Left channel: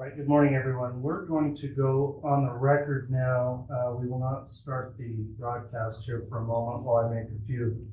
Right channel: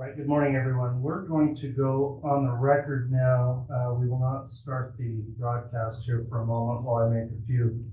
All right, good morning, everyone. We're going to go on the record now. We will not start the broadcast here for a moment while I make a few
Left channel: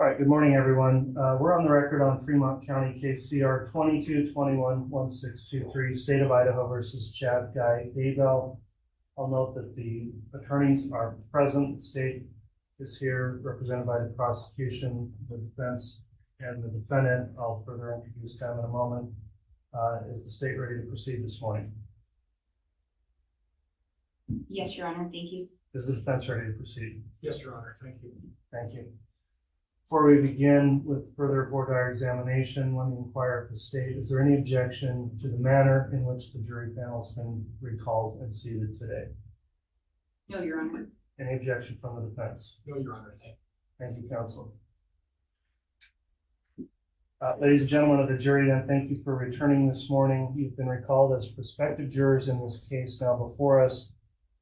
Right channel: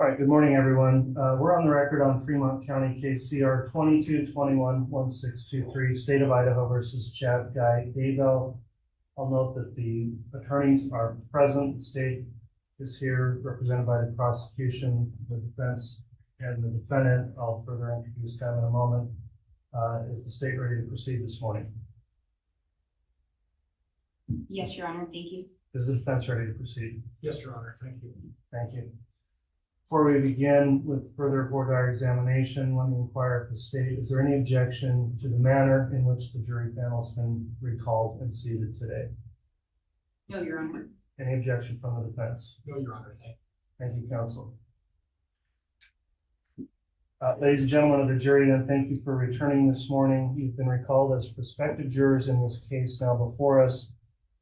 All right, good morning, everyone. We're on the record on Fremont County case CR 2221-1623, State of Idaho versus Chad Daybell. I'll note that the attorneys are present. The state is here, represented by the prosecution, the defense, and the defendant. I'll further introduce them in a moment. Is the state ready to proceed this morning? Yes, Your Honor. Thank you. Is the defense ready to proceed? Yes, Your Honor. Thank you. Thank you. Before we begin with further voir dire examination, let me inquire of the state, is there any objection to the manner in which the jury panel has been recalled and seated today? No, Your Honor. Any objection from the defense? No, Your Honor. Thank you. Thank you, counsel. Ladies and gentlemen of the jury, then, thank you for returning this morning. You've been recalled as prospective jurors in this case now before us.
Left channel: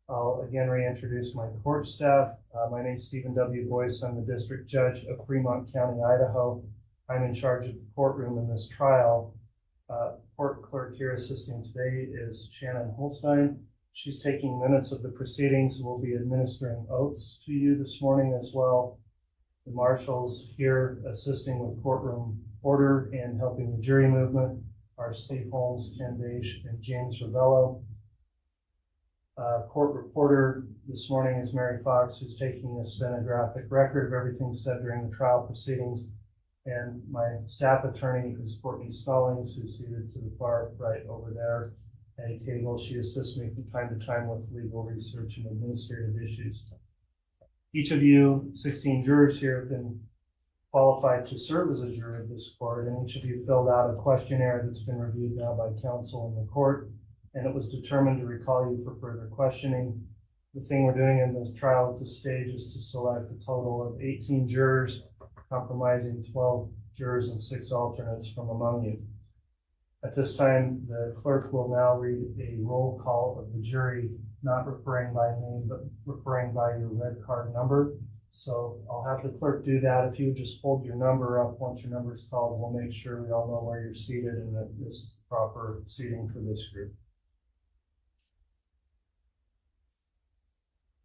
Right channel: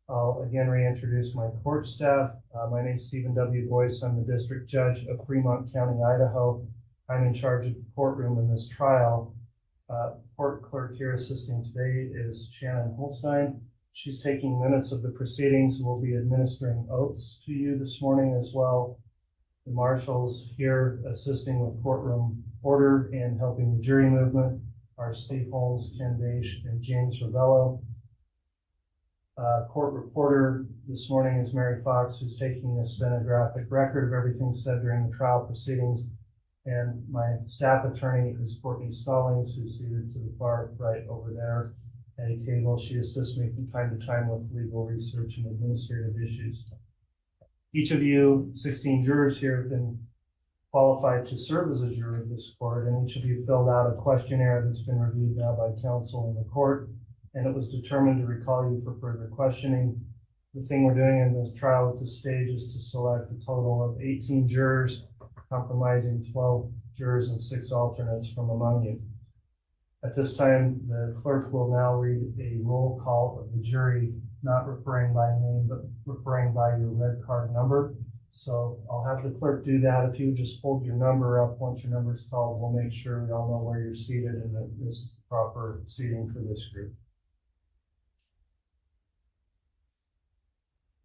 I'll again reintroduce my court staff. My name is Stephen W. Boise. I'm the district judge of Fremont County, Idaho. I'm in charge of the courtroom in this trial. Court clerk here assisting today is Shannon Holstein. She's taking minutes of the proceedings and will be administering oaths to you this morning as well. The marshals here assisting with courtroom order and helping the jury movement are Steve Holmes, Ken Daish, and James Ravello. Court reporter this morning is Mary Fox, who's taking a stenographic record of everything said during the trial proceedings. And my staff attorney is Courtney Stallings, who's seated to the far right over there at a table. She assists me from time to time with legal research and administrative issues. Each of you, 16 jurors here, have been qualified to serve as a juror of this court, and each of you filled out a questionnaire that's been reviewed now by counsel in the court, and it was determined to recall you for further questioning. The thing we're doing in this trial at this stage is to select a total of 18 jurors, comprising 12 jurors and 6 alternates from among you. At this time, the clerk will now read a roll call of the jury, not referring by name, but referring by your red card number. So I'll have the clerk do that. If you would just hold your number up once your number is called, we'll make sure we all know where you're seated and that this is the proper seating for this group.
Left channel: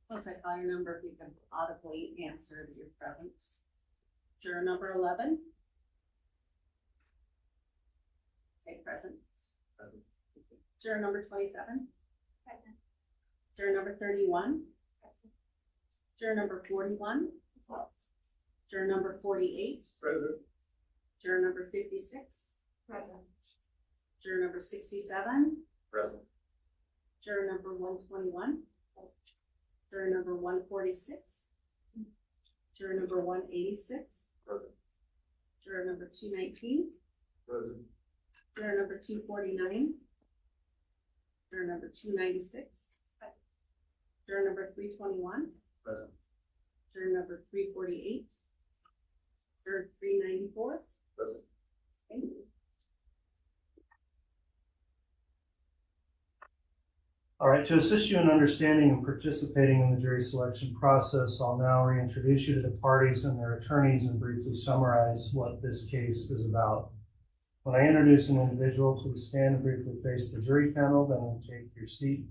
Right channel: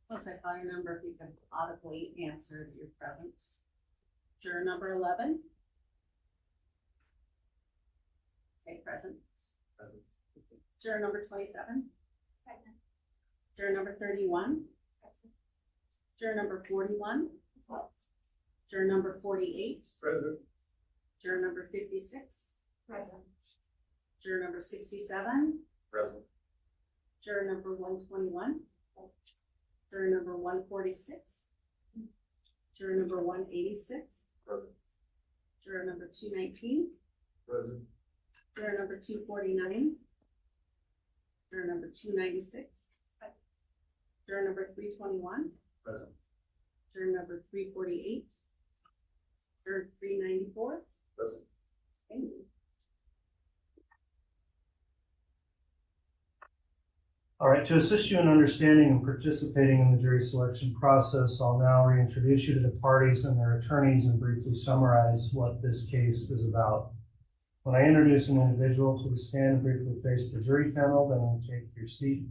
Once I call your number, if you can audibly answer that you're present. Juror number 11. Say present. Present. Juror number 27. Present. Juror number 31. Present. Juror number 41. Present. Juror number 48. Present. Juror number 56. Present. Juror number 67. Present. Juror number 121. Juror number 146. Juror number 186. Present. Juror number 219. Present. Juror number 249. Juror number 296. Juror number 321. Present. Juror number 348. Juror 394. Present. Thank you. All right, to assist you in understanding and participating in the jury selection process, I'll now reintroduce you to the parties and their attorneys and briefly summarize what this case is about. When I introduce an individual, please stand and briefly face the jury panel, then I'll take your seat.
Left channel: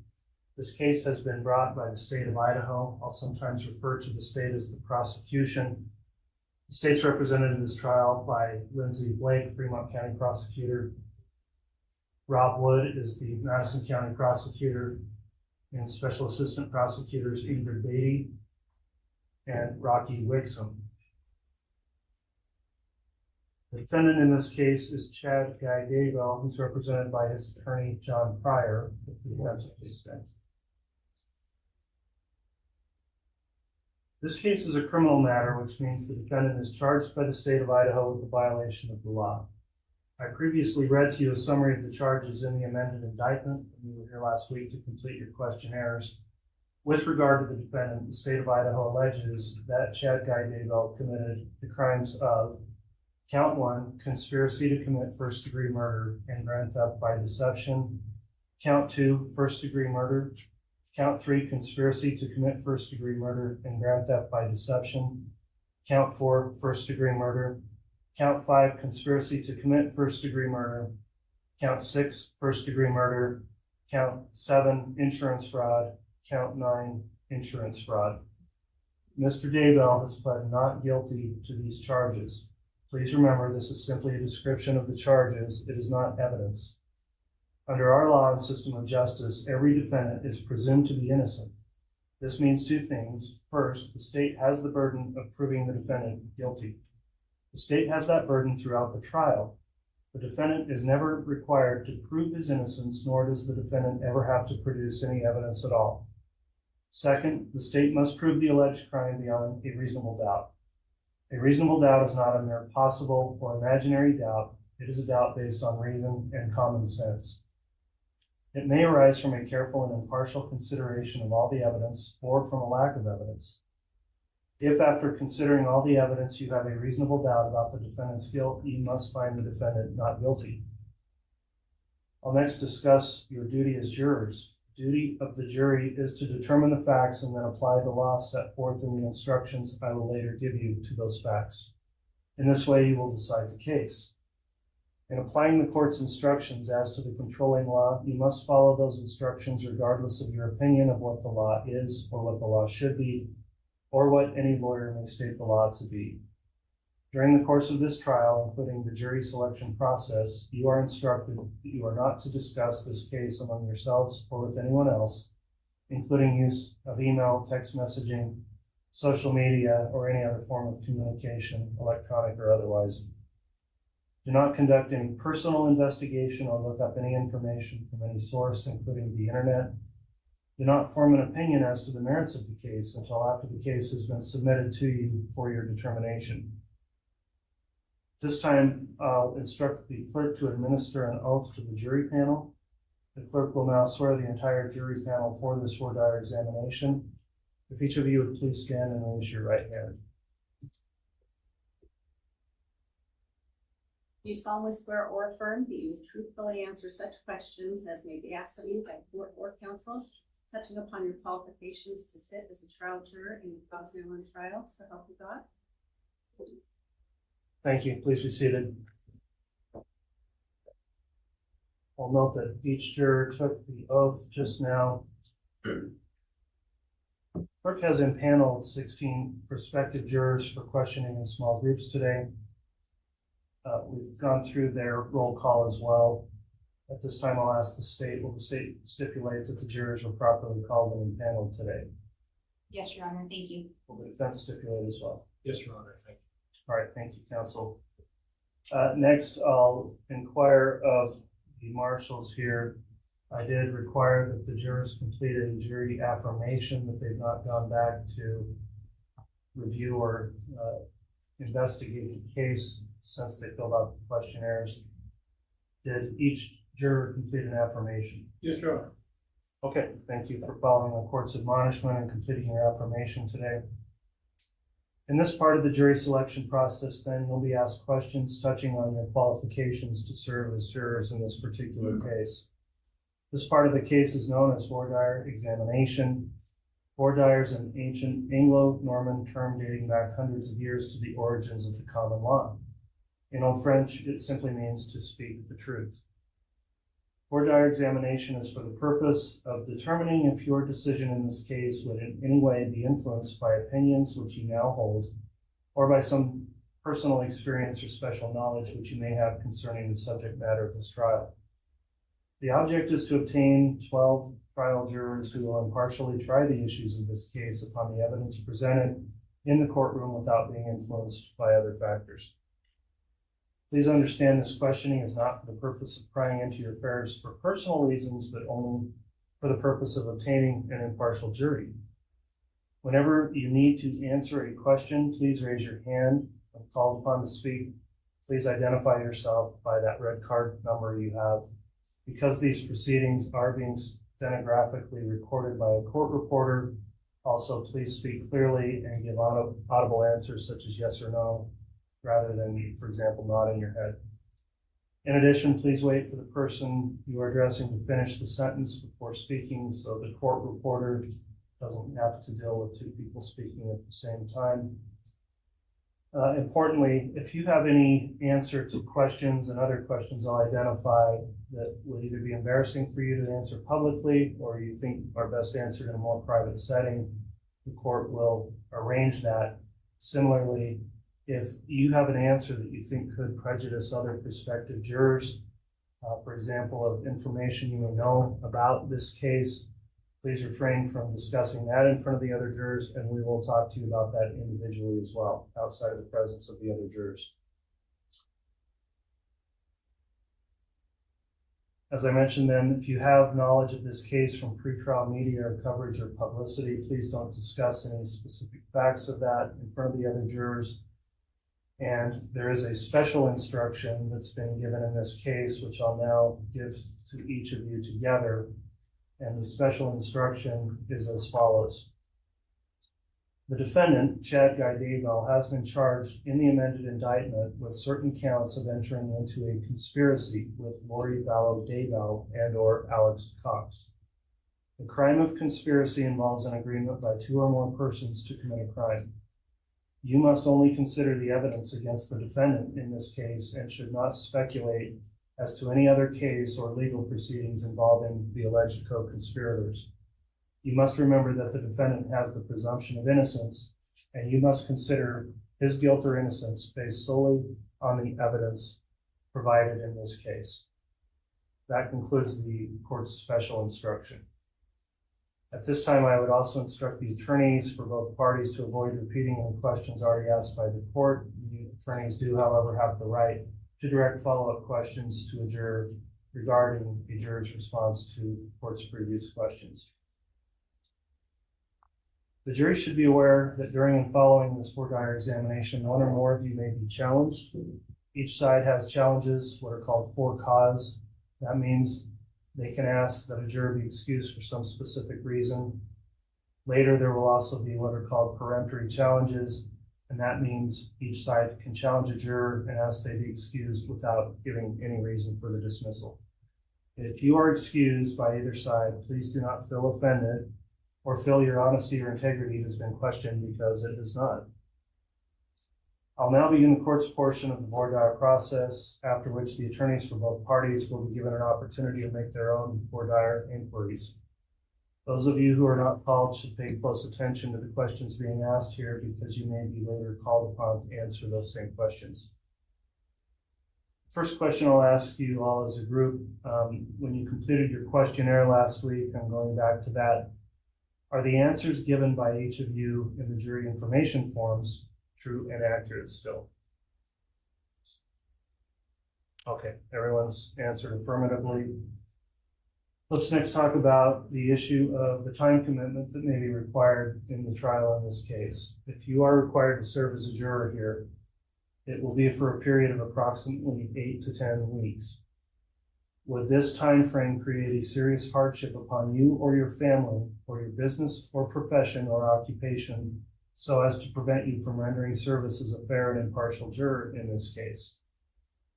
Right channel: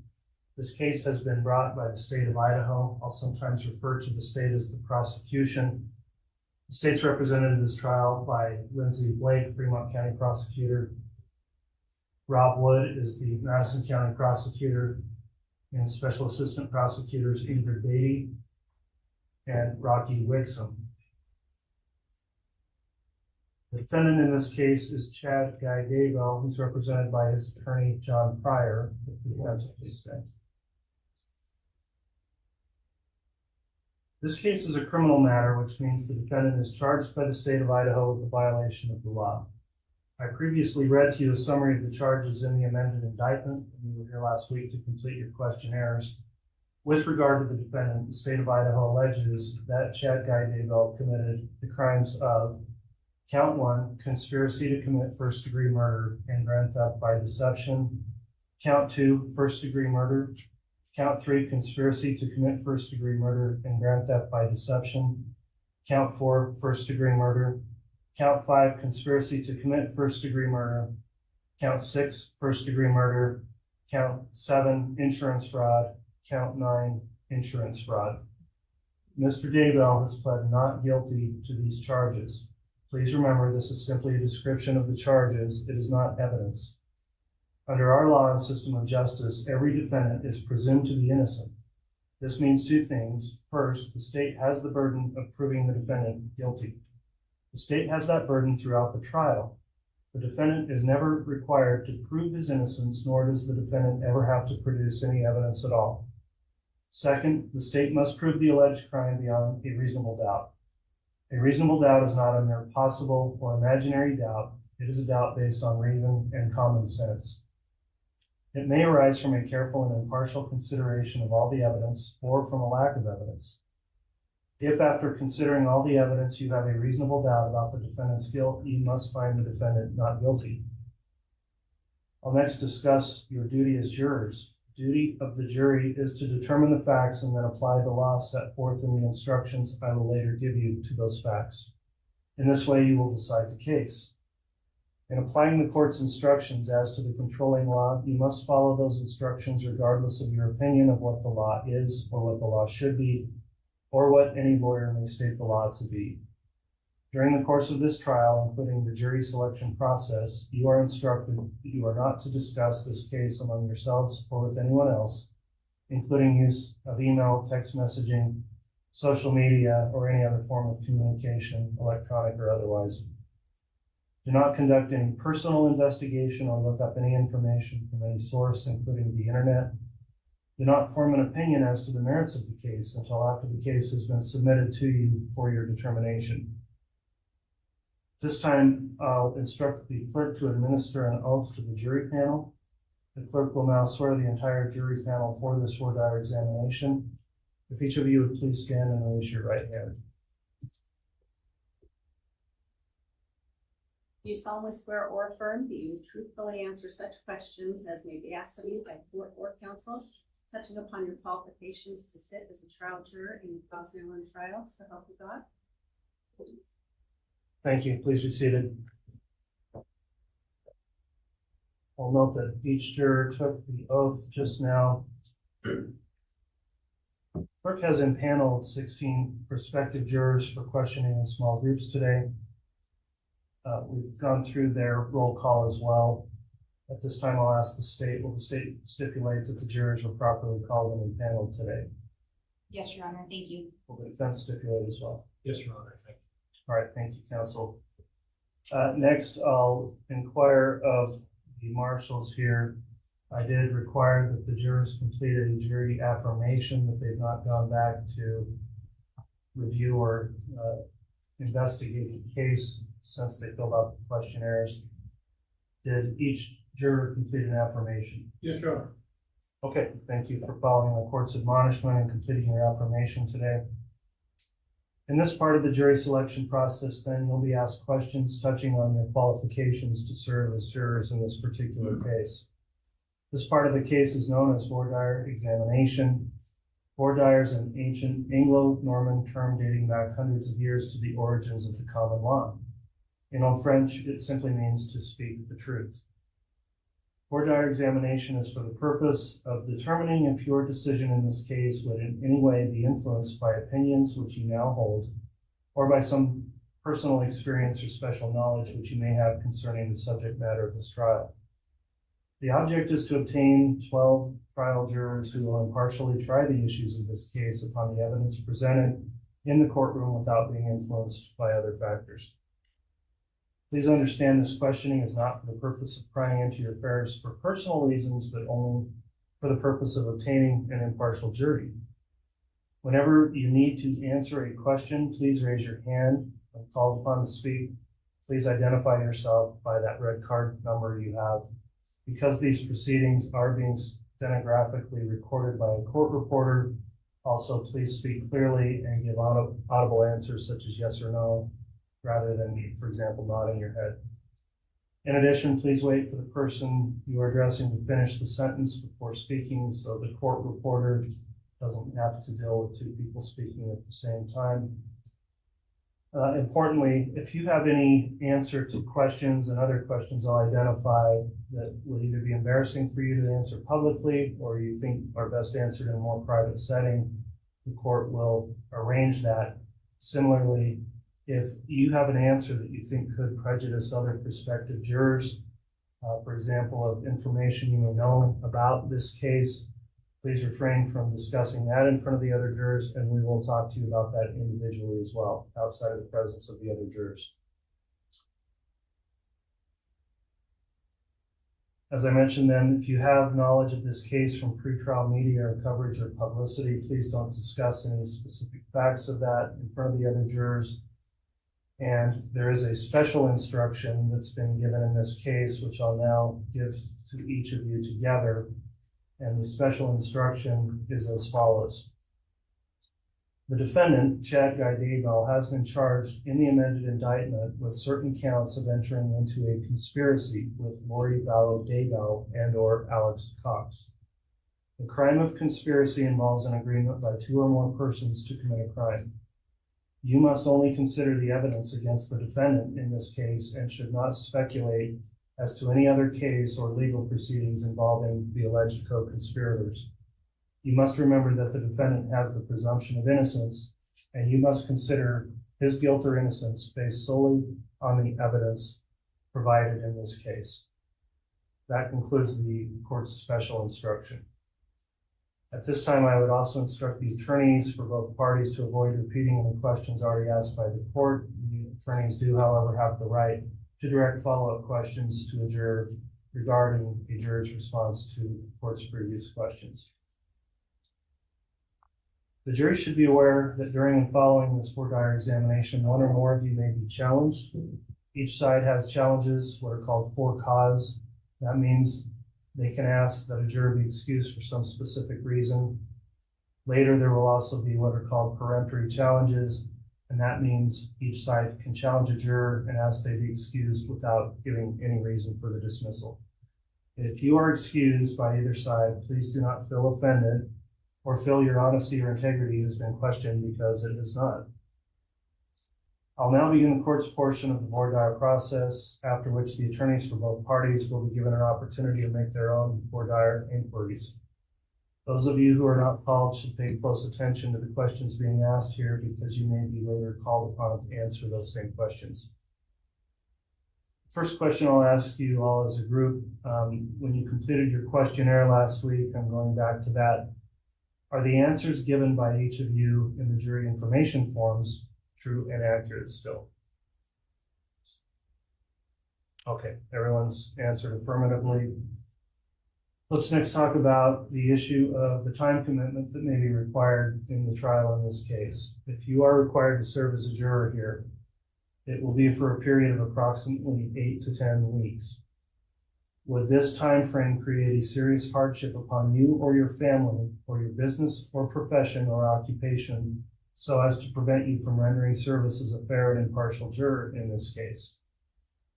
This case has been brought by the state of Idaho. I'll sometimes refer to the state as the prosecution. The state's represented in this trial by Lindsay Blake, Fremont County prosecutor. Rob Wood is the Madison County prosecutor, and special assistant prosecutors Ingrid Beatty and Rocky Wixom. The defendant in this case is Chad Daybell, who's represented by his attorney John Pryor. This case is a criminal matter, which means the defendant is charged by the state of Idaho with a violation of the law. I previously read to you a summary of the charges in the amended indictment. You were here last week to complete your questionnaires. With regard to the defendant, the state of Idaho alleges that Chad Daybell committed the crimes of count 1, conspiracy to commit first-degree murder and grand theft by deception. Count 2, first-degree murder. Count 3, conspiracy to commit first-degree murder and grand theft by deception. Count 4, first-degree murder. Count 5, conspiracy to commit first-degree murder. Count 6, first-degree murder. Count 7, insurance fraud. Count 9, insurance fraud. Mr. Daybell has pled not guilty to these charges. Please remember, this is simply a description of the charges. It is not evidence. Under our law and system of justice, every defendant is presumed to be innocent. This means two things. First, the state has the burden of proving the defendant guilty. The state has that burden throughout the trial. The defendant is never required to prove his innocence, nor does the defendant ever have to produce any evidence at all. Second, the state must prove the alleged crime beyond a reasonable doubt. A reasonable doubt is not a mere possible or imaginary doubt. It is a doubt based on reason and common sense. It may arise from a careful and impartial consideration of all the evidence or from a lack of evidence. If after considering all the evidence you have a reasonable doubt about the defendant's guilt, you must find the defendant not guilty. I'll next discuss your duty as jurors. The duty of the jury is to determine the facts and then apply the law set forth in the instructions I will later give you to those facts. In this way, you will decide the case. In applying the court's instructions as to the controlling law, you must follow those instructions regardless of your opinion of what the law is or what the law should be, or what any lawyer may state the law to be. During the course of this trial, including the jury selection process, you are instructed that you are not to discuss this case among yourselves or with anyone else, including use of email, text messaging, social media, or any other form of communication, electronic or otherwise. Do not conduct any personal investigation or look up any information from any source, including the internet. Do not form an opinion as to the merits of the case until after the case has been submitted to you for your determination. This time, I'll instruct the clerk to administer an oath to the jury panel. The clerk will now swear the entire jury panel for this voir dire examination. If each of you would please stand and raise your right hand. Do you solemnly swear or affirm that you will truthfully answer such questions as may be asked of you by court or counsel, touching upon your qualifications to sit as a trial juror in the Boise trial, so help you God? Thank you. Please be seated. I'll note that each juror took the oath just now. Clerk has impaneled 16 prospective jurors for questioning in small groups today. We've gone through their roll call as well. At this time, I'll ask the state, will the state stipulate that the jurors were properly called and impaneled today? Yes, Your Honor, thank you. Will the defense stipulate as well? Yes, Your Honor, thank you. All right, thank you, counsel. Next, I'll inquire of the marshals here. I did require that the jurors complete a jury affirmation that they've not gone back to review or investigate the case since they filled out the questionnaires. Did each juror complete an affirmation? Yes, Your Honor. Okay, thank you for following the court's admonishment and completing your affirmation today. In this part of the jury selection process, then you'll be asked questions touching on your qualifications to serve as jurors in this particular case. This part of the case is known as voir dire examination. Voir dire is an ancient Anglo-Norman term dating back hundreds of years to the origins of the common law. In Old French, it simply means to speak the truth. Voir dire examination is for the purpose of determining if your decision in this case would in any way be influenced by opinions which you now hold, or by some personal experience or special knowledge which you may have concerning the subject matter of this trial. The object is to obtain 12 trial jurors who will impartially try the issues of this case upon the evidence presented in the courtroom without being influenced by other factors. Please understand this questioning is not for the purpose of prying into your affairs for personal reasons, but only for the purpose of obtaining an impartial jury. Whenever you need to answer a question, please raise your hand. When called upon to speak, please identify yourself by that red card number you have. Because these proceedings are being stenographically recorded by a court reporter, also please speak clearly and give audible answers such as yes or no, rather than, for example, nodding your head. In addition, please wait for the person you are addressing to finish the sentence before speaking, so the court reporter doesn't have to deal with two people speaking at the same time. Importantly, if you have any answer to questions and other questions I'll identify that will either be embarrassing for you to answer publicly or you think are best answered in a more private setting, the court will arrange that. Similarly, if you have an answer that you think could prejudice other prospective jurors, for example, of information you may know about this case, please refrain from discussing that in front of the other jurors, and we will talk to you about that individually as well, outside of the presence of the other jurors. As I mentioned then, if you have knowledge of this case from pretrial media or coverage or publicity, please don't discuss any specific facts of that in front of the other jurors. And there is a special instruction that's been given in this case, which I'll now give to each of you together. And the special instruction is as follows. The defendant, Chad Daybell, has been charged in the amended indictment with certain counts of entering into a conspiracy with Lori Vallow Daybell and or Alex Cox. The crime of conspiracy involves an agreement by two or more persons to commit a crime. You must only consider the evidence against the defendant in this case and should not speculate as to any other case or legal proceedings involving the alleged co-conspirators. You must remember that the defendant has the presumption of innocence, and you must consider his guilt or innocence based solely on the evidence provided in this case. That concludes the court's special instruction. At this time, I would also instruct the attorneys for both parties to avoid repeating any questions already asked by the court. The attorneys do, however, have the right to direct follow-up questions to a juror regarding a juror's response to the court's previous questions. The jury should be aware that during and following this voir dire examination, one or more of you may be challenged. Each side has challenges, what are called for cause. That means they can ask that a juror be excused for some specific reason. Later, there will also be what are called peremptory challenges, and that means each side can challenge a juror and ask they be excused without giving any reason for the dismissal. If you are excused by either side, please do not feel offended or feel your honesty or integrity has been questioned, because it is not. I'll now begin the court's portion of the voir dire process, after which the attorneys for both parties will be given an opportunity to make their own voir dire inquiries. Those of you who are not called should pay close attention to the questions being asked here, because you may be later called upon to answer those same questions. First question I'll ask you all as a group, when you completed your questionnaire last week, I'm going back to that, are the answers given by each of you in the jury information forms true and accurate still? Okay, everyone's answered affirmatively. Let's next talk about the issue of the time commitment that may be required in the trial in this case. If you are required to serve as a juror here, it will be for a period of approximately 8 to 10 weeks. Would this time frame create a serious hardship upon you or your family or your business or profession or occupation so as to prevent you from rendering service as a fair and impartial juror in this case?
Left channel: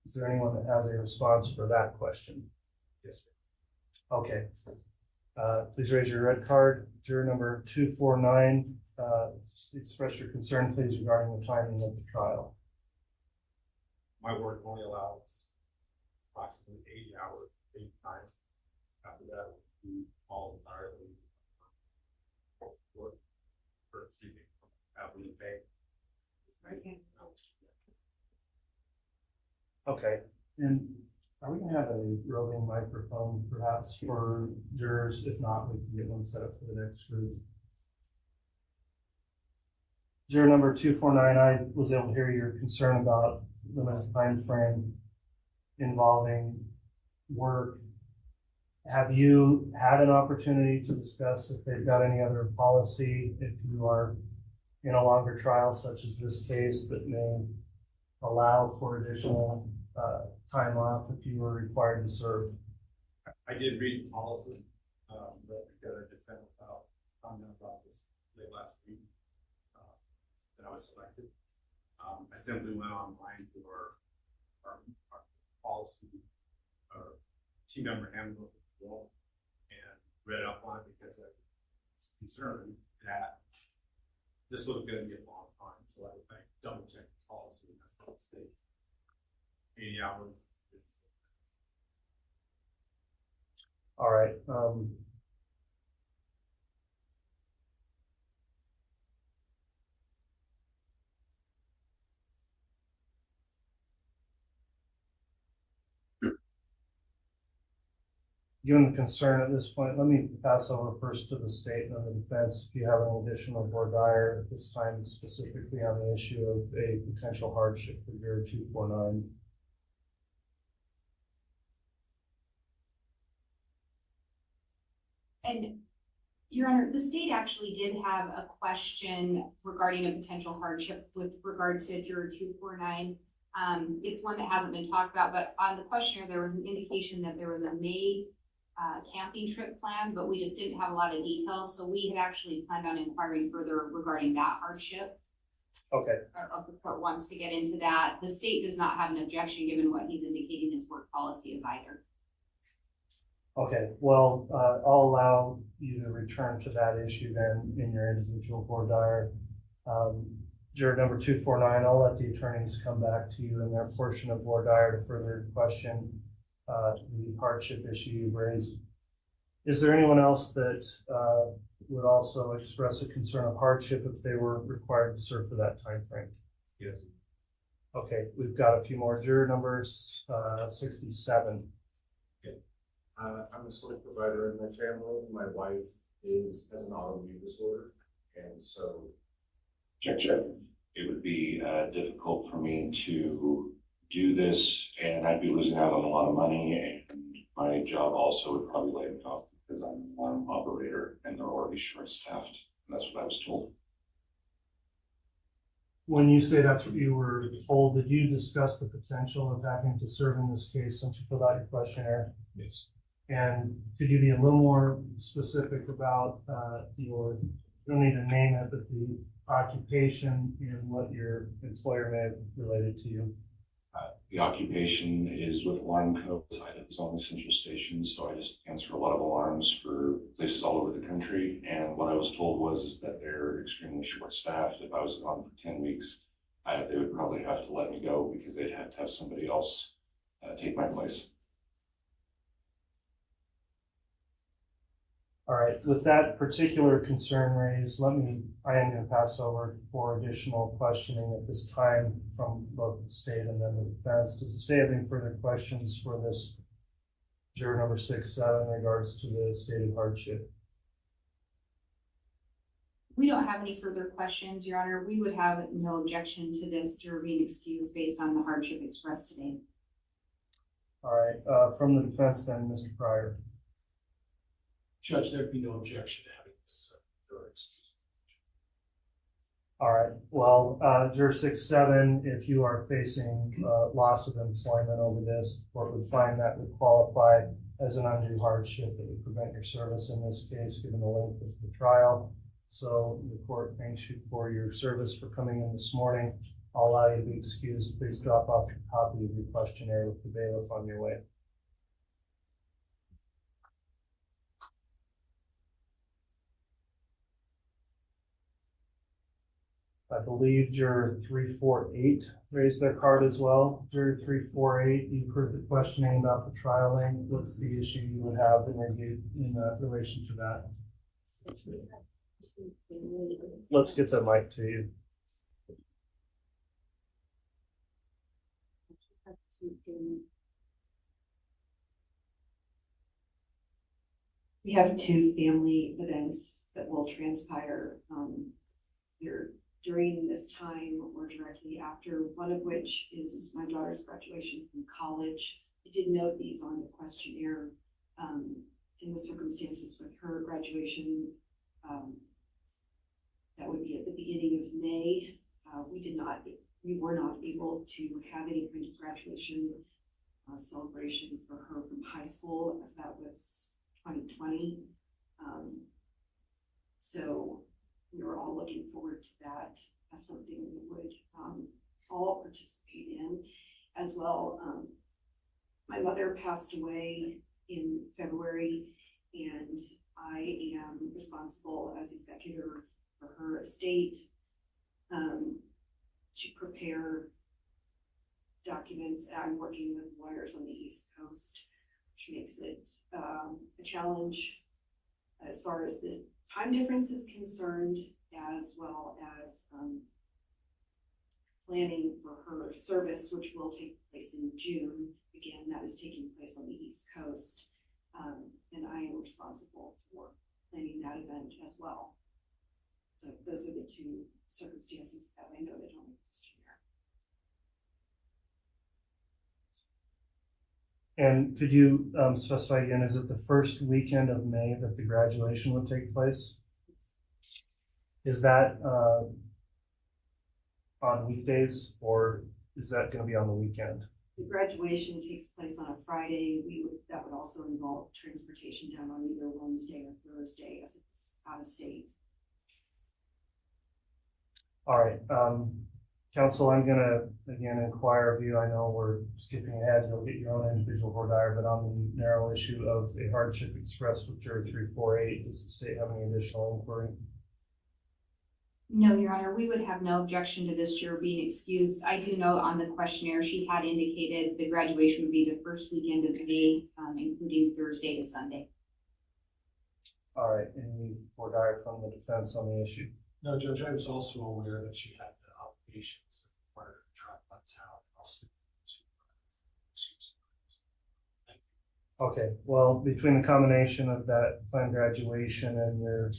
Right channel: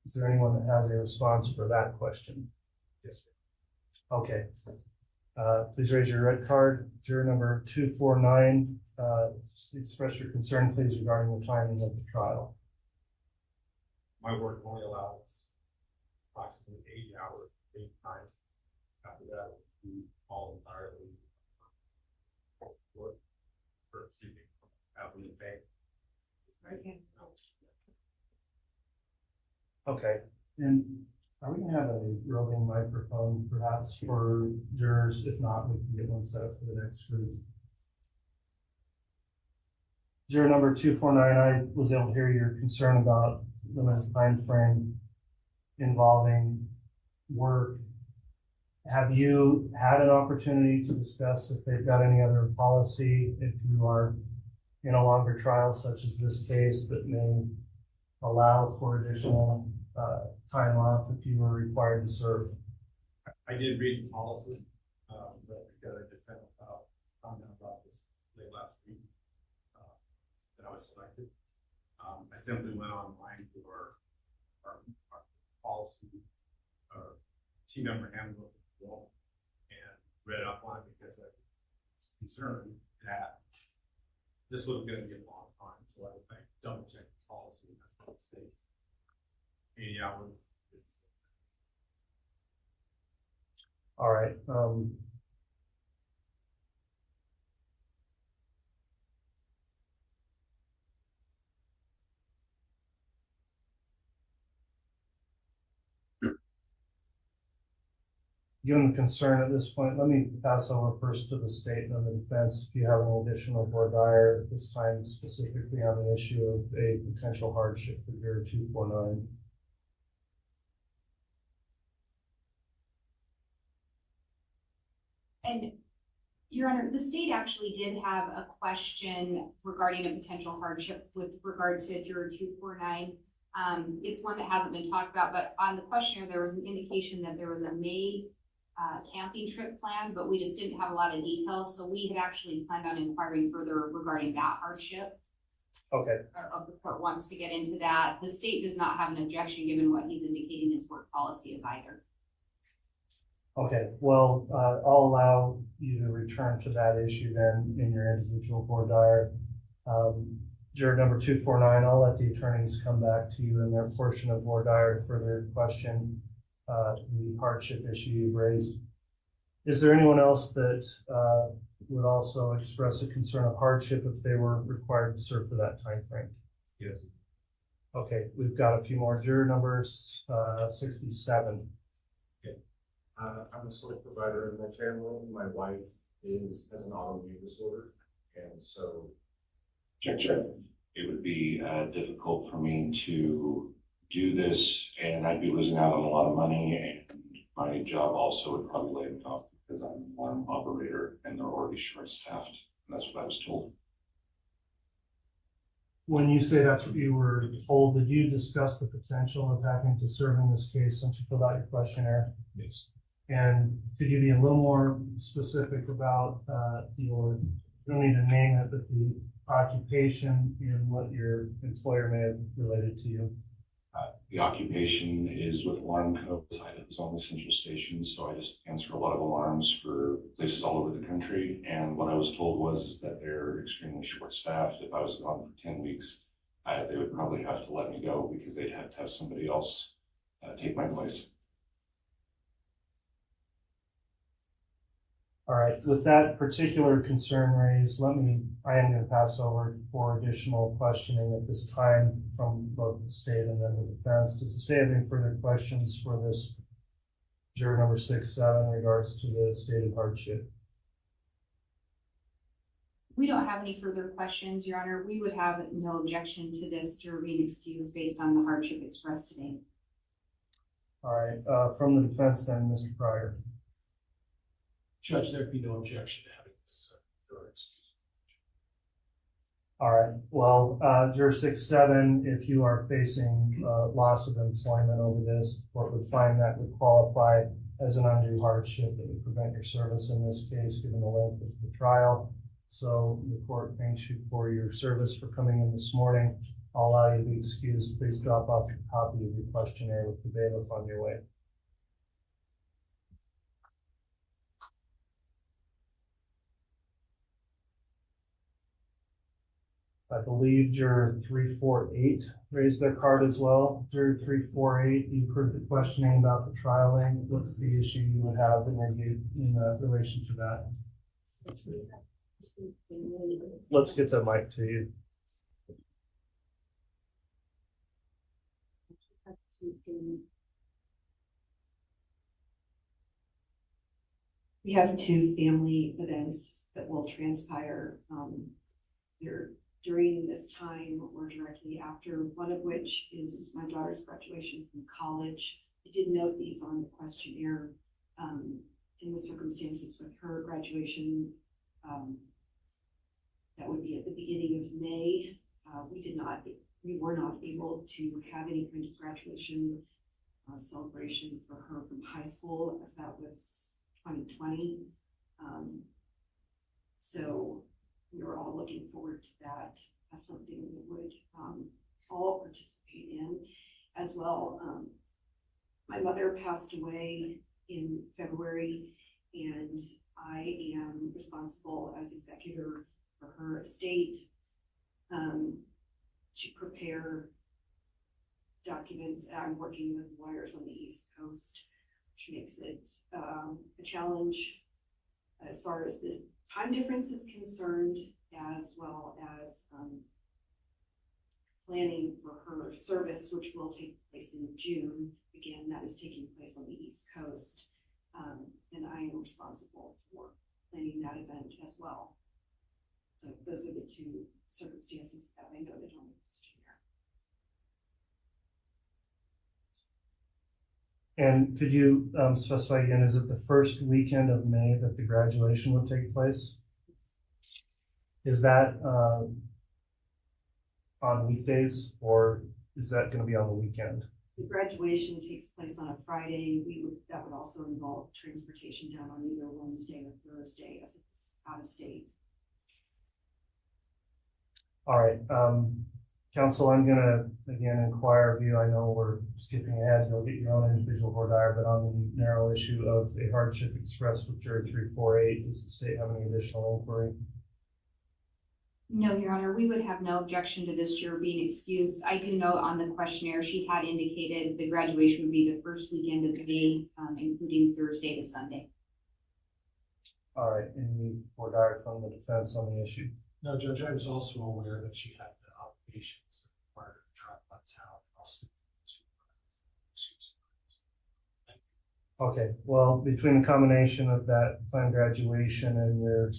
Is there anyone that has a response for that question? Yes, sir. Okay. Please raise your red card. Juror number 249, express your concern, please, regarding the timing of the trial. My work only allows approximately 80 hours of time. After that, we all entirely work, or excuse me, we pay. Okay, and are we gonna have a roving microphone perhaps for jurors? If not, we can get one set up for the next group. Juror number 249, I was able to hear your concern about limited time frame involving work. Have you had an opportunity to discuss if they've got any other policy, if you are in a longer trial such as this case, that may allow for additional time off if you were required to serve? I did read the policy, but because I just found out this late last week, that I was selected. I simply went online to our policy team member handbook and read up on it, because I was concerned that this was going to be a long time. So I double checked the policy, and that's what it states. 80 hours. All right. Given the concern at this point, let me pass over first to the state and the defense. If you have any additional voir dire at this time, specifically on the issue of a potential hardship for juror 249. And Your Honor, the state actually did have a question regarding a potential hardship with regard to juror 249. It's one that hasn't been talked about, but on the questionnaire, there was an indication that there was a May camping trip planned, but we just didn't have a lot of details. So we had actually planned on inquiring further regarding that hardship. Okay. If the court wants to get into that. The state does not have an objection given what he's indicating his work policy is either. Okay, well, I'll allow you to return to that issue then in your individual voir dire. Juror number 249, I'll let the attorneys come back to you in their portion of voir dire to further question the hardship issue you've raised. Is there anyone else that would also express a concern of hardship if they were required to serve for that time frame? Yes. Okay, we've got a few more. Juror numbers 67. I'm a sole provider in my family. My wife has an autoimmune disorder, and so Check. It would be difficult for me to do this, and I'd be losing out on a lot of money, and my job also would probably lay me off because I'm an alarm operator and they're already short-staffed. That's what I was told. When you say that's what you were told, did you discuss the potential of having to serve in this case since you filled out your questionnaire? Yes. And could you be a little more specific about you don't need to name it, but the occupation and what your employer may have related to you? The occupation is with alarm codes. I was on the central station, so I just answer a lot of alarms for places all over the country. And what I was told was that they're extremely short-staffed. If I was gone for 10 weeks, they would probably have to let me go because they'd have to have somebody else take my place. All right, with that particular concern raised, I am going to pass over for additional questioning at this time from both the state and then the defense. Does the state have any further questions for this juror number 67 in regards to the state of hardship? We don't have any further questions, Your Honor. We would have no objection to this juror being excused based on the hardship expressed today. All right, from the defense then, Mr. Pryor. Judge, there'd be no objection to having this juror excused. All right, well, juror 67, if you are facing loss of employment over this, the court would find that would qualify as an undue hardship that would prevent your service in this case, given the length of the trial. So the court thanks you for your service for coming in this morning. I'll allow you to be excused. Please drop off your copy of your questionnaire with the bailiff on your way. I believe juror 348 raised their card as well. Juror 348, you've heard the questioning about the trialing. What's the issue you would have in relation to that? Let's get the mic to you. We have two family events that will transpire either during this time or directly after, one of which is my daughter's graduation from college. I did note these on the questionnaire in the circumstances with her graduation. That would be at the beginning of May. We were not able to have any kind of graduation celebration for her from high school, as that was 2020. So we were all looking forward to that as something we would all participate in as well. My mother passed away in February, and I am responsible as executor for her estate to prepare documents. I'm working with lawyers on the East Coast, which makes it a challenge as far as the time difference is concerned, as well as planning for her service, which will take place in June. Again, that is taking place on the East Coast. and I am responsible for planning that event as well. So those are the two circumstances, as I noted on the questionnaire. And could you specify again, is it the first weekend of May that the graduation will take place? Is that on weekdays, or is that going to be on the weekend? The graduation takes place on a Friday. That would also involve transportation down on either Wednesday or Thursday if it's out of state. All right, council, I'm gonna again inquire of you. I know we're skipping ahead. You'll get your own individual voir dire, but on the narrow issue of a hardship expressed with juror 348, does the state have any additional inquiry? No, Your Honor, we would have no objection to this juror being excused. I do know on the questionnaire, she had indicated the graduation would be the first weekend of May, including Thursday to Sunday. All right, any voir dire from the defense on the issue? No, Judge, I was also aware that she had the obligations that required her to travel out of town. Also, Okay, well, between the combination of that planned graduation and your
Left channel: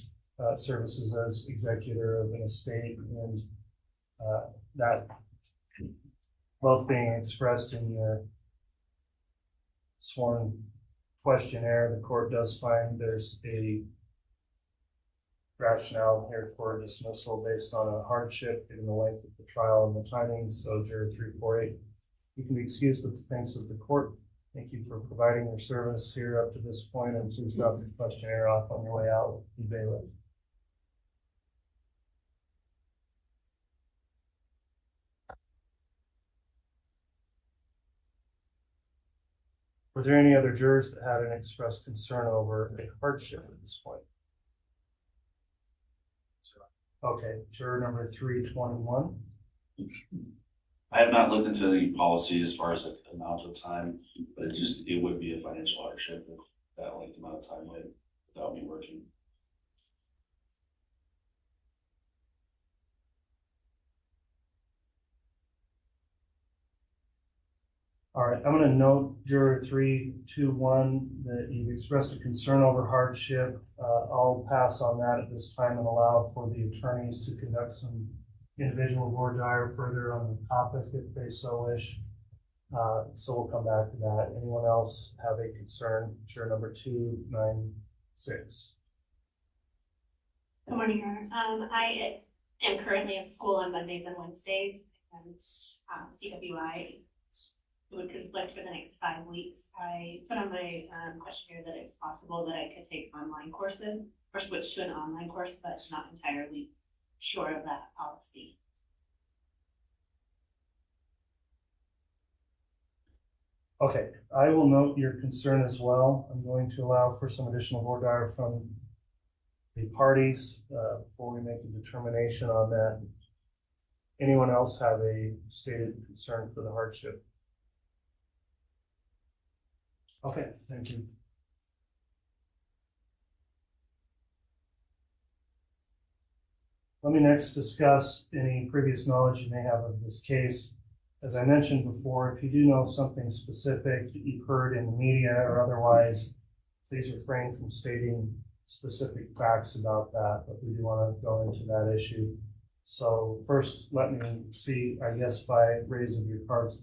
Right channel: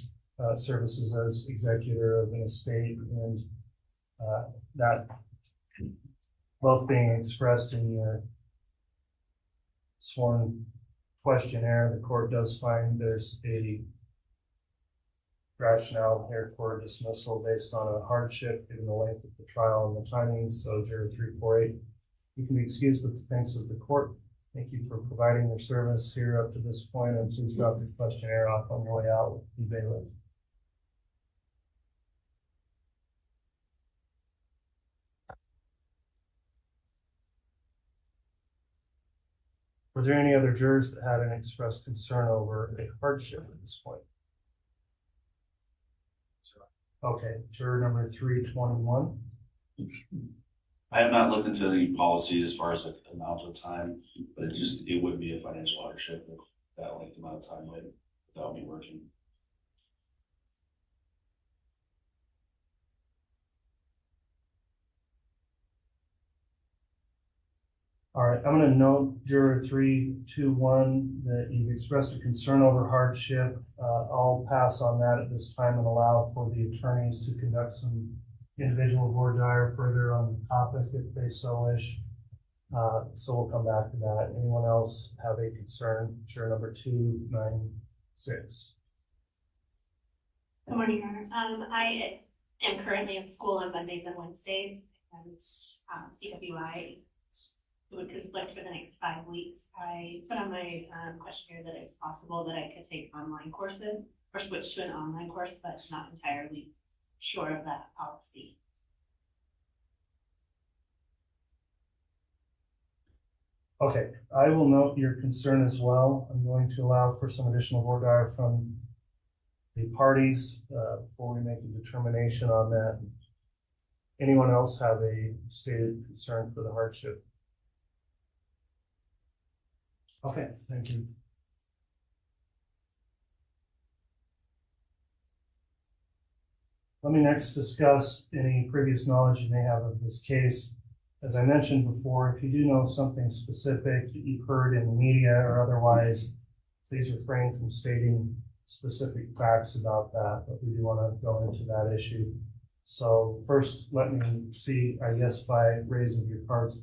services as executor of an estate and that both being expressed in your sworn questionnaire, the court does find there's a rationale here for dismissal based on a hardship given the length of the trial and the timing. So juror 348, you can be excused with the thanks of the court. Thank you for providing your service here up to this point, and please drop the questionnaire off on your way out with the bailiff. Were there any other jurors that had an expressed concern over a hardship at this point? Okay, juror number 321. I have not looked into the policy as far as the amount of time, but it would be a financial hardship if that length amount of time without me working. All right, I'm going to note juror 321 that you've expressed a concern over hardship. I'll pass on that at this time and allow for the attorneys to conduct some individual voir dire further on the topic if they so wish. So we'll come back to that. Anyone else have a concern? Juror number 296. Good morning, Your Honor. I am currently in school on Mondays and Wednesdays, and CWI would conflict for the next 5 weeks. I put on my questionnaire that it's possible that I could take online courses or switch to an online course, but not entirely sure of that policy. Okay, I will note your concern as well. I'm going to allow for some additional voir dire from the parties before we make a determination on that. Anyone else have a stated concern for the hardship? Okay, thank you. Let me next discuss any previous knowledge you may have of this case. As I mentioned before, if you do know something specific that you've heard in the media or otherwise, please refrain from stating specific facts about that, but we do want to go into that issue. So first, let me see, I guess by raise of your cards,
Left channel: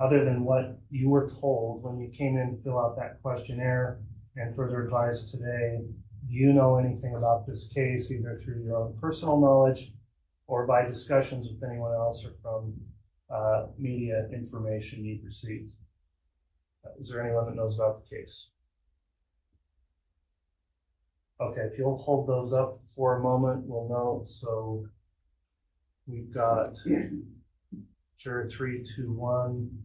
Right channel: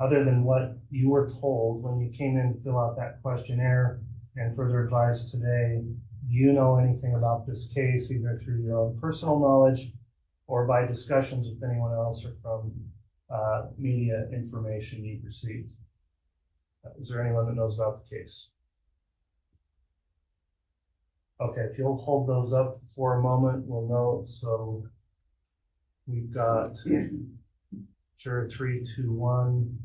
other than what you were told when you came in to fill out that questionnaire and further advised today, do you know anything about this case, either through your own personal knowledge or by discussions with anyone else or from media information you've received? Is there anyone that knows about the case? Okay, if you'll hold those up for a moment, we'll know. So we've got juror 321.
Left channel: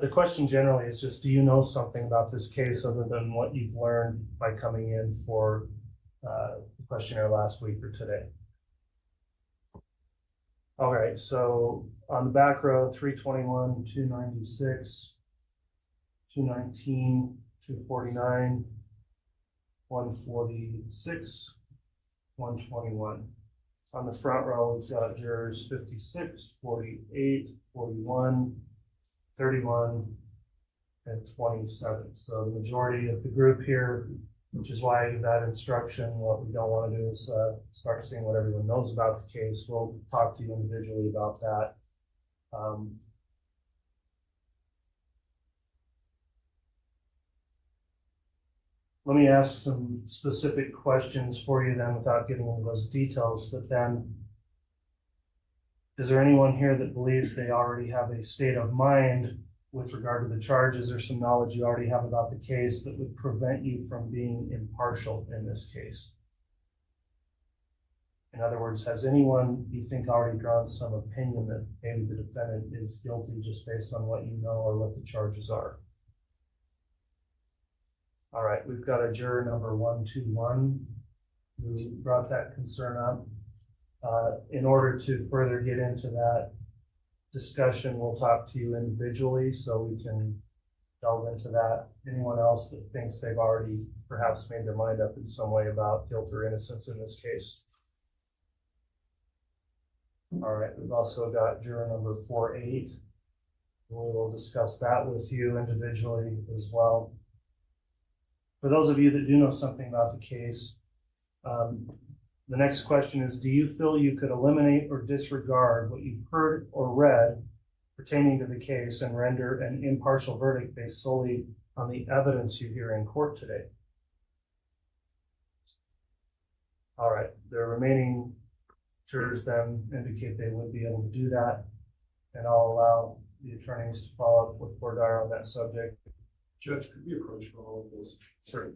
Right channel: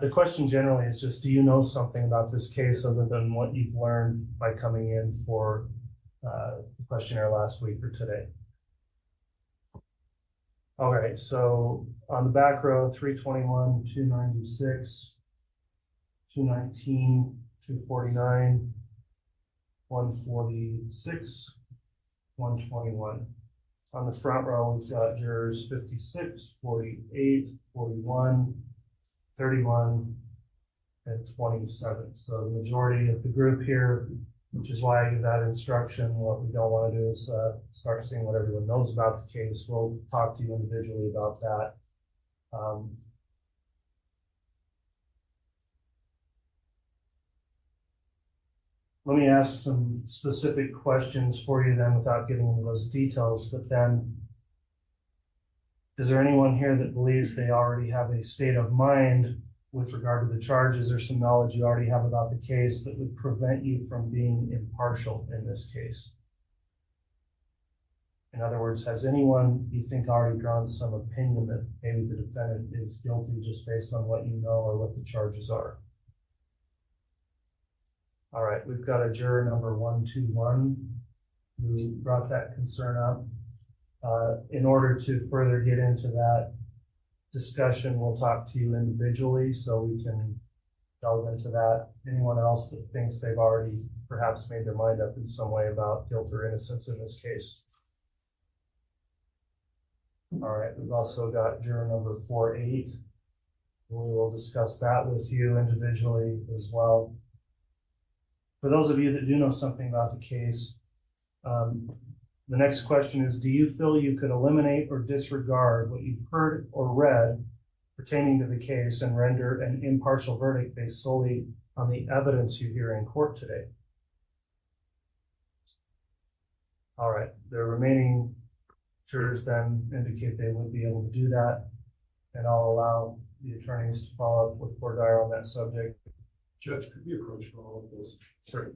The question generally is just, do you know something about this case other than what you've learned by coming in for the questionnaire last week or today? All right, so on the back row, 321, 296, 219, 249, 146, 121. On the front row, we've got jurors 56, 48, 41, 31, and 27. So the majority of the group here, which is why you've had instruction. What we don't want to do is start seeing what everyone knows about the case. We'll talk to you individually about that. Let me ask some specific questions for you then without getting into those details, but then is there anyone here that believes they already have a state of mind with regard to the charges or some knowledge you already have about the case that would prevent you from being impartial in this case? In other words, has anyone, you think, already drawn some opinion that maybe the defendant is guilty just based on what you know or what the charges are? All right, we've got a juror number 121 who brought that concern up. In order to further get into that discussion, we'll talk to you individually so we can delve into that. Anyone else that thinks they've already perhaps made their mind up in some way about guilt or innocence in this case? All right, we've also got juror number 48. We will discuss that with you individually as well. For those of you that do know something about the case, the next question is, do you feel you could eliminate or disregard what you've heard or read pertaining to the case and render an impartial verdict based solely on the evidence you hear in court today? All right, the remaining jurors then indicate they would be able to do that, and I'll allow the attorneys to follow up with voir dire on that subject. Judge, could we approach for all of this? Sure.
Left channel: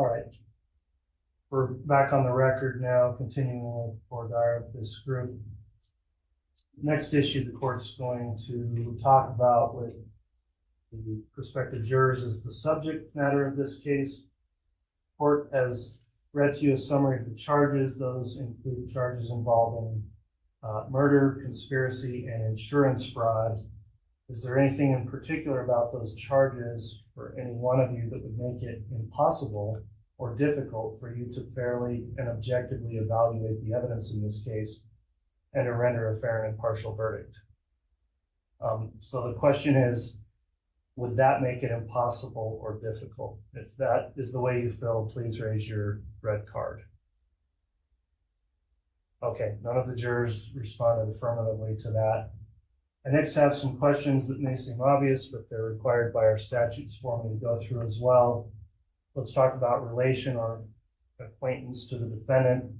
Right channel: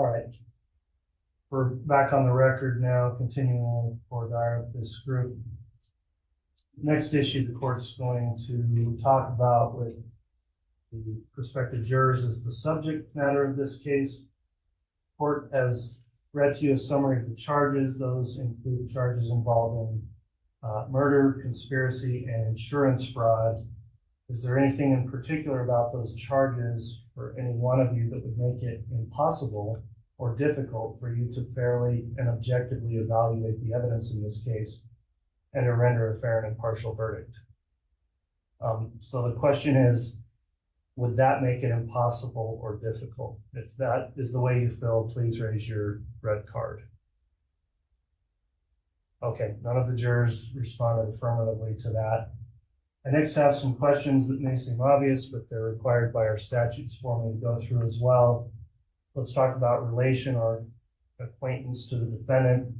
All right. We're back on the record now, continuing for this group. Next issue the court's going to talk about with the prospective jurors is the subject matter of this case. Court has read to you a summary of the charges. Those include charges involving murder, conspiracy, and insurance fraud. Is there anything in particular about those charges for any one of you that would make it impossible or difficult for you to fairly and objectively evaluate the evidence in this case and to render a fair and impartial verdict? So the question is, would that make it impossible or difficult? If that is the way you feel, please raise your red card. Okay, none of the jurors responded affirmatively to that. I next have some questions that may seem obvious, but they're required by our statutes for me to go through as well. Let's talk about relation or acquaintance to the defendant.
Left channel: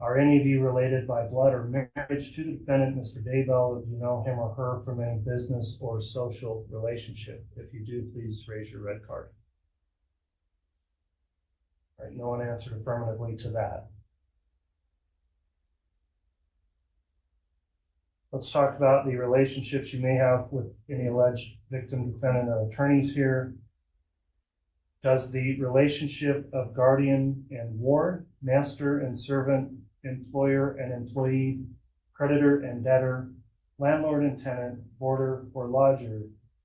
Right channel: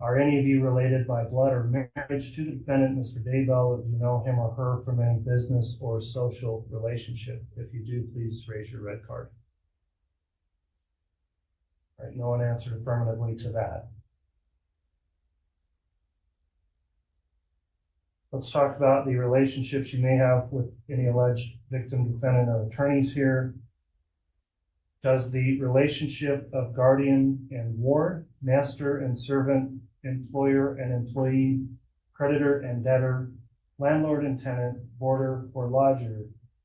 Are any of you related by blood or marriage to the defendant, Mr. Daybell? Do you know him or her from any business or social relationship? If you do, please raise your red card. All right, no one answered affirmatively to that. Let's talk about the relationships you may have with any alleged victim, defendant, or attorneys here. Does the relationship of guardian and ward, master and servant, employer and employee, creditor and debtor, landlord and tenant, boarder or lodger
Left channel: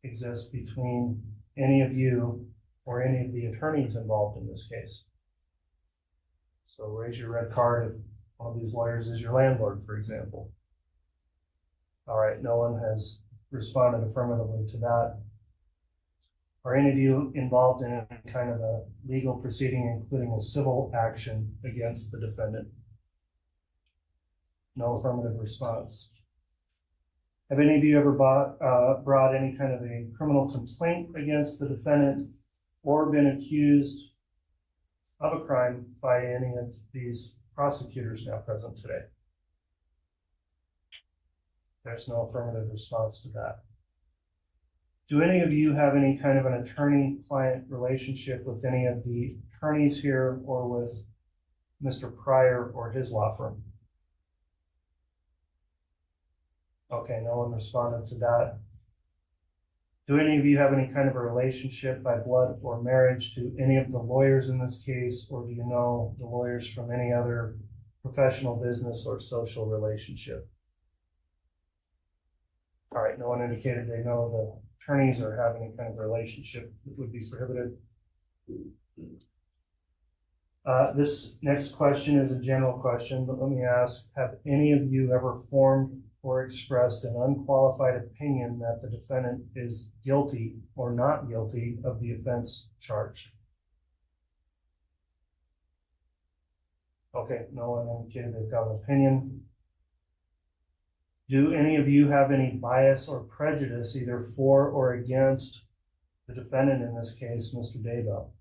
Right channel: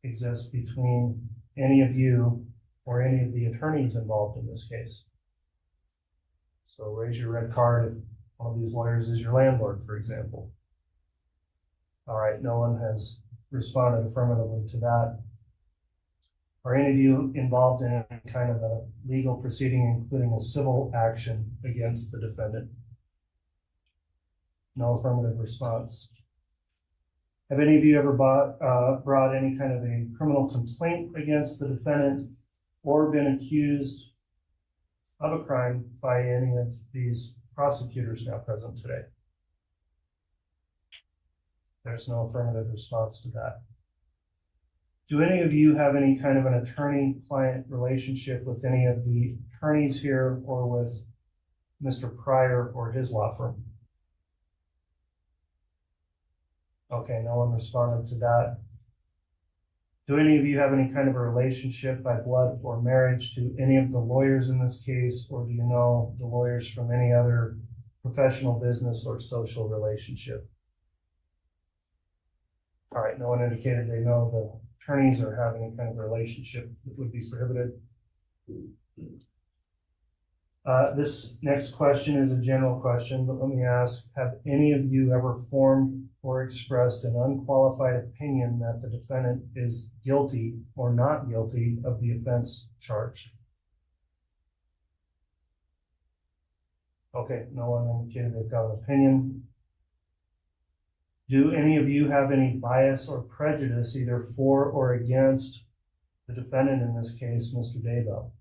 exist between any of you or any of the attorneys involved in this case? So raise your red card if one of these lawyers is your landlord, for example. All right, no one has responded affirmatively to that. Are any of you involved in any kind of a legal proceeding, including a civil action against the defendant? No affirmative response. Have any of you ever brought any kind of a criminal complaint against the defendant or been accused of a crime by any of these prosecutors now present today? There's no affirmative response to that. Do any of you have any kind of an attorney-client relationship with any of the attorneys here or with Mr. Pryor or his law firm? Okay, no one responded to that. Do any of you have any kind of a relationship by blood or marriage to any of the lawyers in this case, or do you know the lawyers from any other professional, business, or social relationship? All right, no one indicated they know the attorneys or have any kind of relationship that would be prohibited. This next question is a general question, but let me ask, have any of you ever formed or expressed an unqualified opinion that the defendant is guilty or not guilty of the offense charged? Okay, no one indicated they've got an opinion. Do any of you have any bias or prejudice either for or against the defendant in this case, Mr. Daybell?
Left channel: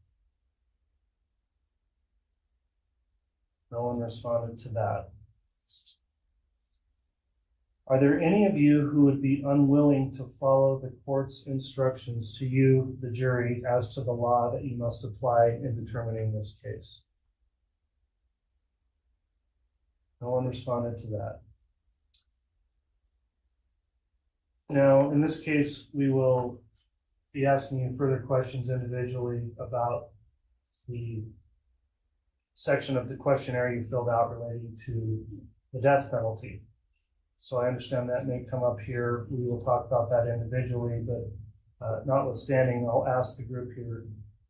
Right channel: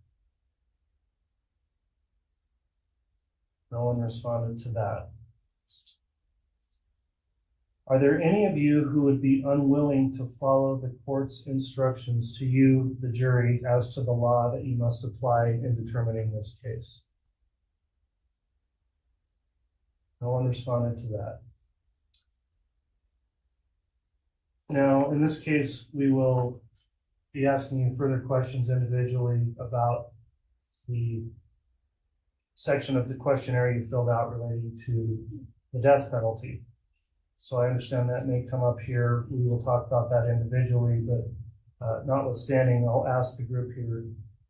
No one responded to that. Are there any of you who would be unwilling to follow the court's instructions to you, the jury, as to the law that you must apply in determining this case? No one responded to that. Now, in this case, we will be asking you further questions individually about the section of the questionnaire you filled out relating to the death penalty. So I understand that may come up here. We will talk about that individually, but notwithstanding, I'll ask the group here,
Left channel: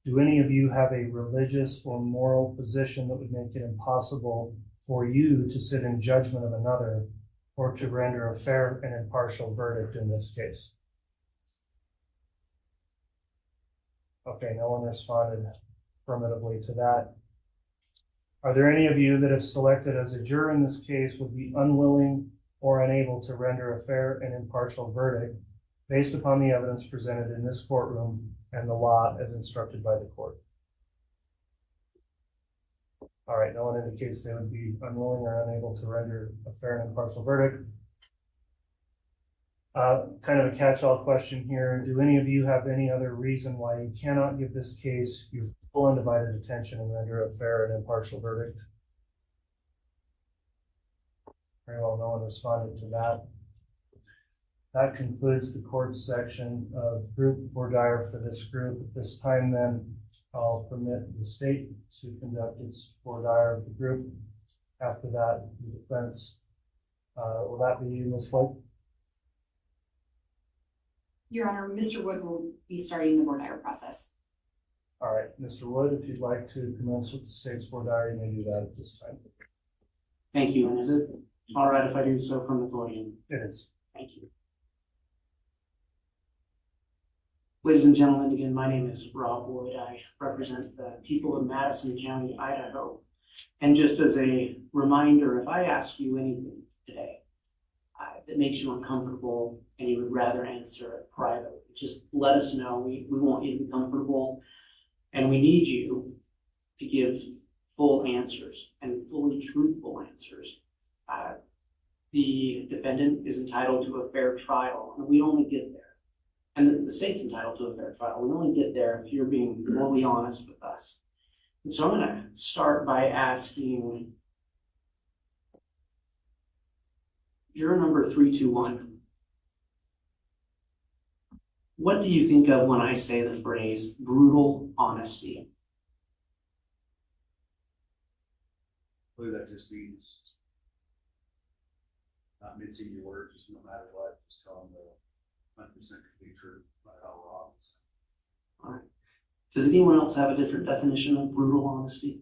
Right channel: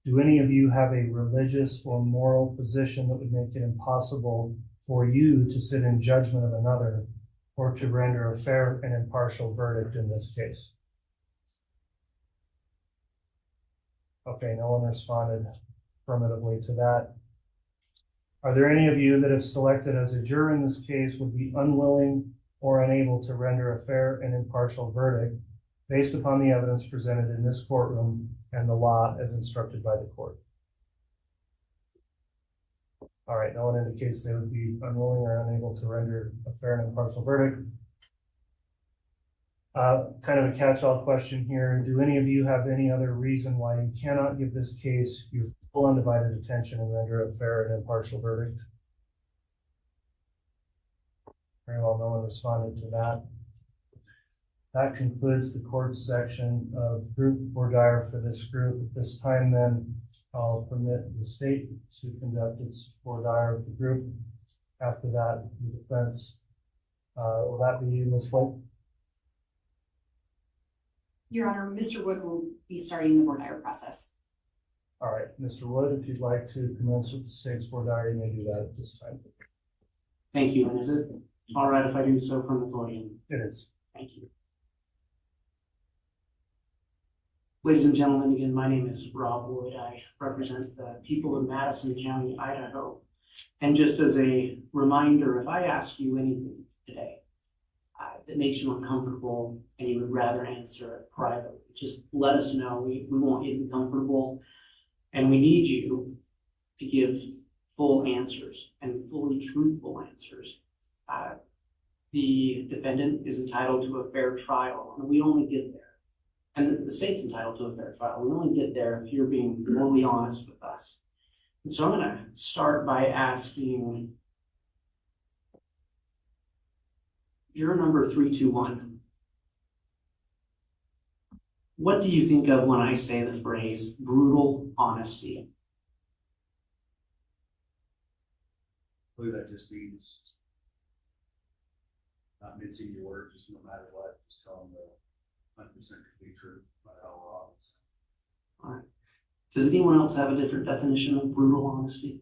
do any of you have a religious or moral position that would make it impossible for you to sit in judgment of another or to render a fair and impartial verdict in this case? Okay, no one responded affirmatively to that. Are there any of you that if selected as a juror in this case would be unwilling or unable to render a fair and impartial verdict based upon the evidence presented in this courtroom and the law as instructed by the court? All right, no one indicates they would be unwilling or unable to render a fair and impartial verdict. Kind of a catch-all question here. Do any of you have any other reason why you cannot give this case your full undivided attention and render a fair and impartial verdict. Very well, no one responded to that. That concludes the court's section of group voir dire for this group. At this time, then, I'll permit the state to conduct its voir dire of the group. After that, the defense. Will that be you, Ms. White? Your Honor, Mr. Wood will be starting the voir dire process. All right, Mr. Wood, if you'd like to commence with the state's voir dire, you may do that at this time. Thank you. And is it all right if I do so from the podium? It is. Thank you. Ladies and gentlemen, again, my name is Rob Wood. I represent the people of Madison County, Idaho. And just as a reminder, if I ask you anything today that makes you uncomfortable and you would rather answer it privately, just let us know. We want you to be comfortable, and we need you to give full answers and fully truthful answers. The defendant is entitled to a fair trial, and we only get there. And the state's entitled to a fair trial. We only get there if you're being morally honest with us. And so I'm going to start by asking juror number 321. What do you think of when I say the phrase brutal honesty? I believe that just means not mincing your words, just no matter what, just tell them the 100% complete truth about how we're honest. All right. Does anyone else have a different definition of brutal honesty?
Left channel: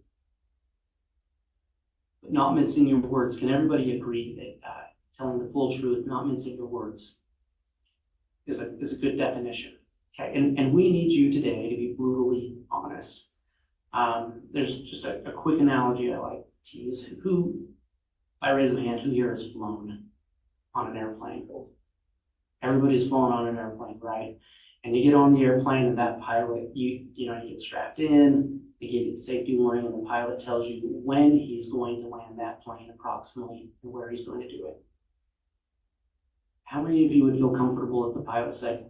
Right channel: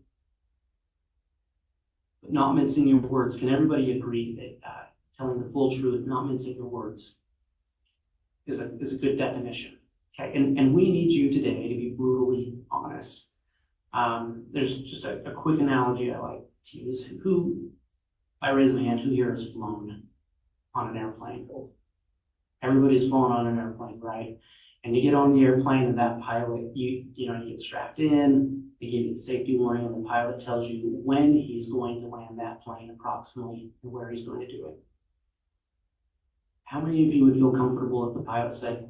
But not mincing your words. Can everybody agree that telling the full truth, not mincing your words, is a good definition? Okay, and we need you today to be brutally honest. There's just a quick analogy I like to use. Who, I raise a hand, who here has flown on an airplane? Everybody's flown on an airplane, right? And you get on the airplane and that pilot, you get strapped in, they give you the safety warning, and the pilot tells you when he's going to land that plane approximately and where he's going to do it. How many of you would feel comfortable if the pilot said,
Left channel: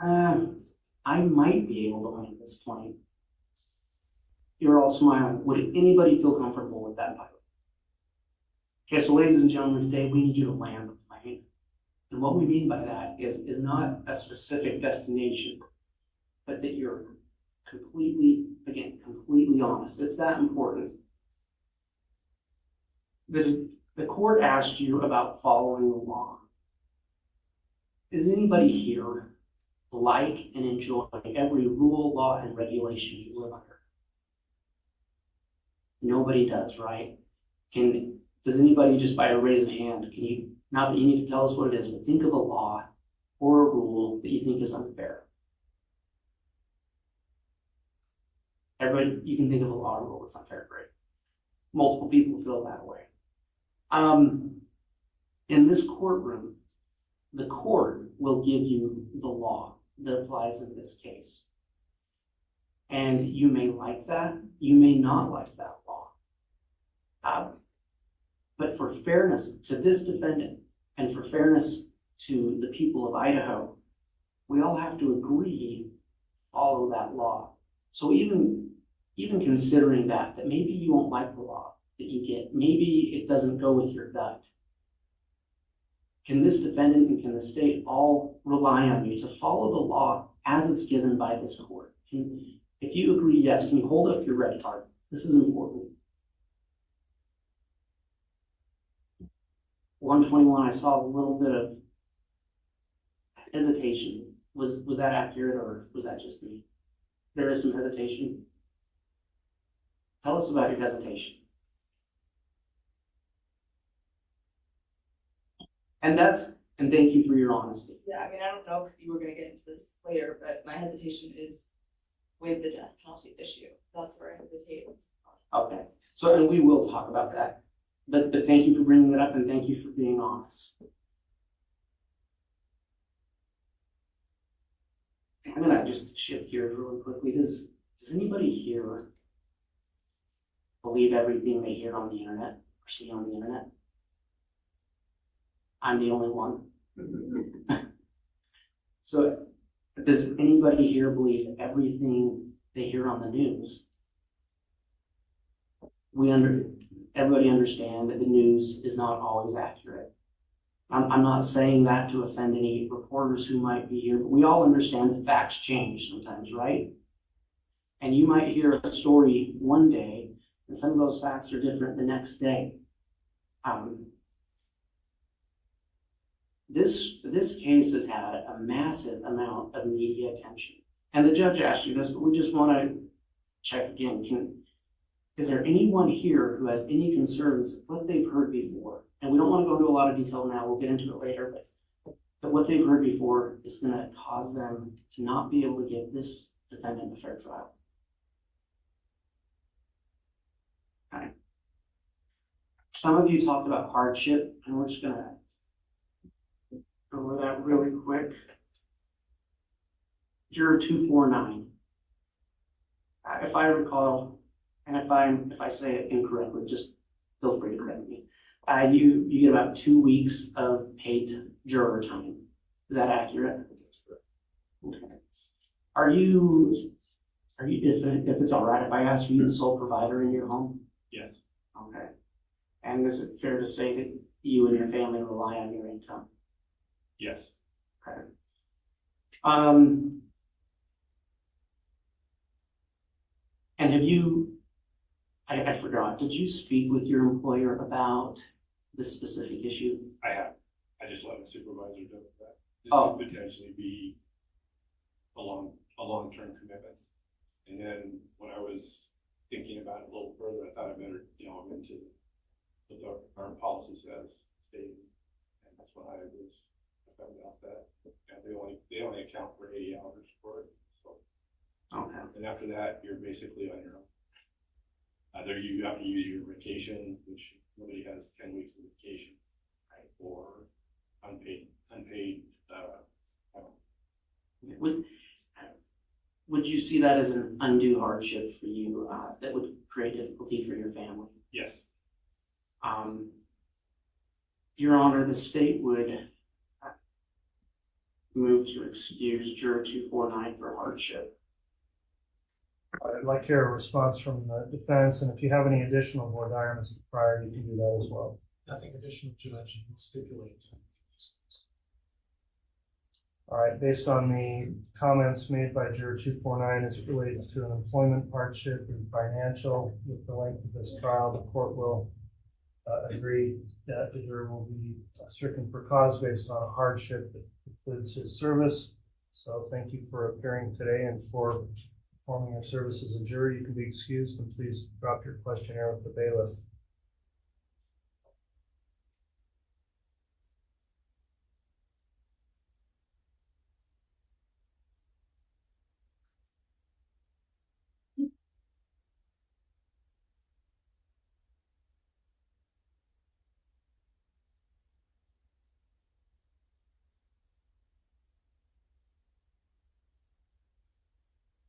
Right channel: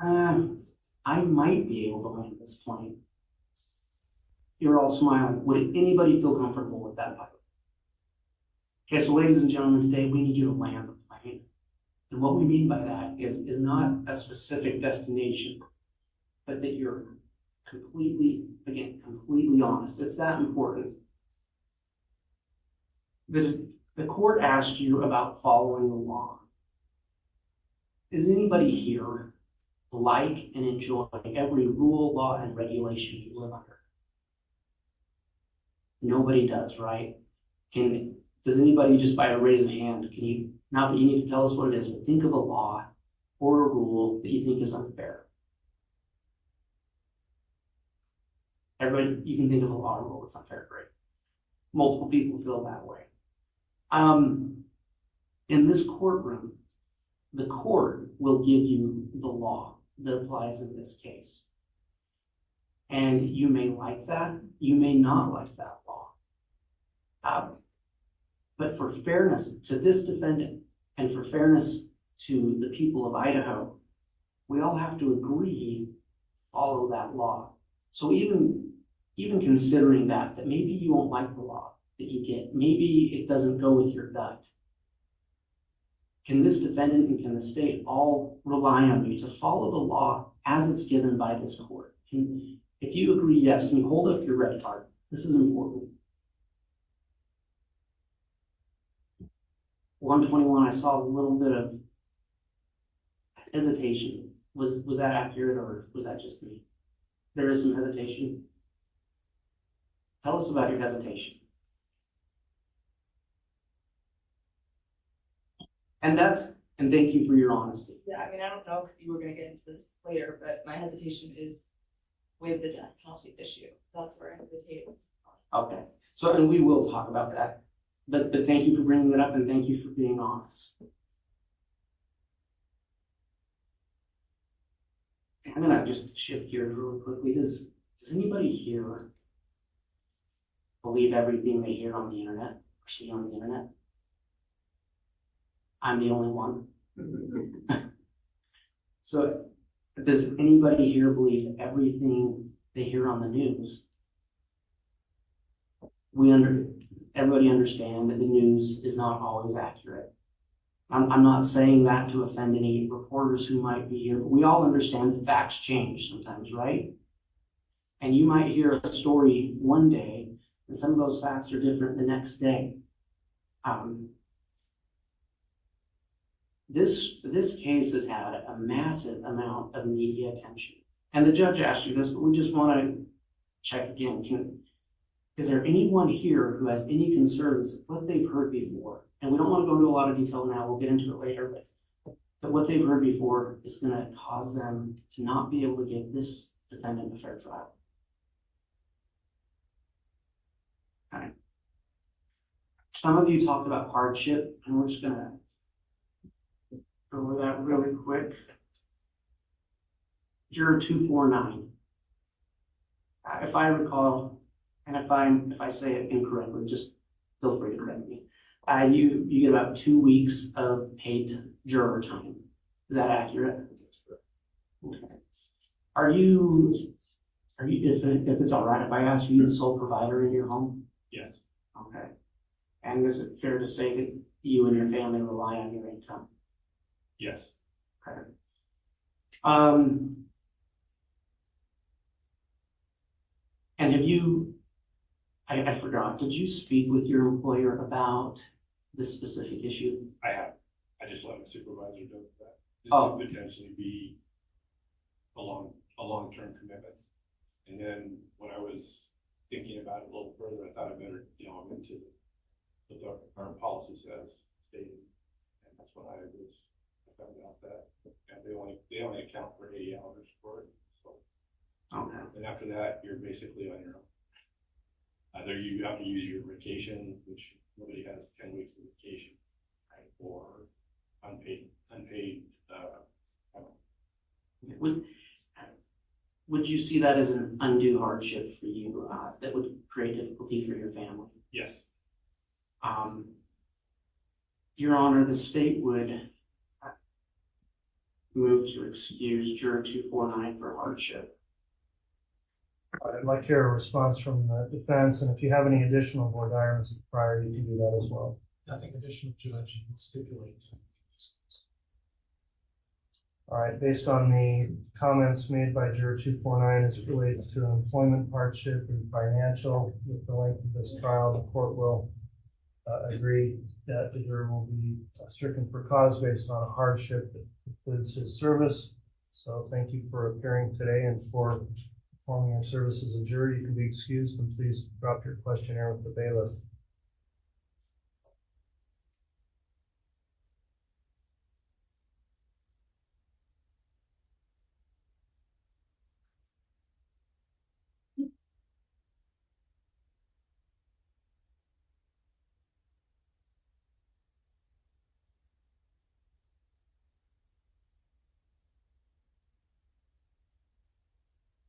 I might be able to land this plane? You're all smiling. Would anybody feel comfortable with that pilot? Okay, so ladies and gentlemen, today we need you to land the plane. And what we mean by that is not a specific destination, but that you're completely honest. It's that important. The court asked you about following the law. Does anybody here like and enjoy every rule, law, and regulation you live under? Nobody does, right? Does anybody, just by a raise of hand, can you, not that you need to tell us what it is, but think of a law or a rule that you think is unfair? Everybody, you can think of a law or rule that's unfair, great. Multiple people feel that way. In this courtroom, the court will give you the law that applies in this case. And you may like that, you may not like that law. But for fairness to this defendant and for fairness to the people of Idaho, we all have to agree, follow that law. So even considering that maybe you won't like the law that you get, maybe it doesn't go with your gut, can this defendant and can the state all rely on you to follow the law as it's given by this court? If you agree, yes, can you hold up your red card? This is important. 121, I saw a little bit of hesitation. Was that accurate, or was that just me? There is some hesitation. Tell us about your hesitation. And thank you for your honesty. Yeah, I mean, I don't know if you were going to get into this later, but my hesitation is with the death penalty issue. That's where I hesitate. Okay, so and we will talk about that. But thank you for bringing it up, and thank you for being honest. I'm gonna just shift gears really quickly. Does anybody here believe everything they hear on the internet or see on the internet? I'm the only one. So does anybody here believe everything they hear on the news everybody understand that the news is not always accurate. I'm not saying that to offend any reporters who might be here, but we all understand that facts change sometimes, right? And you might hear a story one day, and some of those facts are different the next day. This case has had a massive amount of media attention. And the judge asked you this, but we just want to check again. Is there anyone here who has any concerns of what they've heard before? And we don't want to go into a lot of detail now, we'll get into it later, but what they've heard before is going to cause them to not be able to give this defendant a fair trial. Okay. Some of you talked about hardship, and we're just going to go over that really quick. Juror 249. If I recall, and if I say it incorrectly, just feel free to correct me. You get about 2 weeks of paid juror time. Is that accurate? Okay. Are you, if it's all right, if I ask you the sole provider in your home? Yes. Okay. And is it fair to say that you and your family rely on your income? Yes. Okay. And have you, I forgot, did you speak with your employer about this specific issue? I have. I just let my supervisor know that. This Oh. could potentially be a long-term commitment. And then when I was thinking about it a little further, I thought I better delve into what our policy says, stated, and that's when I found out that they only account for 80 hours for it. So, Okay. and after that, you're basically on your own. Either you have to use your vacation, which nobody has 10 weeks of vacation, right? Or unpaid. Would you see that as an undue hardship for you that would create difficulty for your family? Yes. Your Honor, the state would move to excuse juror 249 for hardship. I'd like to hear a response from the defense, and if you have any additional board items prior, you can do that as well. Nothing additional, Judge, will stipulate. All right, based on the comments made by juror 249 as it relates to an employment hardship and financial with the length of this trial, the court will agree that the juror will be stricken for cause based on a hardship that includes his service. So thank you for appearing today and for performing your service as a juror. You can be excused, and please drop your questionnaire with the bailiff.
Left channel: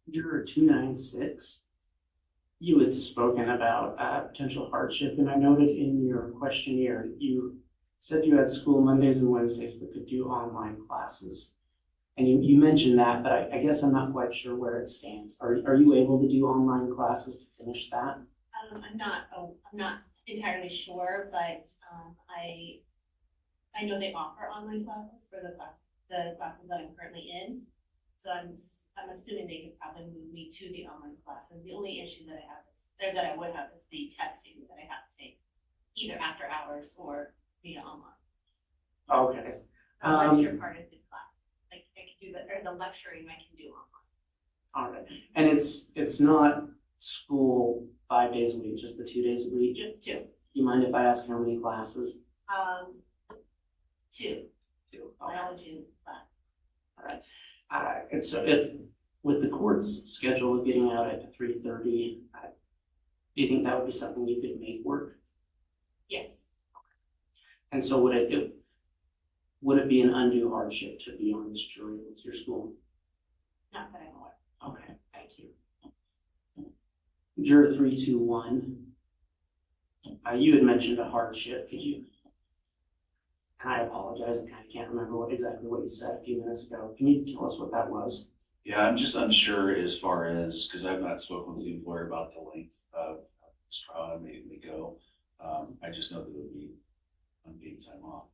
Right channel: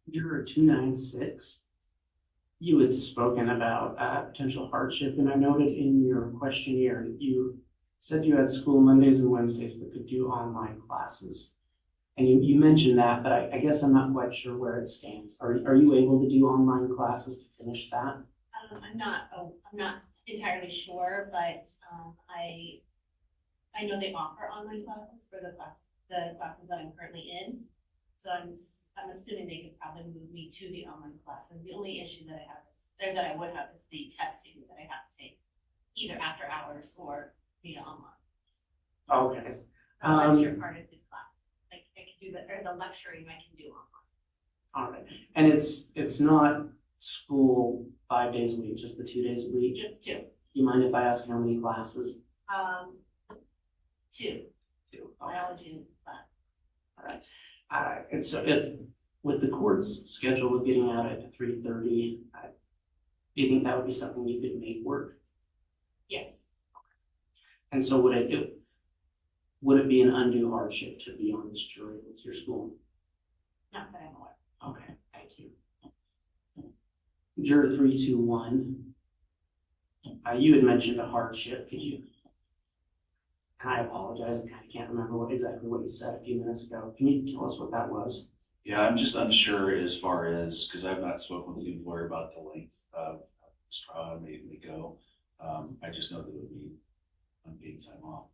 Juror 296, you had spoken about potential hardship, and I noted in your questionnaire you said you had school Mondays and Wednesdays but could do online classes. And you mentioned that, but I guess I'm not quite sure where it stands. Are you able to do online classes to finish that? I'm not entirely sure, but I know they offer online classes for the classes that I'm currently in. So I'm assuming they could probably move me to the online classes. The only issue that I would have is the testing that I have to take either after hours or via online. Okay. The lecture part of the class, like I can do the lecturing I can do online. All right. And it's not school 5 days a week, just the 2 days a week? Just 2. You mind if I ask how many classes? 2. 2. Okay. Biology class. All right. And so if, with the court's schedule of getting out at 3:30, do you think that would be something you could make work? Yes. And so would it be an undue hardship to be on this jury with your school? Not that I'm aware. Okay, thank you. Juror 321, you had mentioned a hardship. Could you, and I apologize, I kind of can't remember exactly what you said a few minutes ago. Can you tell us what that was? Yeah, I'm just unsure as far as, because I've not spoken with the employer about the length of this trial, I may go. I just know that it would be unpaid time off.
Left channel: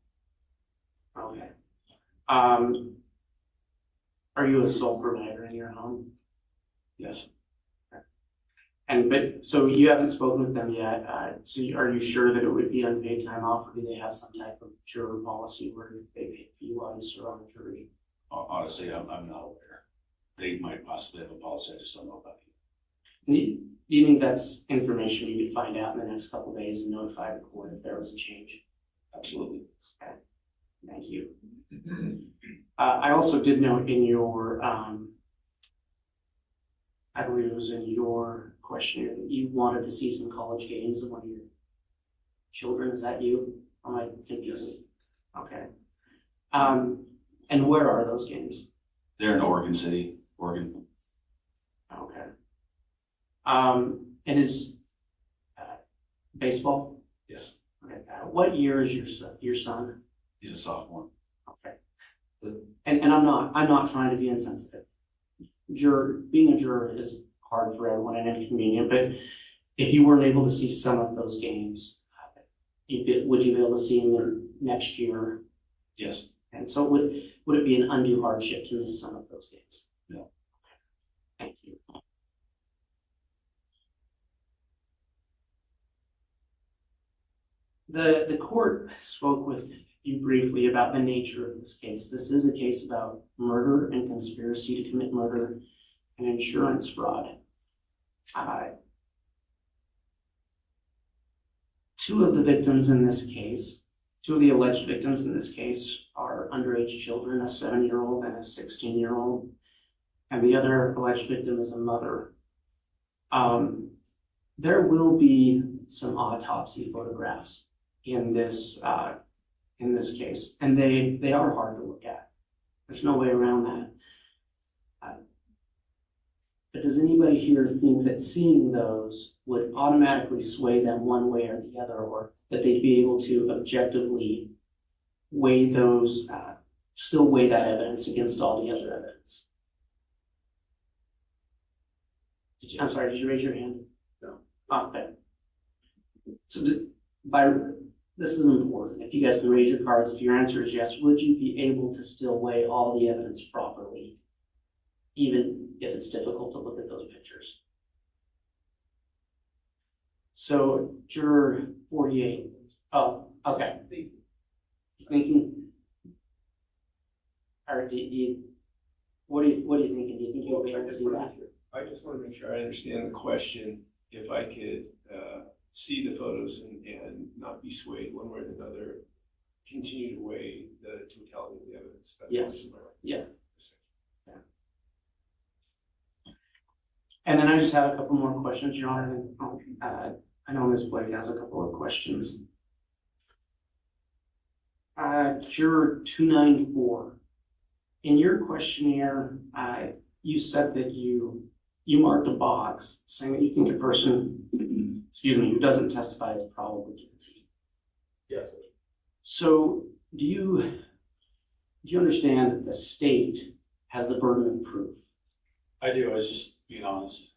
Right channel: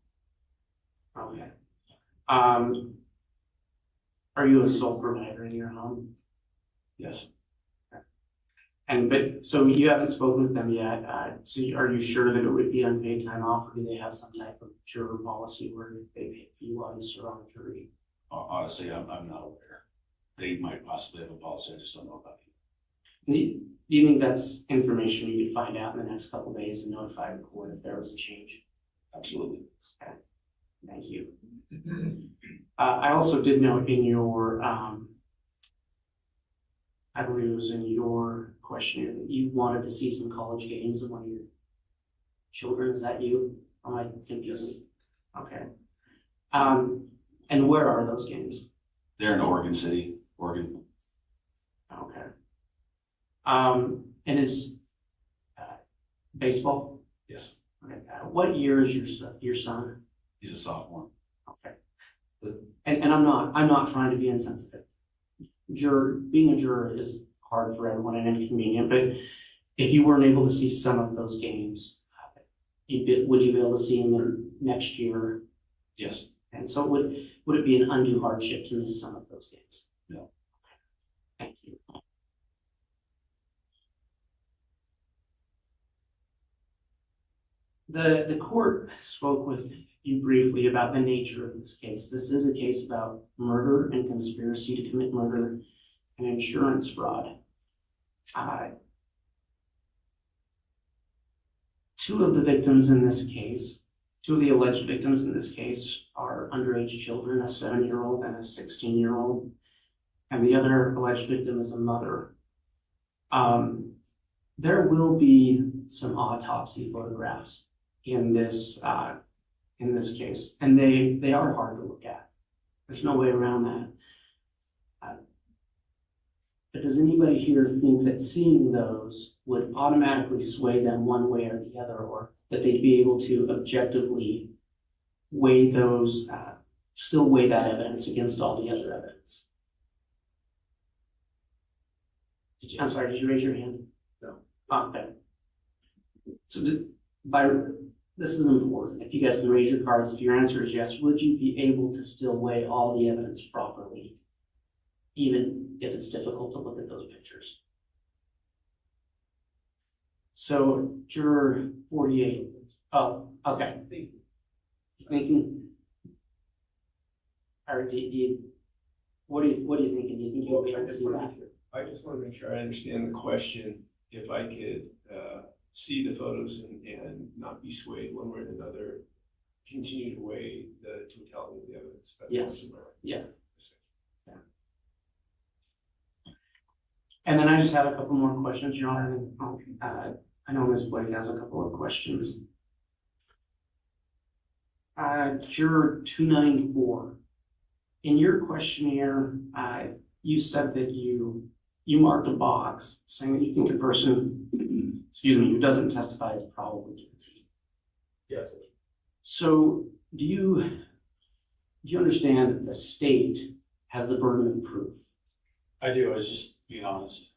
Okay. Are you a sole provider in your home? Yes. So you haven't spoken with them yet. So are you sure that it would be unpaid time off, or do they have some type of juror policy where they pay you while you serve on the jury? Honestly, I'm not aware. They might possibly have a policy. I just don't know about it. Do you think that's information you could find out in the next couple of days and notify the court if there was a change? Absolutely. Okay. Thank you. I also did note in your, I believe it was in your questionnaire that you wanted to see some college games of one of your children. Is that you? Am I confused? Okay. And where are those games? They're in Oregon City, Oregon. Okay. And is baseball? Yes. Okay. What year is your son? He's a sophomore. Okay. And I'm not trying to be insensitive. Being a juror is hard for everyone and inconvenient, but if you weren't able to see some of those games, would you be able to see them next year? Yes. And so would it be an undue hardship to miss some of those games? No. Thank you. The court spoke with you briefly about the nature of this case. This is a case about murder and conspiracy to commit murder and insurance fraud. Two of the alleged victims in this case are underage children, a 7-year-old and a 16-year-old, and the other alleged victim is a mother. There will be some autopsy photographs in this case, and they are hard to look at. There's no way around that. But does anybody here think that seeing those would automatically sway them one way or the other, or that they'd be able to objectively weigh those, still weigh that evidence against all the other evidence? I'm sorry, did you raise your hand? No. Okay. So this is important. If you guys can raise your cards, if your answer is yes, would you be able to still weigh all the evidence properly, even if it's difficult to look at those pictures? So juror 48. Oh, okay. Thinking. Or what are you thinking? Do you think you'll be able to do that? I just want to make sure I understand the question. If I could see the photos and not be swayed one way or another, continue to weigh the totality of the evidence. That's Yes. what Yeah. And then I just have a couple more questions, Your Honor. I know Ms. Blake has a couple of questions. Juror 294. In your questionnaire, you said that you marked a box saying that you think a person, who doesn't testify is probably guilty. Yes. So do you understand that the state has the burden of proof? I do. I was just being honest,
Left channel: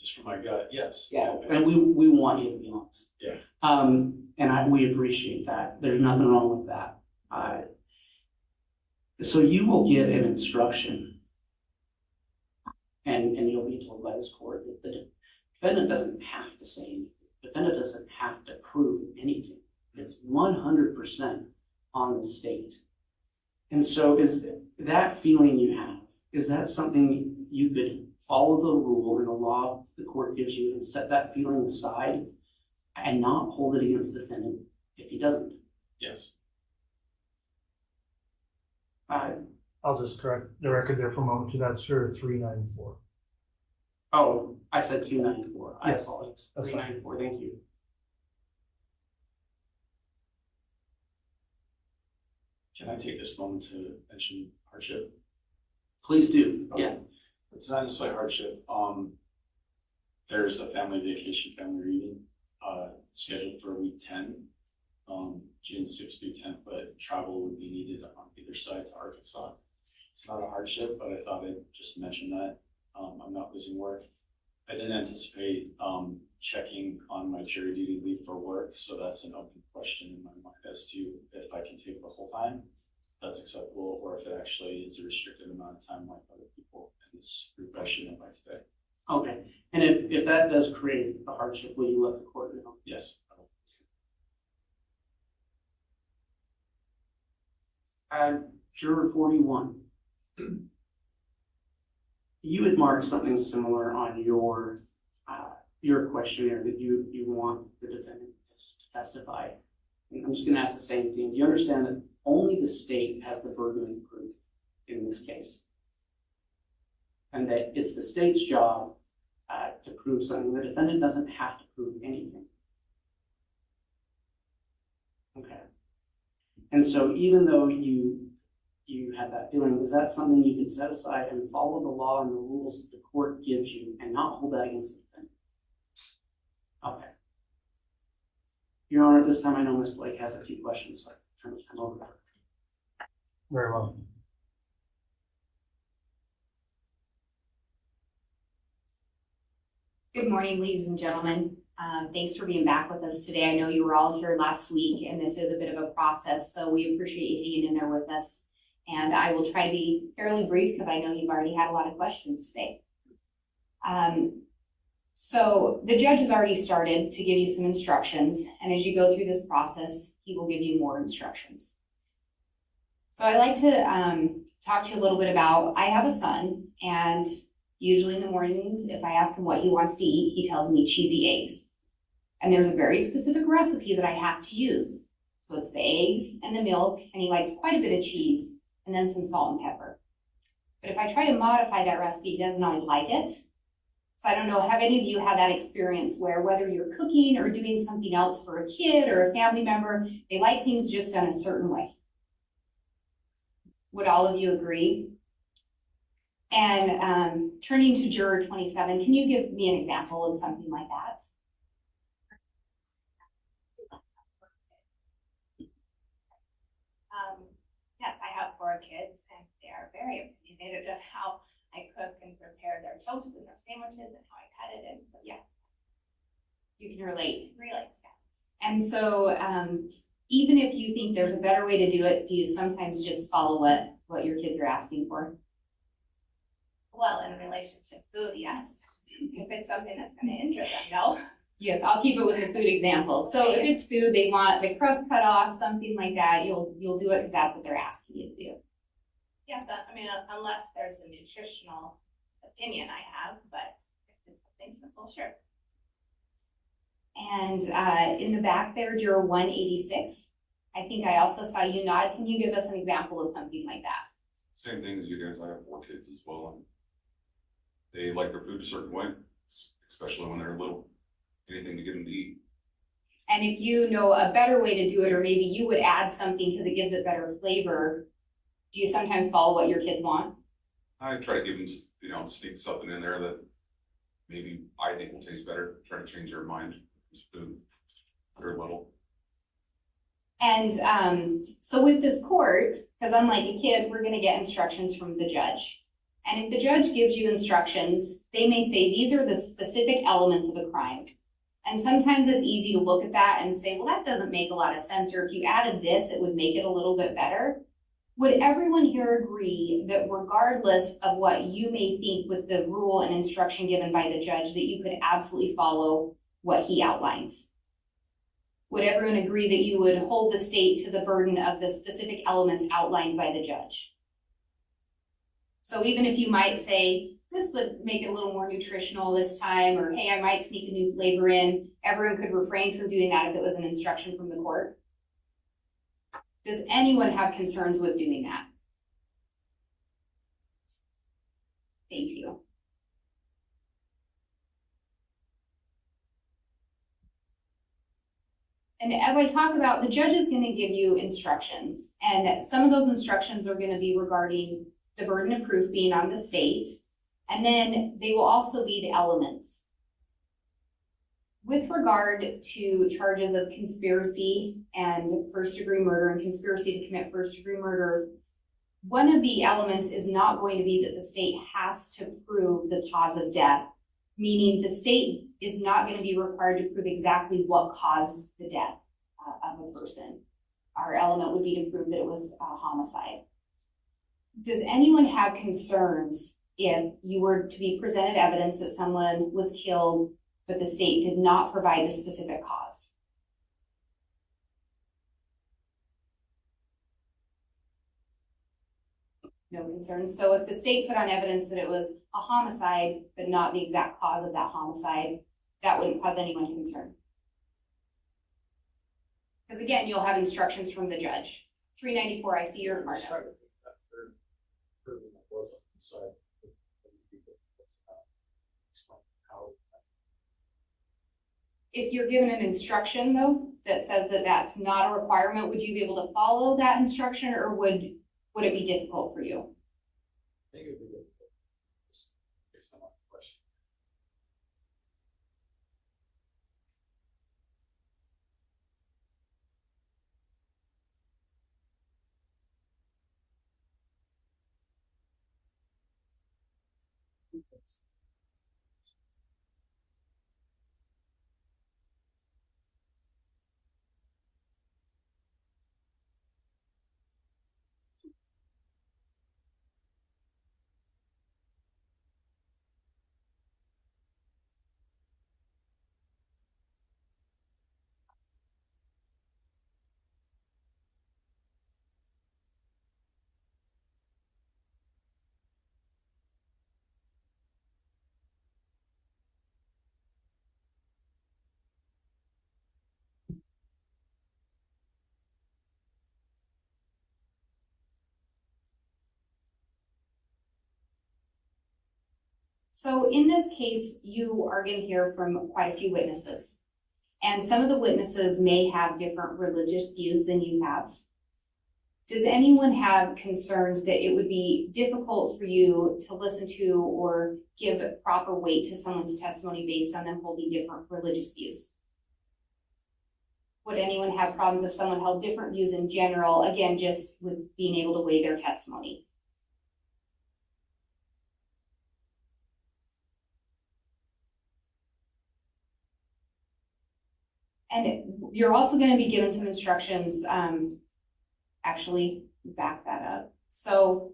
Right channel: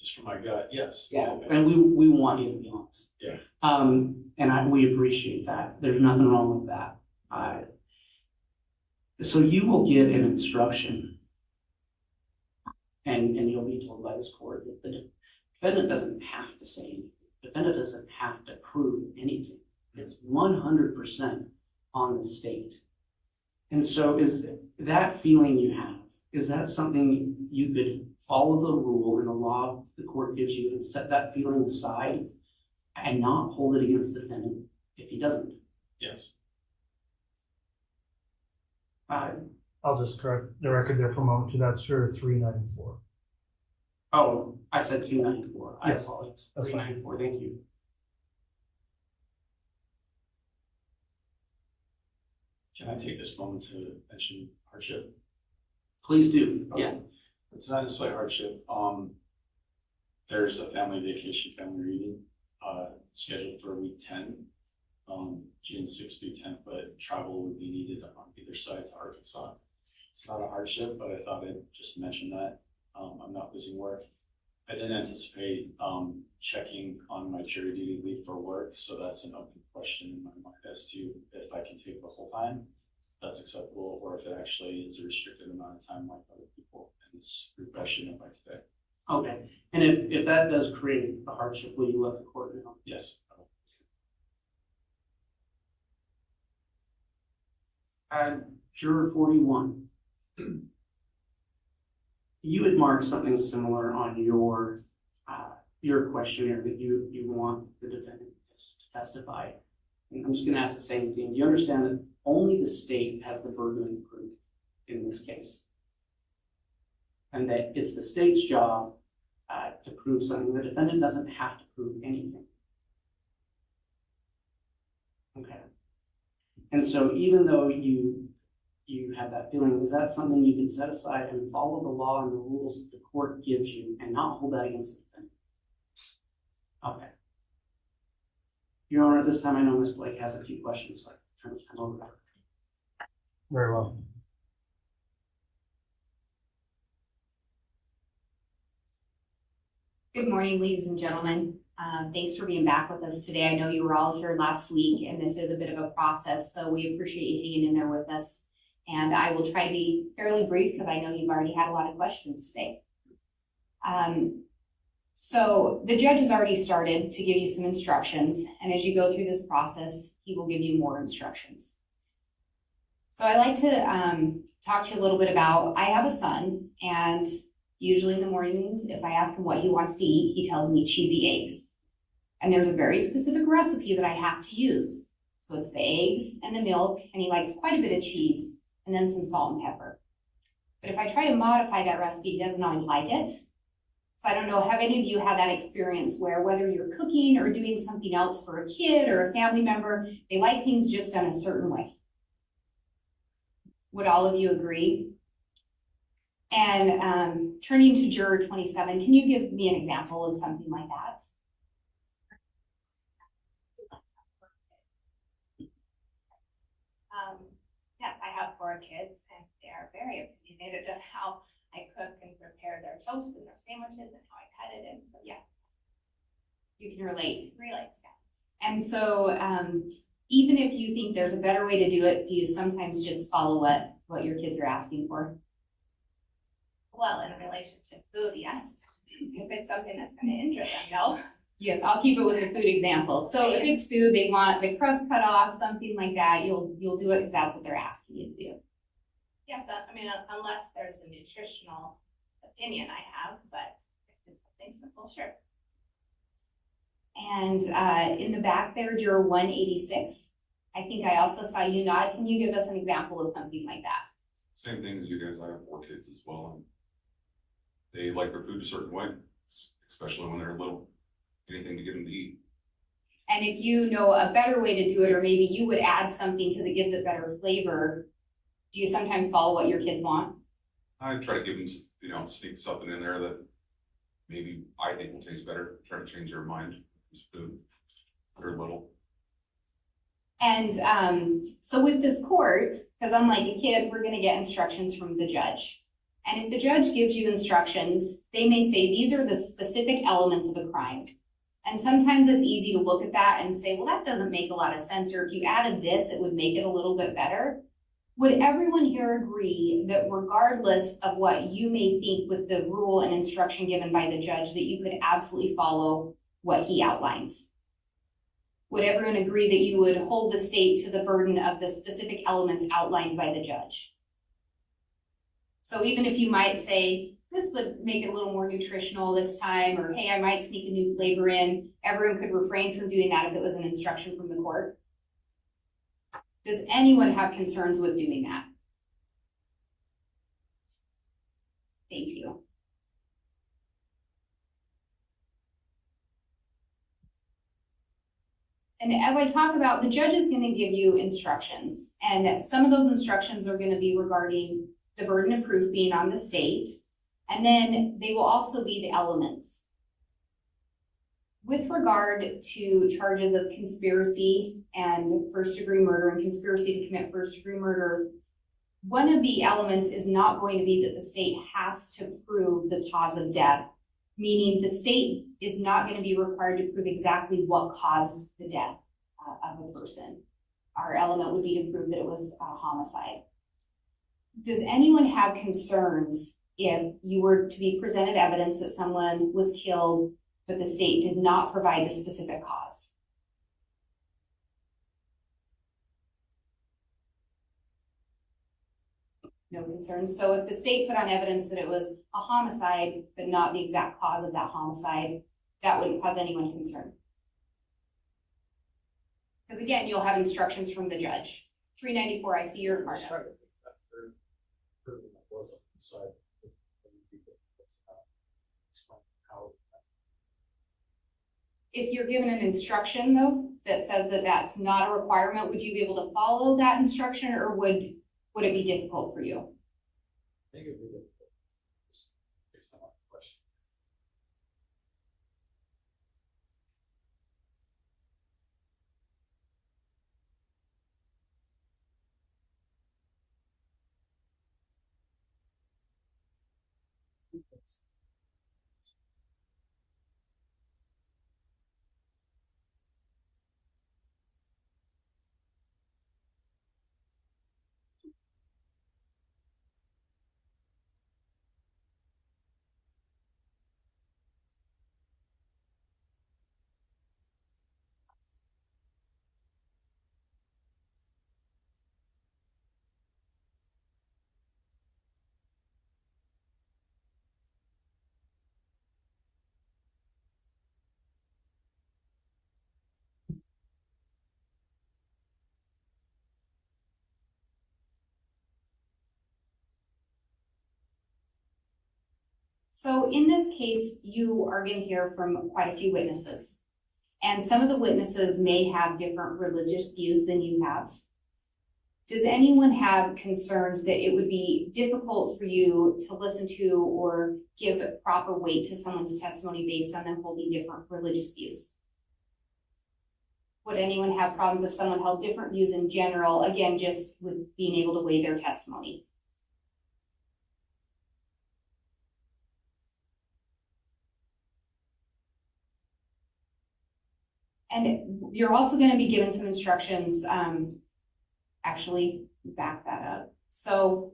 just from my gut. Yes. Yeah. And we want you to be honest. Yeah. And we appreciate that. There's nothing wrong with that. So you will get an instruction, and you'll be told by this court that the defendant doesn't have to say anything. The defendant doesn't have to prove anything. It's 100% on the state. And so is that feeling you have, is that something you could follow the rule and the law the court gives you and set that feeling aside and not hold it against the defendant if he doesn't? Yes. I'll just correct the record there for a moment to that, sure, 394. Oh, I said 294. I Yes, apologize. that's fine. 394, thank you. Can I take this moment to mention hardship? Please do. Okay. Yeah. It's not necessarily hardship. There's a family vacation, family reunion, scheduled for week 10, June 6th through 10th, but travel would be needed on either side to Arkansas. It's not a hardship, but I thought I'd just mention that. I'm not losing work. I didn't anticipate, checking on my jury duty leave for work, so that's an open question in my mind as to if I can take the whole time, that's acceptable, or if it actually is a restricted amount of time like other people in this group I should know by today. Okay, and if that does create a hardship, will you let the court know? Yes. Juror 41. You had marked something similar on your questionnaire that you want the defendant to testify. And I'm just going to ask the same thing. Do you understand that only the state has the burden of proof in this case? And that it's the state's job to prove something. The defendant doesn't have to prove anything. Okay. And so even though you have that feeling, is that something you can set aside and follow the law and the rules that the court gives you and not hold that against the defendant? Okay. Your Honor, at this time, I know Ms. Blake has a few questions, so I turn this time over to her. Very well. Good morning, ladies and gentlemen. Thanks for being back with us today. I know you were all here last week, and this is a bit of a process, so we appreciate you hanging in there with us. And I will try to be fairly brief because I know you've already had a lot of questions today. So the judge has already started to give you some instructions, and as you go through this process, he will give you more instructions. So I like to talk to you a little bit about, I have a son, and usually in the mornings, if I ask him what he wants to eat, he tells me cheesy eggs. And there's a very specific recipe that I have to use. So it's the eggs and the milk, and he likes quite a bit of cheese, and then some salt and pepper. But if I try to modify that recipe, he doesn't always like it. So I don't know, have any of you had that experience where whether you're cooking or doing something else for a kid or a family member, they like things just done a certain way? Would all of you agree? And turning to juror 27, can you give me an example of something like that? Yes, I have 4 kids, and they are very opinionated of how I cook and prepare their toast and their sandwiches and how I cut it. And so, yeah. You can relate. Relate, yeah. And so even if you think there's a better way to do it, do you sometimes just follow what your kids are asking for? Well, in relation to food, yes. If it's something that's going to interest them, no. Yes, I'll keep it with the food example. So if it's food, they want the crust cut off, something like that, you'll do it because that's what they're asking you to do. Yes, I mean, unless there's a nutritional opinion I have, but if it's something simple, sure. And in the back there, juror 186, I think I also saw you nod. Can you give us an example of something like that? Same thing as you guys. I have 4 kids as well, and they like their food a certain way, especially when they're little. Anything to get them to eat. And if you know a better way to do it, or maybe you would add something because it gives it better flavor, do you sometimes follow what your kids want? I try to give them, sneak something in there that maybe I think will taste better. Try to change their mind. Food. They're little. And so with this court, because unlike a kid, we're going to get instructions from the judge. And if the judge gives you instructions, they may say these are the specific elements of a crime. And sometimes it's easy to look at that and say, well, that doesn't make a lot of sense, or if you added this, it would make it a little bit better. Would everyone here agree that regardless of what you may think with the rule and instruction given by the judge, that you could absolutely follow what he outlines? Would everyone agree that you would hold the state to the burden of the specific elements outlined by the judge? So even if you might say, this would make it a little more nutritional this time, or hey, I might sneak a new flavor in, everyone could refrain from doing that if it was an instruction from the court. Does anyone have concerns with doing that? Thank you. And as I talk about, the judge is going to give you instructions, and some of those instructions are going to be regarding the burden of proof being on the state, and then they will also be the elements. With regard to charges of conspiracy and first-degree murder and conspiracy to commit first-degree murder, one of the elements is not going to be that the state has to prove the cause of death meaning the state is not going to be required to prove exactly what caused the death of a person. Our element would be to prove that it was a homicide. Does anyone have concerns if you were to be presented evidence that someone was killed, but the state did not provide a specific cause? No concerns. So if the state put on evidence that it was a homicide, but not the exact cause of that homicide, that wouldn't cause anyone concern. Because again, you'll have instructions from the judge. 394, I see your mark. If you're given an instruction though, that says that that's not a requirement, would you be able to follow that instruction, or would it be difficult for you? I think it would be difficult. Just based on the question. So in this case, you are going to hear from quite a few witnesses. And some of the witnesses may have different religious views than you have. Does anyone have concerns that it would be difficult for you to listen to or give proper weight to someone's testimony based on them holding different religious views? Would anyone have problems if someone held different views in general, again, just with being able to weigh their testimony? And you're also going to be given some instructions, actually back that up. So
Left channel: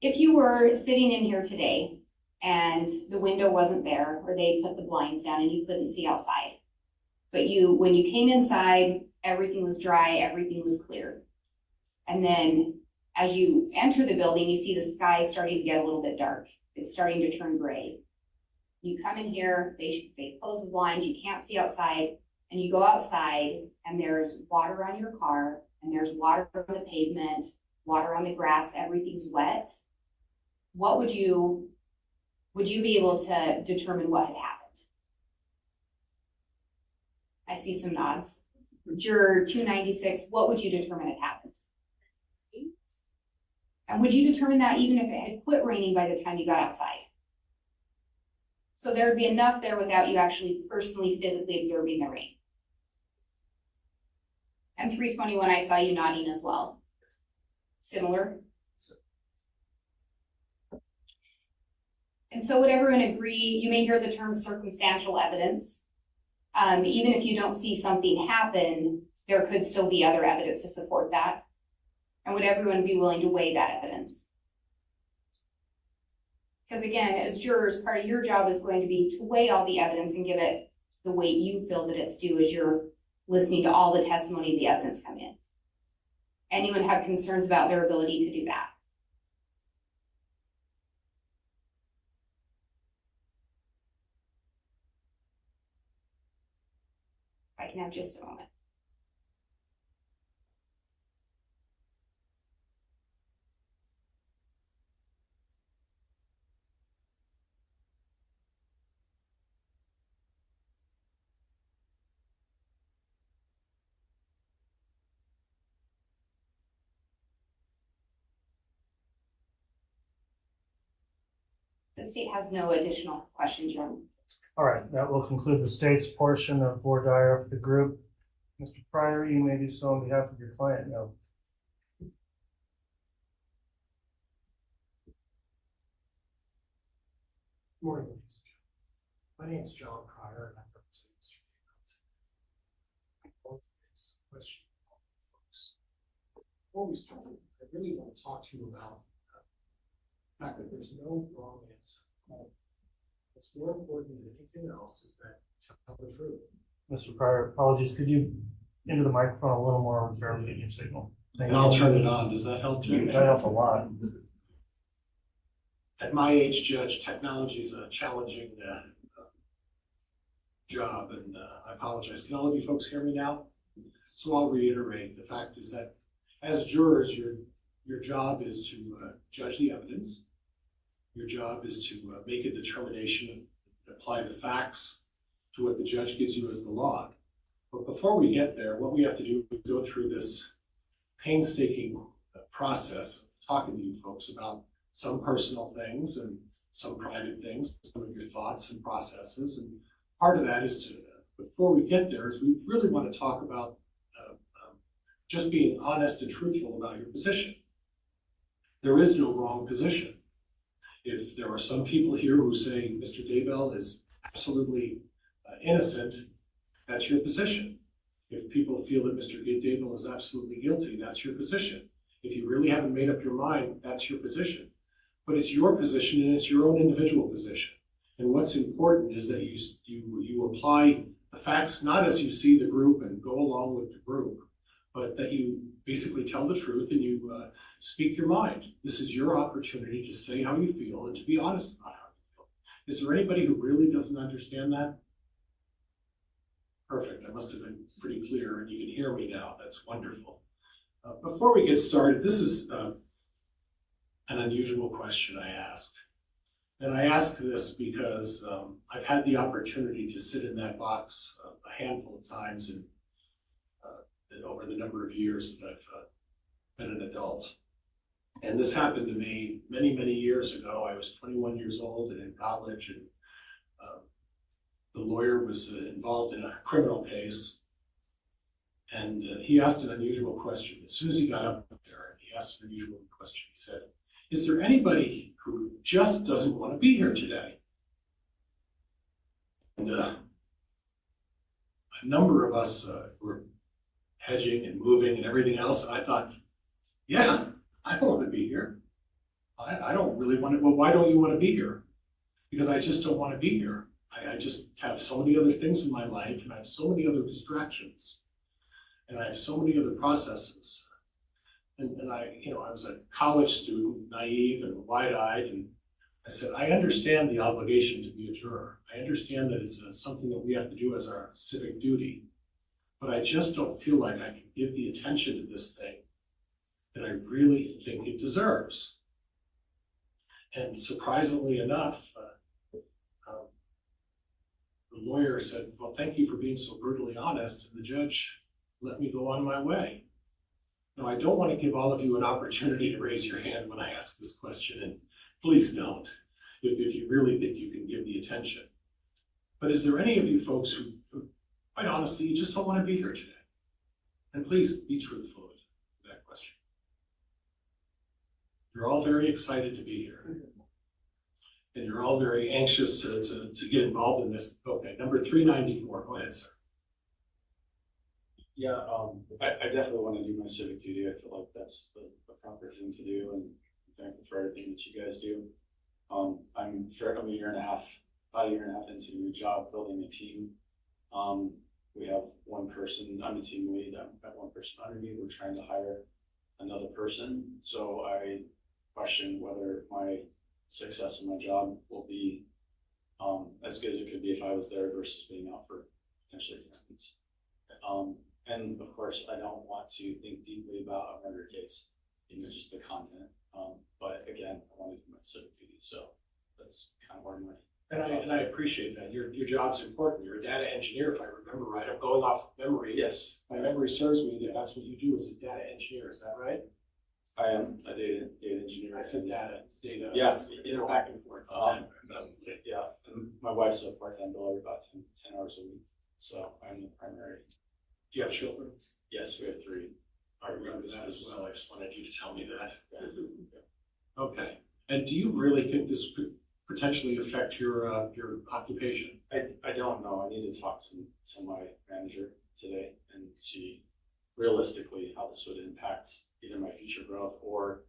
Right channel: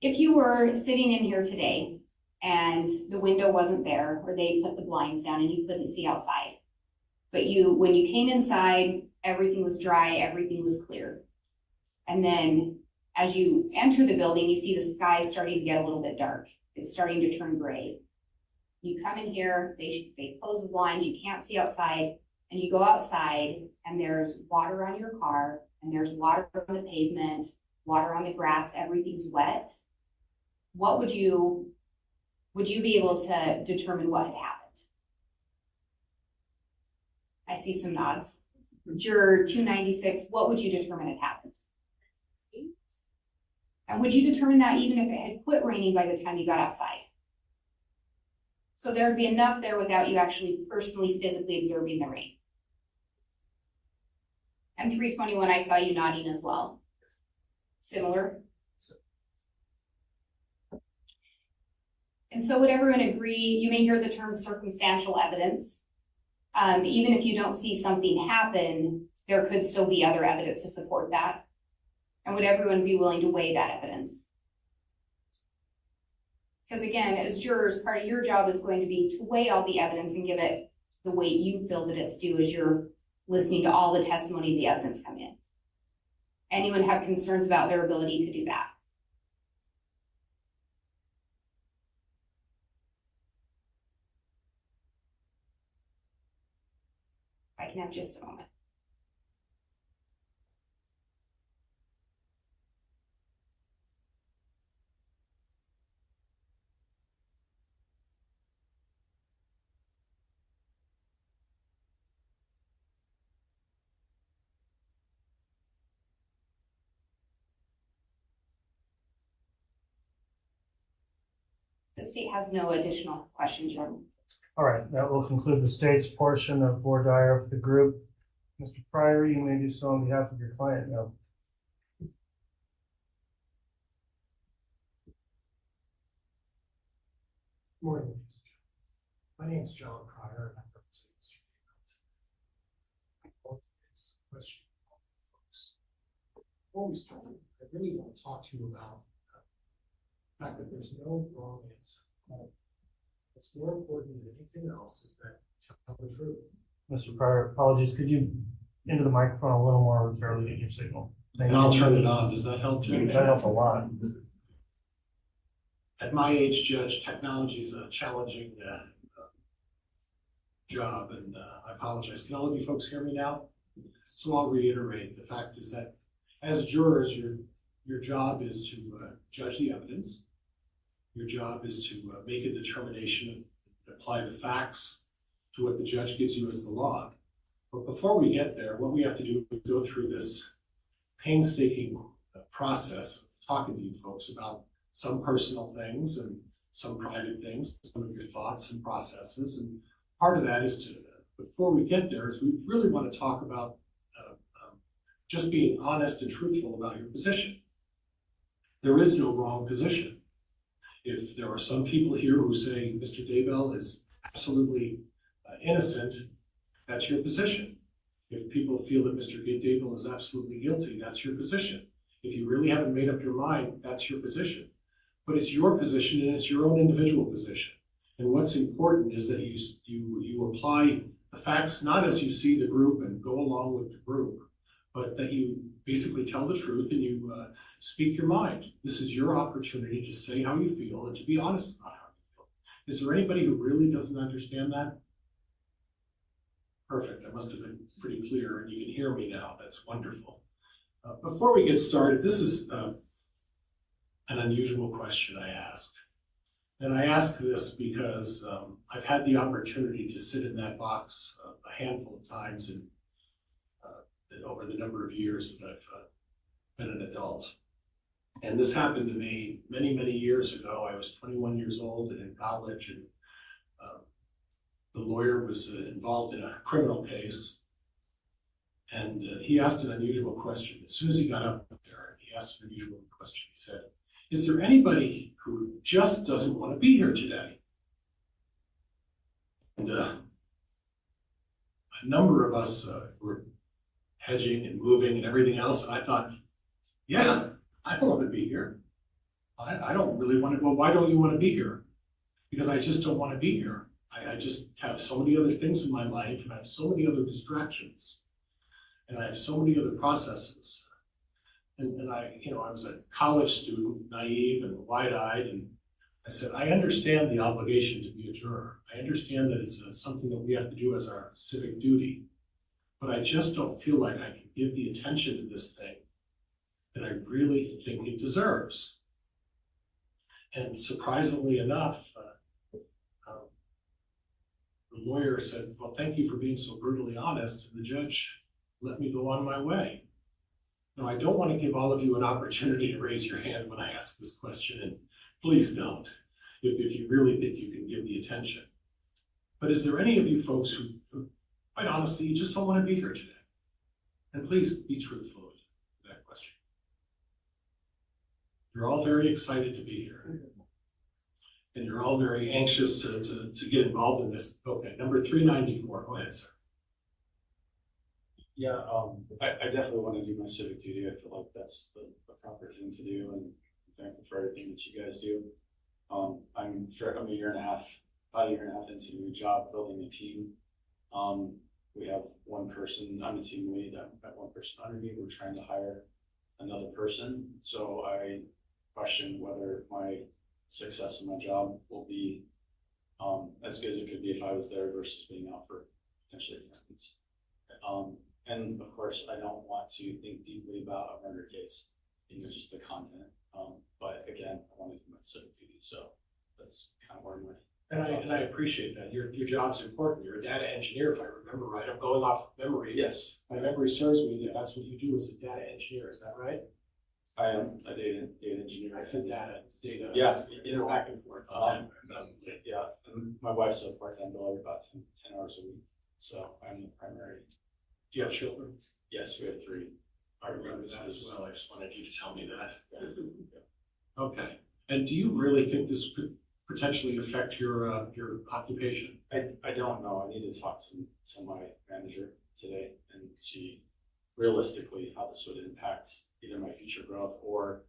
if you were sitting in here today and the window wasn't there, or they put the blinds down and you couldn't see outside, but when you came inside, everything was dry, everything was clear. And then as you enter the building, you see the sky starting to get a little bit dark. It's starting to turn gray. You come in here, they close the blinds, you can't see outside, and you go outside and there's water on your car, and there's water on the pavement, water on the grass, everything's wet. What would you be able to determine what had happened? I see some nods. Juror 296, what would you determine had happened? And would you determine that even if it had quit raining by the time you got outside? So there would be enough there without you actually personally, physically observing the rain. And 321, I saw you nodding as well. Similar. And so would everyone agree, you may hear the term circumstantial evidence. Even if you don't see something happen, there could still be other evidence to support that. And would everyone be willing to weigh that evidence? Because again, as jurors, part of your job is going to be to weigh all the evidence and give it the weight you feel that it's due as you're listening to all the testimony and the evidence come in. Anyone have concerns about their ability to do that? I can have just a moment. The state has no additional questions, Your Honor. All right, that will conclude the state's portion of voir dire of the group. Mr. Pryor, you may do so on behalf of your client now. Morning. My name is John Pryor, and I represent Mr. Daybell. This question for folks. Before we start, I really want to talk to you about the fact that there's no wrong answer. What's more important than anything else is that you tell the truth. Mr. Pryor, apologies, could you into the microphone a little more, we're barely getting your signal. Thank And you. I'll turn it on. Does that help too? That helped a lot. At my age, Judge, technology is a challenging job, and I apologize. Can all of you folks hear me now? So I'll reiterate, the fact is that as jurors, your job is to judge the evidence. Your job is to make a determination, apply the facts to what the judge gives you as the law. But before we get there, what we have to do is go through this painstaking process of talking to you folks about some personal things and some private things, some of your thoughts and processes. And part of that is to, before we get there, is we really want to talk about just being honest and truthful about your position. There is no wrong position. If there are some people here who say Mr. Daybell is absolutely innocent, that's your position. If people feel that Mr. Daybell is absolutely guilty, that's your position. If you really haven't made up your mind, that's your position. But it's your position and it's your own individual position. And what's important is that you apply the facts not as you see the group and go along with the group, but that you basically tell the truth and you speak your mind. This is your opportunity to say how you feel and to be honest about how you feel. Is there anybody who really doesn't understand that? Perfect, I must have been pretty clear and you can hear me now, that's wonderful. Before we get started, this is an unusual question I ask. And I ask this because I've had the opportunity to sit in that box a handful of times over the number of years that I've been an adult. And this happened to me many, many years ago. I was 21 years old and in college, and the lawyer was involved in a criminal case. And he asked an unusual question. As soon as he got up there, he asked an unusual question. He said, is there anybody who just doesn't want to be here today? And a number of us were hedging and moving and everything else. And I thought, yeah, I don't want to be here. I don't really want to. Well, why don't you want to be here? Because I just don't want to be here. I just have so many other things in my life, and I have so many other distractions, and I have so many other processes. And I was a college student, naive and wide-eyed, and I said, I understand the obligation to be a juror. I understand that it's something that we have to do as our civic duty, but I just don't feel like I can give the attention to this thing that I really think it deserves. And surprisingly enough, the lawyer said, well, thank you for being so brutally honest, and the judge let me go on my way. Now, I don't want to give all of you an opportunity to raise your hand when I ask this question, and please don't, if you really think you can give the attention. But is there any of you folks who quite honestly, you just don't want to be here today? And please be truthful with that question. You're all very excited to be here. And you're all very anxious to get involved in this. Okay, number 394, go ahead, sir. Yeah, I definitely want to do my civic duty. I feel like that's the proper thing to do, and I'm thankful for everything that you guys do. I'm a year and a half into a new job, building a team. We have one person, I'm a team lead, I've got one person under me, we're trying to hire another person. So I question whether my success in my job will be as good as it could be if I was there versus being out for potentially 10 weeks. And of course, I don't want to think deeply about a murder case, just the content. But again, I want to do my civic duty, so that's kind of where my. And I appreciate that. Your job's important. You're a data engineer, if I remember right. I'm going off of memory. Yes. My memory serves me that that's what you do as a data engineer. Is that right? I am a data engineer. I said data. It's data. Yeah. Back and forth. Yeah. And my wife's a part-time biller, about 10 hours a week. So I'm the primary. Do you have children? Yes, we have 3. I remember that as well. I just wanted you to tell me that. Okay. And do you really think this potentially affect your occupation? I don't know. I need to talk to my manager today and see realistically how this would impact either my future growth or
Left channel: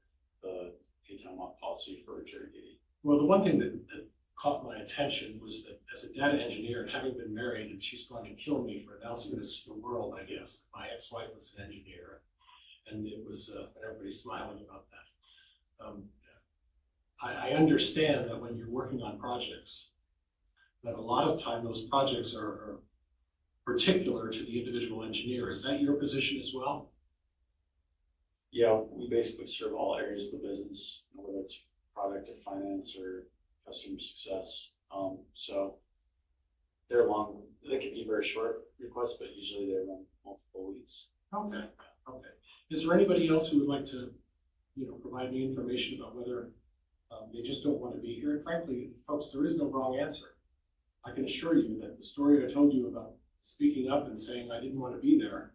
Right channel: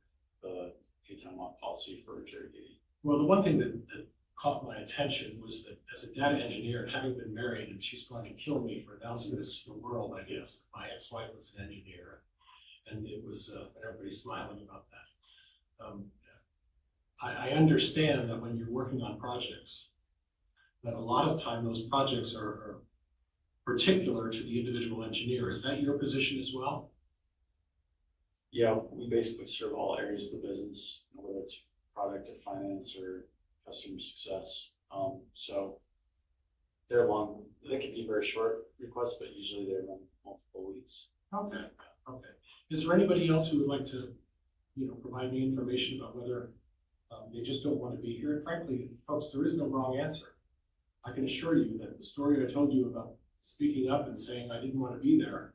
the 8-10-month policy for jury duty. Well, the one thing that caught my attention was that as a data engineer and having been married, and she's going to kill me for announcing this to the world, I guess, my ex-wife was an engineer, and it was, everybody's smiling about that. I understand that when you're working on projects, that a lot of time those projects are particular to the individual engineer. Is that your position as well? Yeah, we basically serve all areas of the business, whether it's product or finance or customer success. So they're long, they can be very short requests, but usually they run multiple weeks. Okay, okay. Is there anybody else who would like to, provide me information about whether they just don't want to be here? And frankly, folks, there is no wrong answer. I can assure you that the story I told you about speaking up and saying I didn't want to be there,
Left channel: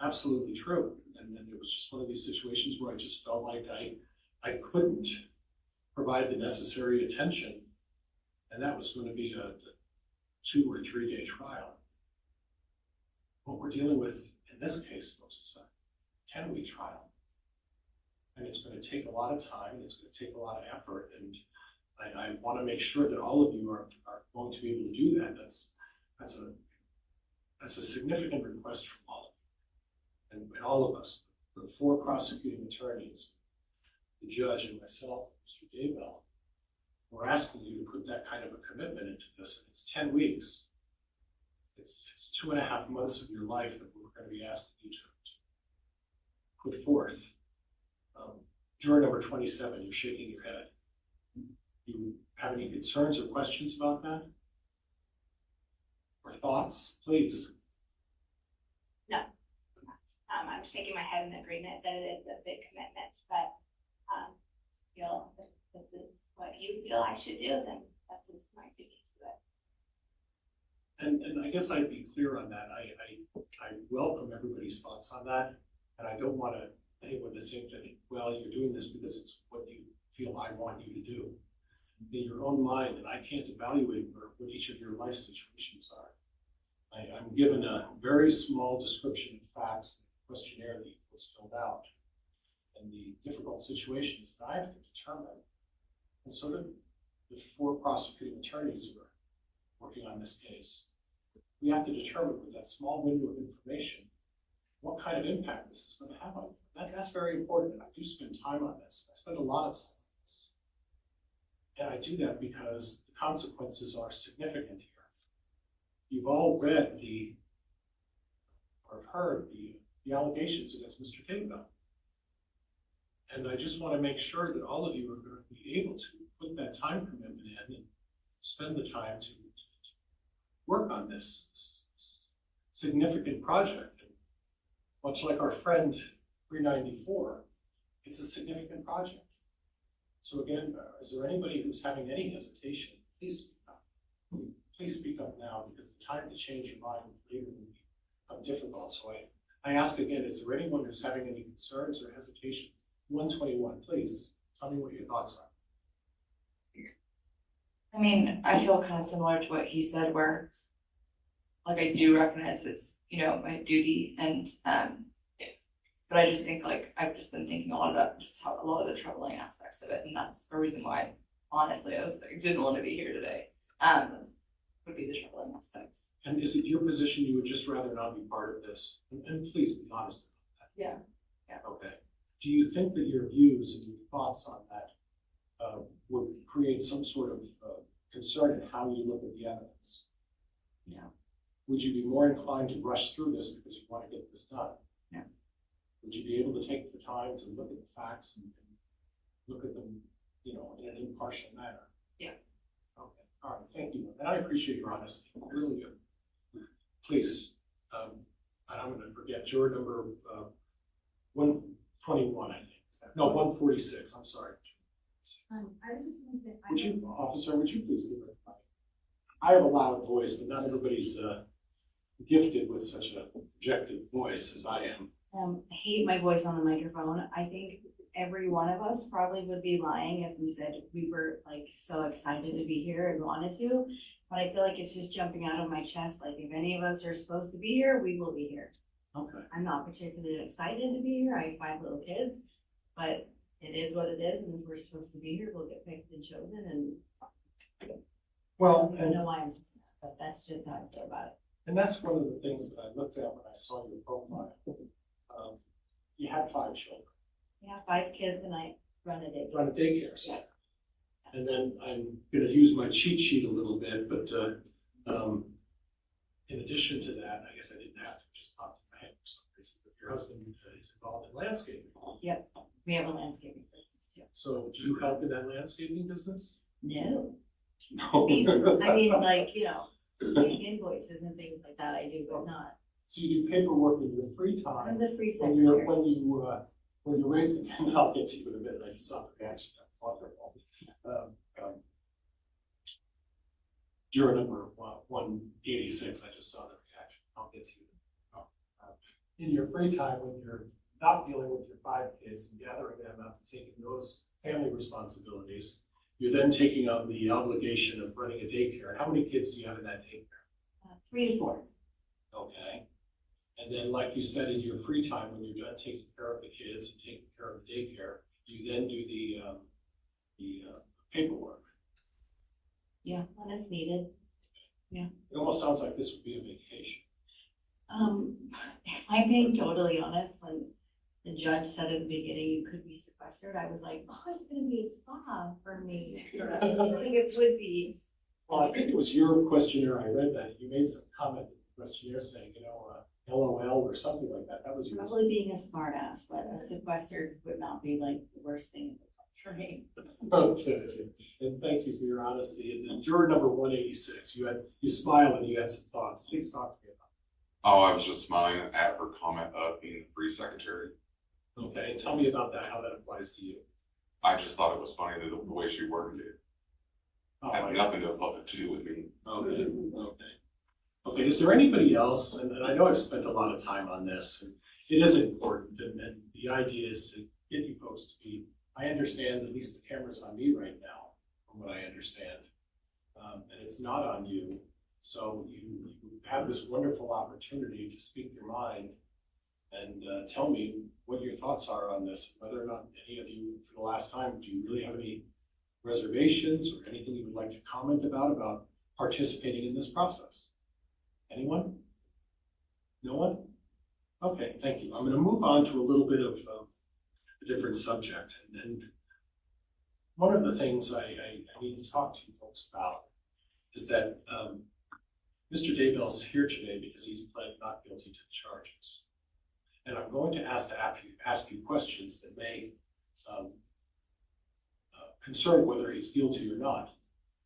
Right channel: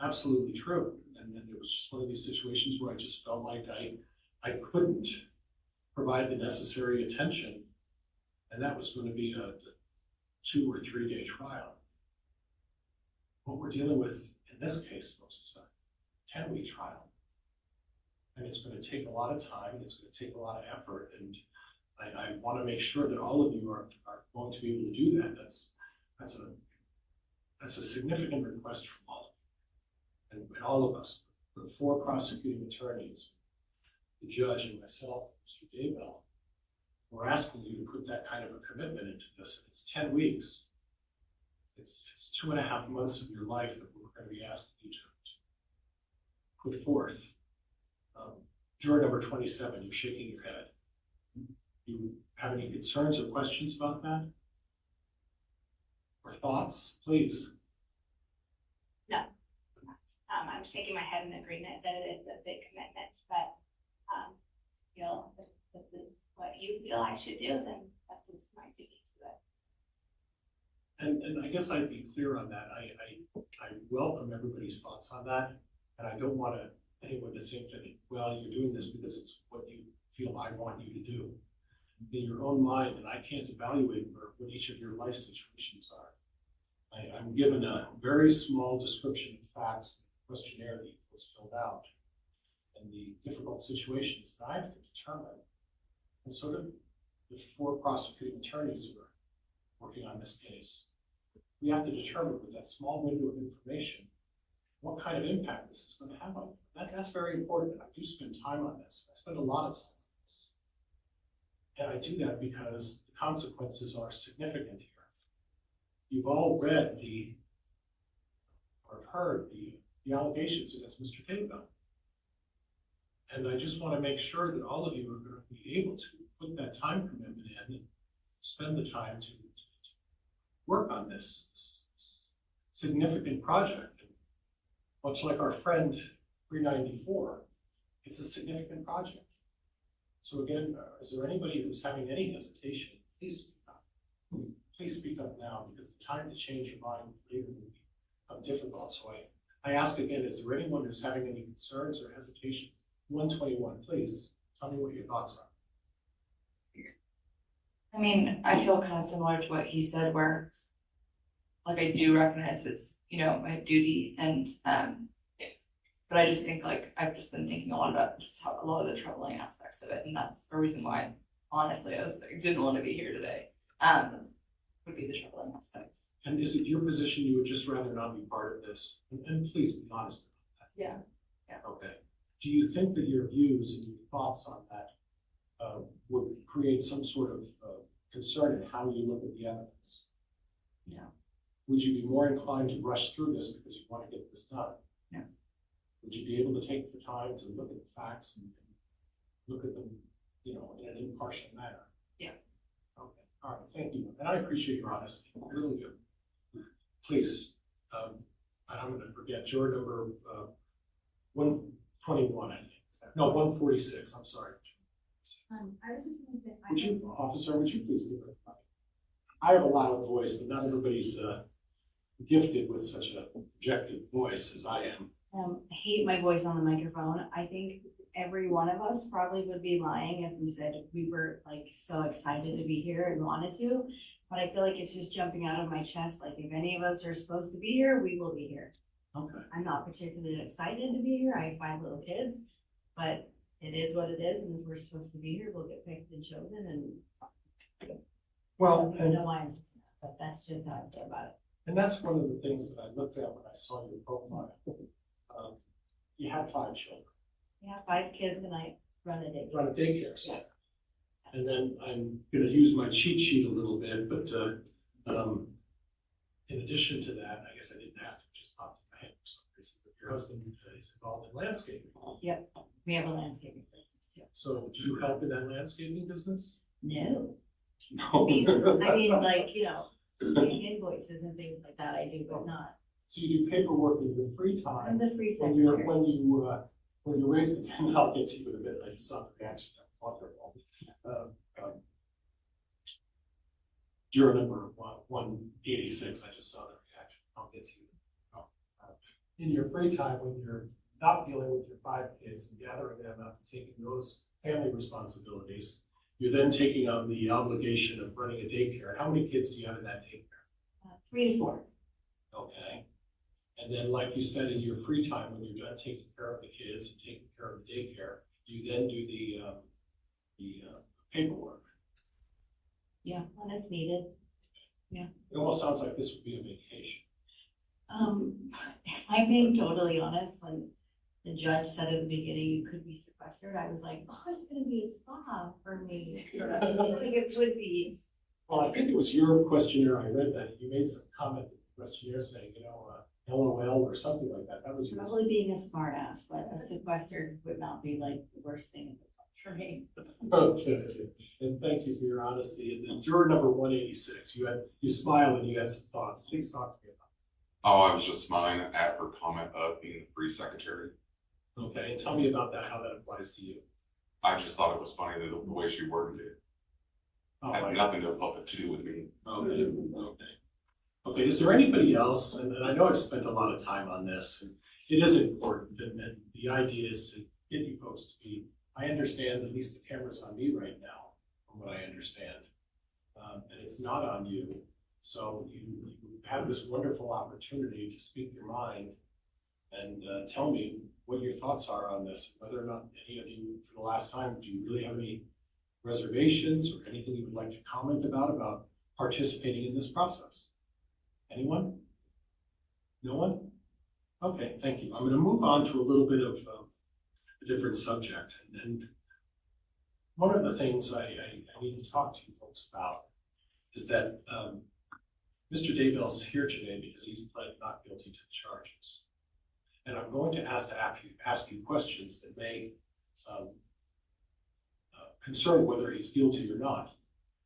absolutely true. And then it was just one of these situations where I just felt like I couldn't provide the necessary attention, and that was going to be a 2 or 3 day trial. What we're dealing with in this case, folks, is a 10-week trial. And it's going to take a lot of time, and it's going to take a lot of effort, and I want to make sure that all of you are going to be able to do that. That's a significant request from all of you, and all of us, the 4 prosecuting attorneys, the judge, and myself, Mr. Daybell. We're asking you to put that kind of a commitment into this. It's 10 weeks. It's 2.5 months of your life that we're going to be asking you to put forth. Juror number 27, you're shaking your head. Do you have any concerns or questions about that? Or thoughts, please? No. I'm shaking my head in agreement that it is a big commitment, but feel if this is what you feel I should do, then that's just my duty to it. And I guess I'd be clear on that. I welcome everybody's thoughts on that, and I don't want anyone to think that, well, you're doing this because it's what you feel I want you to do. In your own mind, and I can't evaluate what each of your life situations are. I'm given a very small description of facts, the questionnaire that was filled out, and the difficult situations that I have to determine. And sort of the 4 prosecuting attorneys who are working on this case, we have to determine with that small window of information what kind of impact this is going to have on you. That's very important. I do spend time on this. I spend a lot of time on this. And I do that because the consequences are significant here. You've all read or heard the allegations against Mr. Daybell. And I just want to make sure that all of you are going to be able to put that time commitment in and spend the time to work on this significant project. And much like our friend 394, it's a significant project. So again, is there anybody who's having any hesitation? Please speak up. Please speak up now, because the time to change your mind later will become difficult. So I ask again, is there anyone who's having any concerns or hesitation? 121, please tell me what your thoughts are. I mean, I feel kind of similar to what he said, where like I do recognize it's, my duty, and but I just think I've just been thinking a lot about just how a lot of the troubling aspects of it, and that's a reason why honestly I didn't want to be here today. Would be the troubling aspects. And is it your position you would just rather not be part of this? And please be honest about that. Yeah. Okay. Do you think that your views and your thoughts on that would create some sort of concern in how you look at the evidence? No. Would you be more inclined to rush through this because you want to get this done? No. Would you be able to take the time to look at the facts and look at them, in an impartial manner? Yeah. Okay. All right. Thank you. And I appreciate your honesty. I really do. Please, and I'm going to forget juror number 121, I think. No, 146. I'm sorry. I was just going to say, Would you, officer, would you please give it a mic? I have a loud voice, but not everybody's gifted with such a projected voice as I am. I hate my voice on the microphone. I think every one of us probably would be lying if we said we were like so excited to be here and wanted to. But I feel like it's just jumping out of my chest. Like if any of us are supposed to be here, we will be here. Okay. I'm not particularly excited to be here. I have 5 little kids, but it is what it is. And if we're supposed to be here, we'll get picked and chosen. And Well, I don't know why, but that's just how I feel about it. and that's one of the things that I looked at when I saw your profile. You had 5 children. Yeah, 5 kids and I run a daycare. Run a daycare center. And then I'm gonna use my cheat sheet a little bit, but, in addition to that, I guess I didn't have to just pop in my head for some reason, but your husband is involved in landscaping. Yep, we have a landscaping business too. So do you help in that landscaping business? No. No. I mean, like, you know, like invoices and things like that I do, but not. So you do paperwork in your free I'm time, the free when secretary. you raise the, and I'll get to you in a bit, I just saw the reaction, that's wonderful. Juror number 186, I just saw the reaction, I'll get to you. In your free time, when you're not dealing with your 5 kids and gathering them up, taking those family responsibilities, you're then taking on the obligation of running a daycare. How many kids do you have in that daycare? 3 to 4. Okay. And then, like you said, in your free time, when you're done taking care of the kids and taking care of the daycare, you then do the paperwork. Yeah, when it's needed. Yeah. It almost sounds like this would be a vacation. If I'm being totally honest, when the judge said at the beginning you could be sequestered, I was like, oh, it's gonna be a spa for me. I think it would be. Well, I think it was your questionnaire, I read that, you made some comment in the questionnaire saying, LOL or something like that, that was yours. Probably being a smart ass, but a sequestered would not be like the worst thing for me. Okay, and thank you for your honesty. And then juror number 186, you smiled and you had some thoughts. Please talk to me about Oh, I was just smiling at her comment of being the free secretary. it. Okay, and tell me about that, how that applies to you. I just thought it was funny that the way she worded it. Oh, Had nothing to do with me. Okay, okay. Okay, is there anybody else, and I know I've spent a lot of time on this, and it is important, and the idea is to get you folks to be, I understand, at least the camera's on me right now, from what I understand, and it's not on you, so you have this wonderful opportunity to speak your mind and tell me what your thoughts are on this, whether or not any of you, for the last time, do you really have any reservations or anything you would like to comment about participating in this process? Anyone? No one? Okay, thank you. I'm going to move on to a little bit of a different subject. And one of the things I need to talk to you folks about is that Mr. Daybell's here today because he's pled not guilty to the charges. And I'm going to ask you questions that may concern whether he's guilty or not.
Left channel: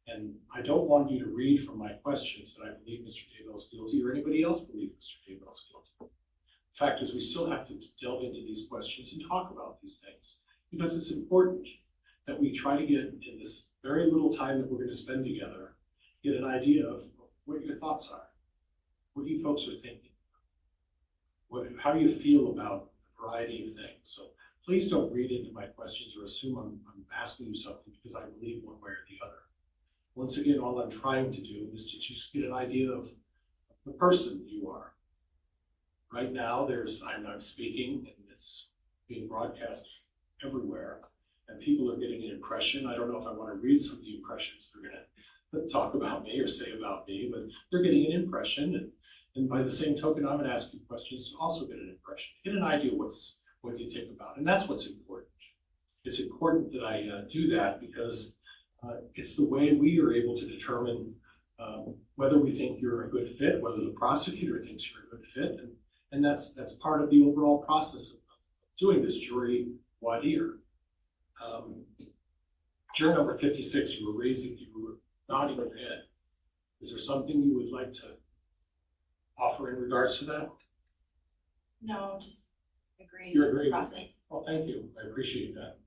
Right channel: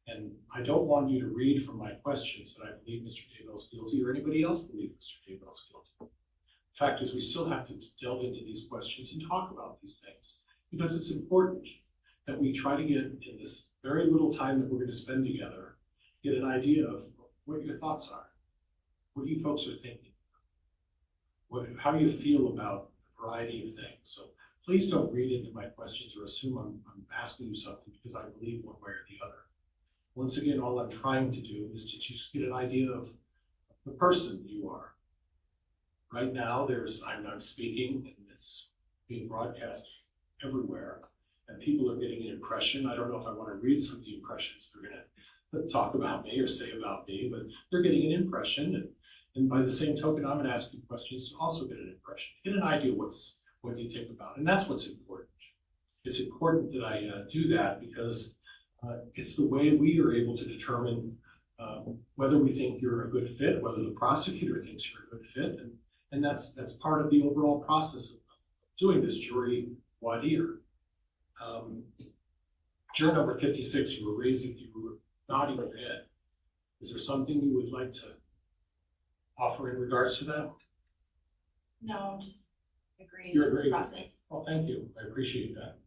And I don't want you to read from my questions that I believe Mr. Daybell's guilty or anybody else believes Mr. Daybell's guilty. The fact is we still have to delve into these questions and talk about these things because it's important that we try to get in this very little time that we're going to spend together, get an idea of what your thoughts are, what you folks are thinking, how do you feel about a variety of things. So please don't read into my questions or assume I'm asking you something because I believe one way or the other. Once again, all I'm trying to do is to just get an idea of the person you are. Right now, I'm speaking and it's being broadcast everywhere and people are getting an impression. I don't know if I want to read some of the impressions they're going to talk about me or say about me, but they're getting an impression. And by the same token, I'm going to ask you questions to also get an impression, get an idea what you think about. And that's what's important. It's important that I do that because it's the way we are able to determine whether we think you're a good fit, whether the prosecutor thinks you're a good fit, and that's part of the overall process of doing this jury voir dire. Juror number 56, you were nodding your head. Is there something you would like to offer in regards to that? No, just agreeing You're with the agreeing. process. Well, thank you. I appreciate that.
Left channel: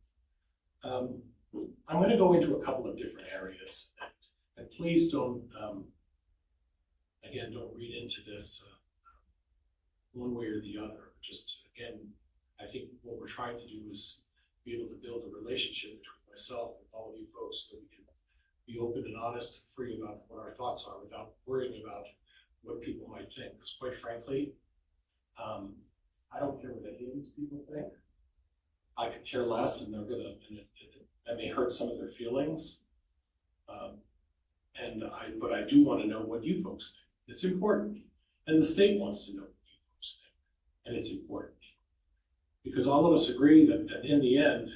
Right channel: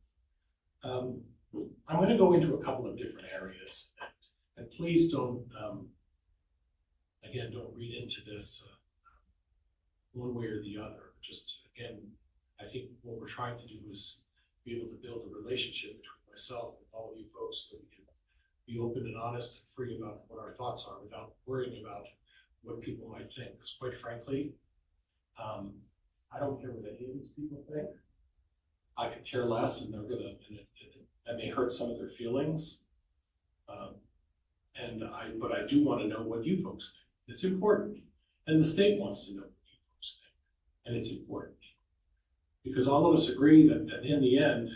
I'm going to go into a couple of different areas, and please don't, again, don't read into this one way or the other. Just, again, I think what we're trying to do is be able to build a relationship between myself and all of you folks so we can be open and honest and free about what our thoughts are without worrying about what people might think. Because quite frankly, I don't care what any of these people think. I could care less, and that may hurt some of their feelings. But I do want to know what you folks think. It's important. And the state wants to know what you folks think. And it's important. Because all of us agree that in the end,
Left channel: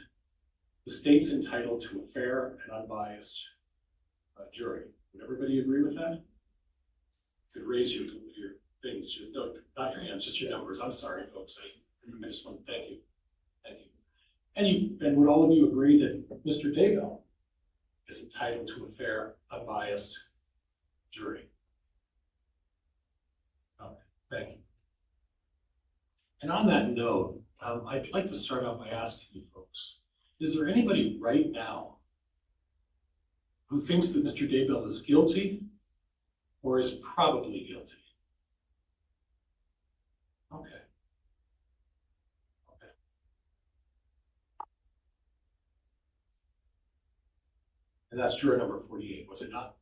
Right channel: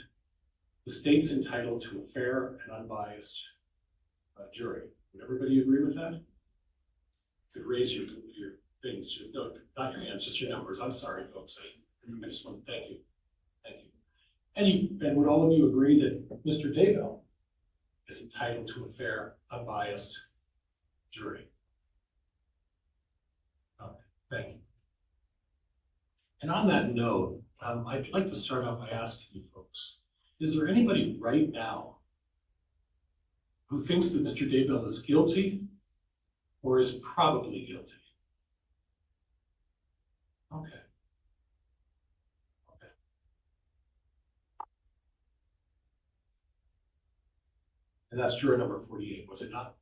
the state's entitled to a fair and unbiased jury. Would everybody agree with that? You could raise your things, not your hands, just your numbers. I'm sorry, folks. I just want to thank you. Thank you. And would all of you agree that Mr. Daybell is entitled to a fair, unbiased jury? Okay, thank you. And on that note, I'd like to start out by asking you folks, is there anybody right now who thinks that Mr. Daybell is guilty or is probably guilty? Okay. Okay. And that's juror number 48, was it not?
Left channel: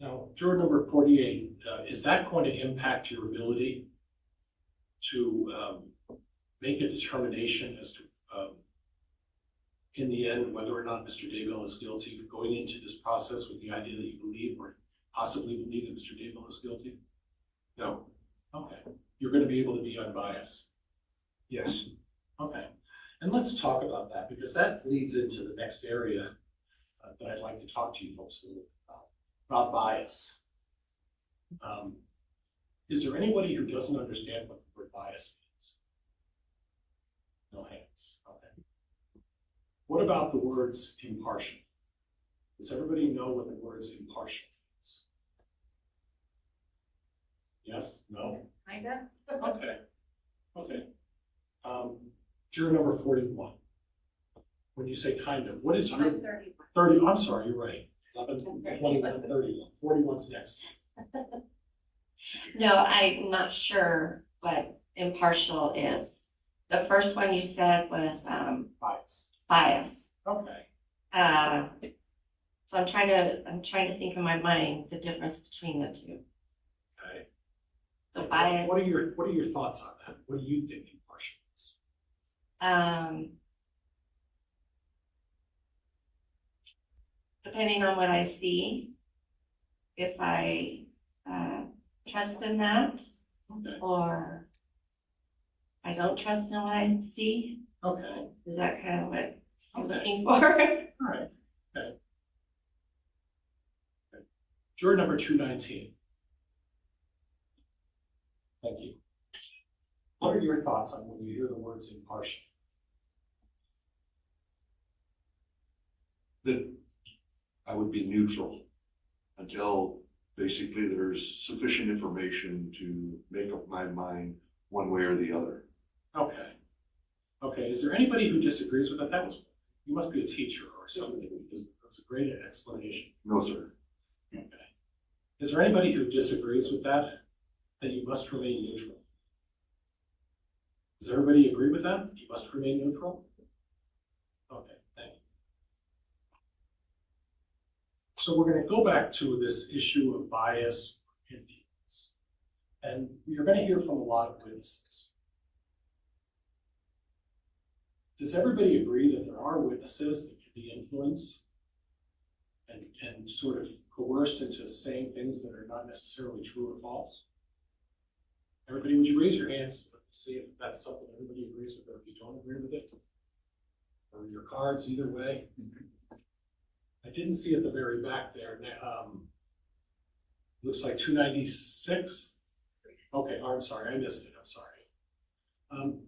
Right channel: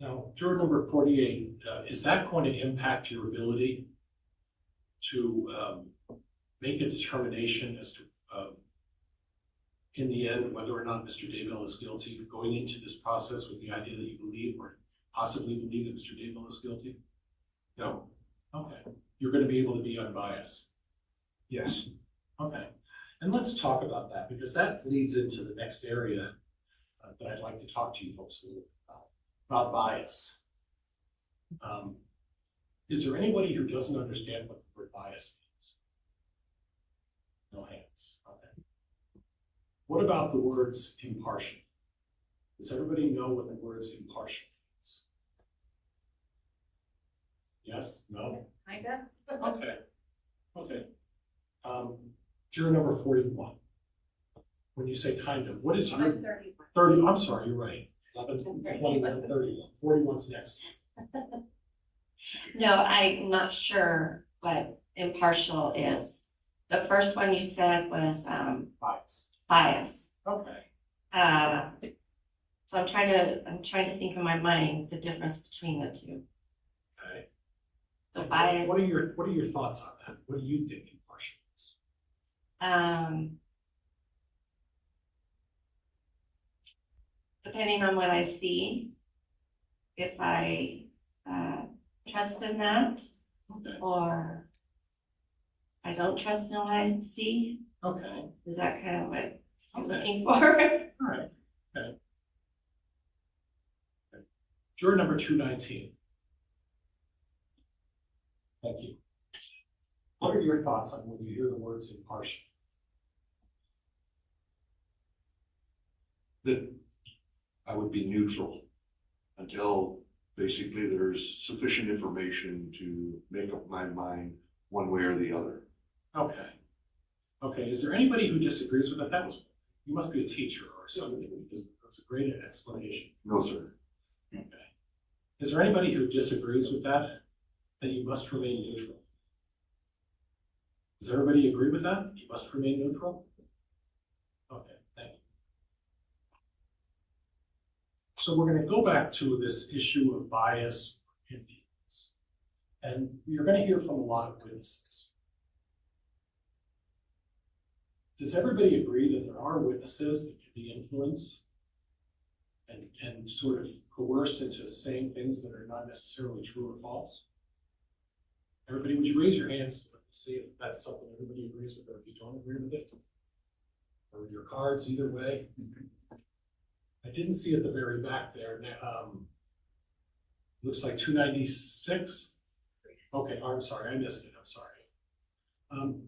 Now, juror number 48, is that going to impact your ability to make a determination as to, in the end, whether or not Mr. Daybell is guilty, going into this process with the idea that you believe or possibly believe that Mr. Daybell is guilty? No. Okay. You're going to be able to be unbiased? Yes. Okay. And let's talk about that, because that leads into the next area that I'd like to talk to you folks a little bit about bias. Is there anybody who doesn't understand what the word bias means? No hands. Okay. What about the words impartial? Does everybody know what the words impartial means? Yes? No? Kinda. Okay. Okay. Juror number 41. When you say kind of, what is your 30? I'm sorry, you're right. 11, 21, 31. 41's next. No, I'm not sure what impartial is. The first one you said was Bias. bias. Okay. So I'm trying to think in my mind the difference between the two. Okay. So bias. What are your thoughts on that? What do you think impartial is? Depending on what I see, if I trust in that, Okay. or I don't trust in what I see. Okay. Is that kind of what I'm Okay. looking for? All right. Okay. Okay. Juror number 219. Thank you. What are your thoughts on when you hear the words impartial? That I would be neutral until basically there's sufficient information to make up my mind one way or the other. Okay. Okay. Is there anybody who disagrees with that? You must be a teacher or something, because that's a great explanation. No, sir. Okay. Is there anybody who disagrees with that you must remain neutral? Does everybody agree with that? You must remain neutral? Okay, thank you. So we're going to go back to this issue of bias or influence. And you're going to hear from a lot of witnesses. Does everybody agree that there are witnesses that can be influenced and sort of coerced into saying things that are not necessarily true or false? Everybody, would you raise your hands to see if that's something everybody agrees with, or if you don't agree with it? Or your cards, either way. I didn't see at the very back there. Looks like 296. Okay, I'm sorry, I missed it. I'm sorry.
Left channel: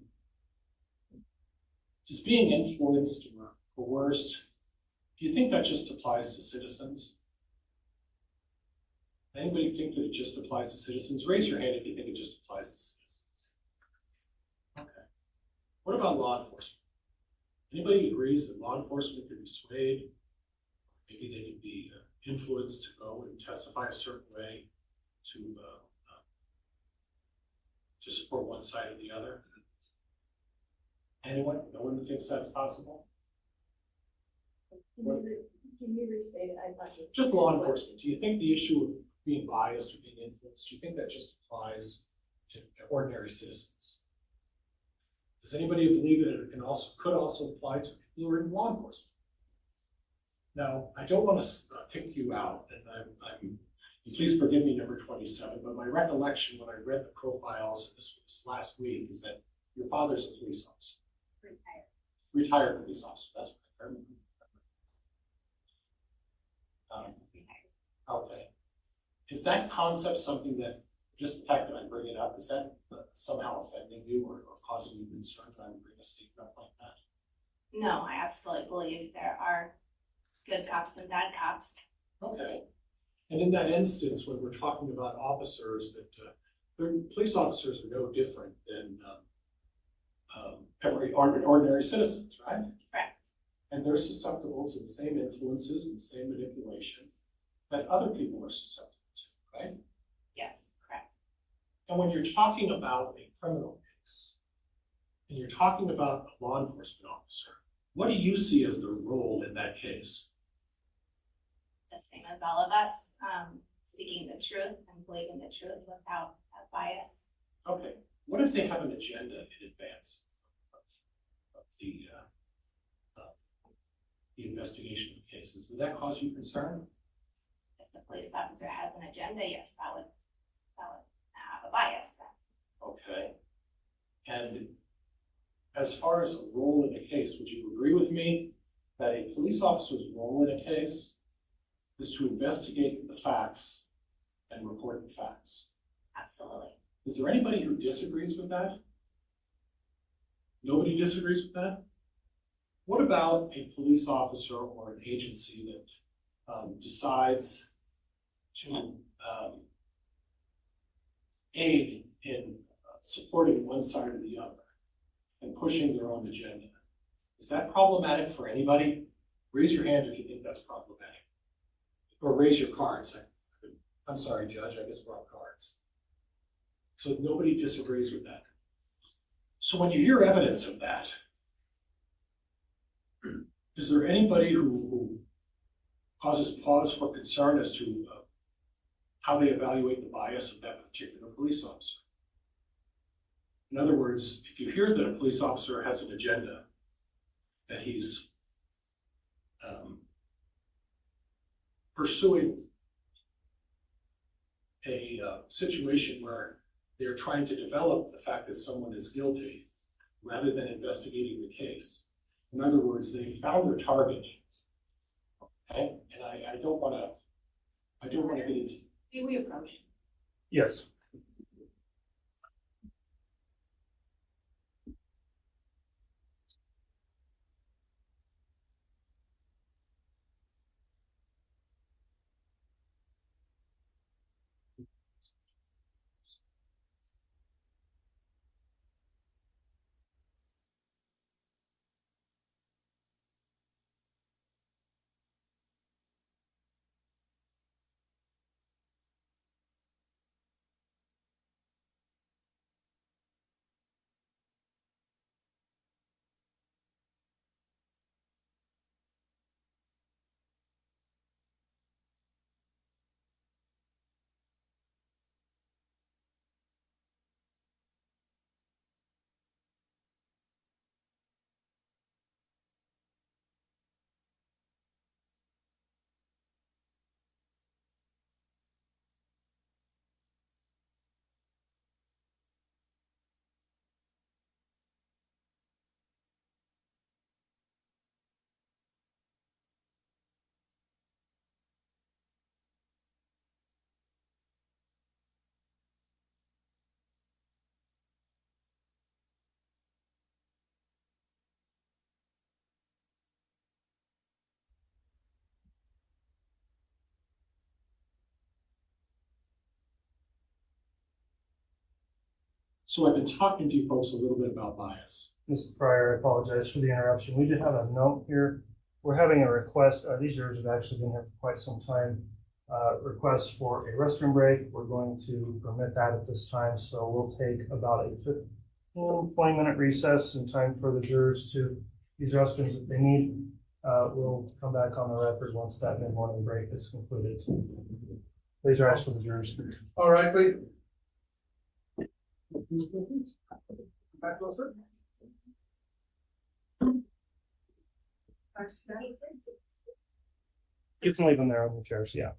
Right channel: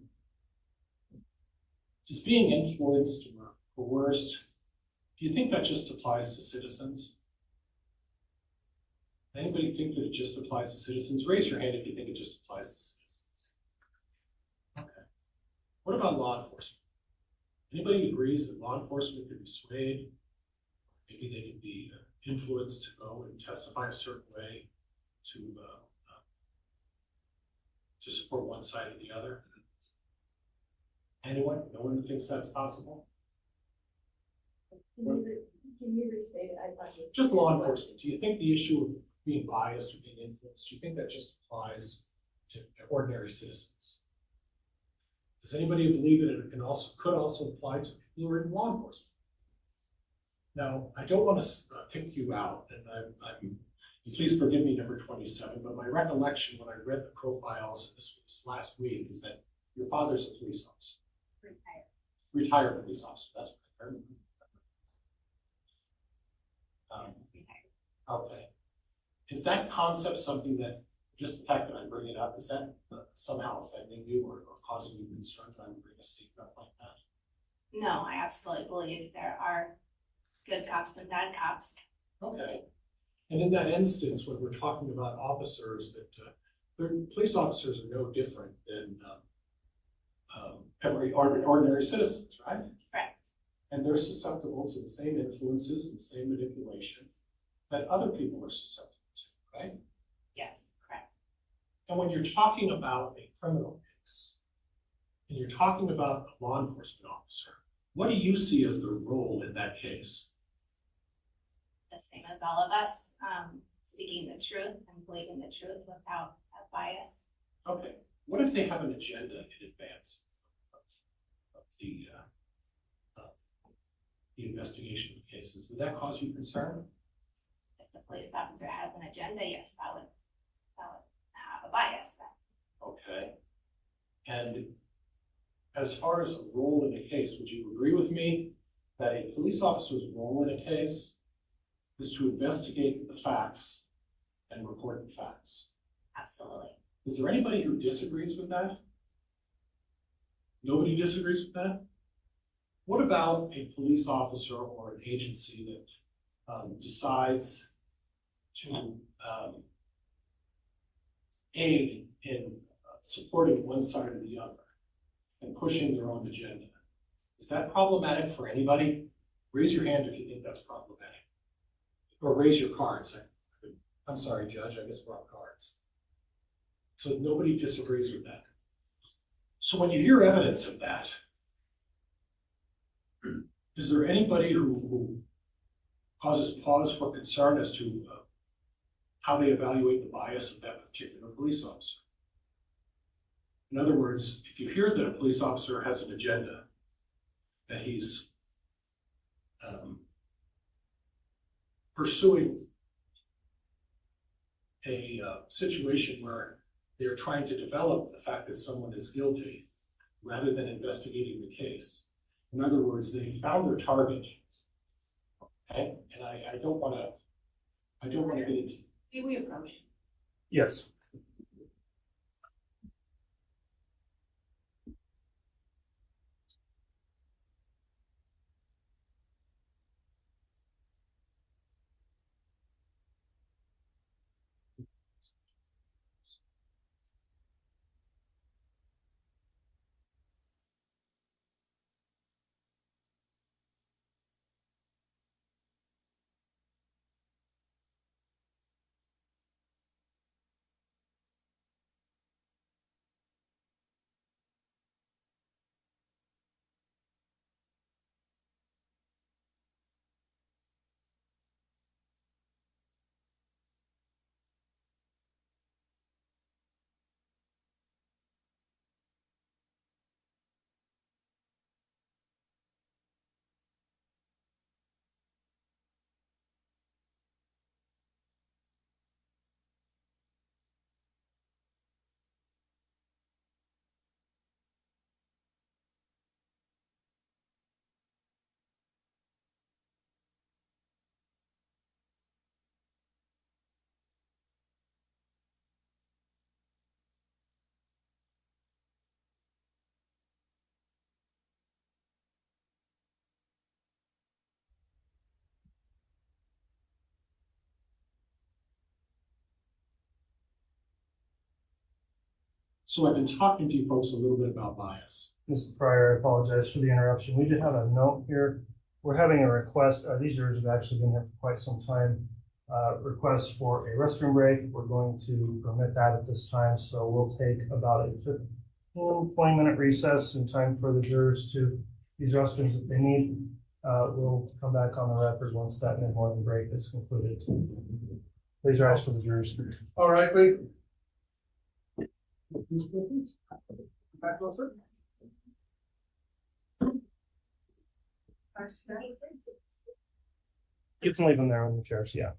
Does being influenced or coerced, do you think that just applies to citizens? Anybody think that it just applies to citizens? Raise your hand if you think it just applies to citizens. Okay. What about law enforcement? Anybody agrees that law enforcement could be swayed? Maybe they could be influenced to go and testify a certain way to to support one side or the other? Anyone? No one thinks that's possible? Can you restate it? I thought you. Just law enforcement. Do you think the issue of being biased or being influenced, do you think that just applies to ordinary citizens? Does anybody believe that it could also apply to people who are in law enforcement? Now, I don't want to pick you out, and please forgive me, number 27, but my recollection when I read the profiles, this was last week, is that your father's a police officer. Retired police officer, that's what I remember. Okay. Is that concept something that, just the fact that I bring it up, is that somehow offending you or causing you concern that I would bring a statement up like that? No, I absolutely believe there are good cops and bad cops. Okay. And in that instance, when we're talking about officers, that police officers are no different than every ordinary citizens, right? Correct. And they're susceptible to the same influences and the same manipulation that other people are susceptible to, right? Yes, correct. And when you're talking about a criminal case, and you're talking about a law enforcement officer, what do you see as their role in that case? The same as all of us, seeking the truth and believing the truth without a bias. Okay. What if they have an agenda in advance of the investigation of cases? Would that cause you concern? If the police officer has an agenda, yes, that would have a bias then. Okay. And as far as a role in a case, would you agree with me that a police officer's role in a case is to investigate the facts and report the facts? Absolutely. Is there anybody who disagrees with that? Nobody disagrees with that? What about a police officer or an agency that decides to aid in supporting one side or the other and pushing their own agenda? Is that problematic for anybody? Raise your hand if you think that's problematic. Or raise your cards. I'm sorry, Judge, I guess we're on cards. So nobody disagrees with that. So when you hear evidence of that, is there anybody who causes pause for concern as to how they evaluate the bias of that particular police officer? In other words, if you hear that a police officer has an agenda, that he's pursuing a situation where they're trying to develop the fact that someone is guilty rather than investigating the case. In other words, they found their target. Okay, and I don't want to get into. Do we approach? Yes. So I've been talking to you folks a little bit about bias. Mr. Pryor, I apologize for the interruption. We did have a note here. We're having a request. These jurors have actually been here for quite some time. request for a restroom break. We're going to permit that at this time, so we'll take about a 20-minute recess in time for the jurors to use restrooms if they need. We'll come back on the record once that mid-morning break is concluded. Please rise for the jurors. All right, wait. Back closer. You can leave them there on the chairs, yeah.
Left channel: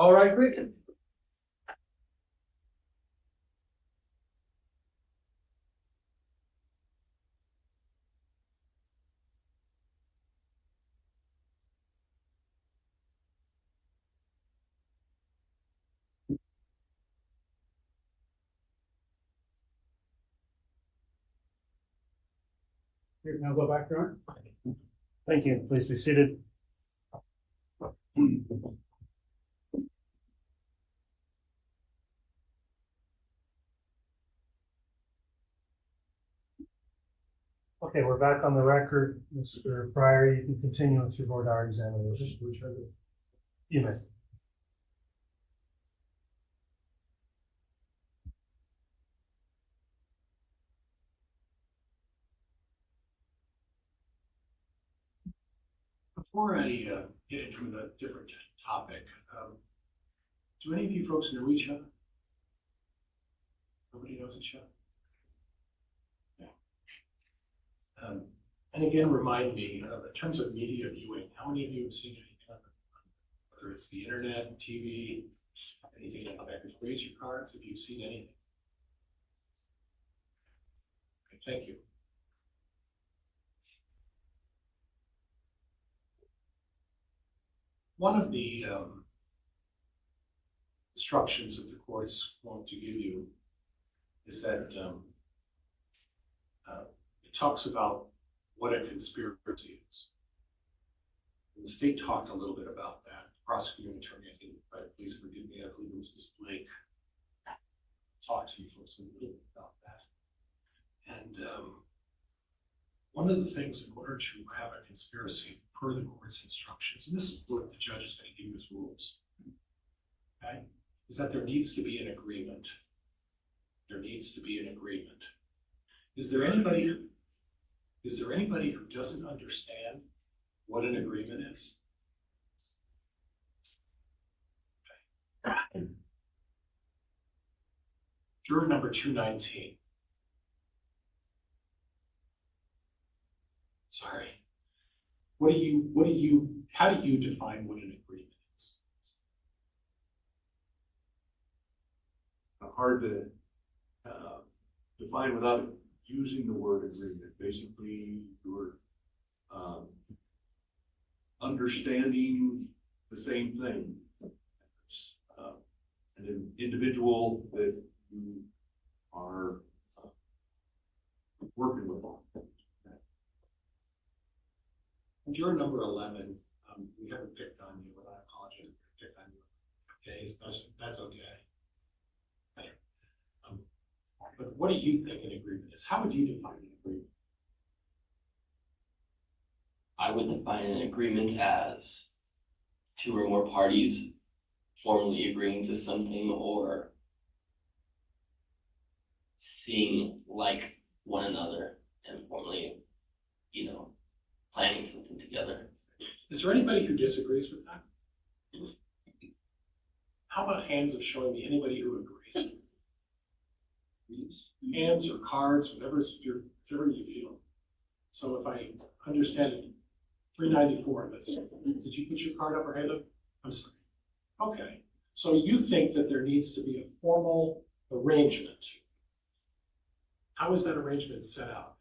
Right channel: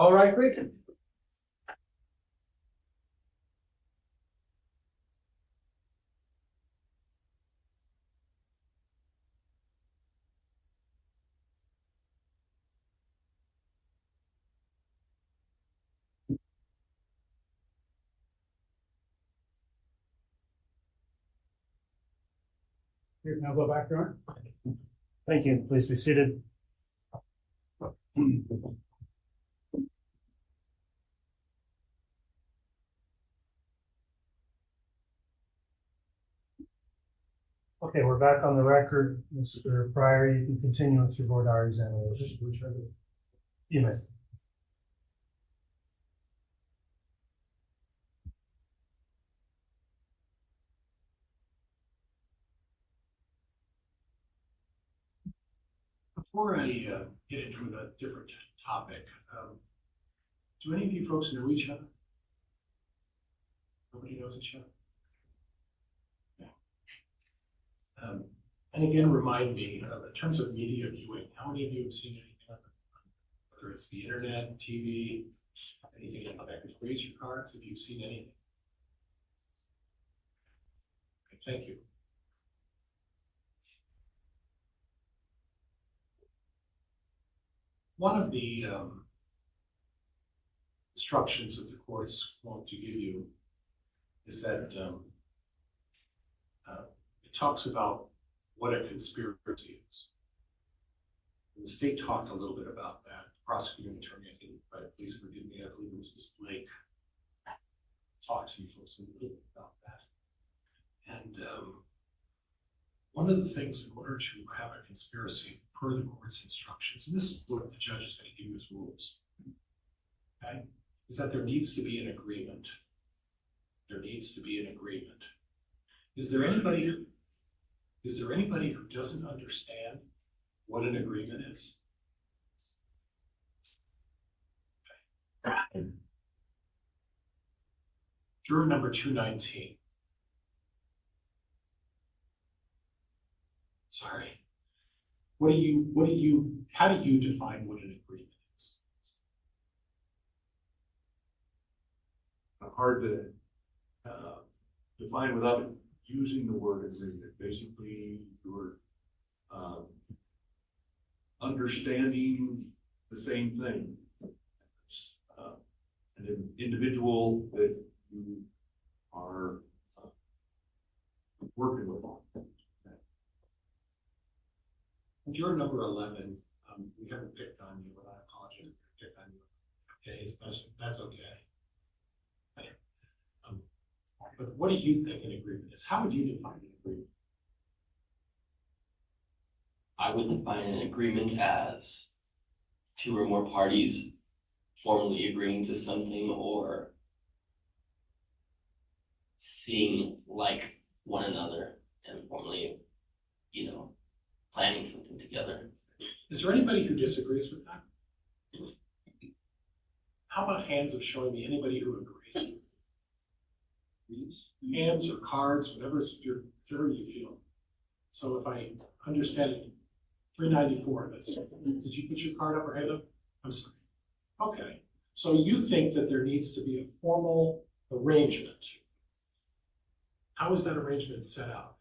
All right, great. Here, now go back, Ron. Thank you. Please be seated. Okay, we're back on the record. Mr. Pryor, you can continue with your board hour examination. You may. Before I get into a different topic, do any of you folks know each other? Nobody knows each other? Yeah. And again, remind me, in terms of media viewing, how many of you have seen anything on whether it's the internet, TV, anything like that? Raise your cards if you've seen anything. Okay, thank you. One of the instructions that the courts want to give you is that it talks about what a conspiracy is. And the state talked a little bit about that. The prosecuting attorney, I think, please forgive me, I believe it was Ms. Blake, talked to you folks a little bit about that. And one of the things in order to have a conspiracy per the court's instructions, and this is what the judge is going to give you as rules, okay, is that there needs to be an agreement. There needs to be an agreement. Is there anybody who doesn't understand what an agreement is? Okay. Juror number 219. Sorry. How do you define what an agreement is? Hard to define without using the word agreement. Basically, you're understanding the same thing. An individual that you are working with. Juror number 11, we haven't picked on you, but I apologize if we picked on you. Okay, that's okay. But what do you think an agreement is? How would you define an agreement? I would define an agreement as two or more parties formally agreeing to something or seeing like one another and formally, planning something together. Is there anybody who disagrees with that? How about hands of showing me anybody who agrees? Hands or cards, whatever you feel. So if I understand it, 394, did you put your card up or hand up? I'm sorry. Okay, so you think that there needs to be a formal arrangement. How is that arrangement set out?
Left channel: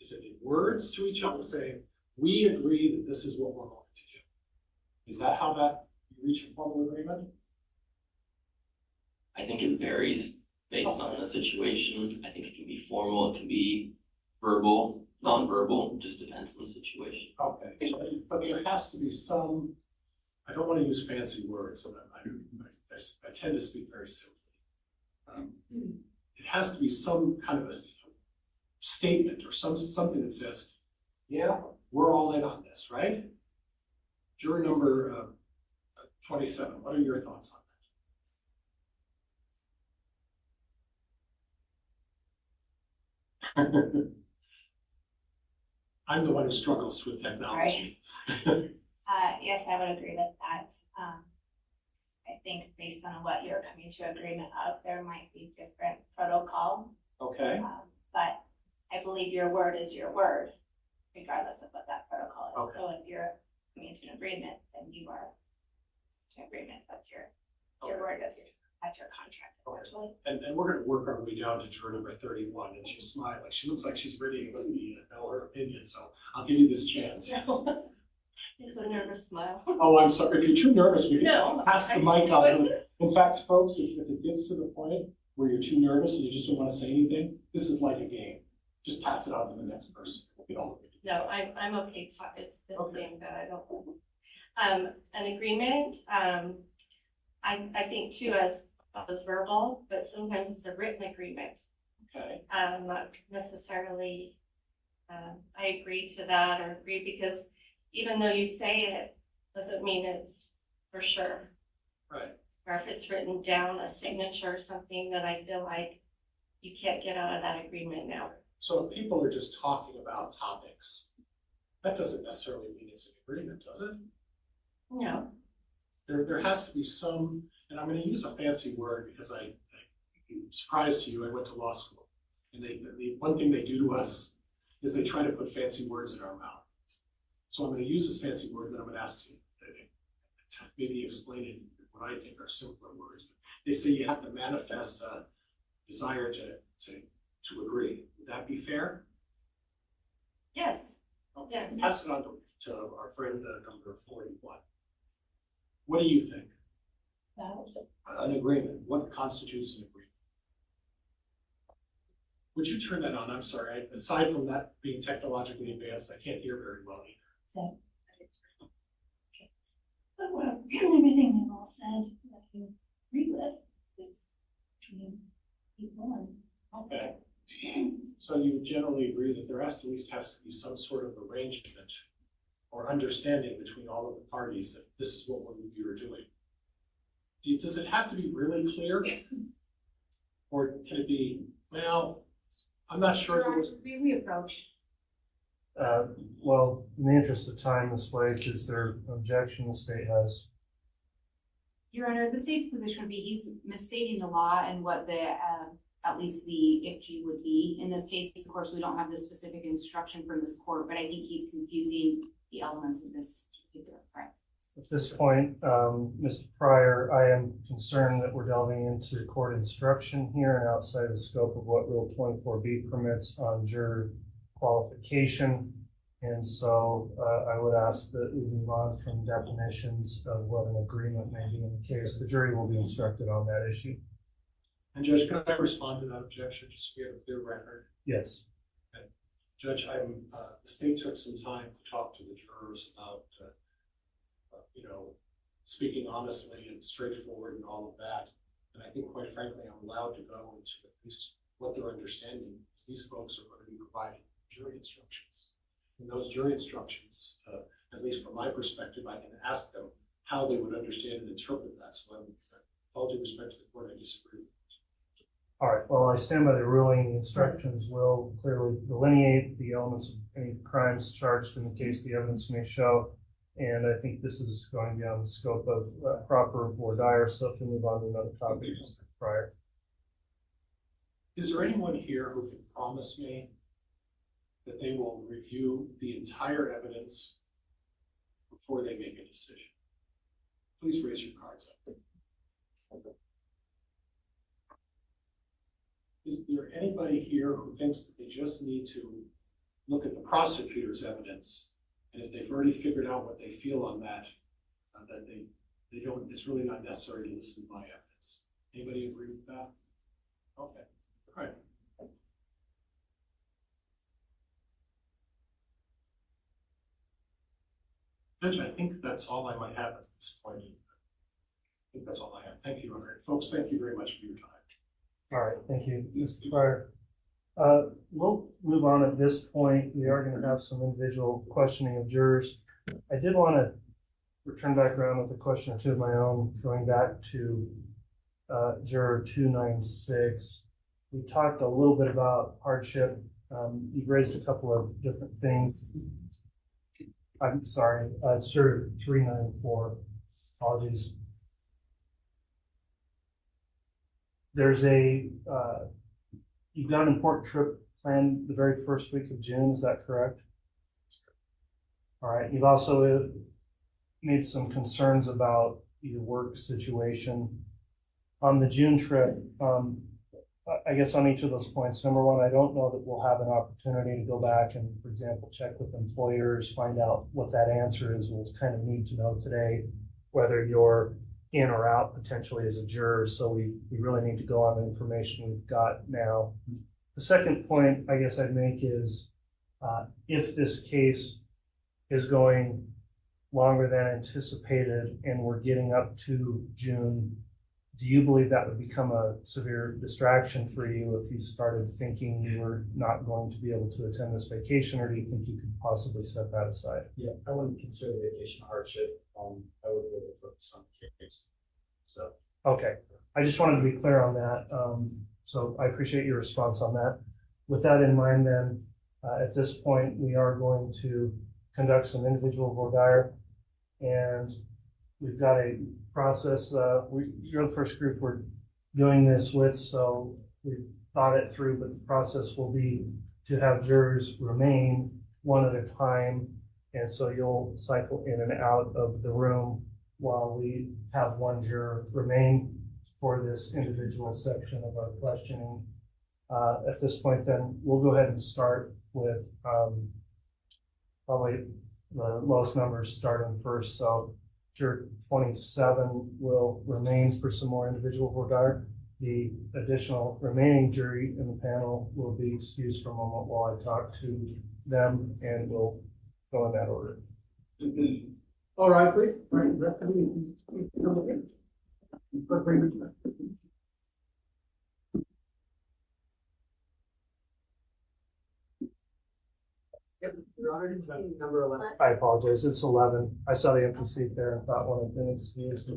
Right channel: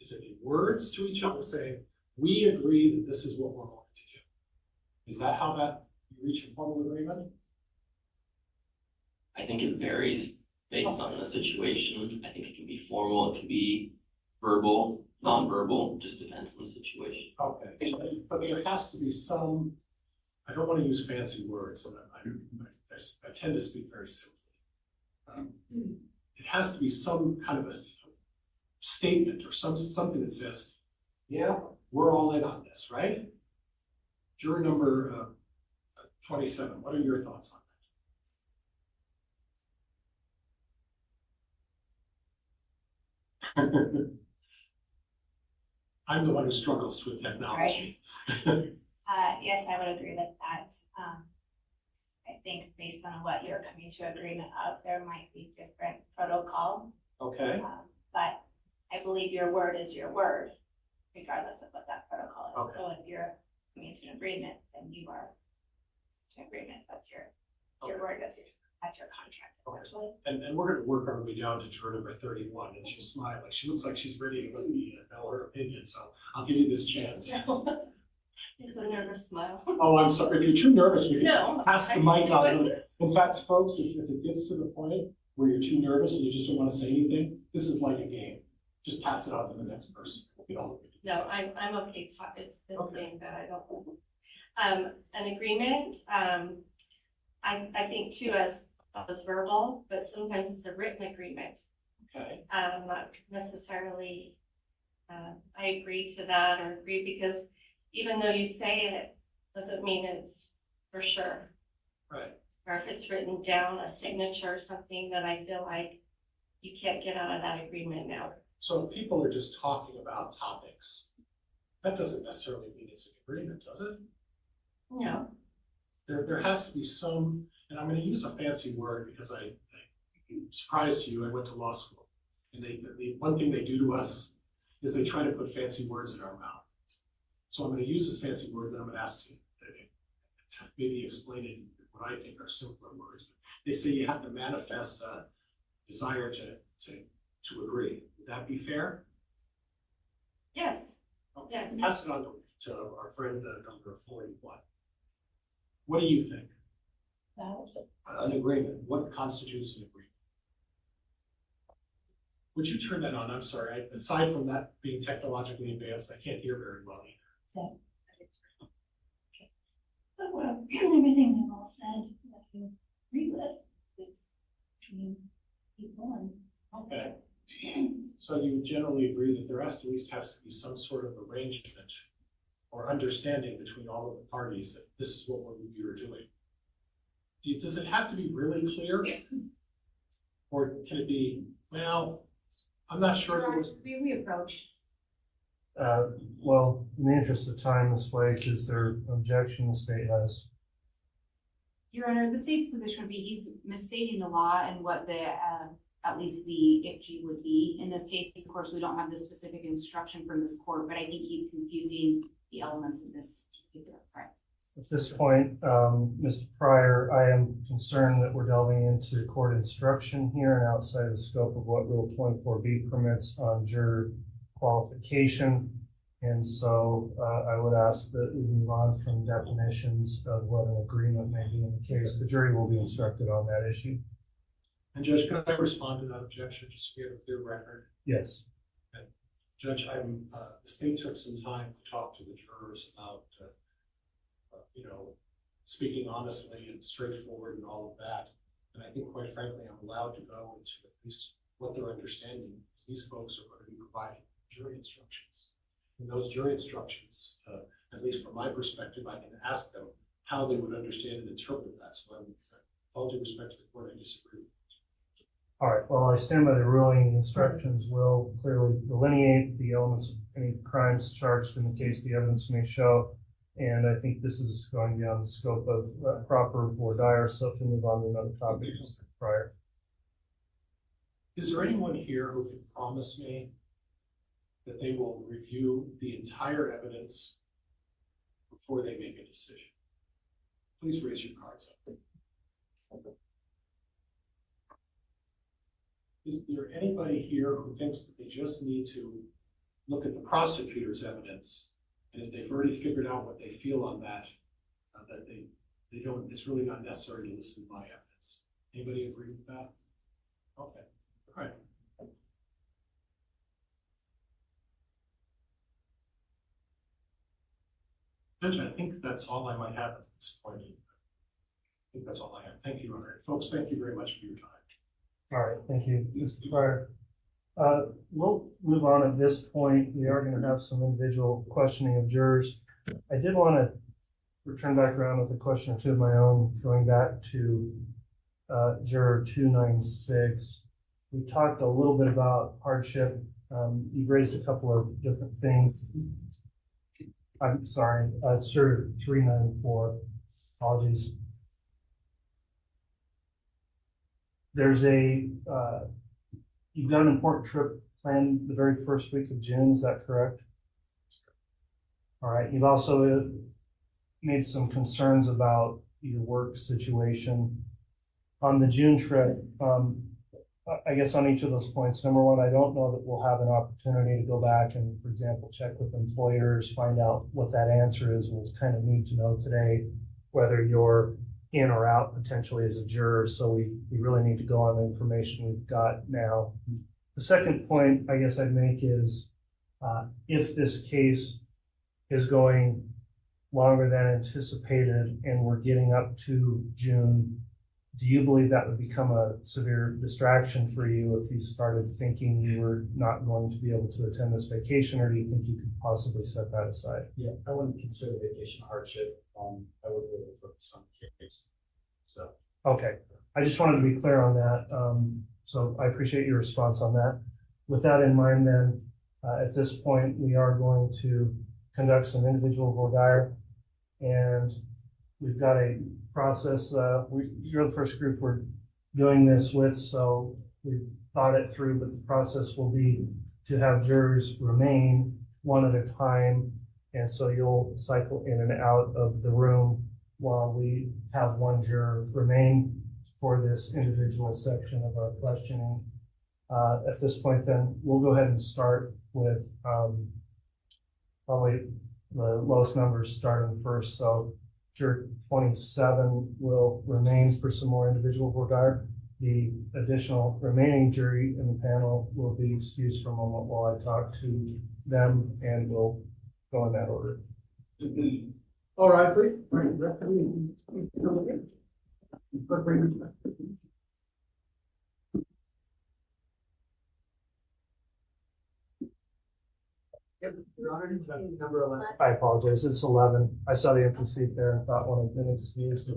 Is it in words to each other saying, we agree that this is what we're going to do? Is that how you reach a formal agreement? I think it varies based on the situation. I think it can be formal, it can be verbal, non-verbal, just depends on the situation. Okay, but there has to be some, I don't want to use fancy words, and I tend to speak very simply. It has to be some kind of a statement or something that says, yeah, we're all in on this, right? Juror number 27, what are your thoughts on that? I'm the one who struggles with technology. Yes, I would agree with that. I think based on what you're coming to agreement of, there might be different protocol. Okay. But I believe your word is your word, regardless of what that protocol is. Okay. So if you're coming to an agreement, then you are to agreement. That's your word, that's your contract, essentially. And we're gonna work our way down to juror number 31, and she's smiling. She looks like she's ready to let me know her opinion, so I'll give you this chance. It's a nervous smile. Oh, I'm sorry. If you're too nervous, we can No, pass the mic up. In fact, folks, if it gets to the point where you're too nervous and you just don't want to say anything, this is like a game. Just pass it on to the next person. No, I'm okay. It's this thing that I don't. An agreement. I think too as verbal, but sometimes it's a written agreement. Okay. Not necessarily. I agree to that or agree because even though you say it, doesn't mean it's for sure. Right. Or if it's written down, a signature or something that I feel like you can't get out of that agreement now. So if people are just talking about topics, that doesn't necessarily mean it's an agreement, does it? No. There has to be some, and I'm going to use a fancy word because I'm surprised to you, I went to law school. And the one thing they do to us is they try to put fancy words in our mouth. So I'm going to use this fancy word, then I'm going to ask you to maybe explain it in what I think are simpler words. They say you have to manifest a desire to agree. Would that be fair? Yes. Okay. Yes. Pass it on to our friend number 41. What do you think? An agreement. What constitutes an agreement? Would you turn that on? I'm sorry. Aside from that being technologically advanced, I can't hear very well either. Well, everything they've all said that you agree with is between people and. Okay. So you would generally agree that there has to at least has to be some sort of arrangement or understanding between all of the parties that this is what you're doing. Does it have to be really clear? Or can it be, well, I'm not sure. We approach. Well, in the interest of time, this way, is there objection the state has? Your Honor, the state's position would be he's misstating the law and what the, at least the IFG would be. In this case, of course, we don't have the specific instruction from this court, but I think he's confusing the elements of this particular crime. At this point, Mr. Pryor, I am concerned that we're delving into court instruction here and outside the scope of what Rule 24B permits on juror qualification. And so I would ask that we move on from definitions of what an agreement may be in the case. The jury will be instructed on that issue. And Judge, can I respond to that objection just so we have a clear record? Yes. Okay. Judge, the state took some time to talk to the jurors about, speaking honestly and straightforward and all of that. And I think, quite frankly, I'm allowed to go into at least what they're understanding, because these folks are going to be providing jury instructions. And those jury instructions, at least from my perspective, I can ask them how they would understand and interpret that. So with all due respect to the court, I disagree. All right, well, I stand by the ruling. The instructions will clearly delineate the elements of any crimes charged in the case the evidence may show. And I think this is going beyond the scope of proper voir dire, so if we move on to another topic, Mr. Pryor. Is there anyone here who can promise me that they will review the entire evidence before they make a decision? Please raise your cards up. Is there anybody here who thinks that they just need to look at the prosecutor's evidence, and if they've already figured out what they feel on that, that they don't, it's really not necessary to listen to my evidence? Anybody agree with that? Okay, all right. Judge, I think that's all I might have at this point. I think that's all I have. Thank you, Robert. Folks, thank you very much for your time. All right, thank you, Mr. Pryor. We'll move on at this point. We are going to have some individual questioning of jurors. I did want to return back around with a question or two of my own, going back to juror 296. We talked a little bit about hardship. You raised a couple of different things. I'm sorry, juror 394. Apologies. There's you've got an important trip planned the very first week of June, is that correct? All right, you've also made some concerns about your work situation. On the June trip, I guess on each of those points, number one, I don't know that we'll have an opportunity to go back and, for example, check with employers, find out what that answer is. We'll kind of need to know today whether you're in or out potentially as a juror. So we really need to go on the information we've got now. The second point I guess I'd make is if this case is going longer than anticipated and we're getting up to June, do you believe that would become a severe distraction for you if you started thinking you were not going to be able to attend this vacation, or do you think you could possibly set that aside? Yeah, I wouldn't consider vacation hardship. I would really focus on the case. So. Okay, I just wanted to be clear on that. So I appreciate your response on that. With that in mind, then, at this point, we are going to conduct some individual voir dire, and we've got a process. You're the first group we're doing this with, so we've thought it through, but the process will be to have jurors remain one at a time, and so you'll cycle in and out of the room while we have one juror remain for this individual section of our questioning. At this point, then, we'll go ahead and start with probably the lowest numbers starting first. So juror 27 will remain for some more individual voir dire. The additional remaining jury in the panel will be excused for a moment while I talk to them, and we'll go in that order. All right, please. All right. Your Honor, number 11. I apologize, it's 11. I saw the empty seat there and thought one had been excused.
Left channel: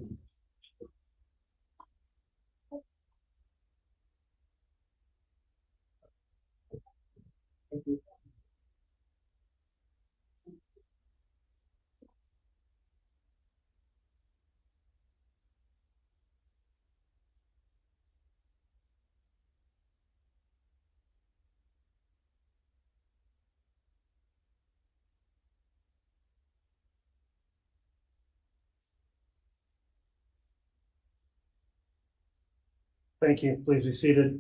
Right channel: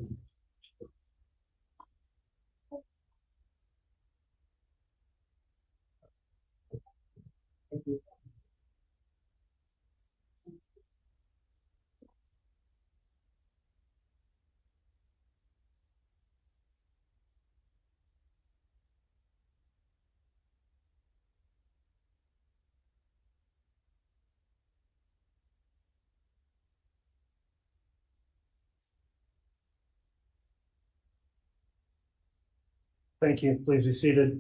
Thank you. Thank you. Please be seated.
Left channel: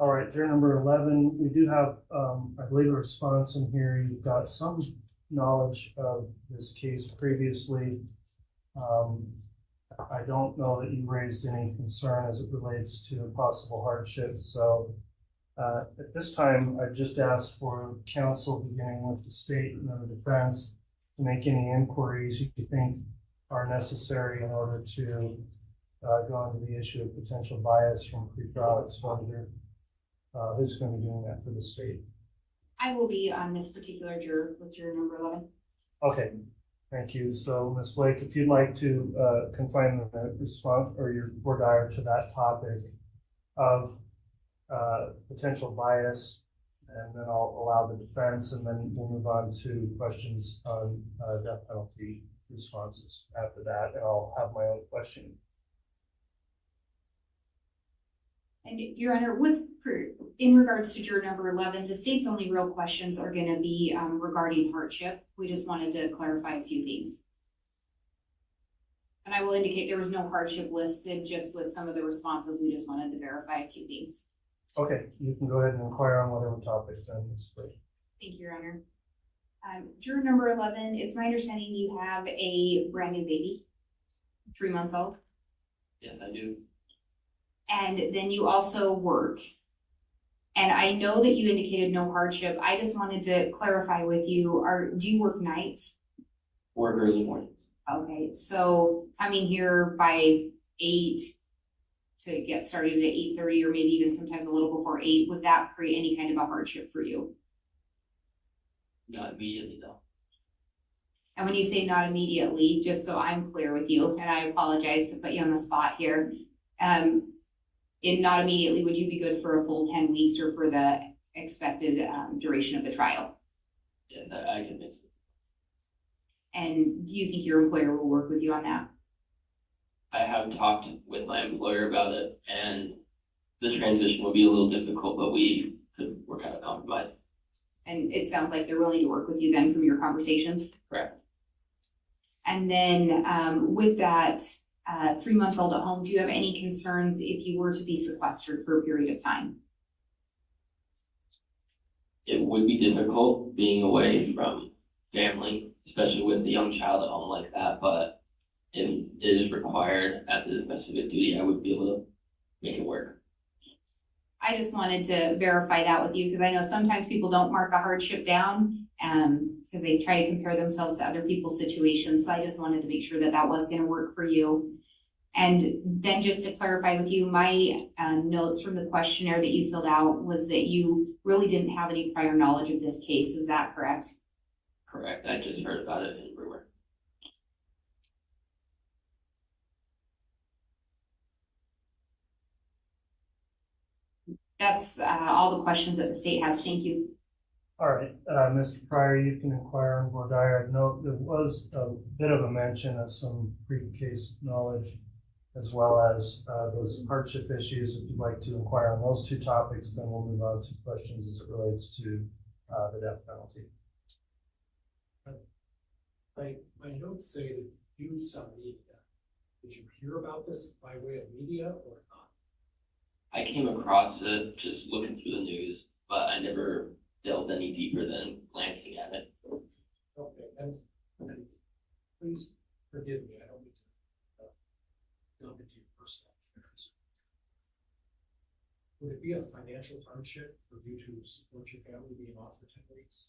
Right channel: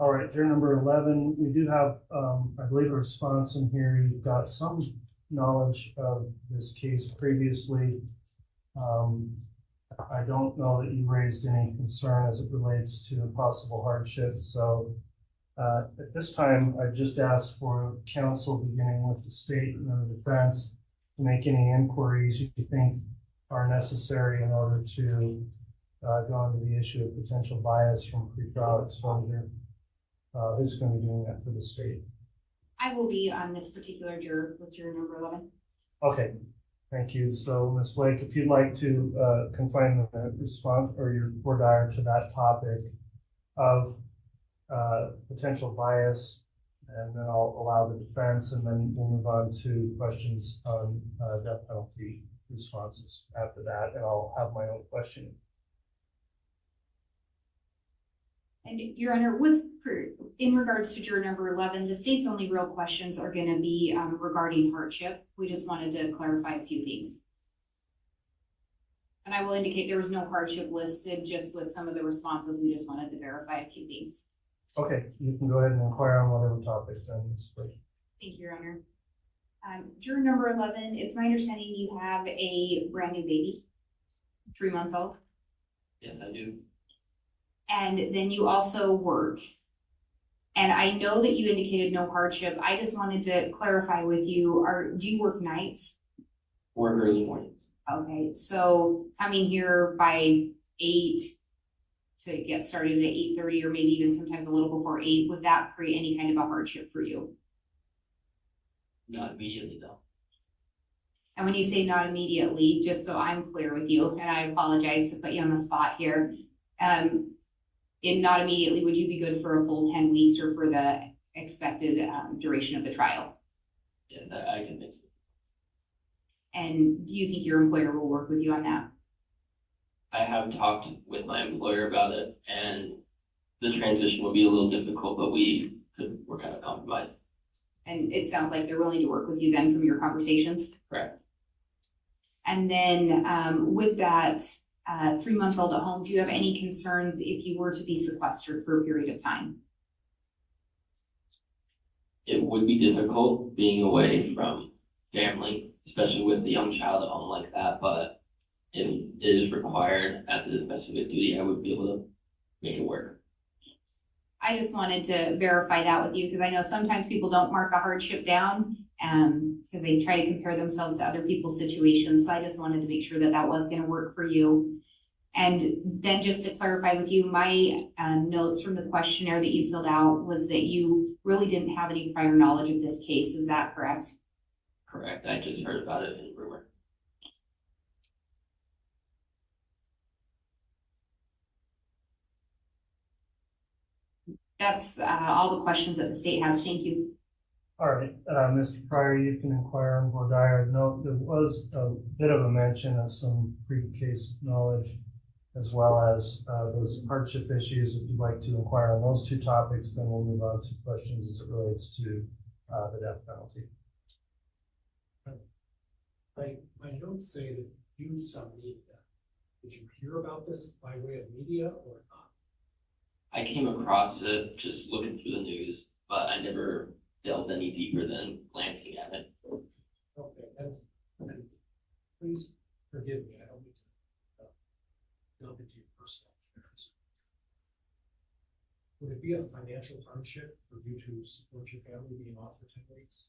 All right, juror number 11, we do have, I believe, a response in here. You've got some knowledge of this case previously. I don't know that you raised any concern as it relates to possible hardship. So at this time, I just asked for counsel, beginning with the state and then the defense, to make any inquiries you think are necessary in order to go into the issue of potential bias from pretrial exposure. Who's going to be doing that for the state? I will be on this particular juror with juror number 11. Okay, thank you. So Ms. Blake, if you'd like to confine the response or your voir dire to that topic of potential bias, and then I'll allow the defense, and then we'll move on to questions on death penalty responses after that, and I'll have my own question. And Your Honor, in regards to juror number 11, the state's only real questions are going to be regarding hardship. We just wanted to clarify a few things. And I will indicate there was no hardship listed, just with some of the responses. We just wanted to verify a few things. Okay, you can go ahead and inquire on whatever topics then, Ms. Blake. Thank you, Your Honor. Juror number 11, it's my understanding you have a brand new baby, 3 months old. Yes, I do. And then you also work. And I know that you indicated no hardship. I just wanted to clarify with you, do you work nights? Work early mornings. Okay, so coming here by 8 to get started at 8:30 or maybe even sometimes a little before 8, would that create any kind of a hardship for you? Not immediately though. And when you say not immediately, just so I'm clear with you, and I apologize to put you on the spot here, in not immediately, would you be good for a full 10 weeks or for the expected duration of the trial? Yes, I can mix it. And do you think your employer will work with you on that? I have talked with my employer about it, and the transition will be a little difficult, but we could work out a compromise. And it sounds like they're willing to work with you then from your conversations? Correct. And then with that 3-month-old at home, do you have any concerns if you were to be sequestered for a period of time? It would be difficult being away from family, especially with a young child at home like that, but if it is required, as it is my civic duty, I would be able to make it work. I just wanted to verify that with you because I know sometimes people don't mark a hardship down because they try to compare themselves to other people's situations. So I just wanted to make sure that that was going to work for you. And then just to clarify with you, my notes from the questionnaire that you filled out was that you really didn't have any prior knowledge of this case. Is that correct? Correct. I just heard about it in rumor. That's all the questions that the state has. Thank you. All right, Mr. Pryor, you can inquire on voir dire. I know there was a bit of a mention of some pre-case knowledge as well as those hardship issues. If you'd like to inquire on those two topics, then we'll move on to questions as it relates to the death penalty. My notes say that you some media. Did you hear about this by way of media or not? I came across it just looking through the news, but I never delved any deeper than glancing at it. Okay, and please forgive me, I don't mean to delve into your personal affairs. Would it be a financial hardship for you to support your family being off for 10 weeks?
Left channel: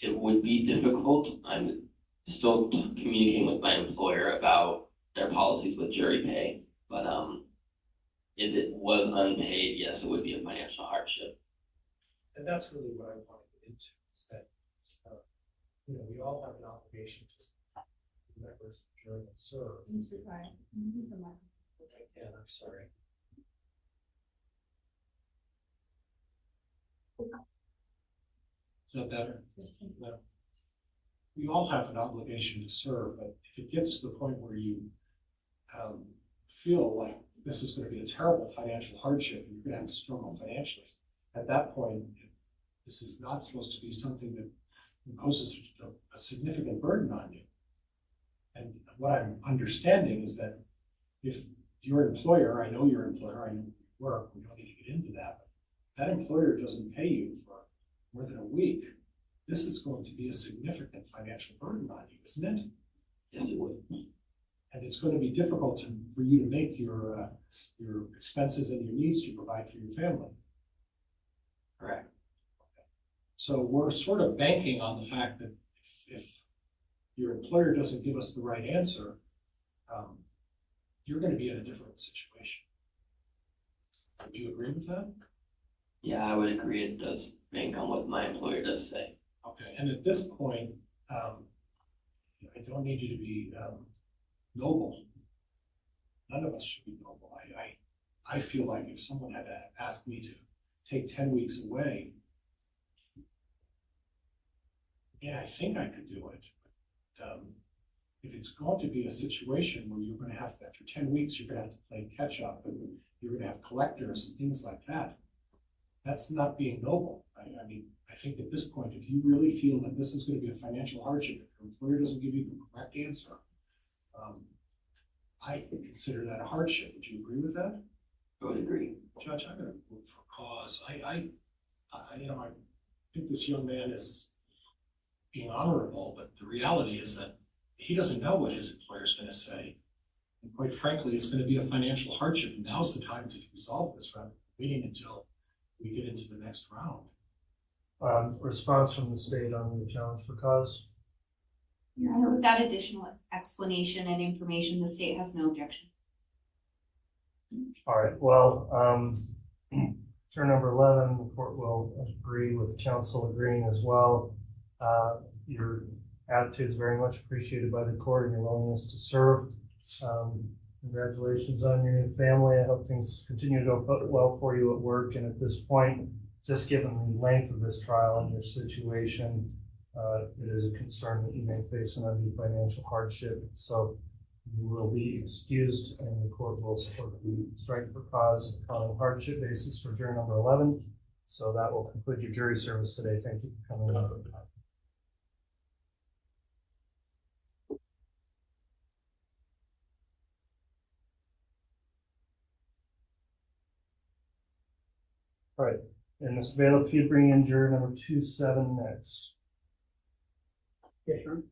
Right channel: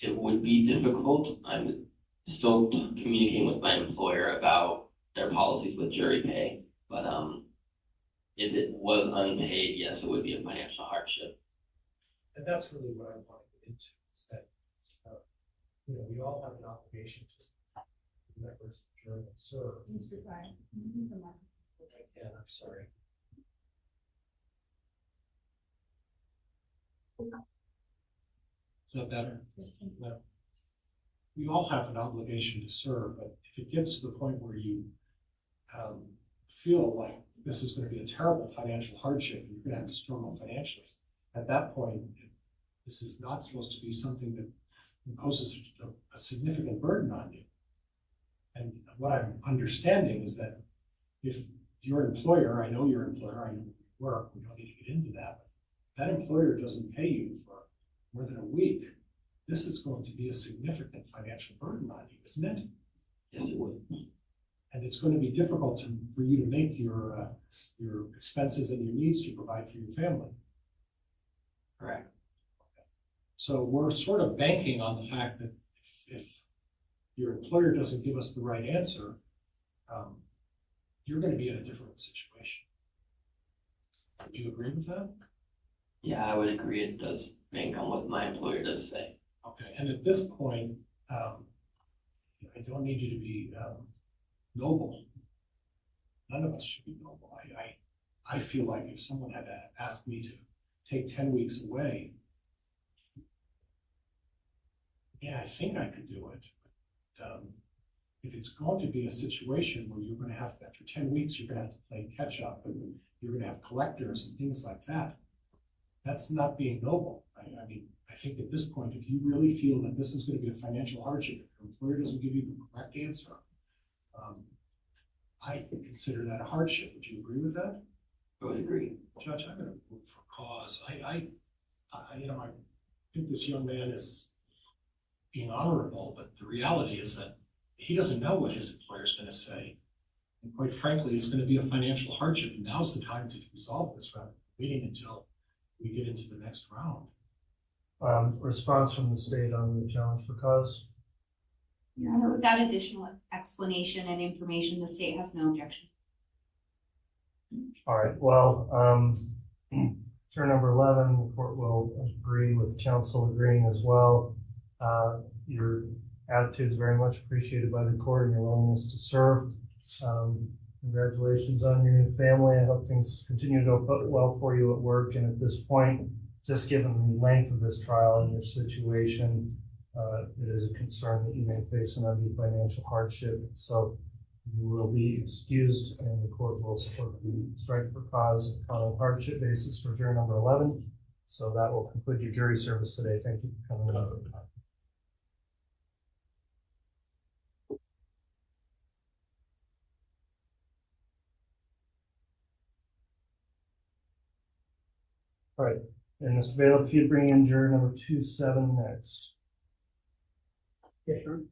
It would be difficult. I'm still communicating with my employer about their policies with jury pay, but if it was unpaid, yes, it would be a financial hardship. And that's really what I want to get into, is that, we all have an obligation to members of the jury that serve. Mr. Pryor, And I'm sorry. Is that better? No. We all have an obligation to serve, but if it gets to the point where you feel like this is going to be a terrible financial hardship and you're going to have to struggle financially, at that point, this is not supposed to be something that imposes a significant burden on you. And what I'm understanding is that if your employer, I know your employer, I know you work, we don't need to get into that, but if that employer doesn't pay you for more than a week, this is going to be a significant financial burden on you, isn't it? Yes, it would. And it's going to be difficult for you to make your expenses and your needs to provide for your family. Correct. So we're sort of banking on the fact that if your employer doesn't give us the right answer, you're going to be in a different situation. Do you agree with that? Yeah, I would agree. It does bank on what my employer does say. Okay, and at this point, I don't need you to be noble. None of us should be noble. I feel like if someone had asked me to take 10 weeks away, yeah, I think I could do it. But if it's going to be a situation where you're going to have to, after 10 weeks, you're going to have to play catch up and you're going to have collectors and things like that, that's not being noble. I mean, I think at this point, if you really feel that this is going to be a financial hardship, if your employer doesn't give you the correct answer, I consider that a hardship. Would you agree with that? I would agree. Judge, I'm going to vote for cause. I think this young man is being honorable, but the reality is that he doesn't know what his employer's going to say. And quite frankly, it's going to be a financial hardship, and now's the time to resolve this rather than waiting until we get into the next round. Response from the state on the challenge for cause? Your Honor, with that additional explanation and information, the state has no objection. All right, well, turn number 11, the court will agree with counsel agreeing as well. Your attitude is very much appreciated by the court and your willingness to serve. Congratulations on your new family. I hope things continue to go well for you at work. And at this point, just given the length of this trial and your situation, it is a concern that you may face an undue financial hardship. So you will be excused and the court will support the strike for cause on a hardship basis for jury number 11. So that will conclude your jury service today. Thank you for coming out. All right, and Mr. Bailiff, if you bring in juror number 27 next. Yeah, sure.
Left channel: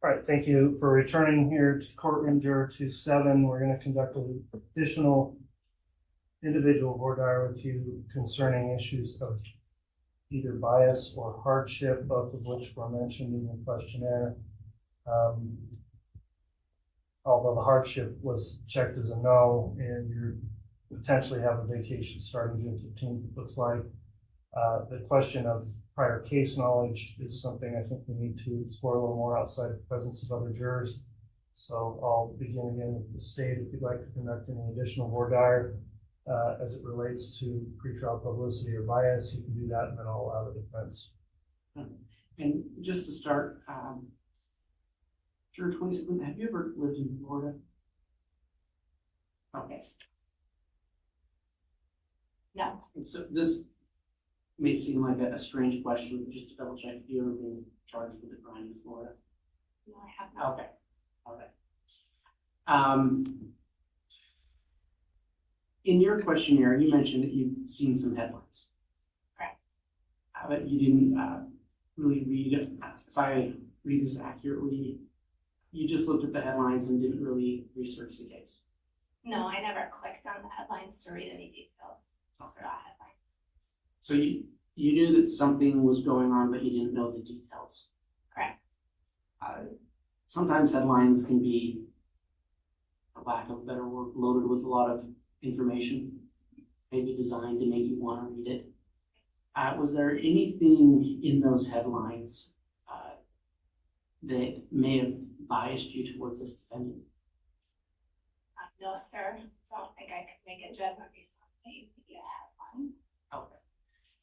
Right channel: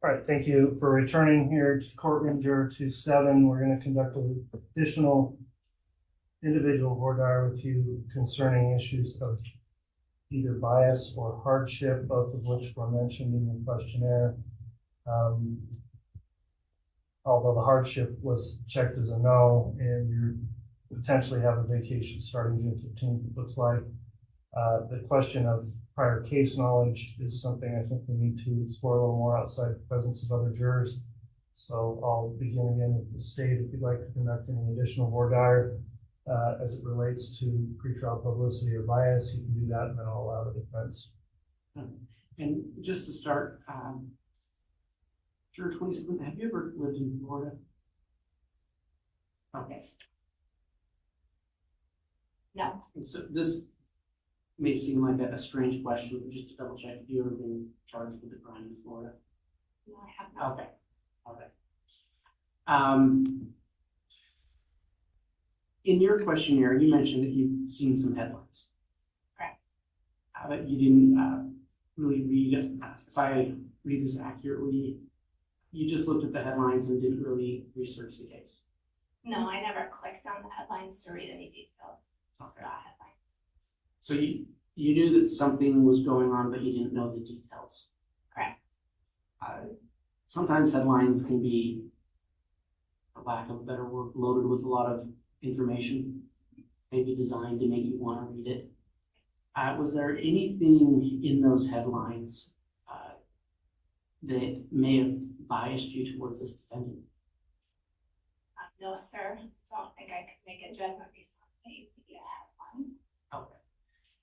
All right, thank you for returning here to courtroom juror 27. We're going to conduct an additional individual voir dire with you concerning issues of either bias or hardship, both of which were mentioned in the questionnaire. Although the hardship was checked as a no, and you potentially have a vacation starting June 15th, it looks like. The question of prior case knowledge is something I think we need to explore a little more outside the presence of other jurors. So I'll begin again with the state. If you'd like to conduct any additional voir dire as it relates to pretrial publicity or bias, you can do that, and then I'll allow the defense. And just to start, juror 27, have you ever lived in Florida? Okay. No. And so this may seem like a strange question, but just to double check, have you ever been charged with a crime in Florida? No, I have not. Okay. Okay. In your questionnaire, you mentioned that you've seen some headlines. Correct. But you didn't really read it. If I read this accurately, you just looked at the headlines and didn't really research the case. No, I never clicked on the headlines to read any details. Just Okay. saw headlines. So you knew that something was going on, but you didn't know the details. Correct. Sometimes headlines can be, for lack of a better word, loaded with a lot of information, maybe designed to make you want to read it. Was there anything in those headlines that may have biased you towards this defendant? No, sir. Don't think I could make a judgment based on the media headline. Okay.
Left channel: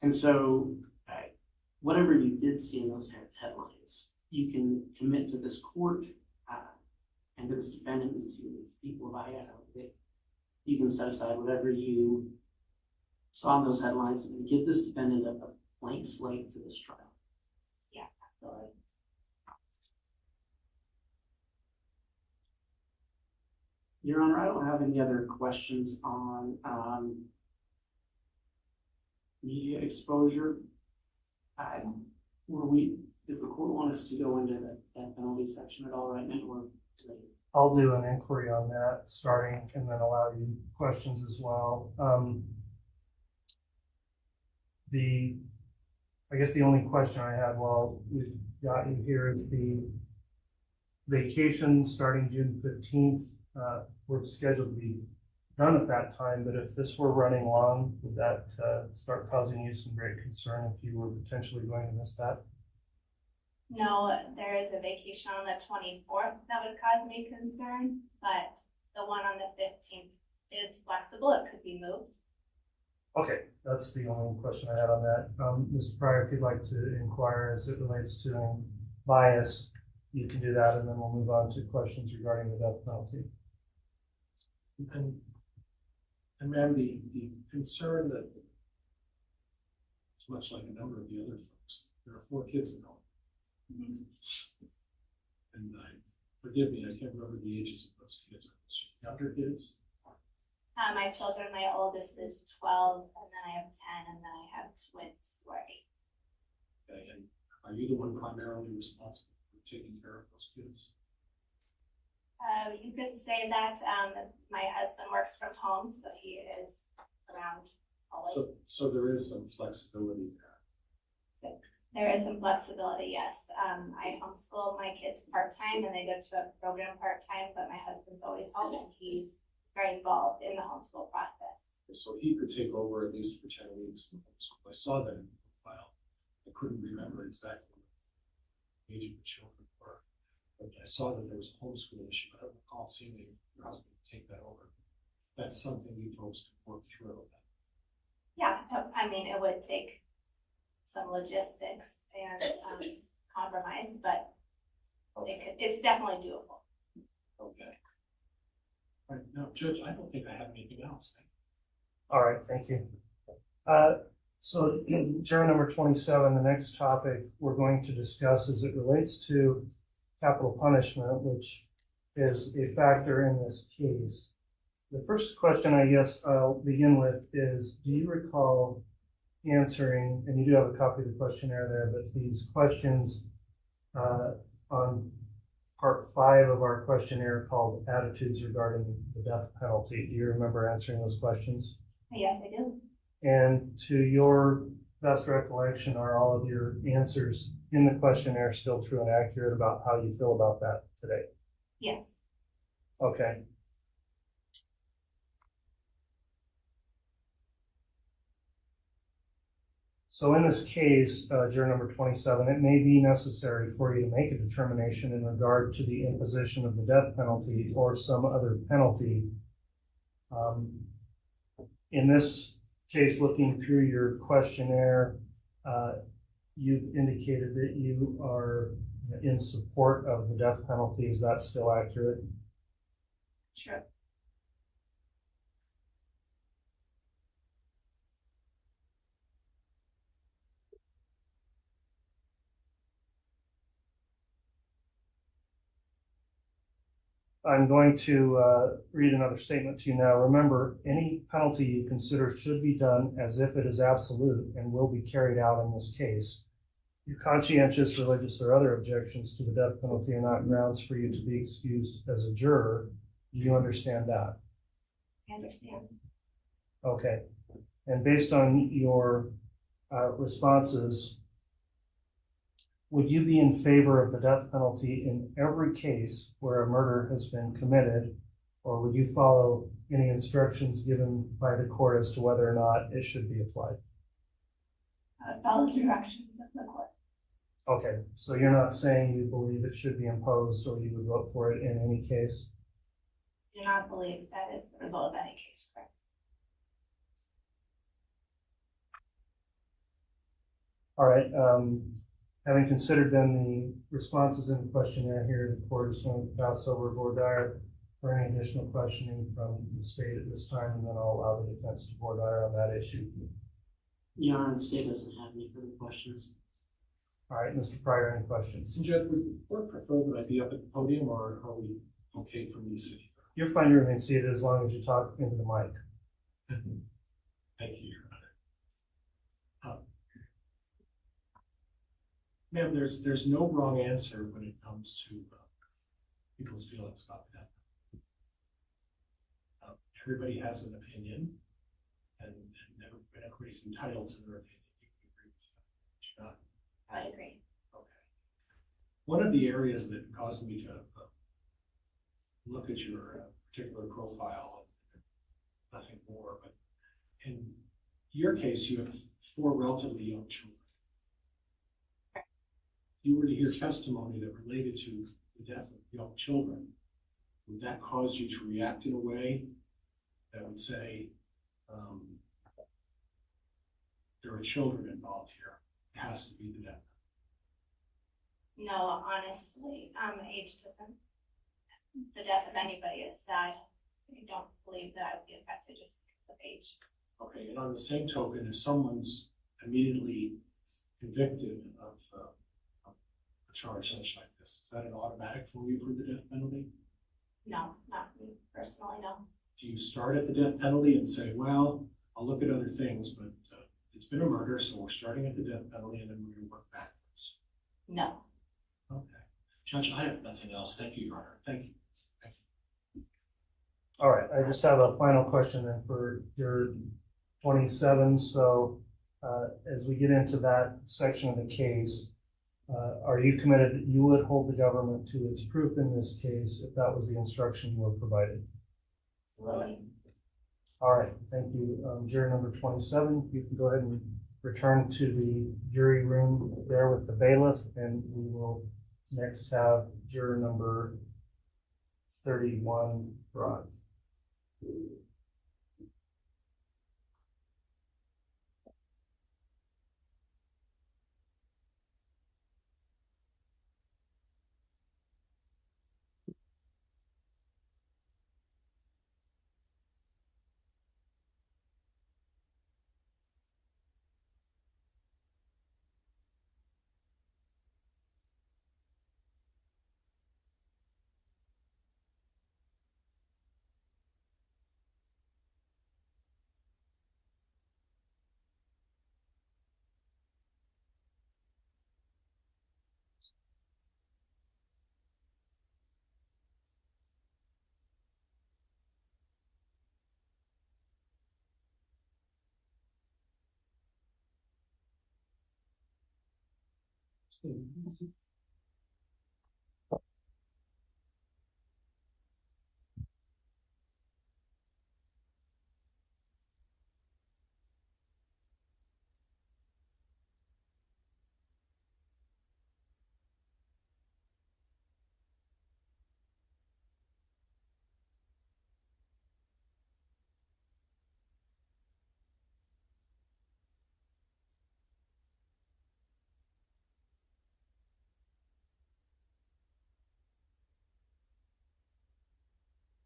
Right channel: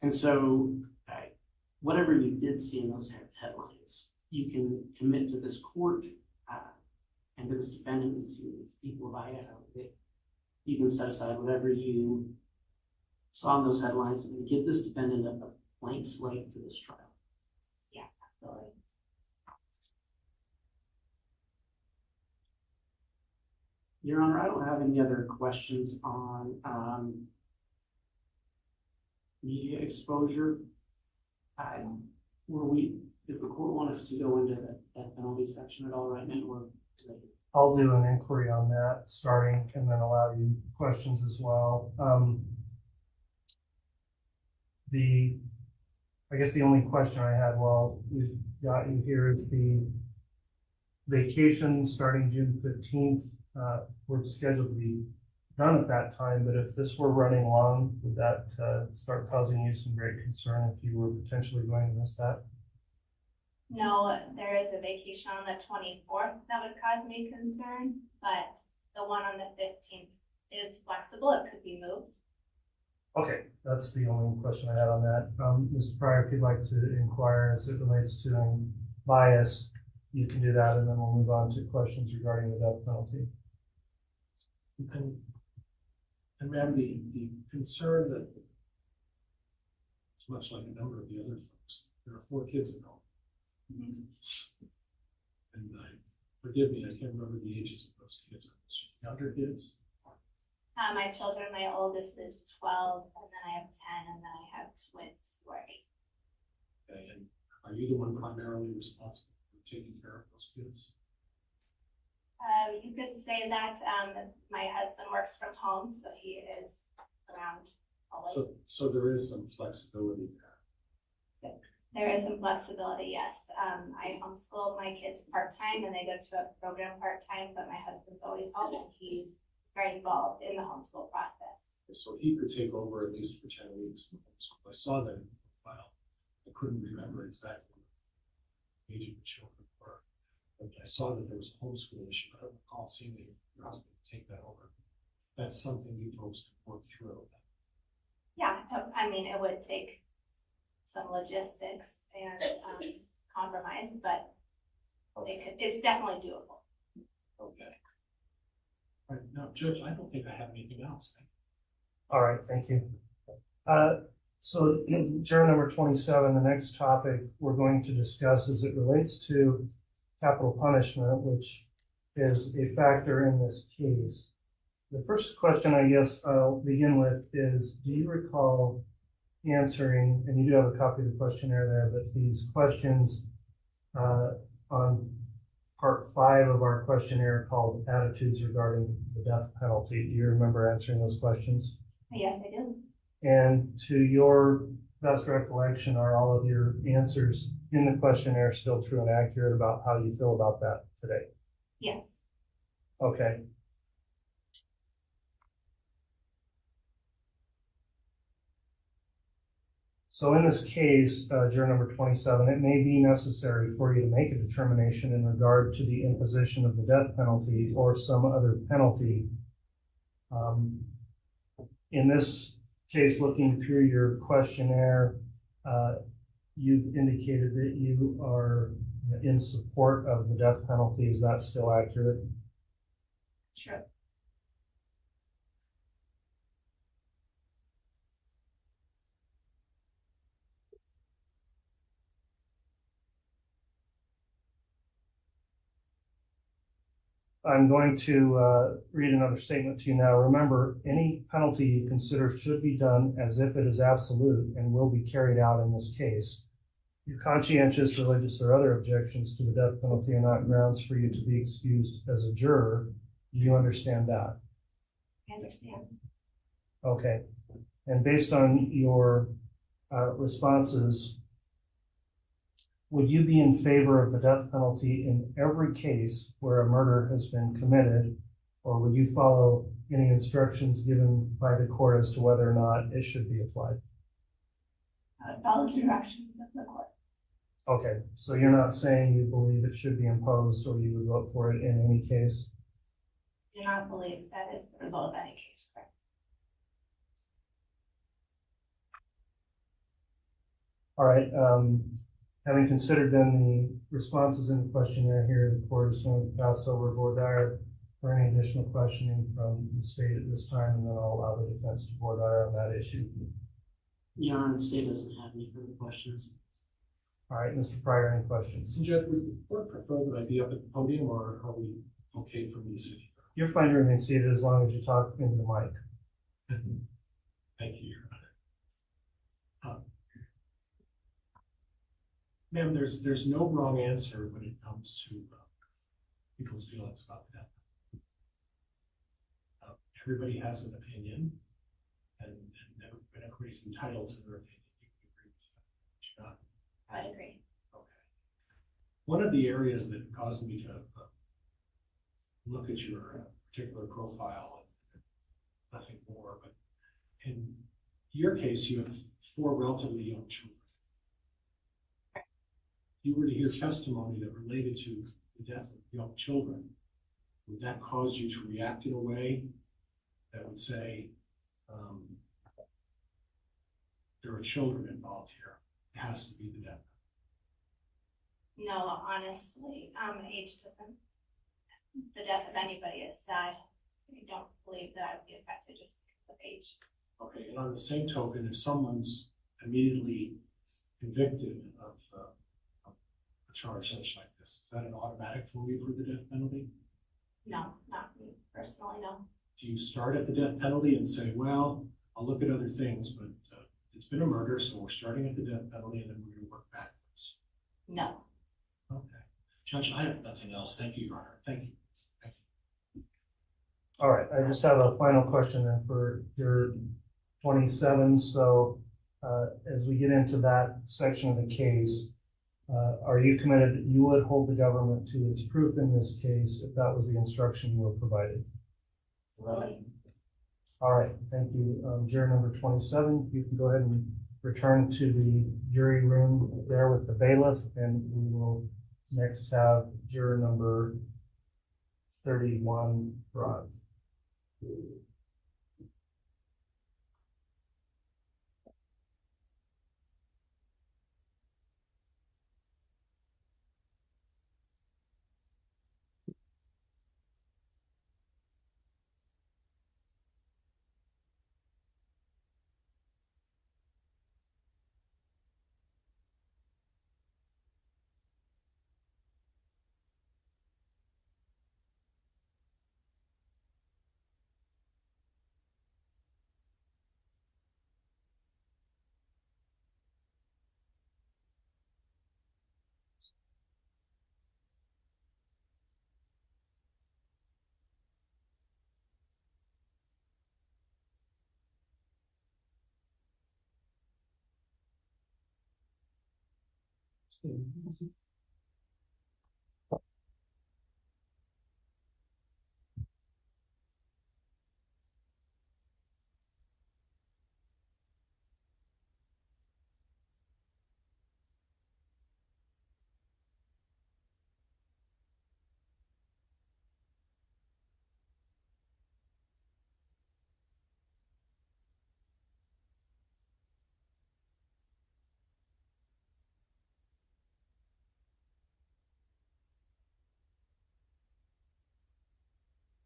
And so, whatever you did see in those headlines, you can commit to this court and to this defendant and to the people of Idaho that you can set aside whatever you saw in those headlines and give this defendant a blank slate for this trial. Yeah, absolutely. Your Honor, I don't have any other questions on media exposure. Did the court want us to go into that penalty section at all right now? Or I'll do an inquiry on that starting and then allow you questions as well. I guess the only question I had while we've got you here is the vacation starting June 15th. We're scheduled to be done at that time, but if this were running long, would that start causing you some great concern if you were potentially going to miss that? No, there is a vacation on the 24th that would cause me concern, but the one on the 15th is flexible. It could be moved. Okay, that's the only question I had on that. Mr. Pryor, if you'd like to inquire as it relates to bias, you can do that, and then we'll move on to questions regarding the death penalty. And ma'am, the concern that it's much like a number of the other folks, there are 4 kids at home. And forgive me, I can't remember the ages of those kids. Younger kids? My children, my oldest is 12, and then I have 10, and then I have twins who are 8. Okay, and are you the one primarily responsible for taking care of those kids? You could say that my husband works from home, so he is around always. So there is some flexibility there. There is some flexibility, yes. I homeschool my kids part-time, and they go to a program part-time, but my husband's always home, and he's very involved in the homeschool process. So he could take over at least for 10 weeks. So I saw that in the file. I couldn't remember exactly the age of the children were. But I saw that there was a homeschool issue. I don't recall seeing your husband take that over. That's something you folks could work through. Yeah, I mean, it would take some logistics and compromise, but it's definitely doable. Okay. All right, now, Judge, I don't think I have anything else. All right, thank you. So juror number 27, the next topic we're going to discuss as it relates to capital punishment, which is a factor in this case. The first question I guess I'll begin with is, do you recall answering, and you do have a copy of the questionnaire there, but these questions on part 5 of our questionnaire called attitudes regarding the death penalty. Do you remember answering those questions? Yes, I do. And to your best recollection, are all of your answers in the questionnaire still true and accurate about how you feel about that today? Yes. Okay. So in this case, juror number 27, it may be necessary for you to make a determination in regard to the imposition of the death penalty or some other penalty. In this case, looking through your questionnaire, you've indicated that you are in support of the death penalty. Is that still accurate? Sure. I'm going to read another statement to you now. Remember, any penalty you consider should be done as if it is absolute and will be carried out in this case. Your conscientious, religious, or other objections to the death penalty are not grounds for you to be excused as a juror. Do you understand that? I understand. Okay. And based on your responses, would you be in favor of the death penalty in every case where a murder has been committed, or would you follow any instructions given by the court as to whether or not it should be applied? I would follow the directions of the court. Okay, so you're not saying you believe it should be imposed or you would vote for it in any case? Do not believe that is the result of any case, correct? All right. Having considered then the responses in the questionnaire here, the court is going to pass over voir dire for any additional questioning from the state at this time, and then I'll allow the defense to voir dire on that issue. Your Honor, the state doesn't have any further questions. All right, Mr. Pryor, any questions? Judge, would the court prefer that I be up at the podium, or are we okay for me to sit here? You're fine to remain seated as long as you talk into the mic. Thank you, Your Honor. Ma'am, there's no wrong answer when it comes to people's feelings about that. Everybody has an opinion, and everybody's entitled to their opinion. You can agree with that. I agree. Okay. One of the areas that caused me to look at your particular profile, nothing more, but in your case, you have 4 relatively young children. If you were to hear testimony that related to the death of young children, would that cause you to react in a way that would say, there are children involved here, it has to be the death No, honestly, age doesn't, the death of anybody is sad. I don't believe that I would be affected just because of age. penalty. Okay, and on the same token, if someone's immediately convicted of a charge such like this, is that an automatic for you for the death penalty? No, not me personally, no. Do you start at the death penalty and say, well, I'll look at other things, but it's been a murder, so we're starting at the death penalty and then we're going to work backwards? No. Okay. Judge, I have nothing else. Thank you, Your Honor. Thank you. All right, I just have a final question then for your 27. So as we get into that section of the case, are you committed that you would hold the government to its proof in this case if that was the instruction you were provided? Right. All right, thank you. Juror number 27, you can go ahead and return to the jury room there with the bailiff, and we will next have juror number 31 brought.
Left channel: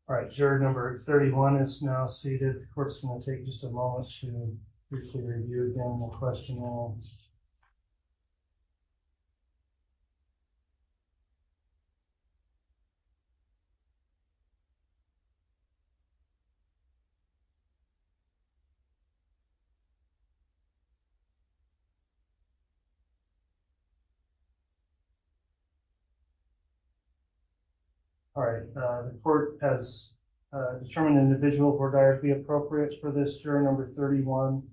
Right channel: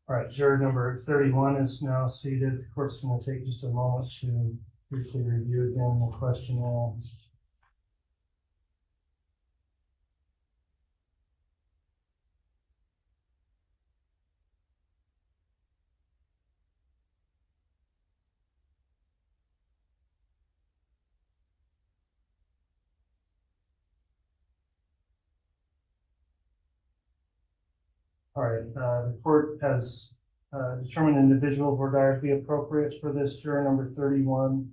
All right, juror number 31 is now seated. The court's going to take just a moment to briefly review again the questionnaire. All right, the court has determined an individual voir dire to be appropriate for this juror number 31.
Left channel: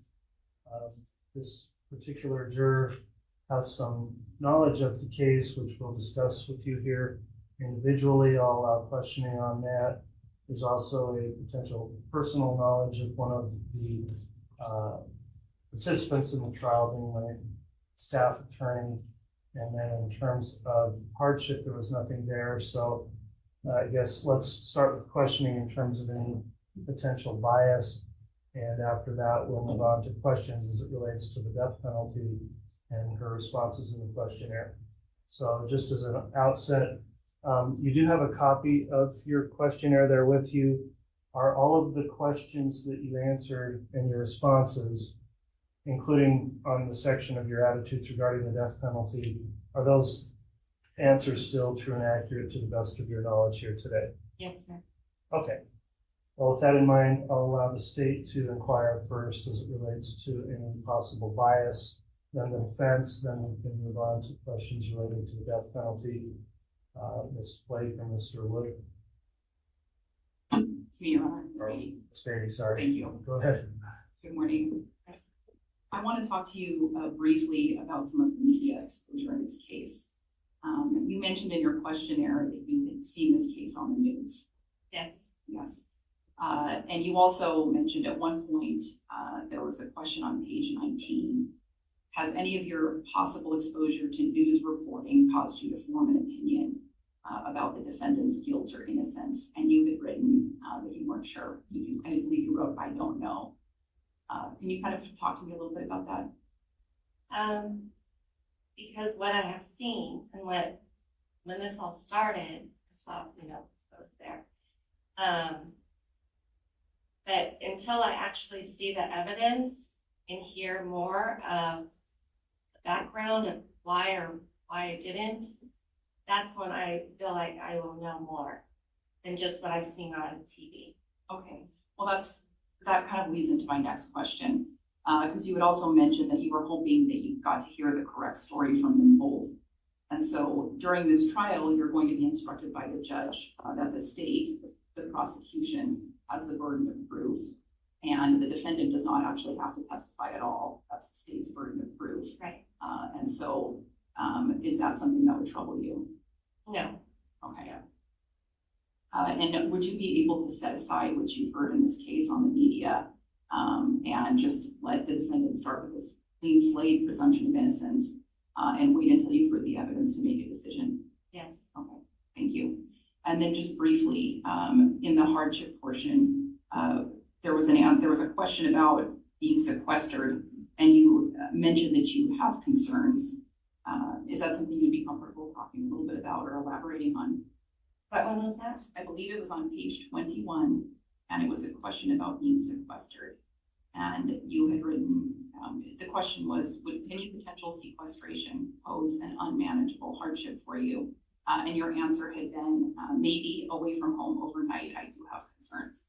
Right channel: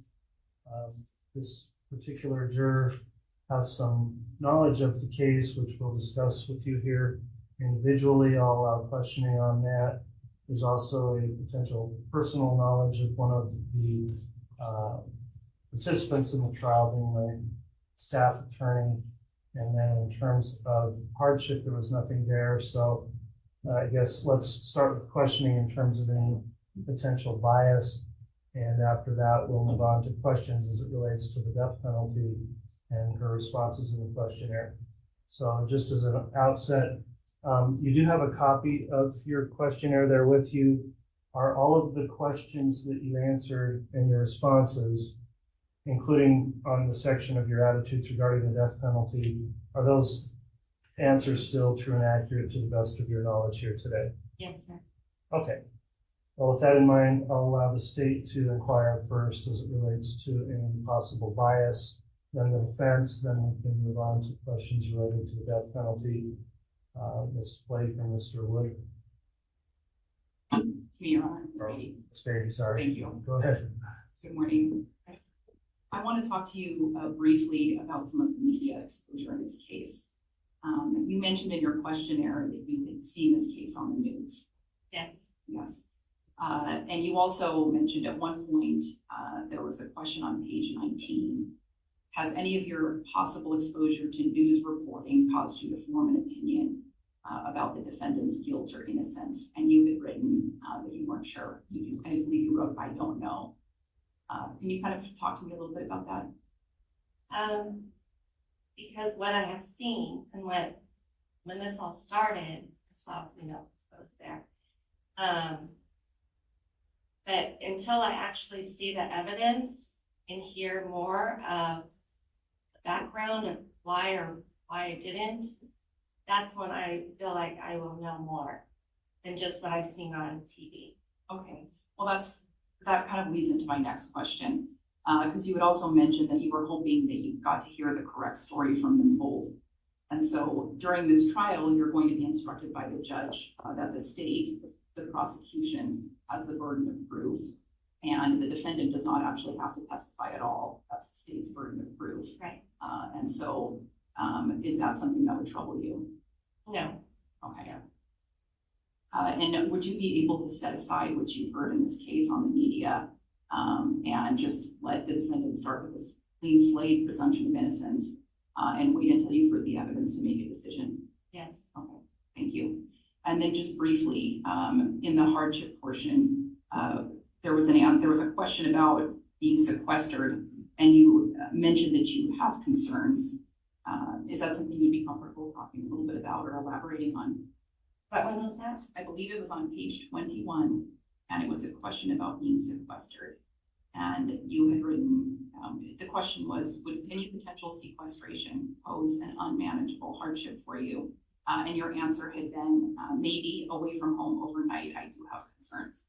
This particular juror has some knowledge of the case, which we'll discuss with you here individually. I'll allow questioning on that. There's also a potential personal knowledge of one of the participants in the trial, being my staff attorney. And then in terms of hardship, there was nothing there. So I guess let's start with questioning in terms of any potential bias. And after that, we'll move on to questions as it relates to the death penalty and her responses in the questionnaire. So just as an outset, you do have a copy of your questionnaire there with you. Are all of the questions that you answered and your responses, including on the section of your attitudes regarding the death penalty, are those answers still true and accurate to the best of your knowledge here today? Yes, sir. Okay. Well, with that in mind, I'll allow the state to inquire first as it relates to any possible bias, then the defense, then we can move on to questions related to the death penalty. Ms. Blake or Mr. Wood. It's me, Your Honor. It's Barry, sorry. Thank you. Go ahead. Good morning. I want to talk to you briefly about some of the media exposure in this case. You mentioned in your questionnaire that you had seen this case on the news. Yes. Yes. And you also mentioned at one point there was a question on page 19. Has any of your possible exposure to news reporting caused you to form an opinion about the defendant's guilt or innocence? And you had written that you weren't sure. I believe you wrote, I don't know. Can you kind of talk to me a little bit about that? Because what I have seen and when this all started, I saw, I was there. But until I actually see the evidence and hear more of the background of why I didn't, that's when I feel like I will know more than just what I've seen on TV. Okay, well that kind of leads into my next question, because you had also mentioned that you were hoping that you got to hear the correct story from them both. And so during this trial, you're going to be instructed by the judge that the state, the prosecution, has the burden of proof, and the defendant does not actually have to testify at all. That's the state's burden of proof. Right. And so is that something that would trouble you? No. Okay. And would you be able to set aside what you've heard in this case on the media and just let the defendant start with this clean slate presumption of innocence and wait until you've heard the evidence to make a decision? Yes. Okay, thank you. And then just briefly, in the hardship portion, there was a question about being sequestered, and you mentioned that you have concerns. Is that something you'd be comfortable talking a little bit about or elaborating on? What one was that? I believe it was on page 21, and it was a question about being sequestered. And you had written, the question was, would any potential sequestration pose an unmanageable hardship for you? And your answer had been, maybe away from home overnight, I do have concerns.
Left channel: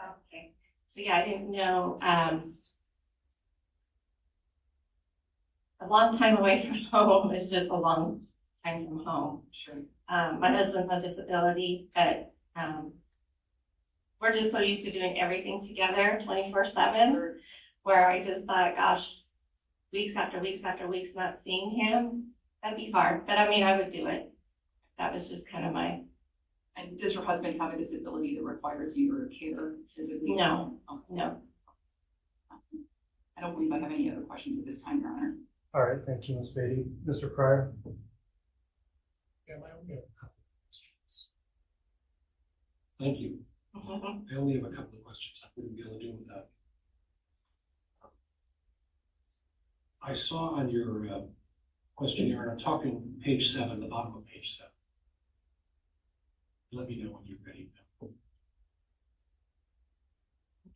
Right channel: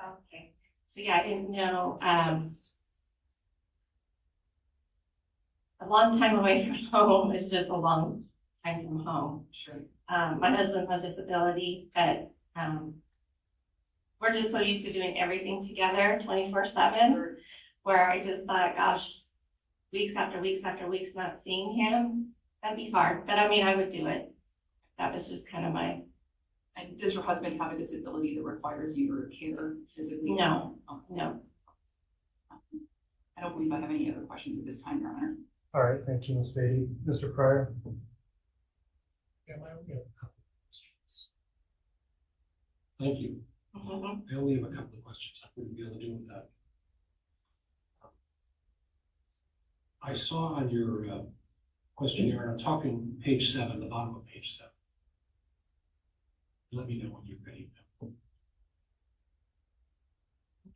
Okay, so yeah, I didn't know, a long time away from home is just a long time from home. Sure. My husband's on disability, but we're just so used to doing everything together 24/7, where I just thought, gosh, weeks after weeks after weeks not seeing him, that'd be hard. But I mean, I would do it. That was just kind of my. And does your husband have a disability that requires you to care physically? No, oh, no. I don't believe I have any other questions at this time, Your Honor. All right, thank you, Ms. Beatty. Mr. Pryor? Yeah, I only have a couple of questions. Thank you. I only have a couple of questions. I wouldn't be able to do without. I saw on your questionnaire, I'm talking page 7, the bottom of page 7. Let me know when you're ready.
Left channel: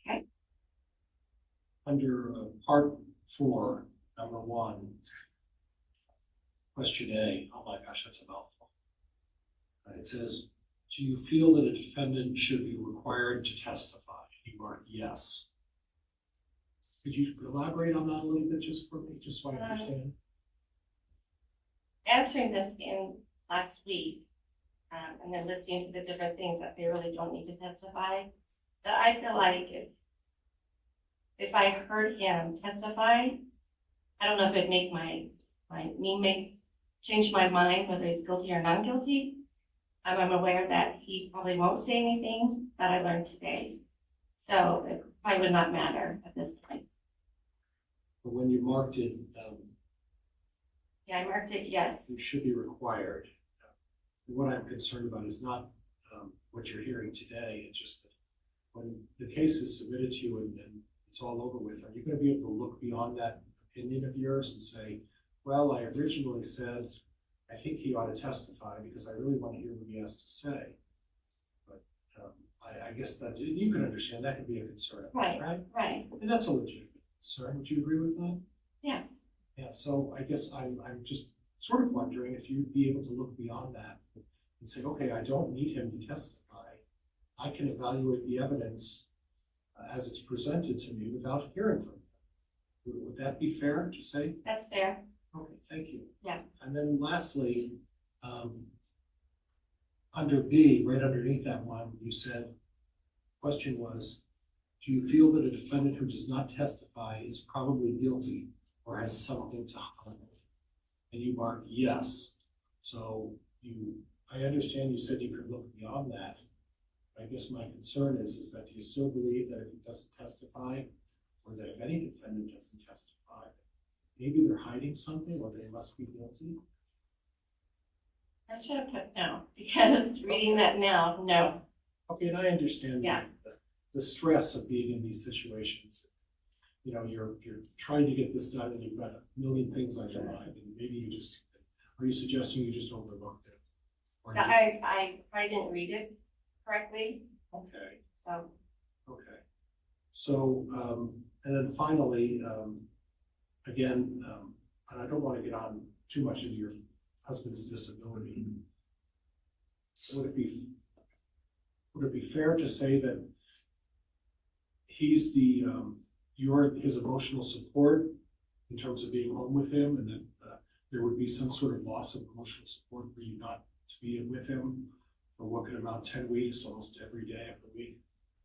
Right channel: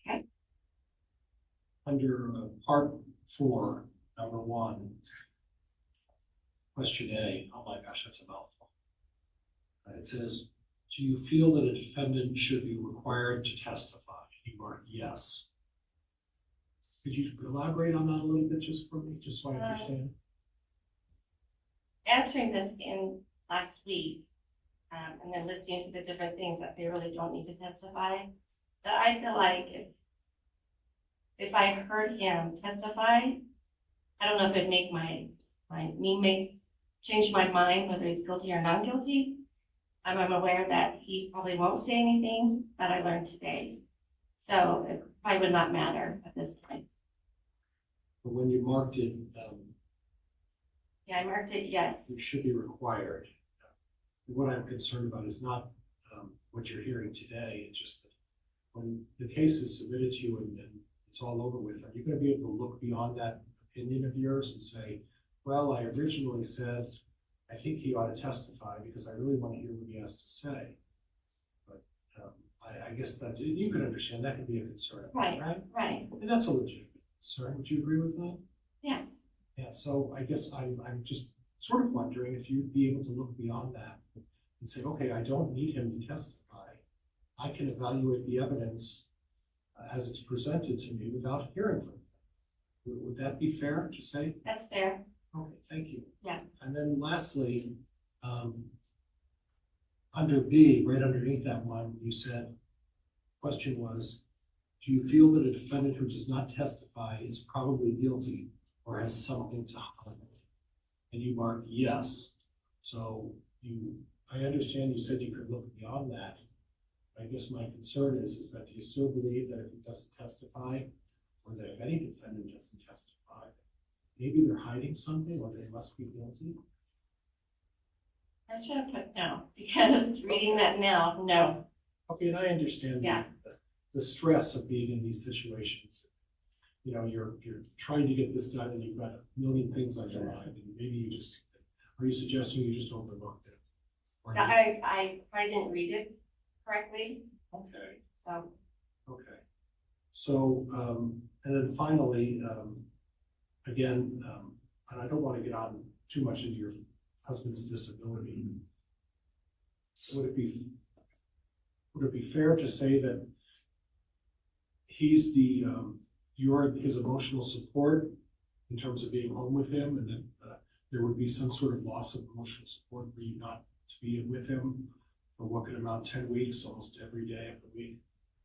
Okay. Under part 4, number 1, question A. Oh my gosh, that's a mouthful. It says, do you feel that a defendant should be required to testify? You mark yes. Could you elaborate on that a little bit just for me, just so I understand? Answering this in last week, and then listening to the different things that they really don't need to testify, that I feel like if I heard him testify, I don't know if it'd make change my mind whether he's guilty or not guilty. I'm aware that he probably won't say anything that I learned today. So it probably would not matter at this point. But when you marked it, yeah, I marked it yes. It should be required. What I'm concerned about is not what you're hearing today. It's just that when the case is submitted to you and it's all over with, are you going to be able to look beyond that opinion of yours and say, well, I originally said, I think he ought to testify because I really want to hear what he has to say. But I guess that you can understand that could be a concern. Right, right? Right. And that's a legitimate concern. Would you agree with that? Yes. Yeah, so I guess I'm just sort of wondering if you'd be able to look beyond that and say, okay, I don't need him to testify. I can evaluate the evidence as it's presented to me without hearing from him. Would that be fair to say? That's fair. Okay, thank you. Yeah. And then lastly, under B, right underneath that one, you said, question was, do you feel that a defendant who does not testify is probably guilty or has something to hide? And you marked yes. So I understand you said you could look beyond that. I guess my concern is that do you still believe that if he doesn't testify, or that if any defendant doesn't testify, maybe they're hiding something or they must be guilty? I should have put no, because reading that now, no. Okay, and I understand the stress of being in these situations. you're trying to get this done and you've got a million things on your mind, and maybe are you suggesting you just overlooked it? Or you- I probably didn't read it correctly, Okay, so. okay. So, and then finally, again, and I don't want to get on too much into your husband's disability. Would it be fair to say that he's you're his emotional support in terms of being home with him, and that there would be some sort of loss of emotional support for you not to be with him for what could amount 10 weeks, almost every day of the week,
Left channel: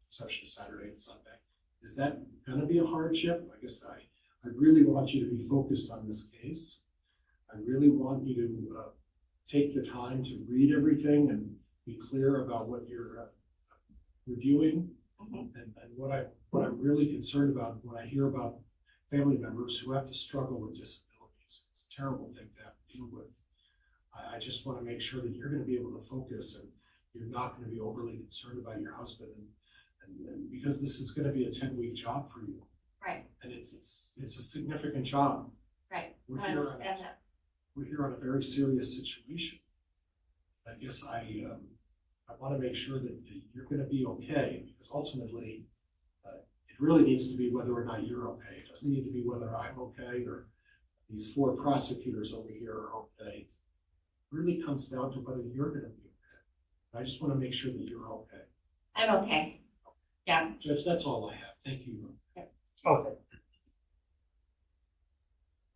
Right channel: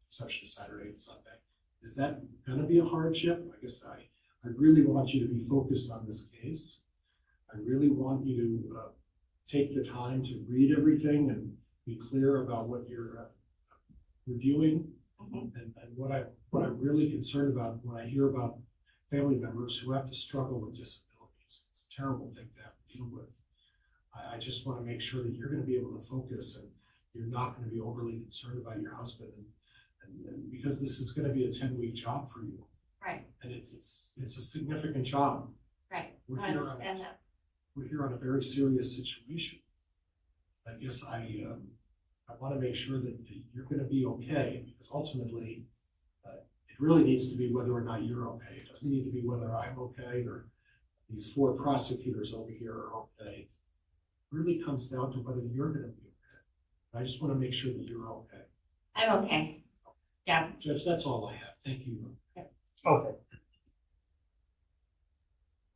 exception of Saturday and Sunday? Is that going to be a hardship? I guess I really want you to be focused on this case. I really want you to take the time to read everything and be clear about what you're doing. And what I'm really concerned about when I hear about family members who have to struggle with disabilities. It's a terrible thing to have to deal with. I just want to make sure that you're going to be able to focus and you're not going to be overly concerned about your husband, and because this is going to be a 10-week job for you. Right. And it's a significant job. Right. We're I here understand that. We're here on a very serious situation. I guess I want to make sure that you're going to be okay, because ultimately it really needs to be whether or not you're okay. It doesn't need to be whether I'm okay or these 4 prosecutors over here are okay. It really comes down to whether you're going to be okay. I just want to make sure that you're okay. I'm okay. Yeah. Judge, that's all I have. Thank you. Okay.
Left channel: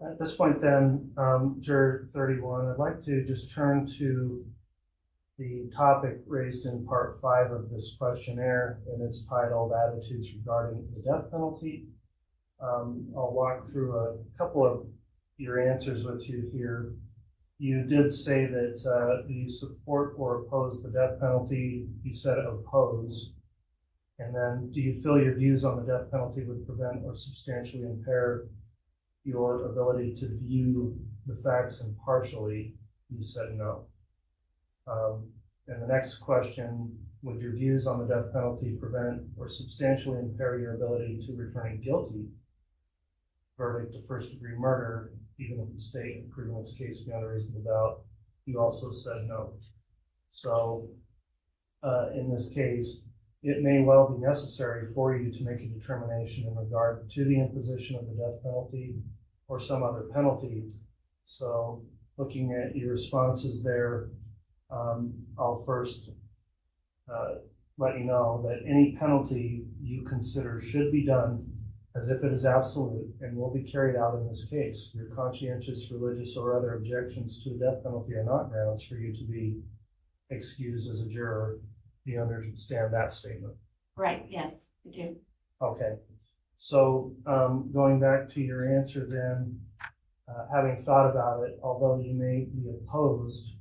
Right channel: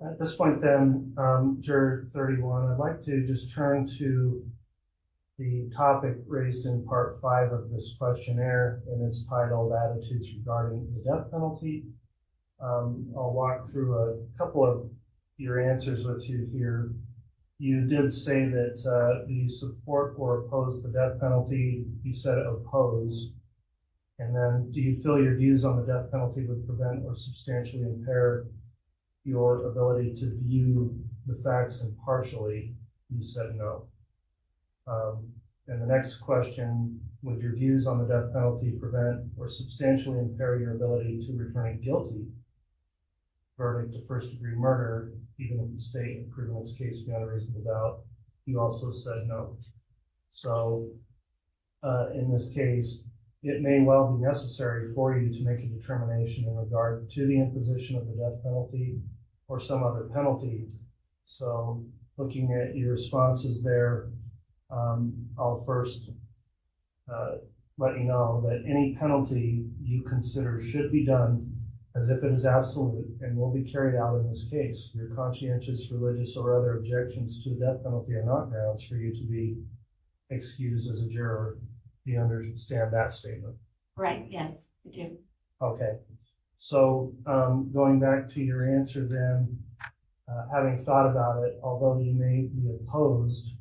At this point then, Juror 31, I'd like to just turn to the topic raised in part 5 of this questionnaire, and it's titled Attitudes Regarding the Death Penalty. I'll walk through a couple of your answers with you here. You did say that you support or oppose the death penalty. You said oppose. And then, do you feel your views on the death penalty would prevent or substantially impair your ability to view the facts impartially? You said no. And the next question, would your views on the death penalty prevent or substantially impair your ability to return a guilty verdict of first-degree murder, even if the state had proven its case beyond a reasonable doubt? You also said no. So, in this case, it may well be necessary for you to make a determination in regard to the imposition of the death penalty or some other penalty. So, looking at your responses there, I'll first let you know that any penalty you consider should be done as if it is absolute and will be carried out in this case. Your conscientious, religious, or other objections to the death penalty are not grounds for you to be excused as a juror. Do you understand that statement? Right, yes, I do. Okay. So going back to your answer then, having thought about it, although you may be opposed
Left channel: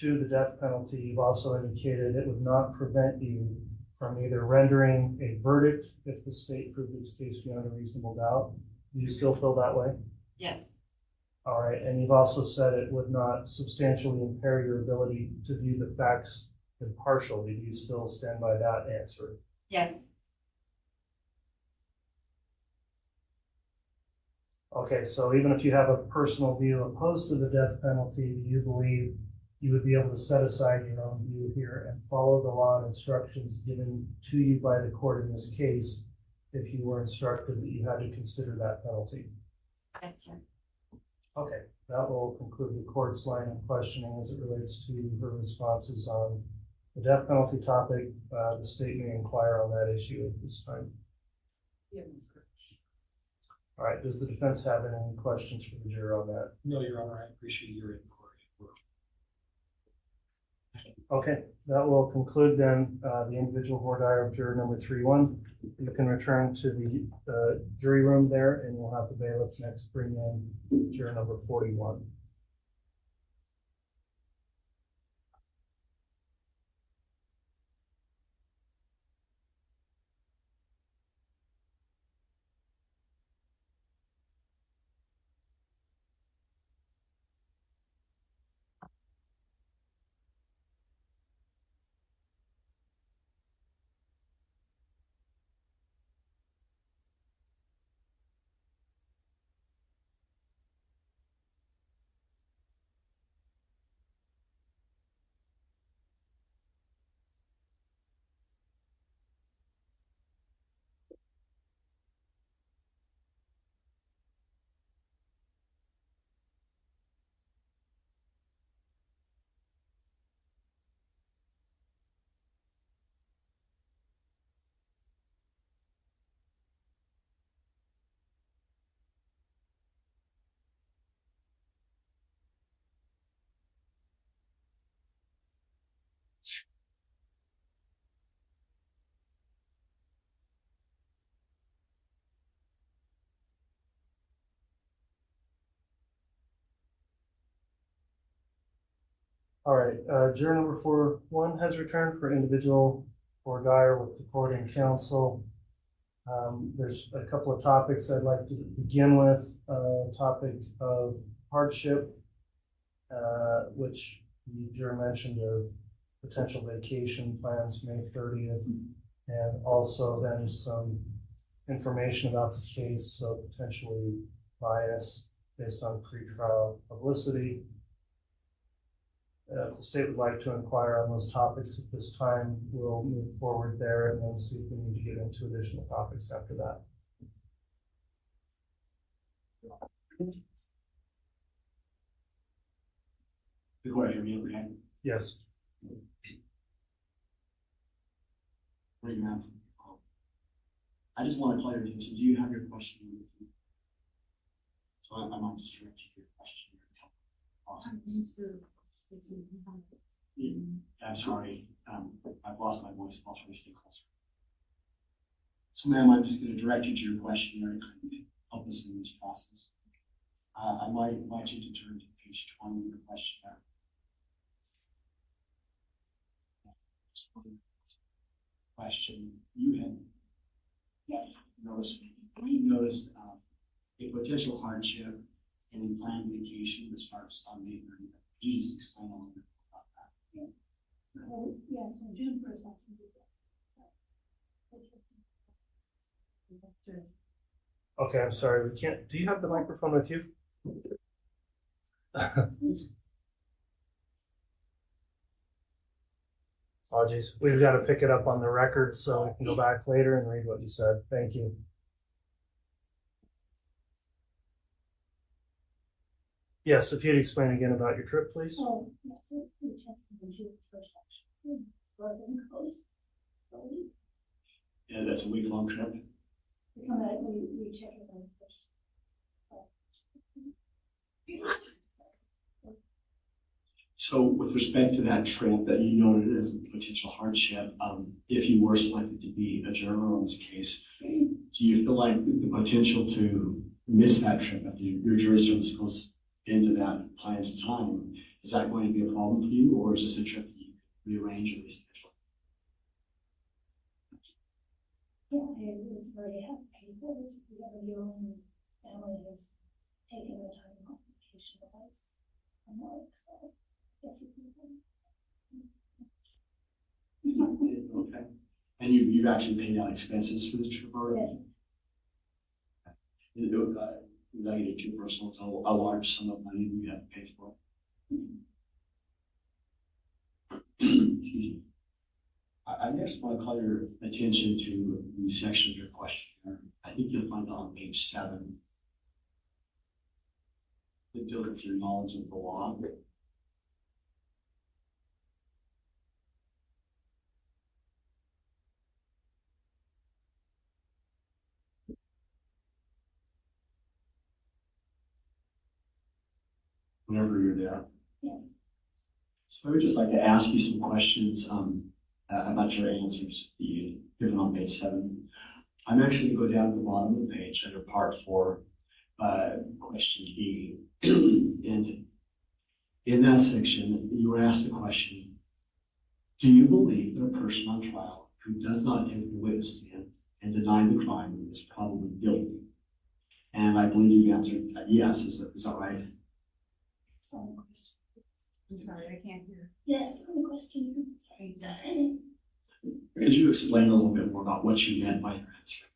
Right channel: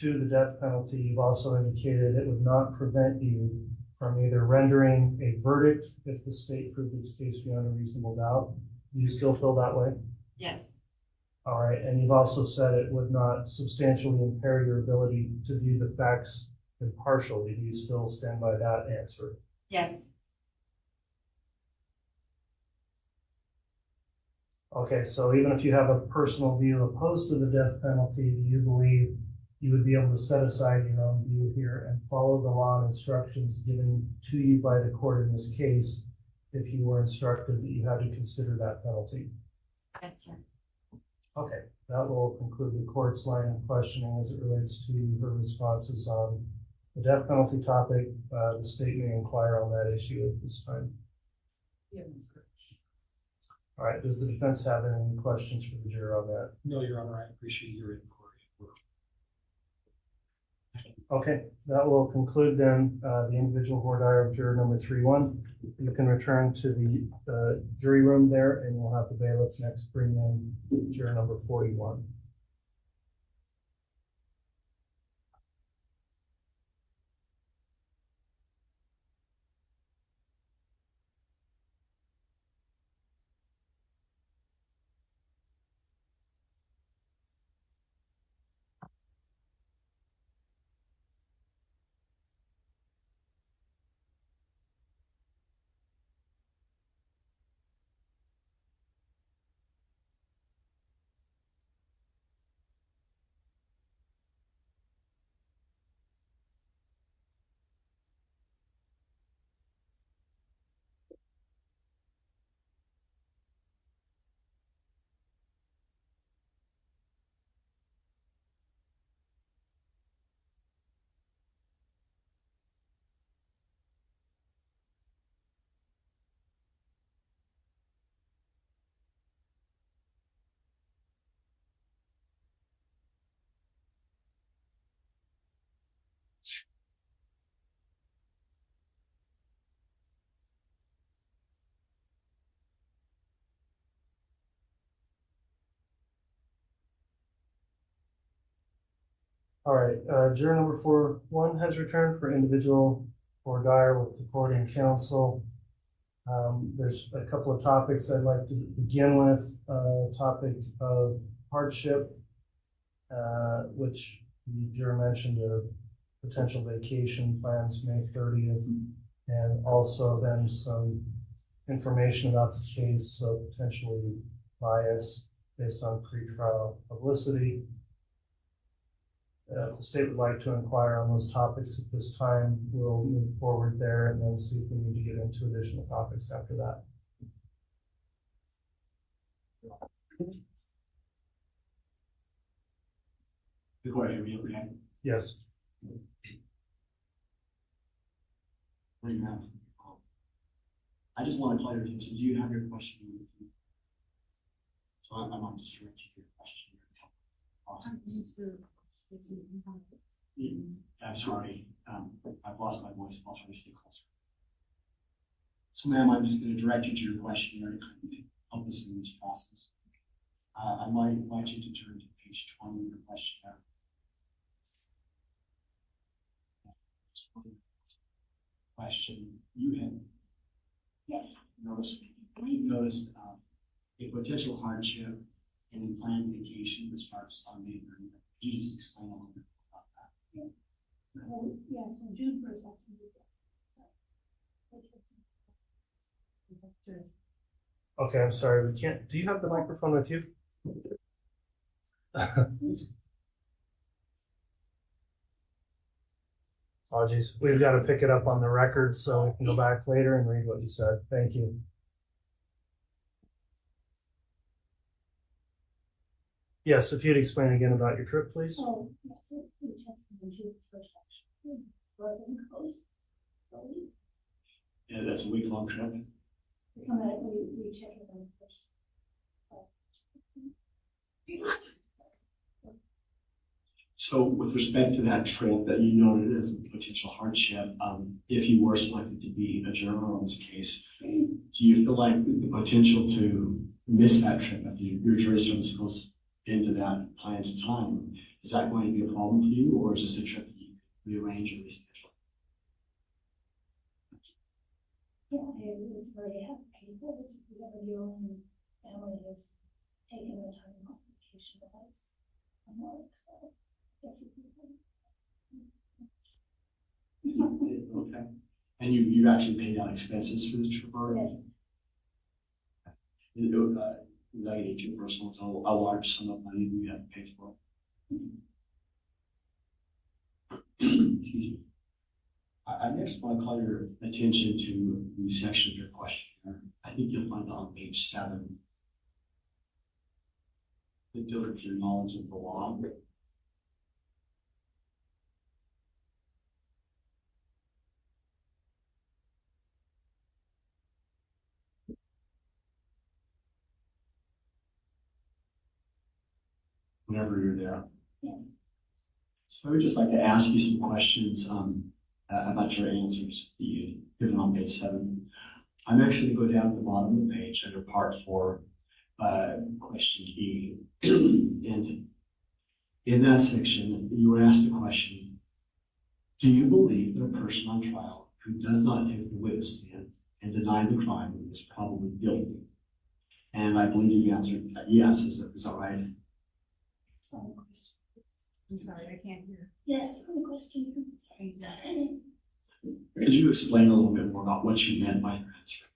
to the death penalty, you've also indicated it would not prevent you from either rendering a verdict if the state proved its case beyond a reasonable doubt. Do you still feel that way? Yes. All right, and you've also said it would not substantially impair your ability to view the facts impartially. Do you still stand by that answer? Yes. Okay, so even if you have a personal view opposed to the death penalty, do you believe you would be able to set aside your own view here and follow the law and instructions given to you by the court in this case if you were instructed that you had to consider that penalty? Yes, sir. Okay, that will conclude the court's line of questioning as it relates to her responses on the death penalty topic. The state may inquire on that issue at this time. Yeah. All right, does the defense have any questions for the juror on that? No, Your Honor, I appreciate your inquiry. Okay, that will conclude then the individual voir dire of juror number 31. You can return to the jury room there, and we'll have the bailiff next bring in juror number 41. All right, juror number 4-1 has returned for individual for Dyer with the court and counsel. There's a couple of topics I'd like to begin with. Topic of hardship, which the juror mentioned of potential vacation plans May 30th, and also then some information about the case, so potentially bias based on pretrial publicity. The state would like to inquire on those topics at this time. We'll move forward there and then see if we need to get into additional topics after that. Before I hear you, okay? Yes. Right now. I just want to call your attention. Do you have your question? So I might just direct you to your question. I'm sorry. I've lost my voice. I'll try to stay closer. So, ma'am, I'm just going to direct you to your question and help us in this process. I might invite you to turn to page 20 of your questionnaire. Question you had. Yes. Noticed a potential hardship in a planned vacation that starts on May 30th. Could you just explain a little bit about that? Yes, on June 1st, I can do that. Okay, I'm sorry, we can't. Do you have the microphone with you? Apologies. We've got to pick it up on the record so we can go back later and read what you said. Thank you. Yes, if you'd explain again about your trip, please. Oh, yes, we checked the June 1st actually. Rather than close. Yeah, that's a week-long trip. We come back, we check it on first. So with respect to that trip that you noted as a potential hardship, if you were selected to be a juror on this case, do you feel like the potential to miss that trip if your jurisdiction goes into that planned time, is that going to be a problem for you, or is this a trip that you rearrange or reschedule? Yeah, it's very painful to be your own family has taken the time off vacation advice. I'm not excited. Yes, Okay. And you've actually paid out expenses for this trip already? Yes. Related to personal, so a large sum of money we have to pay for. Excuse me. I next want to call your attention to the section of your questionnaire. I think you'll find on page 7. It deals with your knowledge of the law. Whenever you're there. Yes. So I would just like to ask you some questions about your answers that you given on page 7. I'm actually going to go down to the bottom of the page under part 4, question E. And in that section, you were asked a question: do you believe that a person on trial who does not take the witness stand and deny the crime is probably guilty? And I believe you answered that yes. Is that right? I'm sorry, I can't hear. Yes, the question. Sorry. Could you explain a little bit more about what you meant by your answer?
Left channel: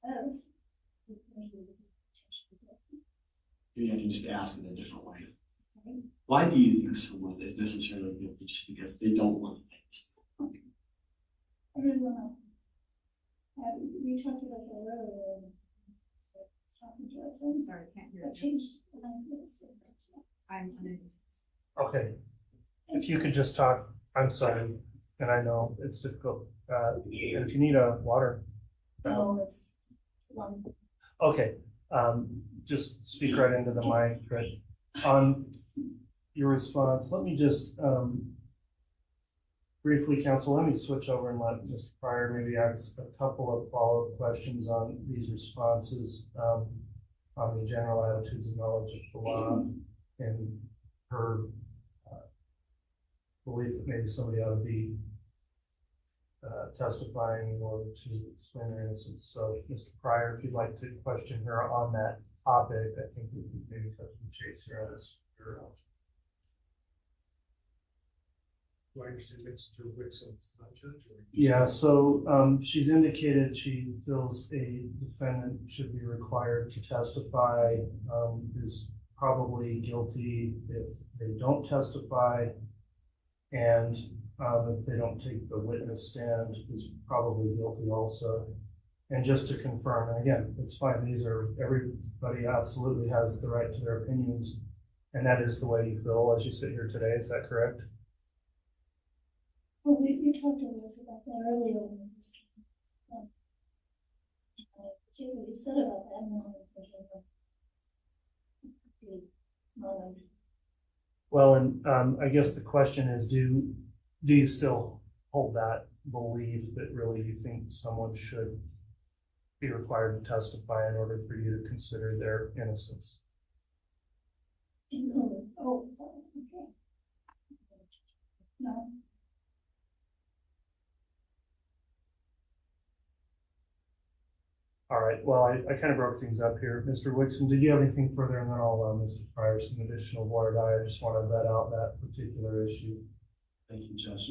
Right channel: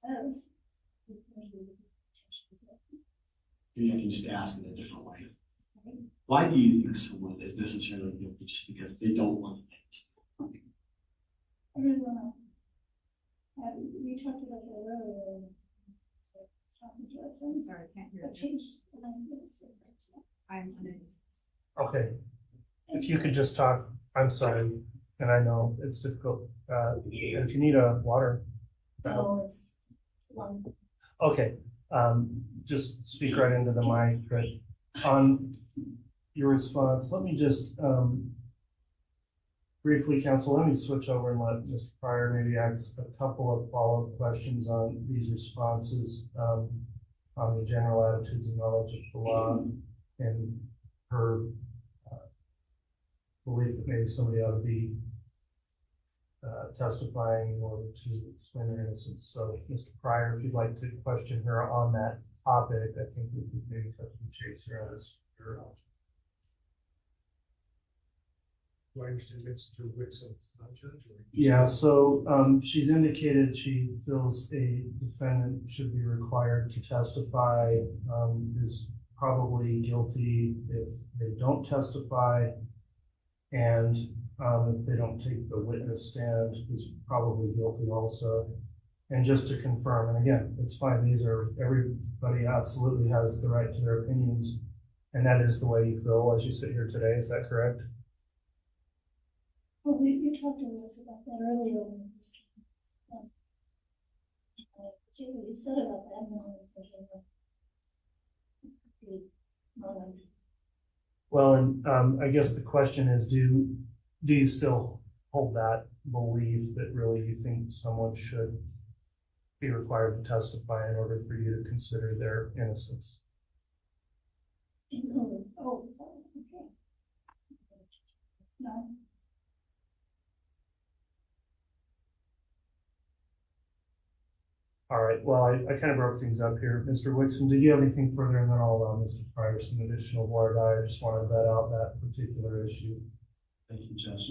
Says. Maybe I can just ask it a different way. Why do you think someone is necessarily guilty just because they don't want to take the stand? I really don't know. We talked about that earlier. I'm sorry, I can't hear. I'm Okay. If you could just talk, I'm sorry, and I know it's difficult. If you need a water. No, it's one. Okay. Just speak right into the mic. Right. On your response, let me just Briefly, counsel, let me switch over and let Mr. Pryor maybe ask a couple of follow-up questions on these responses, on the general attitudes and knowledge of the law and her belief that maybe somebody ought to be testifying in order to explain their innocence. So, Mr. Pryor, if you'd like to question her on that topic, I think we could maybe cut to the chase here on this. Do I understand Mr. Wixom's not judge? Yeah, so she's indicated she feels a defendant should be required to testify, is probably guilty if they don't testify, and if they don't take the witness stand, is probably guilty also. And just to confirm, and again, it's fine, everybody absolutely has the right to their opinions, and that is the way you feel as you sit here today, is that correct? Well, you talked to us about that earlier when we were speaking. What you said about that, and I'm thinking of Well, and I guess the question is, do you still hold that belief that really you think someone should be required to testify in order for you to consider their innocence? Oh, okay. No. All right, well, I kind of broke things up here. Mr. Wixom, did you have anything further? And then I'll allow Mr. Pryor some additional voir. I just wanted to vet out that particular issue. Thank you, Judge.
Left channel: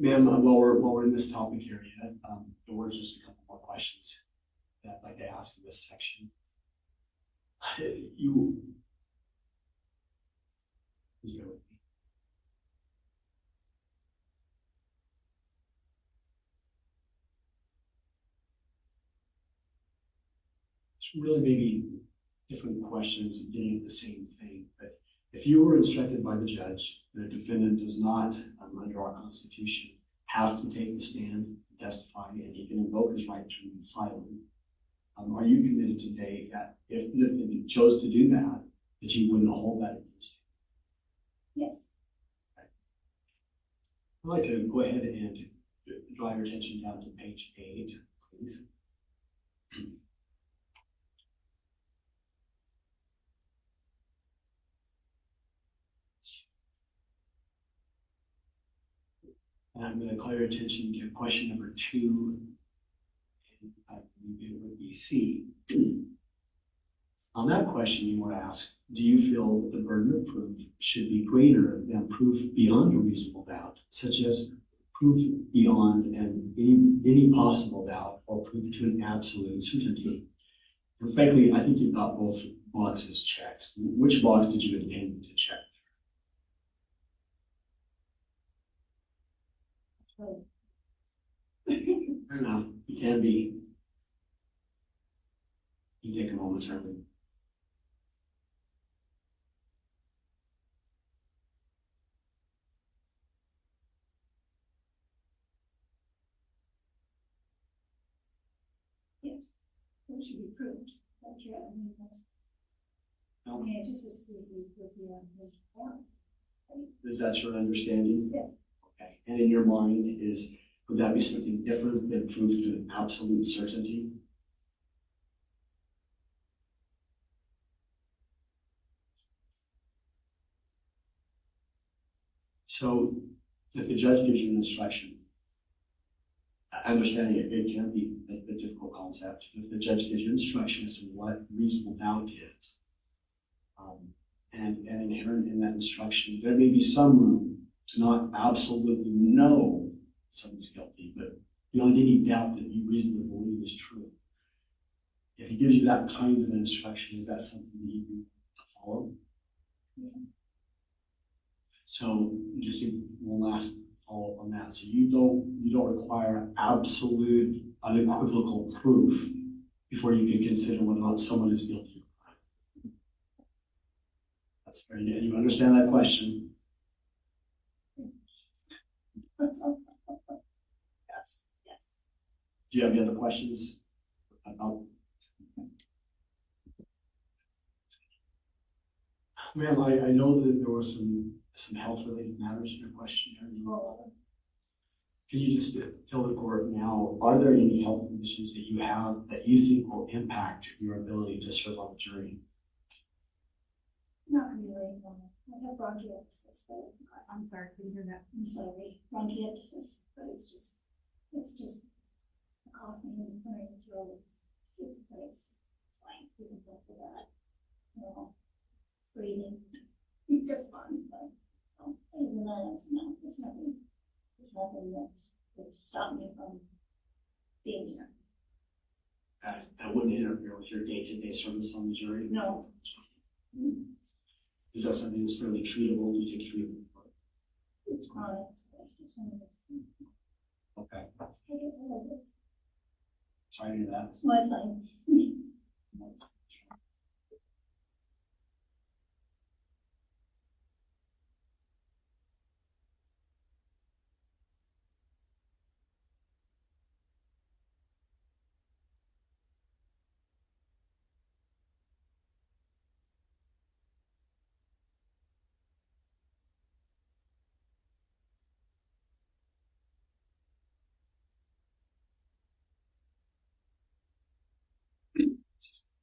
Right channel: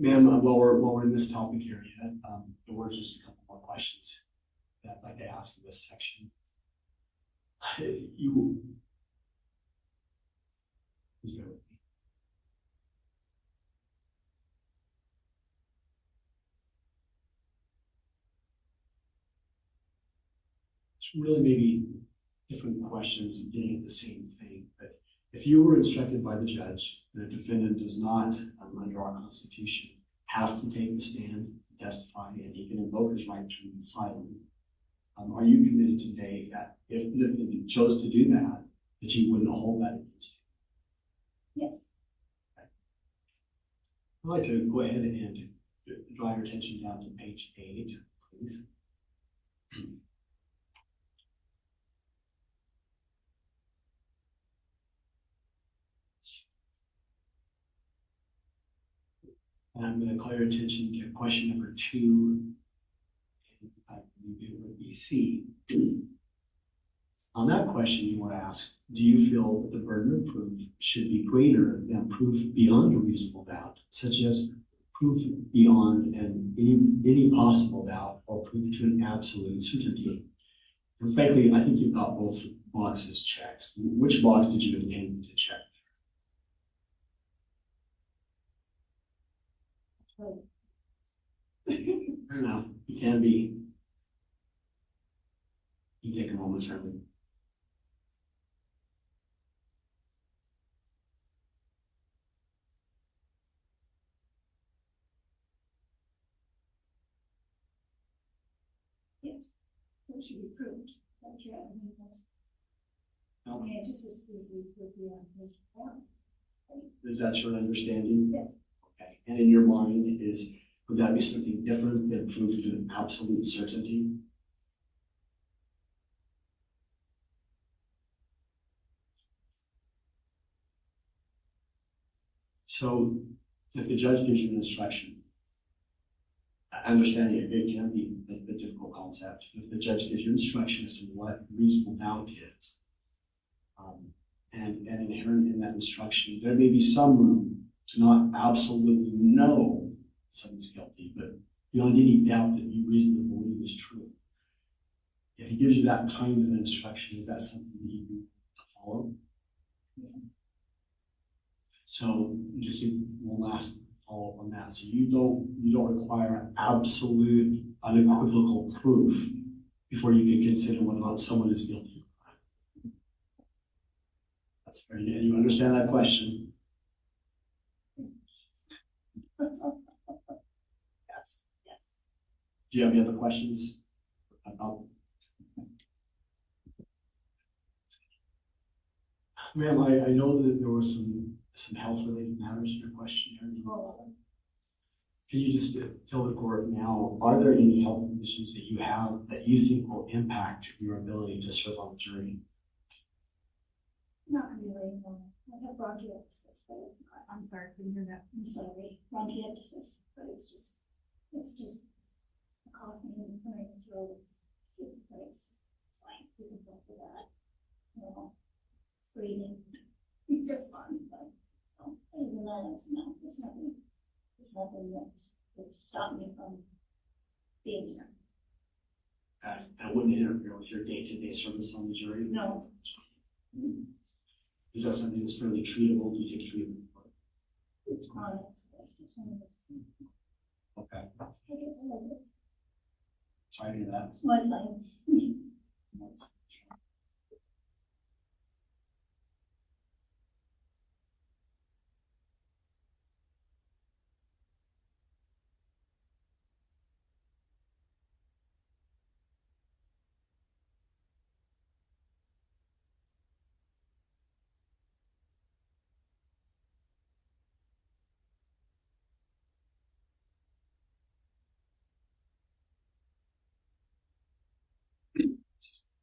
Ma'am, while we're in this topic area, there were just a couple more questions that I'd like to ask in this section. It's really maybe different questions getting at the same thing, but if you were instructed by the judge that a defendant does not, under our Constitution, have to take the stand, testify, and he can invoke his right to remain silent, are you committed today that if the defendant chose to do that, that you wouldn't hold that against him? Yes. I'd like to go ahead and draw your attention down to page 8, please. And I'm going to call your attention to question number 2, and I believe it would be C. On that question, you were asked, do you feel that the burden of proof should be greater than proof beyond a reasonable doubt, such as proof beyond any possible doubt or proof to an absolute certainty? And frankly, I think you've got both boxes checked. Which box did you intend to check? Fair enough. You can be. You take a moment, certainly. Yes, it should be proved. That's right. I mean, it just is with the form. Is that your understanding? Yes. Okay. And in your mind, would that be something different than proof to an absolute certainty? So, if the judge gives you an instruction, I understand it can be a difficult concept. If the judge gives you instruction as to what reasonable doubt is, and inherent in that instruction, there may be some room to not absolutely know someone's guilty, but beyond any doubt that you reasonably believe is true. If he gives you that kind of instruction, is that something that you can follow? Yes. So just one last follow-up on that. So you don't require absolute, unequivocal proof before you can consider whether or not someone is guilty. That's fair. And you understand that question? Yes, yes. Do you have any other questions about? Ma'am, I know that there were some health related matters in your questionnaire. Can you just tell the court now, are there any health conditions that you have that you think will impact your ability to serve on the jury? Not really, no. I have bronchiectasis, but it's not. I'm sorry, couldn't hear that. I'm sorry, bronchiectasis, but it's just coughing and clearing the throat. It's nice. It's fine. We can go for that. No. Breathing. It's fun, but other than that, it's nothing. It's nothing that would stop me from being here. That wouldn't interfere with your day-to-day service on the jury? No. Is that something that's fairly treatable? Do you take treatment for it? It's chronic. So it's just one of those things. Okay. I get a little bit. Sorry to hear that. Well, it's fine.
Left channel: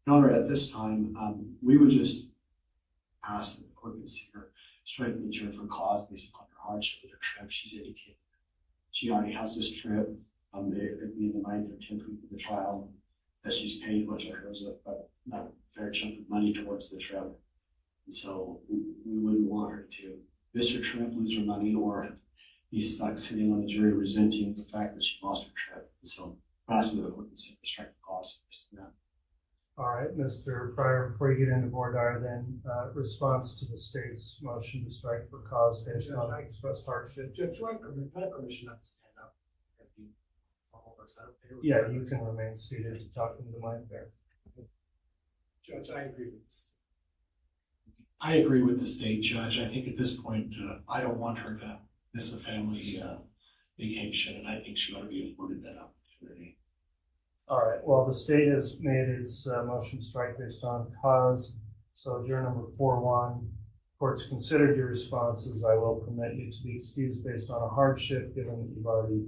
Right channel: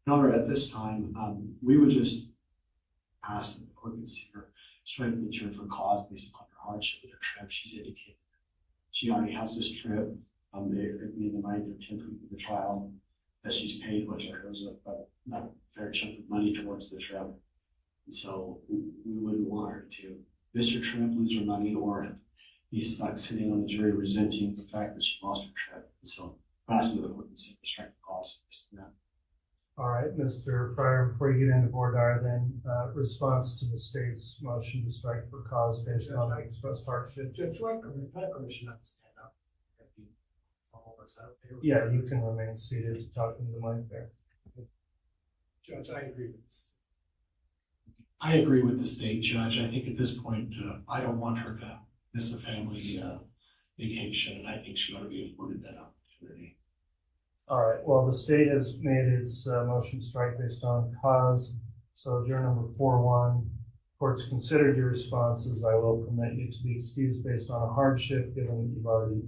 Your Honor, at this time, we would just ask that the court consider striking the jury for cause based upon her hardship with her trip. She's indicated she already has this trip in the 9th or 10th week of the trial that she's paid, which I heard was a fair chunk of money towards the trip. And so we wouldn't want her to miss her trip, lose her money, or be stuck sitting on the jury resenting the fact that she lost her trip. And so we're asking the court consider striking cause based on that. All right, Mr. Pryor, before you get into voir dire, then response to the state's motion to strike for cause based on expressed hardship. Judge, do I have permission not to stand up? Yeah, you can remain seated to talk into the mic there. Judge, I agree with this. I agree with the state, Judge. I think at this point, I don't want her to miss a family vacation, and I think she ought to be afforded that opportunity. All right, well, the state has made its motion strike based on cause. So juror number 4-1, court's considered your responses. I will permit you to be excused based on a hardship, given that you've already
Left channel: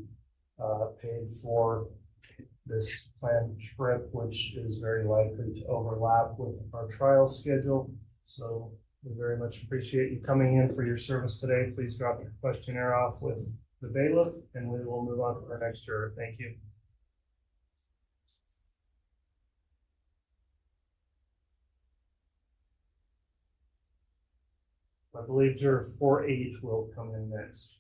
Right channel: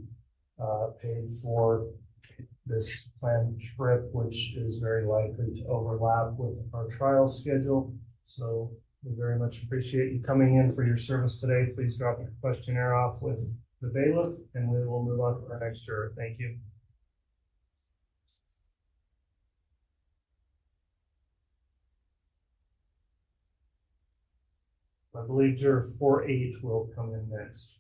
paid for this planned trip, which is very likely to overlap with our trial schedule. So we very much appreciate you coming in for your service today. Please drop your questionnaire off with the bailiff, and we will move on to our next juror. Thank you. I believe juror 4-8 will come in next.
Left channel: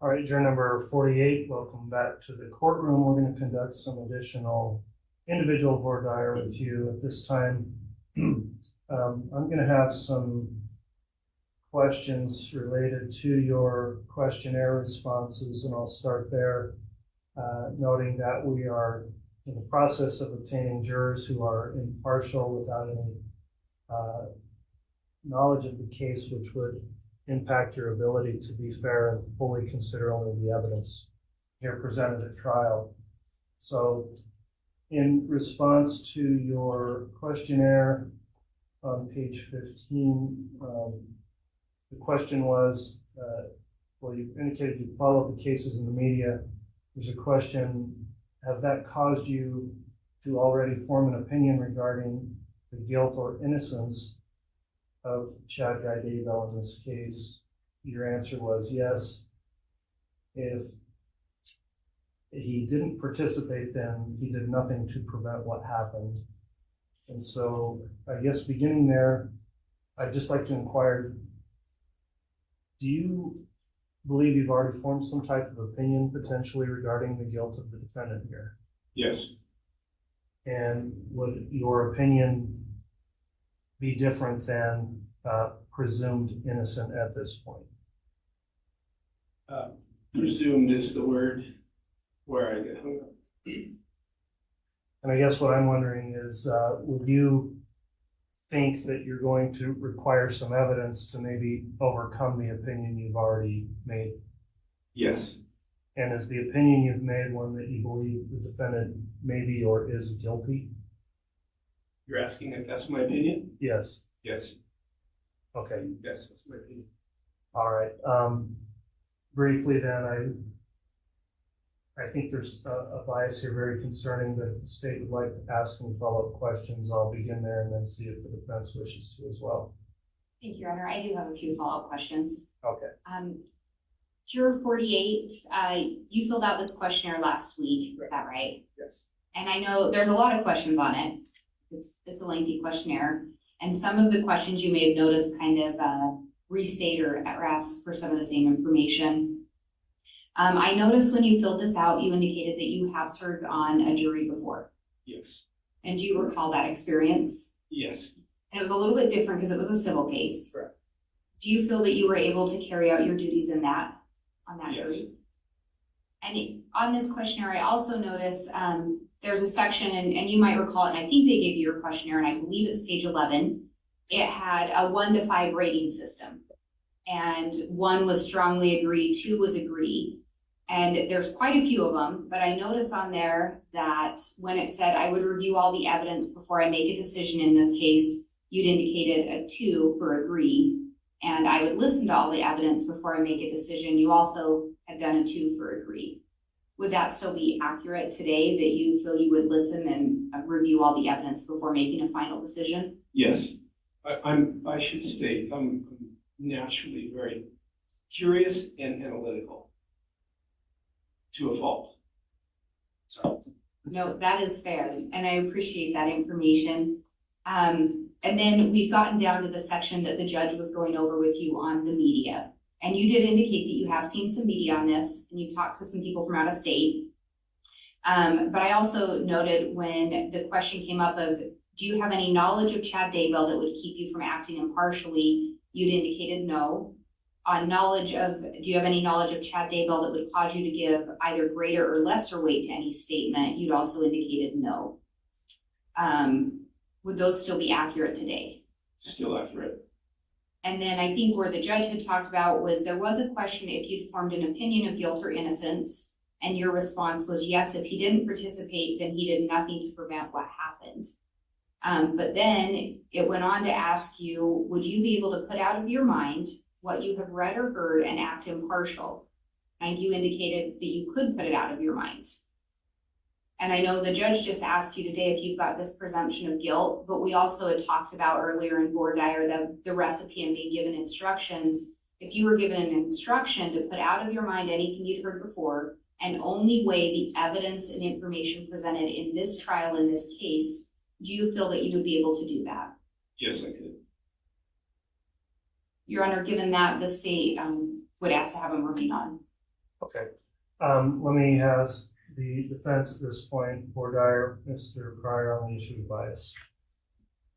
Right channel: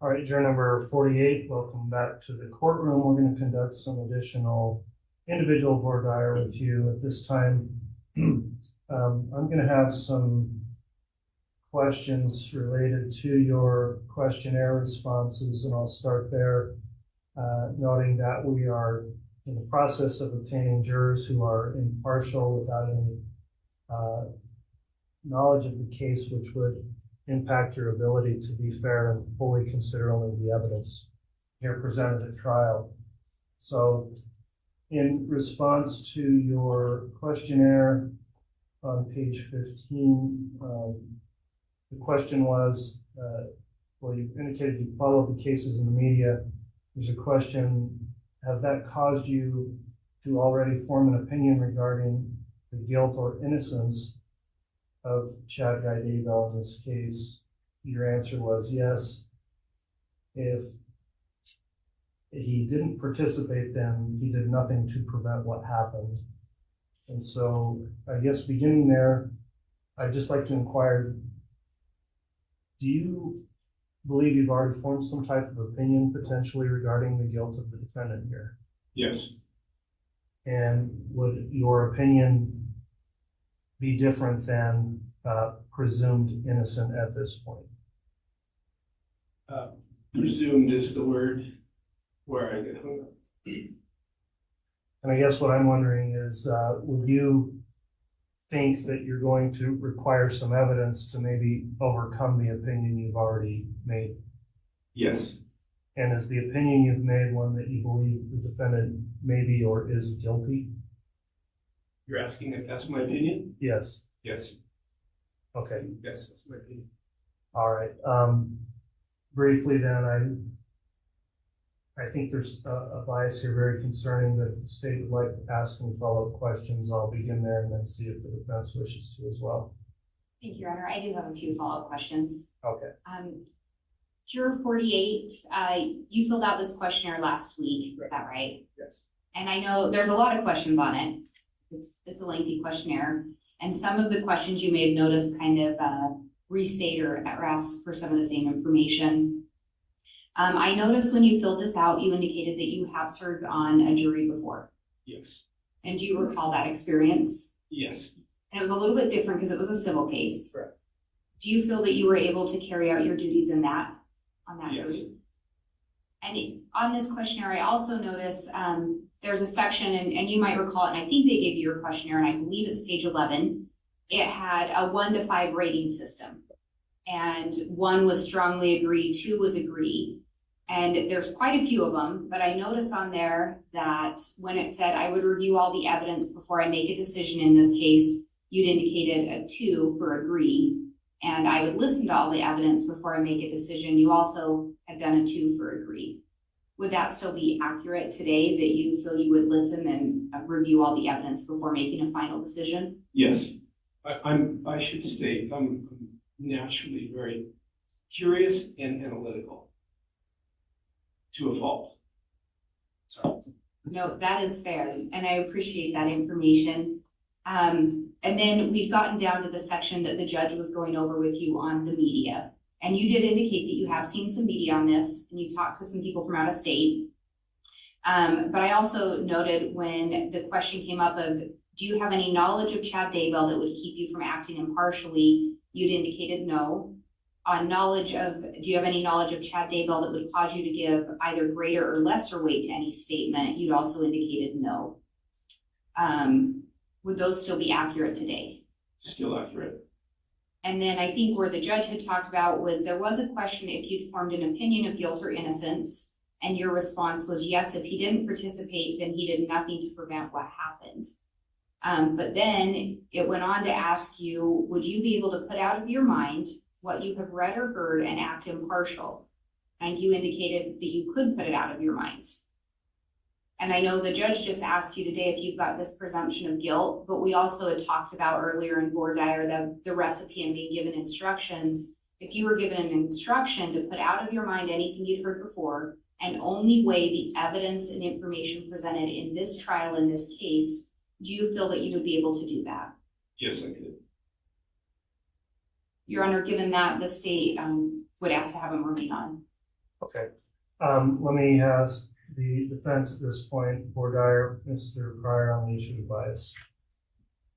All right, juror number 48, welcome back to the courtroom. We're going to conduct some additional individual voir dire with you at this time. I'm going to have some questions related to your questionnaire responses, and I'll start there, noting that we are in the process of obtaining jurors who are impartial without any knowledge of the case, which would impact your ability to be fair and fully consider only the evidence here presented at trial. So in response to your questionnaire on page 15, the question was, well, you indicated you followed the cases in the media. There's a question, has that caused you to already form an opinion regarding the guilt or innocence of Chad Daybell in this case? Your answer was yes. If he didn't participate, then he did nothing to prevent what happened. And so I guess beginning there, I'd just like to inquire, do you believe you've already formed some type of opinion potentially regarding the guilt of the defendant here? Yes. And would your opinion be different than presumed innocent at this point? Presumed is the word where I get hung up. And I guess what I'm wondering is, would you think that you're going to require some evidence to maybe overcome the opinion you've already made? Yes. And is the opinion you've made one that you believe the defendant may be or is guilty? You're asking if that's my opinion? Yes. Yes. Okay. Yes, that's my opinion. All right. Briefly then, I think there's a bias here very concerning, but if the state would like to ask any follow-up questions, I'll begin there and then see if the defense wishes to as well. Thank you, Your Honor. I do have a few follow-up questions. Okay. Juror 48, you filled out this questionnaire last week, is that right? Yes. And I know there's a lot of questions on it. It's a lengthy questionnaire. And some of the questions you may have noticed kind of restate or ask for some of the same information. I noticed when you filled this out, you indicated that you have served on a jury before. Yes. And do you recall that experience? Yes. And it was a little bit different because it was a civil case. Correct. Do you feel that you were able to carry out your duties on that Yes. jury? And on this questionnaire, I also noticed there's a section, and you might recall it, and I think they gave you your questionnaire, and I believe it's page 11. It had a 1 to 5 rating system. And 1 was strongly agree, 2 was agree. And there's quite a few of them, but I noticed on there that when it said I would review all the evidence before I make a decision in this case, you'd indicated a 2 for agree. And I would listen to all the evidence before I make a decision. You also have done a 2 for agree. Would that still be accurate today, that you feel you would listen and review all the evidence before making a final decision? Yes. I should state, I'm naturally very curious and analytical to a fault. Sorry. No, that is fair, and I appreciate that information. And then we've gotten down to the section that the judge was going over with you on the media. And you did indicate that you have seen some media on this, and you've talked to some people from out of state. But I also noted when the question came up of, do you have any knowledge of Chad Daybell that would keep you from acting impartially? You'd indicated no. On knowledge of, do you have any knowledge of Chad Daybell that would cause you to give either greater or lesser weight to any statement? You'd also indicated no. Would those still be accurate today? Still accurate. And then I think where the judge had talked about was there was a question if you'd formed an opinion of guilt or innocence, and your response was yes, if he didn't participate, then he did nothing to prevent what happened. But then it went on to ask you, would you be able to put out of your mind what you have read or heard and act impartial? And you indicated that you could put it out of your mind. And I know the judge just asked you today if you've got this presumption of guilt, but we also had talked about earlier in voir dire the recipe and being given instructions. If you were given an instruction to put out of your mind anything you'd heard before and only weigh the evidence and information presented in this trial, in this case, do you feel that you would be able to do that? Yes, I could. Your Honor, given that, the state would ask to have him remain on. Okay. Let me ask the defense at this point, voir dire, Mr. Pryor, on the issue of bias.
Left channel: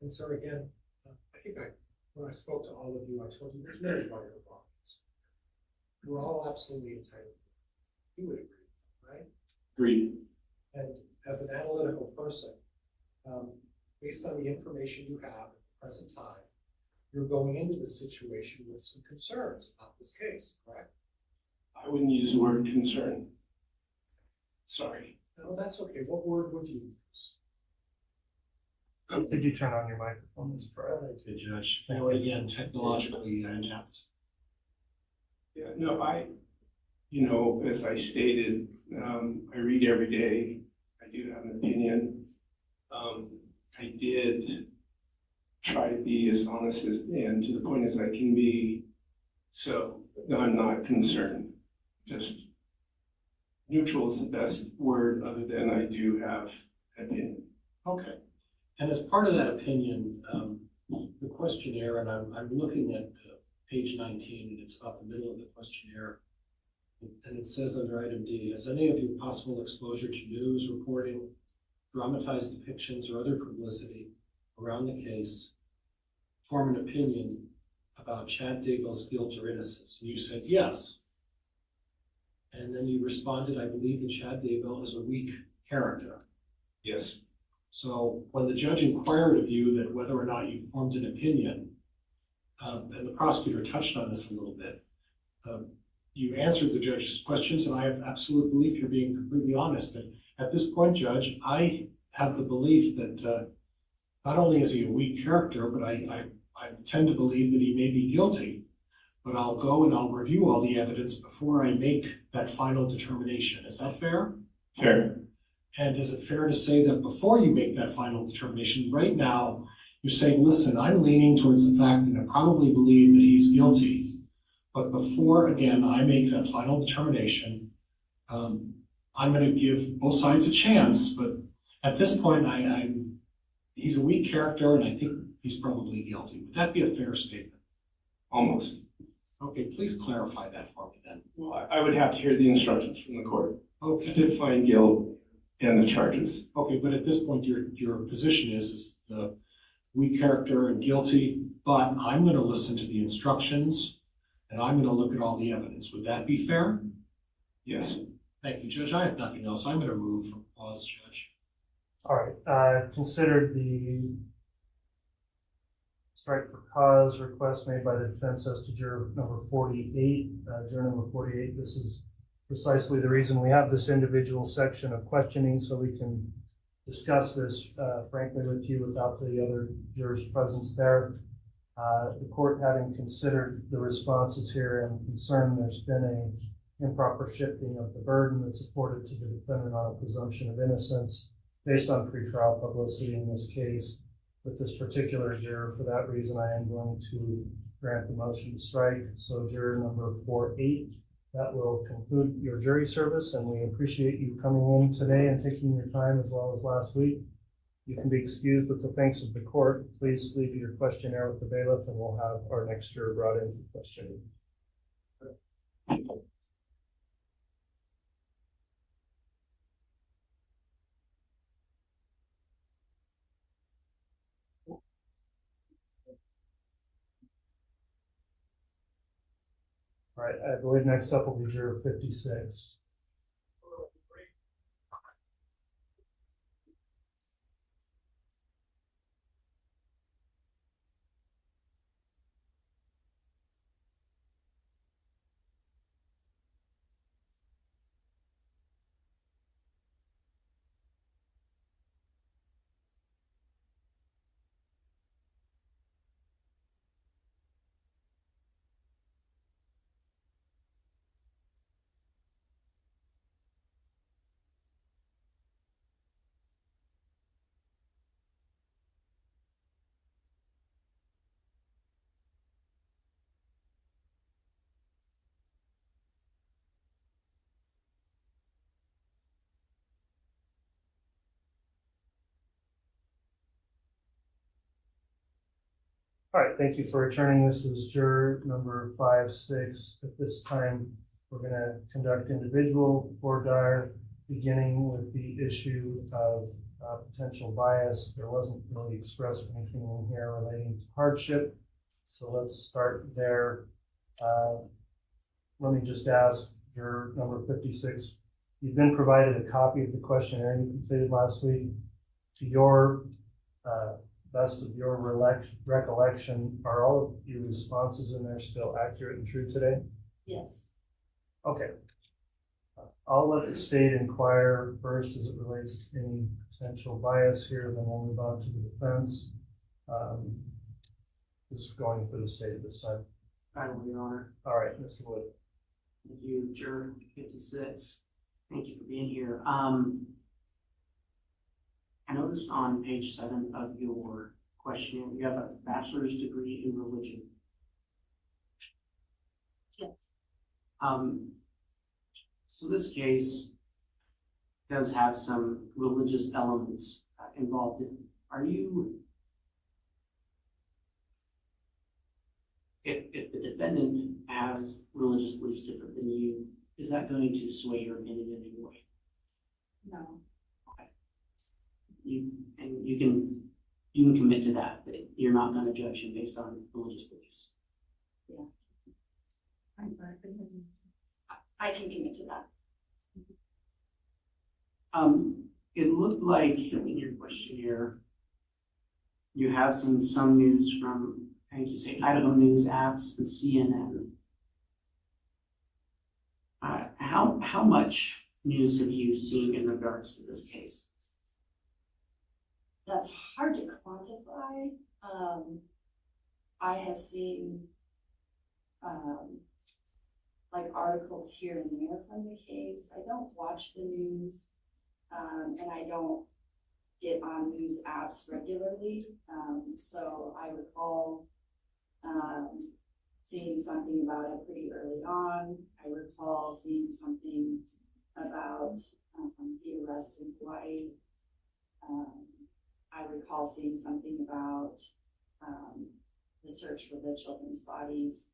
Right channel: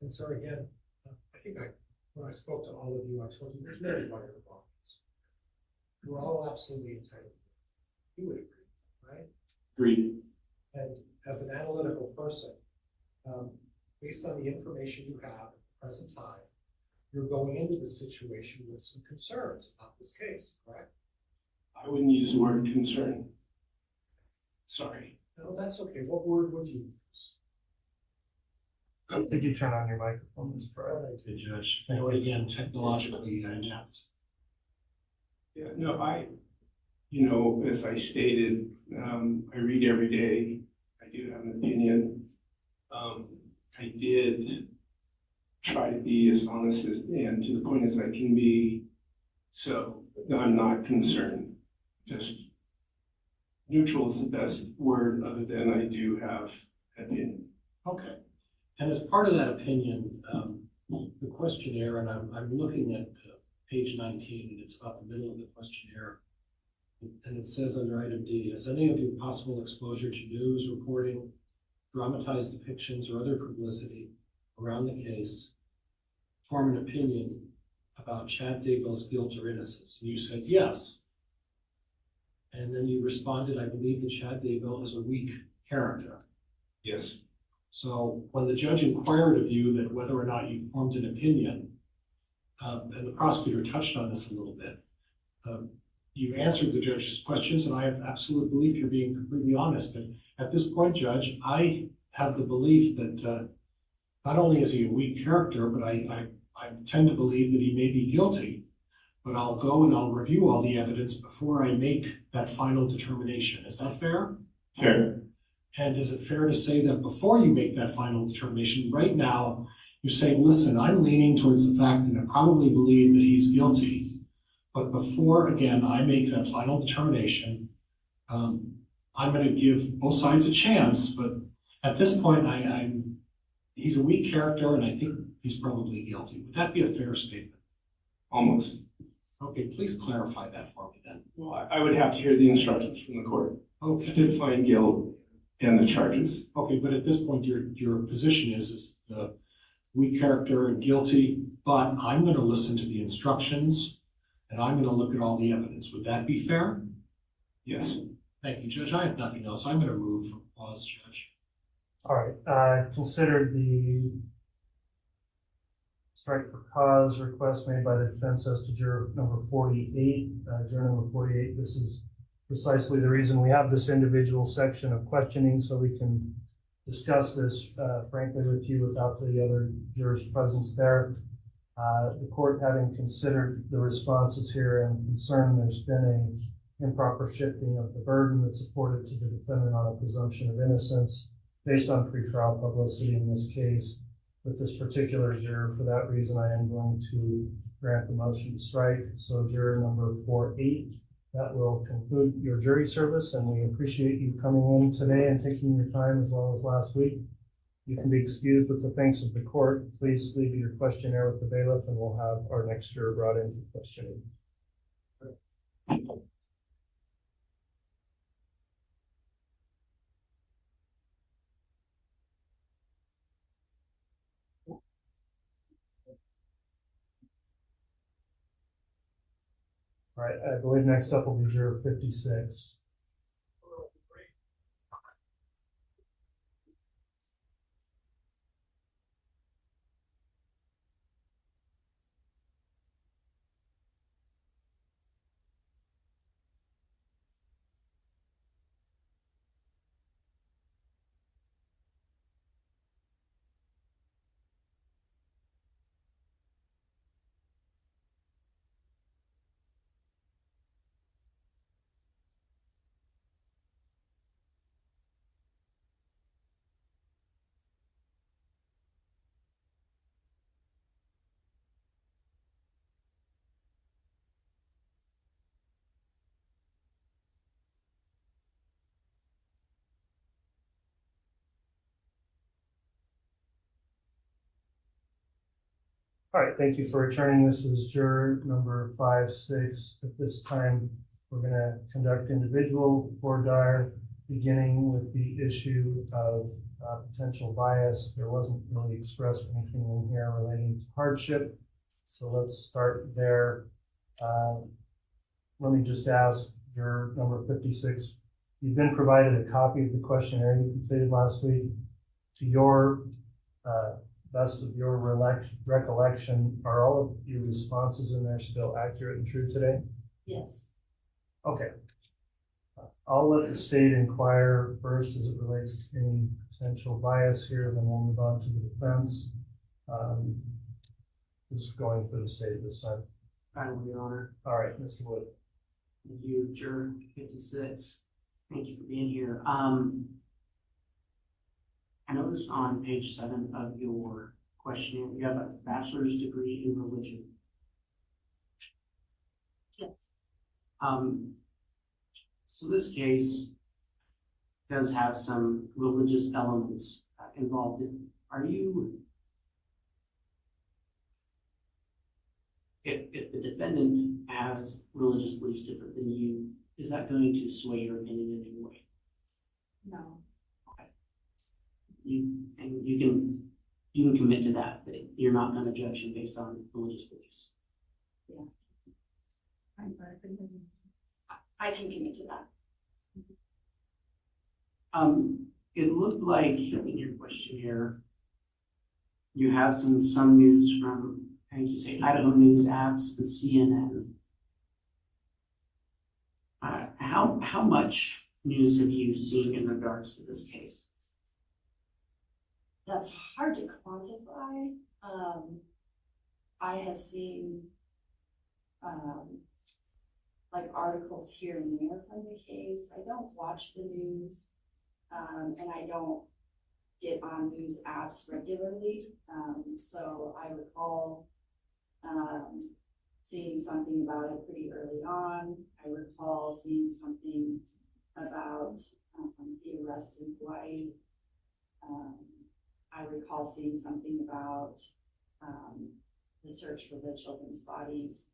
And so again, I think when I spoke to all of you, I told you there's no right or wrong. We're all absolutely entitled. You would agree, right? Agreed. And as an analytical person, based on the information you have at the present time, you're going into this situation with some concerns about this case, correct? I wouldn't use the word concern. Sorry. No, that's okay. What word would you use? Did you turn on your microphone, Mr. Pryor? Good judge. You know, again, technologically adapt. Yeah, no, you know, as I stated, I read every day. I do have an opinion. I did try to be as honest as, and to the point as I can be. So no, I'm not concerned. Just neutral is the best word, other than I do have an opinion. Okay. And as part of that opinion, the questionnaire, and I'm looking at page 19, and it's about the middle of the questionnaire. And it says under item D, has any of you possible exposure to news reporting, dramatized depictions, or other publicity around the case form an opinion about Chad Daybell's guilt or innocence? And you said yes. And then you responded, I believe that Chad Daybell is a weak character. Yes. So when the judge inquired of you that whether or not you formed an opinion, and the prosecutor touched on this a little bit, you answered the judge's questions, and I have absolute belief you're being completely honest. And at this point, Judge, I have the belief that not only is he a weak character, but I tend to believe that he may be guilty. But I'll go and I'll review all the evidence before I make that final determination. Is that fair? Fair. And is it fair to say that before you make that final determination, right now, you're saying, listen, I'm leaning towards the fact that I probably believe that he's guilty, but before, again, I make that final determination, I'm going to give both sides a chance, but at this point, he's a weak character, and I think he's probably guilty. Would that be a fair statement? Almost. Okay, please clarify that for me then. Well, I would have to hear the instructions from the court. Okay. To find guilt and the charges. Okay, but at this point, your position is the weak character and guilty, but I'm going to listen to the instructions, and I'm going to look at all the evidence. Would that be fair? Yes. Thank you, Judge. I have nothing else. I'm going to move for pause, Judge. All right, consider the strike for cause request made by the defense as to juror number 48. Juror number 48, this is precisely the reason we have this individual section of questioning, so we can discuss this frankly with you without the other jurors' presence there. The court, having considered the responses here, and concerned there's been an improper shifting of the burden that's afforded to the defendant on a presumption of innocence based on pretrial publicity in this case. With this particular juror, for that reason, I am going to grant the motion to strike. So juror number 48, that will conclude your jury service, and we appreciate you coming in today and taking your time as well as last week. You can be excused with the thanks of the court. Please leave your questionnaire with the bailiff, and we'll have our next juror brought in for questioning. All right, I believe next up will be juror 56. All right, thank you for returning. This is juror number 5-6. At this time, we're going to conduct individual voir dire, beginning with the issue of potential bias. There wasn't really expressed anything in here relating to hardship, so let's start there. Let me just ask juror number 56, you've been provided a copy of the questionnaire you completed last week. To your best of your recollection, are all of your responses in there still accurate and true today? Yes. Okay. I'll let the state inquire first as it relates to any potential bias here, then we'll move on to the defense. This is going for the state this time. I will, Your Honor. All right, Mr. Wood. Thank you, Juror 56. Thank you for being here. I noticed on page 7 of your questionnaire, you have a bachelor's degree in religion. Yes. So this case does have some religious elements involved. If the defendant has religious beliefs different than you, is that going to sway your opinion in any way? No. Okay. You can commit to that you're not going to judge him based on religious beliefs. Yeah. I'm sorry, I can commit to that. It looked like in your questionnaire, you have seen some news from, I think you say, Idaho News apps and CNN. How much news have you seen in regards to this case? That's hard to quantify. I have seen like articles here and there from the case. I don't watch the news, and I don't get on news apps regularly. So I recall seeing something about it pretty early on. I recall seeing something about the arrest in Hawaii. I recall seeing something about the search for the children's bodies.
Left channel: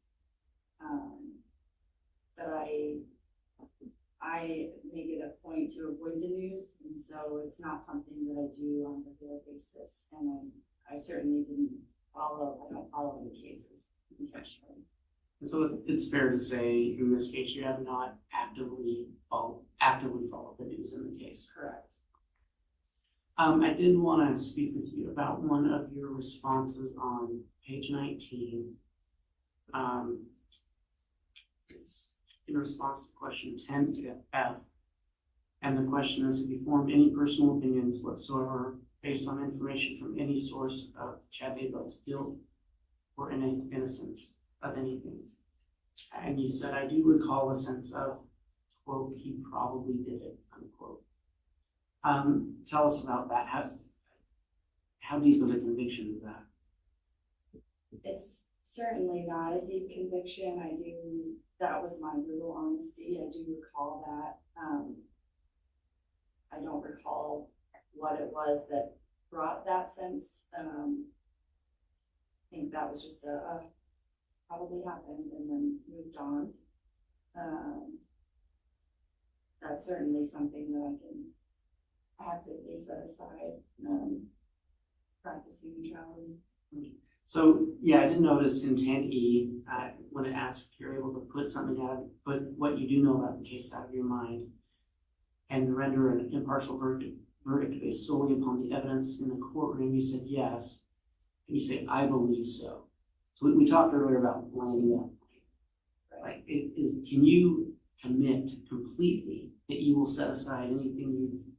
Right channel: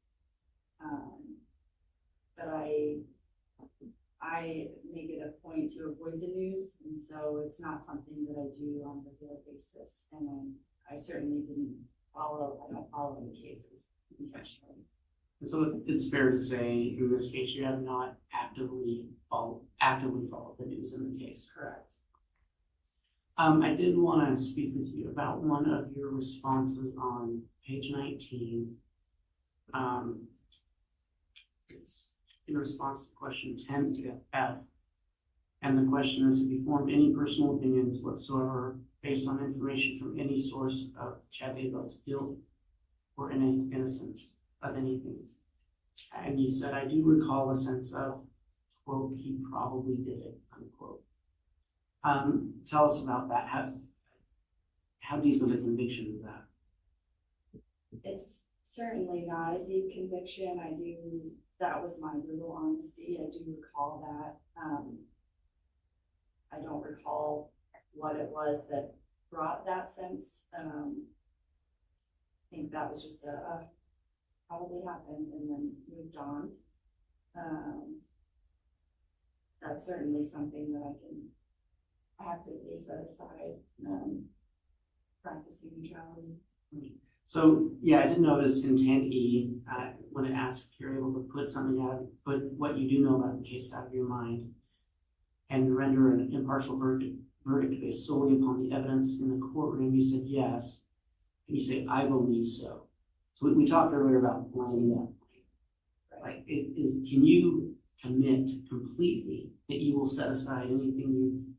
But I make it a point to avoid the news, and so it's not something that I do on a regular basis. And I certainly I don't follow the cases intentionally. And so it's fair to say, in this case, you have not actively followed the news in the case. Correct. I did want to speak with you about one of your responses on page 19. It's in response to question 10F. And the question is, have you formed any personal opinions whatsoever based on information from any source of Chad Daybell's guilt or innocence of anything? And you said, I do recall a sense of, quote, he probably did it, unquote. Tell us about that. How deep of a conviction is that? It's certainly not a deep conviction. That was my brutal honesty. I do recall that. I don't recall what it was that brought that sense. I think that was just probably happened and then moved on. That's certainly something that I can actively set aside, practicing neutrality. So yeah, I did notice in 10E, when it asks if you're able to put what you do know about the case out of your mind and render an impartial verdict based solely upon the evidence in the courtroom, you said yes, and you say, I believe so. So we talked earlier about landing that point. Like, can you commit completely that you will set aside anything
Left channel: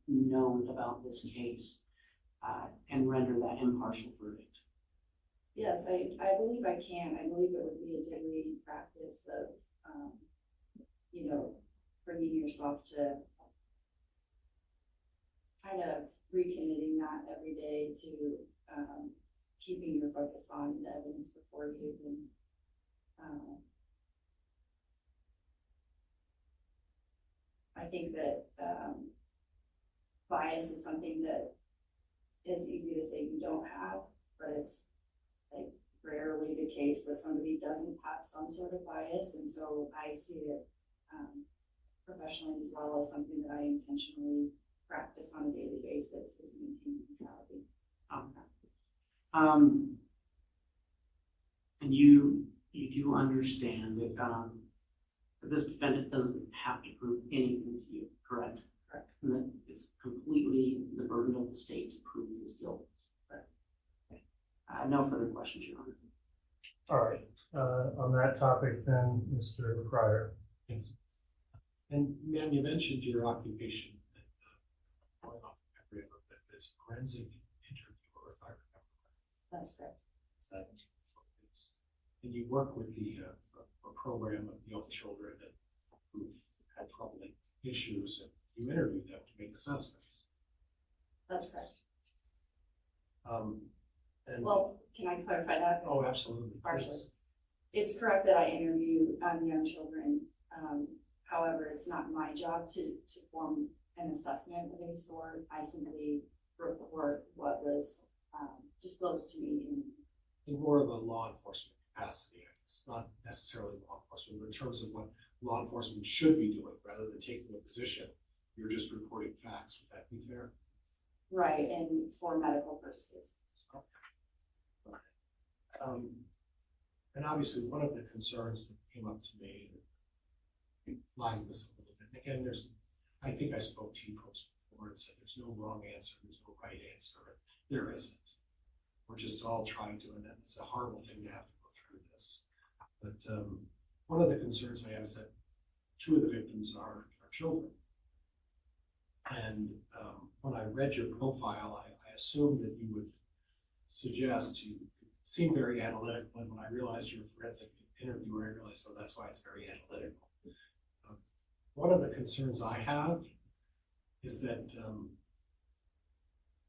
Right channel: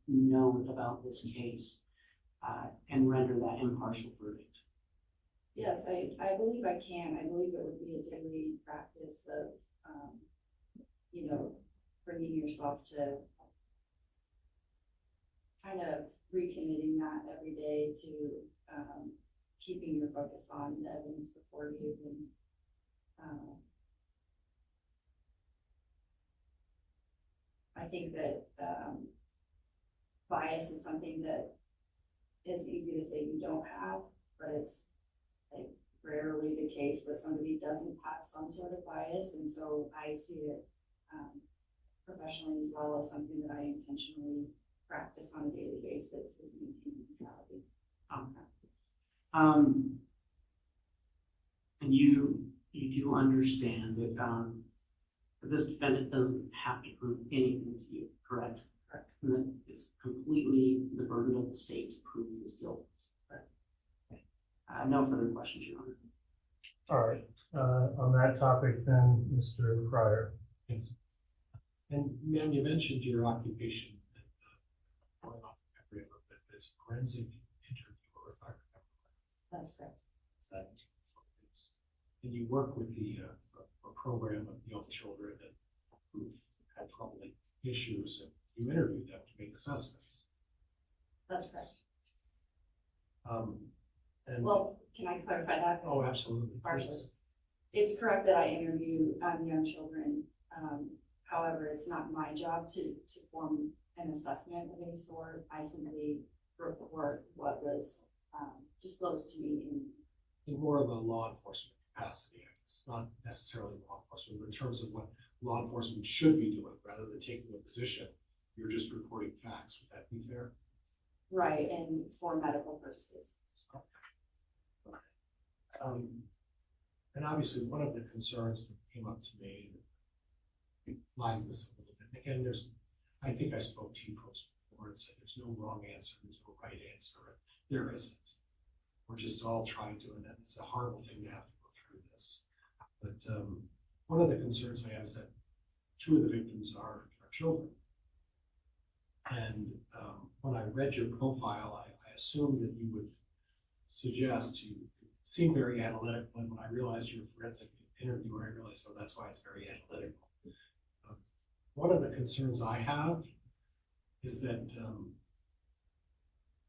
you've known about this case and render that impartial verdict? Yes, I believe I can. I believe it would be a daily practice of, bringing yourself to kind of recommitting that every day to keeping your focus on the evidence before you even I think that bias is something that is easy to say you don't have, but it's like rarely the case that somebody doesn't have some sort of bias, and so I see it professionally as well as something that I intentionally practice on a daily basis is maintaining neutrality. Okay. And you do understand that this defendant doesn't have to prove anything to you, correct? Correct. And that it's completely the burden of the state to prove his guilt. Correct. Okay. No further questions, Your Honor. All right. On that topic, then, Mr. Pryor. Yes. And ma'am, you mentioned your occupation going off memory a little bit, but it's forensic interviewer, if I remember. That's correct. Is that what it is? And you work with a program of young children and issues and you interviewed them to make assessments. That's correct. And Well, can I clarify that? oh, absolutely. Partially. Please. It's correct that I interview young children. However, it's not my job to form an assessment of any sort. I simply report what was disclosed to me In more of a law enforcement capacity. It's not necessarily law enforcement, but in terms of what law enforcement should be doing, rather than taking a position, you're just reporting facts. Would that be fair? right, and for medical purposes. And obviously, one of the concerns that came up to me, flagged this a little bit. Again, I think I spoke to you folks before and said there's no wrong answer, there's no right answer. There isn't. We're just all trying to, and it's a horrible thing to have to go through this. But one of the concerns I have is that two of the victims are children. And when I read your profile, I assumed that you would suggest, you seem very analytical, and when I realized you're a forensic interviewer, I realized, oh, that's why it's very analytical. One of the concerns I have is that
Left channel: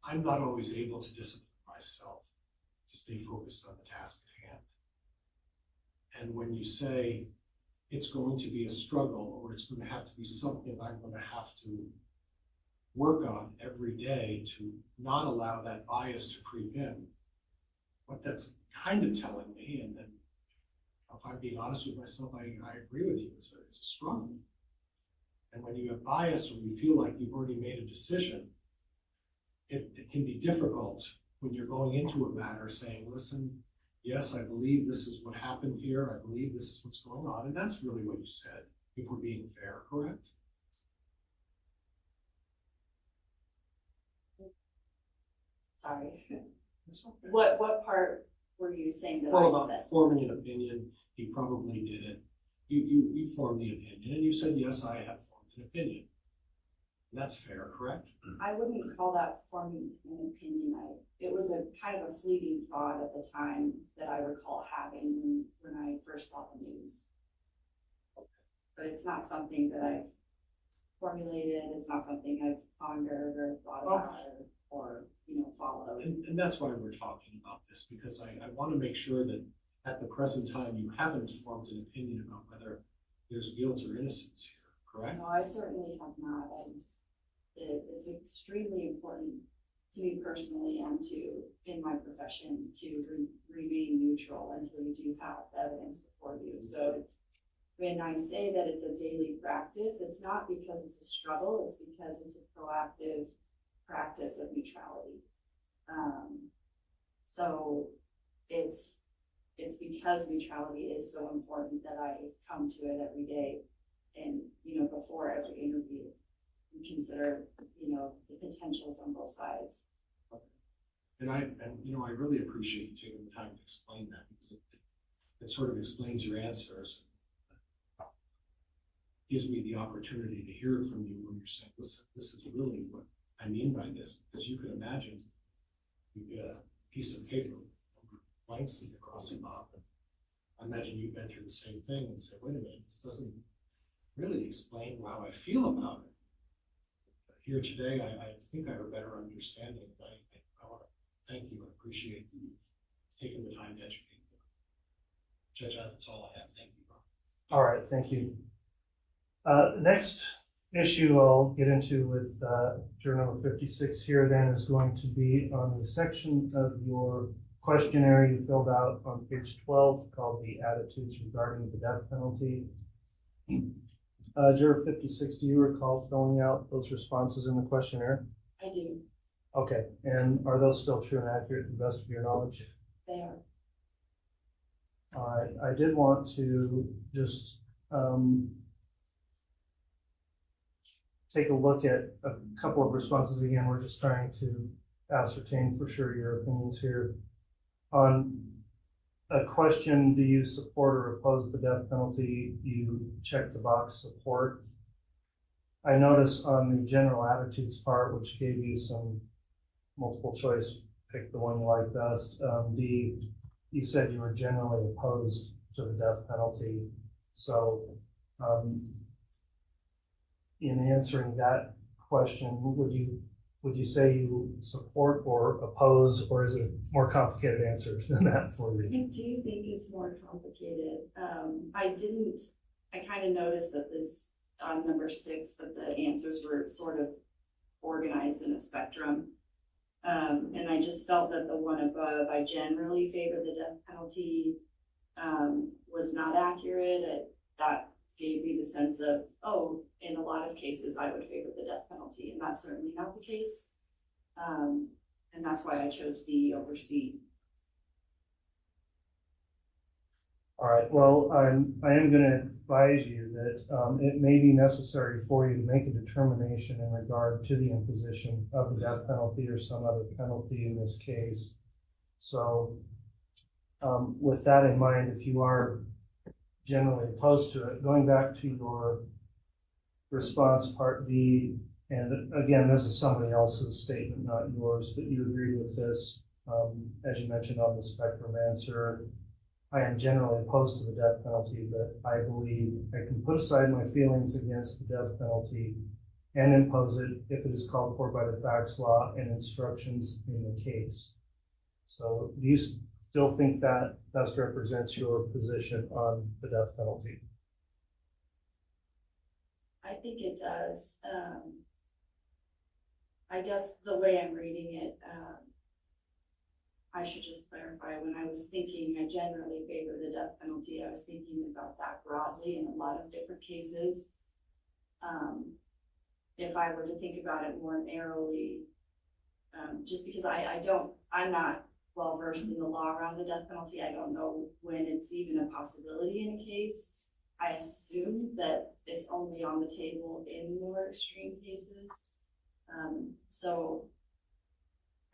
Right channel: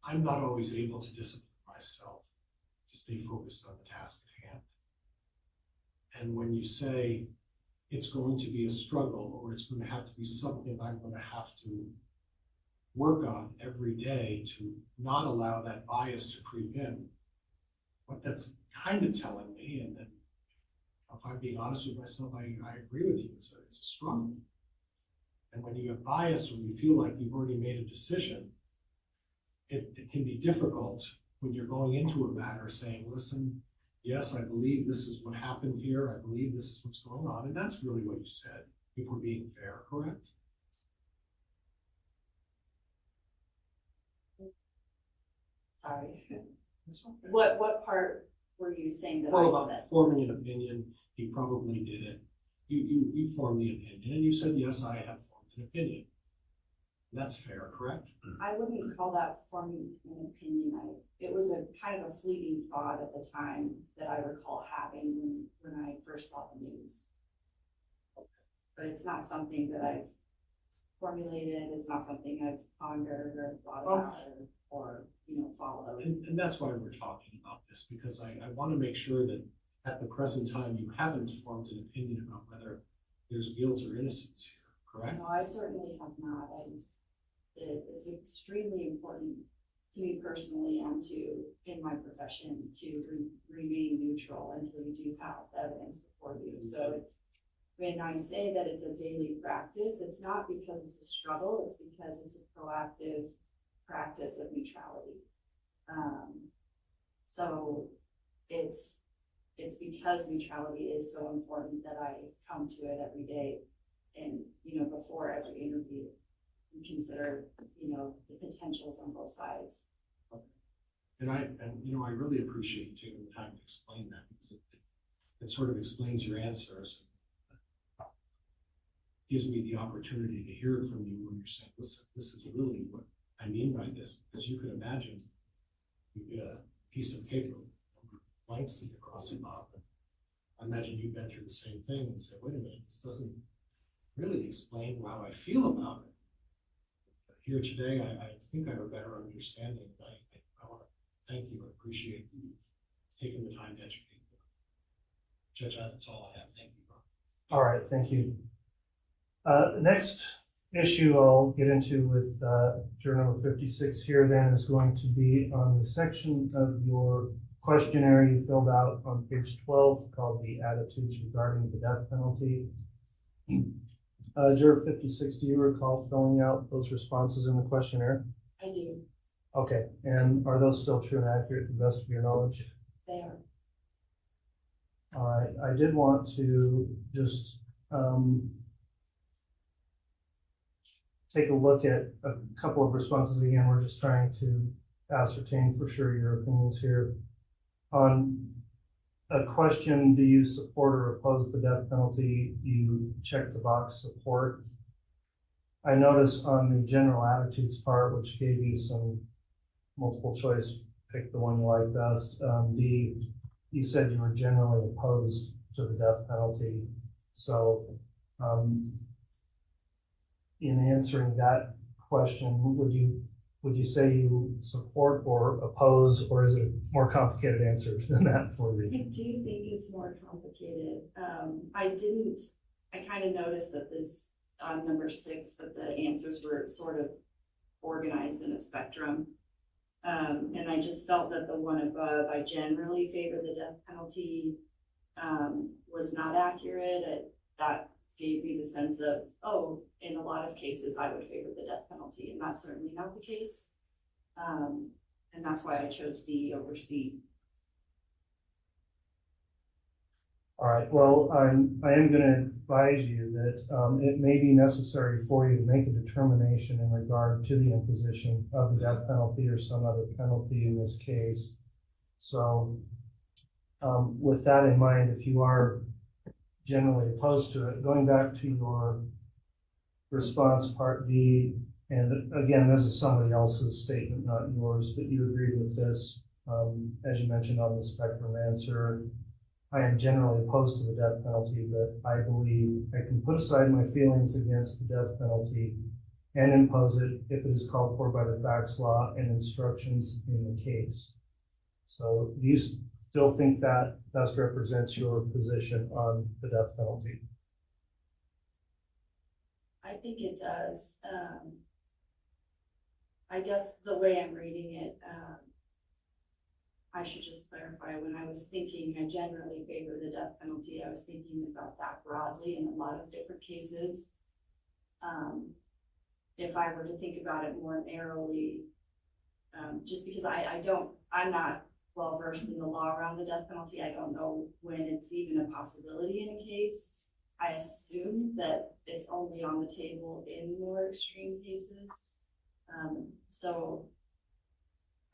I'm not always able to discipline myself to stay focused on the task at hand. And when you say it's going to be a struggle, or it's going to have to be something I'm going to have to work on every day to not allow that bias to creep in, what that's kind of telling me, and then if I'm being honest with myself, I agree with you, it's a struggle. And when you have bias, or you feel like you've already made a decision, it can be difficult when you're going into a matter saying, listen, yes, I believe this is what happened here, I believe this is what's going on, and that's really what you said, if we're being fair, correct? Sorry. That's okay. What part were you saying that Well, I about said? forming an opinion, you probably did it. You formed the opinion, and you said, yes, I have formed an opinion. And that's fair, correct? I wouldn't call that forming an opinion. It was a kind of a fleeting thought at the time that I recall having when I first saw the news. But it's not something that I've formulated. It's not something I've pondered or thought about or followed. And that's why we're talking about this, because I want to make sure that at the present time you haven't formed an opinion about whether there's guilt or innocence here, correct? No, I certainly have not. It's extremely important to me personally and in my profession to remain neutral until you do have evidence before you. So when I say that it's a daily practice, it's not because it's a struggle, it's because it's a proactive practice of neutrality. So it's because neutrality is so important that I come to it every day, and before every interview, and consider the potentials on both sides. And I really appreciate you taking the time to explain that, because it sort of explains your answers. Gives me the opportunity to hear it from you when you're saying, listen, this is really what I mean by this, because you can imagine you get a piece of paper, blanks that you're crossing off. I imagine you've been through the same thing and say, wait a minute, this doesn't really explain how I feel about it. But here today, I think I have a better understanding. I want to thank you and appreciate you taking the time to educate me. Judge, that's all I have. Thank you. All right, thank you. Next issue I'll get into with Journal 56 here then is going to be on the section of your questionnaire you filled out on page 12 called the attitudes regarding the death penalty. Juror 56, do you recall filling out those responses in the questionnaire? I do. Okay, and are those still true and accurate to the best of your knowledge? They are. All right, I did want to just take a look at a couple of responses again. We're just trying to ascertain for sure your opinions here. On a question, do you support or oppose the death penalty? You check the box support. I notice on the general attitudes part, which gave you some multiple choice, pick the one you like best. D, you said you were generally opposed to the death penalty. So in answering that question, would you say you support or oppose, or is it a more complicated answer than that for you? I do think it's more complicated. I kind of noticed that this, on number 6, that the answers were sort of organized in a spectrum. And I just felt that the one above, I generally favor the death penalty, was not accurate. That gave me the sense of, oh, in a lot of cases, I would favor the death penalty, and that's certainly not the case. And that's why I chose D over C. All right, well, I am going to advise you that it may be necessary for you to make a determination in regard to the imposition of the death penalty or some other penalty in this case. So with that in mind, if you are generally opposed to it, going back to your response part D, and again, this is somebody else's statement, not yours, but you agreed with this, as you mentioned on the spectrum answer. I am generally opposed to the death penalty, but I believe I can put aside my feelings against the death penalty and impose it if it is called for by the facts, law, and instructions in the case. So do you still think that best represents your position on the death penalty? I think it does. I guess the way I'm reading it, I should just clarify, when I was thinking I generally favor the death penalty, I was thinking about that broadly in a lot of different cases. If I were to think about it more narrowly, just because I'm not well versed in the law around the death penalty, I don't know when it's even a possibility in a case. I assume that it's only on the table in more extreme cases. So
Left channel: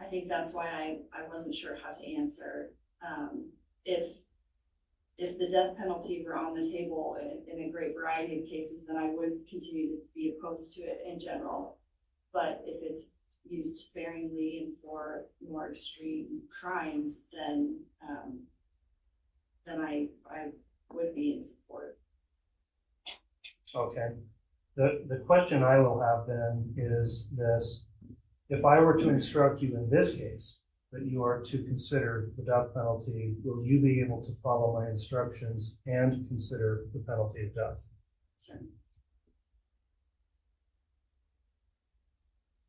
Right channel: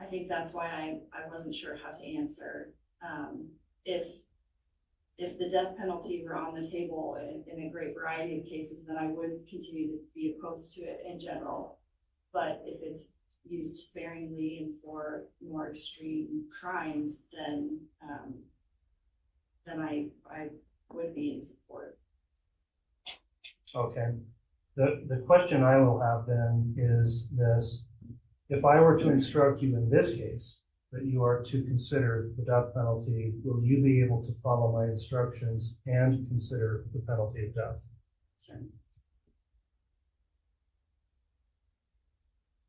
I think that's why I wasn't sure how to answer. If the death penalty were on the table in a great variety of cases, then I would continue to be opposed to it in general. But if it's used sparingly and for more extreme crimes, then I would be in support. Okay. The question I will have then is this: if I were to instruct you in this case that you are to consider the death penalty, will you be able to follow my instructions and consider the penalty of death? Sure.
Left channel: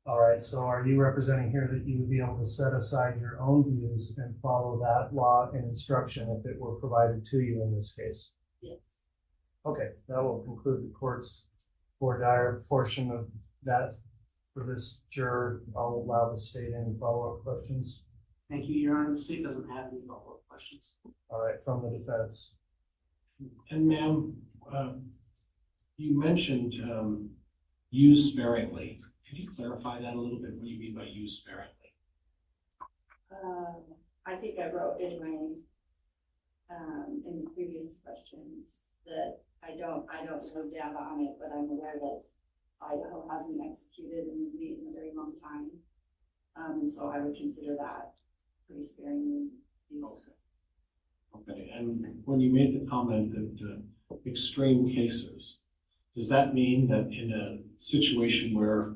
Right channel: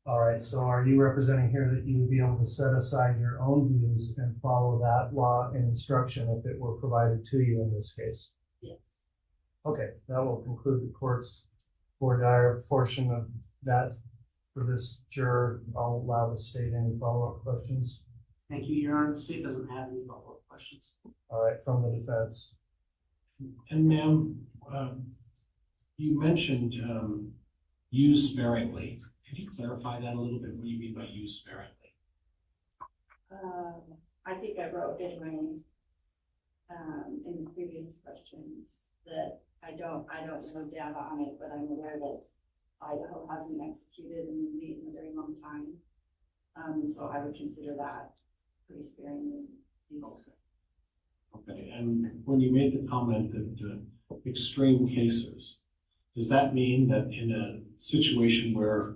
All right, so are you representing here that you would be able to set aside your own views and follow that law and instruction if it were provided to you in this case? Yes. Okay, that will conclude the court's voir dire portion of that for this juror. I'll allow the state any follow-up questions. Thank you, Your Honor. The state doesn't have any follow-up questions. All right, from the defense. And ma'am, you mentioned use sparingly. Could you clarify that a little bit? What do you mean by use sparingly? I think I wrote in my in the previous questions that I don't know data on it, but I'm aware that Idaho hasn't executed an inmate in a very long time. So I would consider that pretty sparingly used. Okay, and when you made the comment that extreme cases, does that mean that in a situation where,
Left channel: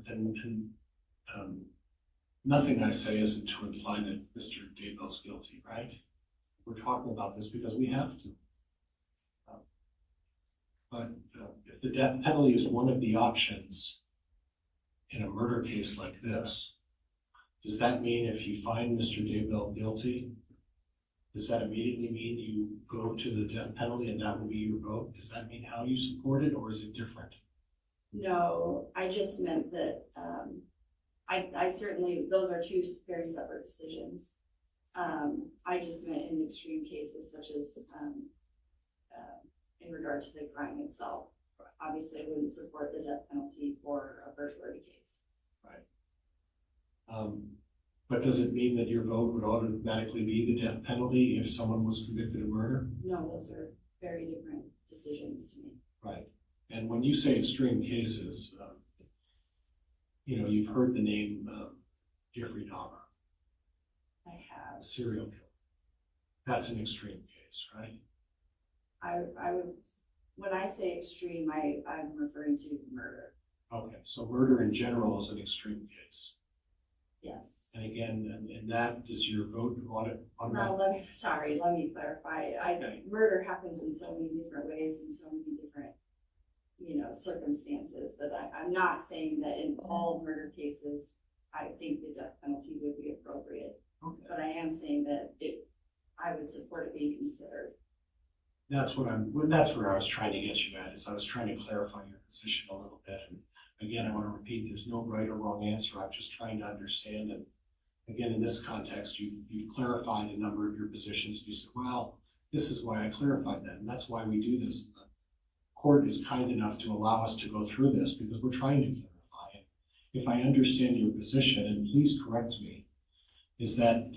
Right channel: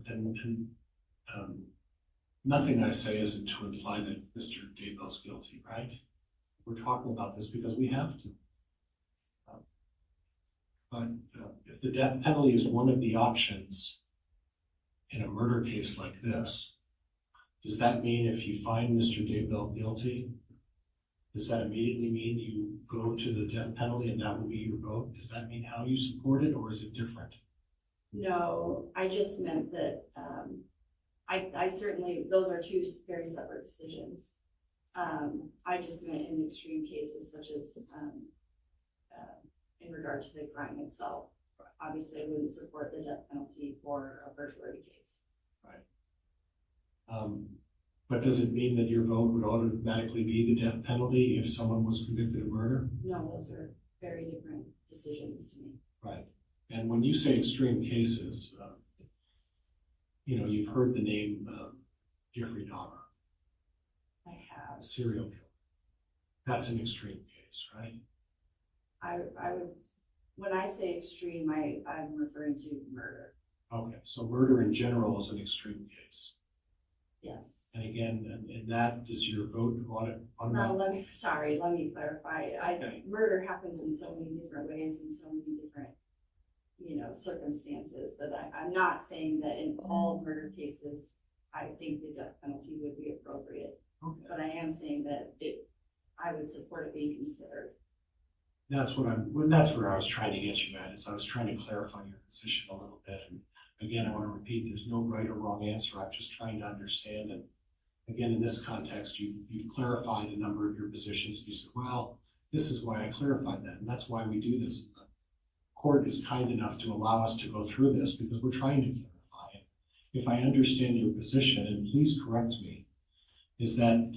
nothing I say isn't to imply that Mr. Daybell's guilty, right? We're talking about this because we have to. But if the death penalty is one of the options in a murder case like this, does that mean if you find Mr. Daybell guilty, does that immediately mean you go to the death penalty and that will be your vote? Does that mean how you support it, or is it different? No, I just meant that I certainly, those are two very separate decisions. I just meant in extreme cases such as in regard to the crime itself. Obviously, I wouldn't support the death penalty for a burglary case. Right. But does it mean that your vote would automatically be the death penalty if someone was convicted of murder? No, those are very different decisions to me. Right. And when you say extreme cases, you've heard the name Jeffrey Dahmer. I have. A serial killer. That's an extreme case, right? I would, when I say extreme, I'm referring to murder. Okay, so murder in general is an extreme case. Yes. And again, and that is your vote on it? No, let me clarify. Murder happens in so many different ways, in so many different, circumstances, that I'm not saying that in all murder cases, I think the death penalty would be appropriate. Okay. But I am saying that I would support it being considered. That's where I was trying to get you at, is I was trying to clarify your position a little bit. And again, I want to repeat, there's no right or wrong answer. I'm just trying to understand. And again, in this context, you've clarified a number of your positions. You said, well, this is why I clarified that. And that's why we do this. The court is kind enough to allow us to go through this because we're trying to clarify it. If I understand your position, and please correct me, is that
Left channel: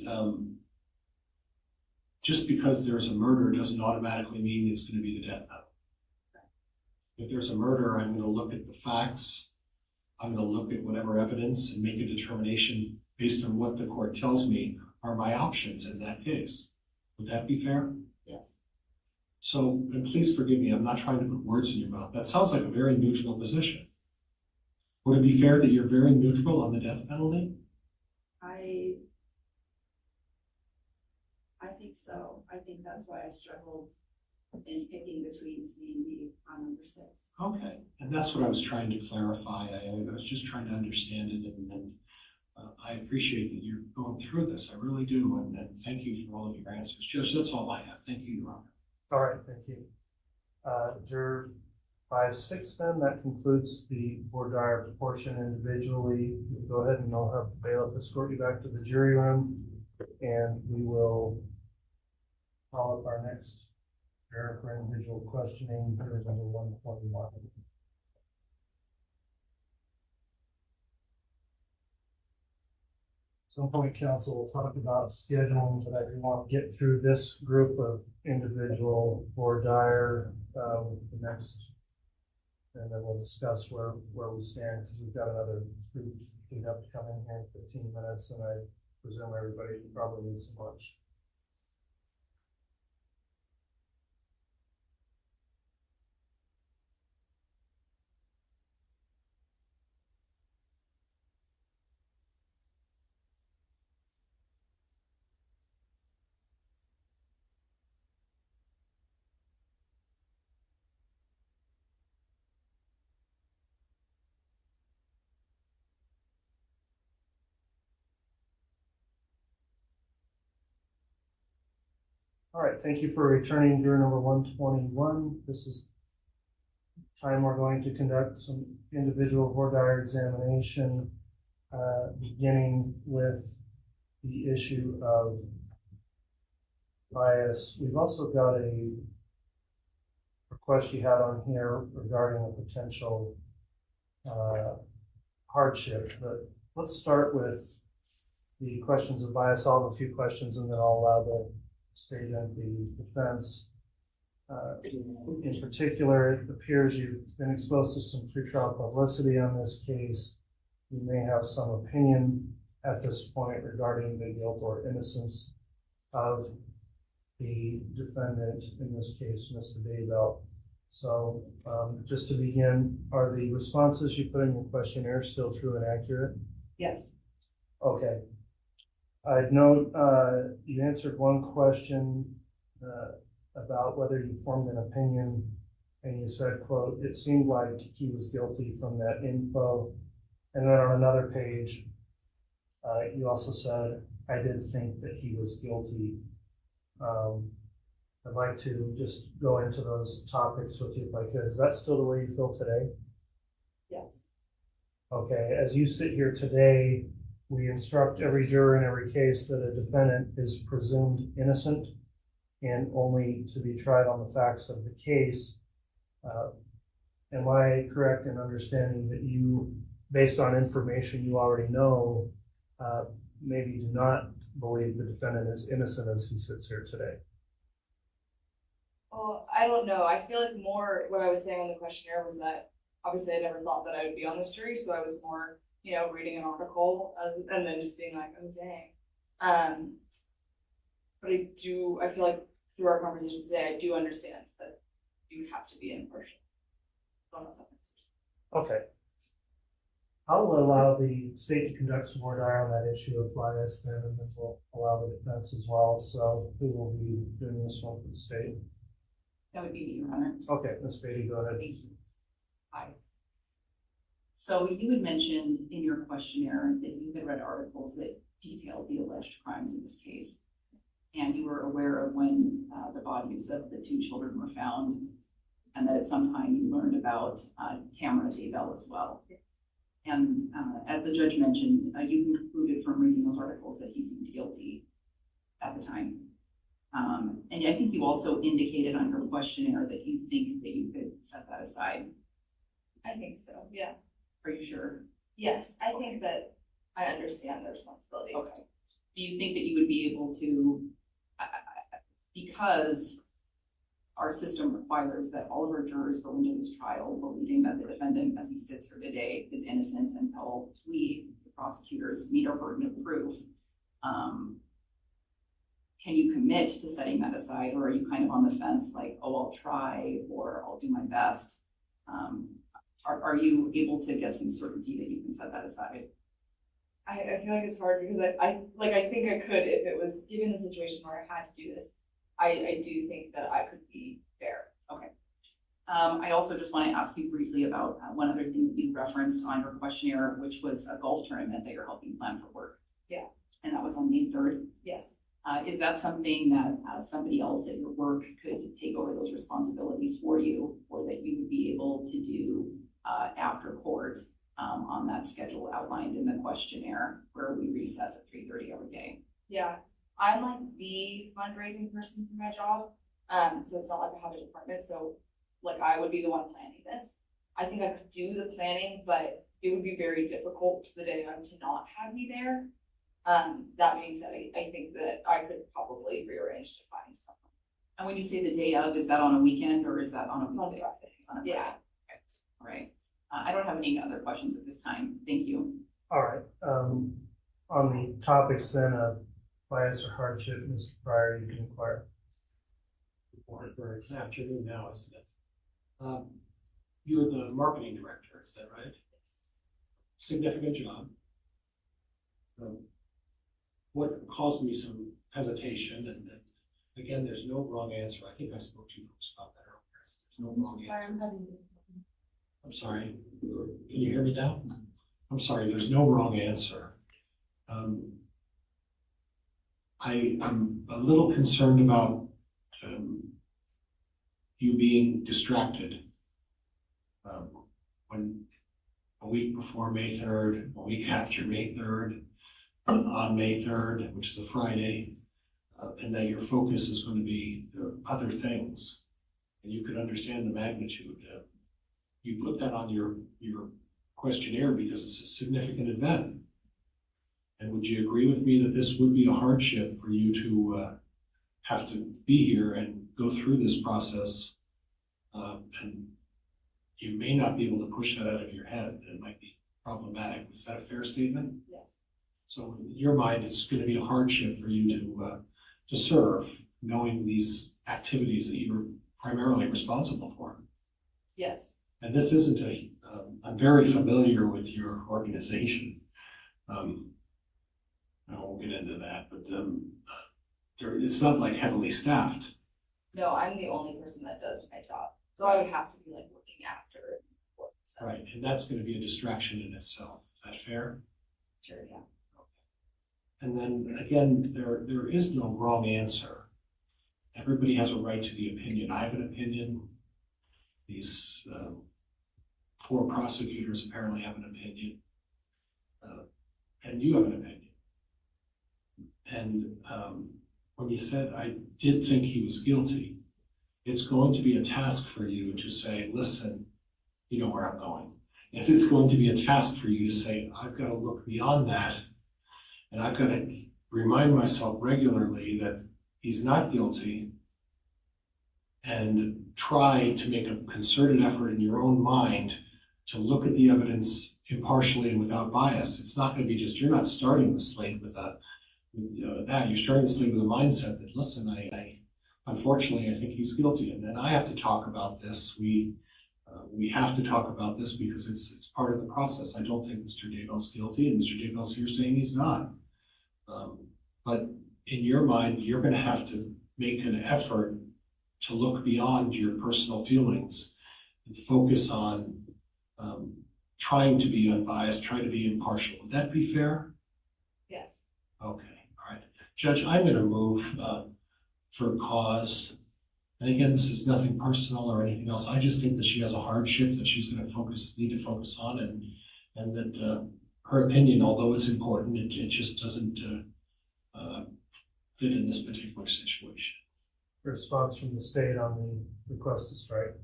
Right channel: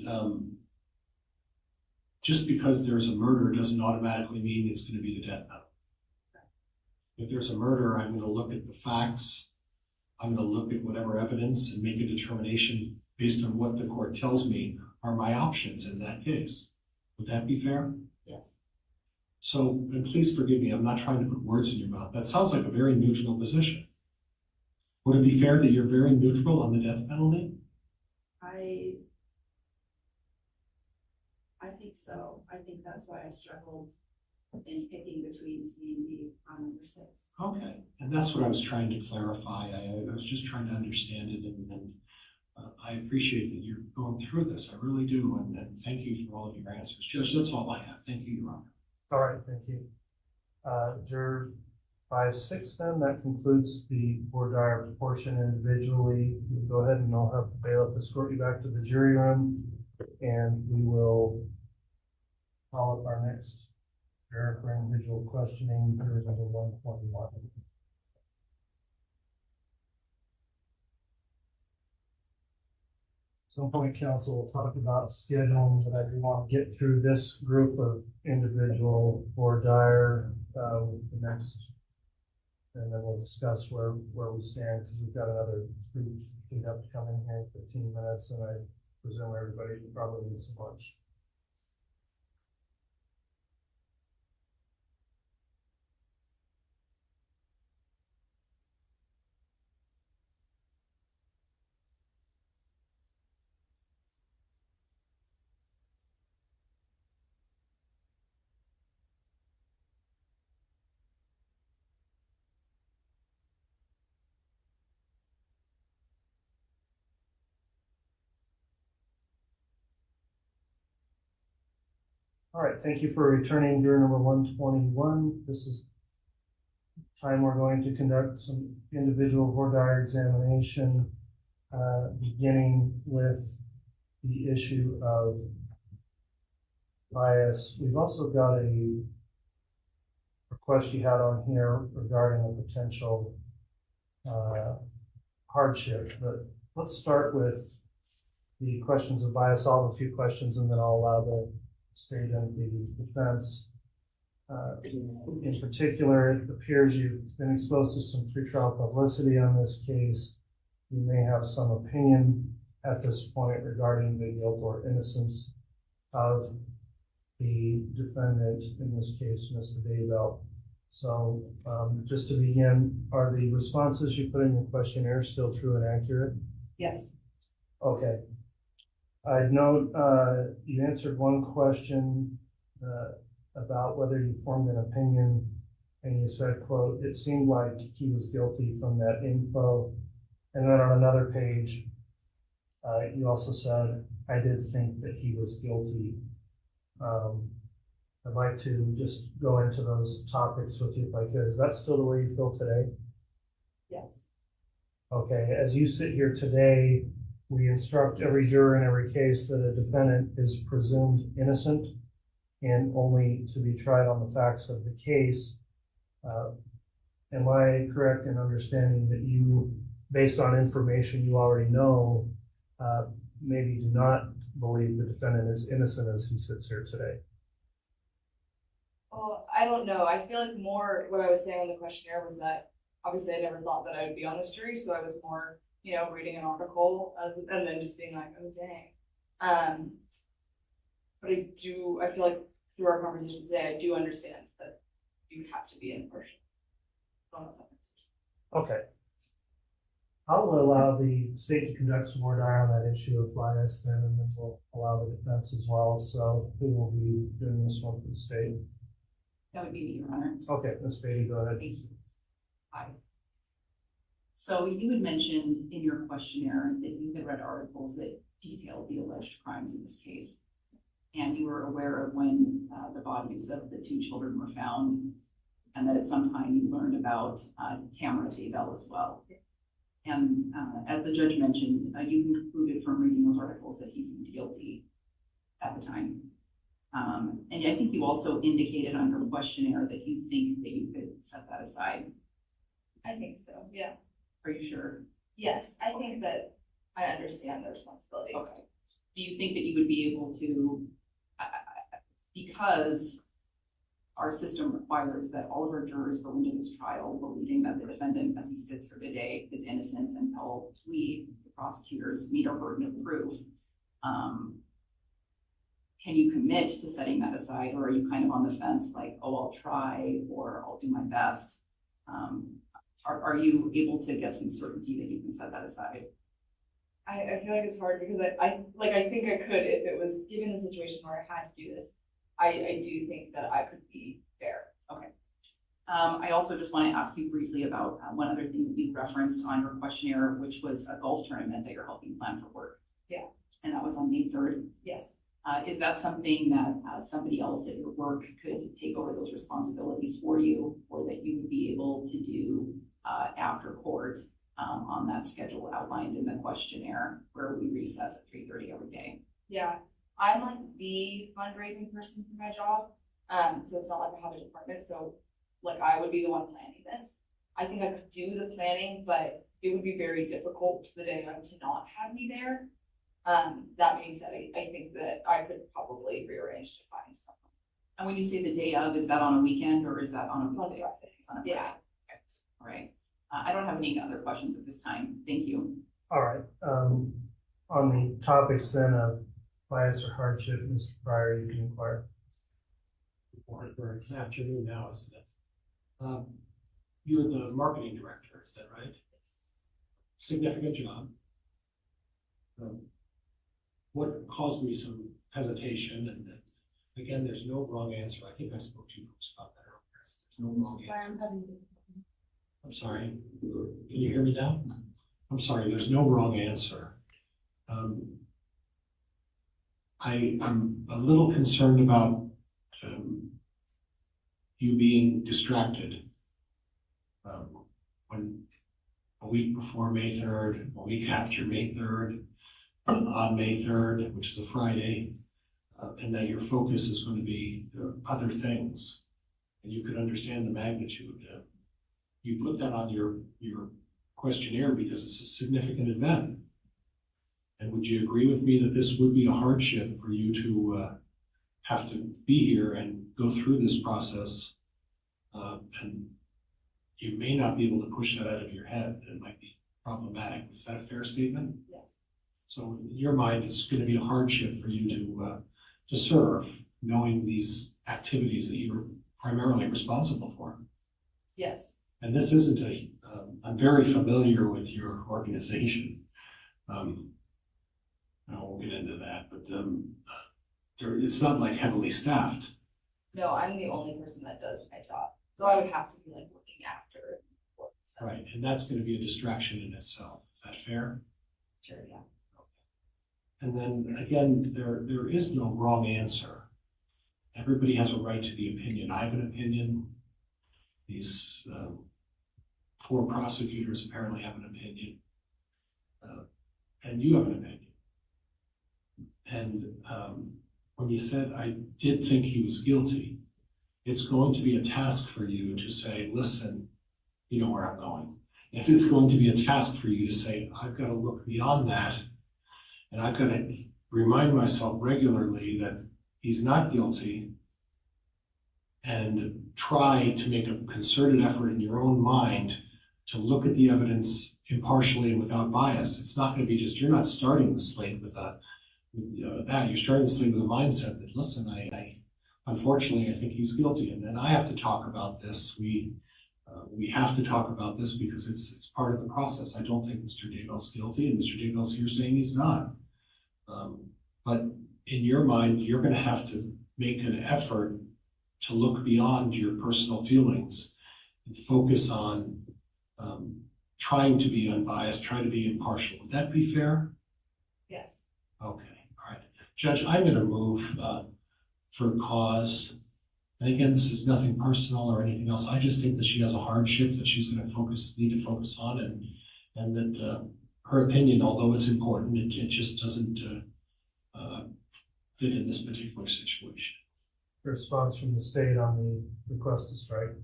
just because there's a murder doesn't automatically mean it's going to be the death penalty. If there's a murder, I'm going to look at the facts. I'm going to look at whatever evidence and make a determination based on what the court tells me are my options in that case. Would that be fair? Yes. So, and please forgive me, I'm not trying to put words in your mouth. That sounds like a very neutral position. Would it be fair that you're very neutral on the death penalty? I think so. I think that's why I struggled in picking between C and D on number 6. Okay, and that's what I was trying to clarify. I was just trying to understand it, and I appreciate that you're going through this. I really do, and thank you for all of your answers. Judge, that's all I have. Thank you, Your Honor. All right, thank you. Juror 5-6 then, that concludes the voir dire portion individually. You can go ahead and I'll have the bailiff escort you back to the jury room, and we will call up our next juror for individual questioning, juror number 121. At some point, council will talk about scheduling, but I do want to get through this group of individual voir dire with the next, and then we'll discuss where we stand, because we've got another group who have to come in here in 15 minutes, and I presume everybody probably needs some lunch. All right, thank you for returning juror number 121. This is time we're going to conduct some individual voir dire examination, beginning with the issue of bias. We've also got a request you had on here regarding a potential hardship, but let's start with the questions of bias. I'll have a few questions, and then I'll allow the state and the defense. In particular, it appears you've been exposed to some pretrial publicity on this case. You may have some opinion at this point regarding the guilt or innocence of the defendant, in this case, Mr. Daybell. So just to begin, are the responses you put in your questionnaire still true and accurate? Yes. Okay. I'd note you answered one question about whether you formed an opinion, and you said, quote, it seemed like he was guilty from that info. And then on another page, you also said, I did think that he was guilty. I'd like to just go into those topics with you if I could. Is that still the way you feel today? Yes. Okay, as you sit here today, we instruct every juror in every case that a defendant is presumed innocent and only to be tried on the facts of the case. Am I correct in understanding that you, based on information you already know, maybe do not believe the defendant is innocent as he sits here today? Well, I don't know. I feel like more what I was saying on the questionnaire was that obviously I never thought that I would be on this jury, so I was more, reading an article and then just being like, oh dang. But I feel like through our conversation today, I do understand that you have to be impartial. Okay. I'll allow the state to conduct some more dire on that issue of bias then, and then we'll allow the defense as well. So who will be doing this one for the state? That would be me, Your Honor. Okay, Ms. Beatty, go ahead. Thank you. Hi. So you had mentioned in your questionnaire that you had read articles that detailed the alleged crimes in this case, and you were aware of when the bodies of the two children were found, and that at some time you learned about Chad Daybell as well. And as the judge mentioned, you concluded from reading those articles that he seemed guilty at the time. And I think you also indicated on your questionnaire that you think that you could set that aside. I think so, yeah. Are you sure? Yes, I think that I understand the responsibility. Okay. Do you think that you would be able to, because our system requires that all of our jurors go into this trial believing that the defendant, as he sits here today, is innocent until we, the prosecutors, meet our burden of proof. Can you commit to setting that aside, or are you kind of on the fence like, oh, I'll try, or I'll do my best? Are you able to get some certainty that you can set that aside? I feel like it's hard because I think I could if it was given the situation where I had to do this. I do think that I could be fair. Okay. I also just want to ask you briefly about one other thing that you referenced on your questionnaire, which was a golf tournament that you're helping plan for work. Yeah. And that was on May 3rd. Yes. Is that something that somebody else at your work could take over those responsibilities for you, or that you would be able to do after court on that schedule outlined in the questionnaire where we recess at 3:30 every day? Yeah, I'm like the fundraising person for my job, so it's not like I have a department, so like I would be the one planning this. I think I could do the planning, but it would be very difficult the day of to not have me there. That being said, I think that I could probably rearrange to find someone. And when you say the day of, is that on a weekend or is that on a Friday? It's on a Friday. Yeah. Okay. All right. I don't have any other questions at this time. Thank you. All right. On the topics then of bias or hardship, Mr. Pryor, you can inquire. It's afternoon now, isn't it? You're the marketing director, is that right? Yes. Significant job. What caused me some hesitation, and again, there's no wrong answer. I think I spoke to you folks about that earlier. There's no wrong answer. I'm sorry. Can you hear me now? I'm sorry. There's no wrong answer. I'm a little concerned about you being distracted. When a week before May 3rd, a week after May 3rd, on May 3rd, which is a Friday, and that your focus is going to be other things, and you could understand the magnitude. You put that on your questionnaire because it's a significant event. And would you agree with me that this would be a hardship for you to have to be here and go through this process, and you may not be able to push that out of your head? It might be problematic. Is that a fair statement? Yes. So in your mind, it's going to be a hardship for you to serve, knowing these activities that you're primarily responsible for. Yes. And this isn't I'm very familiar with your organization. I won't get into that, but it's not like heavily staffed. No, I'm the only person that does my job, so I would have to be like looking after work and stuff. Right, and that's going to be a distraction in itself. Is that fair? Sure, yeah. And then again, there is no wrong answer. Everybody has a right to the opinion. I have an opinion. These 4 prosecutors apparently have an opinion. And you have an opinion. And when you said, I did think he was guilty, it's going to be a task for you to say, listen, you know where I'm going. It's going to be a task for you to say, I've got to look beyond that. And I've got to remind myself regularly that he's not guilty, and try to make a concerted effort in your own mind to look at the evidence impartially and without bias. It's not going to be just, you're not starting the slate with that. You're starting the slate with a mindset that, listen, unfortunately, I think he's guilty. And then I have to talk about this. We We have to talk about this because it's part of the process. I don't think Mr. Daybell's guilty, and Mr. Daybell's here saying he's not. But in your mind, you're going to have to make an effort to look beyond your personal feelings and focus on trying to be unbiased, trying to be impartial. Would that be fair? Yes. Okay, all right. Judge, I'm going to move for cause. And again, this is nothing personal or anything else. I just think that she has a hardship that she's going to need to focus on, and that her opinion, although it's important, it just doesn't fit in this particular situation. Response from the state on the request to strike.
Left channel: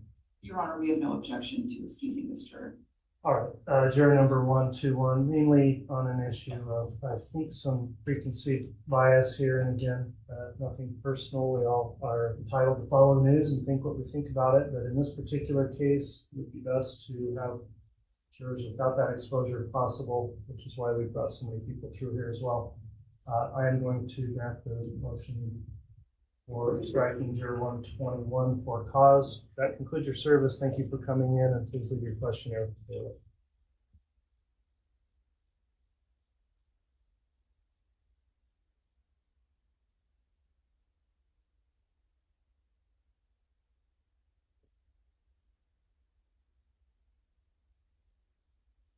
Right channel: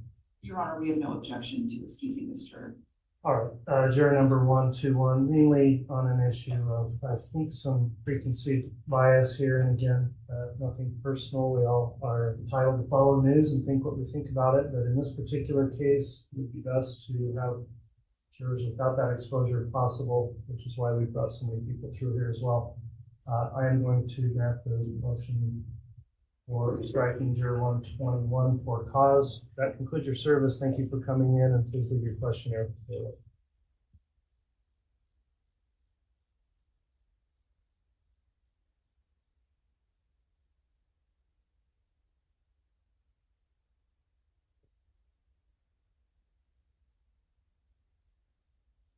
Your Honor, we have no objection to excusing this juror. All right, juror number 121, mainly on an issue of, I think, some preconceived bias here. And again, nothing personal. We all are entitled to follow news and think what we think about it. But in this particular case, it would be best to have jurors without that exposure if possible, which is why we brought so many people through here as well. I am going to grant the motion for striking juror 121 for cause. That concludes your service. Thank you for coming in, and please leave your questionnaire.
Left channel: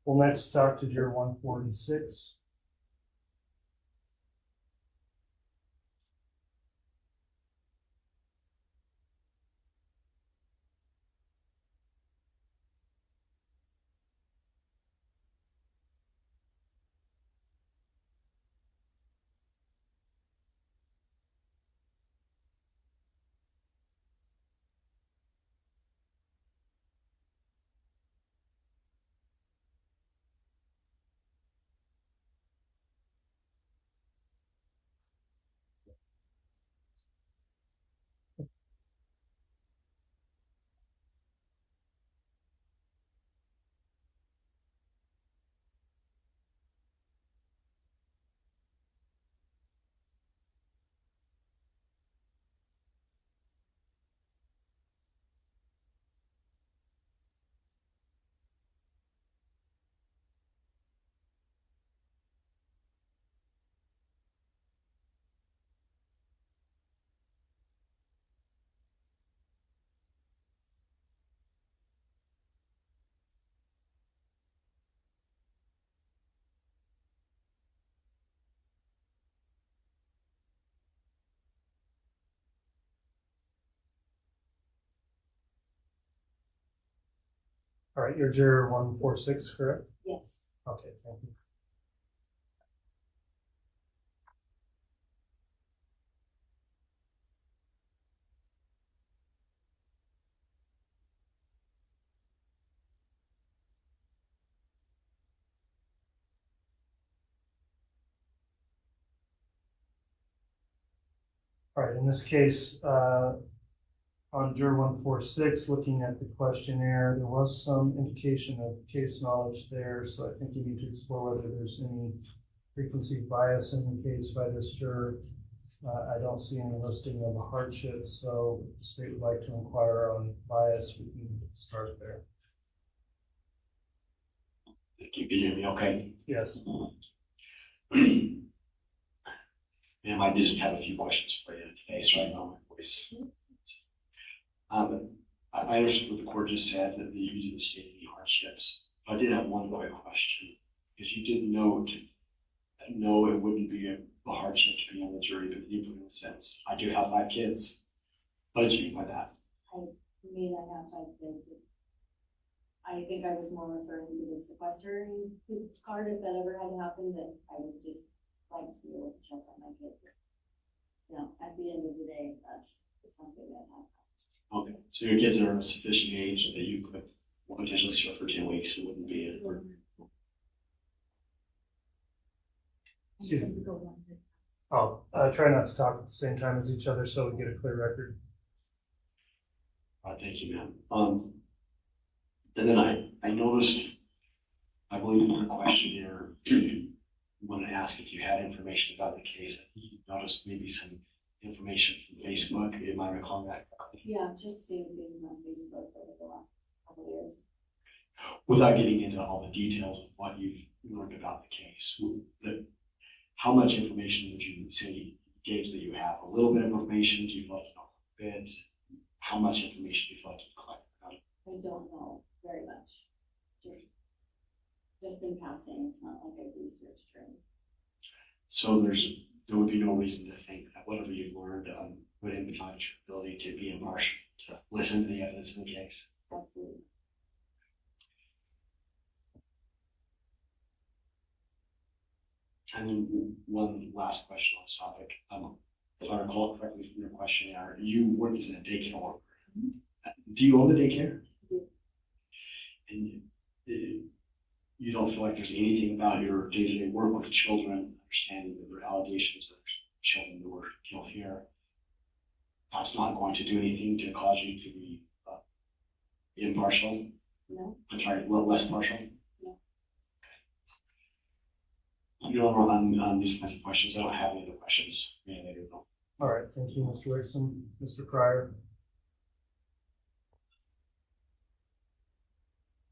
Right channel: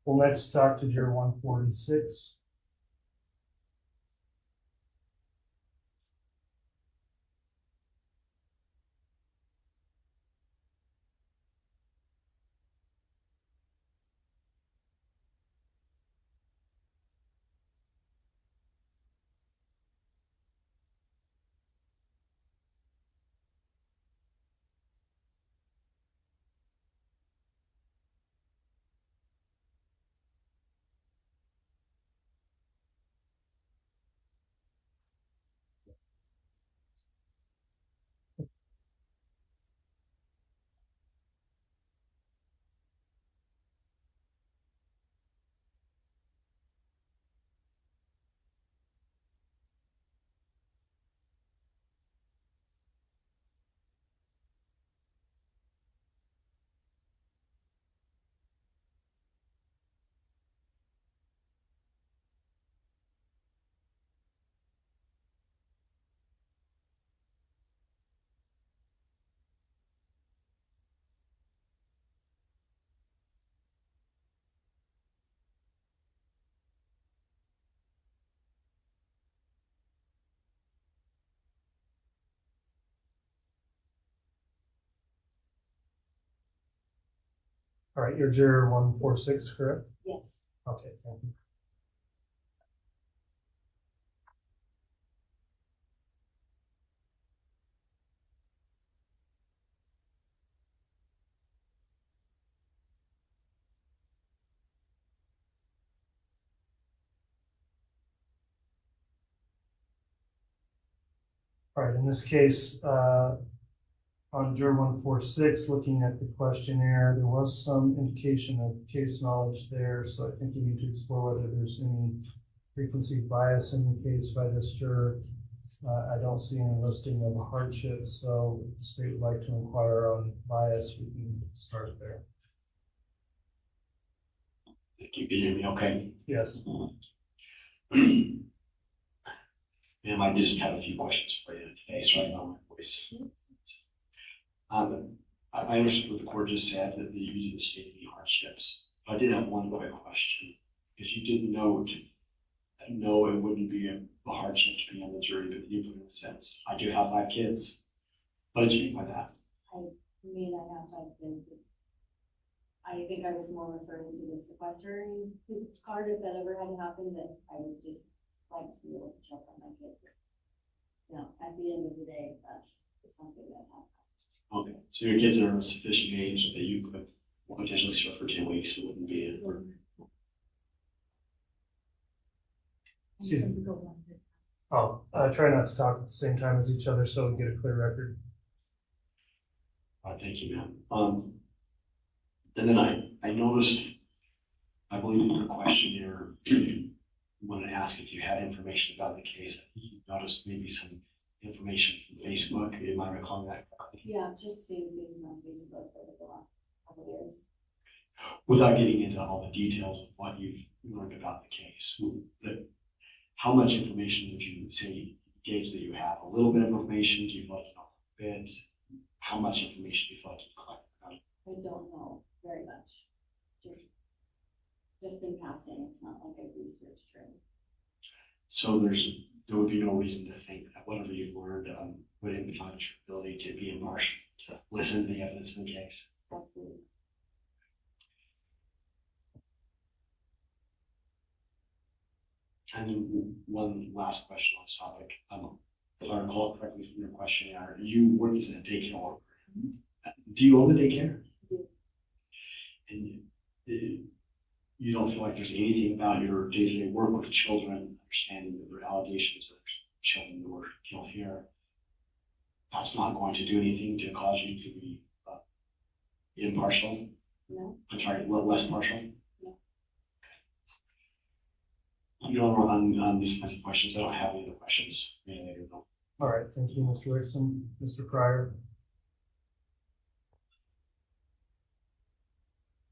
We'll next talk to juror 146. All right, you're juror 146, correct? Yes. Okay, thank you. All right, in this case, on juror 146, looking at the questionnaire, there was some indication of case knowledge there, so I think you need to explore whether there's any preconceived bias in the case by this juror. I don't see any listing of a hardship, so if the state would like to inquire on bias, we can start there. Thank you. Can you hear me okay? Yes. Ma'am, I just have a few questions for you today, so I know my voice. I understood what the court just said, that you didn't state any hardships. I did have one quick question, because you did note that no, it wouldn't be a hardship to be on the jury, but you put in a sense. I do have 5 kids. What did you mean by that? I mean, I have 5 kids. I think I was more referring to the sequestering card, if that ever had happened, that I would just like to be able to check on my kids. You know, at the end of the day, that's something that happens. Okay, so your kids are of sufficient age that you could potentially serve for 10 weeks, it wouldn't be a Excuse me. Oh, try not to talk at the same time as each other so we get a clear record. Thank you, ma'am. And then I noticed, I believe in your questionnaire, you want to ask if you had information about the case. I think you noticed maybe some information from Facebook. Am I recalling that correctly? Yeah, just seeing things on Facebook over the last couple years. Without getting into all the details of what you've learned about the case, how much information would you say gauge that you have? A little bit of information? Do you feel like you know a bit? How much information do you feel like you've collected about it? I don't know very much. Just in passing, it's not like I've researched her. So there would be no reason to think that whatever you've learned would impact your ability to be impartial, to listen to the evidence in the case. Absolutely. And then one last question on this topic. If I recall correctly from your questionnaire, you work as a daycare worker. Do you own the daycare? And you don't feel like there's anything about your day-to-day work with children, understanding that there are allegations of children who were killed here, that's not going to do anything to cause you to be impartial? No. I'm sorry, less partial? No. You don't on these kinds of questions. I don't have any other questions for you later though. All right, thank you, Mr. Wixom. Mr. Pryor?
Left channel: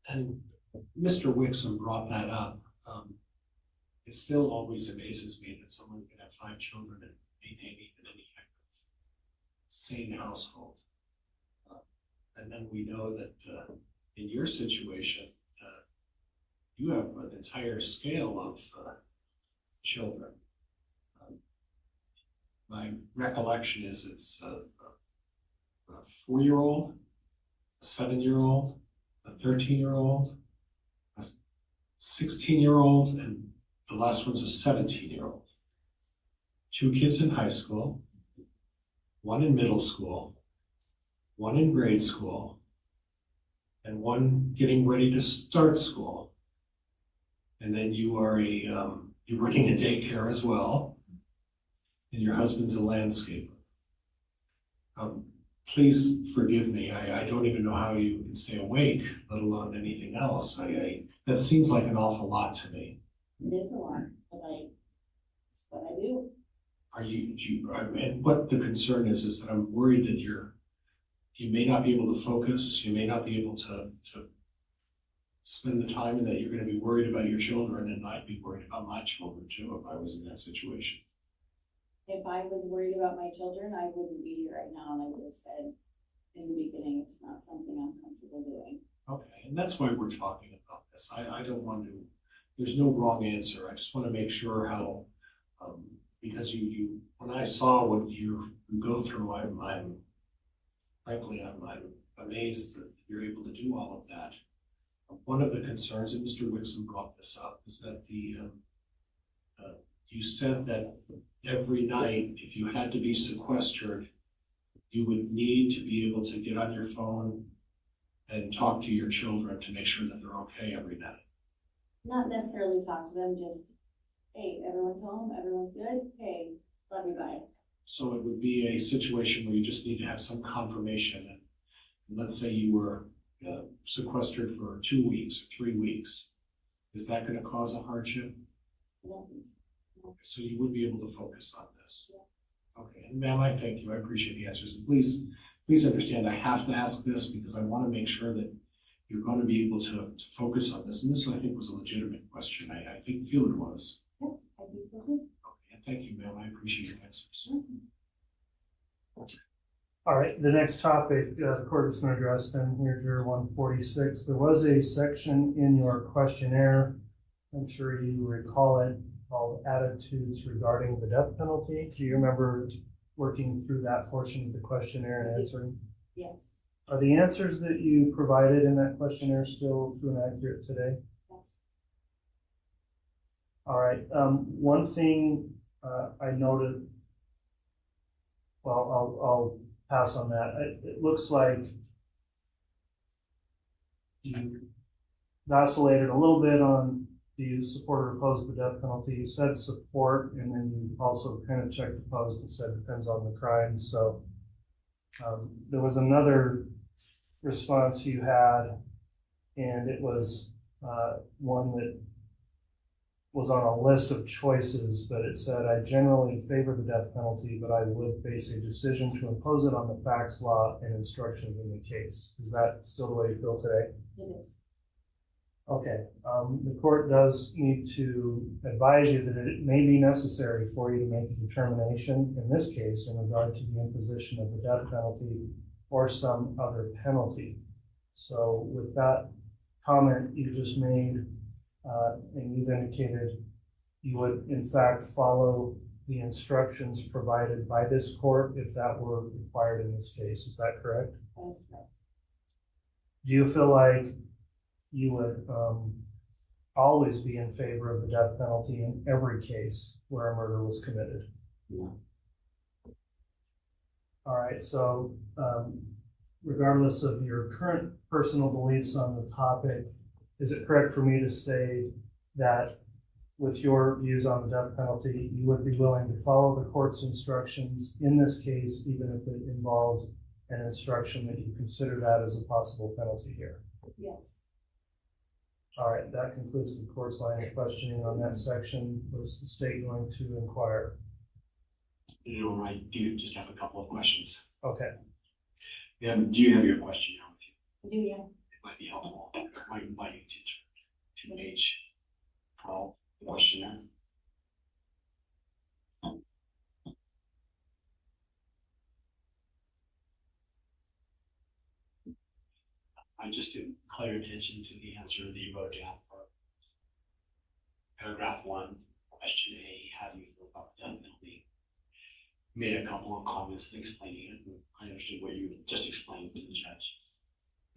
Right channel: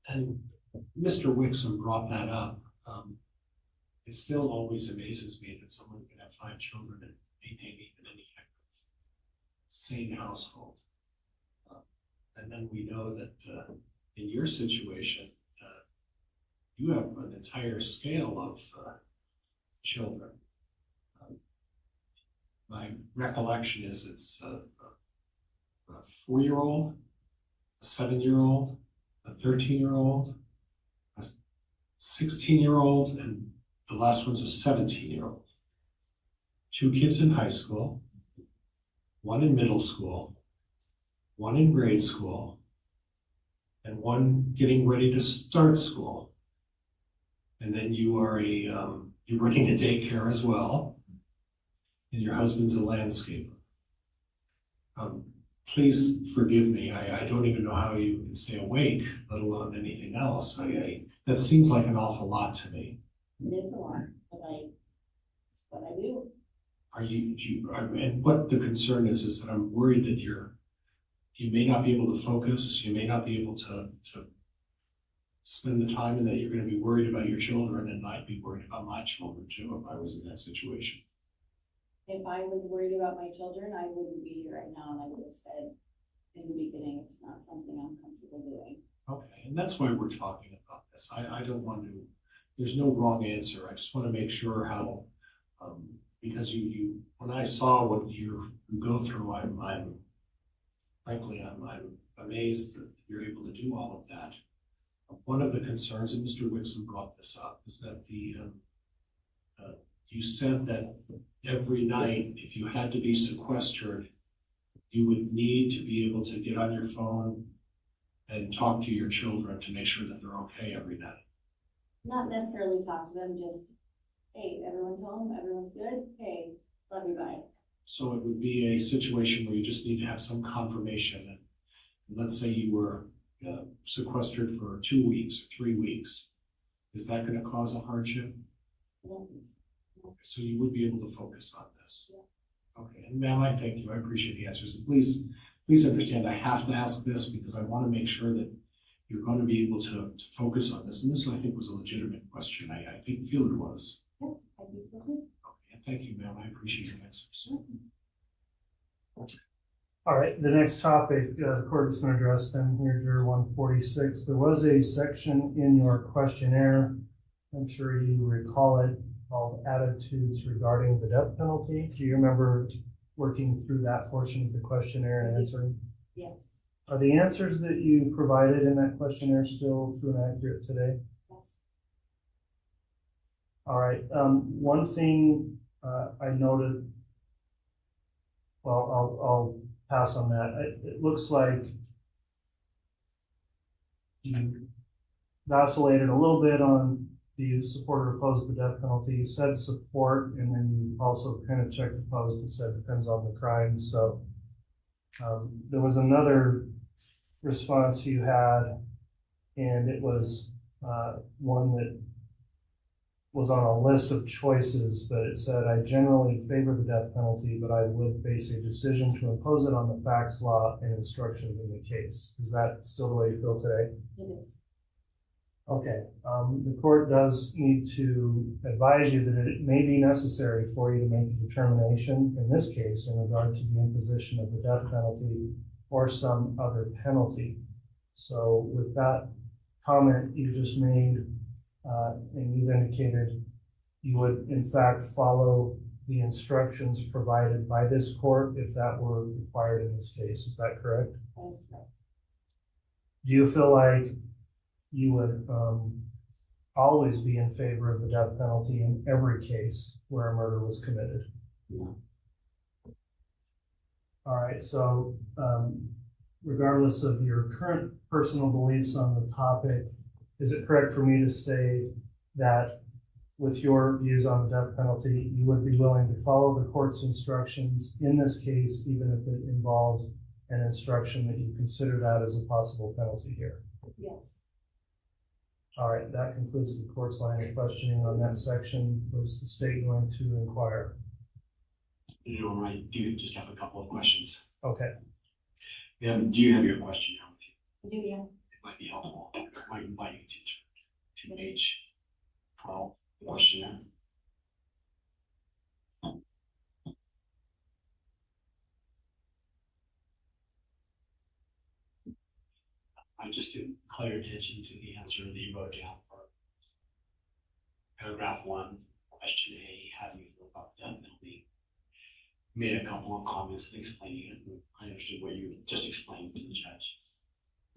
And Mr. Wixom brought that up. It still always amazes me that someone can have 5 children and maintain even any kind of sane household. And then we know that in your situation, you have an entire scale of children. My recollection is it's a 4-year-old, a 7-year-old, a 13-year-old, a 16-year-old, and the last one's a 17-year-old. 2 kids in high school, 1 in middle school, 1 in grade school, and 1 getting ready to start school. And then you are you're working at daycare as well, and your husband's a landscaper. Please forgive me. I don't even know how you can stay awake, let alone anything else. That seems like an awful lot to me. It is a lot, but it's what I do. And what the concern is that I'm worried that you may not be able to focus, you may not be able to spend the time, and that you're going to be worried about your children, and I'd be worried about my children too if I was in that situation. If I was worried about my children, I wouldn't be here right now, and I would have said in the beginning, it's not something I'm comfortable doing. Okay, and that's why we're talking about this. I don't want to, there's no wrong answer. I just want to make sure how, because you when I saw what you go through, I'm frankly, I'm amazed that you're able to do all of that. One of the concerns, and Mr. Wixom brought this up, is that you said that every night, if you had to be sequestered, you would need to be able to get on your phone and talk to your children to make sure that they're okay every night. Not necessarily talk to them, just, hey, everyone's home, everyone's good, hey, love you, bye. So it would be a situation where you just need to have some confirmation. And let's say you were sequestered for 2 weeks or 3 weeks. Is that going to cause a hardship? I don't think so. Okay, so you would be able to focus on this. Yeah. Okay, and ma'am, I thank you. I appreciate the answers. And please understand, I have to ask this because I want to make sure that you're going to be able to focus on this. And this, I think, was a legitimate question. I feel it was. Yeah, I think so too. Okay, thank you, ma'am. I appreciate your answers. All right, the next topic the court is going to address then here, Juror 146. There was a section in your questionnaire, I'm sure you recall it, called Attitudes Regarding the Death Penalty. Do you remember working through that portion of the questionnaire and answering? Yes. Are the answers that you provided in that questionnaire still true and accurate today? Yes. All right, one thing I noted, well, I'll pass on that. It looks like you vacillated a little bit on do you support or oppose the death penalty. You said support, and then you also kind of checked opposed and said depends on the crime. So there was another response you had, and it was one that was on a list of choices, but it said, I generally favor the death penalty, but I would base a decision to impose it on the facts, law, and instructions in the case. Is that still the way you feel today? It is. Okay, the court does need to advise you that it may be necessary for you to make a determination in this case in regard to the imposition of the death penalty or some other penalty. So with that comment you just made, and you've indicated you would in fact follow the instructions provided by this court if that were required in this case. Is that correct? That is correct. Do you feel like you would always be in favor of the death penalty in every case where a murder was committed? Yeah. All right, so regardless of your current personal beliefs on the topic, is it correct for me to say that with your views on the death penalty, you would be willing to follow the court's instructions in this case, even if it involves an instruction that you consider that as a possible penalty here? Yes. All right, that concludes the court's line of questioning on that section. Was the state going to inquire? You know, I do just have a couple of questions. Okay. Do you have your question now with you? I do, yeah. It might be helpful. I might invite you to page 12, the questionnaire. I just didn't call your attention to the answer that you wrote down for paragraph 1, question A, how do you feel about the death penalty? You made a couple of comments explaining it, and I understood what you just explained to the judge.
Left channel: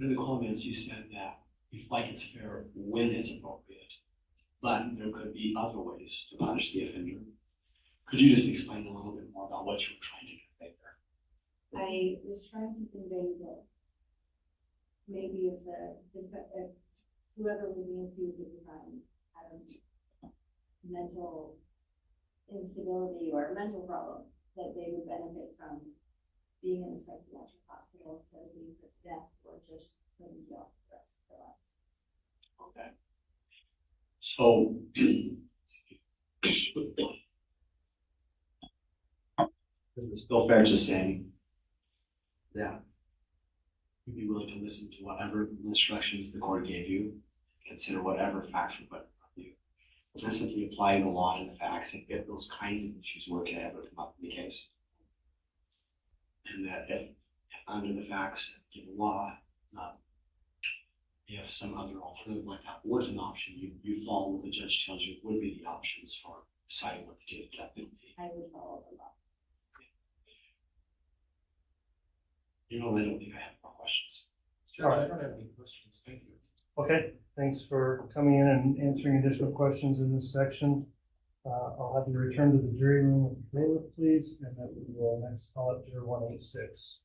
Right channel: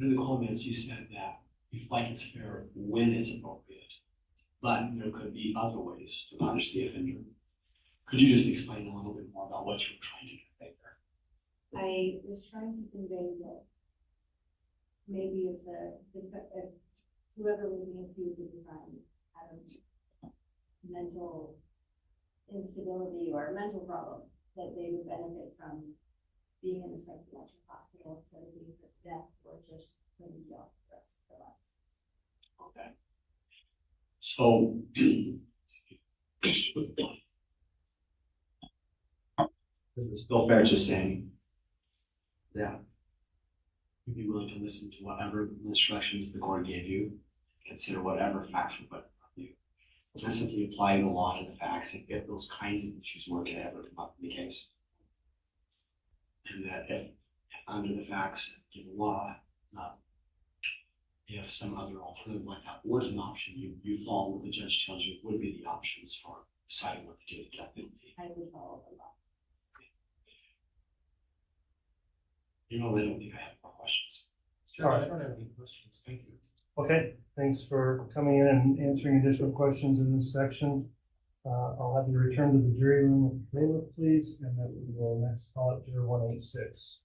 In the comments, you said that you feel like it's fair when it's appropriate, but there could be other ways to punish the offender. Could you just explain a little bit more about what you were trying to convey there? I was trying to convey that maybe if whoever was being accused of the crime had a mental instability or a mental problem, that they would benefit from being in a psychiatric hospital instead of being put to death or just putting you off the rest of their lives. Okay. So, is it still fair to say that you'd be willing to listen to whatever instructions the court gave you, consider whatever facts were put in front of you, and simply apply the law to the facts and if those kinds of issues were to ever come up in the case? And that if under the facts of the law, if some other alternative like that was an option, you follow what the judge tells you would be the options for deciding what to do with the death penalty. I would follow the law. You know, I don't think I have more questions. All right. I don't have any questions. Thank you. Okay, thanks for coming in and answering additional questions in this section. I'll have you return to the jury room with the bailiff, please, and then we will next call it Juror 186.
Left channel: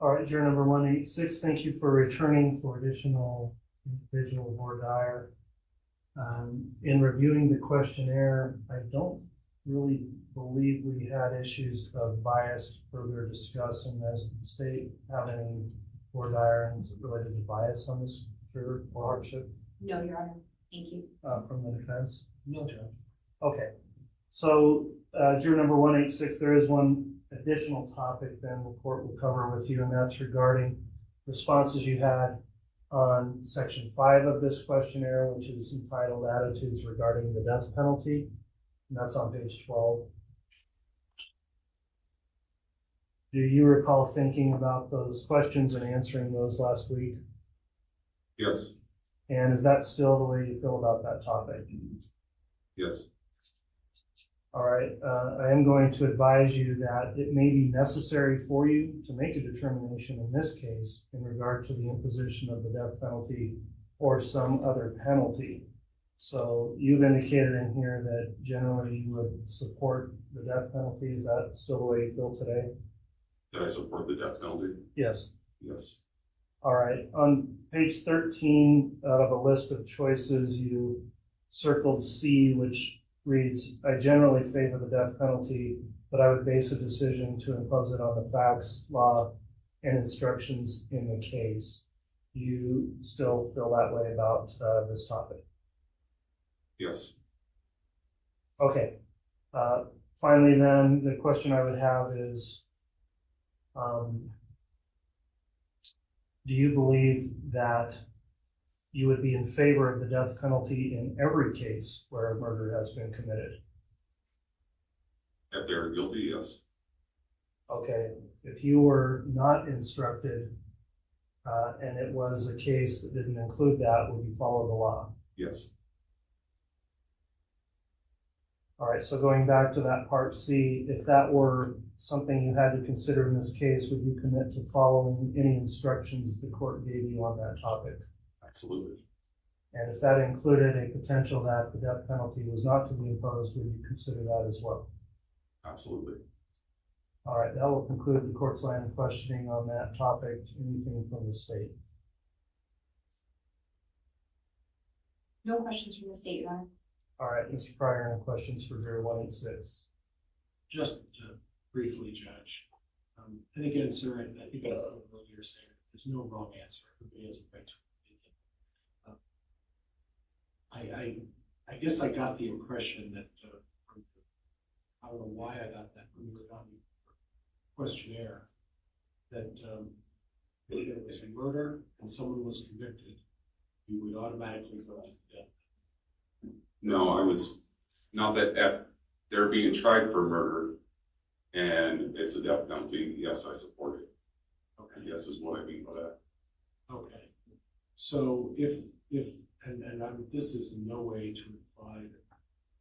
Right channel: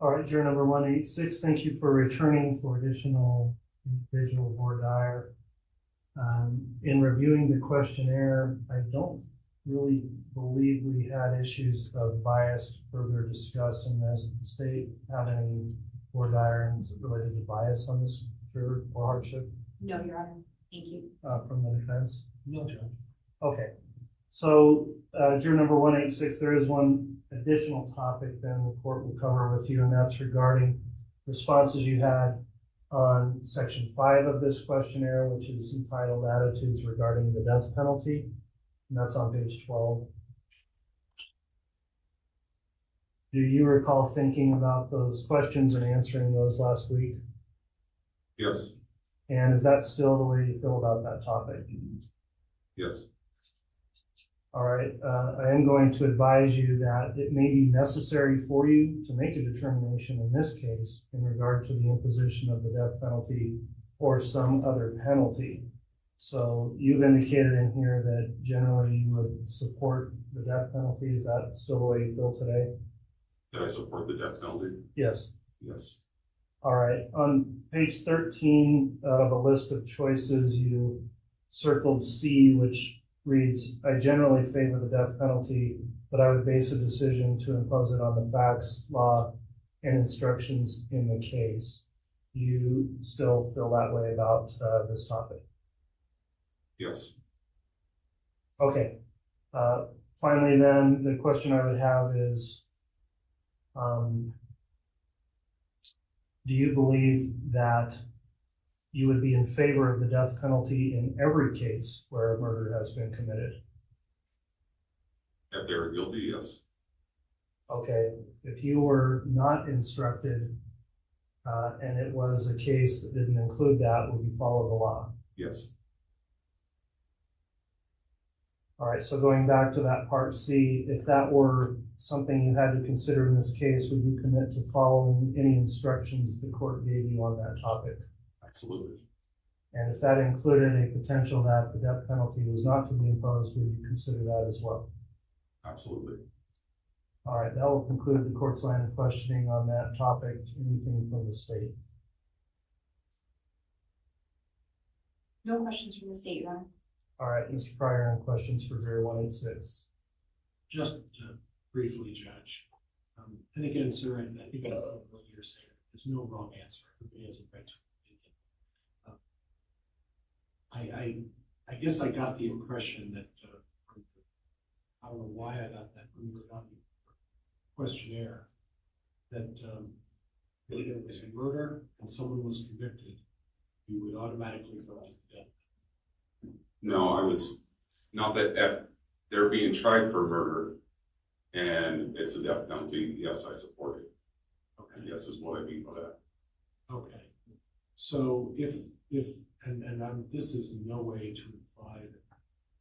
All right, juror number 186, thank you for returning for additional individual voir dire. In reviewing the questionnaire, I don't really believe we had issues of bias to further discuss in this. Did the state have any voir dire related to bias on this juror or hardship? No, Your Honor. Thank you. From the defense? No, Judge. Okay, so juror number 186, there is one additional topic then the court will cover with you, and that's regarding responses you had on section 5 of this questionnaire, which is entitled Attitudes Regarding the Death Penalty, and that's on page 12. Do you recall thinking about those questions and answering those last week? Yes. And is that still the way you feel about that topic? Yes. All right, I am going to advise you that it may be necessary for you to make a determination in this case in regard to the imposition of the death penalty or some other penalty. So you've indicated in here that generally you would support the death penalty. Is that still the way you feel today? Did I support the death penalty? Yes. Yes. All right, on page 13 out of a list of choices, you circled C, which reads, I generally favor the death penalty, but I would base a decision to impose it on the facts, law, and instructions in the case. You still feel that way about this topic? Yes. Okay. Finally then, the question I would have is, do you believe that you would be in favor of the death penalty in every case where a murder has been committed? If they're guilty, yes. Okay, if you were not instructed and it was a case that didn't include that, would you follow the law? Yes. All right, so going back to that part C, if that were something you had to consider in this case, would you commit to following any instructions the court gave you on that topic? Absolutely. And if that included a potential that the death penalty was not to be imposed, would you consider that as well? Absolutely. All right, that will conclude the court's line of questioning on that topic. Anything from the state? No questions from the state, Your Honor. All right, Mr. Pryor, any questions for 0186? Just briefly, Judge. And again, sir, I think you're saying there's no wrong answer. Everybody has a right to opinion. I guess I got the impression that, I don't know why I got that from your questionnaire, that if it was a murder and someone was convicted, you would automatically go to death. No, I was, not that if they're being tried for murder and it's a death penalty, yes, I support it. Okay. Yes is what I mean by that. Okay. So if this is in no way to imply that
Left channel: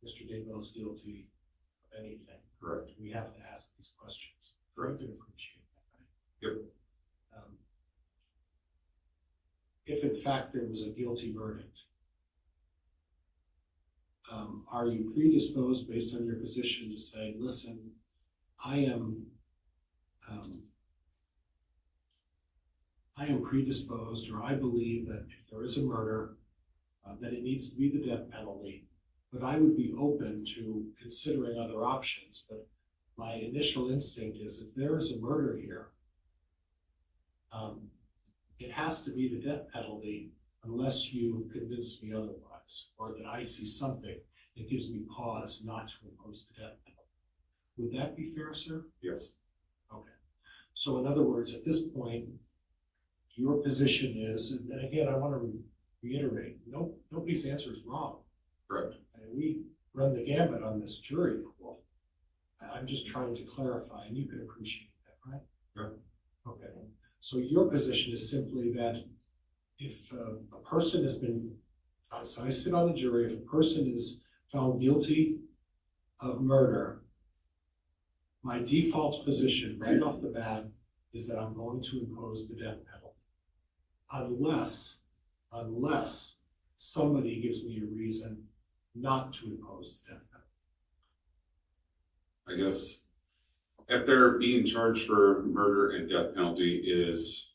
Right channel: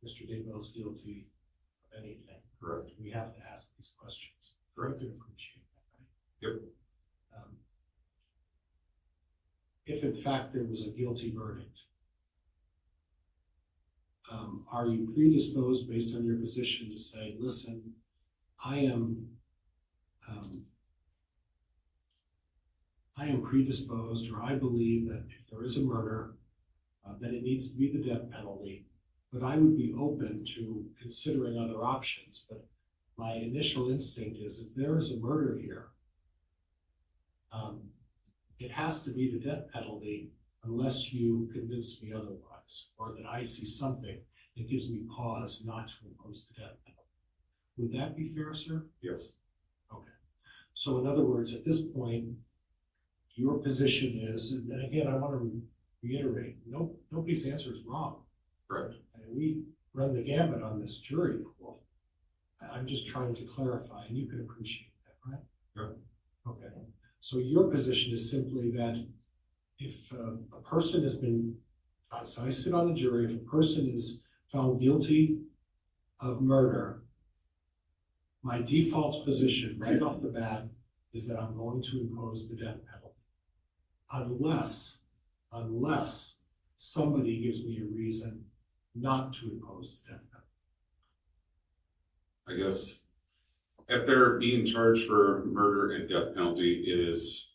Mr. Daybell's guilty of anything. Correct. We have to ask these questions. Correct. I appreciate that, right? Yep. If in fact there was a guilty verdict, are you predisposed based on your position to say, listen, I am predisposed, or I believe that if there is a murder, that it needs to be the death penalty, but I would be open to considering other options. But my initial instinct is if there is a murder here, it has to be the death penalty unless you convince me otherwise, or that I see something that gives me pause not to impose the death penalty. Would that be fair, sir? Yes. Okay. So in other words, at this point, your position is, and again, I want to reiterate, nobody's answer is wrong. Correct. And we run the gamut on this jury pool. I'm just trying to clarify, and you can appreciate that, right? Yeah. Okay. So your position is simply that if a person has been, so I sit on the jury, if a person is found guilty of murder, my default position right off the bat is that I'm going to impose the death penalty. Unless somebody gives me a reason not to impose the death penalty. I guess if they're being charged for murder and death penalty is,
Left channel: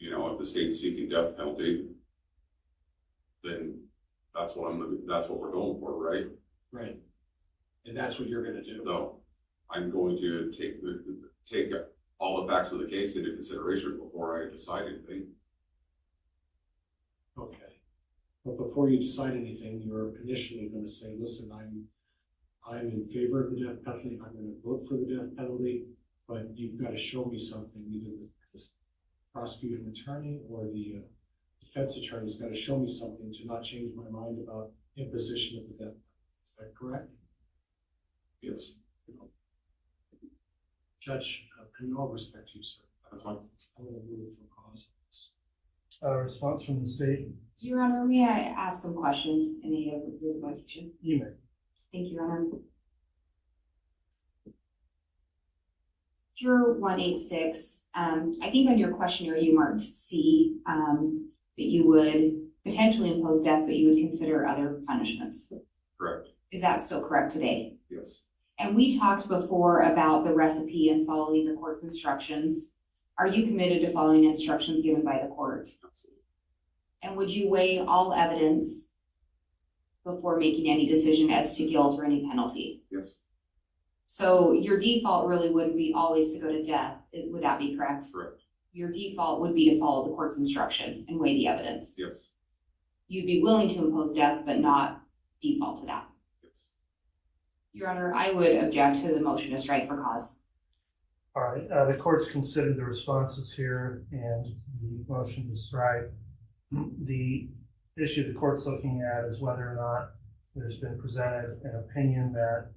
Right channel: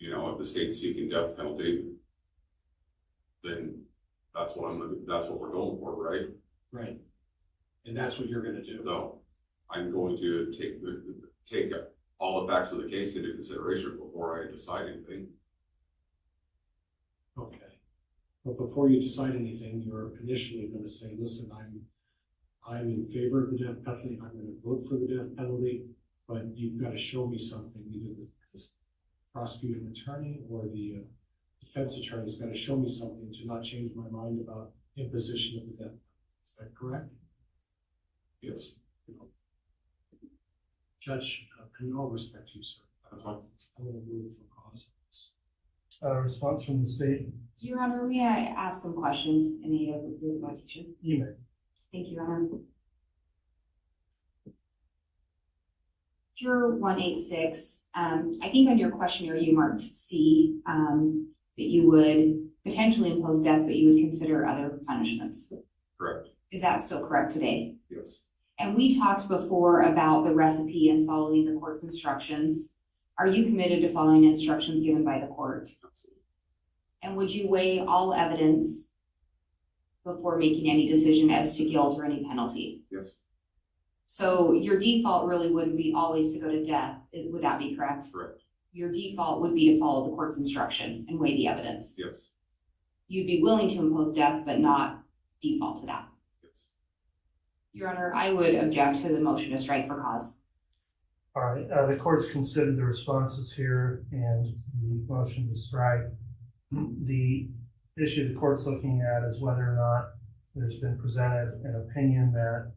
if the state's seeking death penalty, then that's what we're going for, right? Right. And that's what you're going to do. So I'm going to take all the facts of the case into consideration before I decide anything. Okay. But before you decide anything, you're initially going to say, listen, I'm in favor of the death penalty. I'm going to vote for the death penalty. but you've got to show me something, either the prosecuting attorney or the defense attorney's got to show me something to not change my mind about imposition of the death. Is that correct? Yes. Judge, in all respect to you, sir, I'm going to move for cause. Response from the state? Your Honor, may I ask some questions in the revocation? You may. Thank you, Your Honor. Juror 186, I think on your questionnaire you marked C, that you would potentially impose death, but you would consider other punishments. Correct. Is that still correct today? Yes. And we talked before about the recipe and following the court's instructions. Are you committed to following instructions given by the court? Absolutely. And would you weigh all evidence before making any decision as to guilt or any penalty? Yes. So your default really would be always to go to death. Would that be correct? Correct. Your default would be to follow the court's instruction and weigh the evidence. Yes. You'd be willing to impose death, but not default to that. Yes. Your Honor, I would object to the motion to strike for cause. All right, the court's considered the responses here and the motion to strike. The issue the court's looking at is whether or not there's been presented an opinion that,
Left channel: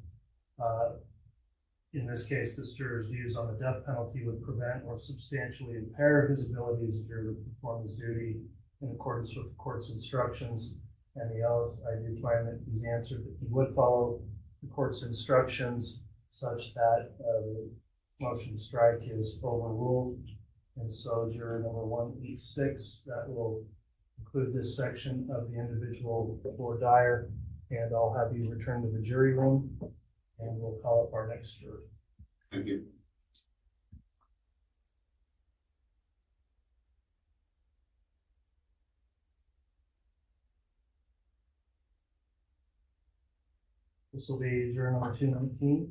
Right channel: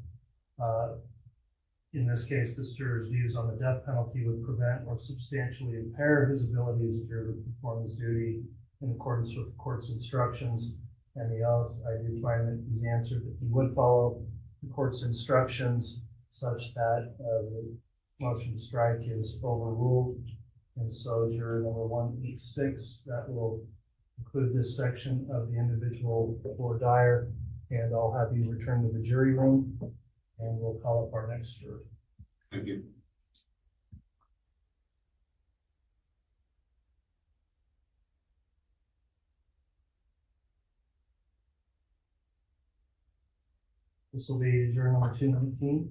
in this case, this juror's views on the death penalty would prevent or substantially impair his ability as a juror to perform his duty in accordance with the court's instructions and the oath. I do find that he's answered that he would follow the court's instructions such that the motion to strike is overruled. And so juror number 186, that will include this section of the individual voir dire, and I'll have you return to the jury room and we'll call up our next juror. Thank you. This will be juror number 219.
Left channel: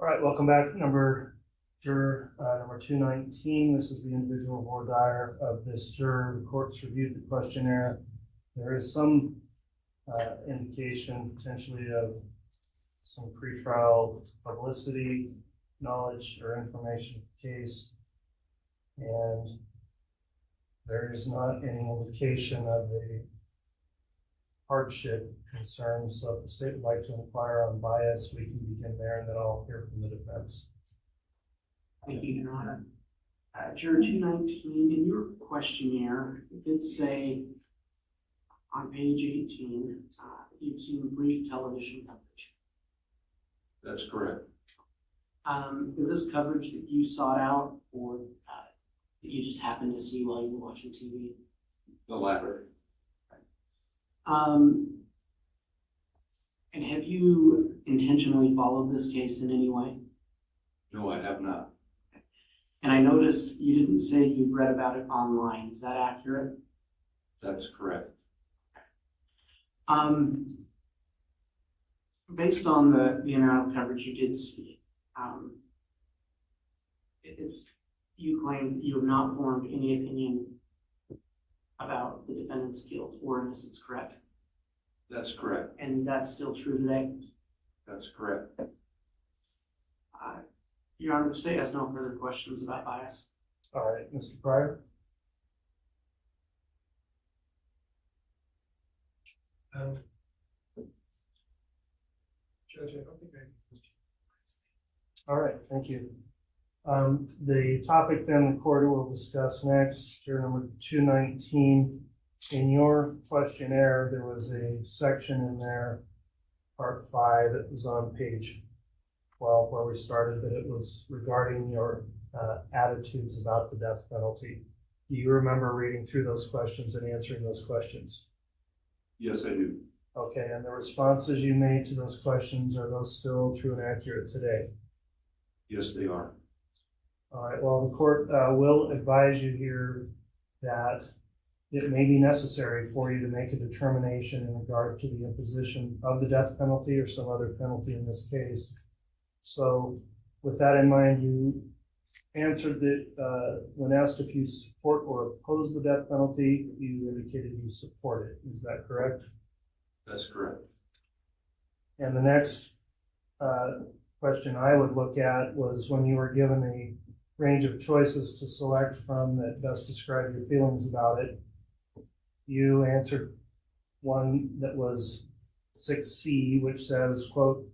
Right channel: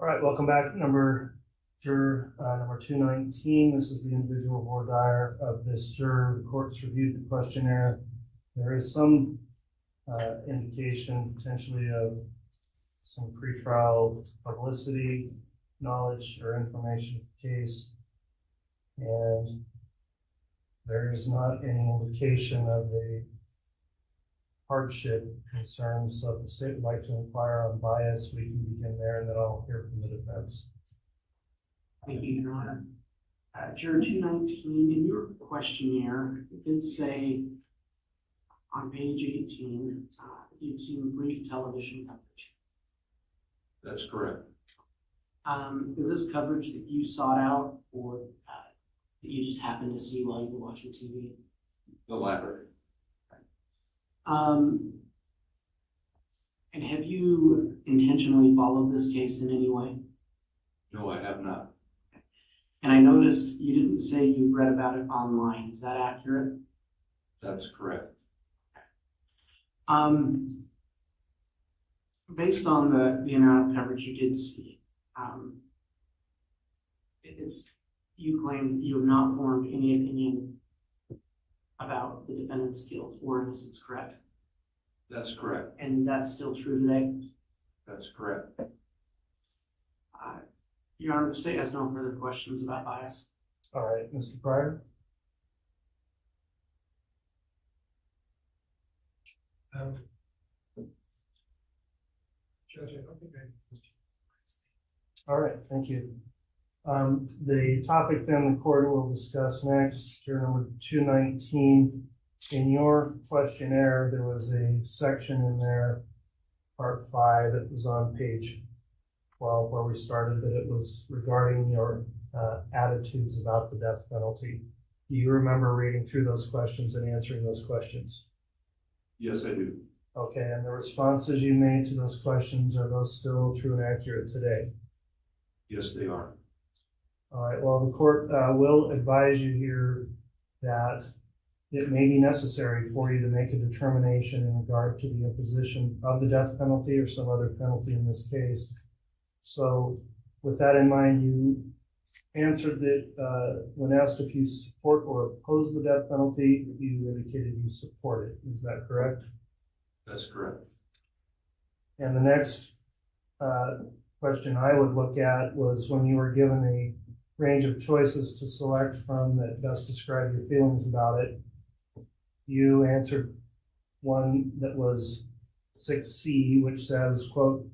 All right, welcome back, juror number 219. This is the individual voir dire of this juror. The court's reviewed the questionnaire. There is some indication potentially of some pretrial publicity, knowledge, or information of the case. And there is not any indication of the hardship concerns. So if the state would like to inquire on bias, we can begin there and then I'll hear from the defense. Thank you, Your Honor. Juror 219, in your questionnaire, it did say on page 18, you've seen brief television coverage. That's correct. Is this coverage that you sought out or that you just happened to see while you were watching TV? The latter. And have you intentionally followed this case in any way? No, I have not. And I noticed you didn't say you read about it online. Is that accurate? That's correct. Based on the amount of coverage you did see, you claim that you have not formed any opinion about the defendant's guilt or innocence, correct? That's correct. And that's still true today? That's correct. Your Honor, the state has no further questions about bias. All right, Mr. Pryor. Judge, I don't think I have a question. All right, thank you. The topic then the court will discuss next, juror number 219. In your questionnaire, there was a section in there, part 5, that was on page 12 where we started, but it was regarding your attitudes about the death penalty. Do you remember reading through those questions and answering those questions? Yes, I do. Okay, and the responses you made to those questions, are those still true and accurate today? Yes, they are. All right, well, the court will advise you here that it may be necessary for you to make a determination in regard to the imposition of the death penalty or some other penalty in this case. So with that in mind, you answered that when asked if you support or oppose the death penalty, you indicated you support it. Is that correct? That's correct. And the next question I would look at was when you were given a range of choices to select from that best describe your feelings about it, you answered one that was 6C, which says, quote,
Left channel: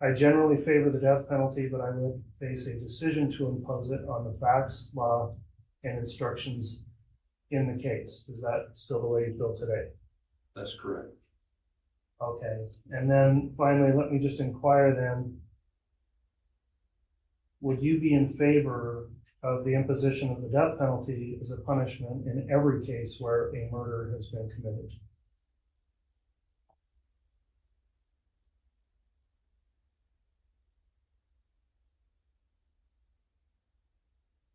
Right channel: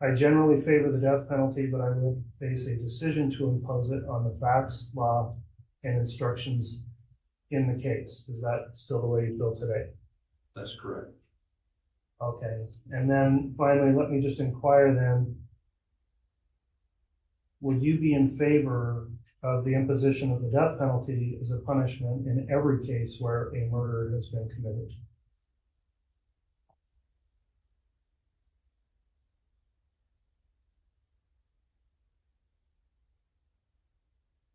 I generally favor the death penalty, but I would face a decision to impose it on the facts, law, and instructions in the case. Is that still the way you feel today? That's correct. Okay, and then finally, let me just inquire then, would you be in favor of the imposition of the death penalty as a punishment in every case where a murder has been committed?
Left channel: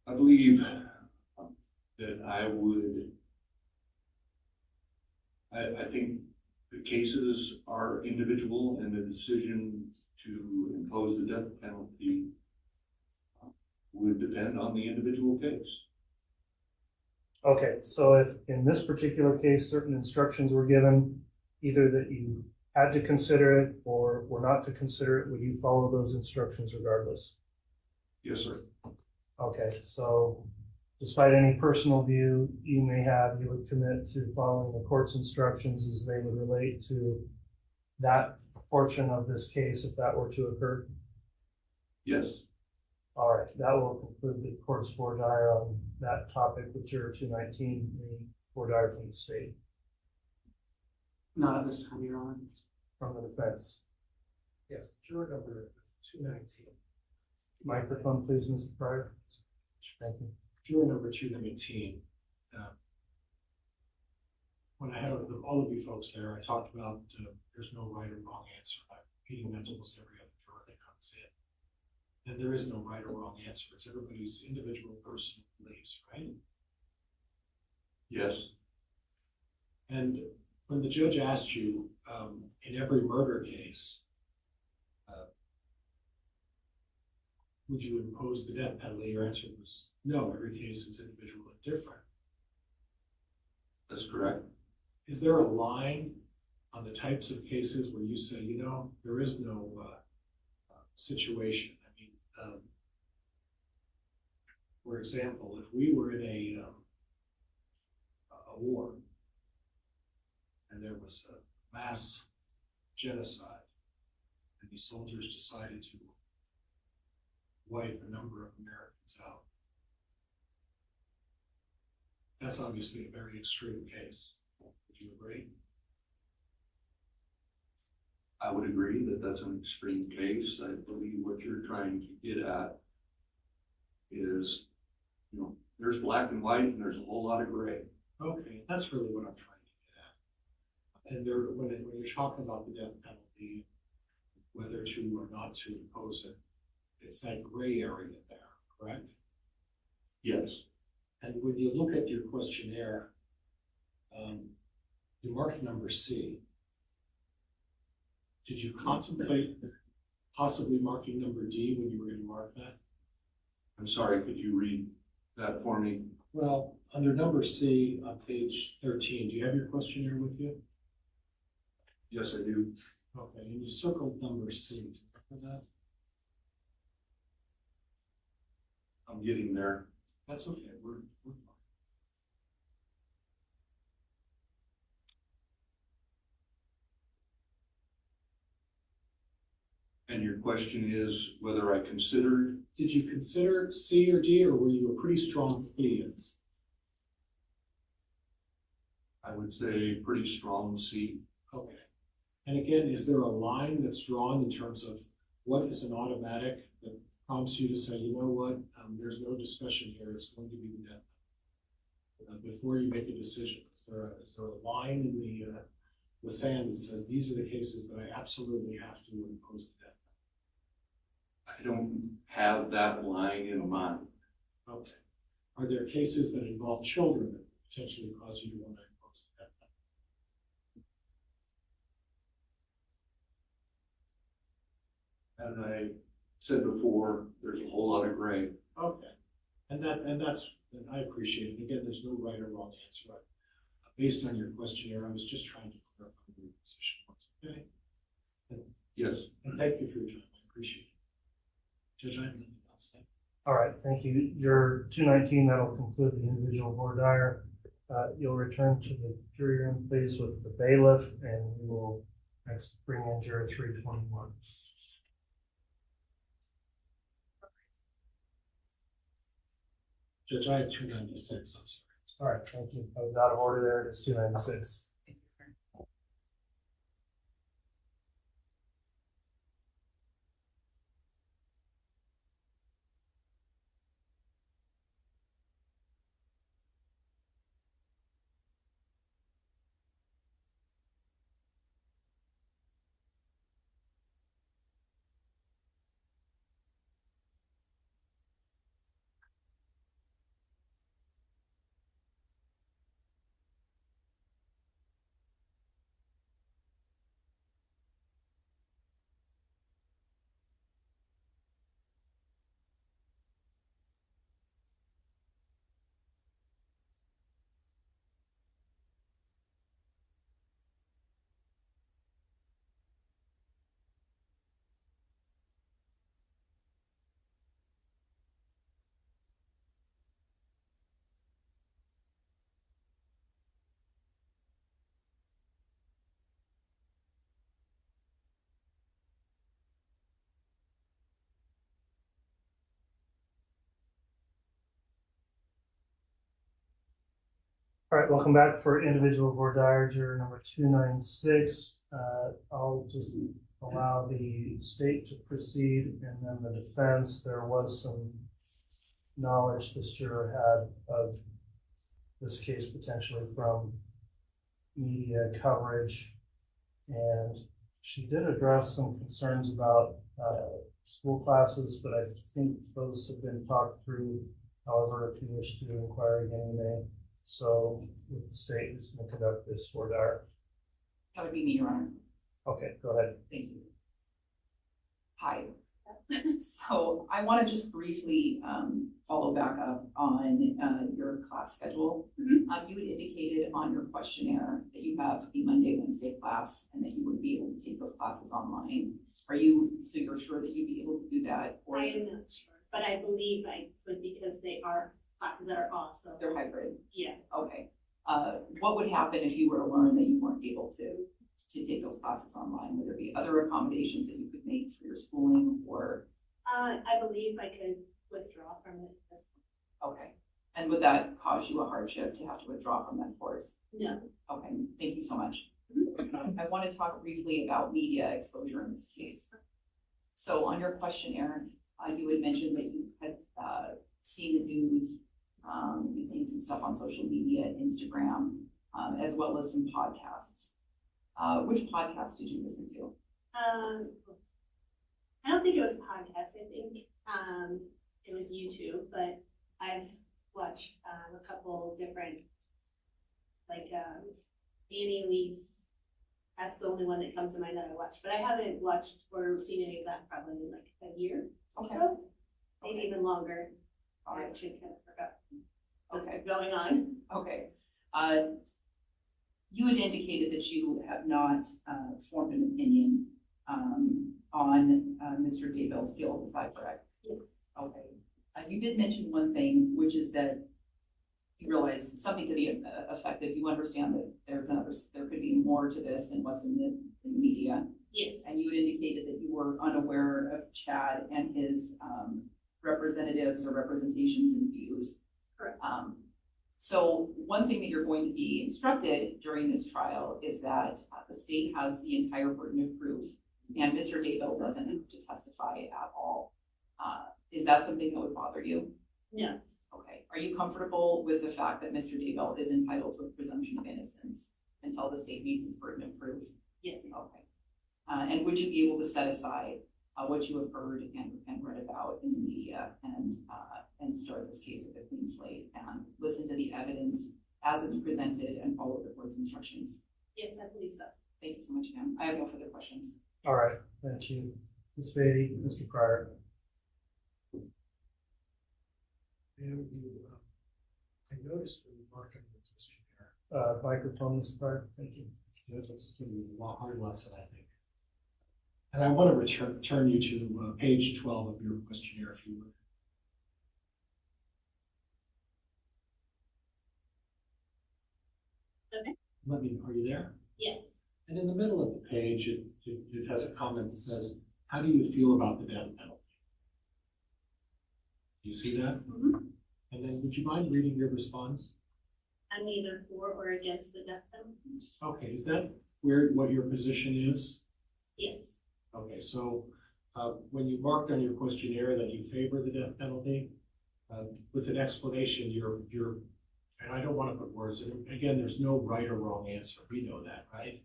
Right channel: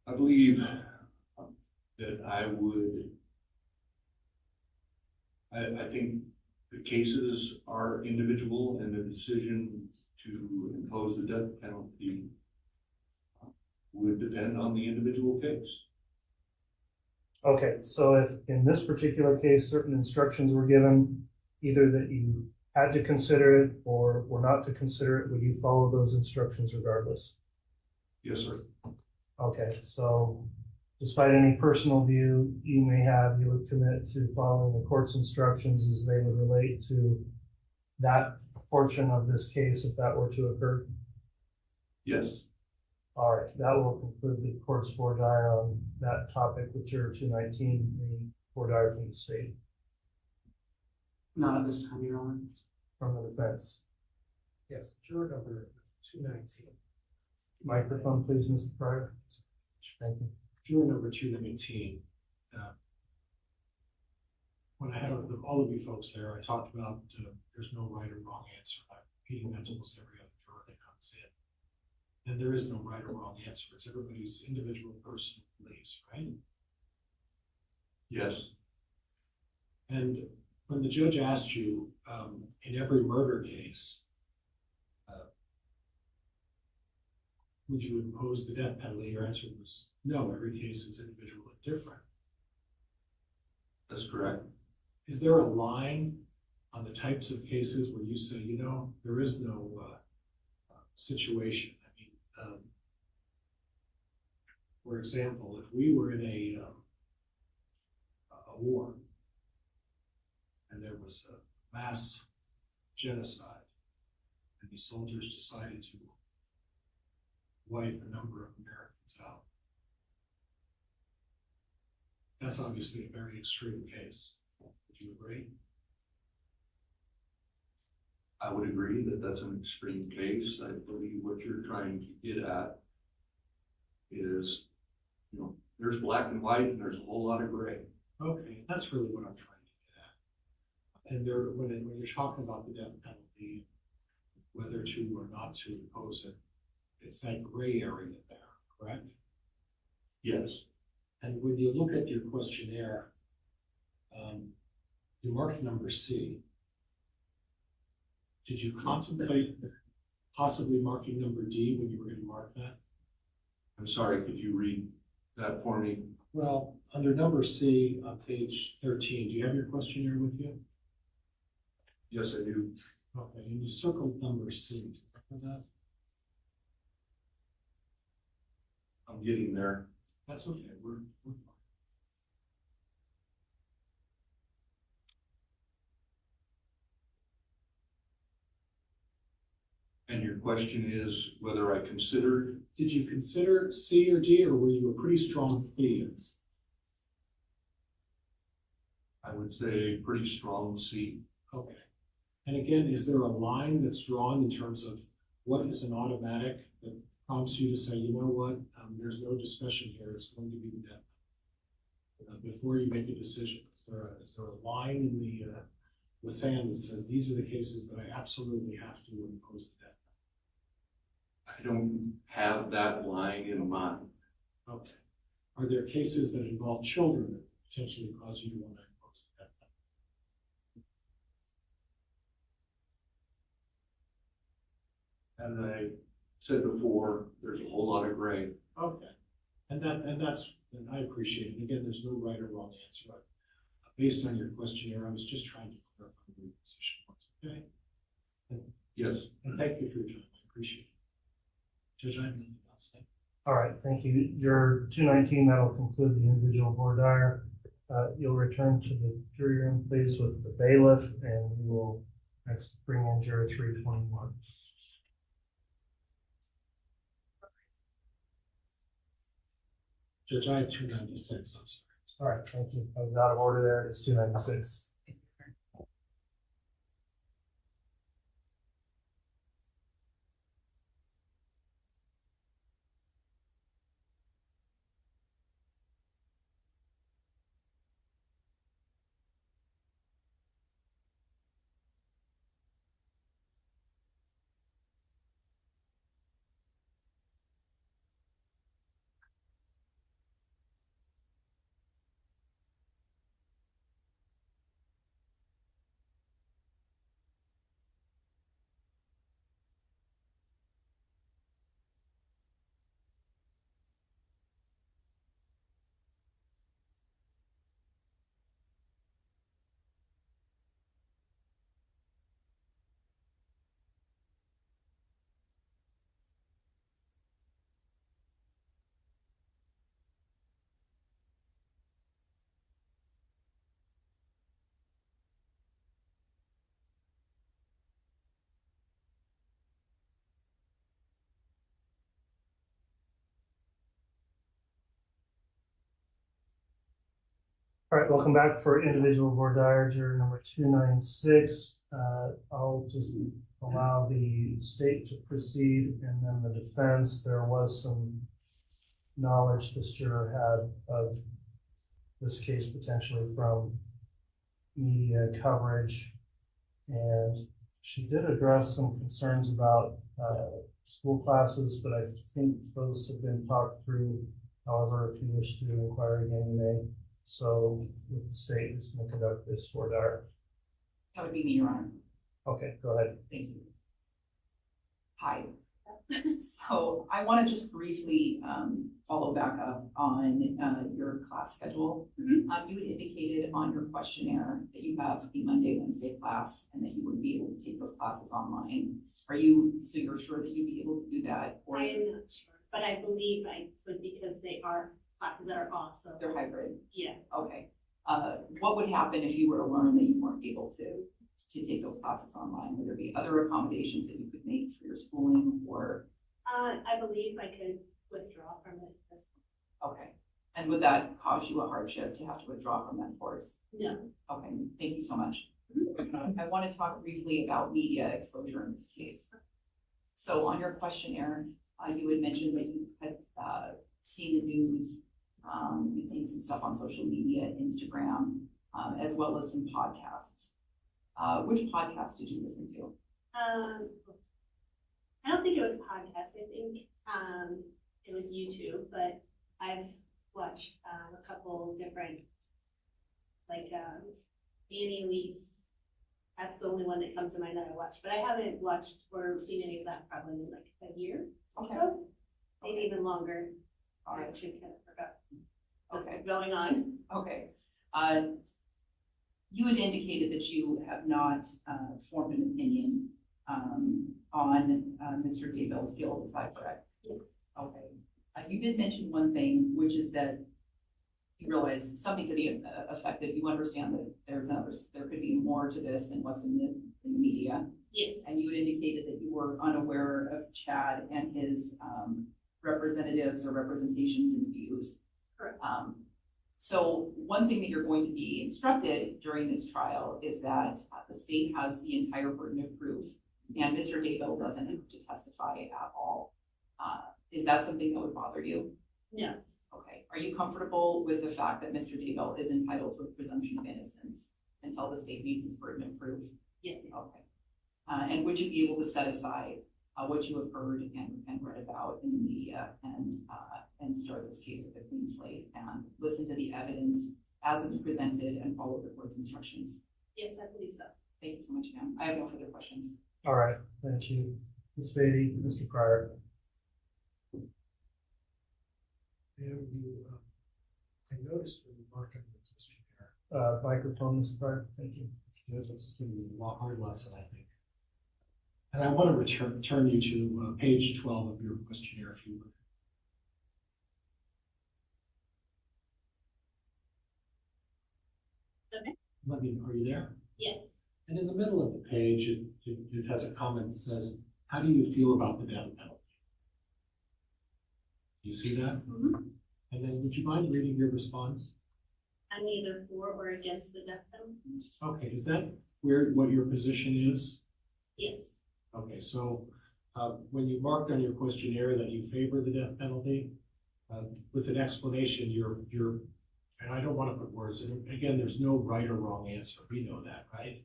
I believe that I would, I think the cases are individual and the decision to impose the death penalty would depend on the individual case. Okay, so if in this particular case, certain instructions were given, either that you had to consider it or were not to consider it, would you follow those instructions regardless? Yes, sir. Okay, so despite any personal view you may have, you would commit to following the court's instructions as they would relate to that portion of this case if that were to occur? Yes. All right, that will conclude the court's voir dire on that topic with juror 219, the voir dire from the state. Not at this time, Your Honor. From the defense. Yes, juror number 219. Microphone, please, Mr. Pryor. Thank you. Juror number 219. When I had all of you folks there, I talked about there's no right or wrong answer. I'm repeating that to almost every other juror that comes in. And there is no right or wrong answer. It's everybody's individual personal beliefs, right? Yes. And when the judge asked you in every murder case, would you impose the death penalty? Your answer was no, every case is individual and different. That's correct. Is there a line on the types of cases where you say, you know, there is no situation? I mean, for example, if we were in a war and there was a mass genocide and the soldiers decided to wipe a number of Americans out, that's obviously a very extreme case. Would you agree? I would agree that that's an extreme case. I believe what you're trying to get at is, you know, there's black and white and there's a whole lot of gray. Okay, that's really what I'm trying to get at. And there, when you're talking about the death penalty, whether to or not to impose it, it's that gray area there, correct? Yes. And when you look at your questionnaire, you mark number C. Did you contemplate possibly marking number D when you were going to mark that? I'm sorry, could you read that for me? Well, under number C on page 13, do you have your questionnaire with you? Yes, I do. Okay, and you circled number C. Remember that? I'm getting there. That's okay. We're fine. And your question is whether I considered? Did you consider C or D, or were you a pretty strong plea? I would say pretty strong C. Okay. And again, is there a line that's drawn in terms of what is an automatic that prompts you to say, you know what, there's no discussion here, it's going to be the death before you make a decision? Is there a line in the sand that says these are the cases that I absolutely have to impose the death I don't have that line in mind. penalty? Okay. Are there cases that involve children that potentially cause you to want to impose the death penalty? As I said before, there's a whole lot of gray. Okay. And I appreciate it. Again, there's no right or wrong answer. Based on your questionnaire, I was just trying to clarify what your position was. Okay. Yes. And thank you for your time. I appreciate it. Judge, I have nothing else. Thank you. All right, thank you. Juror 219, that'll conclude the individual voir dire. You'll return to the jury room, please, with the bailiff, and we will next bring in juror 321. Judge, I have 296. I'm sorry. All right, thank you. I was out of order there. It's 296. All right, welcome back for individual voir dire, juror number 296. I'll just allow the state to proceed, and then the defense. There was some knowledge this juror had of this case potentially from media coverage, and she did address some concerns about school classes, but I think those have been talked through. However, if you wish to inquire again, you may. So with the state, who's going to conduct this voir dire? That would be me, Your Honor. Okay, go ahead. Thank you. Hi. So I want to just briefly follow back up on your class schedule. You had indicated on your questionnaire that you have a Monday, Wednesday class, and that you would be able to take those classes online. So you're sure that you'd be able to do that? Or I am not sure, but I believe I could because they are classes that are off, so. They're hybrid? Yeah. Okay. What would happen if you were to learn that you weren't able to take those classes online? Would there be other accommodations that you could make for your schooling, or? I believe I could withdraw from it. Okay. And would that cause you a hardship to have to withdraw from that course? No. Okay, thank you so much. I want to talk briefly about media exposure in this case. So on your questionnaire, you had mentioned that you had seen the news, you'd seen some stuff on social media, Instagram, as well as some podcasts. Which podcast did you listen to? I don't think it was a podcast. I think it was YouTube, but I've watched a couple different, like Annie Elise. That's the only one that comes to mind that I watched, but I haven't watched or seen any of that probably in like a year or so, maybe even longer. I actually kind of forgot what's going on. Okay. You had indicated that you have not formed an opinion on Mr. Daybell's guilt. Is that correct? Yes. Okay. You did mention one thing, which is that you realize something could be effective. You understand that there could be more to this than what's in the media. Yes. And you had indicated that you were unaware of Chad and his representatives or representations and views. Correct. So one thing that you're going to be instructed during this trial is that the state has the entire burden of proof, and Mr. Daybell doesn't have to testify at all. Is that something that would bother you? No. Okay. Are you comfortable with the fact that Mr. Daybell is entitled to a presumption of innocence until the state meets its burden of proof? Yes. Okay. And would you be able to set aside what you have heard and read about in the media and start this case with a clean slate and listen to the evidence as it's presented and follow the court's instructions? Yes, I believe so. Thank you so much, ma'am. I have no further questions. All right, thank you. Ms. Beatty, Mr. Pryor. And I noticed the remark on the questionnaire. Microphone, Mr. Pryor, thank you. That's a hard lesson, I think. And I want to return you to page 12 of your questionnaire, if you would. Okay. Are you there? Yes. And in the middle of the page, it has a comment that says, how do you feel about the death penalty? Do you see that? Mm-hmm. And then would you mind reading your response? I'm either for or against the death penalty. Okay, is that what your position is? Yes. Okay, so when you marked on your questionnaire that you favor the death penalty, with an explanation, you're, and I don't want to put words in it. Again, there's no right or wrong answer. We know that, right?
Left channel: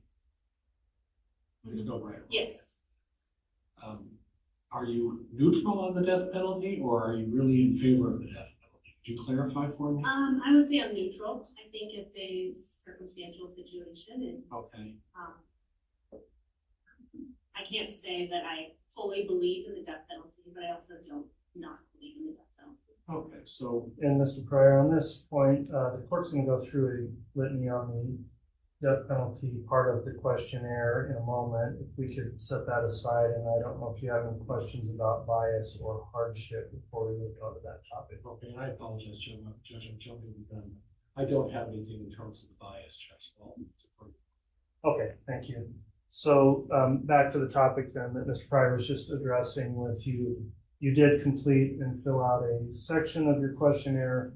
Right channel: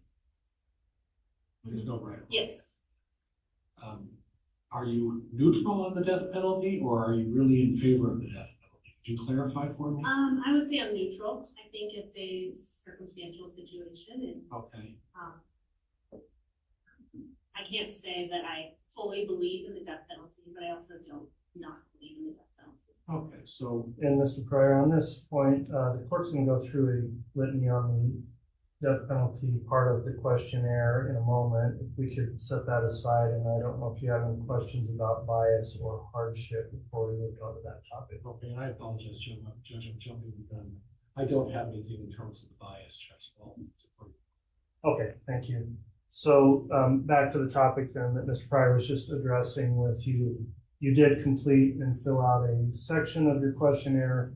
There's no right or wrong. Yes. Are you neutral on the death penalty, or are you really in favor of the death penalty? Could you clarify for me? I would say I'm neutral. I think it's a circumstantial situation, and okay. I can't say that I fully believe in the death penalty, but I also don't not believe in the death penalty. Okay, so. And Mr. Pryor, on this point, the court's going to go through a litany on the death penalty part of the questionnaire in a moment. If we could set that aside, and I don't know if you have any questions about bias or hardship before we move on to that topic. Okay, and I apologize, Judge, I'm jumping the gun. I don't have anything in terms of the bias, Judge. Okay, thank you. So back to the topic then that Mr. Pryor was just addressing with you. You did complete and fill out a section of your questionnaire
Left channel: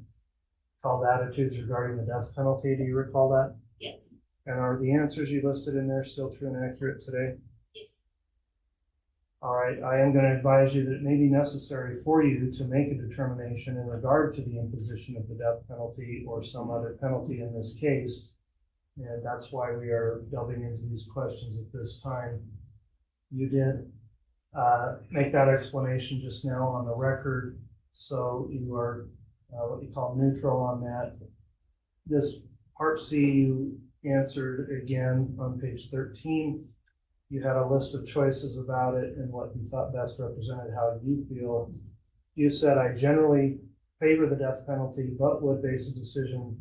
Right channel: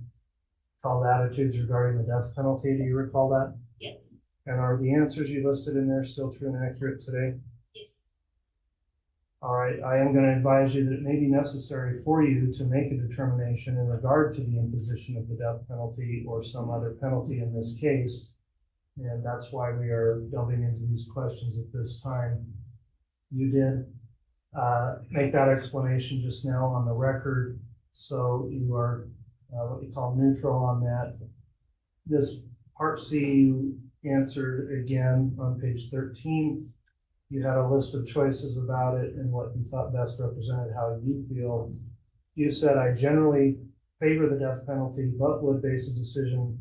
called Attitudes Regarding the Death Penalty. Do you recall that? Yes. And are the answers you listed in there still true and accurate today? Yes. All right, I am going to advise you that it may be necessary for you to make a determination in regard to the imposition of the death penalty or some other penalty in this case. And that's why we are delving into these questions at this time. You did make that explanation just now on the record, so you are what you call neutral on that. This Part C you answered again on page 13. You had a list of choices about it and what you thought best represented how you feel. You said, I generally favor the death penalty, but would base a decision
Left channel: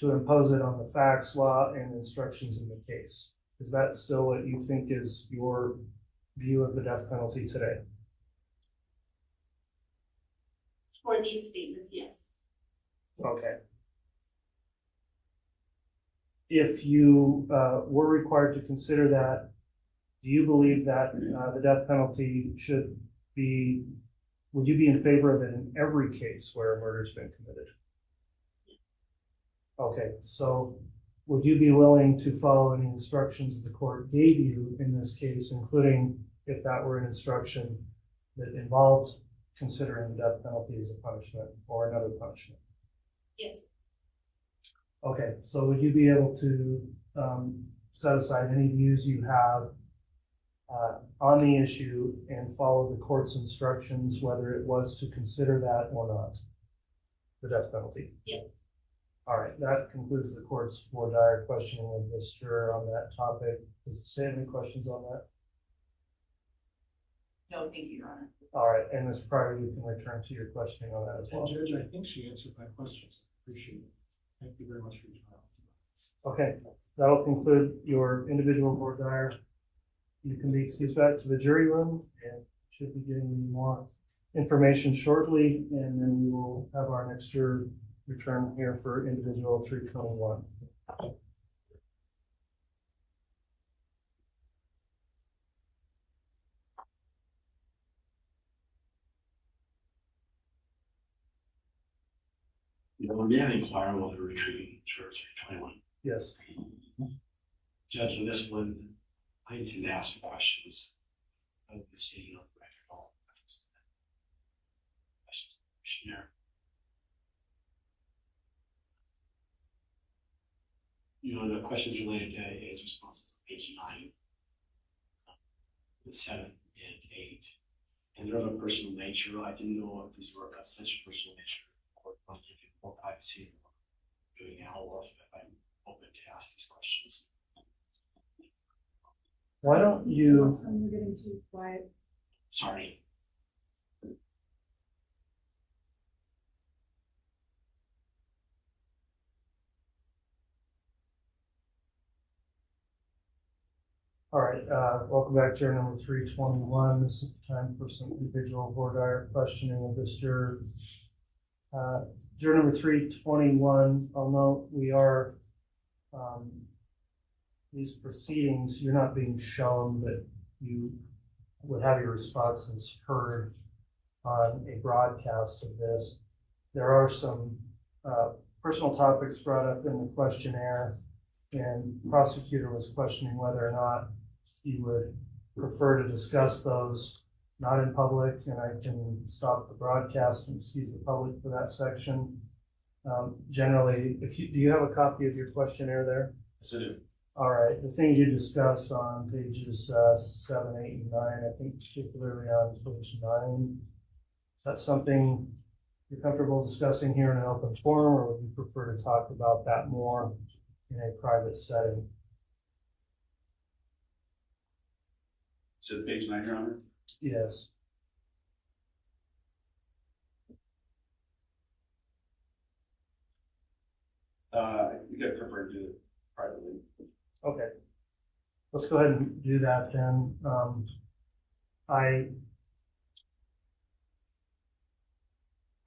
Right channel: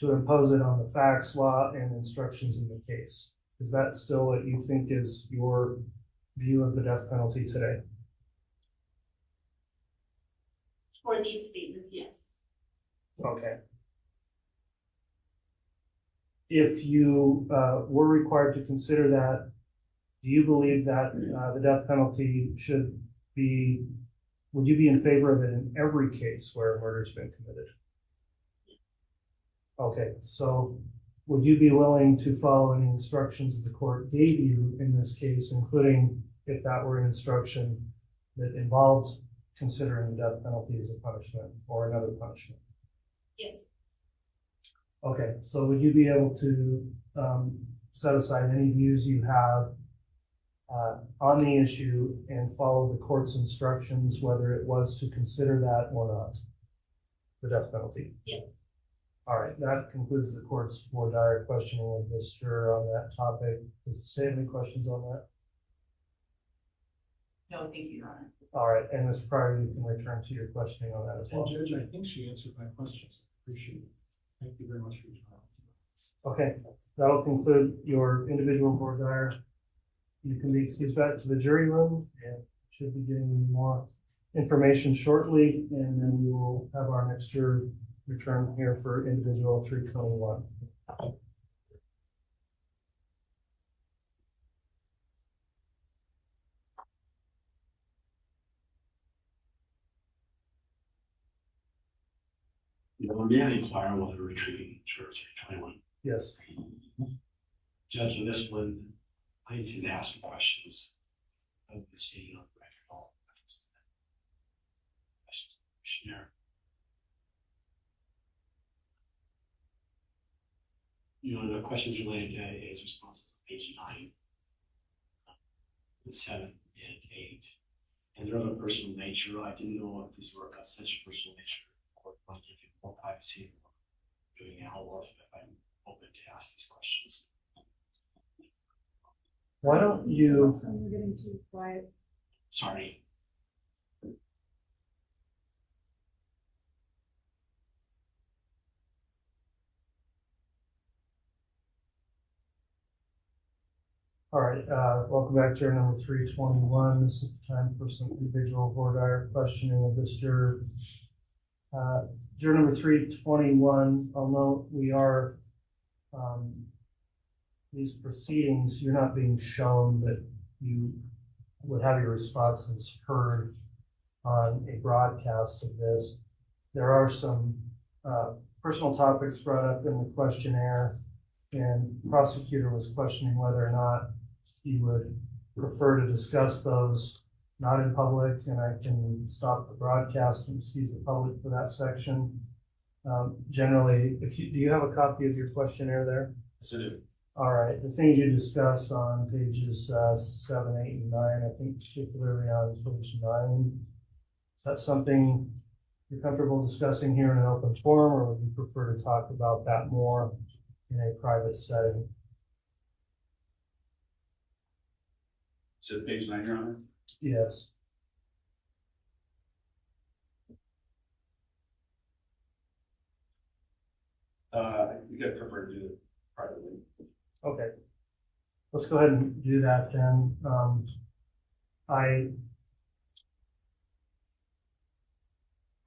to impose it on the facts, law, and instructions in the case. Is that still what you think is your view of the death penalty today? For these statements, yes. Okay. If you were required to consider that, do you believe that the death penalty should be, would you be in favor of it in every case where a murder's been committed? Okay, so would you be willing to follow any instructions the court gave you in this case, including if that were an instruction that involves considering the death penalty as a punishment or another punishment? Yes. Okay, so would you be able to set aside any views you have on the issue and follow the court's instructions, whether it was to consider that or not, the death penalty? Yes. All right, that concludes the court's voir dire questioning of this juror on that topic. Does the state have any questions on that? No, thank you, Your Honor. All right, and Ms. Pryor, you can return to your questioning on that as well. And Judge, I think she answered my questions. Appreciate it. Thank you very much for your time. Okay, that'll conclude your individual voir dire. You can be excused back to the jury room and should be getting more information shortly, and then we will have our next juror return here for individual 321. may I inquire whether retrieving jurors are 21? Yes. Judge, on this one, I intend to ask questions of the stating on the record all questions. Questionnaire. The questions related to his responses on page 9, 7, and 8. And they're of a personal nature. I didn't know if these were of such personal nature or want to give more privacy than we're doing now, or if I'm open to ask these questions. Why don't you? I'm getting too quiet. Sorry. All right, welcome back, juror number 321. This is the time for some individual voir dire questioning of this juror. Juror number 321, I'll note we are, these proceedings, you're not being shown that you would have your responses heard on a broadcast of this. There are some personal topics brought up in the questionnaire, and the prosecutor was questioning whether or not you would prefer to discuss those not in public, and I can stop the broadcast and excuse the public for that section. Generally, do you have a copy of your questionnaire there? Yes, I do. All right, the things you discussed on pages 7, 8, and 9, I think particularly on page 9, is that something you're comfortable discussing here in an open forum, or would you prefer to talk about that more in a private setting? Is it page 9, Your Honor? Yes. I think I prefer to do it privately. Okay. Let's go ahead and do that then.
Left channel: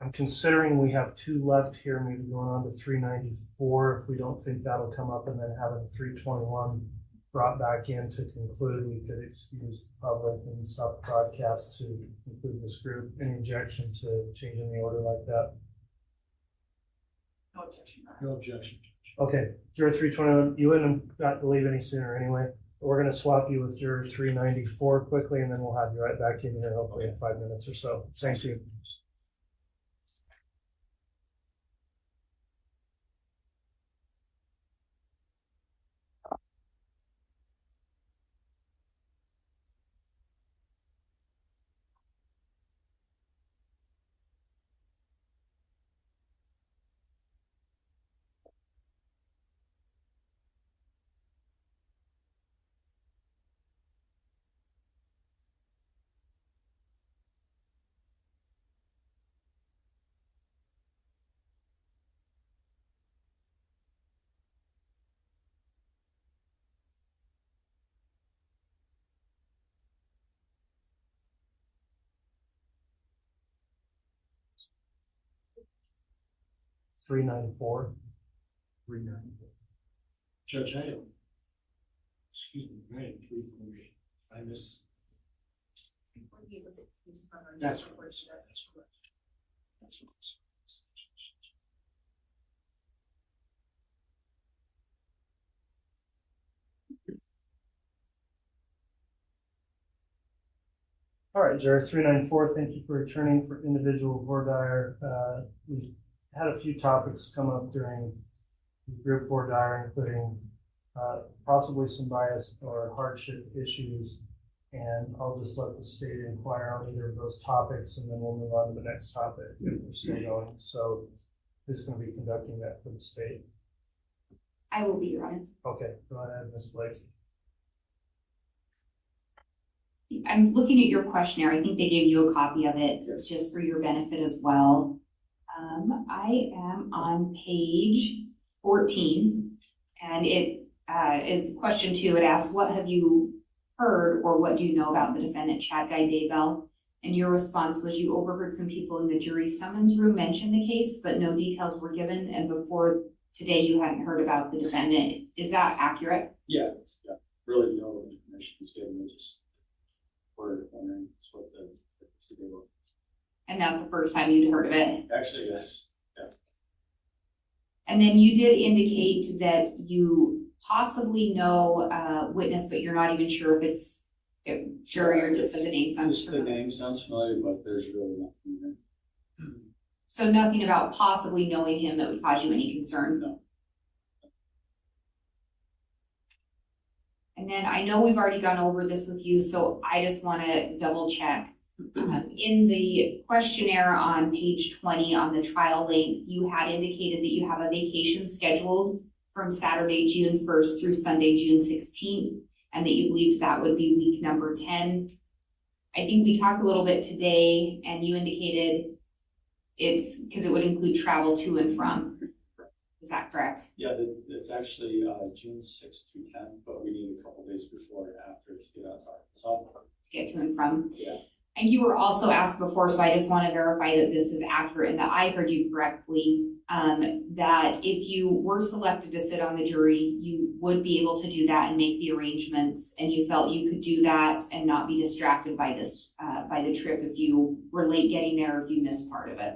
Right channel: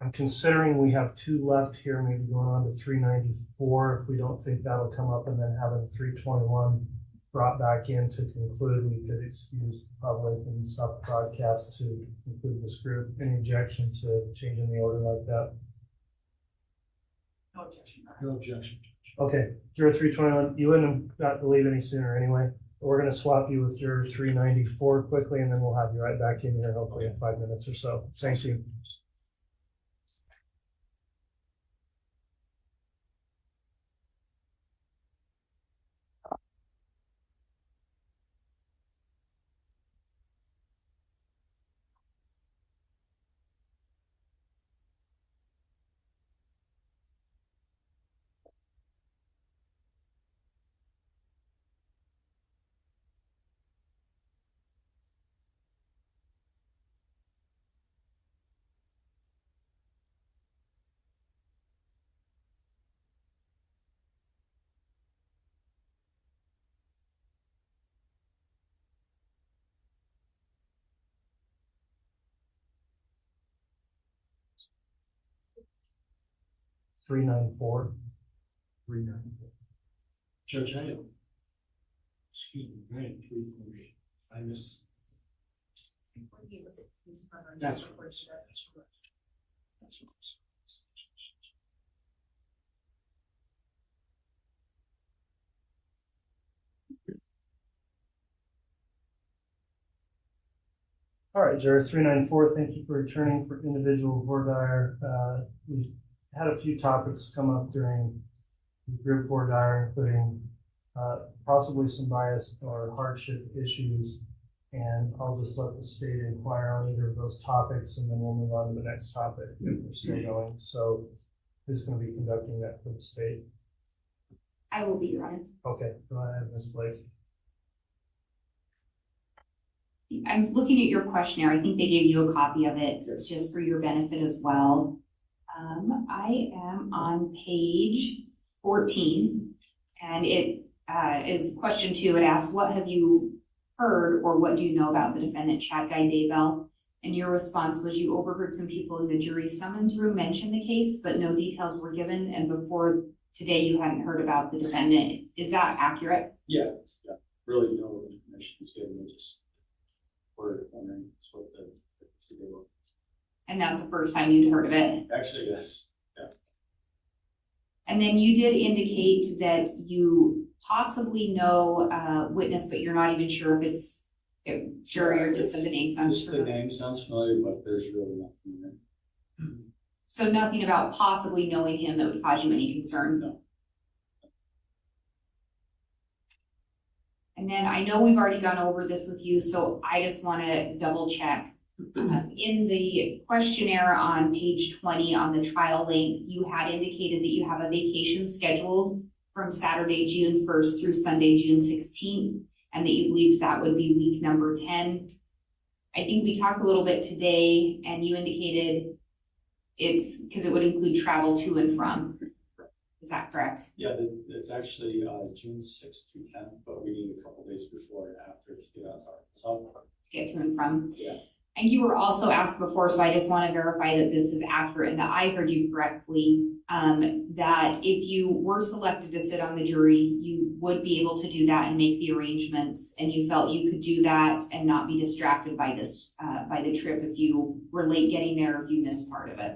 I'm considering we have 2 left here, maybe going on to 394. If we don't think that'll come up, and then having 321 brought back in to conclude, we could excuse the public and stop the broadcast to conclude this group. Any objection to changing the order like that? No objection. No objection. Okay, juror 321, you wouldn't have got to leave any sooner anyway. We're going to swap you with juror 394 quickly, and then we'll have you right back in here hopefully in 5 minutes or so. Thank you. Three 394. Judge, I don't. Excuse me, 9348. I miss. That's correct. That's correct. That's correct. All right, juror 394, thank you for returning for individual voir dire. We had a few topics come up during the group voir dire, including possibly some bias or hardship issues. And I'll just let the state inquire on either of those topics, and then we'll move on to the next topic if we're still going. So who's going to be conducting that for the state? I will be, Your Honor. Okay, go ahead, Ms. Blake. I'm looking at your questionnaire. I think they gave you a copy of it. It's just for your benefit as well. I am on page 14, and it is question 2. It asks, what have you heard or what do you know about the defendant, Chad Daybell? And your response was you overheard some people in the jury summons room mention the case, but no details were given. And before today, you hadn't heard about the defendant. Is that accurate? Yeah. Really, no information is given. We just were wondering what the city was. And that's the first time you'd heard of it? Actually, yes. Yeah. And then you did indicate that you possibly know a witness, but you're not even sure if it's, sure you're just said the name sounds Just the familiar. name sounds familiar, but there's really nothing there. So nothing about possibly knowing him that would cause you any concern? No. And then I know we've already gone over this with you, so I just want to double check. In the questionnaire on page 20 on the trial length, you had indicated that you have a vacation scheduled from Saturday, June 1st through Sunday, June 16th, and that you believed that would be week number 10. I think we talked a little bit today, and you indicated it's because it would include travel to and from. Is that correct? Yeah, it's actually June 6th through 10th, but we need a couple days before and after to get out to Arkansas. To get to and from? Yeah. And you were also asked before, so I just want to verify that this is accurate and that I heard you correctly, that if you were selected to sit on the jury, you would be able to do that and make the arrangements, and you felt you could do that and not be distracted by this, by the trip if you were late getting there or if you missed part of it.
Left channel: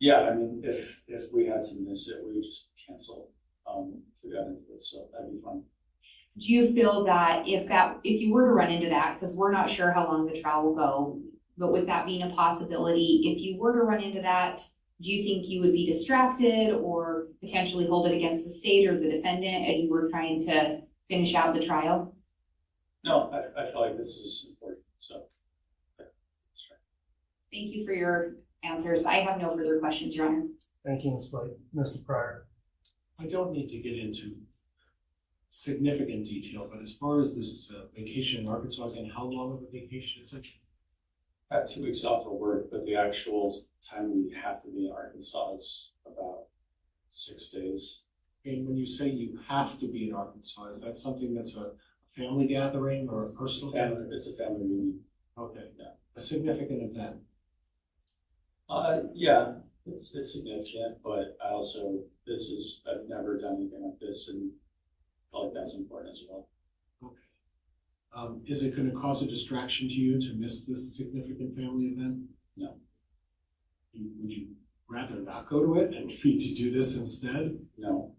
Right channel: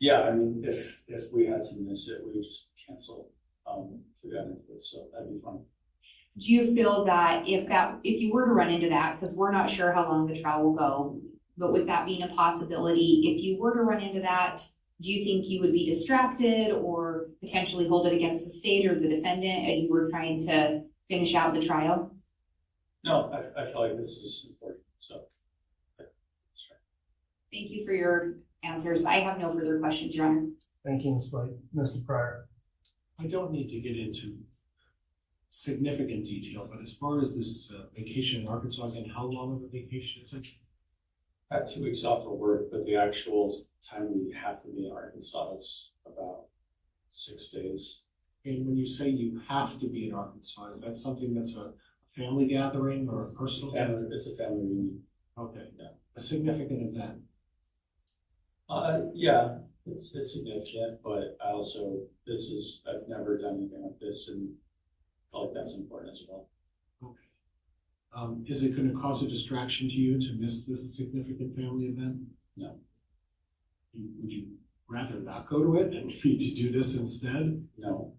Yeah, I mean, if we had to miss it, we would just cancel if we got into it, so that'd be fun. Do you feel that if you were to run into that, because we're not sure how long the trial will go, but with that being a possibility, if you were to run into that, do you think you would be distracted or potentially hold it against the state or the defendant as you were trying to finish out the trial? No, I feel like this is important, so. Thank you for your answers. I have no further questions, Your Honor. Thank you, Ms. Blake. Mr. Pryor. I don't need to get into significant detail, but as far as this vacation in Arkansas, again, how long of a vacation is it? I have 2 weeks off of work, but the actual time we have to be in Arkansas is about 6 days. And when you say you have to be in Arkansas, is that something that's a family gathering or a personal gathering? It's a family reunion. Okay, yeah. A significant event. Yeah, it's significant, but I've never done anything like this, and I feel like that's important as well. Okay. Is it going to cause a distraction to you to miss this significant family event? No. Would you rather not go to it and to do this instead? No.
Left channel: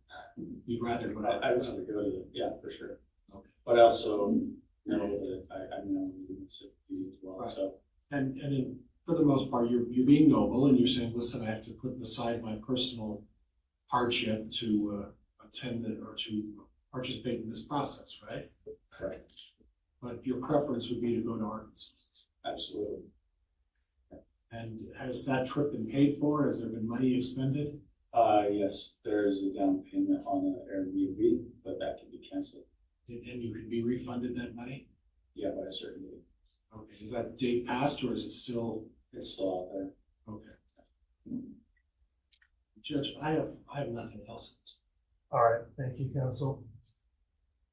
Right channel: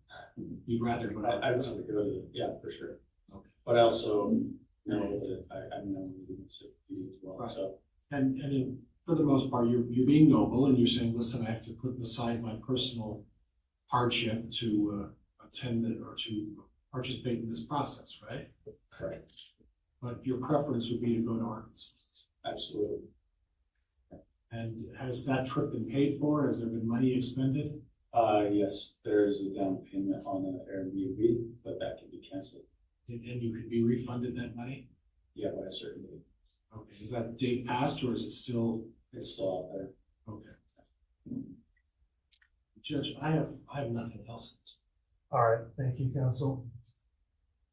You'd rather go. I'd rather go to it, yeah, for sure. Okay. But I also know that I know we miss it as well. Right. So. For the most part, you're being noble and you're saying, listen, I have to put aside my personal hardship to attend or to participate in this process, right? Correct. But your preference would be to go to Arkansas. Absolutely. And has that trip been paid for? Has there been money expended? Yes, there's a down payment on an Airbnb, but that can be canceled. And you could be refunded that money? Yeah, by a certain date. Okay, is that date passed or is it still? It's still out there. Okay. Judge, I have nothing else. All right, thank you, counsel.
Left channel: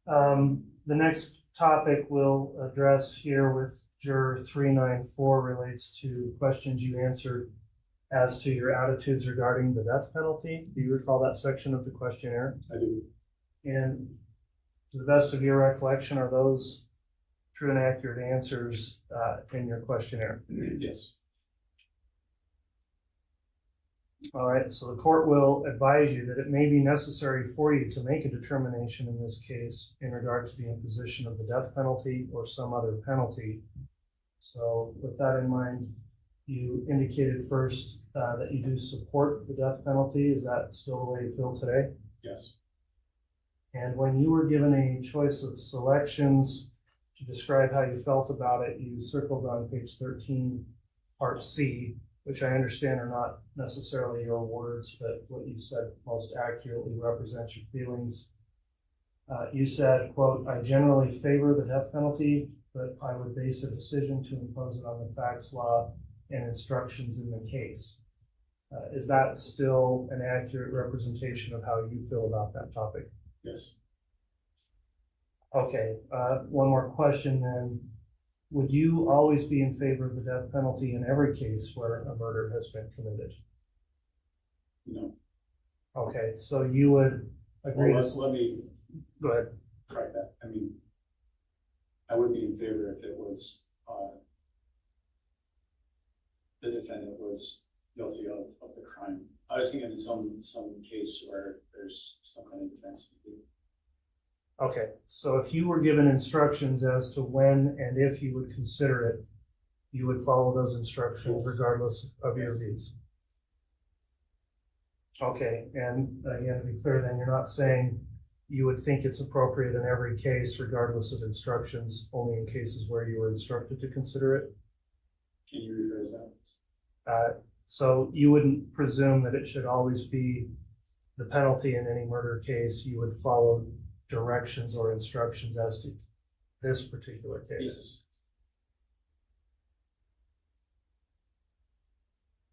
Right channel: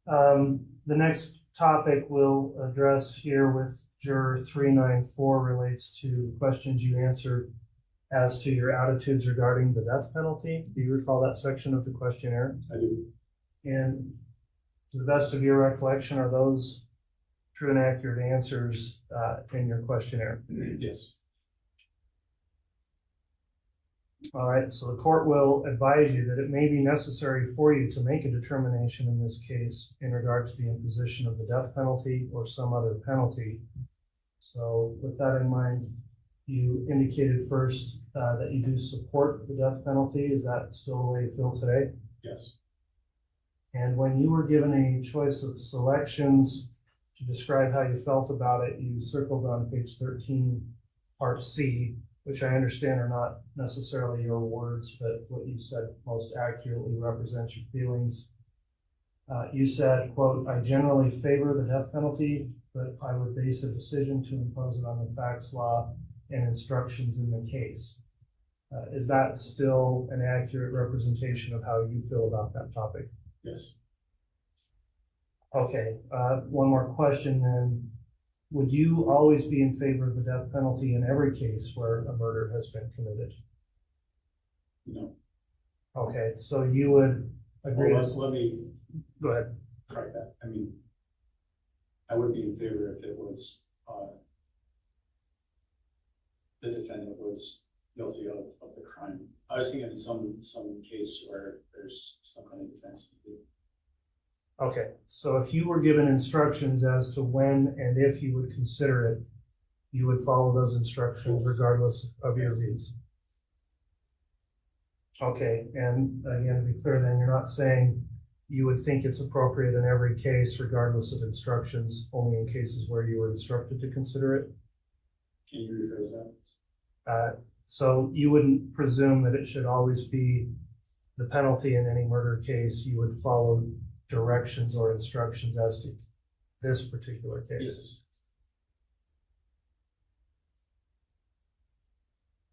The next topic we'll address here with Juror 394 relates to questions you answered as to your attitudes regarding the death penalty. Do you recall that section of the questionnaire? I do. And to the best of your recollection, are those true and accurate answers in your questionnaire? Yes. All right, so the court will advise you that it may be necessary for you to make a determination in this case in regard to the imposition of the death penalty or some other penalty. So with that in mind, you indicated first that you do support the death penalty. Is that still the way you feel today? Yes. And when you were given a choice of selections to describe how you felt about it, you circled on page 13, part C, which I understand are not necessarily your words, but what you said most accurately represents your feelings. You said, quote, I generally favor the death penalty, but I would base a decision to impose it on the facts, law, and instructions in the case. Is that still an accurate representation of how you feel about that topic? Yes. Okay, one more question then. Would you always be in favor of the death penalty in every case where a murder has been committed? No. Okay, so you would agree. Well, let me go ahead. Try that. I mean, I would be in favor if it was the defendant was guilty of the crime. I was thinking some case where there's some kind of defense. Okay, so if you were given instructions as to when and if you would consider it, you would follow those instructions regardless of your views. Okay, and again, to be clear, then you're not saying you would think it's appropriate in every case regardless of instructions, only in cases where you were instructed to consider it? Can you rephrase that? So you wouldn't presume that it should always be the penalty in any murder case. You would follow directions or instructions as to this particular case. Yes.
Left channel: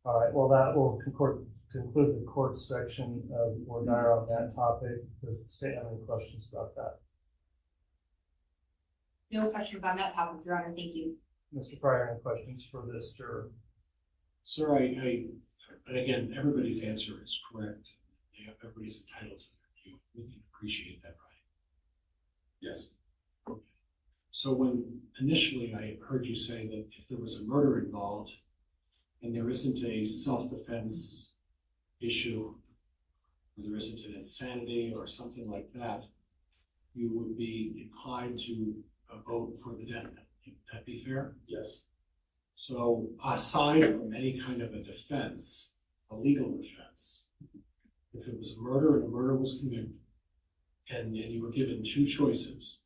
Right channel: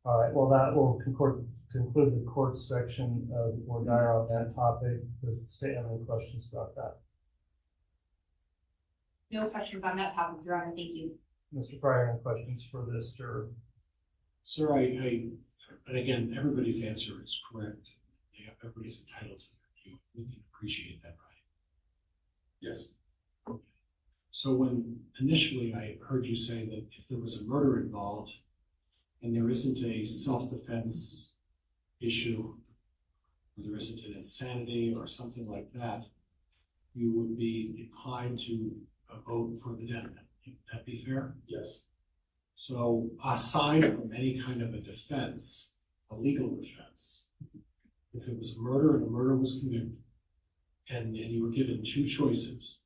All right, well, that will conclude the court section of voir dire on that topic. Does the state have any questions about that? No questions on that topic, Your Honor, thank you. Mr. Pryor, any questions for this juror? Sir, and again, everybody's answer is correct. Everybody's entitled to their view. We can appreciate that, right? Yes. Okay. So when initially I heard you say that if there was a murder involved and there isn't a self-defense issue, or there isn't an insanity or something like that, you would be inclined to vote for the death penalty. Would that be fair? Yes. So aside from any kind of a defense, a legal defense, if it was a murder and a murder was committed, and you were given two choices,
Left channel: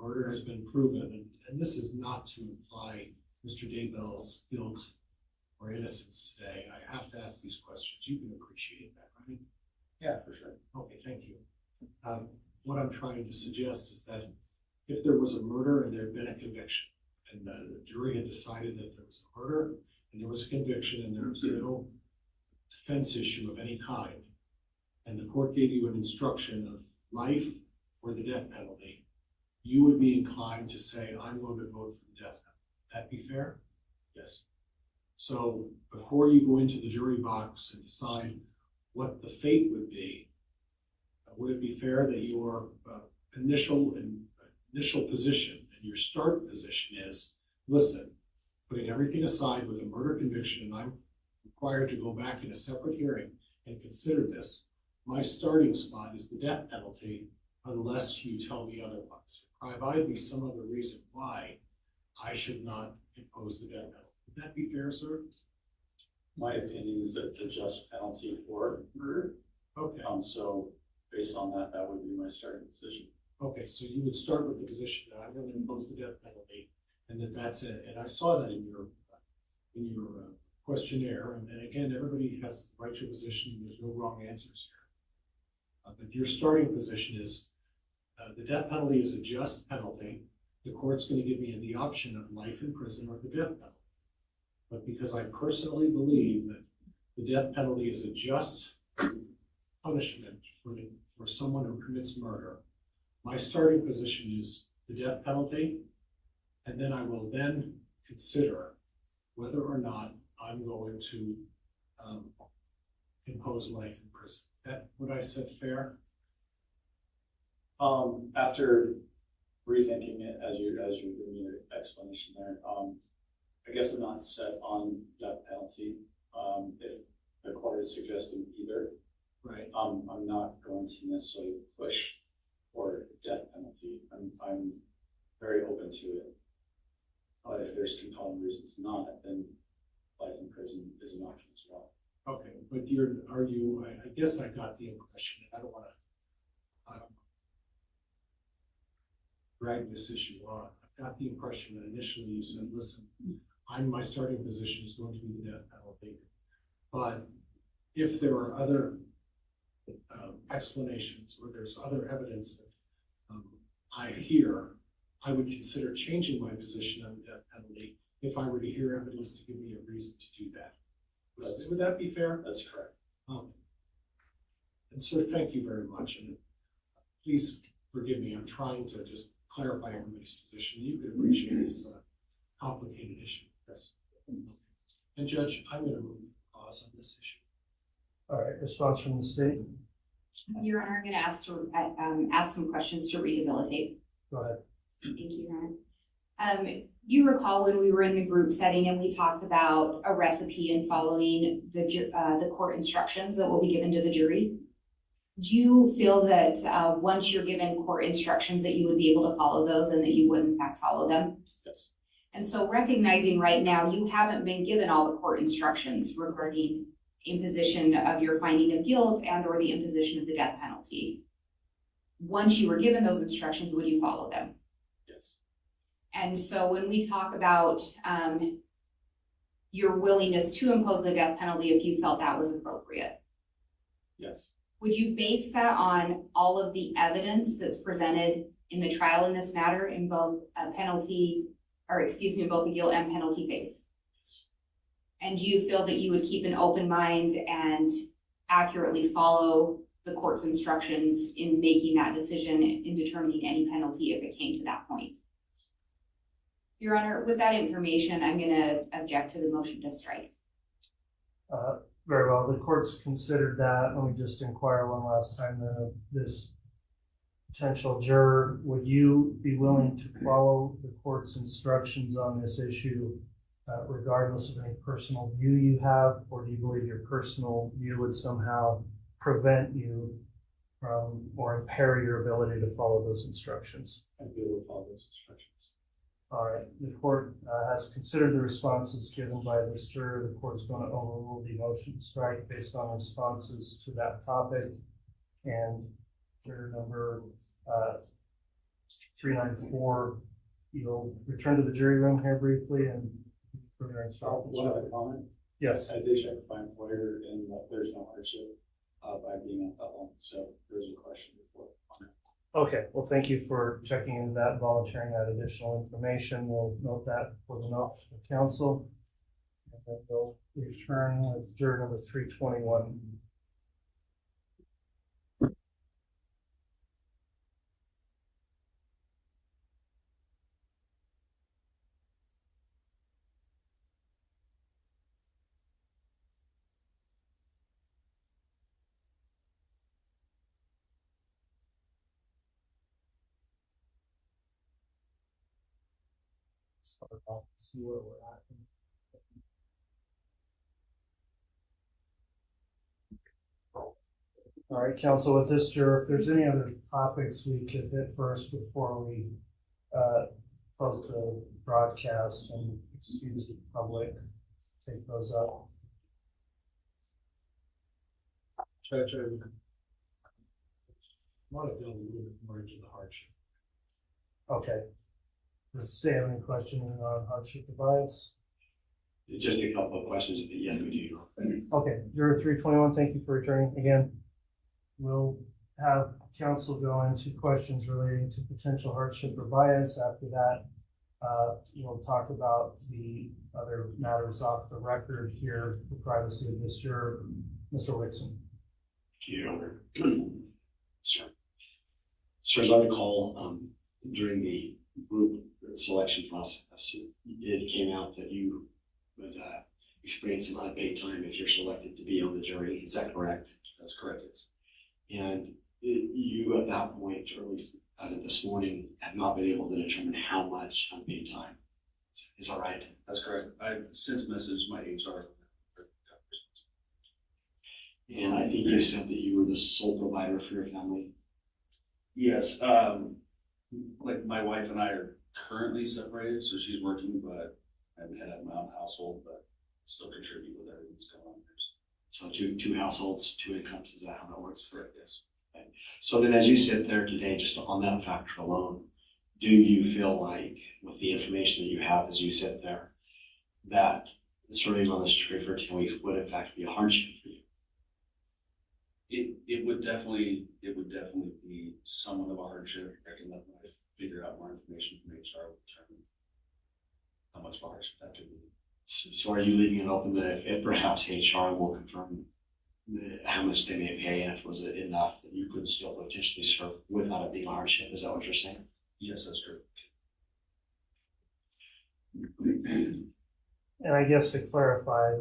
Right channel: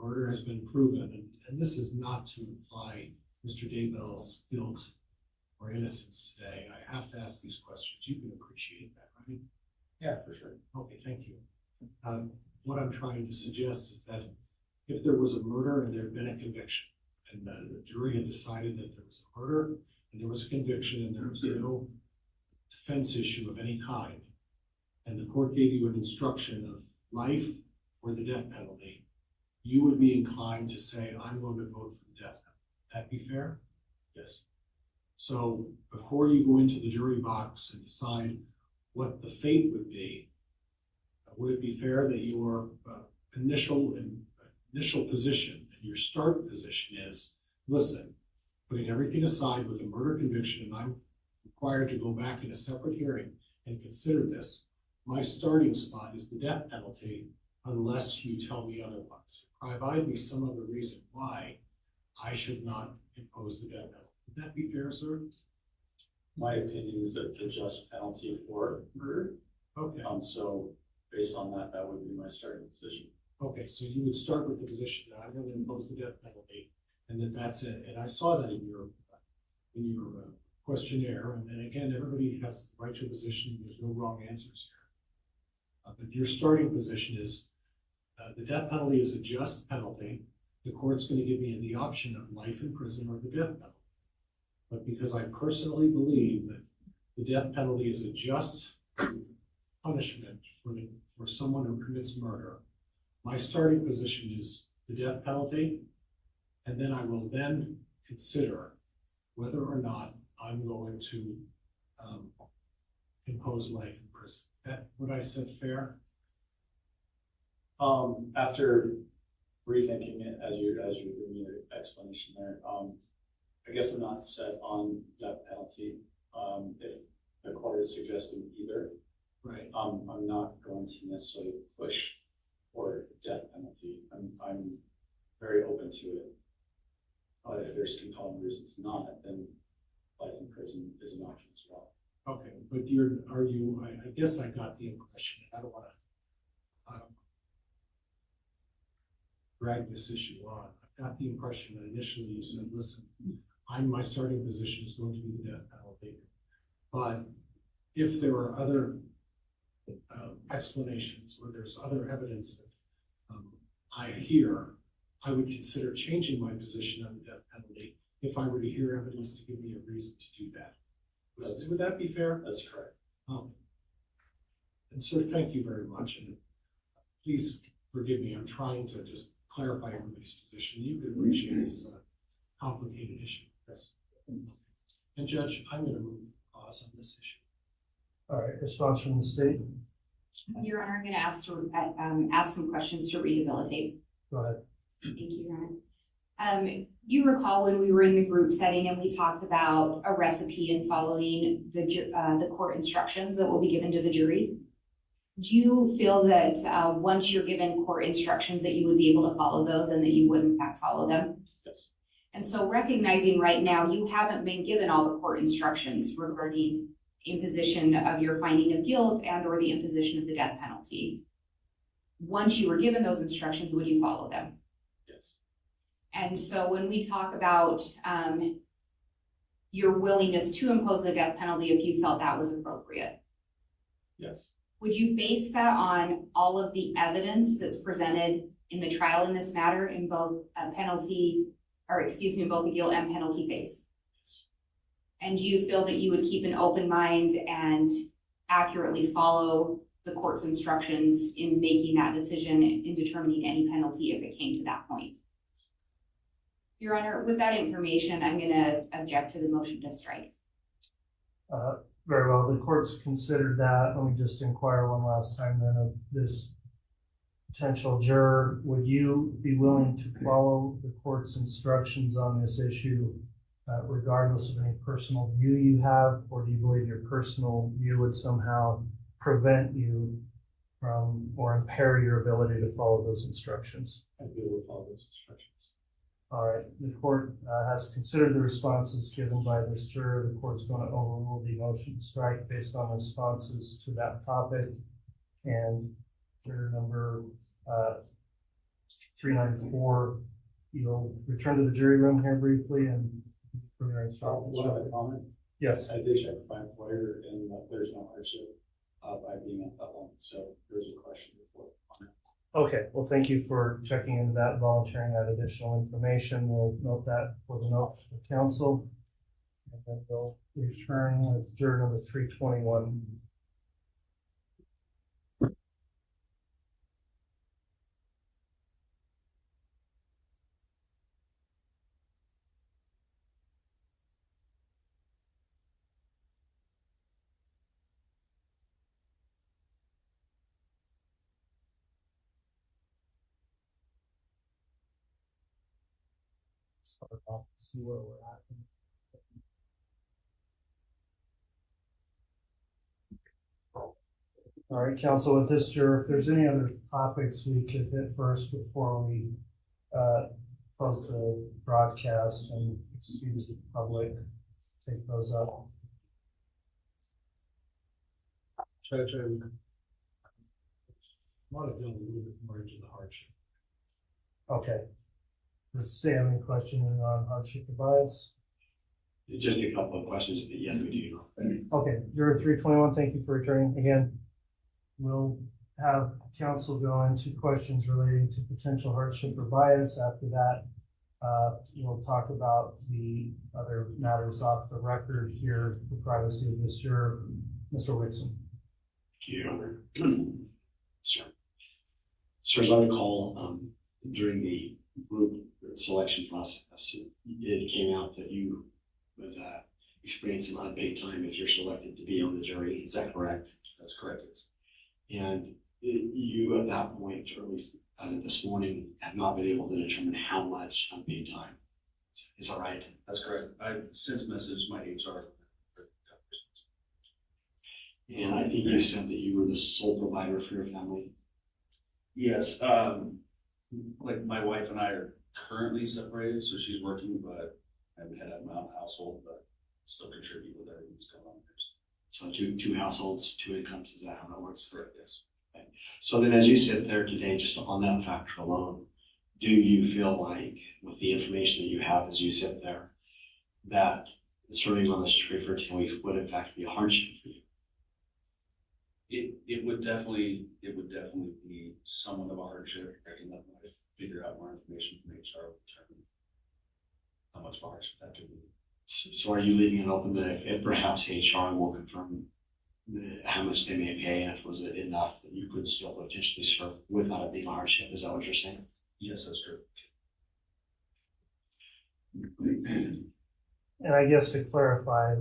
murder has been proven, and this is not to imply Mr. Daybell's guilt or innocence today. I have to ask these questions. You can appreciate that, right? Yeah, for sure. Okay, thank you. What I'm trying to suggest is that if there was a murder and there had been a conviction, and the jury had decided that there was a murder and there was a conviction and there was no defense issue of any kind, and the court gave you an instruction of life or the death penalty, you would be inclined to say, I'm going to vote for the death penalty. Would that be fair? Yes. So before you go into the jury box and decide what the fate would it be fair that your initial position and your start position is, listen, putting everything aside with a murder conviction, and I'm required to go back in a separate hearing and consider this, my starting spot is the death penalty unless you tell me otherwise. Provide me some other reason why I should not impose the death penalty. Would that be fair, sir? My opinion is that it's a just penalty for murder. Okay. So based on that, that would be my starting position. Okay, so you would start with the position that I'm going to impose the death penalty, and that's it. And I saw that in your questionnaire. And again, everybody has the right to a position. There's no wrong answers here. But your starting position is the death penalty is a just penalty. The court's going to give me the option of life in prison or the death penalty. But because I personally believe that the death penalty is a just punishment for someone who commits murder, my starting position is the death penalty, and then I will then consider whether or not I'm going to impose life in prison. That what I said fair? After rethinking it as you're giving your explanation there, I guess I'm not set on death penalty. If the court is suggesting either, right? I'm not going to necessarily push for death penalty. I'm very open to it. But if there's compelling reasons not, then life in prison is an option as well. Okay, but I guess I got the impression, I don't want to drag this issue on. I got the impression that initially you said, listen, my starting position is going to be the death penalty. But if there are other explanations or there's other evidence that I hear, I would consider changing my position on the death penalty if I were to hear evidence to give me a reason to do that. Would that be fair? That's correct. And sir, thank you very much. And please forgive me, I'm trying to just clarify everybody's position. You can appreciate this complicated issue. Yes. And Judge, I'm going to move pause on this issue. All right, response from the state. Your Honor, I'm going to ask some questions to rehabilitate. Go ahead. Thank you, Your You recall when we were in the group setting and we talked about a recipe and following the court instructions that will be given to the jury? Do you feel that once you're given court instructions that you would be able to follow those and that you would in fact follow them? Yes. And so recognizing right now you haven't been given all the court instructions regarding imposition of your finding of guilt and or the imposition of the death penalty. Once you were given those instructions, would you follow them? Yes. And so when we talk about your willingness to impose the death penalty if you felt that was appropriate, Yes. would you base that on all of the evidence that's presented in the trial in this matter in both in both the guilt and penalty phase? Yes. And do you feel that you would keep an open mind and accurately follow the court's instructions in making that decision in determining any penalty if it came to that point? Your Honor, with that information, I'm going to object to the motion to strike. Very well. The court's considered that. Let me just inquire one last time then of this potential juror. Would you be willing to follow the court's instructions on this issue regardless of any personal view you have, or do you believe your personal view would somehow prevent you from or impair your ability to follow those instructions? I'd be able to follow those instructions. All right, the court has considered the responses given by this juror. The court's going to overrule the motion to strike based on responses to that topic. And juror number 394, you'll return to the jury room here briefly and for your instructions. One other comment. Yes. I did check with my employer and there's no hardship by being at that long. So there's a question before. Okay, well, thank you for checking into that, volunteering that additional information. We'll note that for the note of the council. And then we'll return with juror number 321. Start off to see where we're at. All right, council, with this juror, if there's any other topics we could hit first before we close the broadcast and excuse the public, take those up. Judge, I want to delve a little bit more into the hardship. Okay. Does the state have any questions on hardship or bias? Just a couple of questions, but yes, we do. Okay, juror 321, thank you for returning again. We'll have counsel go into questions relating to potential hardship or bias. After that, we'll talk about the other matters off the record here, the privacy of this juror. Mr. Whitson. Your Honor. Sir, as I recall, during the group selection process, it came out that you would experience some unpaid time if you're selected to be on the jury. Is that correct? That's correct. And you, at that point, or at least as of this morning, have not been able to determine how much unpaid time. Is that right? That's correct. I've since messaged my HR. And I think you said that you were the sole provider for your family. Yes. Like my wife and I are currently separated, so she's working, but I haven't had my own household, but still contribute with everything that's going on there. So two households, two incomes, is that how that works? Correct, yes. Okay. So then as you sit there today, just on that factor alone, do you feel like with the information that you have as you sit there, that serving on this jury for 10 weeks would in fact be a hardship for you? It would definitely be somewhat of a hardship. I can let my wife figure out more information from HR to determine how much of a hardship that could be. So are you leaving it open that if perhaps HR will confirm how much they may pay, and if it was enough that you could still potentially serve without it being a hardship? Is that what you're saying? Yes, that's true. And I guess to clarify,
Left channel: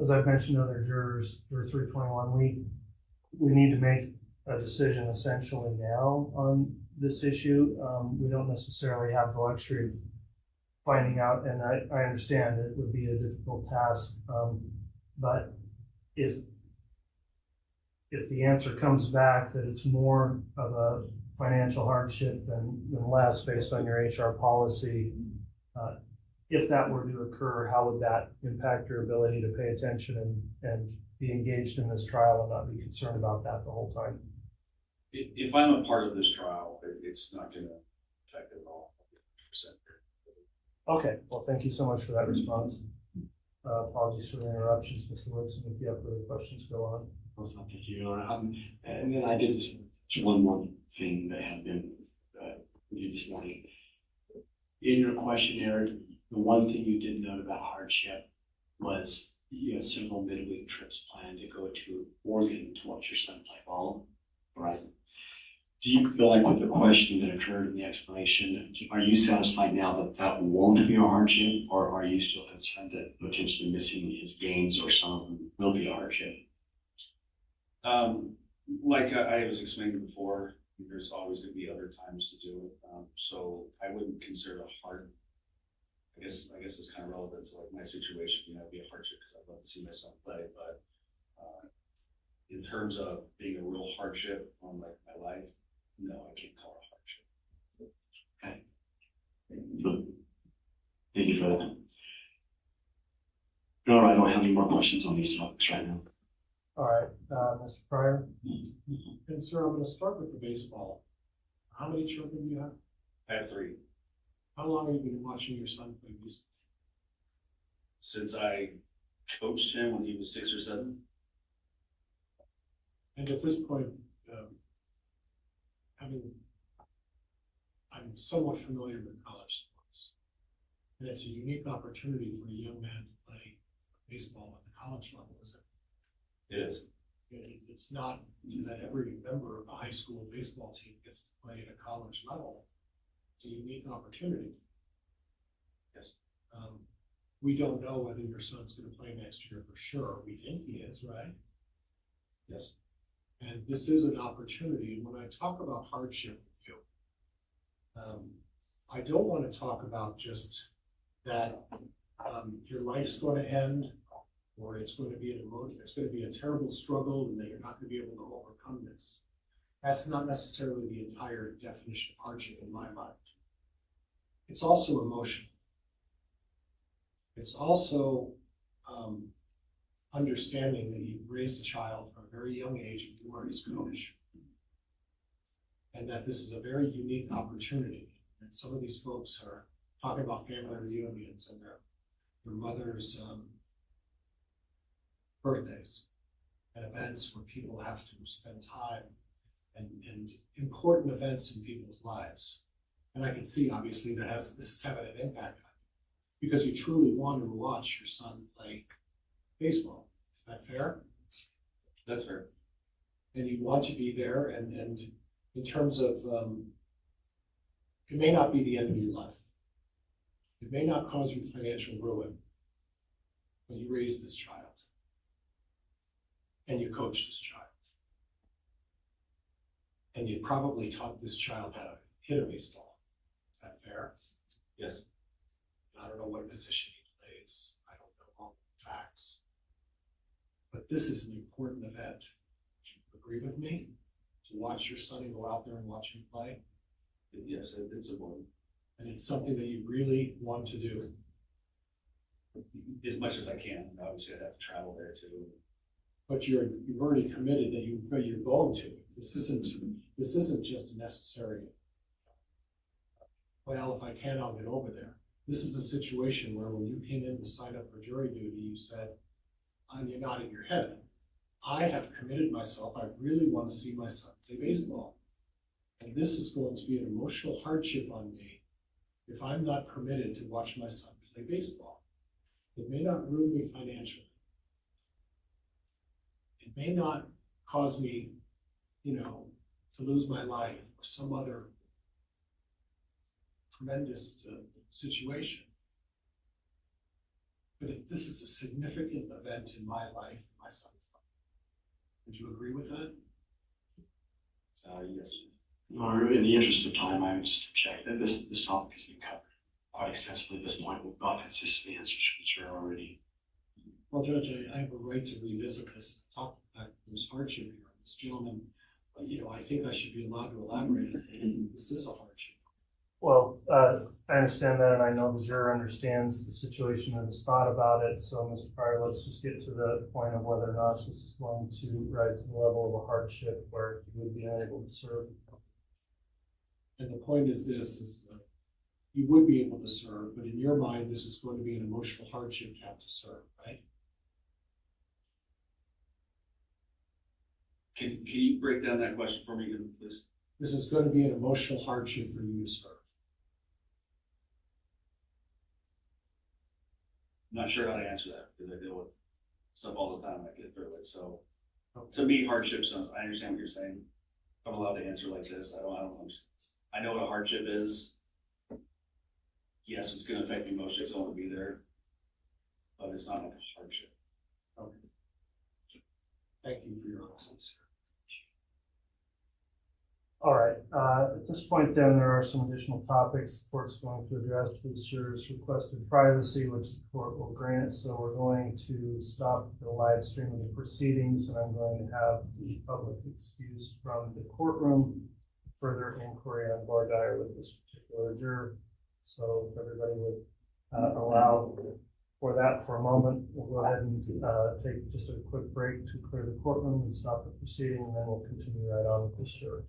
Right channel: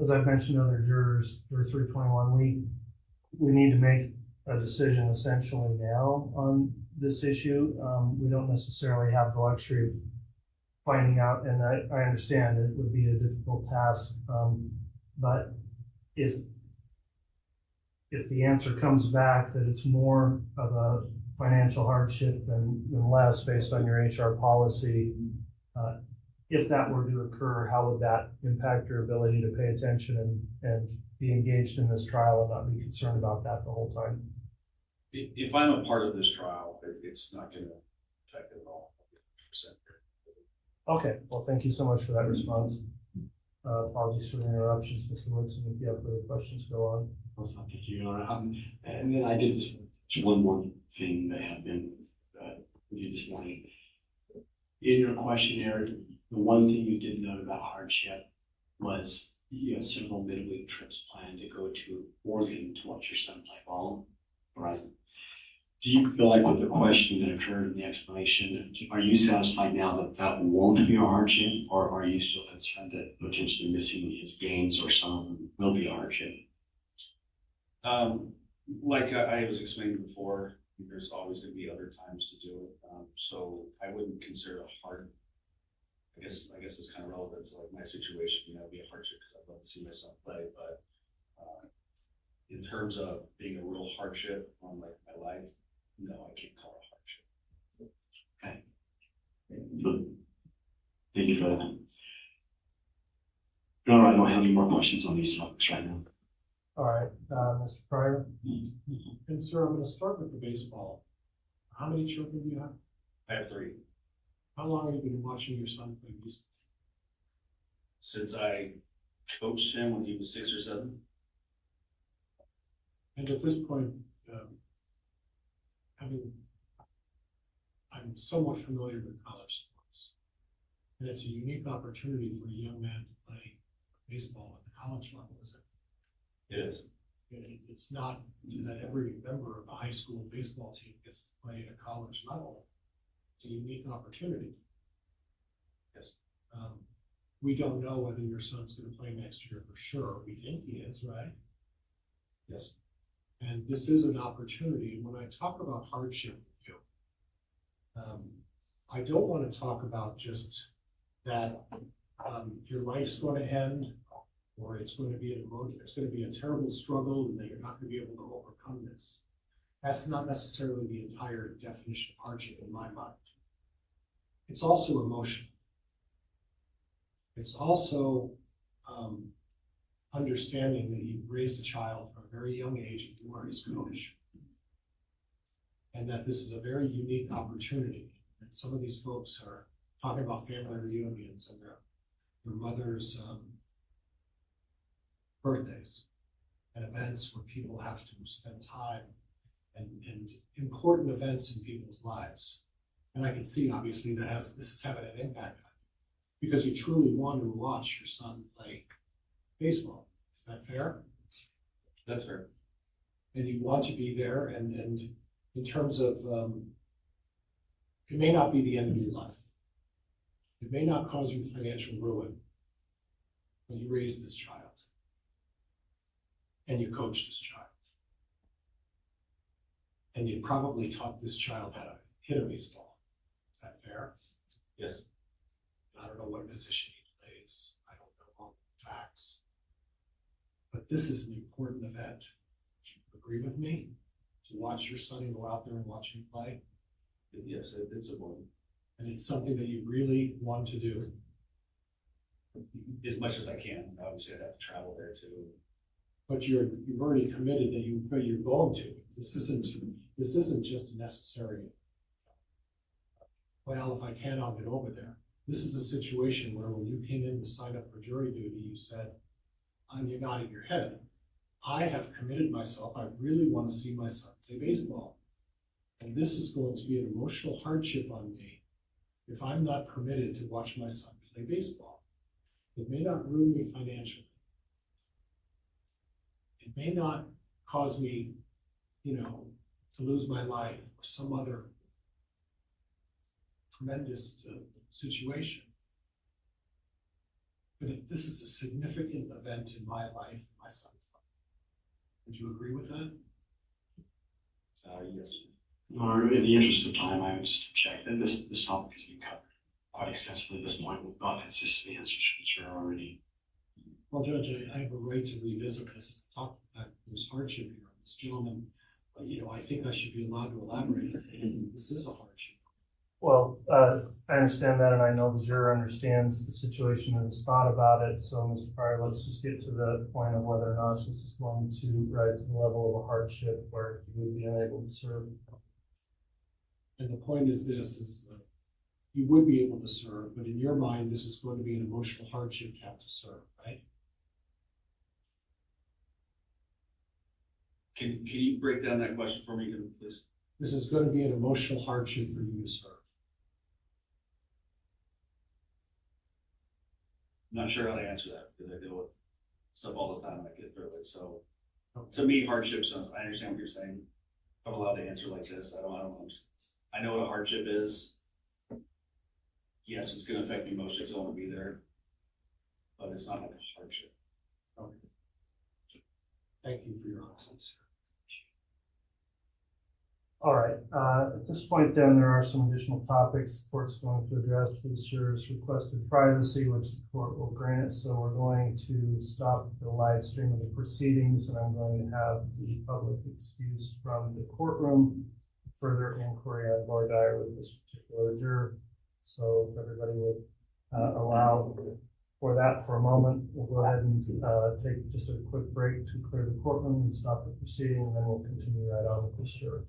as I've mentioned to other jurors, juror 321, we need to make a decision essentially now on this issue. We don't necessarily have the luxury of finding out, and I understand it would be a difficult task, but if the answer comes back that it's more of a financial hardship than less based on your HR policy, if that were to occur, how would that impact your ability to pay attention and be engaged in this trial and not be concerned about that the whole time? If I'm a part of this trial, it's not gonna affect it at all. Okay, well, thank you so much for that response. Apologies for the interruptions, Mr. Woodson. If you have further questions, go on. Thank you, Your Honor. And then I did just one more thing that had been with you this morning. In your questionnaire, the one thing you did note about hardship was you have several midweek trips planned to go to Oregon to watch your son play ball, right? Do you feel like with the question that occurred in the explanation, are you satisfied now that that won't be a hardship, or are you still concerned that potentially missing his games or some of them will be a hardship? Like I was explaining before, there's always going to be other times to do it. So I wouldn't consider it hard. I guess it's kind of relevant to like my situation. It'd be a hardship because I'd love to see my son play. But in terms of being a real hardship on like my life, no, I can't call it a hardship. Okay. Thank you for that. No, I don't have any more questions on these topics right now. All right, Mr. Pryor. And sir, I'm going to start with the baseball. How many children do you have? I have 3. How long have you been watching your son play baseball? Since I coached him when he was 6 or 7. And at this point, I'm somewhat familiar with college sports. And it's a unique opportunity for a young man to play baseball at the college level, isn't it? It is. It's not that every member of a high school baseball team gets to play at a college level. It's a unique opportunity. Yes. We don't know whether your son's going to play next year for sure. We think he is, right? Yes. And this is an opportunity. When I talk about hardship with you, I don't want to talk about just that your life's going to end, or it's going to be a terrible struggle, and that you're not going to be able to overcome this. That's not necessarily the entire definition of hardship in my mind. It's also emotional. It's also understanding that you've raised a child from a very young age and you are his coach. And that this is a very unique opportunity. And some of these folks are talking about family reunions and their mother's birthdays and events where people have to spend time and important events in people's lives. And I can see obviously this is having an impact on you because you truly want to watch your son play baseball. Is that fair? That's fair. And you want to be there, and in terms of, it may not be the end of your life. It may not cause you financial ruin, but you raise this child and you coach this child. And you probably taught this child how to hit a baseball. Is that fair? Yes. I don't know what position he plays. I don't know all the facts. But this is an important event. Do you agree with me? To watch your son and go out there and watch him play? Yes, it's important. And it's something that you really want to do. As much as I can. Obviously, I'd have to travel there too. But you've already committed that you're going to. This isn't just a necessary, well, if I can, I'll get over there. This is a situation where when you came in to sign up for jury duty, you said, and you're nodding your head, I have committed myself. I really want to see my son play baseball. And this is going to be an emotional hardship on me if I'm not permitted to watch my son play baseball. It may not ruin me financially. It may not cause me, to lose my life or some other tremendous situation. But if this is a significant event in my life, my son's life, would you agree with that? Yes. Or in the interest of time, I would just check that this topic has been covered. quite extensively at this point. We've got consistent answers from the chair already. Well, Judge, I have a right to revisit this and talk about this hardship here. This gentleman, I think I should be allowed to elaborate. And this is a hardship. Well, I understand that, and I know the juror understands the situation and has thought about it. So, Mr. Pryor, let's just get to the point of whether or not this is going to rise to the level of a hardship where he would be unable to serve. And the point is this, you would be able to serve, but in your mind, this is going to be an emotional hardship to have to serve, right? Can you break down that question for me, please? This is going to be an emotional hardship for you to serve. I'm not sure how to answer that because I deal with stuff all the time. I get through it. So to me, hardship sounds, I understand what you're saying. I'm allowed to answer like this. I don't understand. I know what a hardship is. Yes, it's going to affect emotions. I want to be there, but it's not like a hardship. Okay. Thank you for your honesty. All right. At this point, then, there are some additional topics the court's going to address. The jurors requested privacy, which the court will grant. So we're going to stop the live stream of the proceedings, and I'm going to have the public excused from the courtroom. Further inquiry on voir dire with this particular juror. So if everybody would allow for that for a moment, we'll go ahead and take just a quick break to clear the courtroom and stop the proceeding, and then we'll continue right on with this juror.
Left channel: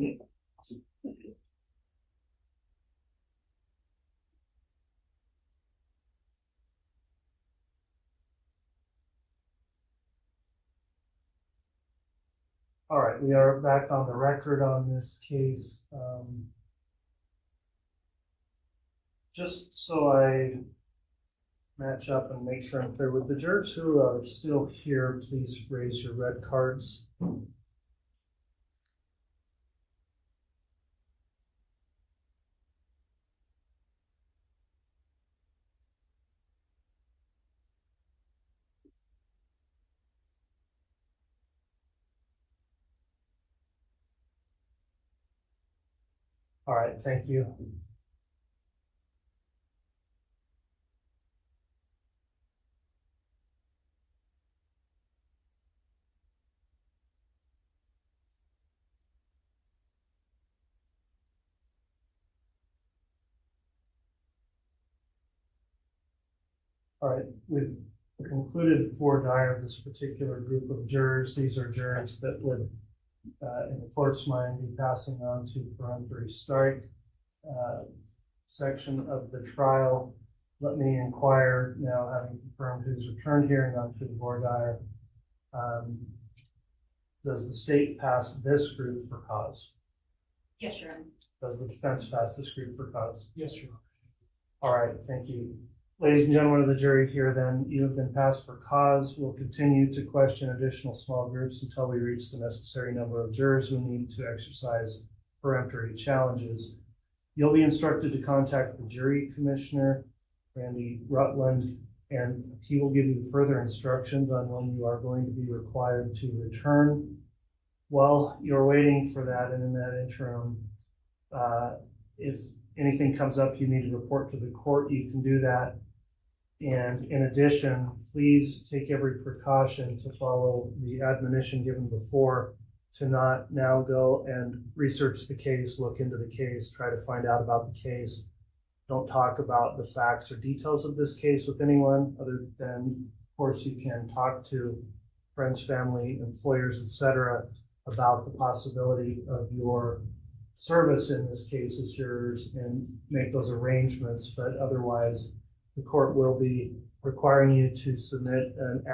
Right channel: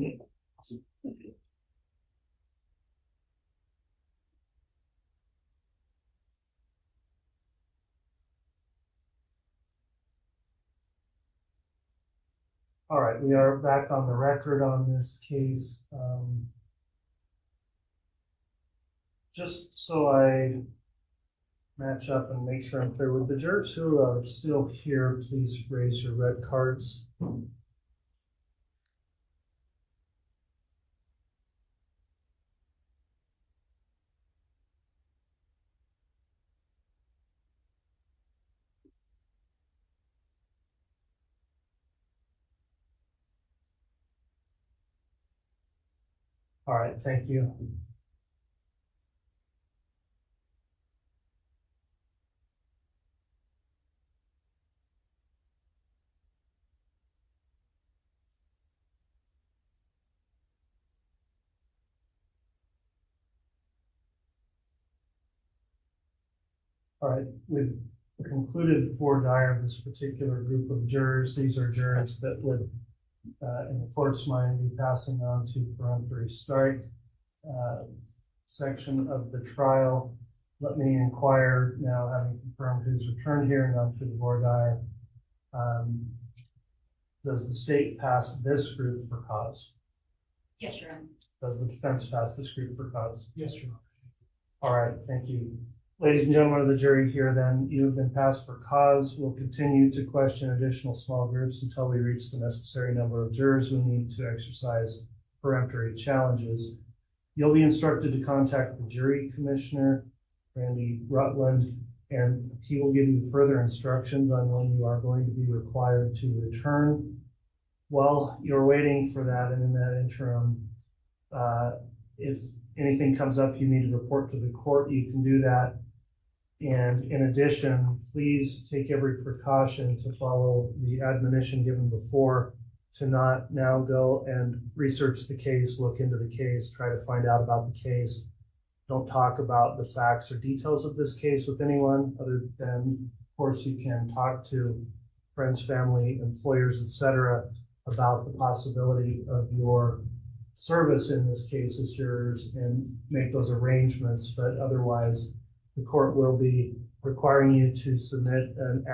All right, we are back on the record on this case. Just so I match up and make sure I'm clear with the jurors who are still here, please raise your red cards. All right, thank you. All right, we've concluded voir dire of this particular group of jurors. These are jurors that would, in the court's mind, be passing on to peremptory strike section of the trial. Let me inquire now, having confirmed who's returned here and on to the voir dire. Does the state pass this group for cause? Yes, Your Honor. Does the defense pass this group for cause? Yes, Your Honor. All right, thank you. Ladies and gentlemen of the jury, here then, you have been passed for cause. We'll continue to question additional small groups until we reach the necessary number of jurors who need to exercise peremptory challenges. You'll be instructed to contact the jury commissioner, Randy Rutland, and he will give you further instructions on when you are going to be required to return. While you're waiting for that, and in that interim, if anything comes up you need to report to the court, you can do that. And in addition, please take every precaution to follow the admonition given before, to not now go and research the case, look into the case, try to find out about the case. Don't talk about the facts or details of this case with anyone other than, of course, you can talk to friends, family, employers, etc., about the possibility of your service in this case as jurors and make those arrangements. But otherwise, the court will be requiring you to submit an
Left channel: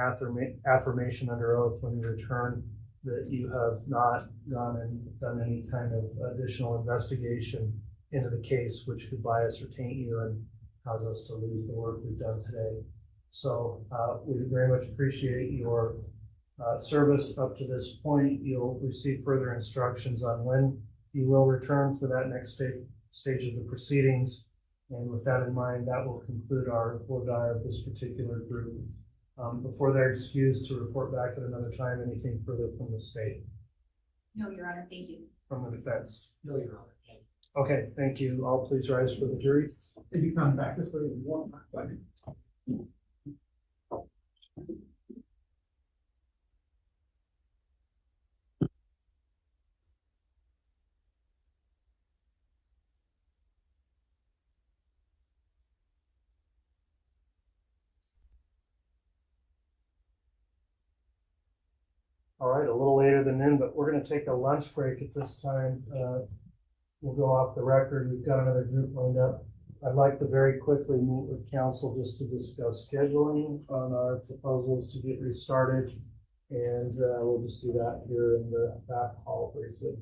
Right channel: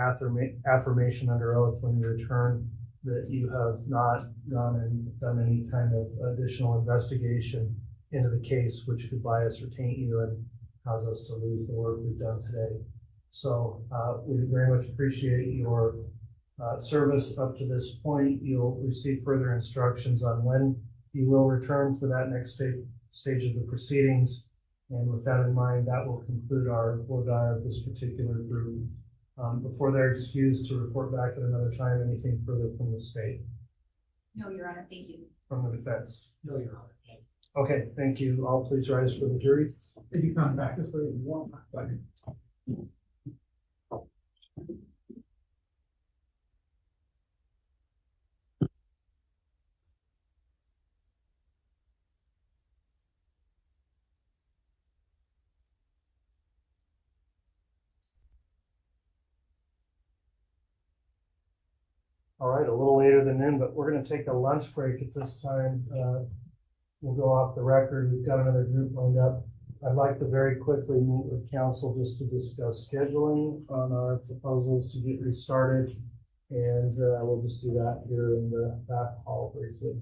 affirmation under oath when you return that you have not gone and done any kind of additional investigation into the case, which could bias or taint you and cause us to lose the work we've done today. So we very much appreciate your service up to this point. You'll receive further instructions on when you will return for that next stage of the proceedings. And with that in mind, that will conclude our voir dire of this particular group. Before they're excused to report back at another time, anything further from the state? No, Your Honor, thank you. From the defense? No, Your Honor. Thank you. Okay, thank you. All please rise for the jury. If you come back this way, you want. All right, a little later than then, but we're going to take a lunch break at this time. We'll go off the record. We've got another group lined up. I'd like to very quickly meet with council just to discuss scheduling on our proposals to get restarted. And we'll just do that here in the back hall briefly.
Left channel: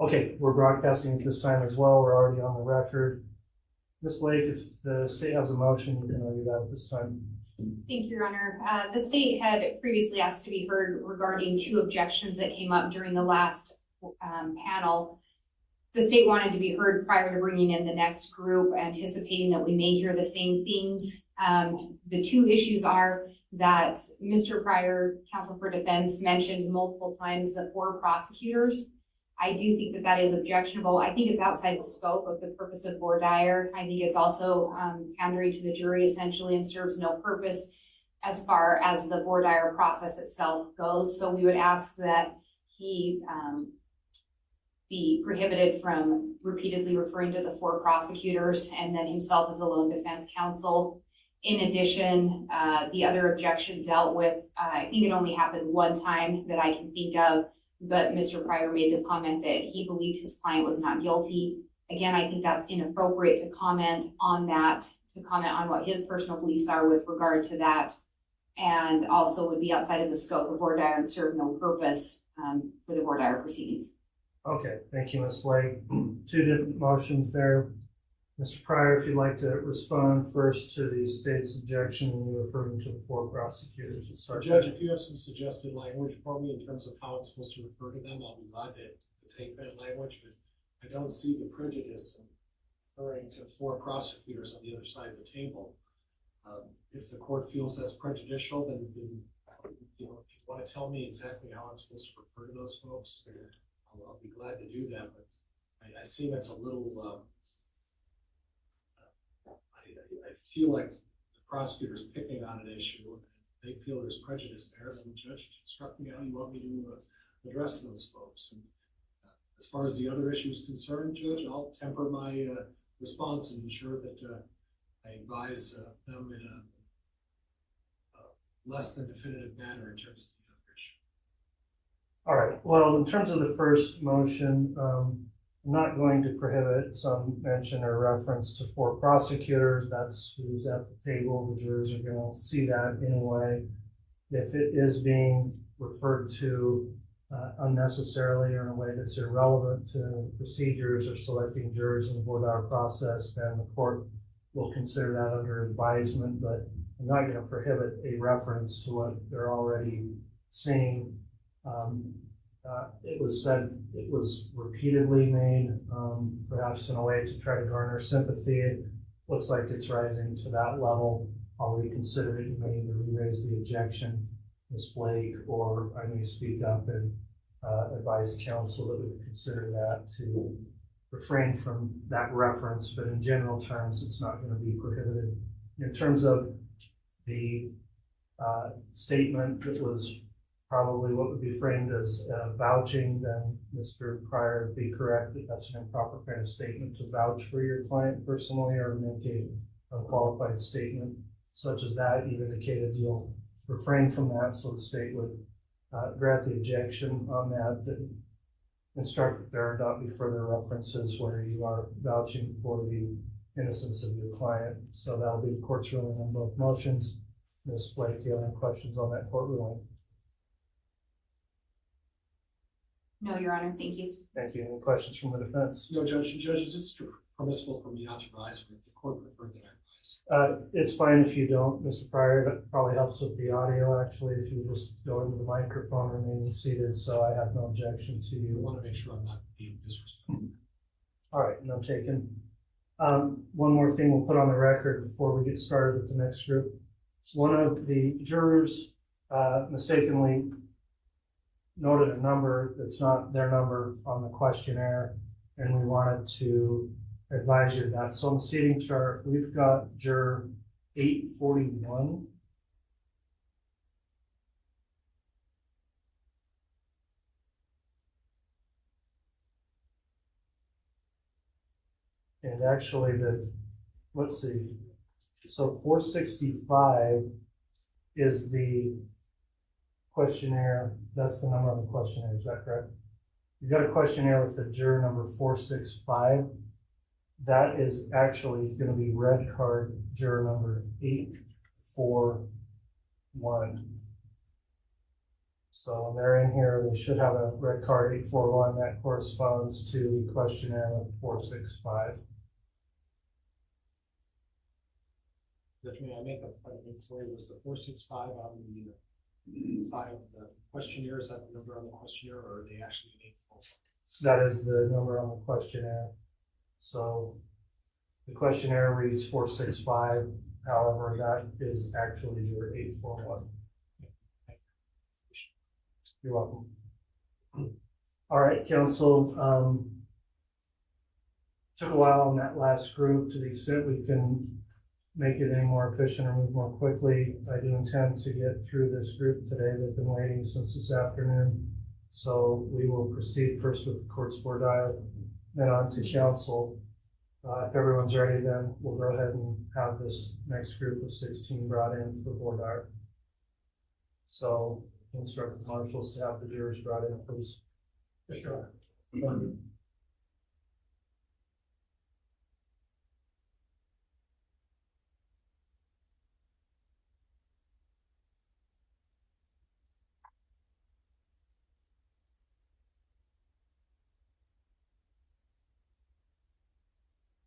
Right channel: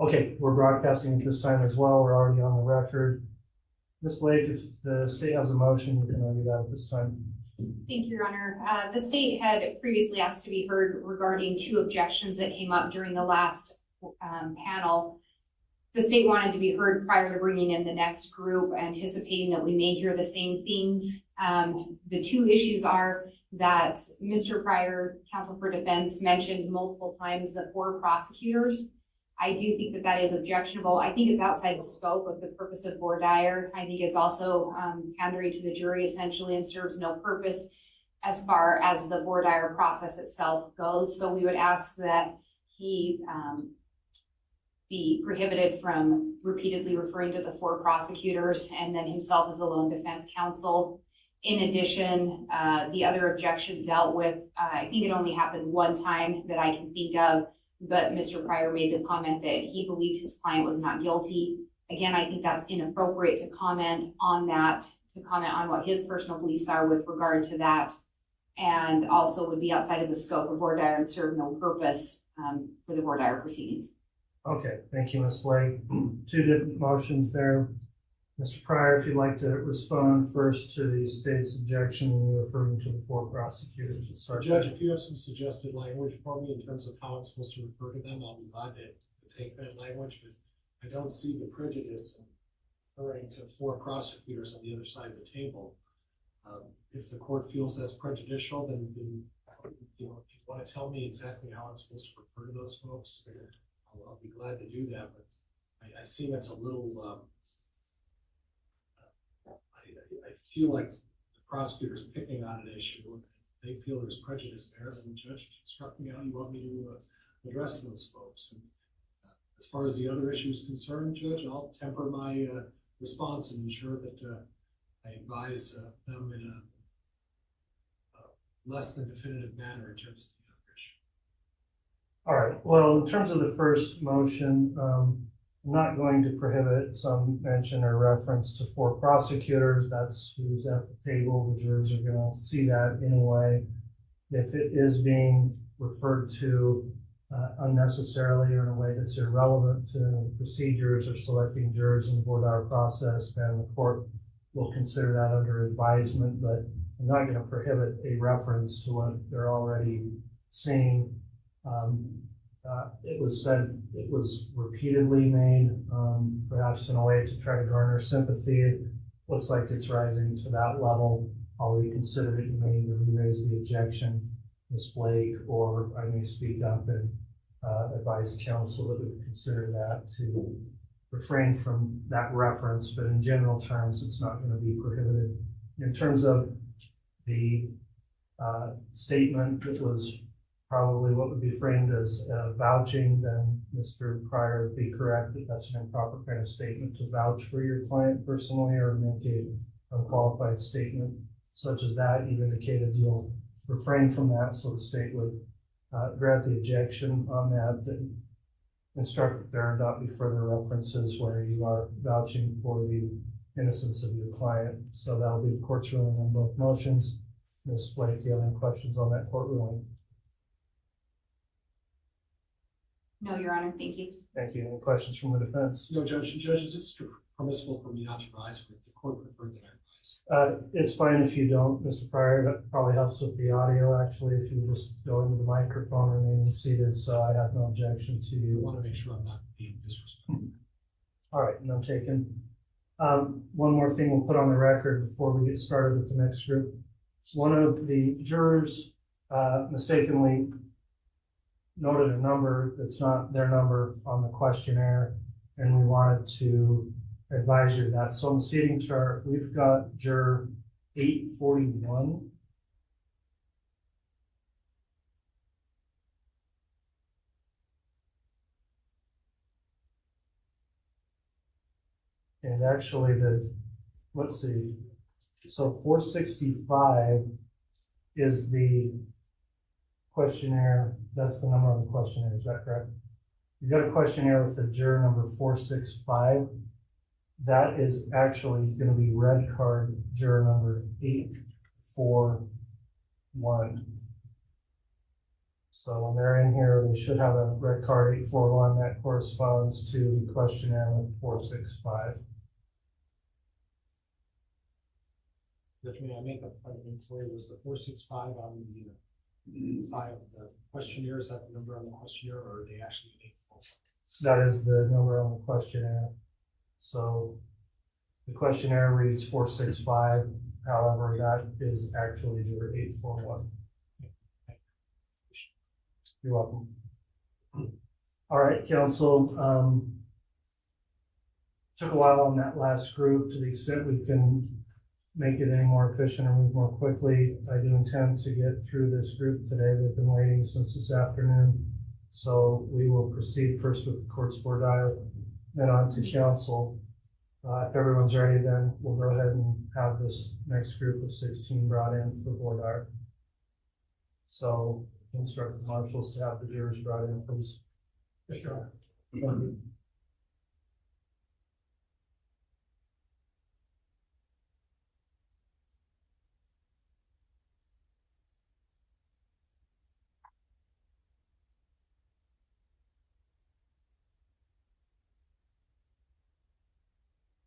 Okay, we're broadcasting at this time as well. We're already on the record. Ms. Blake, if the state has a motion, you can argue that at this time. Thank you, Your Honor. The state had previously asked to be heard regarding 2 objections that came up during the last panel. The state wanted to be heard prior to bringing in the next group, anticipating that we may hear the same things. The 2 issues are that Mr. Pryor, counsel for defense, mentioned multiple times the 4 prosecutors. I do think that that is objectionable. I think it's outside the scope of the purpose of voir dire. I think it's also pandering to the jury essentially and serves no purpose as far as the voir dire process itself goes. So we would ask that he be prohibited from repeatedly referring to the 4 prosecutors and then himself as a lone defense counsel. In addition, the other objection dealt with, I think it only happened one time that I can think of, but Mr. Pryor made the comment that he believed his client was not guilty. Again, I think that's inappropriate to comment on that, to comment on what his personal beliefs are with regard to that, and also would be outside of the scope of voir dire and serve no purpose for the voir dire proceedings. Okay, thank you, Ms. Blake. 2 different motions there. Mr. Pryor, if you'd like to respond first to the state's objection when you're referring to the 4 prosecutors. Judge, if you have some suggested language for me in terms of how I'm supposed to refer to them, I'll be glad to take that language, but I don't see the prejudice in referring to 4 prosecutors on the other side of the table. If the court feels that's prejudicial, then you know, if you want to tell me exactly how I'm supposed to refer to those folks, I'll be glad to do that, but I see that's a little, I feel like the prosecutor's picking on an issue, and they feel there's prejudice there, then the judge instruct me how you want me to address those folks. And as far as the other issue is concerned, Judge, I'll temper my response and ensure that I advise them in a less than definitive manner in terms of the other issue. All right, well, in terms of the first motion, I'm not going to prohibit some mention or reference to 4 prosecutors. That's who's at the table. The jurors are going to see that anyway. If it is being referred to unnecessarily or in a way that's irrelevant to procedures or selecting jurors in the voir dire process, then the court will consider that under advisement, but I'm not going to prohibit a reference to what they're already seeing. It was said, it was repeatedly made, perhaps in a way to try to garner sympathy. It looks like it's rising to that level. I'll reconsider it. You may either re-raise the objection, Ms. Blake, or I may speak up and advise counsel that we would consider that to refrain from that reference, but in general terms, it's not going to be prohibited. In terms of the statement that was probably what would be framed as vouching, then Mr. Pryor would be correct that that's an improper kind of statement to vouch for your client personally or make a unqualified statement such as that. You've indicated you'll refrain from that, so the state would grant the objection on that and instruct that there not be further references where you are vouching for the innocence of your client. So that'll be the court's ruling on both motions. Ms. Blake, do you have any questions on that court ruling? No, Your Honor, thank you. Thank you. Any questions from the defense? No, Judge, is it permissible for me not to advise, or if the court preferred that I advise? It's fine if you don't, Mr. Pryor. That probably helps with the audio, actually, if you just go into the microphone remaining seated, so I have no objection to you. I want to make sure I'm not being disrespectful. All right, no taken. One more thing we'll put on the record before we get started with the next group. One of the jurors mistakenly noted a number that's not their number on the questionnaire, and we wanted to advise you of that. So on the seating chart, we've got juror 841. And actually let's see, so 465 is the questionnaire, that's the number on the questionnaire, is that correct? You've got a questionnaire with the juror number 465. That is actually going to be red card juror number 841. So when they're in here, they should have a red card 841 that corresponds to the questionnaire 465. May I make a point for you? Was the 465 on the file, the questionnaire, is that the number on the questionnaire, or are they actually 841? That is the number on the questionnaire. So the questionnaire reads 465. However, that is actually your 841. You're welcome. All right, counsel. Took a while on that last group. To the extent we can make it any more efficient or move more quickly, I do intend to get through this group today. They've been waiting since this afternoon. So we will proceed first with the court's board dial, then on to counsel. If everyone's ready, then we'll go ahead and have this next group of 16 brought in for board dial. So instruct the marshals to have the jurors brought in, please. Yes, Your Honor.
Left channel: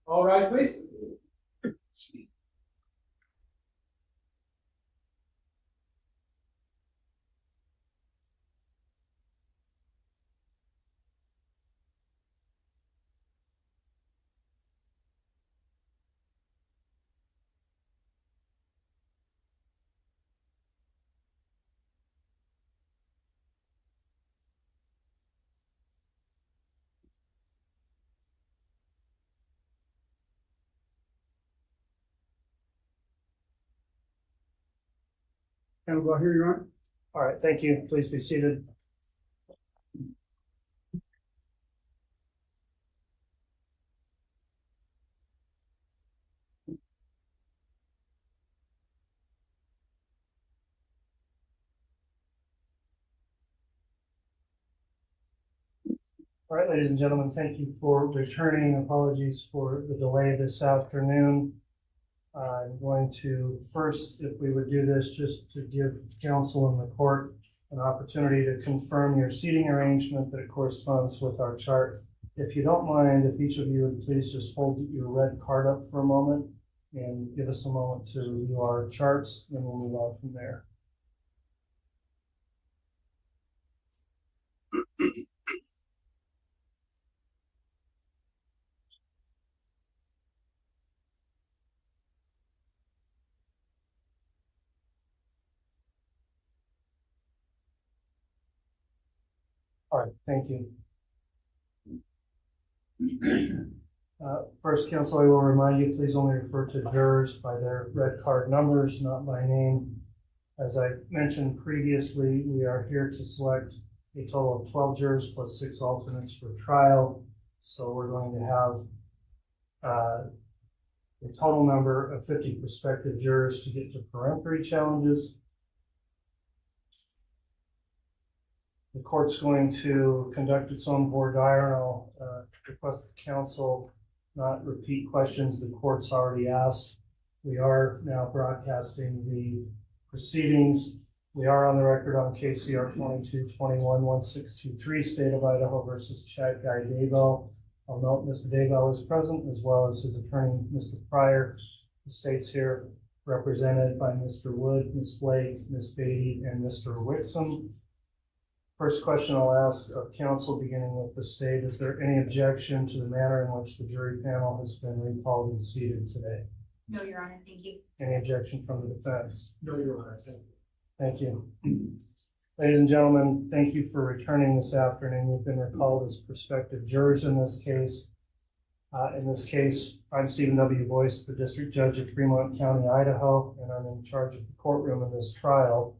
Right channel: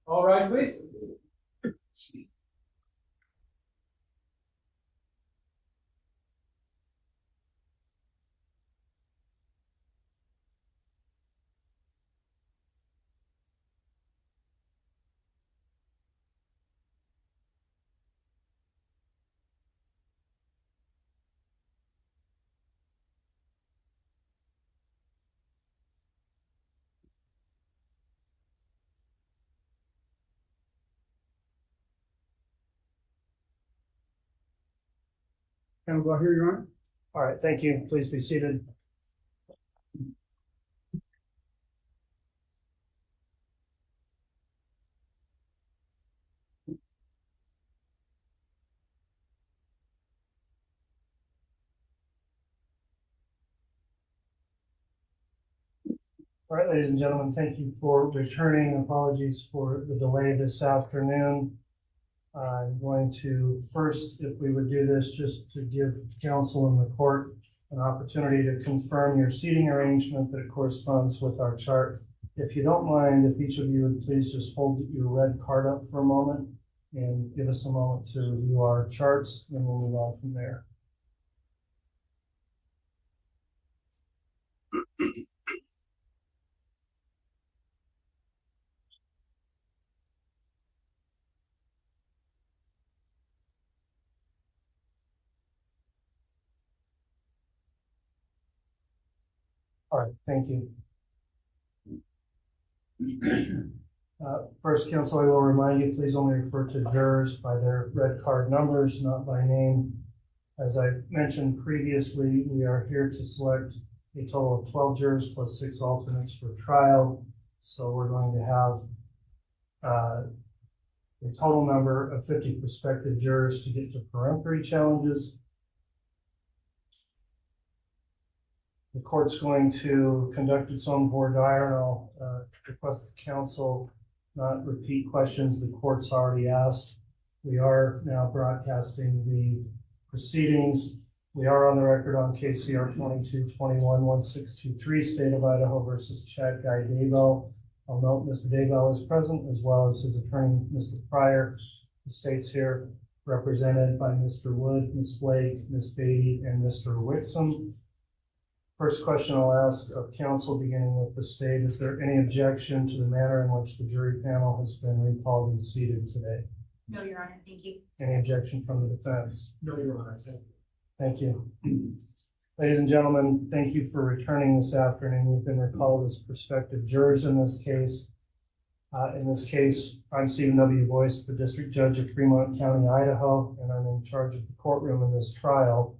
All right, please. Go here, Your Honor. All right, thank you. Please be seated. All right, ladies and gentlemen, thank you for returning. Apologies for the delay this afternoon. I'm going to first, if we would do this, just to give counsel in the court an opportunity to confirm your seating arrangement that it corresponds with our chart. If you don't mind, if each of you would please just hold your red card up for a moment and give us a moment to review our charts, then we'll move on from there. All right, thank you. First, counsel, I will remind you, please only refer to jurors by their red card numbers, not by name. As I mentioned previously, we are here to select a total of 12 jurors plus 6 alternates for trial. So we're going to have a total number of 50 prospective jurors to get to peremptory challenges. The court's going to conduct its own voir dire, and I'll request the counsel not repeat questions the court's already asked. We are now broadcasting the proceedings. We are on the record on KCR 2221-1623, State of Idaho versus Chad Daybell. I'll note Mr. Daybell is present, as well as his attorney, Mr. Pryor. The state's here represented by Mr. Wood, Ms. Blake, Ms. Beatty, and Mr. Wixom. First question I'll ask of counsel, beginning with the state, is there any objection to the manner in which the jury panel has been recalled and seated today? No, Your Honor, thank you. Any objection from the defense? No, Your Honor, thank you. Thank you. Ladies and gentlemen, thank you for returning this afternoon. You've been recalled as prospective jurors in this case. I'm Stephen W. Boyce, the District Judge of Fremont County, Idaho, and I'm in charge of the courtroom in this trial.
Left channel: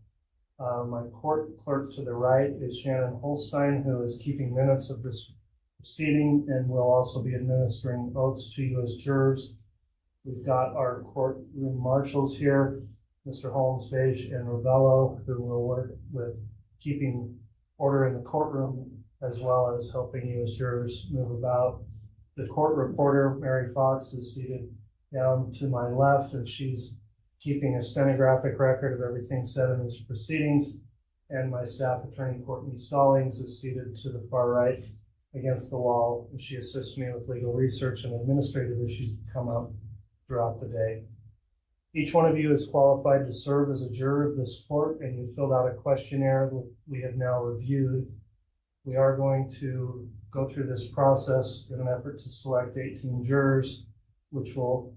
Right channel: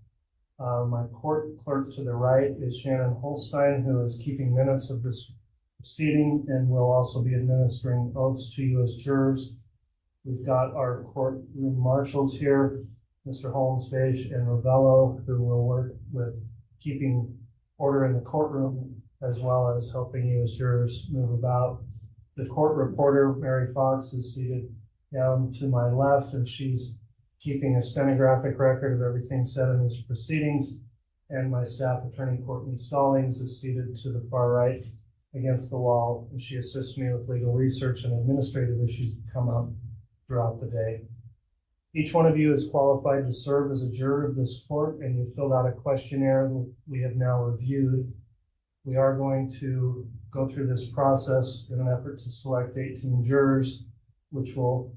My court clerk to the right is Shannon Holstein, who is keeping minutes of this proceeding and will also be administering oaths to you as jurors. We've got our courtroom marshals here, Mr. Holmes, Beige, and Ravello, who will work with keeping order in the courtroom, as well as helping you as jurors move about. The court reporter, Mary Fox, is seated down to my left, and she's keeping a stenographic record of everything said in these proceedings. and my staff attorney, Courtney Stallings, is seated to the far right against the wall, and she assists me with legal research and administrative issues that come up throughout the day. Each one of you is qualified to serve as a juror of this court, and you filled out a questionnaire that we have now reviewed. We are going to go through this process in an effort to select 18 jurors, which will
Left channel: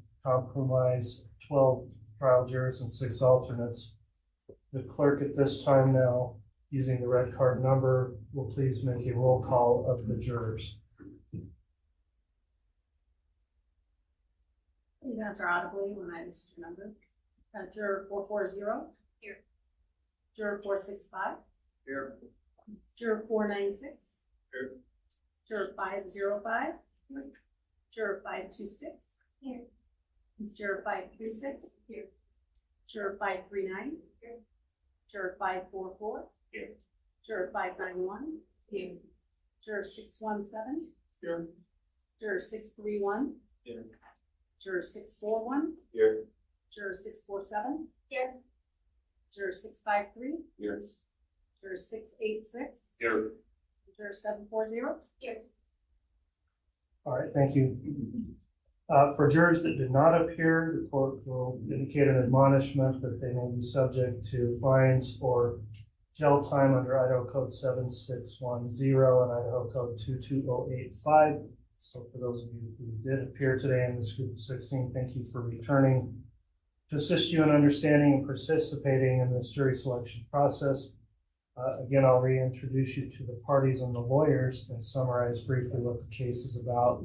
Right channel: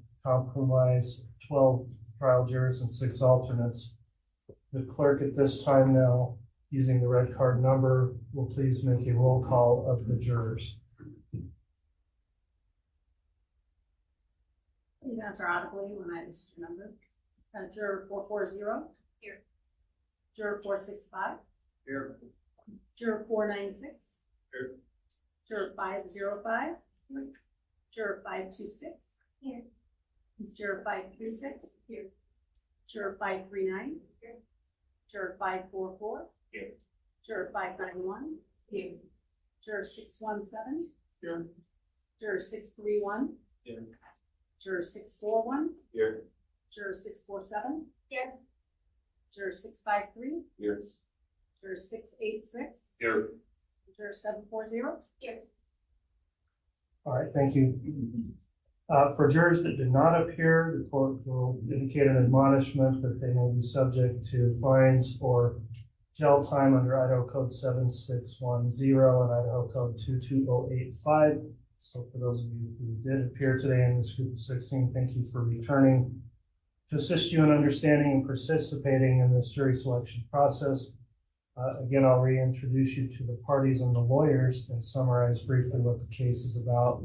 comprise 12 trial jurors and 6 alternates. The clerk at this time now, using the red card number, will please make a roll call of the jurors. Please answer audibly when I list your number. Juror 440. Here. Juror 465. Here. Juror 496. Here. Juror 505. Here. Juror 526. Here. Juror 536. Here. Juror 539. Here. Juror 544. Here. Juror 591. Here. Juror 617. Here. Juror 631. Here. Juror 641. Here. Juror 647. Here. Juror 653. Here. Juror 686. Here. Juror 740. Here. All right, thank you. For jurors that did not appear, the court will indicate an admonishment that they may be subject to fines or jail time under Idaho Code 7610 and Idaho Code 22085. So for those of you who did appear today in this group of 16, thank you for returning. To assist you in understanding and participating in this jury selection process, again, I'll reintroduce you to the parties and the lawyers and summarize briefly what the case is about.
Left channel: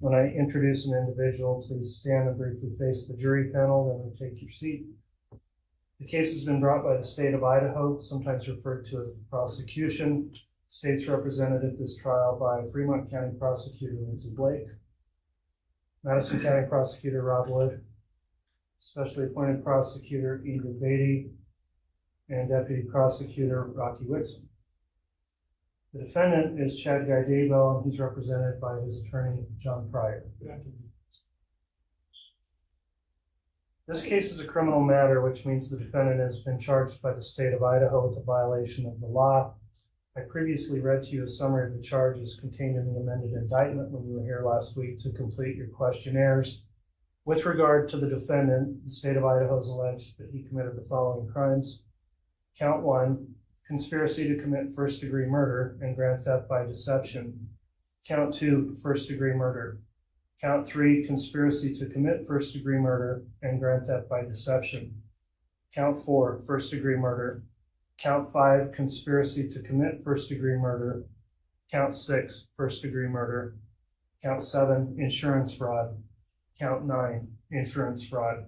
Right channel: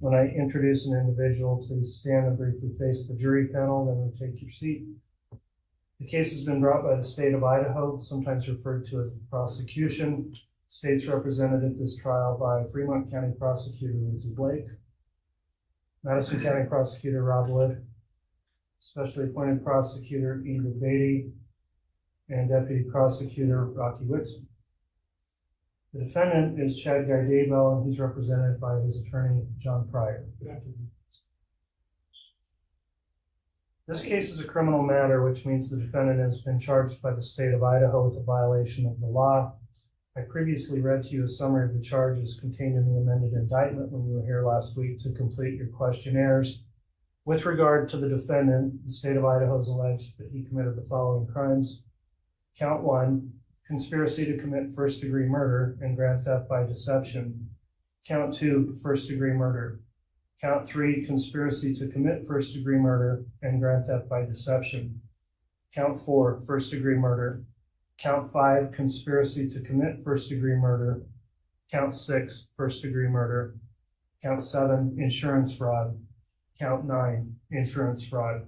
When I introduce an individual, please stand and briefly face the jury panel, then take your seat. The case has been brought by the state of Idaho, sometimes referred to as the prosecution. State's represented at this trial by Fremont County Prosecutor Lindsay Blake, Madison County Prosecutor Rob Wood, Specially Appointed Prosecutor Ingrid Beatty, and Deputy Prosecutor Rocky Wixom. The defendant is Chad Daybell, and he's represented by his attorney, John Pryor. This case is a criminal matter, which means the defendant has been charged by the state of Idaho with a violation of the law. I previously read to you a summary of the charges contained in the amended indictment when you were here last week to complete your questionnaires. With regard to the defendant, the state of Idaho has alleged that he committed the following crimes. Count 1, conspiracy to commit first-degree murder and grand theft by deception. Count 2, first-degree murder. Count 3, conspiracy to commit first-degree murder and grand theft by deception. Count 4, first-degree murder. Count 5, conspiracy to commit first-degree murder. Count 6, first-degree murder. Count 7, insurance fraud. Count 9, insurance fraud.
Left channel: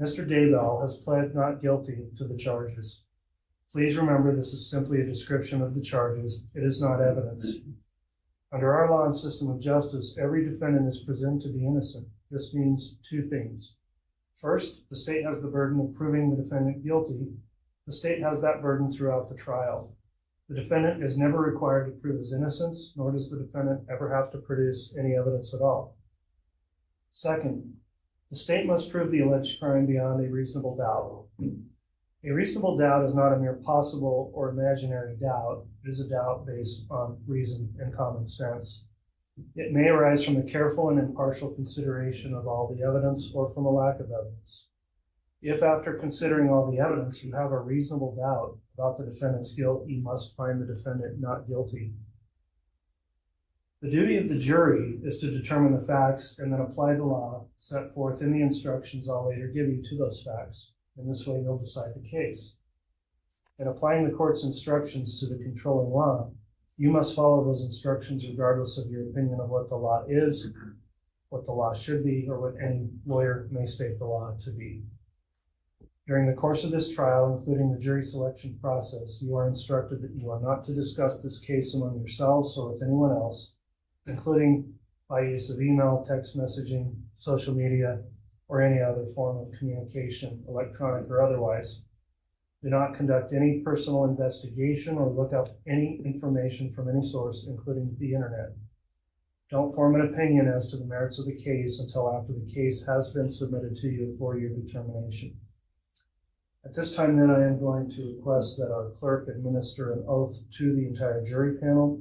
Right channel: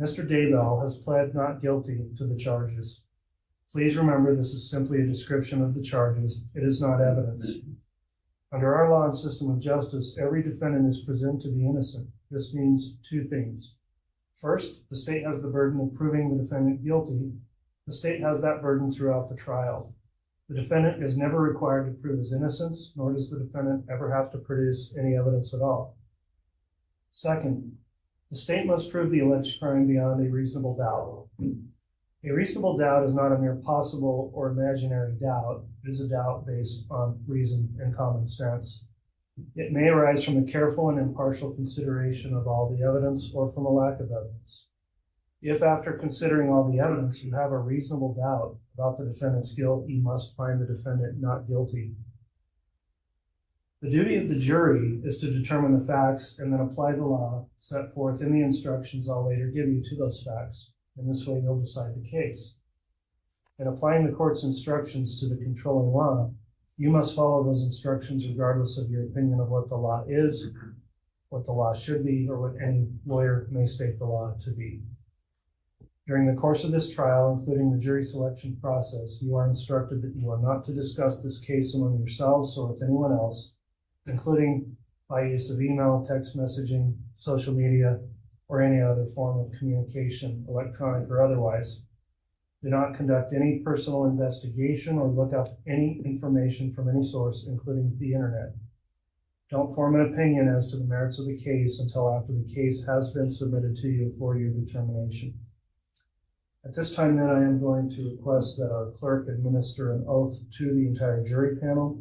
Mr. Daybell has pled not guilty to the charges. Please remember this is simply a description of the charges. It is not evidence. Under our law and system of justice, every defendant is presumed to be innocent. This means 2 things. First, the state has the burden of proving the defendant guilty. The state has that burden throughout the trial. The defendant is never required to prove his innocence, nor does the defendant ever have to produce any evidence at all. Second, the state must prove the alleged crime beyond a reasonable doubt. A reasonable doubt is not a mere possible or imaginary doubt. It is a doubt based on reason and common sense. It may arise from a careful and impartial consideration of all the evidence or from a lack of evidence. If after considering all the evidence you have a reasonable doubt about the defendant's guilt, you must find the defendant not guilty. The duty of the jury is to determine the facts and then apply the law set forth in the instructions I'll later give you to those facts. In this way, you'll decide the case. In applying the court's instructions to the controlling law, you must follow those instructions regardless of your opinion of what the law is, what the law should be, or what any lawyer may state the law to be. During the course of this trial, including the jury selection process, you are instructed that you are not to discuss this case among yourselves or with anyone else, including by use of email, text messaging, social media, or any other form of communication, electronic or otherwise. Do not conduct any personal investigation or look up any information from any source, including the internet. Don't form an opinion as to the merits of the case until after the case has been submitted to you for your determination. At this time, then, I am going to request that our clerk administer an oath to the entire jury panel.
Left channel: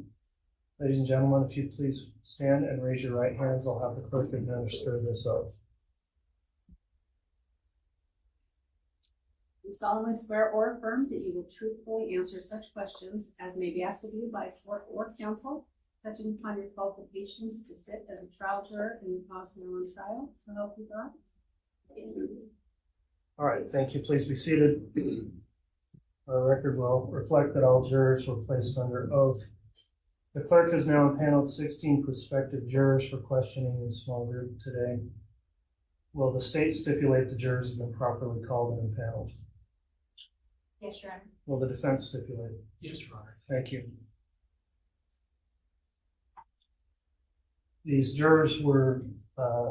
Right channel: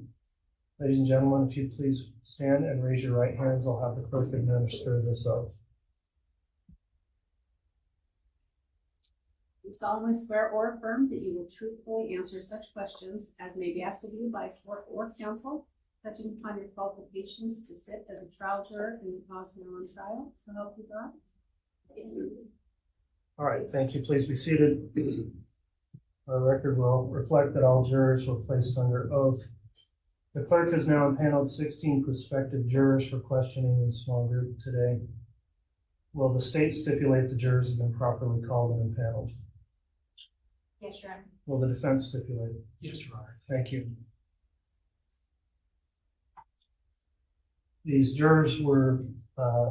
Ladies and gentlemen, if you please stand and raise your right hands, I'll have the clerk administer this oath. Do solemnly swear or affirm that you will truthfully answer such questions as may be asked of you by court or counsel, touching upon your qualifications to sit as a trial juror in the cause now on trial, so help you God. All right, thank you. Please be seated. Our record will reflect that all jurors were placed under oath. The clerk has now impaneled 16 prospective jurors for questioning in small group today. Will the state stipulate the jurors have been properly called and impaneled? Yes, Your Honor. Will the defense stipulate? Yes, Your Honor. Thank you. These jurors were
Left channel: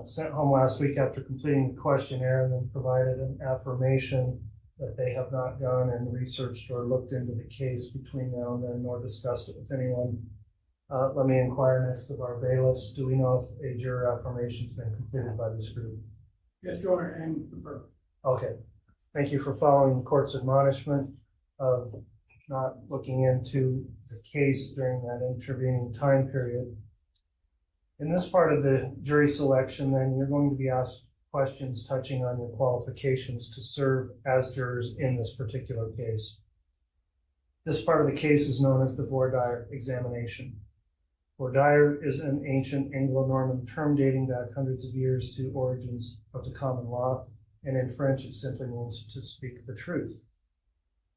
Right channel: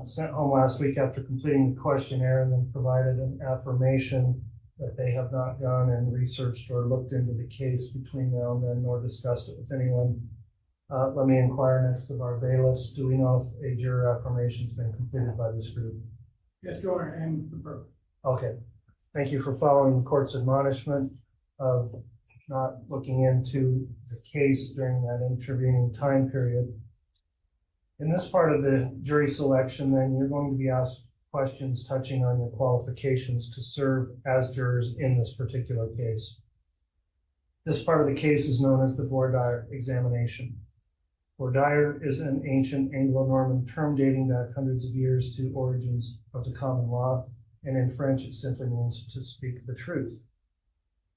sent home last week after completing the questionnaire and then provided an affirmation that they have not gone and researched or looked into the case between now and then, nor discussed it with anyone. Let me inquire next of our bailiffs. Do we know if a juror affirmation has been completed by this group? Yes, Your Honor, and confirm. Okay. Thank you for following the court's admonishment of not looking into the case during that intervening time period. In this part of the jury selection, then, you're going to be asked questions touching on your qualifications to serve as jurors in this particular case. This part of the case is known as the voir dire examination. Voir dire is an ancient Anglo-Norman term dating back hundreds of years to origins of the common law, and in French it simply means to speak the truth.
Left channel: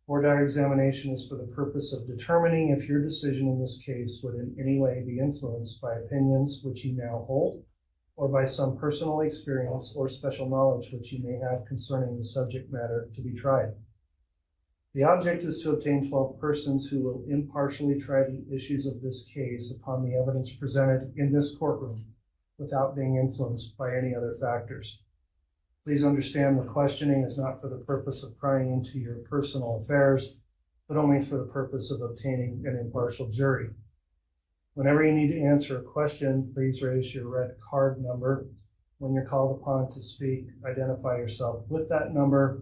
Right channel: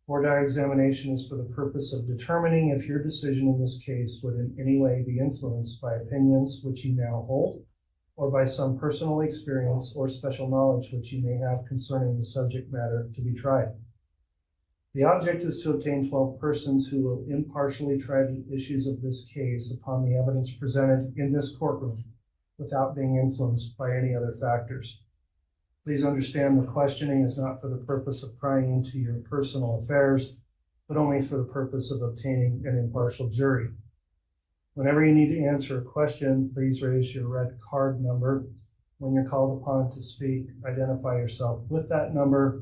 Voir dire examination is for the purpose of determining if your decision in this case would in any way be influenced by opinions which you now hold, or by some personal experience or special knowledge which you may have concerning the subject matter to be tried. The object is to obtain 12 persons who will impartially try the issues of this case upon the evidence presented in this courtroom without being influenced by any other factors. Please understand the questioning is not for the purpose of prying into your personal affairs, but only for the purpose of obtaining an impartial jury. Whenever you need to answer a question, please raise your red card number. When you're called upon to speak, identify yourself with that number.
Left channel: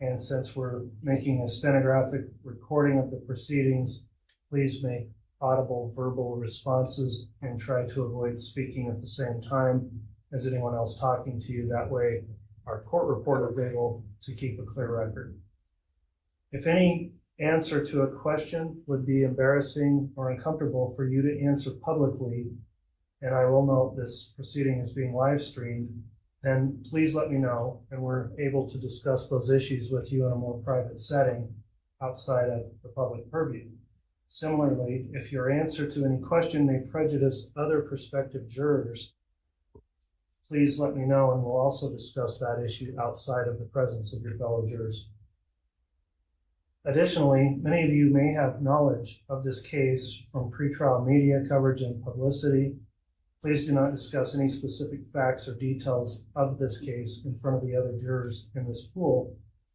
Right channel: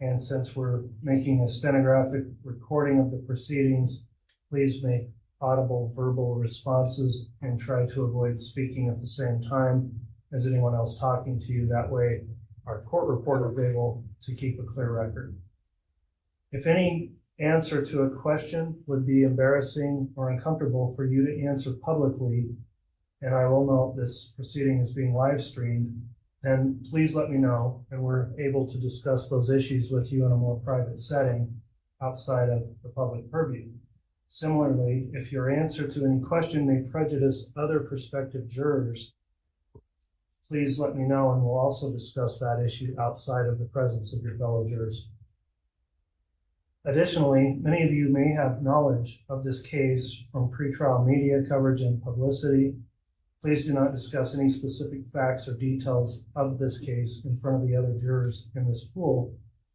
And since we're making a stenographic recording of the proceedings, please make audible verbal responses and try to avoid speaking at the same time as anyone else talking to you. That way, our court reporter is able to keep a clear record. If any answer to a question would be embarrassing or uncomfortable for you to answer publicly, and I will note this proceeding is being live streamed, then please let me know, and we're able to discuss those issues with you in a more private setting outside of the public purview. Similarly, if your answer to any question may prejudice other prospective jurors, please let me know, and we'll also discuss that issue outside of the presence of your fellow jurors. Additionally, many of you may have knowledge of this case from pretrial media coverage and publicity. Please do not discuss any specific facts or details of this case in front of the other jurors in this pool.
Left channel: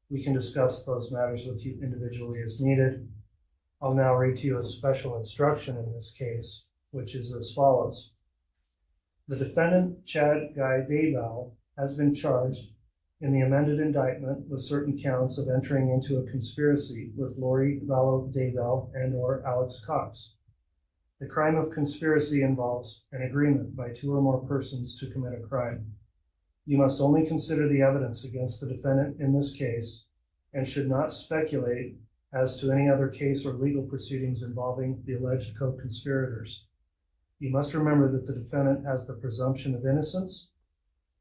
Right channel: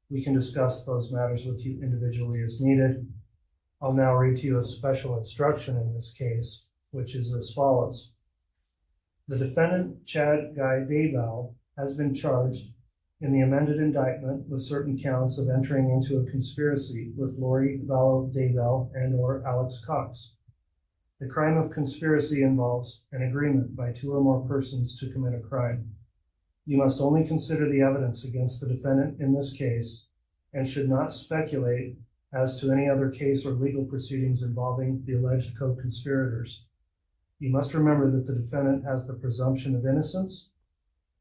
We can discuss those matters with you individually as needed. I'll now read to you a special instruction in this case, which is as follows. The defendant, Chad Daybell, has been charged in the amended indictment with certain counts of entering into a conspiracy with Lori Vallow Daybell and or Alex Cox. The crime of conspiracy involves an agreement by two or more persons to commit a crime. You must only consider the evidence against the defendant in this case and should not speculate as to any other case or legal proceedings involving the alleged co-conspirators. You must remember that the defendant has the presumption of innocence,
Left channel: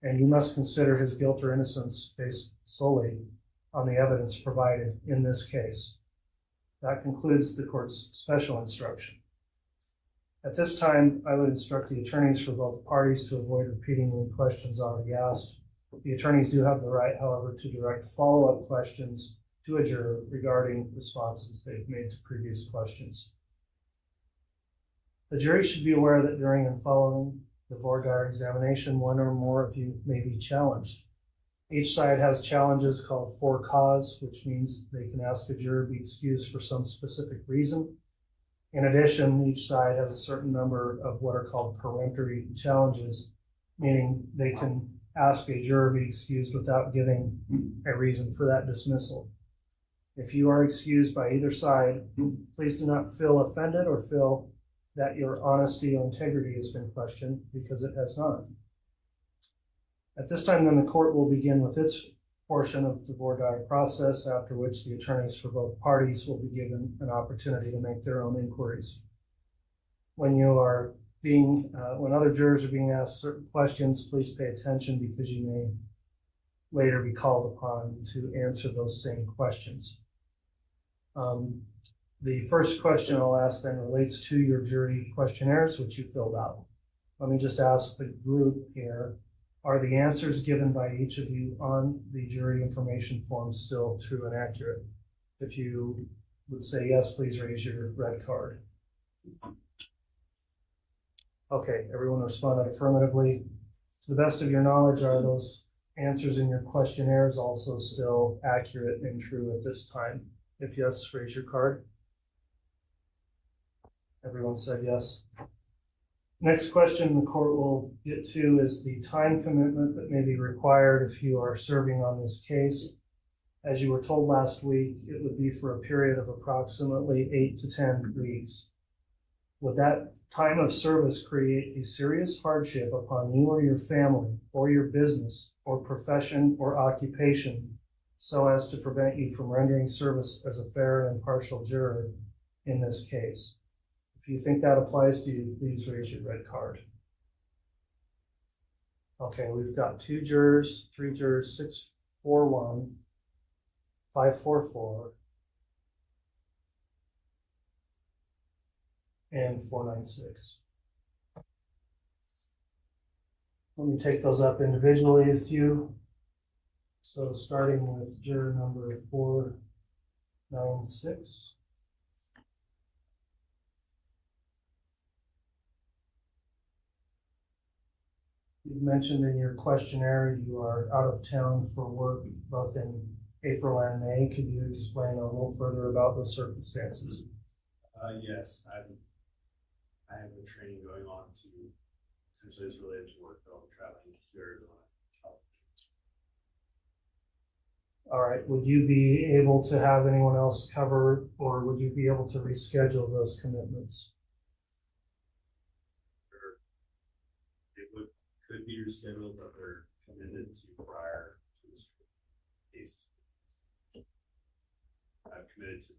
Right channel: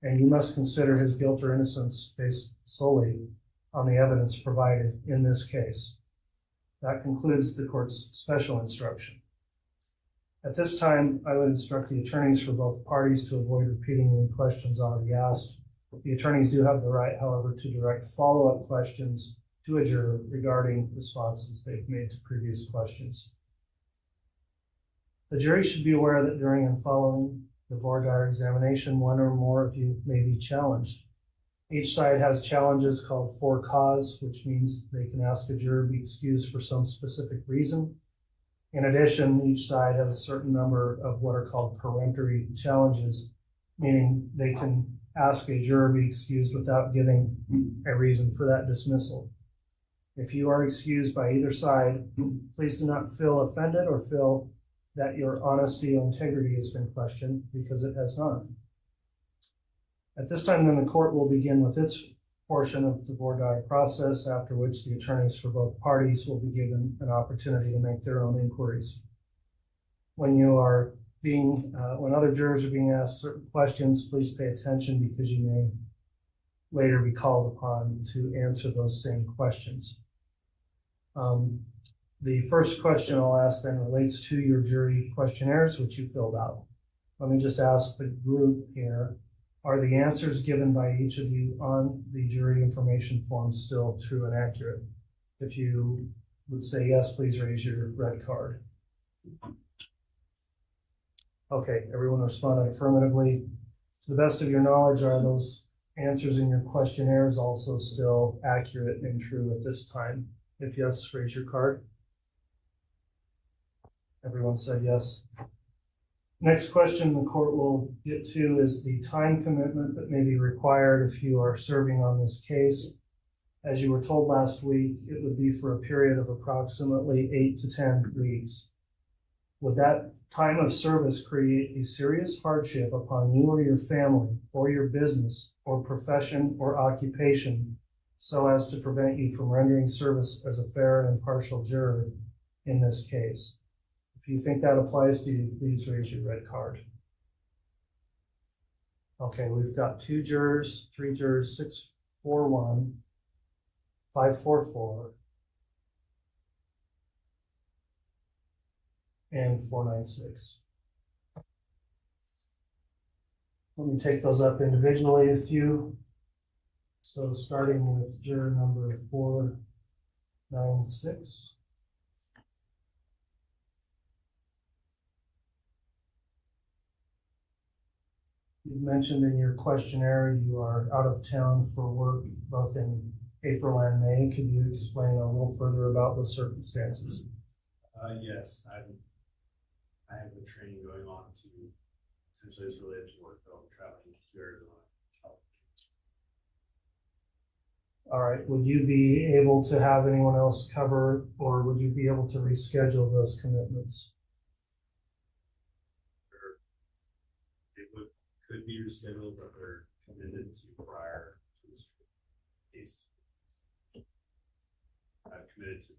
and you must consider his guilt or innocence based solely on the evidence provided in this case. That concludes the court's special instruction. At this time, I would instruct the attorneys for both parties to avoid repeating any questions already asked. The attorneys do have the right, however, to direct follow-up questions to a juror regarding responses they've made to previous questions. The jury should be aware that during and following the voir dire examination, one or more of you may be challenged. Each side has challenges called for cause, which means they can ask a juror to be excused for some specific reason. In addition, each side has a certain number of what are called peremptory challenges, meaning they can ask a juror to be excused without giving a reason for that dismissal. If you are excused by either side, please do not feel offended or feel that your honesty or integrity has been questioned, because it has not. At this time, then, the court will begin with its portion of the voir dire process, after which the attorneys for both parties will be given an opportunity to make their own inquiries. When other jurors are being asked certain questions, please pay attention, because you may later be called upon to answer those same questions. The first question I'll ask then relates to your jury questionnaires, which you filled out. Let me just ask the group here, are the answers given by each of you on the jury information form still true and accurate? If you would say yes, please raise your red card. Okay, everyone responded affirmatively. To the best of your knowledge, are those answers in your questionnaires also still accurate and true at this time? If yes, raise your card. Everyone said yes. Next question the court will get to is the time commitment that may be required if you are serving on this case. As you were told last week, it would be for a period of approximately 8 to 10 weeks. Would that time of service create a serious hardship upon you or your family or your business or profession or occupation, so as to prevent you from rendering service as a fair and impartial juror in this case? If you think that applies to you, please raise your red card. Okay, we've got 2 jurors, 3 jurors, 641, 544, and 496. Let me take those up individually with you. So starting with juror number 496. You've mentioned in your questionnaire you are out of town for work both in April and May. Could you explain a little further about the circumstances? Yes, I have a training going on to essentially it's related to work, though I'm traveling to Arizona. All right, would you be able to have anyone else cover, or would you be able to reschedule those commitments? Could be rescheduled, but they're committed to prior to this case. I've committed to them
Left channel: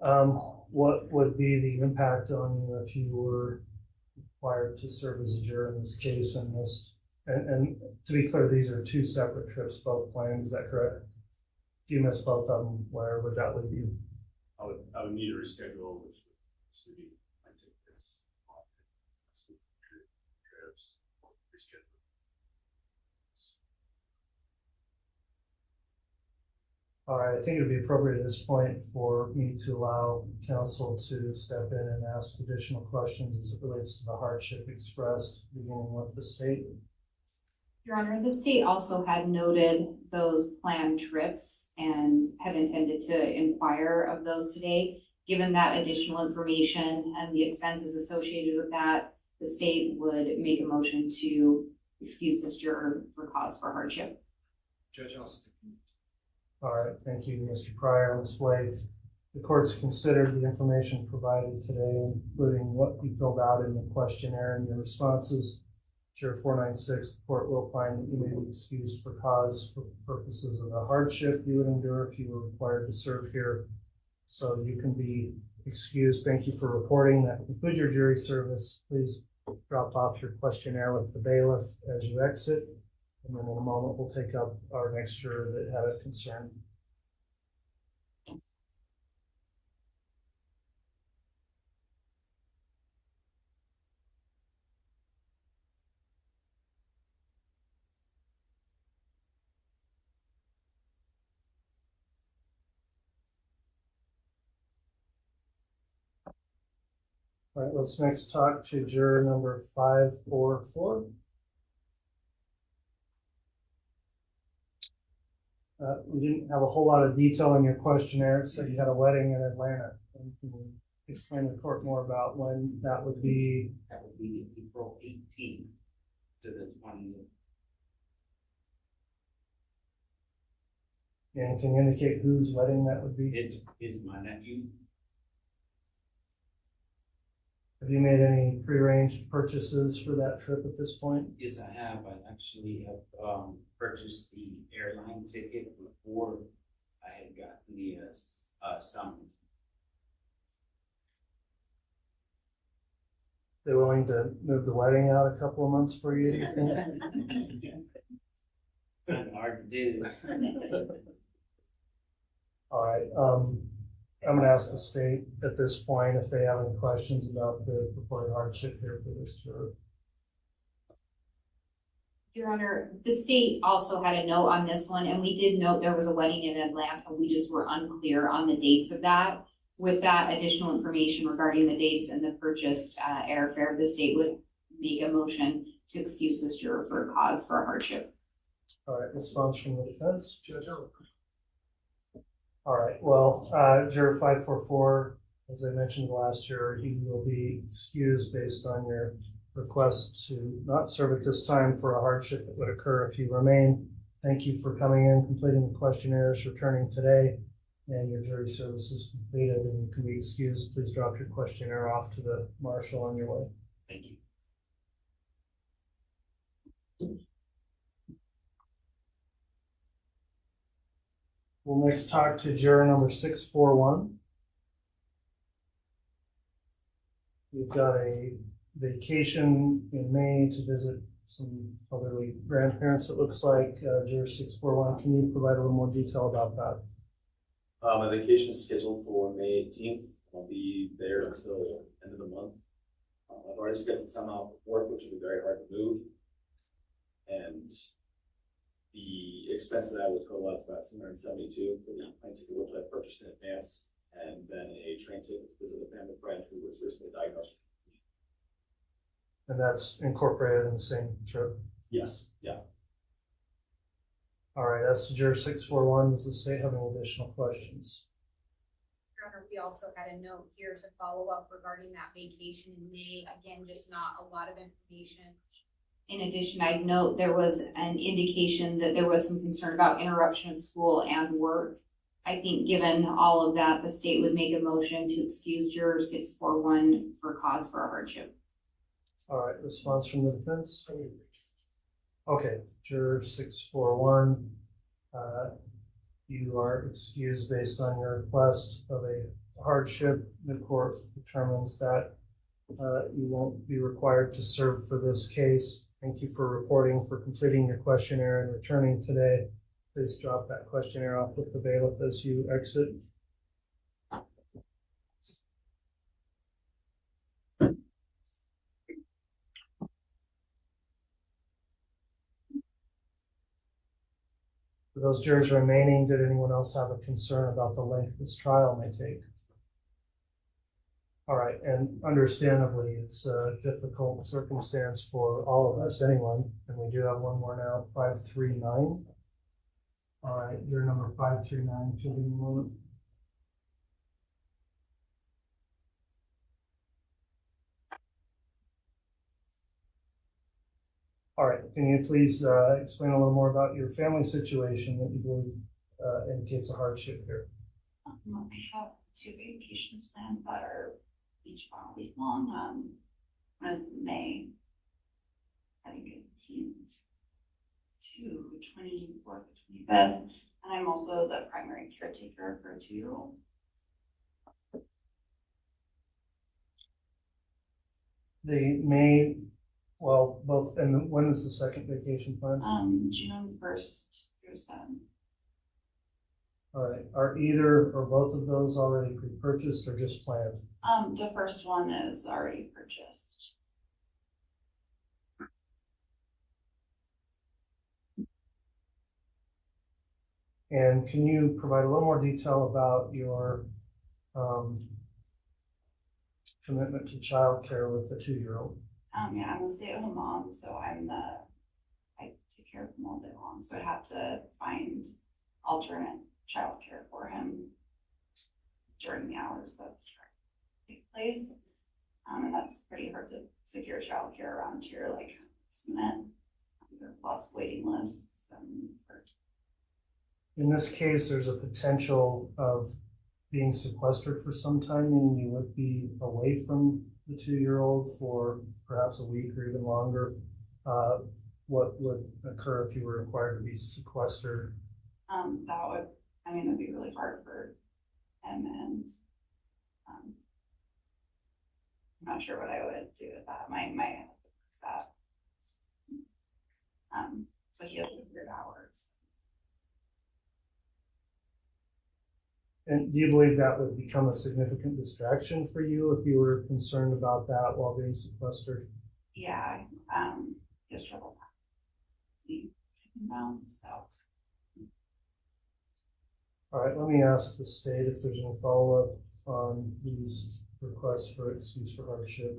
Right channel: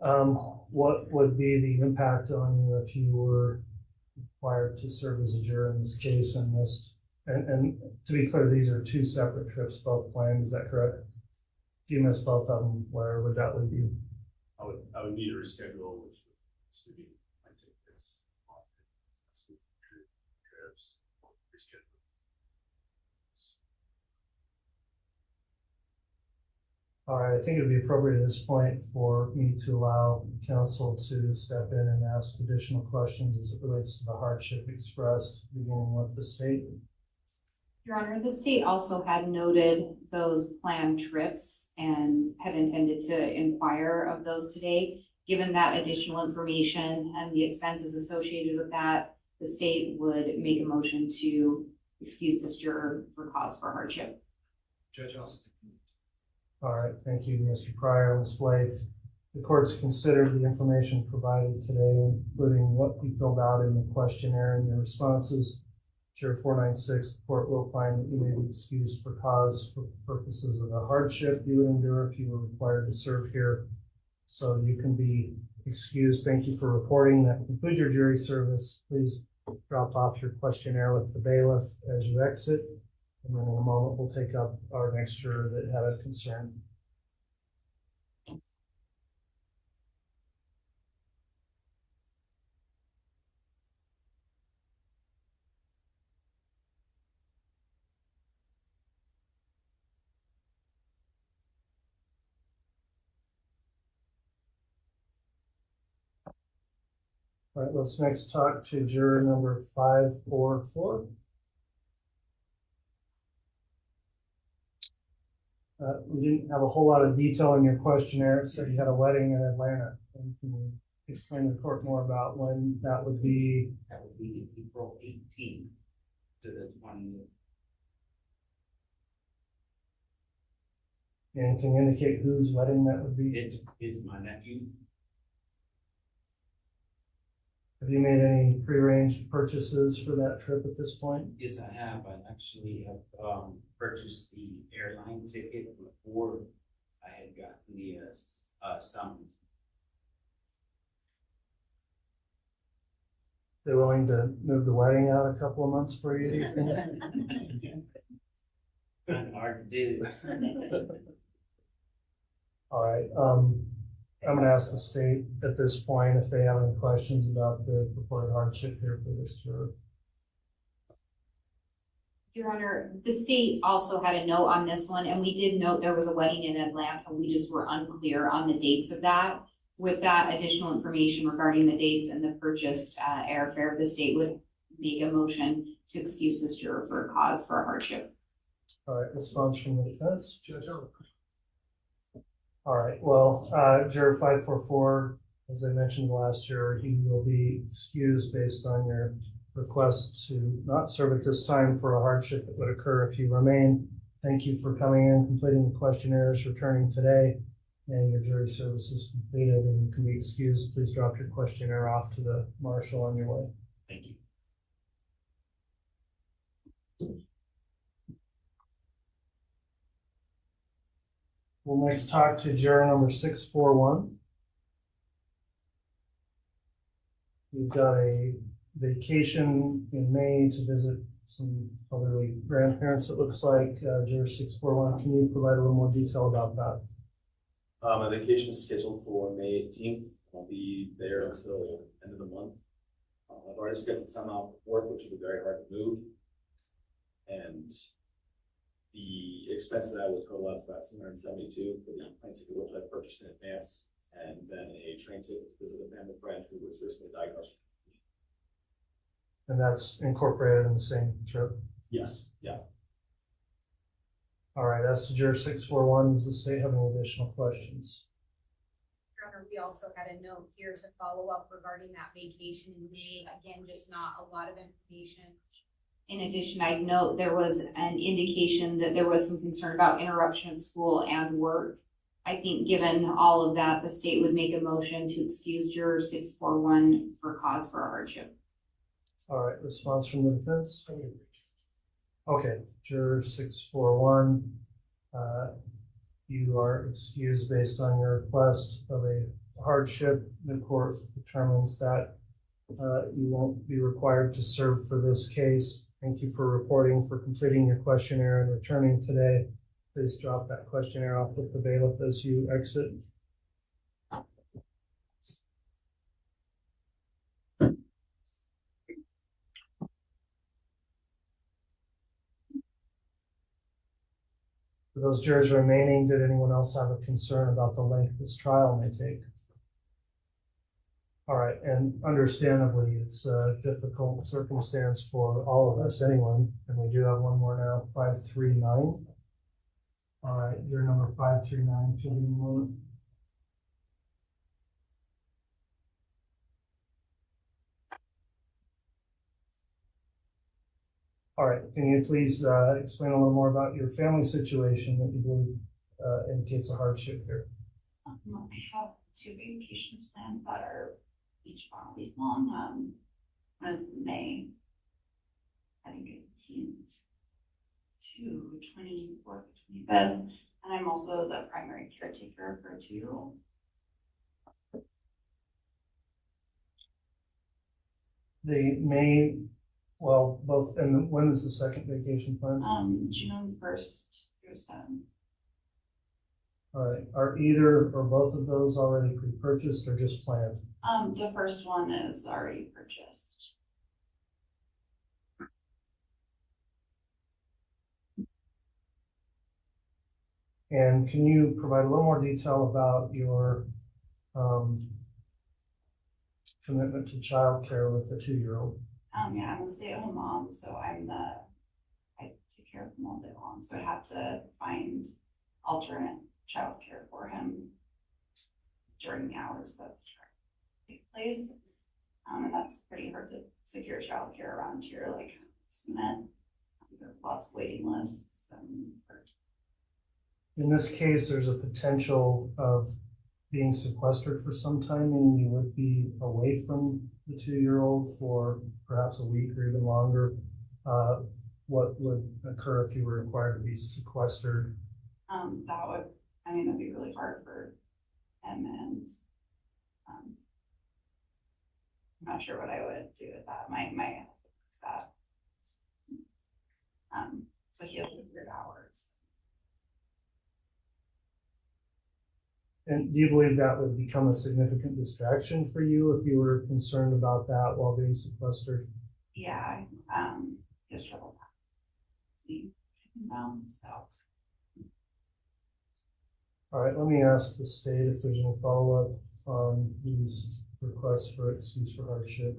prior. What would be the impact on you if you were required to serve as a juror in this case and missed? And to be clear, these are 2 separate trips, both planned. Is that correct? If you miss both of them, where would that leave you? I would need to reschedule, which would be might take this trips reschedule. All right, I think it would be appropriate at this point for me to allow counsel to step in and ask additional questions as it relates to the hardship expressed, beginning with the state. Your Honor, the state also had noted those planned trips and had intended to inquire of those today. Given that additional information and the expenses associated with that, the state would make a motion to excuse this juror for cause for hardship. Judge Austin. All right, thank you, Mr. Pryor. Ms. Blake, the court's considered the information provided today, including what you filled out in the questionnaire and your responses. Juror 496, the court will find that you may be excused for cause for purposes of the hardship you would endure if you were required to serve here. So you can be excused. Thank you for reporting. That concludes your jury service. Please drop off your questionnaire with the bailiff as you exit. And then in a moment, we'll take up our next juror that had a concern. All right, let's next talk to juror number 544. We didn't have a whole lot of detail in your questionnaire. It said you had a wedding in Atlanta. And can you explain to the court more about when that would be? That would be April 18th to the 20th. And can you indicate whose wedding that would be? It's my nephew. Have you made any prearranged purchases for that trip at this point? Yes, I have. I actually have purchased the airline ticket before I had gotten the summons. They're willing to move the wedding out a couple of months for you, do you think? Kind of hard to do. All right, I'm gonna ask the state at this point if they have any questions about the purported hardship here for this juror. Your Honor, the state also had a note on this one, and we did note there was a wedding in Atlanta. We just were unclear on the dates of that. With that additional information regarding the dates and the purchased airfare, the state would make a motion to excuse this juror for a cause for a hardship. All right, response from the defense. Judge, all right, well, juror 544, as I mentioned last year, he will be excused based on your request to not serve at this time for a hardship that would occur if you remain. Thank you for coming in, completing the questionnaires, returning today, and your jury service is completed and you can be excused. Please drop your questionnaire off to the marshal on your way. Thank you. We'll next talk to juror number 641. We've got a vacation in May to visit some elderly grandparents, it looks like. Juror 641, can you provide a little more detail about that? My vacation is scheduled for May 18th. I'll be there until end of the month. I've already scheduled time out for work, which will be very hard to move. And the expense of that would total out to about $272 for the plane ticket, which I purchased in advance, and then a train ticket to visit a family friend who was recently diagnosed. And that's incorporated in the same trip? Yes, yeah. All right, as to juror 641, does the state have any additional questions? Your Honor, we also had a note here to follow up regarding that vacation in May. Again, just not a lot of information. In addition, I'd note there was an indication that there was some concern about interruption of school and work. I think given all of that, the state would make a motion to excuse juror 641 for cause for a hardship. All right, response from the defense? Okay, juror 641, you are excused based on your request of a hardship. The court determines that you won't be required to serve for this case. Thank you for reporting, for completing your questionnaire and returning today. Please drop that questionnaire off with the bailiff as you exit. For those jurors remaining, did anyone else have a concern about the length this trial may take? All right, and understandably, it's a difficult circumstance for all of us, anyone, and we do have one more now, 539. All right, your number 539, to the moment. All right, can you please explain a little more about your family situation that you believe indicates a hardship here? I have 2 vacations planned that are each 1 week long. One is May, I think 18th to 24th, 25th, and I'm also the primary caretaker for a 2-year-old. The May, well, both, and when is the second vacation plan? June 1st through 7th. All right, are either or both of those already pre-purchased or just planned? The first one is already purchased. And can you provide a little more detail about your commitment to childcare with the 2-year-old? Yeah, I'm a stay-at-home mom, so I take care of him all day long. So I'd have to find alternate childcare for him during the hours that take place. And that's pretty hard to secure childcare around here, like, 1 minute. There are lots of waiting lists. It's been hard. All right, and understandably, it's a difficult circumstance for all of us, anyone, and we do have one more now, 539, to the moment. All right, your number 539, to the moment. In this case, there's a potential of being sequestered for some time, and you would be away from the 2-year-old for perhaps a week or even longer. What would occur if you were required to be sequestered? That'd be really hard for him, and I'm not sure what I would do with that. My husband works that. So he has weird hours. And do you believe that would become a significant distraction for you if you were concerned about that while being sequestered? Yeah, just trouble. So. All right, let me ask the state if there's any follow-up on these requests for excuse for hardship.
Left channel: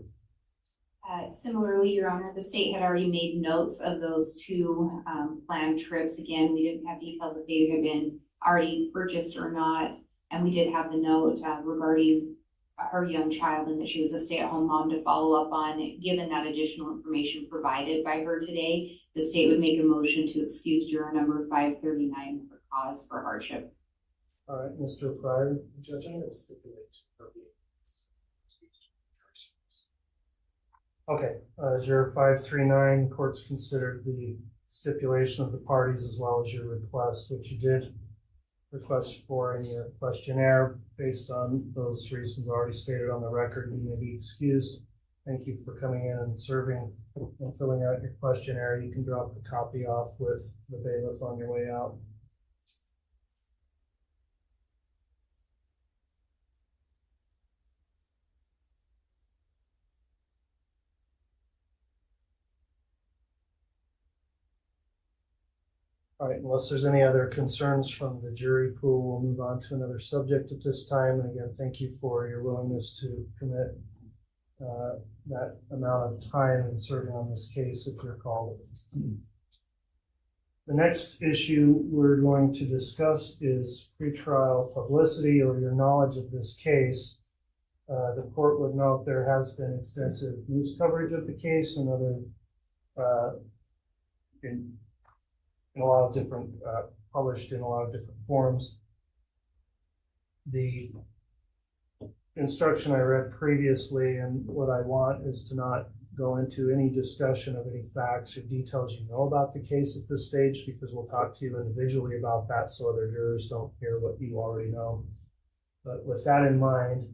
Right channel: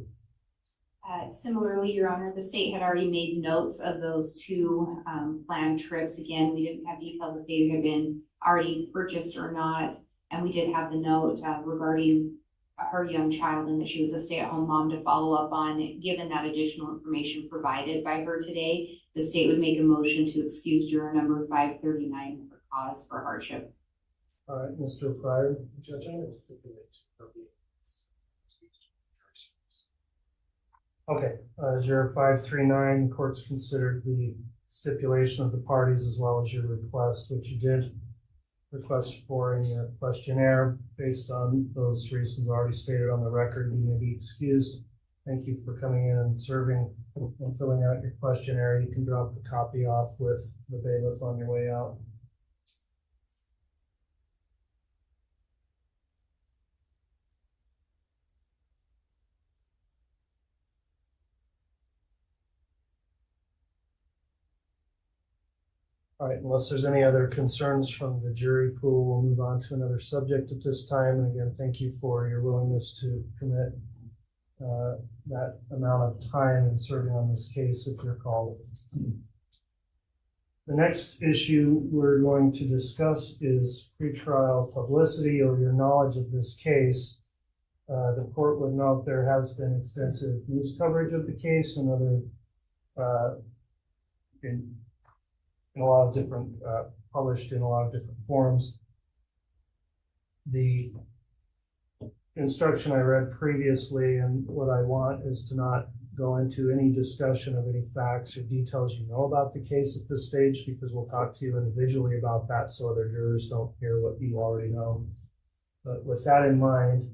Similarly, Your Honor, the state had already made notes of those 2 planned trips. Again, we didn't have details if they had been already purchased or not. And we did have the note regarding her young child and that she was a stay-at-home mom to follow up on. Given that additional information provided by her today, the state would make a motion to excuse juror number 539 for cause for hardship. All right, Mr. Pryor. Judge, I have a stipulation for being Okay, juror 539, the court's considered the stipulation of the parties as well as your request, which you did request for in your questionnaire. Based on those reasons already stated on the record, you may be excused. Thank you for coming in and serving and filling out your questionnaire. You can drop the copy off with the bailiff on your way out. All right, unless there's any other concerns from the jury pool, we'll move on to another subject at this time. And again, thank you for your willingness to commit that amount of time in serving on this case if you're called. The next issue we're going to discuss is pretrial publicity or your knowledge of this case. The court would note there has been extensive news coverage of the case and other in a lot of different, published in a lot of different forms. The instruction I read previously and what I want is to not go into any discussion of any facts or details you know about the case at this stage, because we'll talk to you individually about that so other jurors don't hear what you already know. But with that in mind,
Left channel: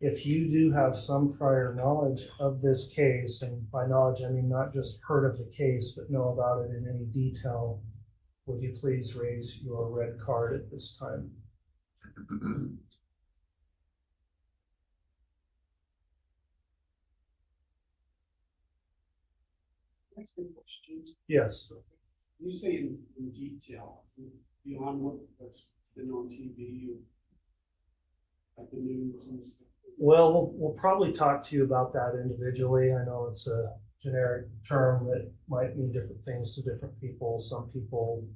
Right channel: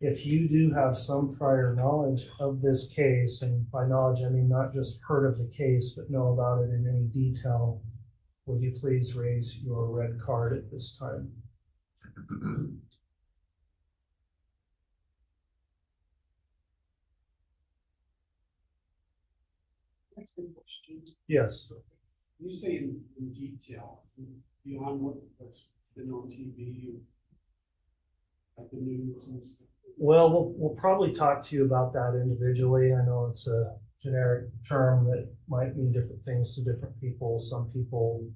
if you do have some prior knowledge of this case, and by knowledge I mean not just heard of the case, but know about it in any detail, would you please raise your red card at this time? That's a good question. Yes. You say in detail, beyond what's been on TV, like the news and stuff. Well, we'll probably talk to you about that individually. I know it's a generic term that might mean different things to different people. Some people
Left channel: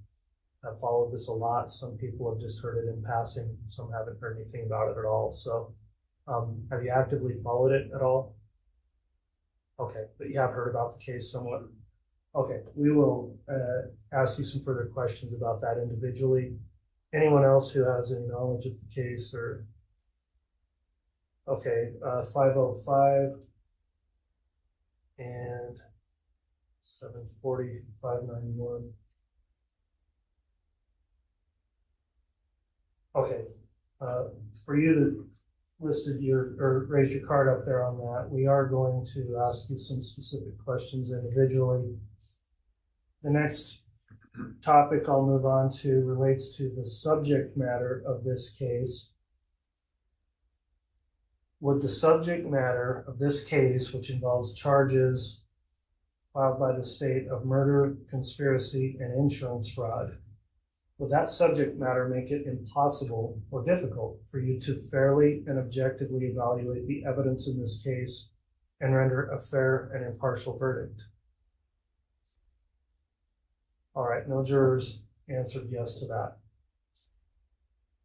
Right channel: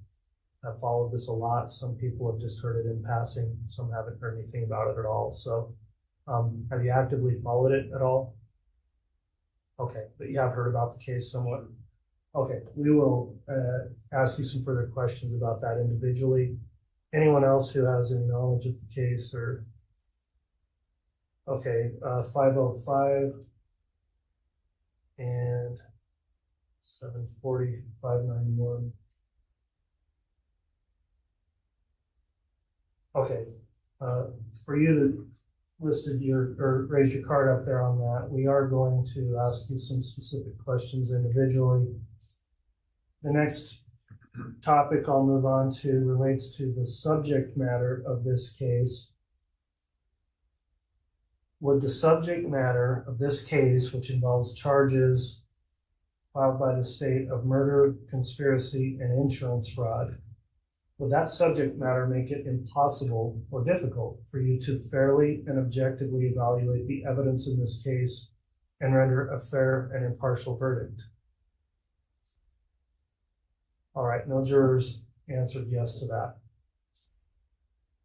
have followed this a lot. Some people have just heard it in passing. Some haven't heard anything about it at all. So have you actively followed it at all? Okay, but you have heard about the case somewhat. Okay, we will ask you some further questions about that individually. Anyone else who has any knowledge of the case or, okay, 505 and 740, 591. Okay, for you to listed your or raise your card up there on that, we are going to ask you some specific questions individually. The next topic I'll move on to relates to the subject matter of this case. Would the subject matter of this case, which involves charges filed by the state of murder, conspiracy, and insurance fraud, would that subject matter make it impossible or difficult for you to fairly and objectively evaluate the evidence in this case and render a fair and impartial verdict? All right, no jurors answered yes to that.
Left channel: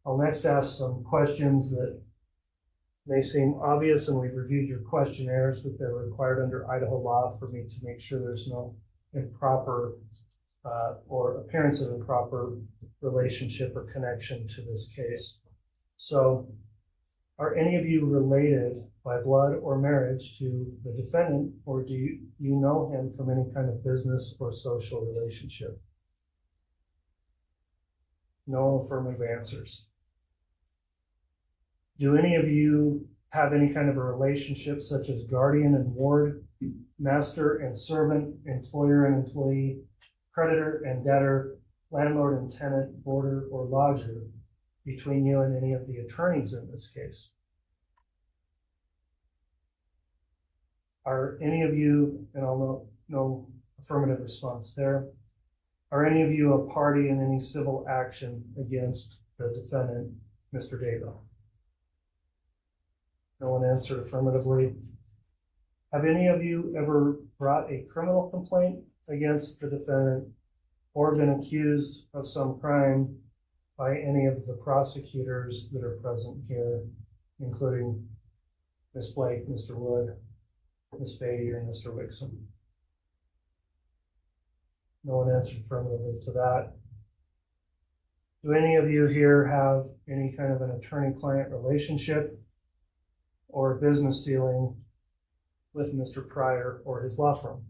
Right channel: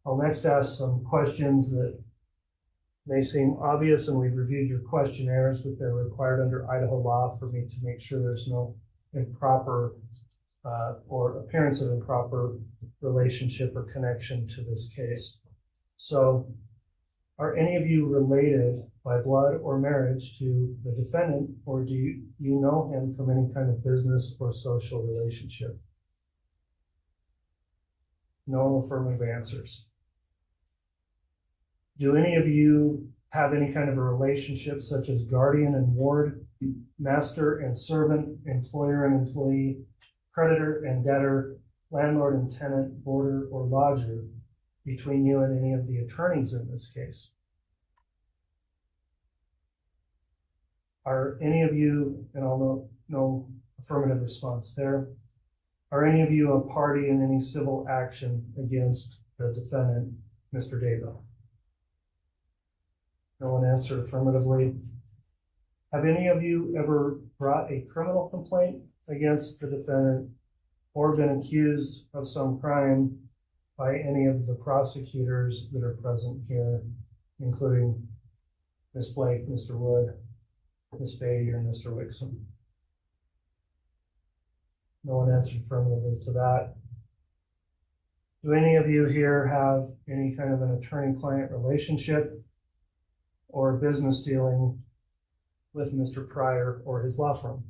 I'll next ask some questions that may seem obvious, and we've reviewed your questionnaires, but they're required under Idaho law for me to make sure there's no improper or appearance of improper relationship or connection to this case. So, are any of you related by blood or marriage to the defendant, or do you know him from any kind of business or social relationship? No affirmative answers. Do any of you have any kind of a relationship such as guardian and ward, master and servant, employer and employee, creditor and debtor, landlord and tenant, boarder or lodger between you and any of the attorneys in this case? Are any of you, and I'll know no affirmative response there, are any of you a party in any civil action against the defendant, Mr. Daybell? No one answered affirmatively. Have any of you ever brought a criminal complaint against the defendant or been accused of some crime by any of the prosecutors that are present here, including Ms. Blake, Mr. Wood, Ms. Beatty, or Mr. Wixom? No one answered affirmatively to that. Do any of you here have any kind of an attorney-client relationship or business dealing with Mr. Pryor or his law firm?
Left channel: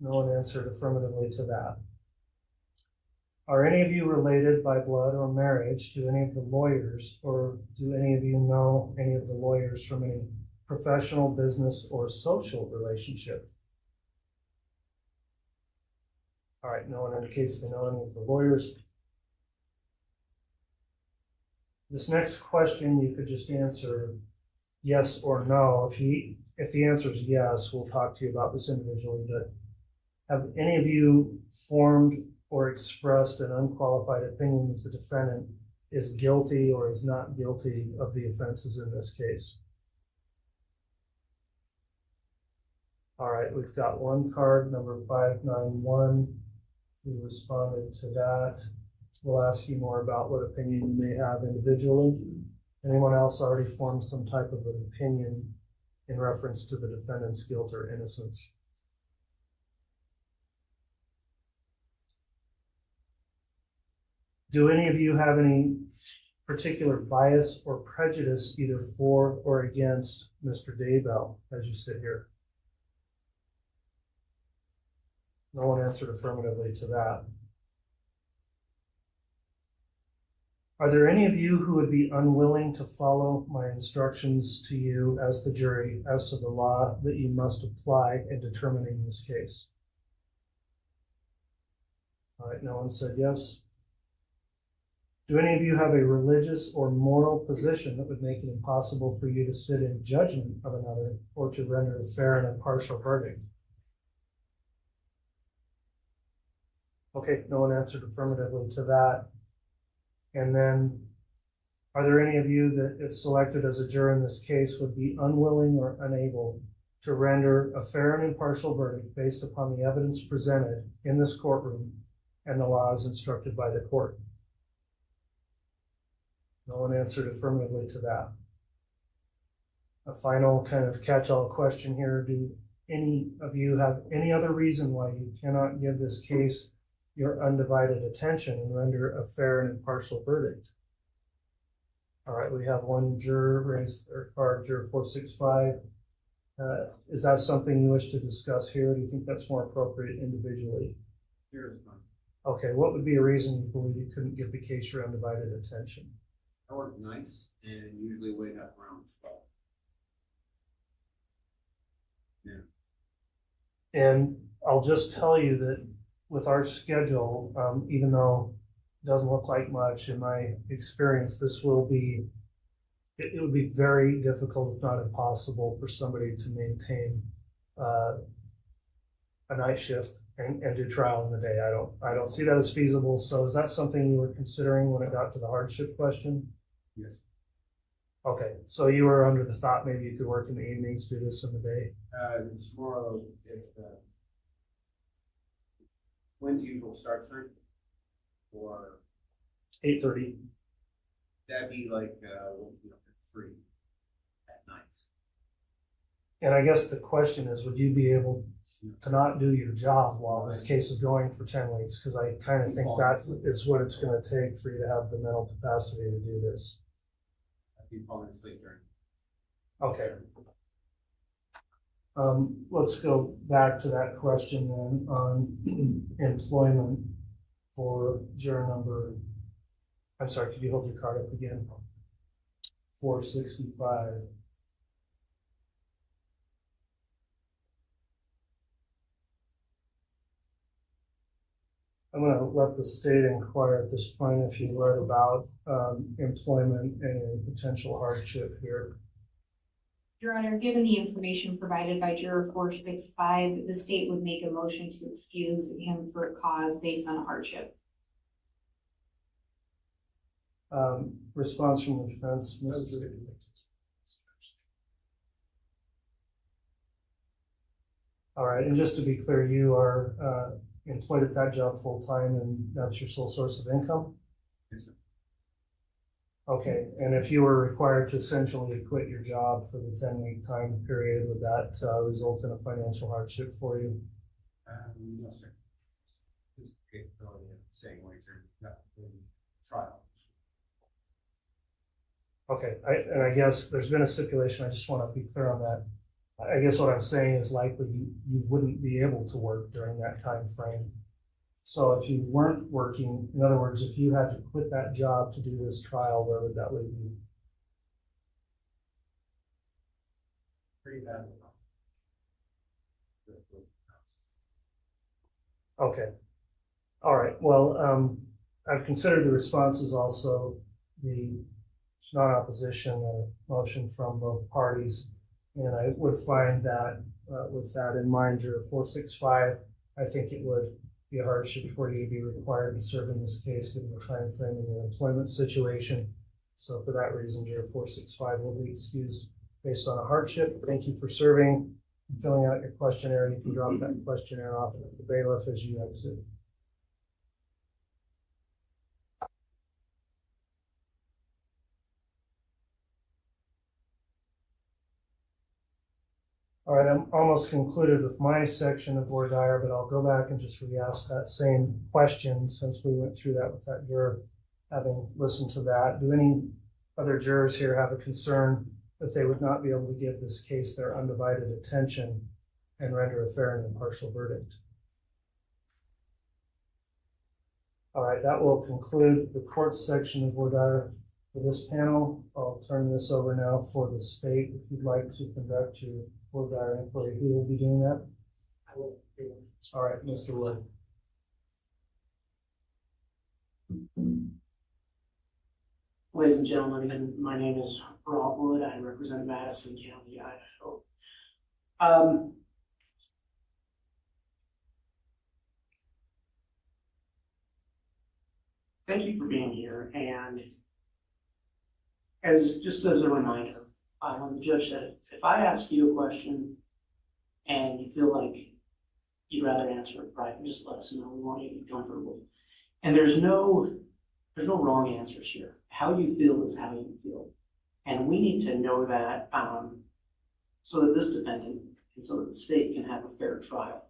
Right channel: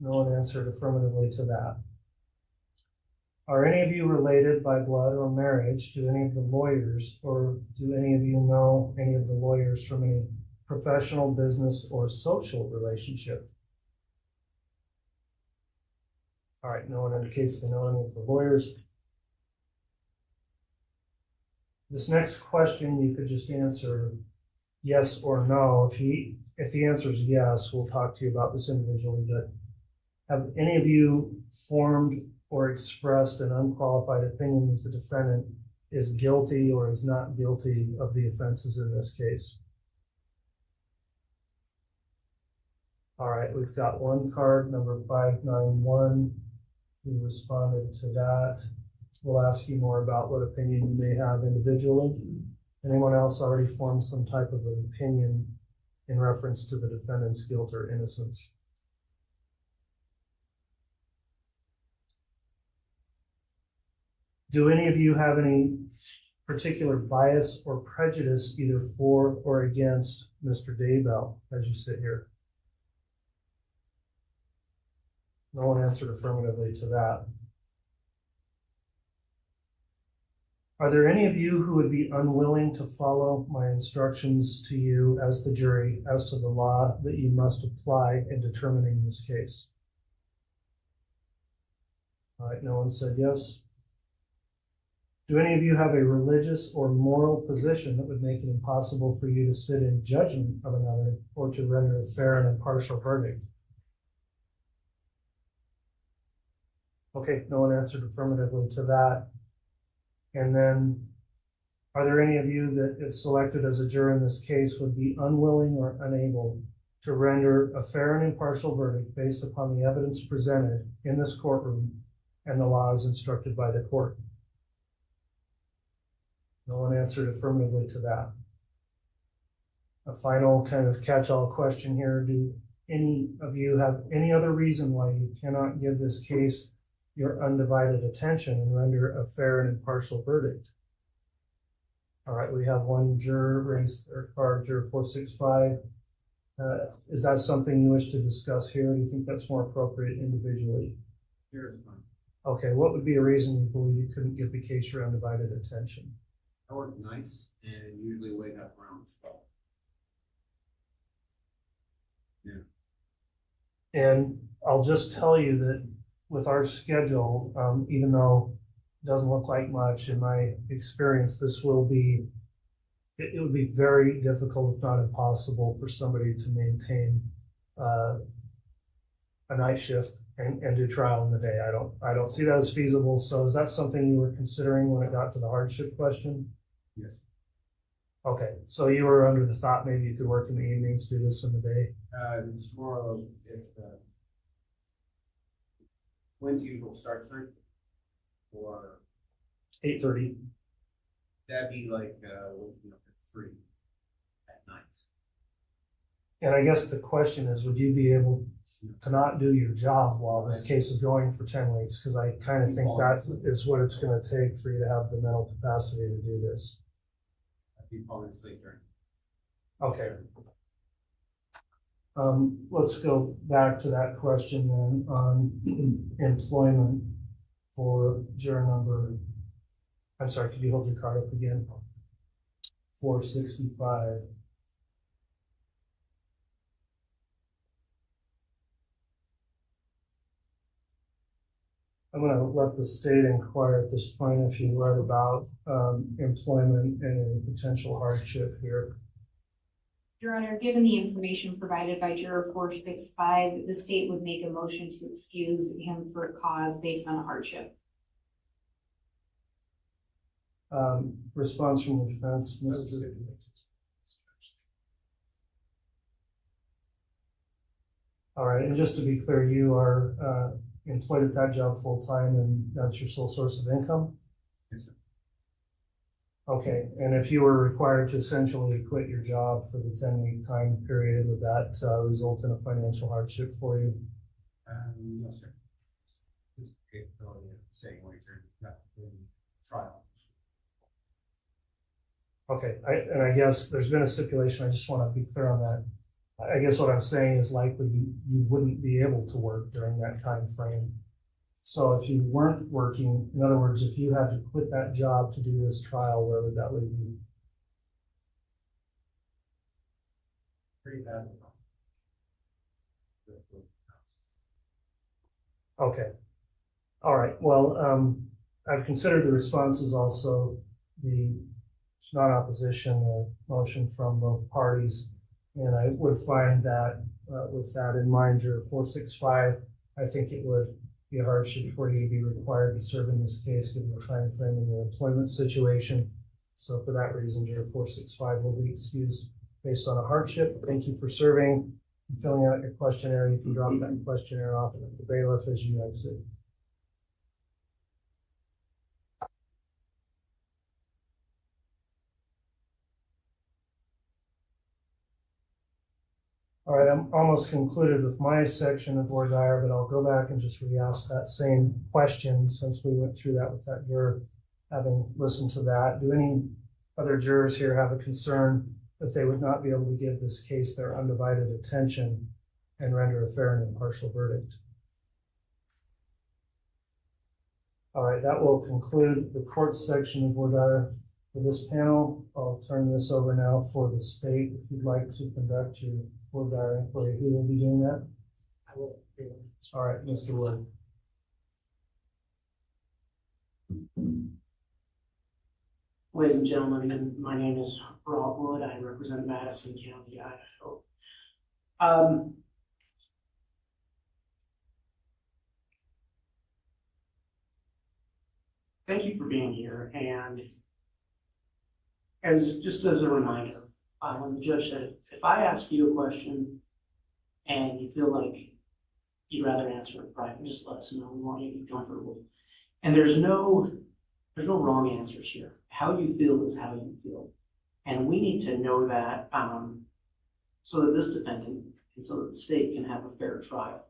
No one answered affirmatively to that. Are any of you related by blood or marriage to any of the lawyers, or do any of you know any of the lawyers from any professional, business, or social relationship? All right, no one indicates they know any of the lawyers. This next question you could just answer yes or no. If the answer is yes, we'll talk to you about this individually, but have any of you formed or expressed an unqualified opinion that the defendant is guilty or is not guilty of the offenses in this case? All right, we've got one card, number 591. We responded to that. We'll ask you more about what opinion you may have individually. Anyone else already formed some type of an opinion in reference to the defendant's guilt or innocence? Do any of you have any particular bias or prejudice either for or against Mr. Daybell as you sit here? No one answered affirmatively to that. Are there any of you who would be unwilling to follow my instructions to you as the jury as to the law that you must apply in determining this case? All right, no one said yes. Do any of you have a religious or moral position that would make it impossible for you to sit in judgment of another or to render a fair and impartial verdict? Okay, no one answered affirmatively to that. And then, are there any of you that, if selected as a juror in this case, would be unwilling or unable to render a fair and impartial verdict based upon the evidence presented in this courtroom and the laws instructed by the court? No one answered affirmatively to that. A final kind of catch-all question here. Do any of you have any other reason why you cannot give this case your undivided attention and render a fair and impartial verdict? All right, we have one juror raised their card, juror 465. Is that something you wish to discuss here? Do you think that's more appropriate individually? Here is mine. Okay, what would be a reason you believe you couldn't give the case your undivided attention? I work nights and usually wake up around 12. Yeah. And I'll just tell you that with our schedule, even though it doesn't look like much in my experience, this will be, it would be very difficult, if not impossible, for somebody to maintain a night shift and do trial in the day. I don't see that as feasible. So is that something you were considering when it got to the hardship question? Yes. Okay, so you were under the thought maybe you could work in the evenings, do this in the day? It's more of if when's the usual start time? Or 8:30. that'd be like 3 at night. And I guess the question is, would you be able to not do your job while this case is going for 10 weeks, because I kind of think that is what it's going to take for you to have the mental capacity to do this. I'd be falling asleep during. Okay. Let's go back to that question then on employment for juror number, I'm sorry, could you hold your card up again? 465. I'm going to let the state inquire at this point if you read about employment and any potential hardship here. Your Honor, given the information provided by juror 465, the state would make a motion to excuse him for a cause based on a hardship. Response from the defense, Mr. All right, and just to be clear, you are employed at that job full-time and that's your sole source of income? Yes, sir. Okay, and if you were required to essentially quit your job for the 10-week time period, would that result in a financial hardship for you? No, sir. It's the capability of saying what you're not in trial. Okay, and I guess there's been a stipulation, I just want to be clear on that. I guess what I'm saying is likely you wouldn't be able to work during that time frame. So if you weren't working, in other words, if you had to quit that job to do this trial, where would that leave you? Pretty bad. Okay. All right. Well, I've considered the responses also, the non-opposition motion from both parties. And I would find that with that in mind, juror 465, I think it would be a hardship for you to be required to serve in this case given the time frame and your employment situation. So for that reason, juror 465 will be excused based on a hardship. Thank you for serving and filling out your questionnaire. You can drop that questionnaire off at the bailiff as you exit. All right, I'm almost concluded with my section of voir dire, but I'll go back and just re-ask that same question since we went through that with that juror, having listened to that. Do any other jurors here have a concern that they would not be able to give this case their undivided attention and render a fair and impartial verdict? All right, that will conclude the court section of voir dire for this panel. I'll turn this over now for the state. If you'd like to conduct your voir dire inquiry, who will be doing that? I will. All right, Mr. Wood. Ladies and gentlemen, again, my name is Rob Wood. I represent Madison County, Idaho. Thank you for being here. And just as a reminder, when the judge said, if I ask you a question and you feel like you'd rather answer it private, just let us know. We want you to be comfortable. And there's no wrong answers here. How you feel is how you feel. And we need to know that so that this defendant and so that the state can have a fair trial.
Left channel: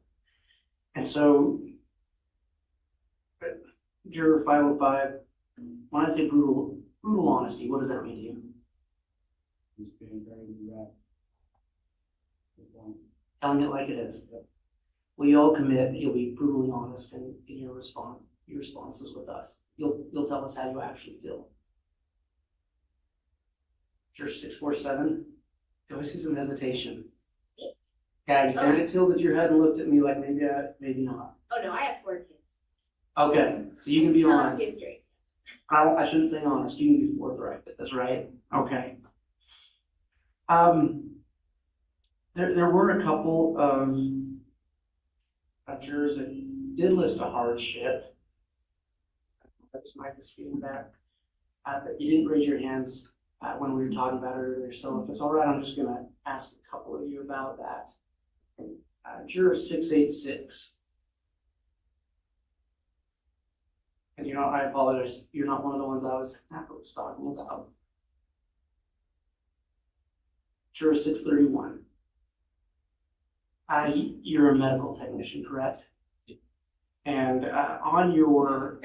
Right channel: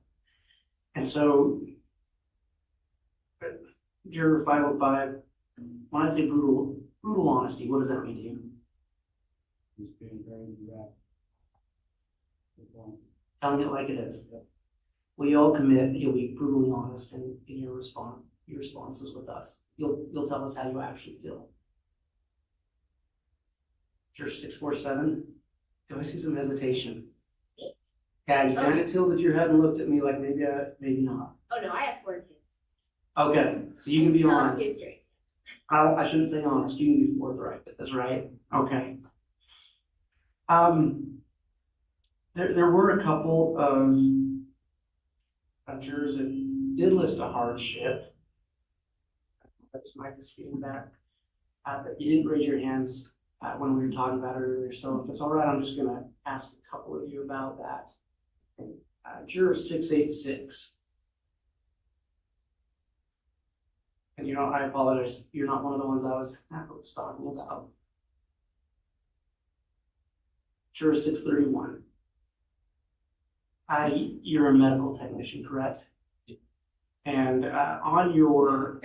And so, juror 505, when I say brutal honesty, what does that mean to you? He's being very direct. Telling it like it is. We all commit that you'll be brutally honest in your responses with us. You'll tell us how you actually feel. Juror 647, do I see some hesitation? Yeah, you kind of tilted your head and looked at me like maybe not. Oh no, I have 4 kids. Okay, so you can be honest. Kids right. I shouldn't say honest. You can be forthright. That's right. Okay. There were a couple of jurors that did list a hardship. That's my feedback. But you didn't raise your hands when we were talking about it earlier. So if it's all right, I'm just going to ask a couple of you about that. Juror 686. And I apologize. You're not one of the ones I was talking about. Juror 631. You're a medical technician, correct? And on your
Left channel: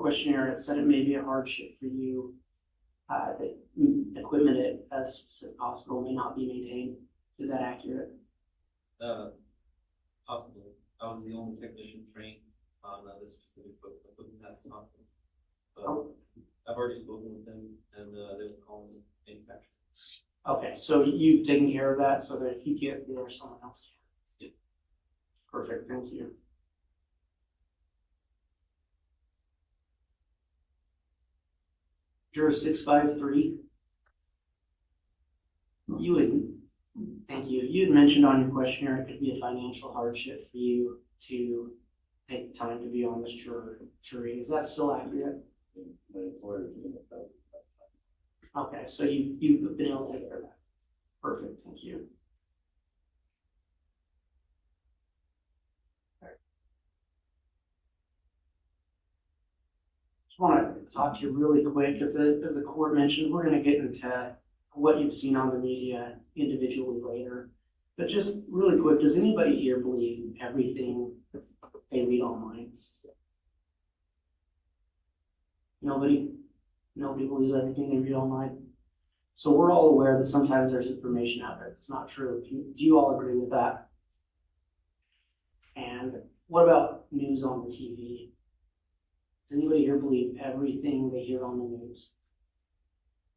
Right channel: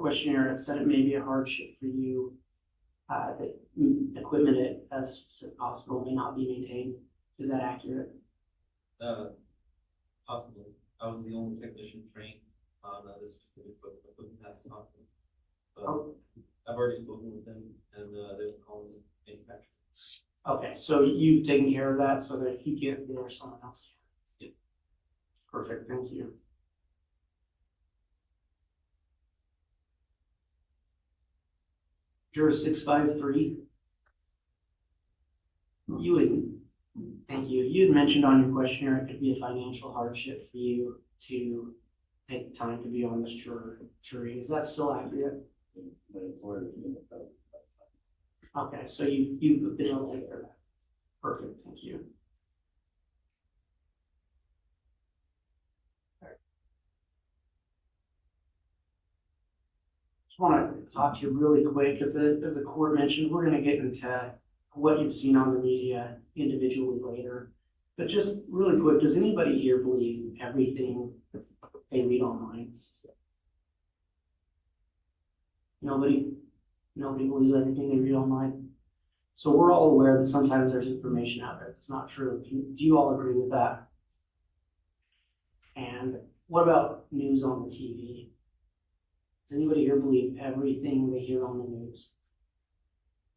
questionnaire, it said it may be a hardship for you that equipment at a specific hospital may not be maintained. Is that accurate? Possibly. I was the only technician trained on this specific equipment at this hospital. But I've already spoken with them, and they're calling the manufacturer. Okay, so you've taken care of that so that if you get there, someone else can. Yep. Perfect, thank you. Juror 653. Thank you. You had mentioned on your questionnaire it could be a financial hardship for you to take time to be on this jury. Is that still accurate? Okay, so you've been able to take care of that. Perfect, thank you. Just want to talk to you really quick, as the court mentioned, we're going to get into what you've seen on the media individually later. But just really quick, does anybody here believe everything they read online? Nobody believes everything they read online. So we're all aware that sometimes there's information out there that's not true. Do you all agree with that? And what about news on the TV? Does anybody here believe everything they hear on the news?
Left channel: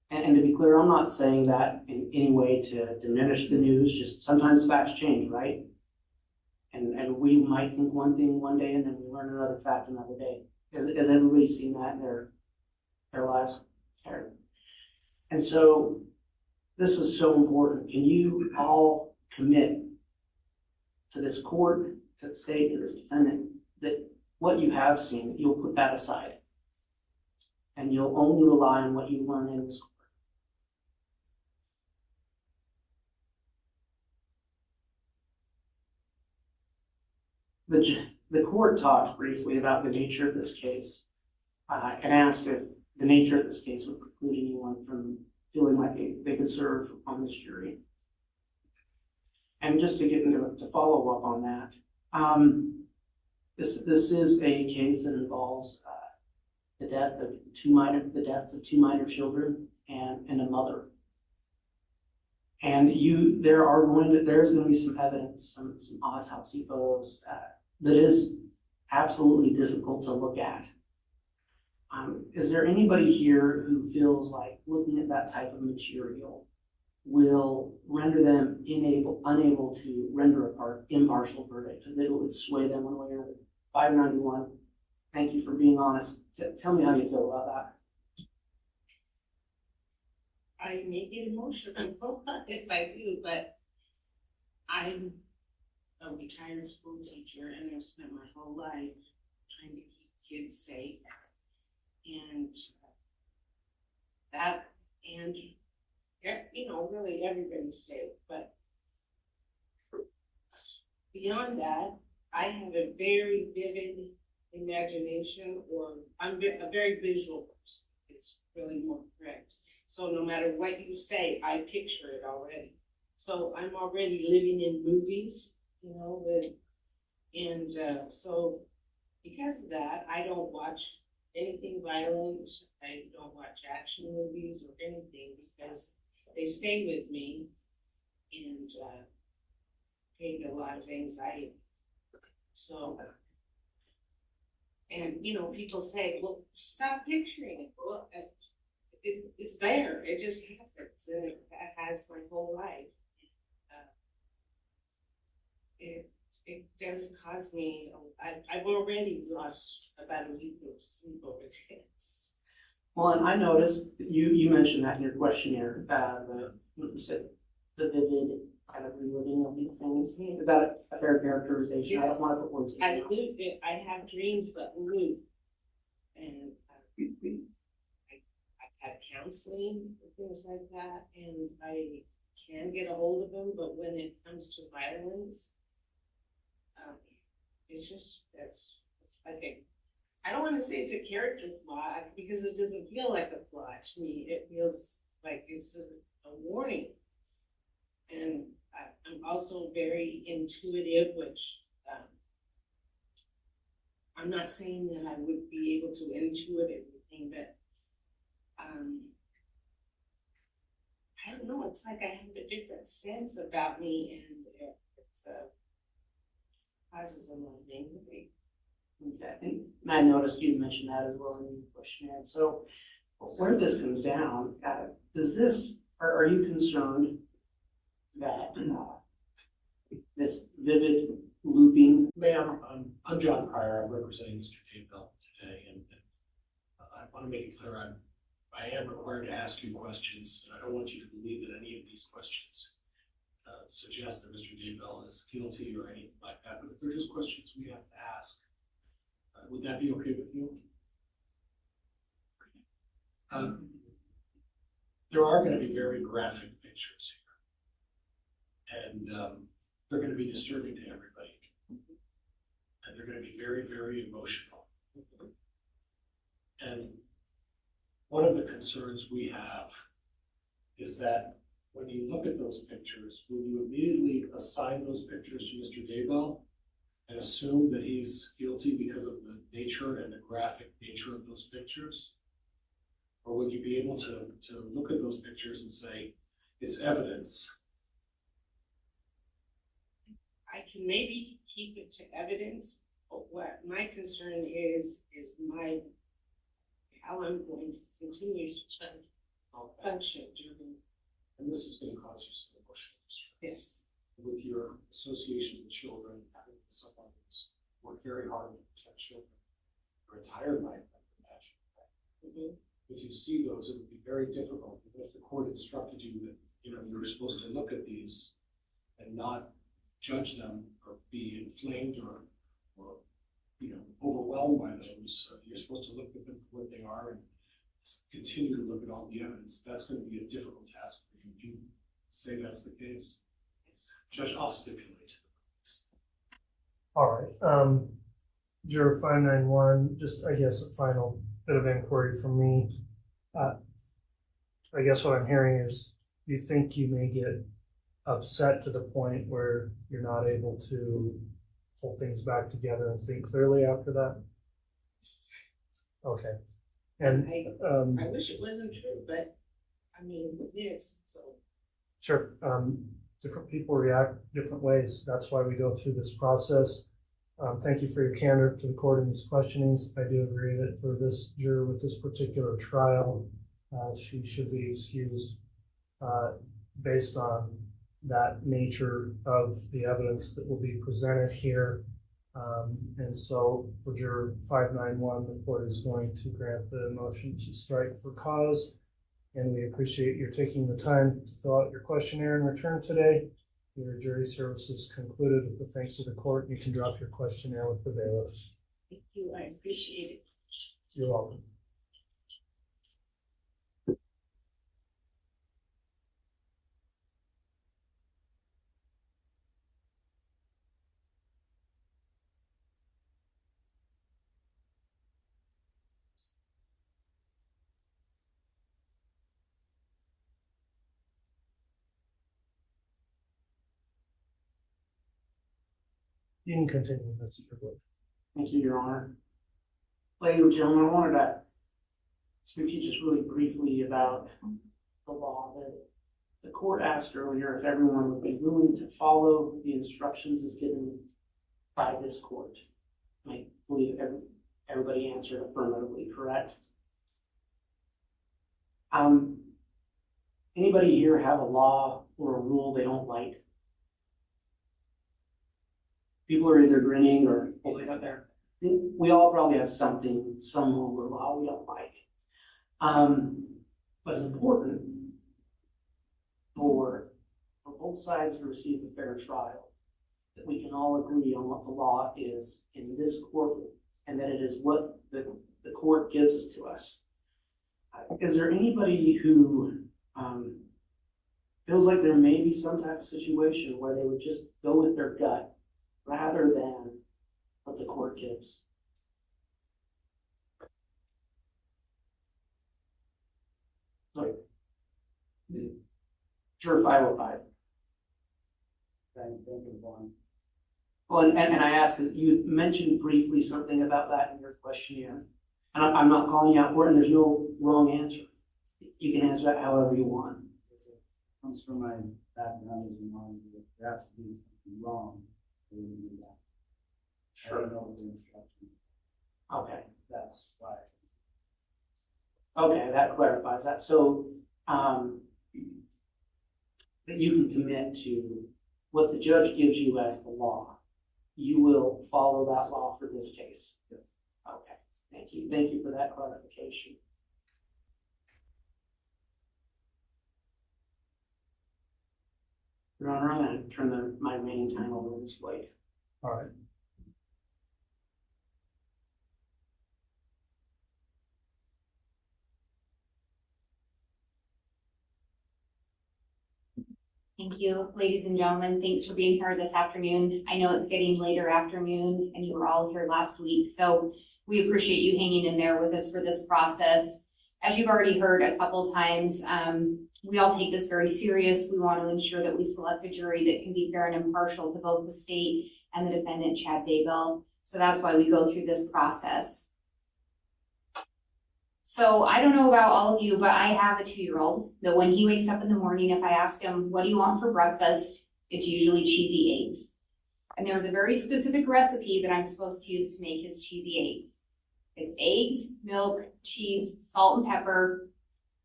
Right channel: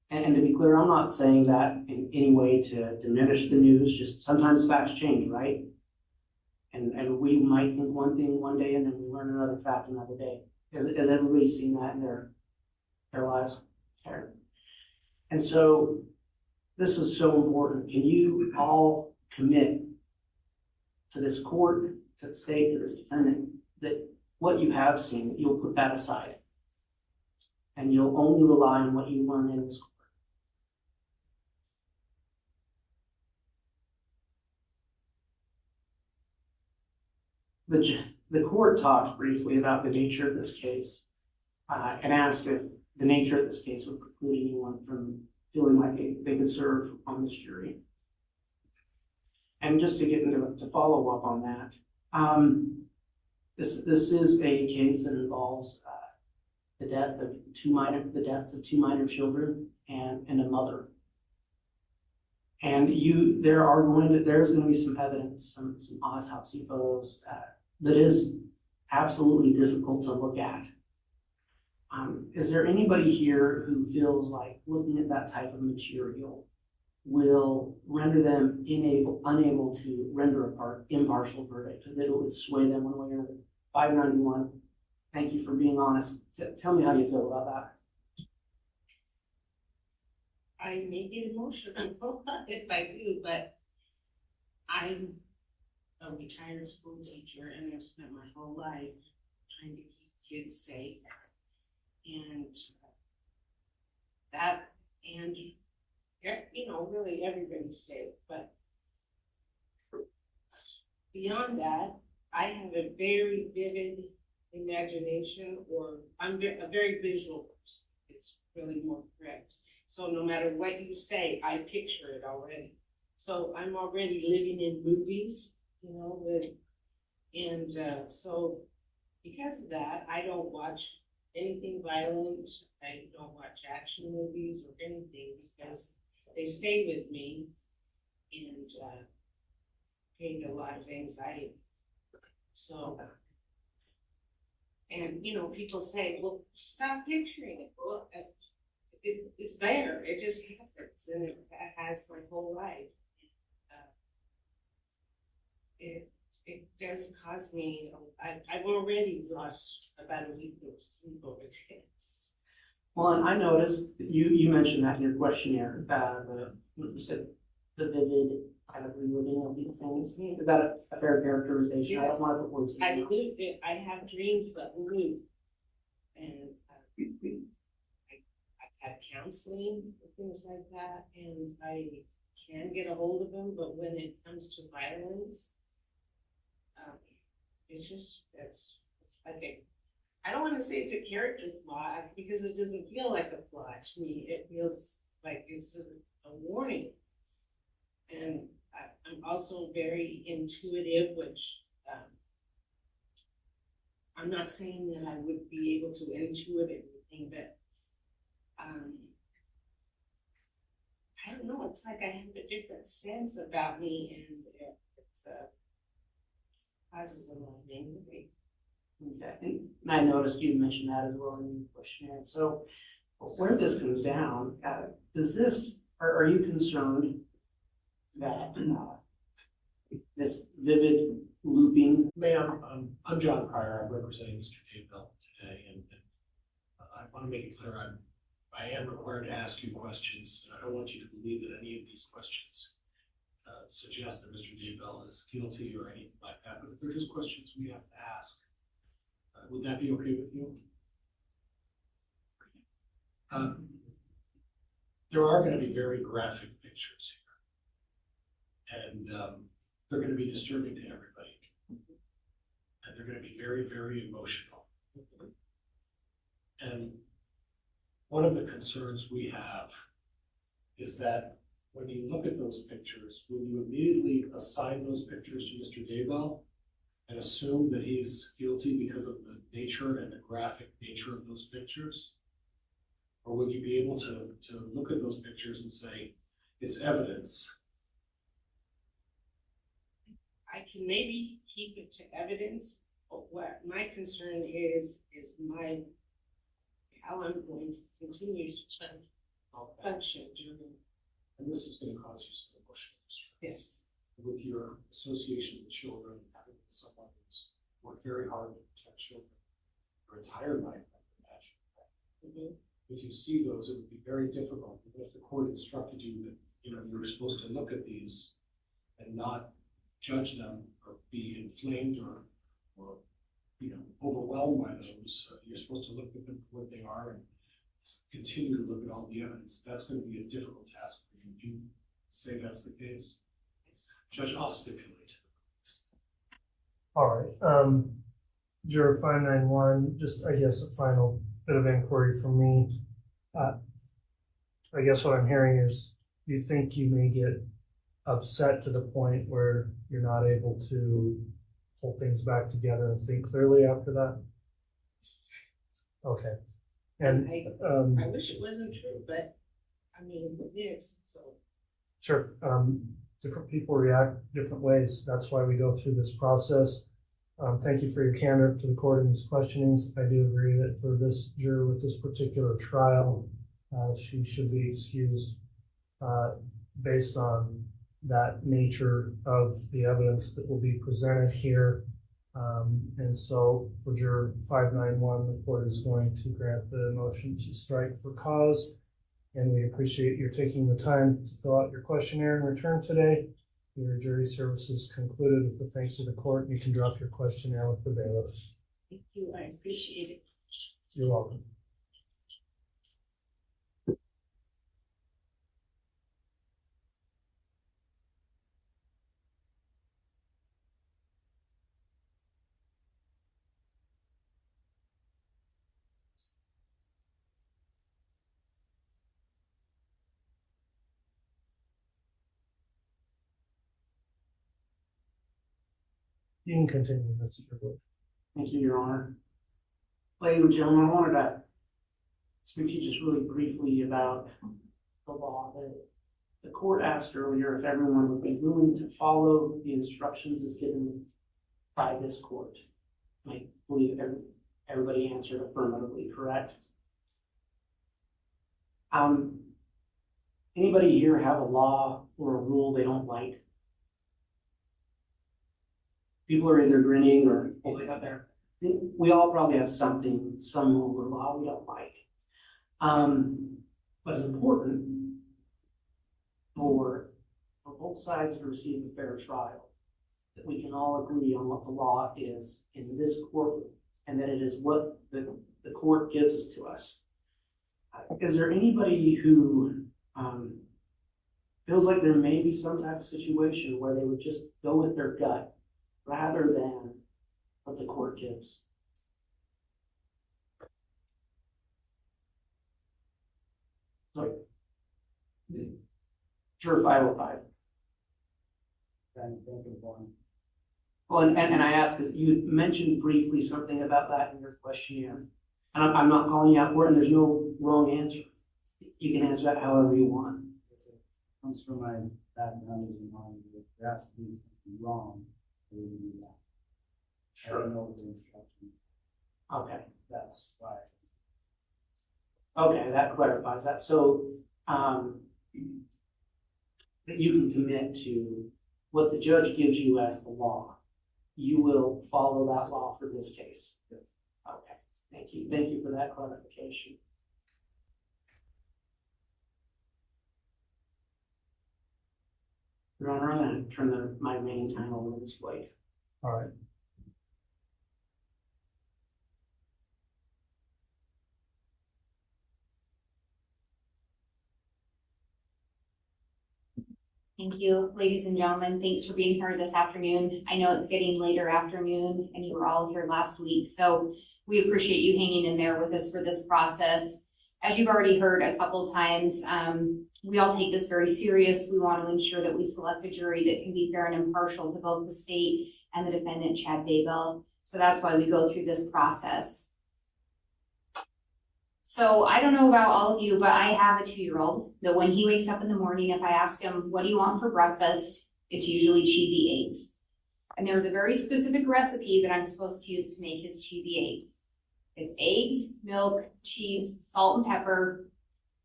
And to be clear, I'm not saying that in any way to diminish the news, just sometimes facts change, right? And we might think one thing one day and then we learn another fact another day. Has everybody seen that in their lives? And so this is so important. Can you all commit to this court, to the state, to this defendant, that what you have seen, you'll put that aside and you'll only rely on what you learn in this court? The court talked briefly about the nature of this case and asked if the nature of this case would preclude anyone from feeling like they could serve on this jury. And just to get into to follow up on that, this is a case that involves the deaths of two minor children and a mother. And there's going to be some evidence, some autopsy photos that is absolutely difficult to look at. Is there anybody here who feels like looking at that type of material will render them unable to render an impartial verdict, that it would sway them one way or another? 591, thank you for being honest. Tell me how you feel about that. I may get emotional if I do, but I'm a retired school teacher and I've spent my whole life trying to keep kids safe. And that, and really everybody's safe, but beyond that, I have a very vivid imagination, or I'm a very visual person. It's really more correct. So no matter what you say, I picture it already. So I'm already living in movies, so because of that, I don't watch anything violent. I don't watch action movies or anything because they stay with me and create a lot of anxiety. So, and people say, well, stop picturing it. Well, it's there. It just happens, and it has my whole life. It does cause me. I've already lost about a week of sleep over this. Well, and I noticed you mentioned that in your questionnaire, you said the vivid kind of reliving of these things. Is that a fair characterization? Yes. I don't want to put words in your mouth. I have dreams that move, and I've had counseling and things like that, and I can get a hold of them, but when it comes to violence, it's just, I think, I don't want to say it's a character flaw because it doesn't feel like a flaw to me. It feels like it's a warning. And also very intuitive, which, I'm not saying that I would be able to intuit everything, but, I don't know, it's like I have a different sense about me, and it's, causes a lot of anxiety. Okay, and I noticed you mentioned that as well in your questionnaire. So where this comes down, does this, are you concerned that this vivid looping? Ma'am, I'm John Pryor. I'm representing Mr. Daybell today, and I want to make it clear I am required to ask you questions, and I don't want you to believe that any of these questions suggest that Mr. Daybell is guilty or anything like that. But if they're just questions we have to ask, would that be okay with you? There are going to be very graphic pictures here, and they're going to be disturbing to everybody, and they're going to be very, very emotional. And one of the concerns we have is that when you look at those pictures, will you immediately assign those pictures to Mr. Daybell and assume that he's guilty because of the nature and the graphic nature of those pictures? Or would you be able to look at those pictures and say, it's evidence? I can maybe keep it to evidence, but what my concern is how I'm going to continue to function during. And this is going to cause you some emotional distress. Yes. With your association with children, having someone who's worked very hard to protect children your entire life, I would imagine. Mm-hmm. If you see those, it would be very difficult. If the court instructed you that you were supposed to look at these and not judge them or be inflamed or overwhelmed by those, you're supposed to look at them for what they are and continue to look at all the evidence. That's going to be a difficult task for you. Do you say that's the case? Judge, I'll stipulate. All right. Juror 591, just I guess a final bit of inquiry from me. I guess what I'm hearing is you think you may get upset to the point where you're not able to pull things back together and think clearly after that? Okay. And I wish it wasn't true, but I mean, it is, so. Sure. Different people react different ways. That's why we go through this process. Thank you for your candor to the court in these questionings. I do agree that for this juror with this particular trial, she should be excused based on that nature of the evidence that will be presented here. And so for juror 591, the court is going to grant the motion to strike for cause. And we appreciate your taking the time to fill out your questionnaire and return today. Your jury service is concluded with the thanks of the court. You can drop your questionnaire with the bailiff. Thank you, I appreciate it. You're welcome. You can continue. That's your vote. Thank you, Your Honor. Ladies and gentlemen, I wanted to speak to you just really briefly about the law. The court asked earlier if everyone would be willing to follow the instructions as given by this court. I believe everybody answered affirmatively, correct? Anybody here have a law or a rule they don't like? People are either grinning or holding up there. We all probably have some rule or law we don't like. But it's important for both sides to receive a fair trial, that we can all agree on what the law is in this court, and that it is what the court gives to us. Is there anybody who feels like there may be some type of situation where they would just go with their gut rather than what the court gives? Sorry. Juror 505. trying to think of one. Well, and I ask, because you mentioned briefly something about that in your questionnaire. And I'm not calling you out for it, and there's no wrong answer. You can answer that however you want. It comes from my background as a mom, if there has to be something wrong, they would do that. I don't know the instruction. Okay. That's why. Okay, that clarifies that. So, that you can commit to what the judge gives you as the law. You will follow that law for this case. Yes. Okay, thank you. Thank you for that clarification. Your Honor, I'm going to turn my remaining time over to Ms. Blake. All right. Thank you, ladies and gentlemen. Thanks for being here this afternoon. I know it's getting later afternoon and you were all here last week, so we appreciate you hanging in there with us for this process. As you've already heard a couple times, we all take this very serious. We want to ensure that we select a jury that can be fair and impartial to both the state and the defendant, Chad Daybell. So that's why we go through this process. So I don't know about all of you, but I have a 2-year-old that when he wakes up in the morning, if I ask him, what do you want for breakfast? It's usually cheesy eggs. And there's a very specific recipe that I'm supposed to use to make his cheesy eggs. It's eggs, milk, cheese, salt and pepper,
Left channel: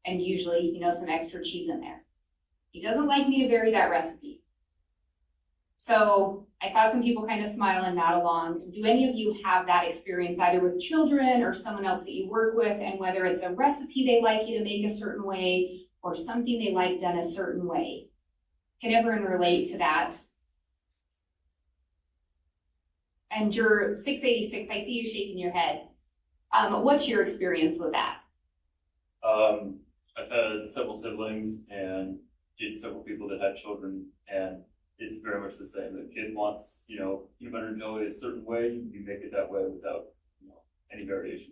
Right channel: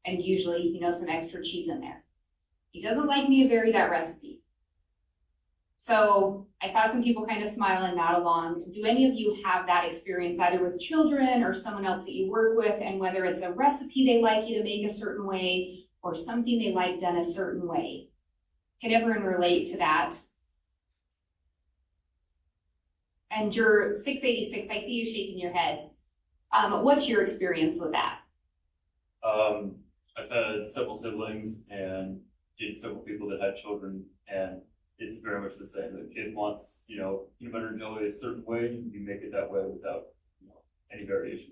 and usually, some extra cheese in there. He doesn't like me to vary that recipe. So I saw some people kind of smile and nod along. Do any of you have that experience either with children or someone else that you work with, and whether it's a recipe they like you to make a certain way or something they like done a certain way? Can everyone relate to that? And Juror 686, I see you shaking your head. What's your experience with that? I've had several siblings and dated several people that had children, and it's very much the same. The kid wants, peanut butter and jelly a certain way, you make it that way without, any variation.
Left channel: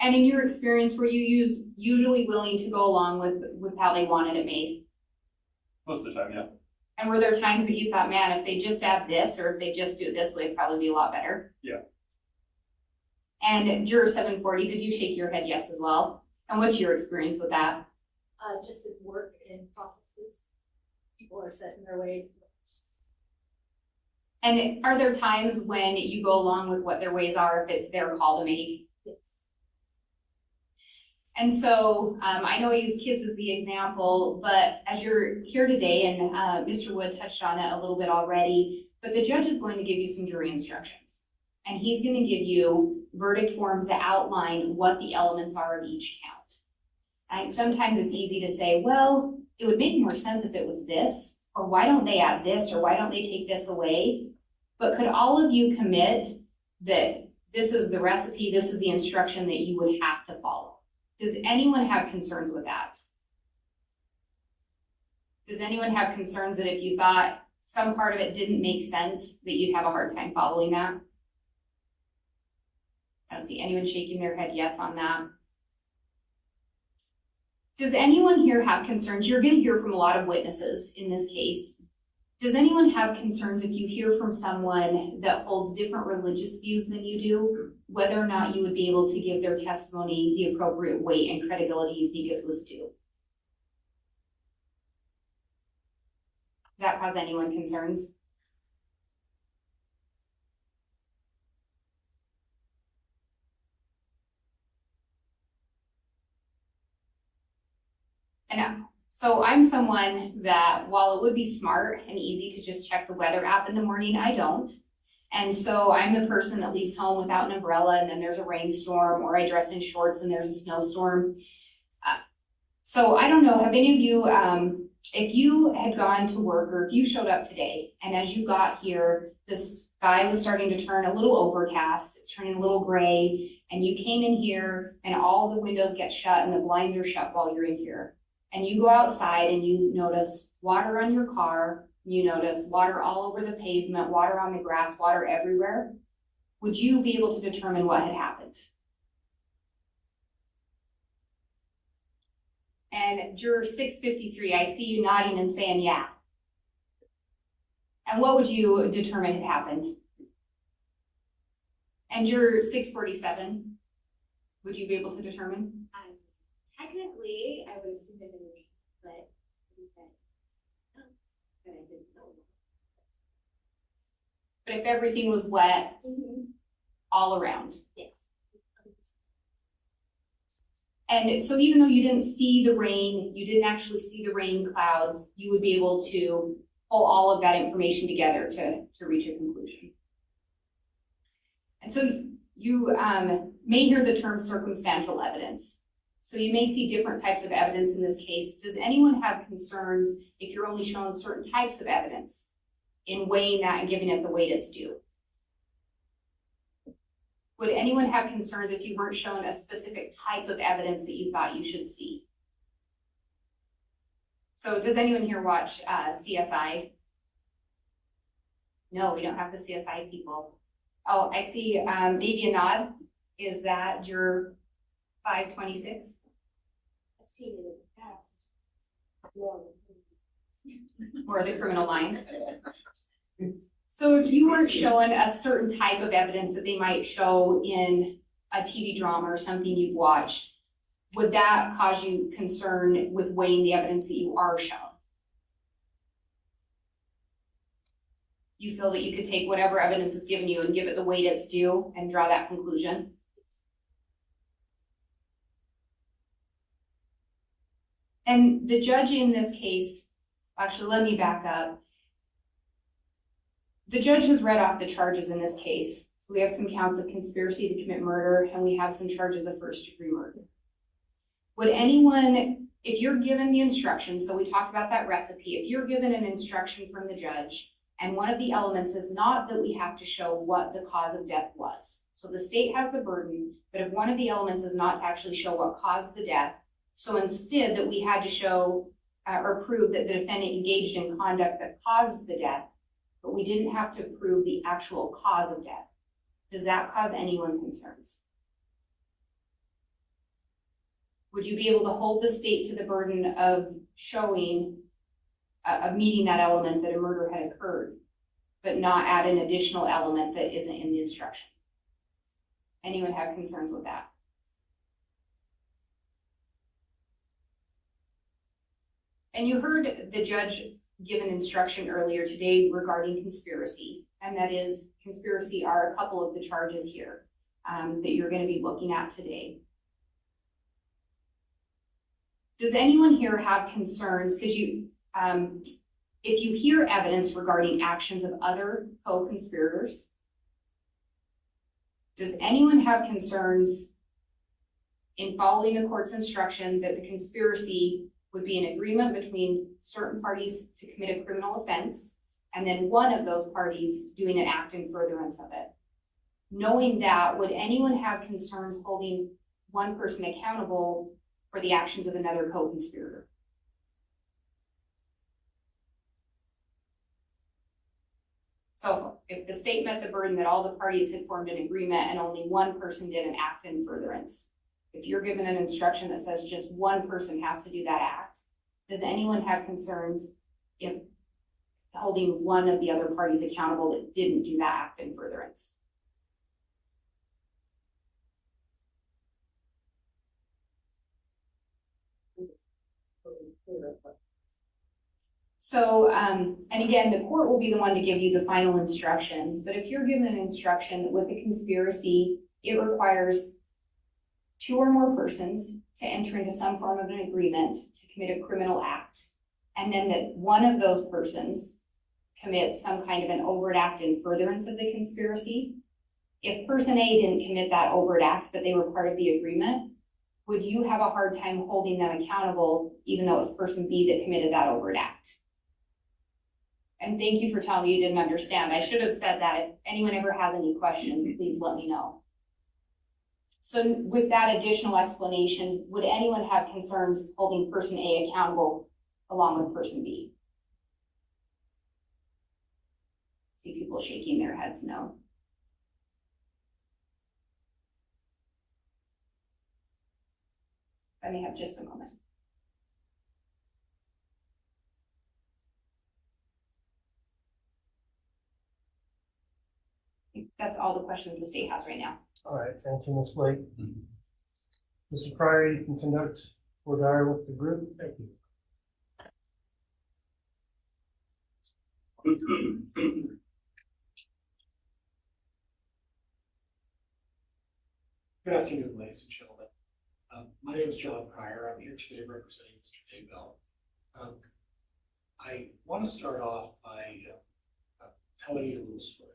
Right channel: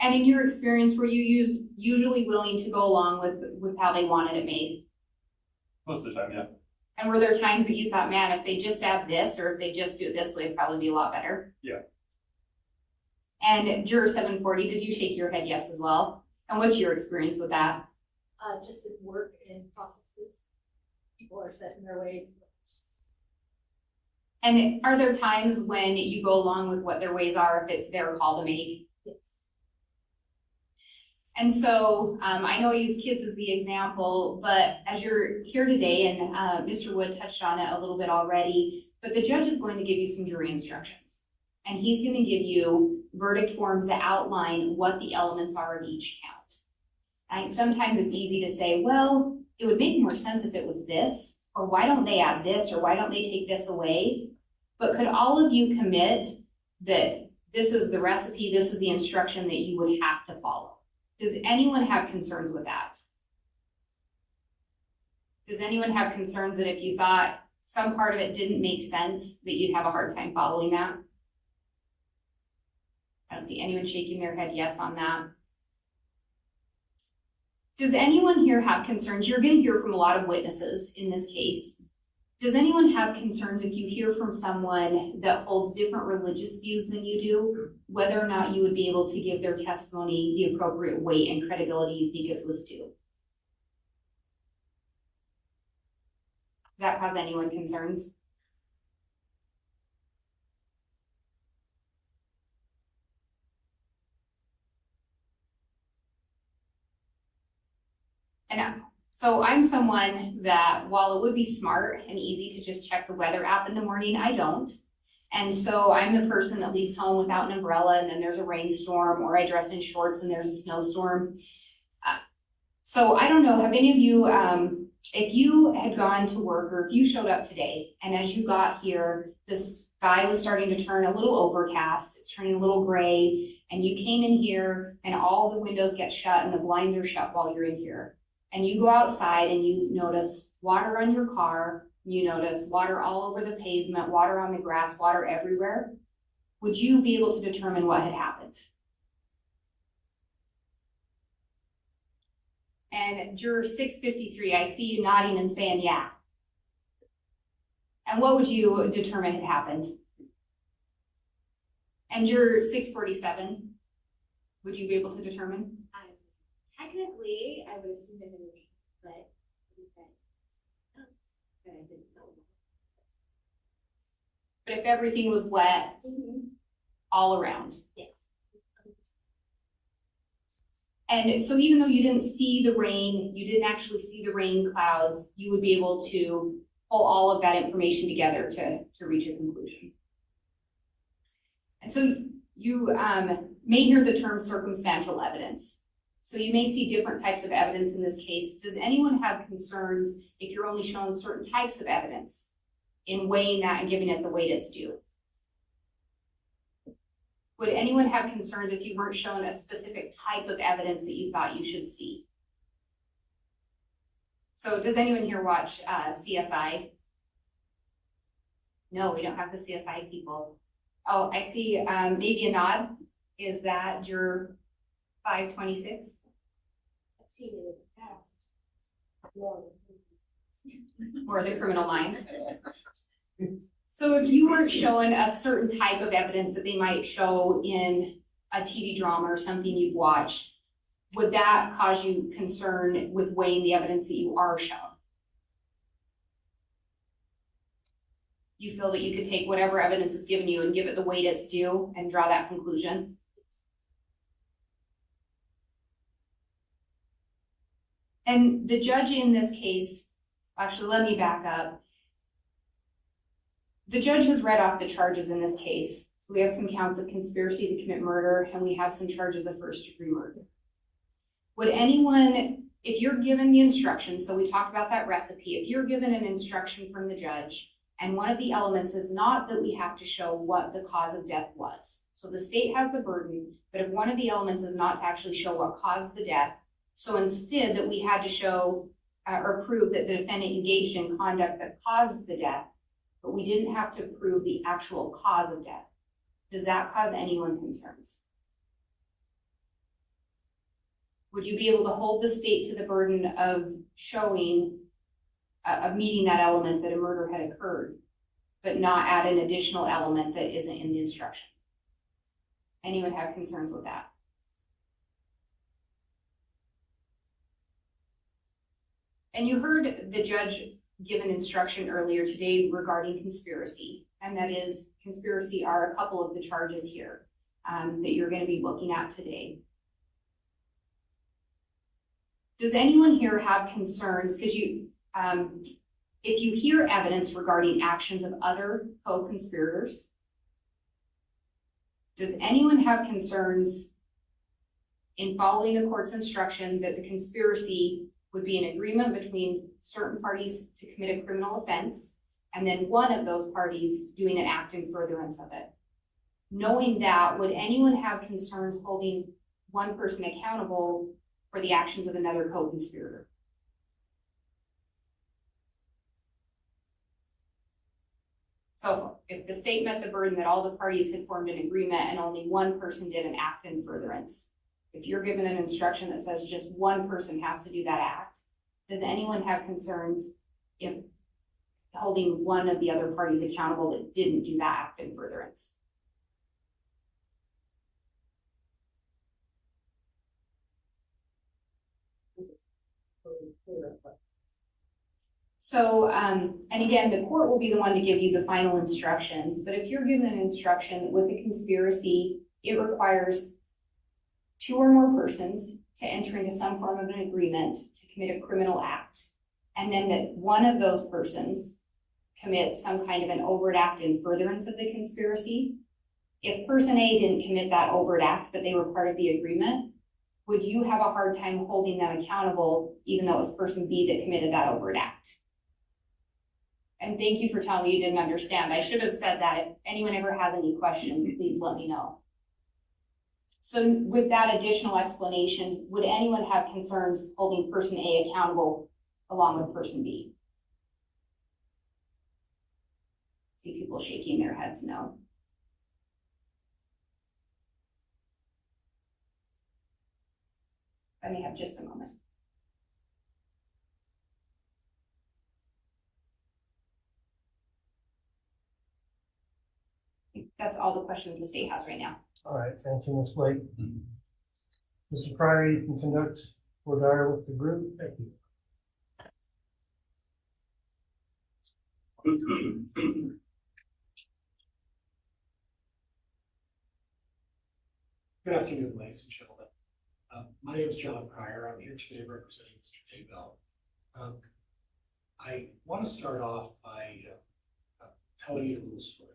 And in your experience, were you usually willing to go along with how they wanted it made? Most of the time, yeah. And were there times that you thought, man, if they just add this or if they just do it this way, it'd probably be a lot better? Yeah. And Juror 740, did you shake your head yes as well? And what's your experience with that? Just at work and processes, people are set in their ways. And are there times when you go along with what their ways are if it's their call to make? Yes. And so I know I use kids as the example, but as you're here today, and Mr. Wood touched on it a little bit already, but the judge is going to give you some jury instructions. And he's going to give you verdict forms that outline what the elements are of each count. And sometimes it's easy to say, well, it would make more sense if it was this, or why don't they add this, or why don't they take this away? But could all of you commit that this is the recipe, this is the instruction that you would have to follow? Does anyone have concerns with that? Does anyone have concerns that if you thought some part of it didn't make sense, that you'd have a hard time following that? I don't see anyone shaking their head yes on that. Does anyone here have concerns? You're going to hear from a lot of witnesses in this case. Does anyone have concerns if you hear from someone that holds different religious views than you do, whether or not you would be able to give their testimony the appropriate weight and credibility you think it was due? Does that cause anyone concerns? And so I'm someone that, while it would be smart and easy to just check the weather app in the morning, I don't. And so I'm the person that leaves home without an umbrella and then there's a rainstorm, or I dress in shorts and there's a snowstorm. So I don't know, have any of you, if you had gone to work or if you showed up today and as you got here, the sky was starting to turn a little overcast, it's turning a little gray, and you came in here and all the windows get shut and the blinds are shut while you're in here. And you go outside and you notice water on your car, you notice water all over the pavement, water on the grass, water everywhere. Would you be able to determine what had happened? And Juror 653, I see you nodding and saying yeah. And what would you determine had happened? And your 647, would you be able to determine? Technically, I would assume it would be, but I didn't know. But if everything was wet all around. Yes. And so even though you didn't see the rain, you didn't actually see the rain clouds, you would be able to pull all of that information together to reach a conclusion. And so you may hear the term circumstantial evidence. So you may see different types of evidence in this case. Does anyone have concerns if you're only showing certain types of evidence in weighing that and giving it the weight it's due? Would anyone have concerns if you weren't shown a specific type of evidence that you thought you should see? So does anyone here watch CSI? No, we don't have the CSI people. Oh, I see maybe a nod. Is that your 526? I've seen it in the past. Or the criminal minds? So if you weren't showing a certain type of evidence that they might show in a TV drama or something you've watched, would that cause you concern with weighing the evidence that you are shown? You feel that you could take whatever evidence is given you and give it the weight it's due and draw that conclusion? And the judge in this case, actually let me back up. The judge has read off the charges in this case. So we have some counts of conspiracy to commit murder, and we have some charges of first-degree murder. Would anyone, if you're given the instruction, so we talked about that recipe, if you're given an instruction from the judge, and one of the elements is not that we have to show what the cause of death was. So the state has the burden, but if one of the elements is not to actually show what caused the death, so instead that we had to show or prove that the defendant engaged in conduct that caused the death, but we didn't have to prove the actual cause of death. Does that cause anyone concerns? Would you be able to hold the state to the burden of showing, of meeting that element that a murder had occurred, but not add an additional element that isn't in the instruction? Anyone have concerns with that? And you heard the judge give an instruction earlier today regarding conspiracy, and that is conspiracy are a couple of the charges here that you're going to be looking at today. Does anyone here have concerns? Because you, if you hear evidence regarding actions of other co-conspirators, does anyone have concerns in following the court's instruction that the conspiracy would be an agreement between certain parties to commit a criminal offense, and then one of those parties doing an act in furtherance of it? Knowing that, would anyone have concerns holding one person accountable for the actions of another co-conspirator? So if the state met the burden that all the parties had formed an agreement and only one person did an act in furtherance, if you're given an instruction that says just one person has to do that act, does anyone have concerns if holding one of the other parties accountable that didn't do that act in furtherance? So, and again, the court will be the one to give you the final instructions, but if you're given an instruction with the conspiracy, it requires 2 or more persons to enter into some form of an agreement to commit a criminal act, and then that one of those persons commits some kind of an overt act in furtherance of the conspiracy. If person A didn't commit that overt act, but they were part of the agreement, would you have a hard time holding them accountable even though it was person B that committed that overt act? And thank you for telling me you didn't understand. I should have said that. If anyone ever has any questions, please let me know. So with that additional explanation, would anyone have concerns holding person A accountable along with person B? See people shaking their heads no. Let me have just a moment. That's all the questions the state has right now. All right, thank you, Ms. Blake. Mr. Pryor, you can conduct voir dire with the group. Thank you. Good afternoon, ladies and gentlemen. My name is John Pryor. I'm here today representing Mr. Daybell. I want to start off by telling you a little story.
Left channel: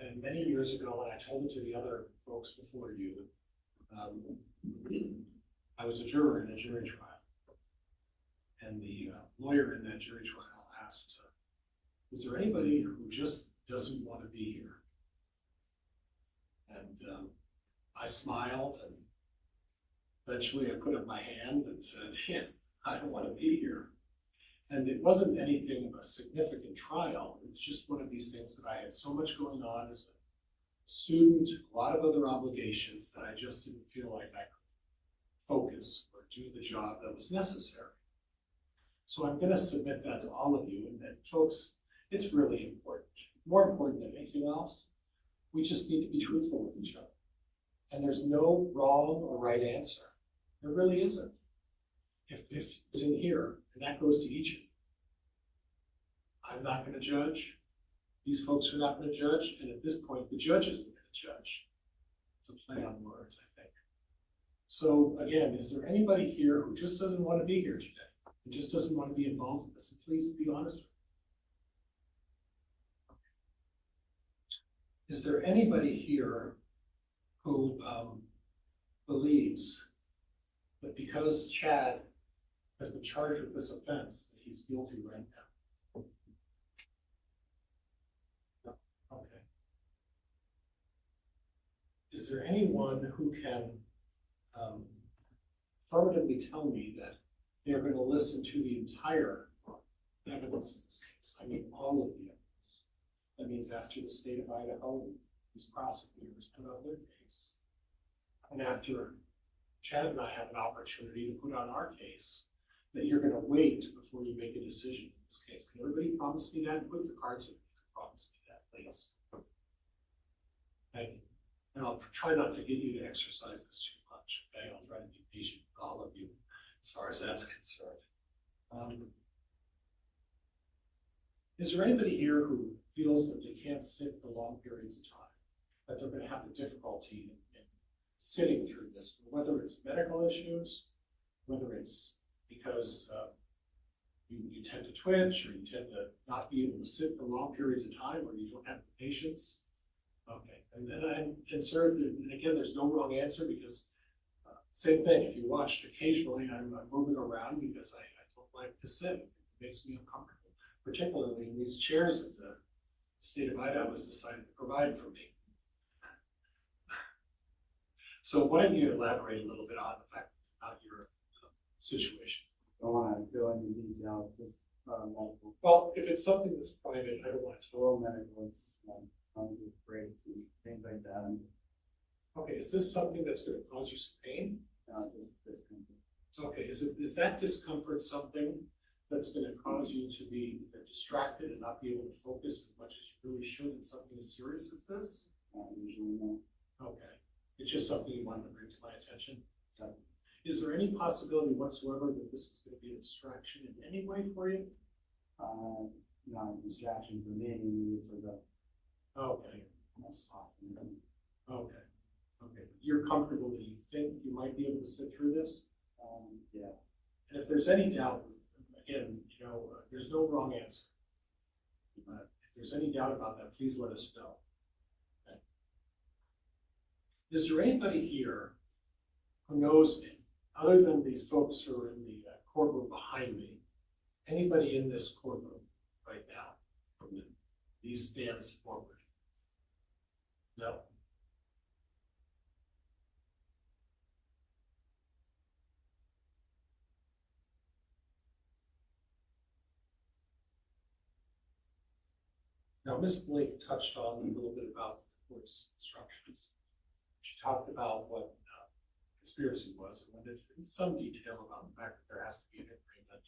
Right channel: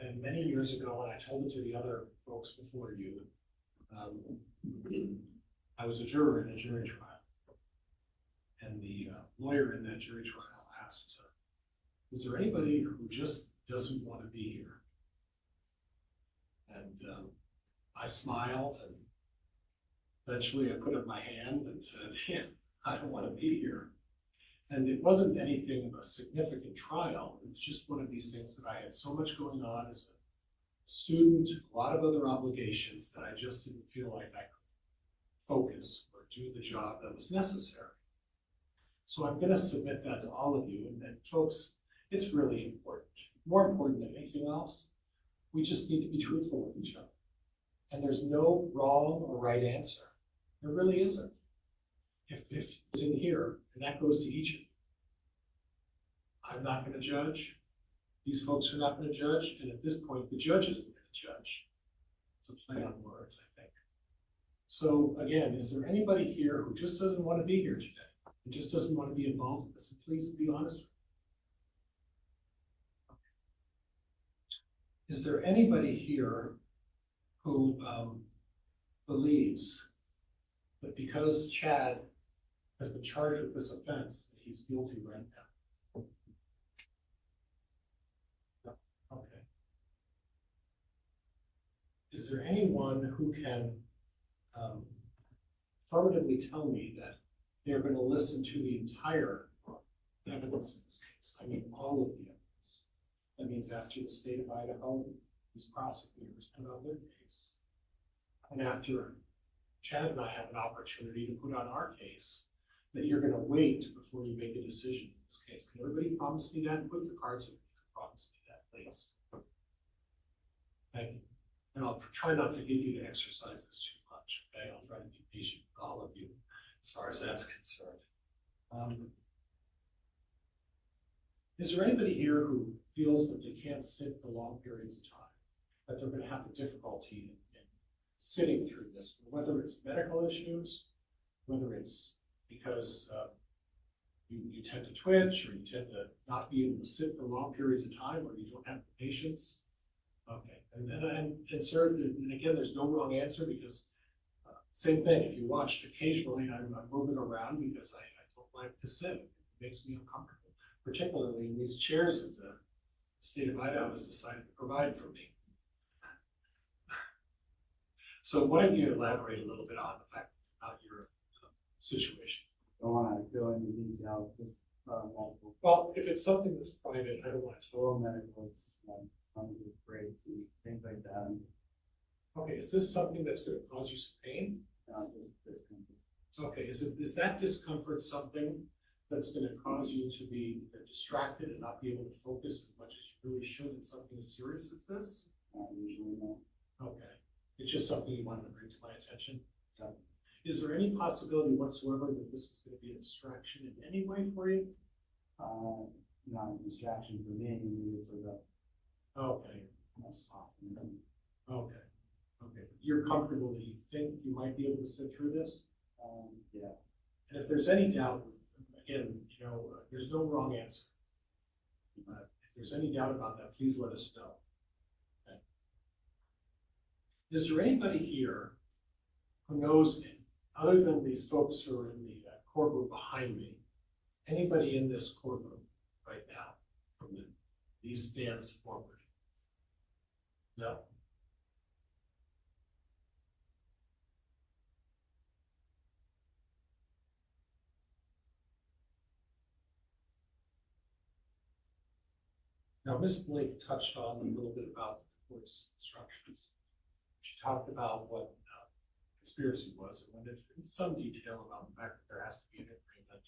And many years ago, when I told it to the other folks before you, I was a juror in a jury trial. And the lawyer in that jury trial asked, is there anybody who just doesn't want to be here? And I smiled, and eventually I put up my hand and said, yeah, I don't want to be here. And it wasn't anything of a significant trial. It was just one of these things that I had so much going on as a student, a lot of other obligations, that I just didn't feel like I could focus or do the job that was necessary. So I'm going to submit that to all of you. And folks, it's really important. More important than anything else, we just need to be truthful with each other. And there's no wrong or right answer. There really isn't. If it's in here, and that goes to each of you, I'm not going to judge. These folks are not going to judge. And at this point, the judge isn't going to judge. It's a play on words, I think. So again, is there anybody here who just doesn't want to be here today? Who just doesn't want to be involved in this? And please be honest with me. Is there anybody here who believes that because Chad has been charged with this offense, that he's guilty right now? No. Okay. Is there anyone who can affirmatively tell me that they're going to listen to the entire evidence in this case? I mean, all of the evidence. That means after the state of Idaho, these prosecutors put on their case, and after Chad and I have an opportunity to put on our case, that you're going to wait before you make a decision in this case. Can everybody promise me that? Put the cards in. Promise me that, please. Thank you. And I'll try not to get you to exercise this too much. Okay, I'll try to be patient with all of you as far as that's concerned. Is there anybody here who feels that they can't sit for long periods of time, that they're going to have a difficulty in sitting through this, whether it's medical issues, whether it's because you tend to twitch, or you tend to not be able to sit for long periods of time, or you don't have the patience? Okay, and sir, and again, there's no wrong answer, because same thing, if you watched, occasionally I'm moving around because I don't like to sit. It makes me uncomfortable, particularly in these chairs that the state of Idaho has decided to provide for me. So why don't you elaborate a little bit on the fact about your situation? I don't want to go into detail, just medical. Well, if it's something that's private, I don't want to. Oral medical, it's breaks, things like that. Okay, is this something that's going to cause you some pain? Just discomfort. Okay, is that discomfort something that's going to cause you to be distracted and not be able to focus as much as you really should in something as serious as this? Usually no. Okay, it's just something you wanted to bring to my attention. Okay. Is there any possibility whatsoever that this is going to be a distraction in any way for you? Not a distraction for me, for the. Okay. Okay. Okay. You're comfortable that you think you might be able to sit through this? Yeah. And if there's any doubt, again, there's no wrong answer. If there's any doubt about that, please let us know. Okay. Is there anybody here who knows, other than these folks who are in the courtroom behind me, anybody in this courtroom right now from these stands forward? No. Now, Ms. Blake touched on a little bit about the court's instructions. She talked about what conspiracy was and went into some detail about the fact that there has to be an agreement.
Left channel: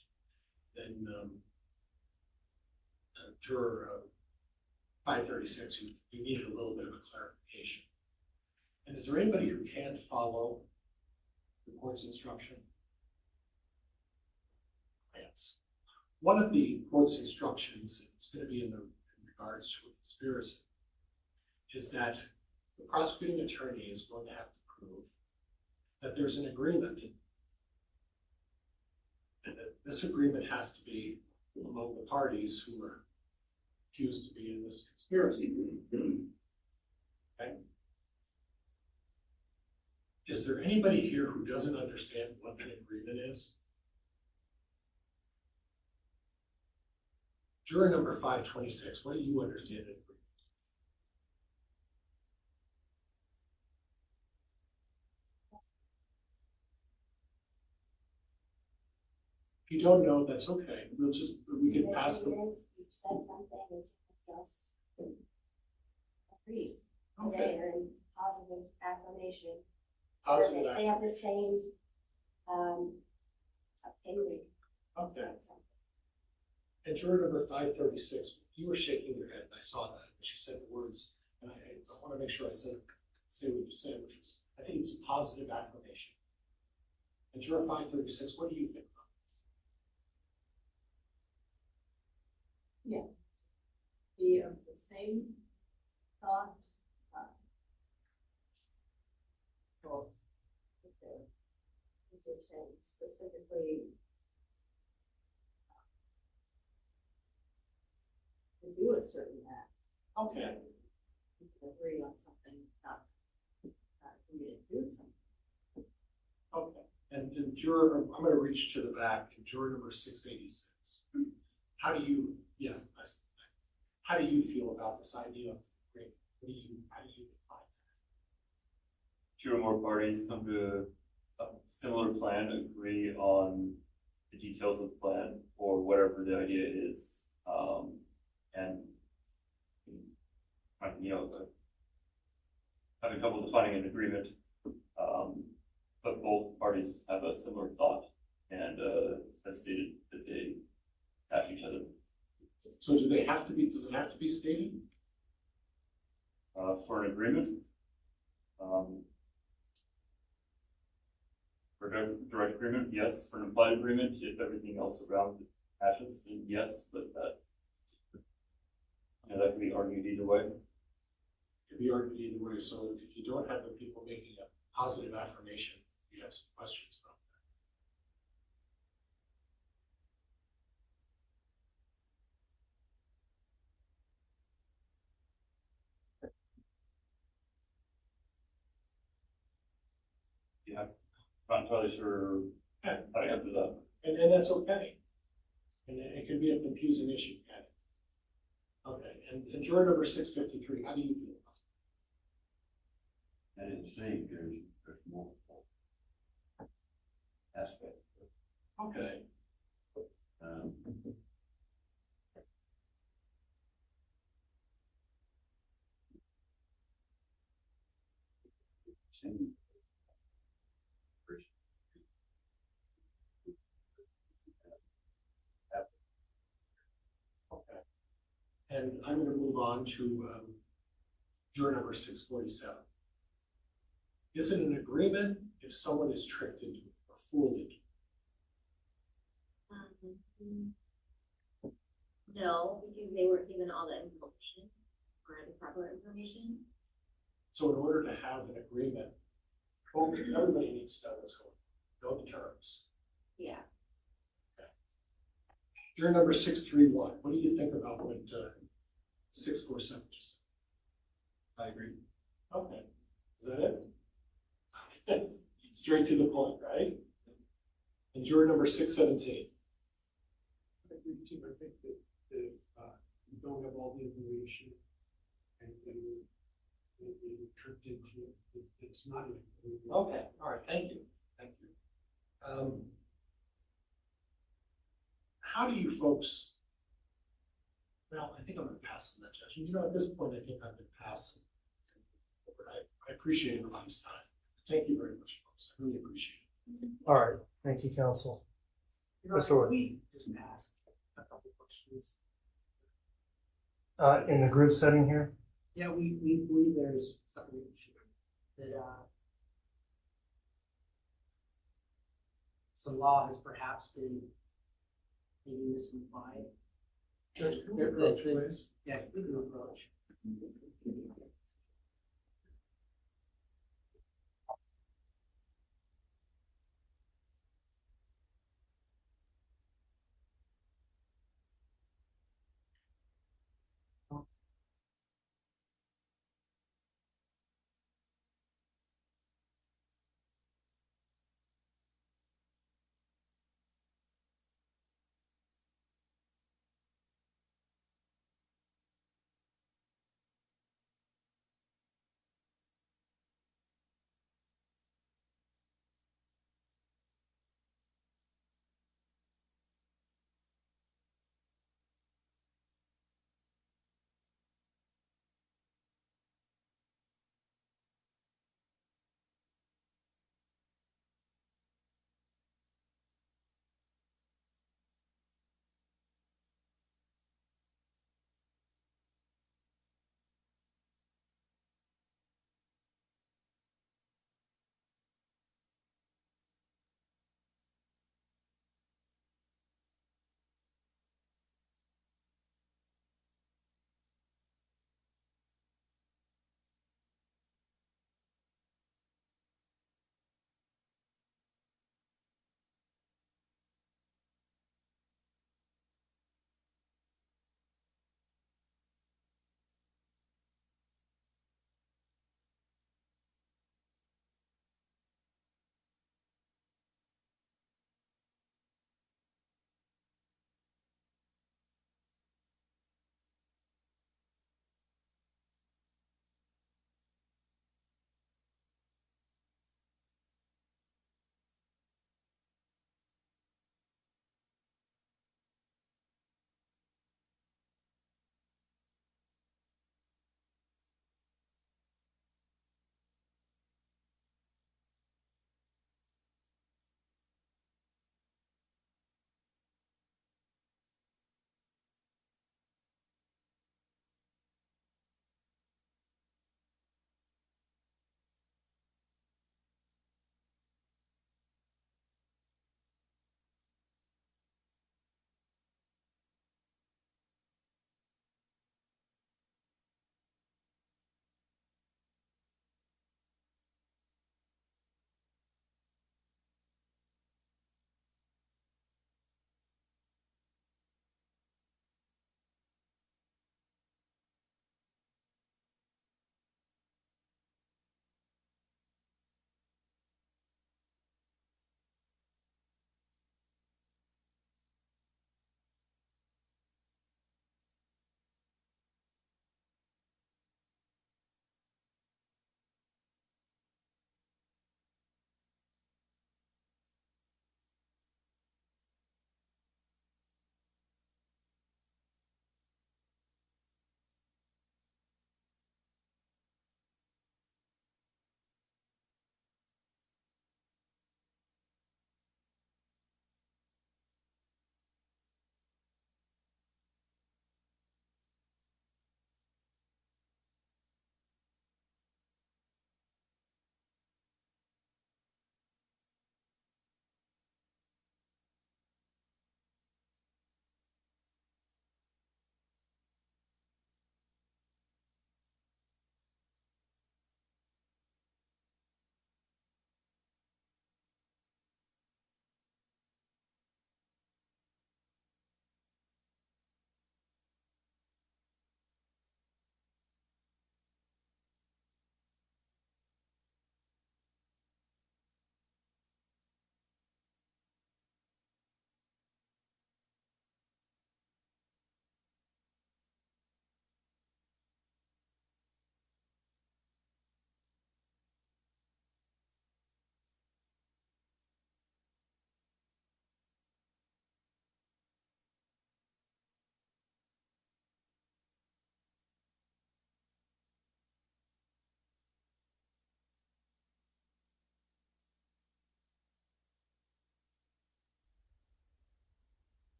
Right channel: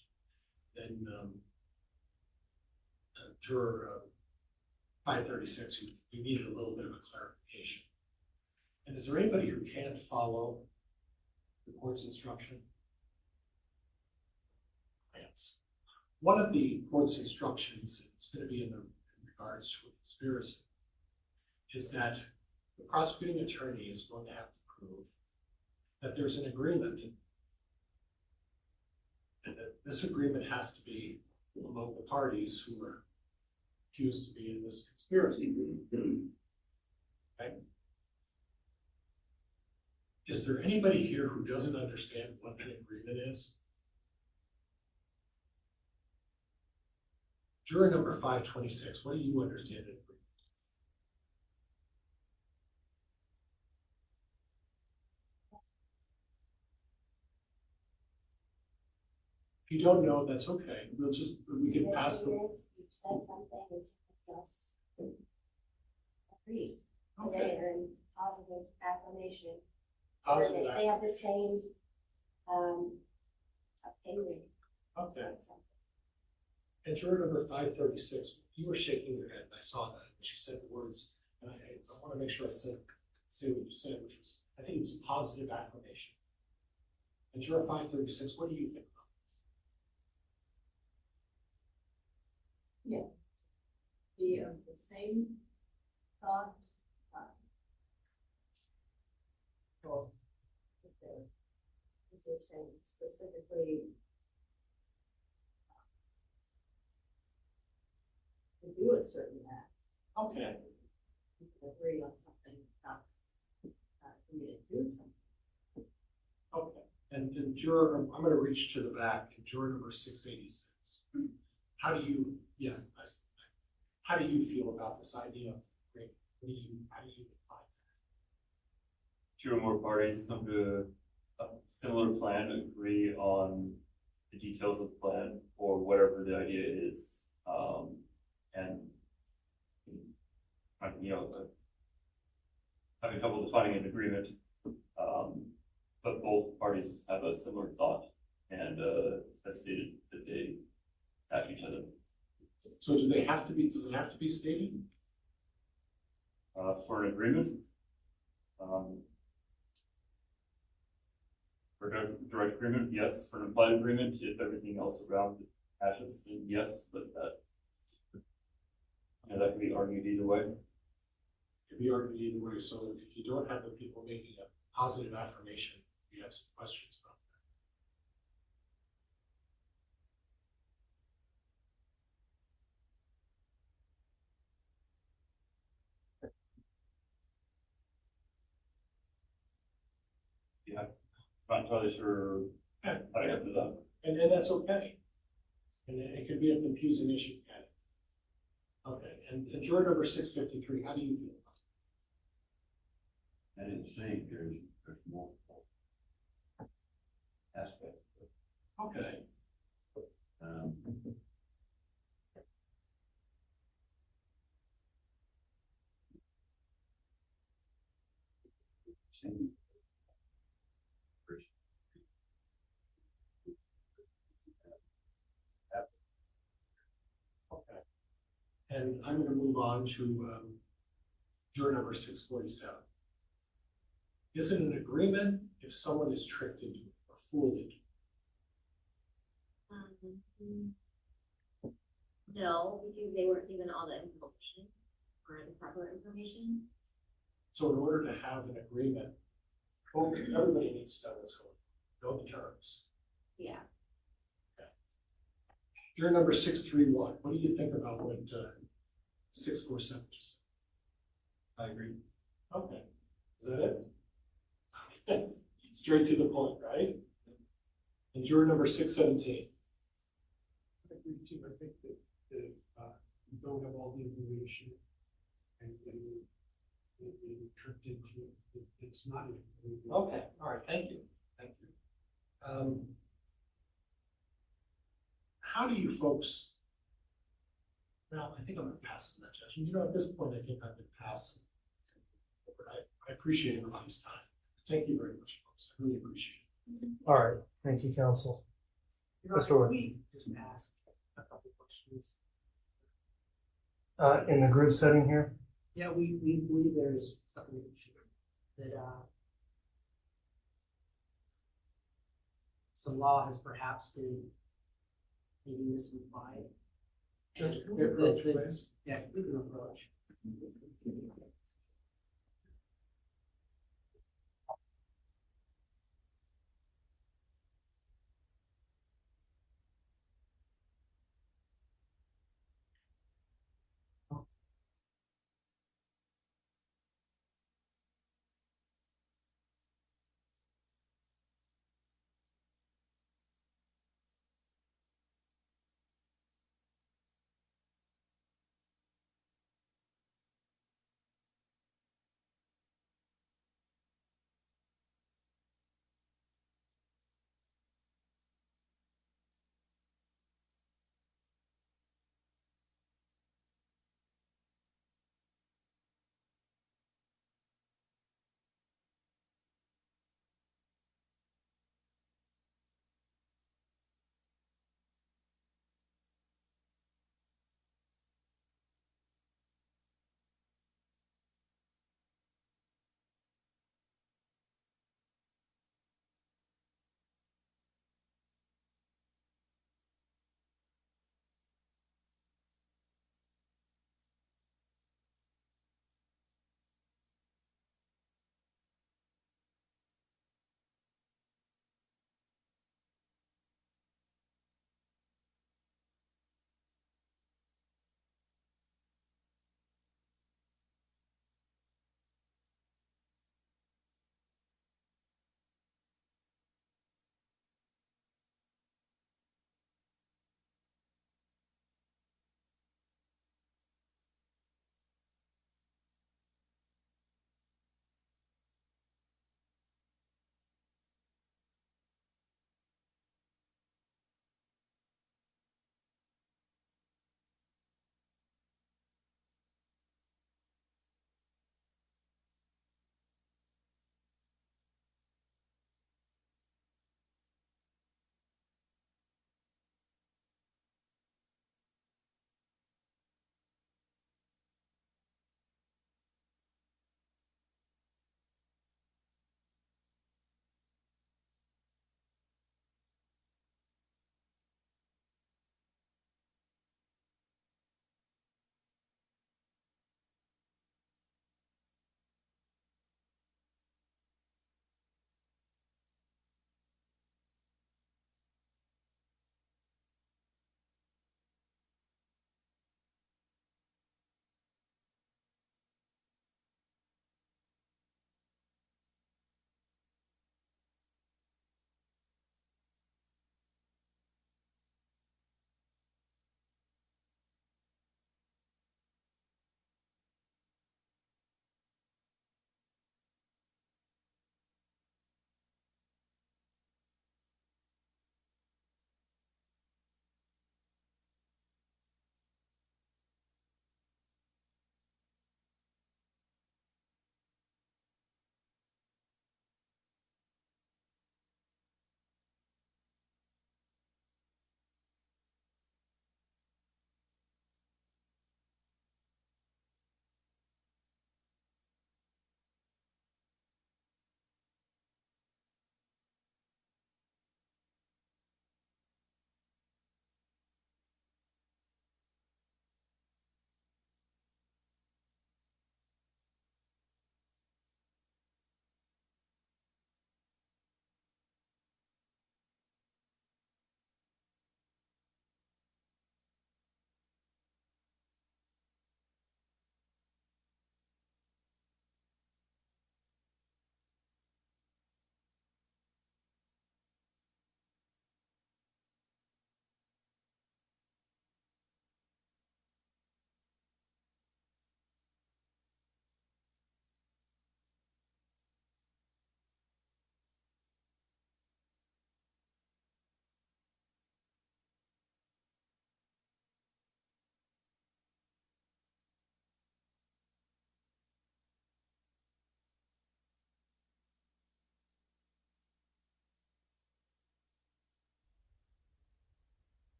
Then juror 536, you needed a little bit of a clarification. And is there anybody who can't follow the court's instruction? Yes. One of the court's instructions, it's going to be in regards to a conspiracy, is that the prosecuting attorney is going to have to prove that there's an agreement, and that this agreement has to be among the parties who are accused to be in this conspiracy. Okay? Is there anybody here who doesn't understand what an agreement is? Juror number 526, what do you understand an agreement? If you don't know, that's okay. We can pass the. You said something, it's just agrees. Okay. They're in positive affirmation. Positive They have the same opinion. Okay. And juror number 536, you were shaking your head. I saw that. She said the words, and I want to make sure I say what you said, which was, I think it was positive affirmation. And juror 536, what do you think? Yeah. Be of the same thought. If they're saying specifically to do a certain act. Okay. You can agree on something, not agree to do something. Okay. And juror, I'm going to reach to the back. Juror number 686. How do you? Yes. How do you feel about this idea of agreement? How do you define that? Two or more parties come to a similar plan, agree on the details of the plan or whatever the idea is, and having trouble defining an agreement, but both parties have a similar thought and have stated that they match each other. So does it have to be stated? For an agreement, for a direct agreement, yes. For an implied agreement, if everything else around it matches, then yes, but that can be argued either way. It can be argued either way. So if you don't have the people making a positive affirmation, you have some questions about that. Yeah, not entirely sure how to answer that. And that's okay. And it can be a confusing issue. Okay, and juror number 653, how do you feel about it? I didn't say there's multiple aspects. Okay. And I'm going to move on to juror number 647. Is it an agreement if someone is tricked into or fooled into? No, because they weren't given all the information or the proper information. So in order to have an agreement, everybody needs to know what's going on, know the terms. Yeah. Juror number 631, what do you think about what 647 just said? I agree. Okay, is that it? Okay. Straight to the point, right? And juror number 617. I agree too. I think that if you don't have all the information and you're tricked into it, it's not an agreement. Okay, all right, thank you. Thank you. How do you folks, well, I think I'm going to pass on that judgment. You know, at this point, I think I've been passing. I appreciate everybody's time. Thank you very much, folks. I really appreciate it. All right, thank you, counsel. Mr. Wood. We just ask a couple questions. In the group setting here? Yeah, we believe there's something that, some law has perhaps been maybe misapplied. Judge, can we approach, please? Yeah, we can approach.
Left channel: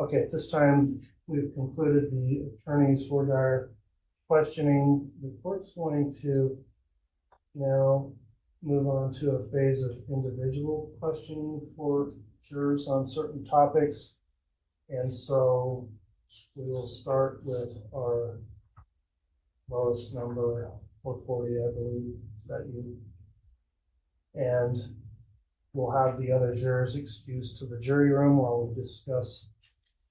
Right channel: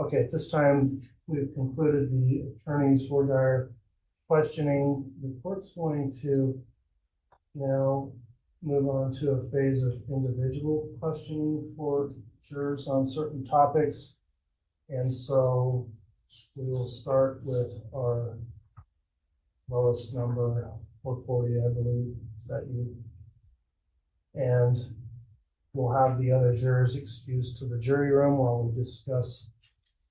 Okay, at this time, we've concluded the attorney's voir dire questioning. The court's going to now move on to a phase of individual questioning for jurors on certain topics. And so we will start with our lowest number, 440, I believe. Is that you? And we'll have the other jurors excused to the jury room while we discuss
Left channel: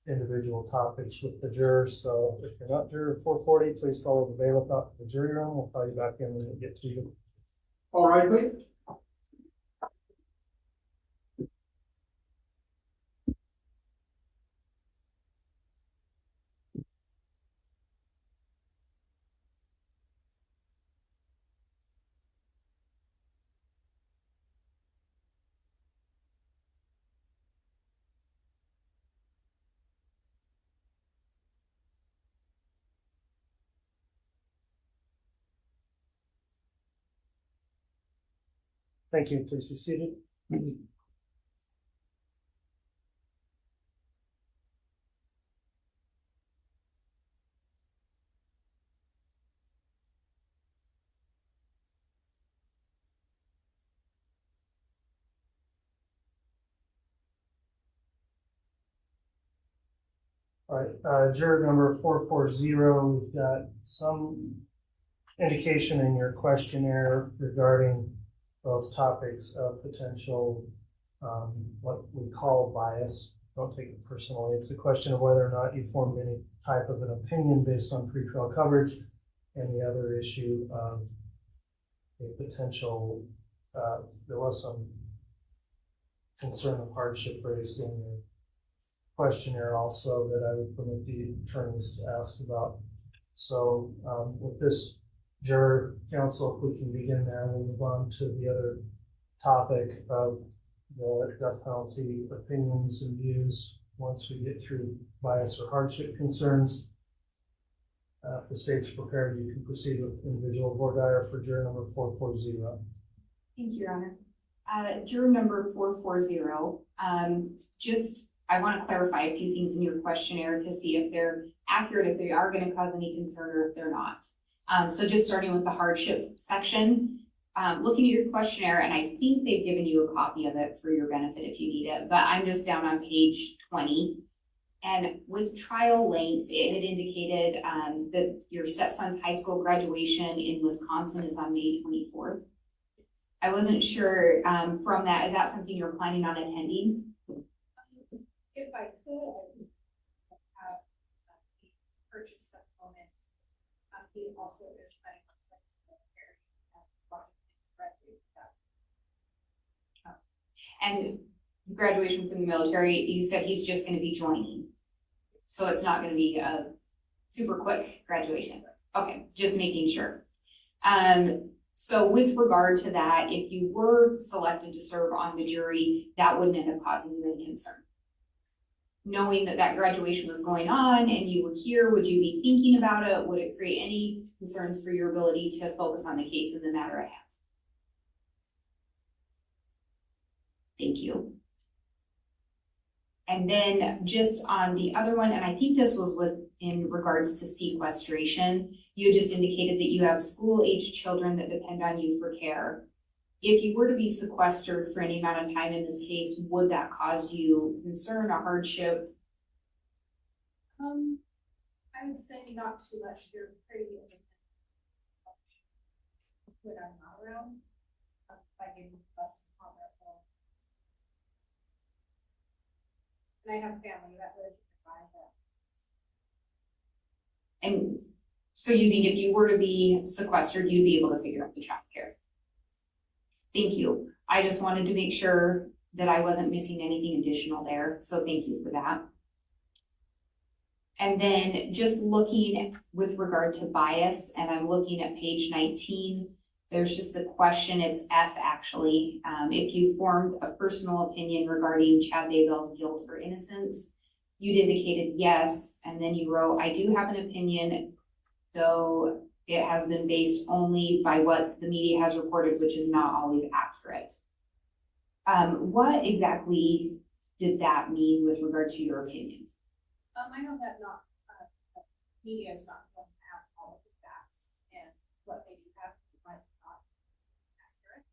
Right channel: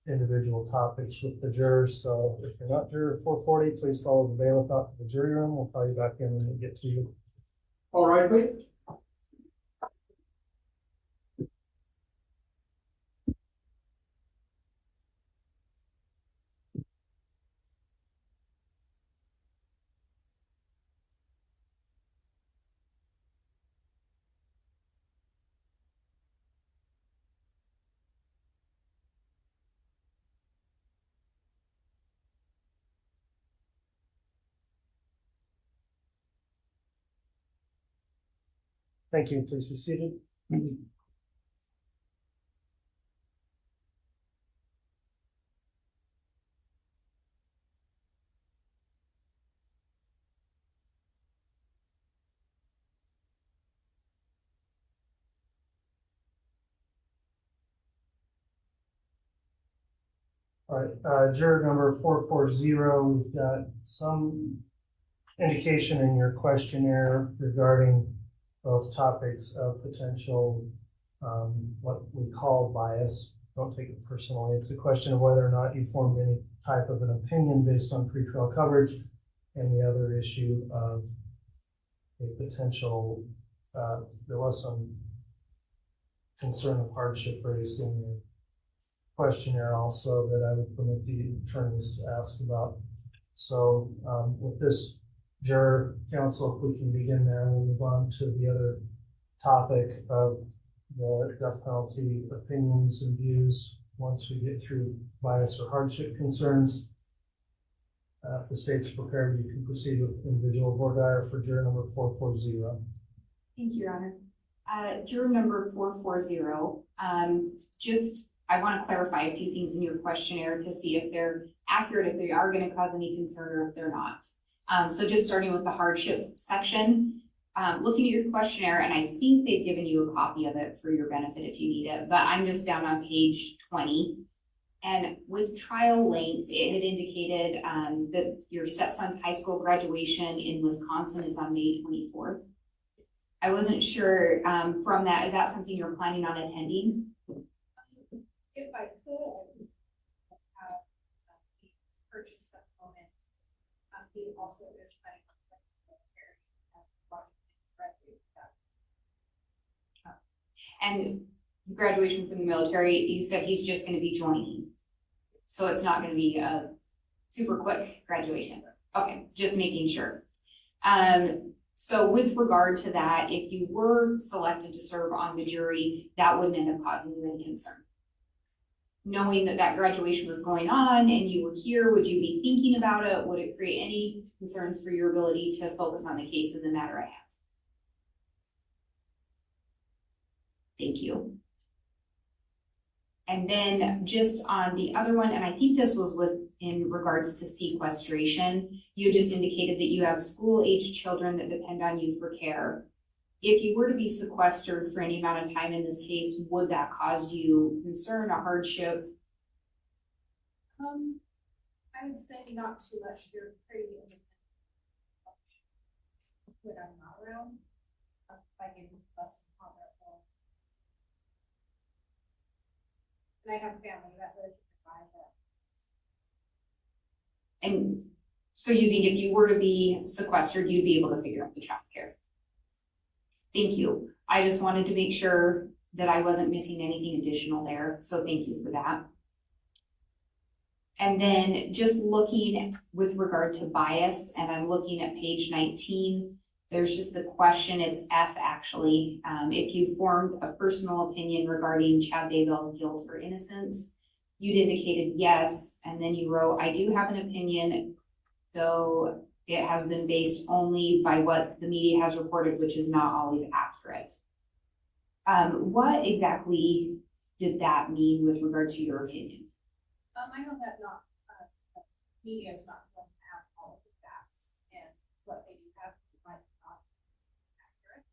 individual topics with the jurors. So if you're not juror 440, please follow the bailiff out to the jury room. We'll call you back in when we get to you. All right, please. Thank you. Please be seated. All right, juror number 440, we've got some indication in your questionnaire regarding both topics of potential, what we call bias. Don't take it personally. It's a question of whether or not you formed any type of an opinion based on pretrial coverage, and the other issue of a potential, there was some concern of hardship raised in your questionnaire also that I would permit the attorneys to ask about. So with this juror counsel, if we can begin there, we'll move on to the other topic of the death penalty opinions and views once we get through bias or hardship concerns. If the state's prepared, you can proceed with individual voir dire for juror number 440. Thank you, Your Honor. Juror number 440, I want to clarify a few things in your questionnaire to see if they're accurate, if they are going to cause any concern, or if they're not. So just starting with the hardship section, looking at your questionnaire, and I think they've given you a copy of it for your benefit if you need it, but I'm just down on page 20. And with trial length, it had indicated that your stepson's high school graduation in Wisconsin is on May 24th. I wasn't sure from that, is that something you're planning on attending? If I could have purchased a moment, he also is planning on And graduation from the military, you said he's just going to be joining. So it's not going to be a super quick graduation. Okay, just making sure. So with regard to that, if you were selected to serve on the jury, that wouldn't end up causing you any concern. Knowing that that graduation was going on and you were here, would you be thinking about it? Would it create any concerns for your ability to focus on the case in the matter at hand? Thank you. And then just on the other one, and I think this was in regards to sequestration, you just indicated that you have school-age children that depend on you for care. If you were to be sequestered for any amount of time in this case, would that cause you concern or hardship? I would say not too much. You're pretty independent when I'm not around. By getting less on their phone. And I have a family that lives nearby that. And so you think if you were to be sequestered, you'd be able to figure out the child care? Thank you. I just wanted to make sure that I wasn't missing anything additional there. So thank you for that. And then just looking with regard to bias, and I'm looking at page 19, there's just the question, it's F actually. If you formed a personal opinion regarding Chad Daybell's guilt or innocence, you'd indicated yes, and then you wrote, I do have an opinion, though it has been based only by what the media has reported, which is not always accurate. What exactly did that mean with regard to your opinion? I know that media is not going to have all of the facts, and what they do have might not be accurate.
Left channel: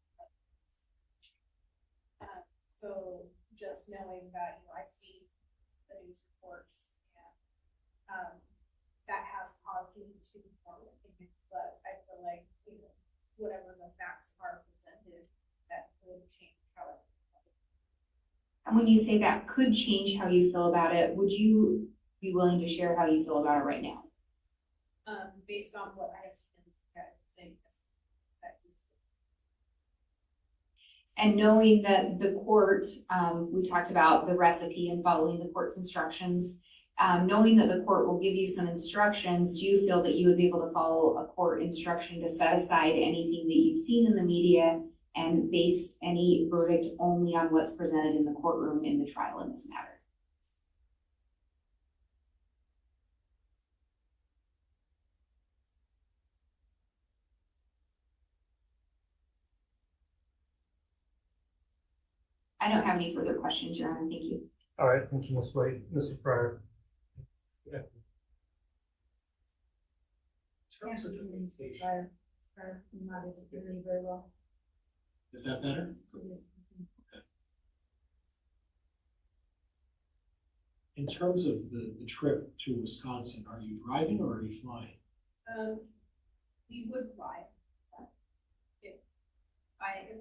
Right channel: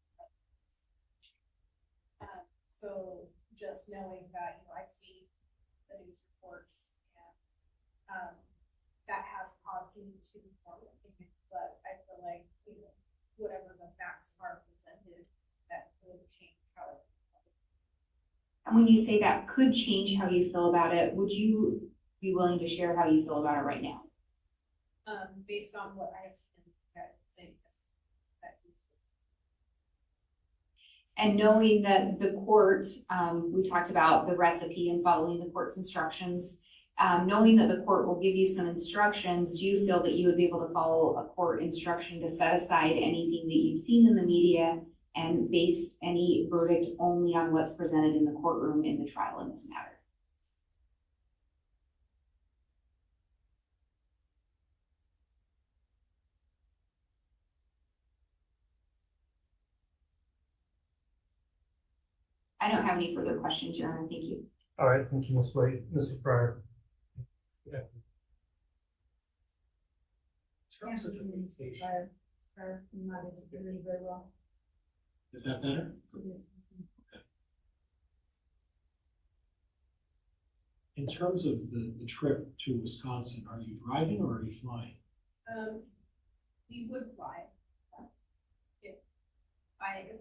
So just knowing that, I see the news reports, and that has caused me to form an opinion, but I feel like, whatever the facts are presented, that could change how it. And when you say that could change how you feel about it, would you be willing to share how you feel about it right now? Based on what I have seen, that saying this, that and knowing that the court, we talked about the recipe and following the court's instructions, knowing that the court will give you some instructions, do you feel that you would be able to follow a court instruction to set aside anything that you've seen in the media and base any verdict only on what's presented in the courtroom in the trial in this matter? I don't have any further questions, Your Honor. Thank you. All right, thank you, Ms. White. Mr. Pryor. In terms of communication. Prior, not executing very well. Is that better? Okay. In terms of the trip to Wisconsin, are you driving or are you flying? We would fly. If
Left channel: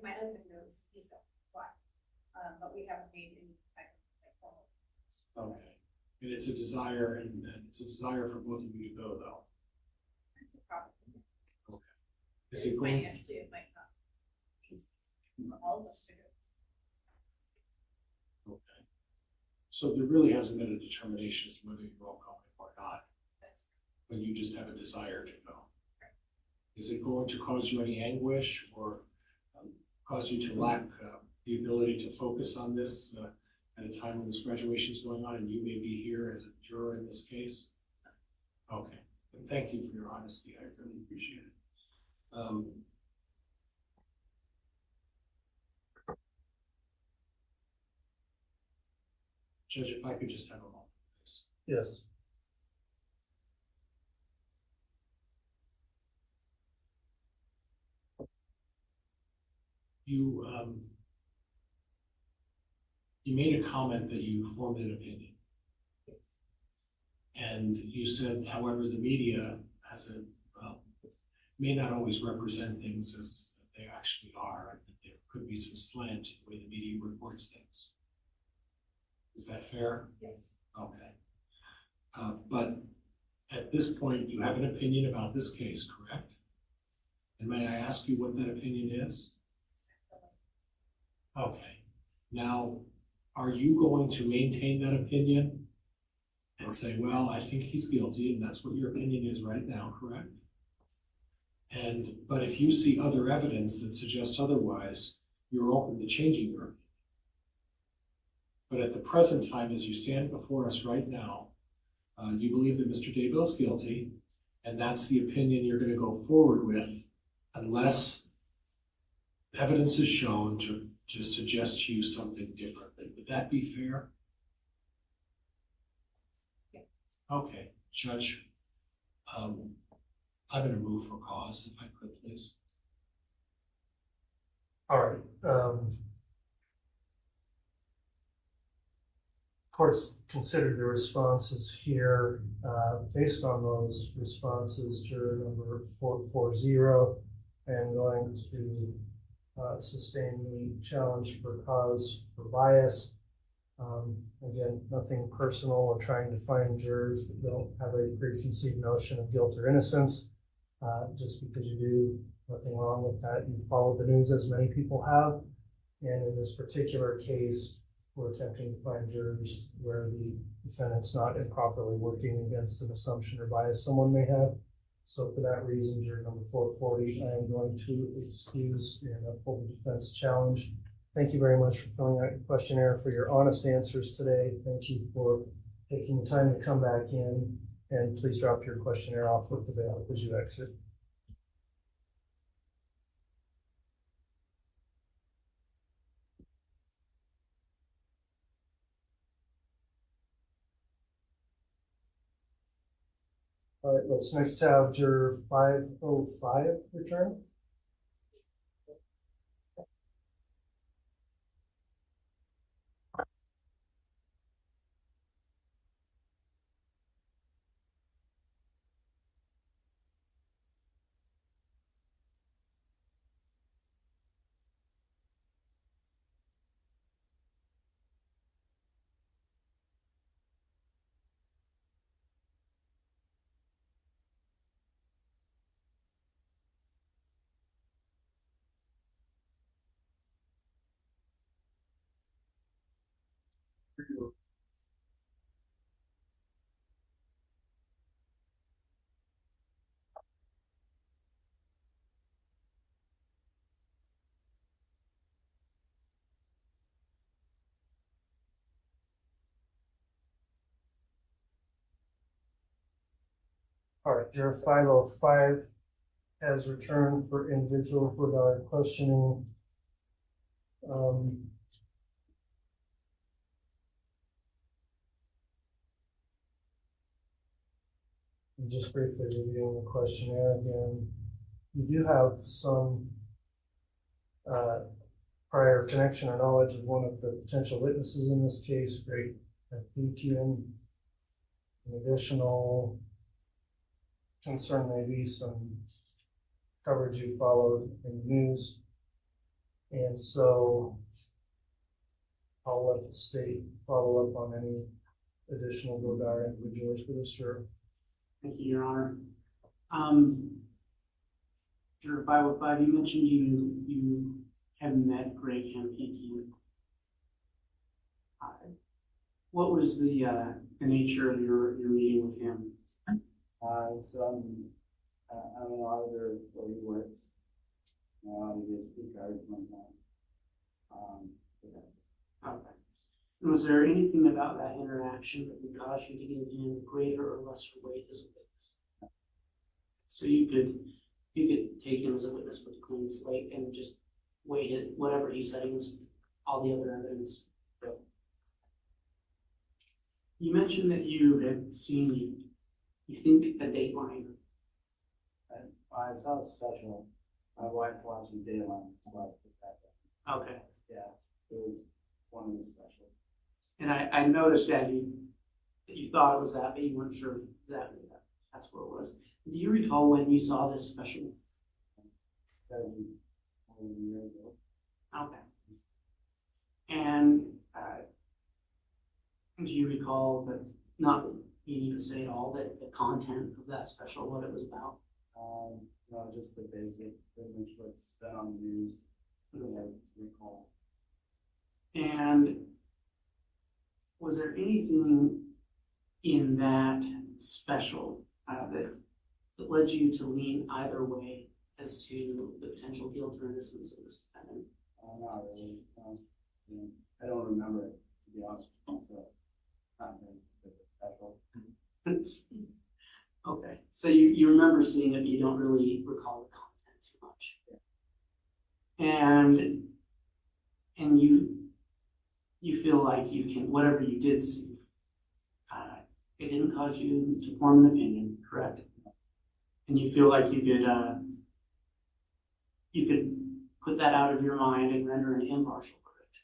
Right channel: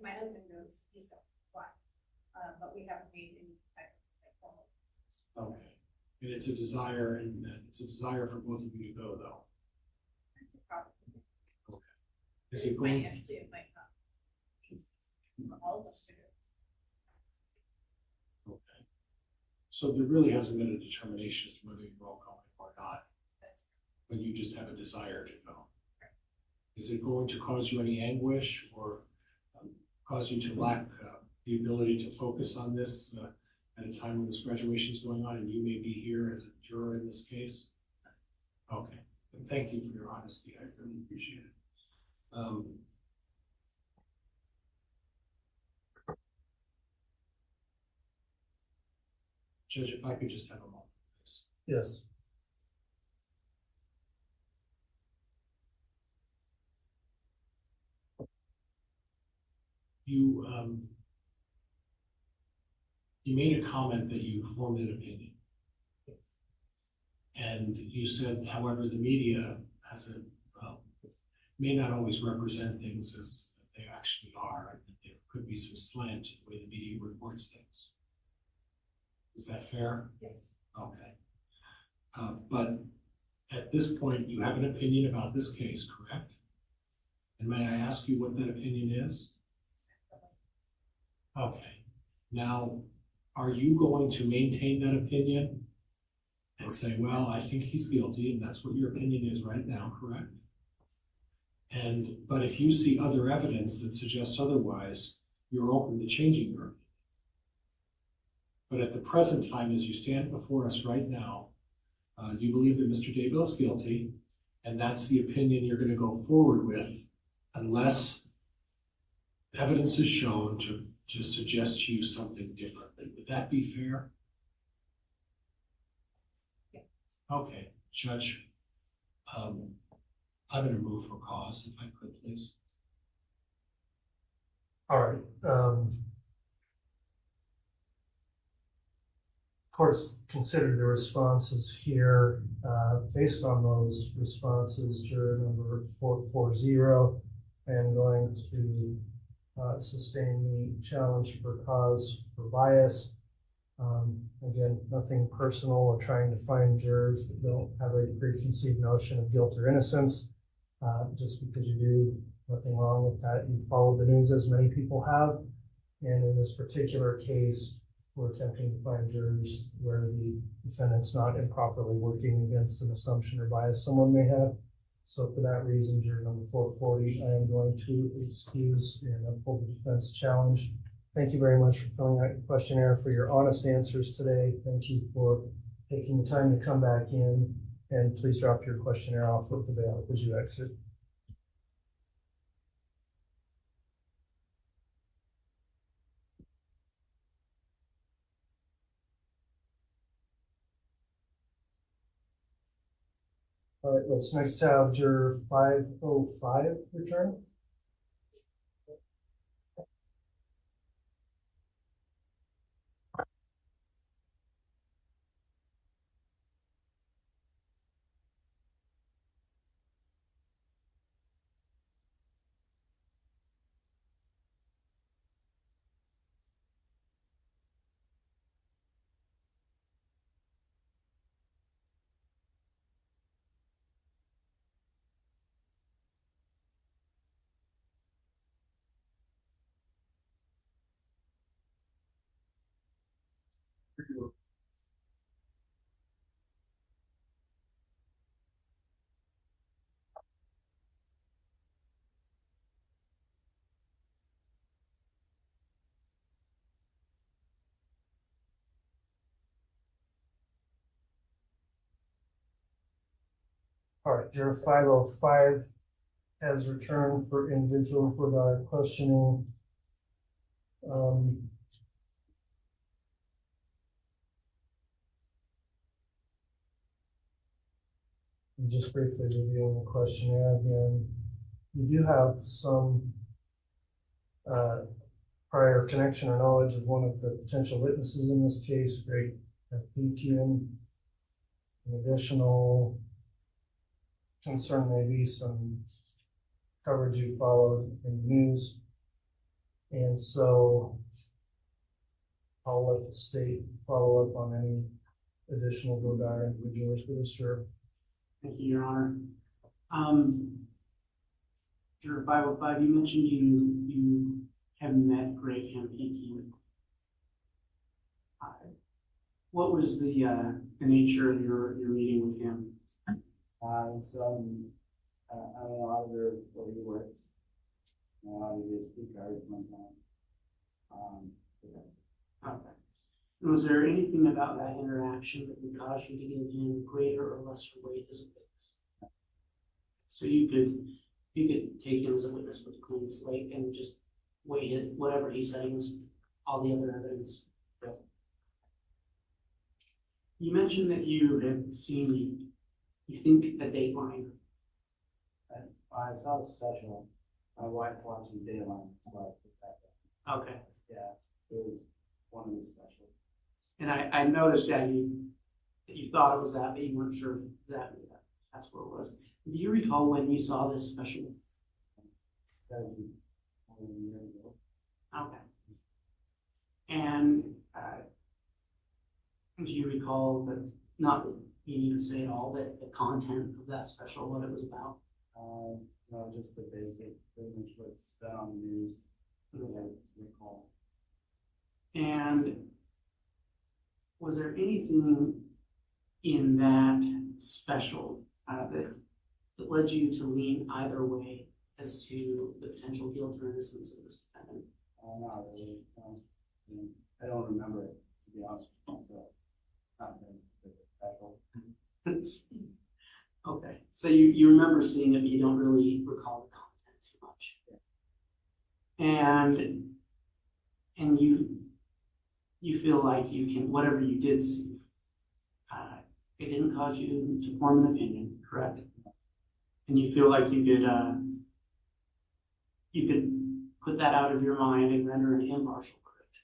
my husband goes, he's going to fly. But we haven't made any type of Okay. And it's a desire, and it's a desire for both of you to go, though. It's a problem. Okay. Is it going? Financially, it might not. For all of us to go. Okay. So there really hasn't been a determination as to whether you're all going or not. But you just have a desire to go. Is it going to cause you any anguish or cause you to lack the ability to focus on this at a time when this graduation is going on and you may be here as a juror in this case? Okay. And thank you for your honesty. I really appreciate it. Judge, if I could just have a moment, please. Yes. You made a comment that you formed an opinion. And you said, however, the media may not always represent things as they actually are, and that there could be some slant to the way the media reports things. Is that fair? Yes. Okay. But at this point, you have an opinion about this case, correct? And may I ask you what that opinion is? Okay. Now, are you going to maintain that opinion and say, well, I think he's guilty, and that's what your opinion is right now, correct? But if you see other evidence that suggests otherwise, you're open to changing your opinion. But at the present time, as you stand before us right now, you believe that Mr. Daybell is guilty, and that's the opinion you're going to go forward with unless evidence is shown to suggest to you something differently. Would that be fair? Yes. Okay, Judge, I'm going to move for cause, if I could, please. All right. Court's considered the responses here. Based on those responses, juror number 440, I am going to sustain the challenge for cause for bias. Again, nothing personal. We're trying to find jurors that don't have a preconceived notion of guilt or innocence. Just because you do, nothing wrong with that. You follow the news as many people have. And in this particular case, we're attempting to find jurors where the defendant's not improperly working against an assumption or bias someone may have. So for that reason, juror number 440, I am going to excuse and uphold the defense challenge. Thank you very much for filling out your questionnaire, for your honest answers today. Thank you for taking the time to come back in, and please drop your questionnaire off with the bailiff as you exit. All right, let's next have juror 505 return. All right, juror 505 has returned for individual for questioning. Just briefly reviewing the questionnaire again. You do have some prior connection or knowledge of one of the potential witnesses in this case, great PQ. An additional concern may be some coverage you followed in the news. And so I'll let the state follow up on any additional Godard individuals for this juror. Thank you, Your Honor. Juror 505, you mentioned you have met Greg Hempeke. What was the nature of your meeting with him? So I'm an auditor where he works. I audited his guards one time. Okay. And was there anything about that interaction that would cause you to give him greater or lesser weight as a witness? So you could take him as a witness with a clean slate and just weigh it, whatever he said against all the other evidence. You mentioned that you had seen, you think, a Dateline. I saw the special. My wife watches Dateline, so I put that down. Okay. Yeah, it was one of the specials. And I noticed that you thought it was that, but you weren't sure exactly that's what it was. Do you recall when you saw this special? That was more than a year ago. Okay. And do you recall that, not that you need to say it all, but the content of that special, what it was about? No, just the basic, pretty much what's been on the news, that I recall. And was there anything in that special that led you to lean either way as to the potential guilt or innocence of this defendant? Not really. I don't remember it, to be honest with you, so not been special. Okay, so you remember seeing it, but you don't really recall the content too much. Yeah. And you feel like you can, whatever you did see, it didn't cause you to form an opinion, correct? And you feel like you could put that out of your mind and render an impartial verdict.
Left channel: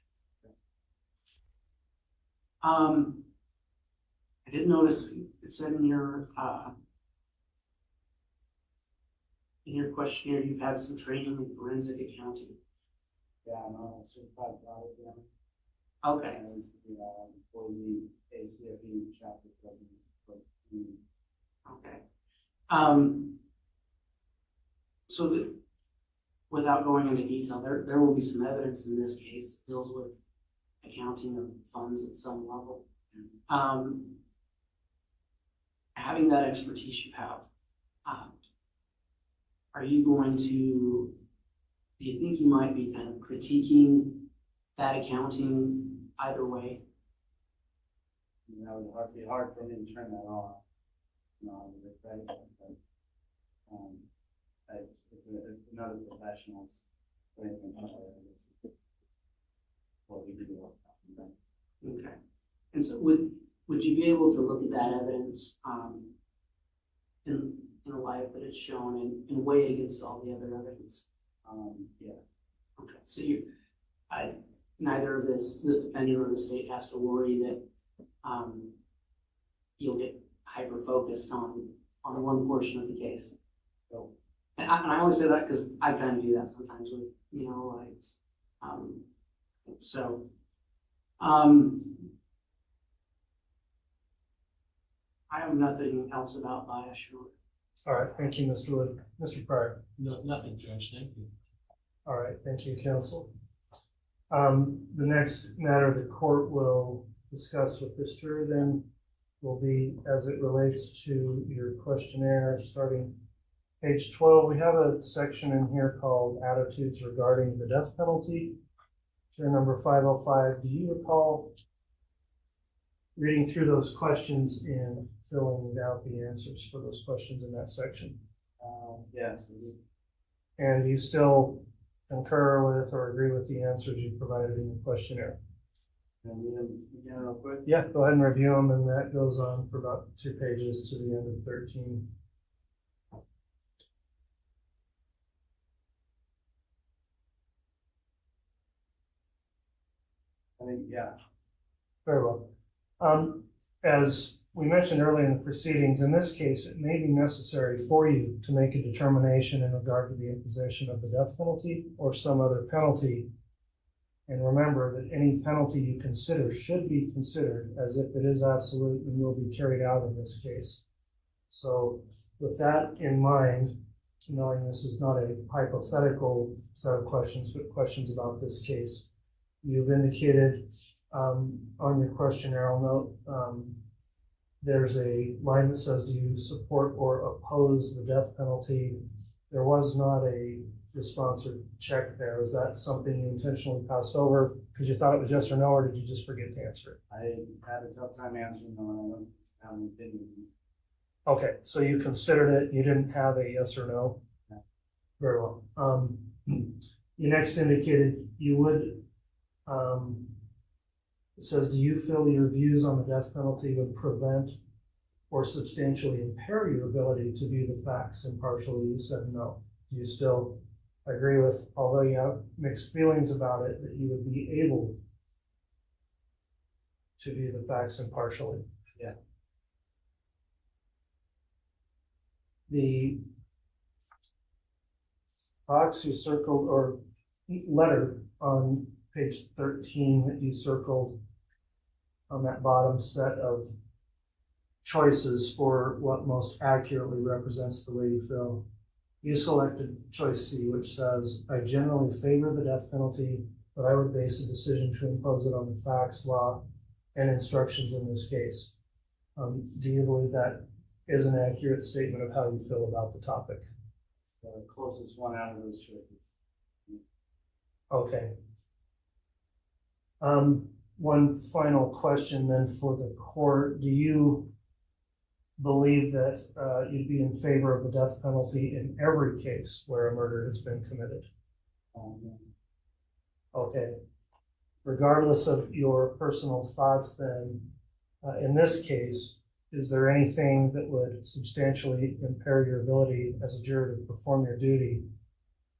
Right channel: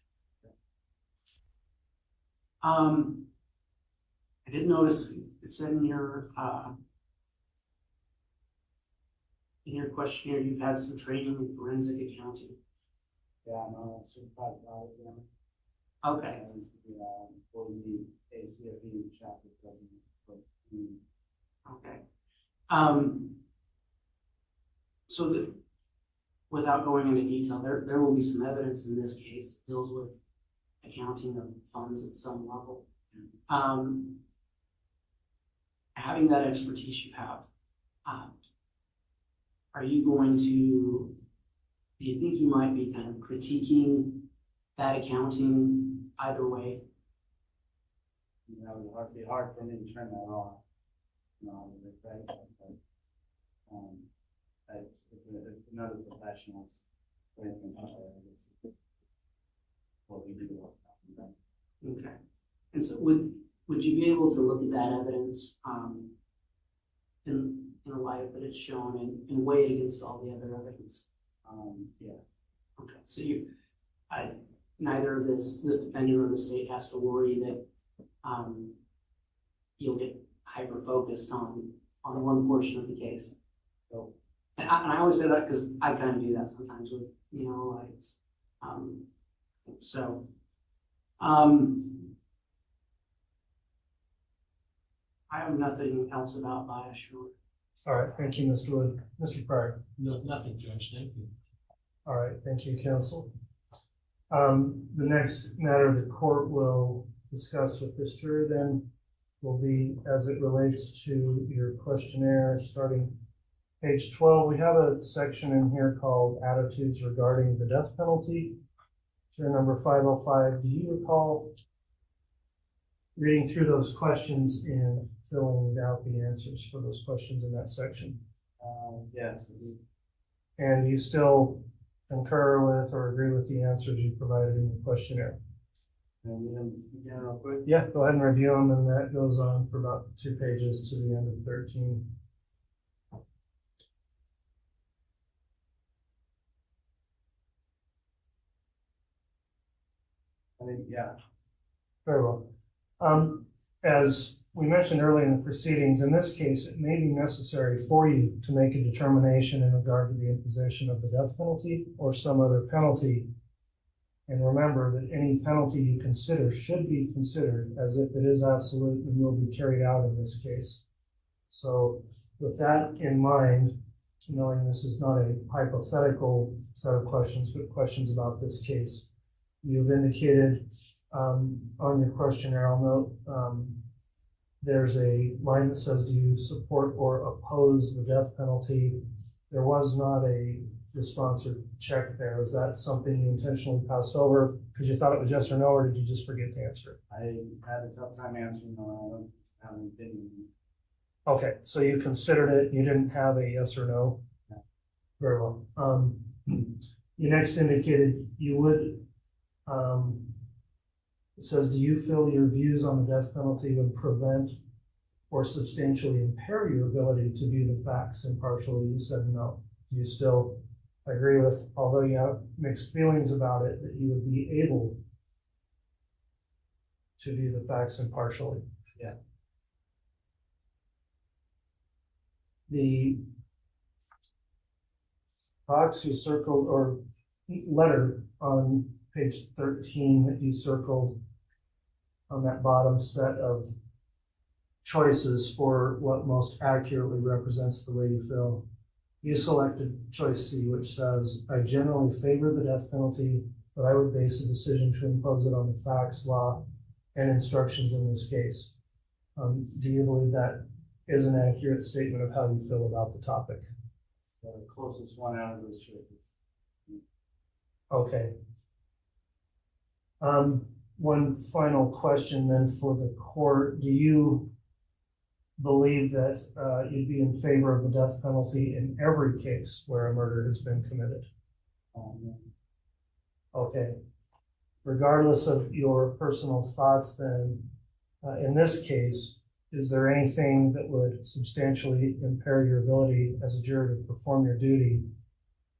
I did notice it said in your questionnaire you've had some training in forensic accounting. Yeah, no, that's certified audit. Okay. I used to be Boise ACFE chapter president. Okay. So that, without going into detail, there will be some evidence in this case that deals with accounting of funds at some level. Having that expertise you have, are you going to, do you think you might be kind of critiquing that accounting either way? You know, it would be hard for me to turn that off. No, but it's another professional's way of what we do. Okay. And so would you be able to look at that evidence in a light that it's shown and weigh it against all the other evidence. Yeah. Okay, so neither of this defendant or the state has to worry that you'll get hyper-focused on one portion of the case. So, and I always say that because I kind of do that sometimes with, I have nothing else about bias. All right, thank you, Mr. Wood. Mr. Pryor. No, nothing, Judge, thank you. All right, thank you, counsel. The next matter the court will discuss with this juror then will be as it relates to your questionnaire, starting page 12. We have a section in here called attitudes regarding the death penalty. Juror number 505, do you recall reading through those questions and filling out the answers for those questions in that section? Yes. And you still concur with or agree with the answers you provided in the questionnaire? Can we begin real quick? Yeah, go ahead and review them, and that goes on for about 2 pages to the end of 13. I think, yeah. Very well. As we mentioned earlier in the proceedings, in this case, it may be necessary for you to make a determination in regard to the imposition of the death penalty or some other penalty. And remember that any penalty you consider should be considered as if it is absolute and will be carried out in this case. So with that in mind, knowing this is not a hypothetical set of questions, but questions about this case, you've indicated on your questionnaire, I'll note, there's a line that says, do you support or oppose the death penalty? There was not a response or check there. Was that something you intentionally passed over because you thought it was yes or no, or did you just forget to answer it? I had a tough time answering on an opinion. Okay, so you considered it, you didn't have a yes or no? No. Very well. You next indicated you would, it says, do you feel your views on the death penalty would prevent or substantially impair your ability to view the facts impartially? You said no. Do you still agree with, although you have mixed feelings about it, that you would be able to view the facts impartially? Yeah. The box you circled, or letter on page 13 that you circled on that bottom set of choices for what most accurately represents the way you feel. You selected choice C, which says, I generally favor the death penalty, but I would base a decision to impose it on the facts, law, and instructions in this case. Do you believe that is an accurate statement of how you feel about the topic? It's the closest one out of those choices. Okay. One final question then for the court. Do you believe that you'd be in favor of the death penalty in every case where a murder has been committed? Okay. Regardless of your personal thoughts then, in this case, is there anything that would substantially impair your ability as a juror to perform your duty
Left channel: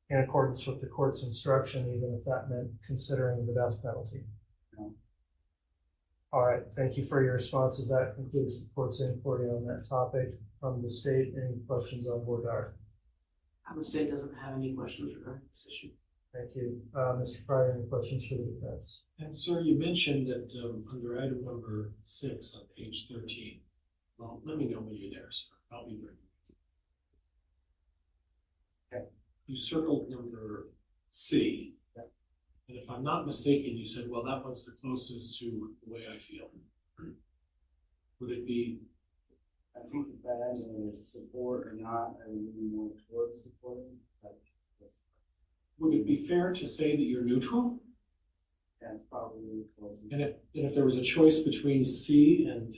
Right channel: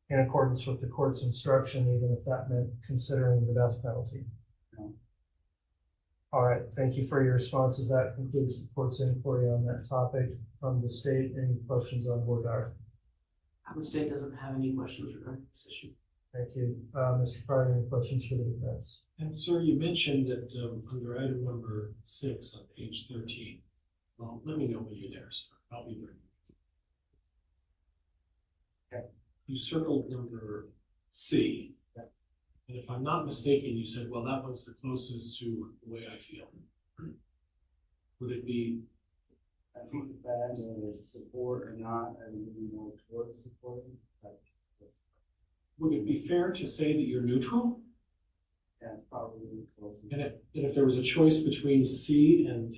in accordance with the court's instruction, even if that meant considering the death penalty? No. All right, thank you for your responses. That concludes the court's inquiry on that topic. From the state, any questions on voir dire? The state doesn't have any questions regarding this issue. Thank you. Mr. Pryor, any questions for the defense? And sir, you mentioned that under item number 6 on page 13. Well, let me know when you're there, sir. I'll be there. Okay. You circled number C. Yeah. And if I'm not mistaken, you said, well, that one's the closest to the way I feel. Would it be? I think that is support or not, I would be more towards supporting. Would it be fair to say that you're neutral? That's probably close. And if there was a choice between C and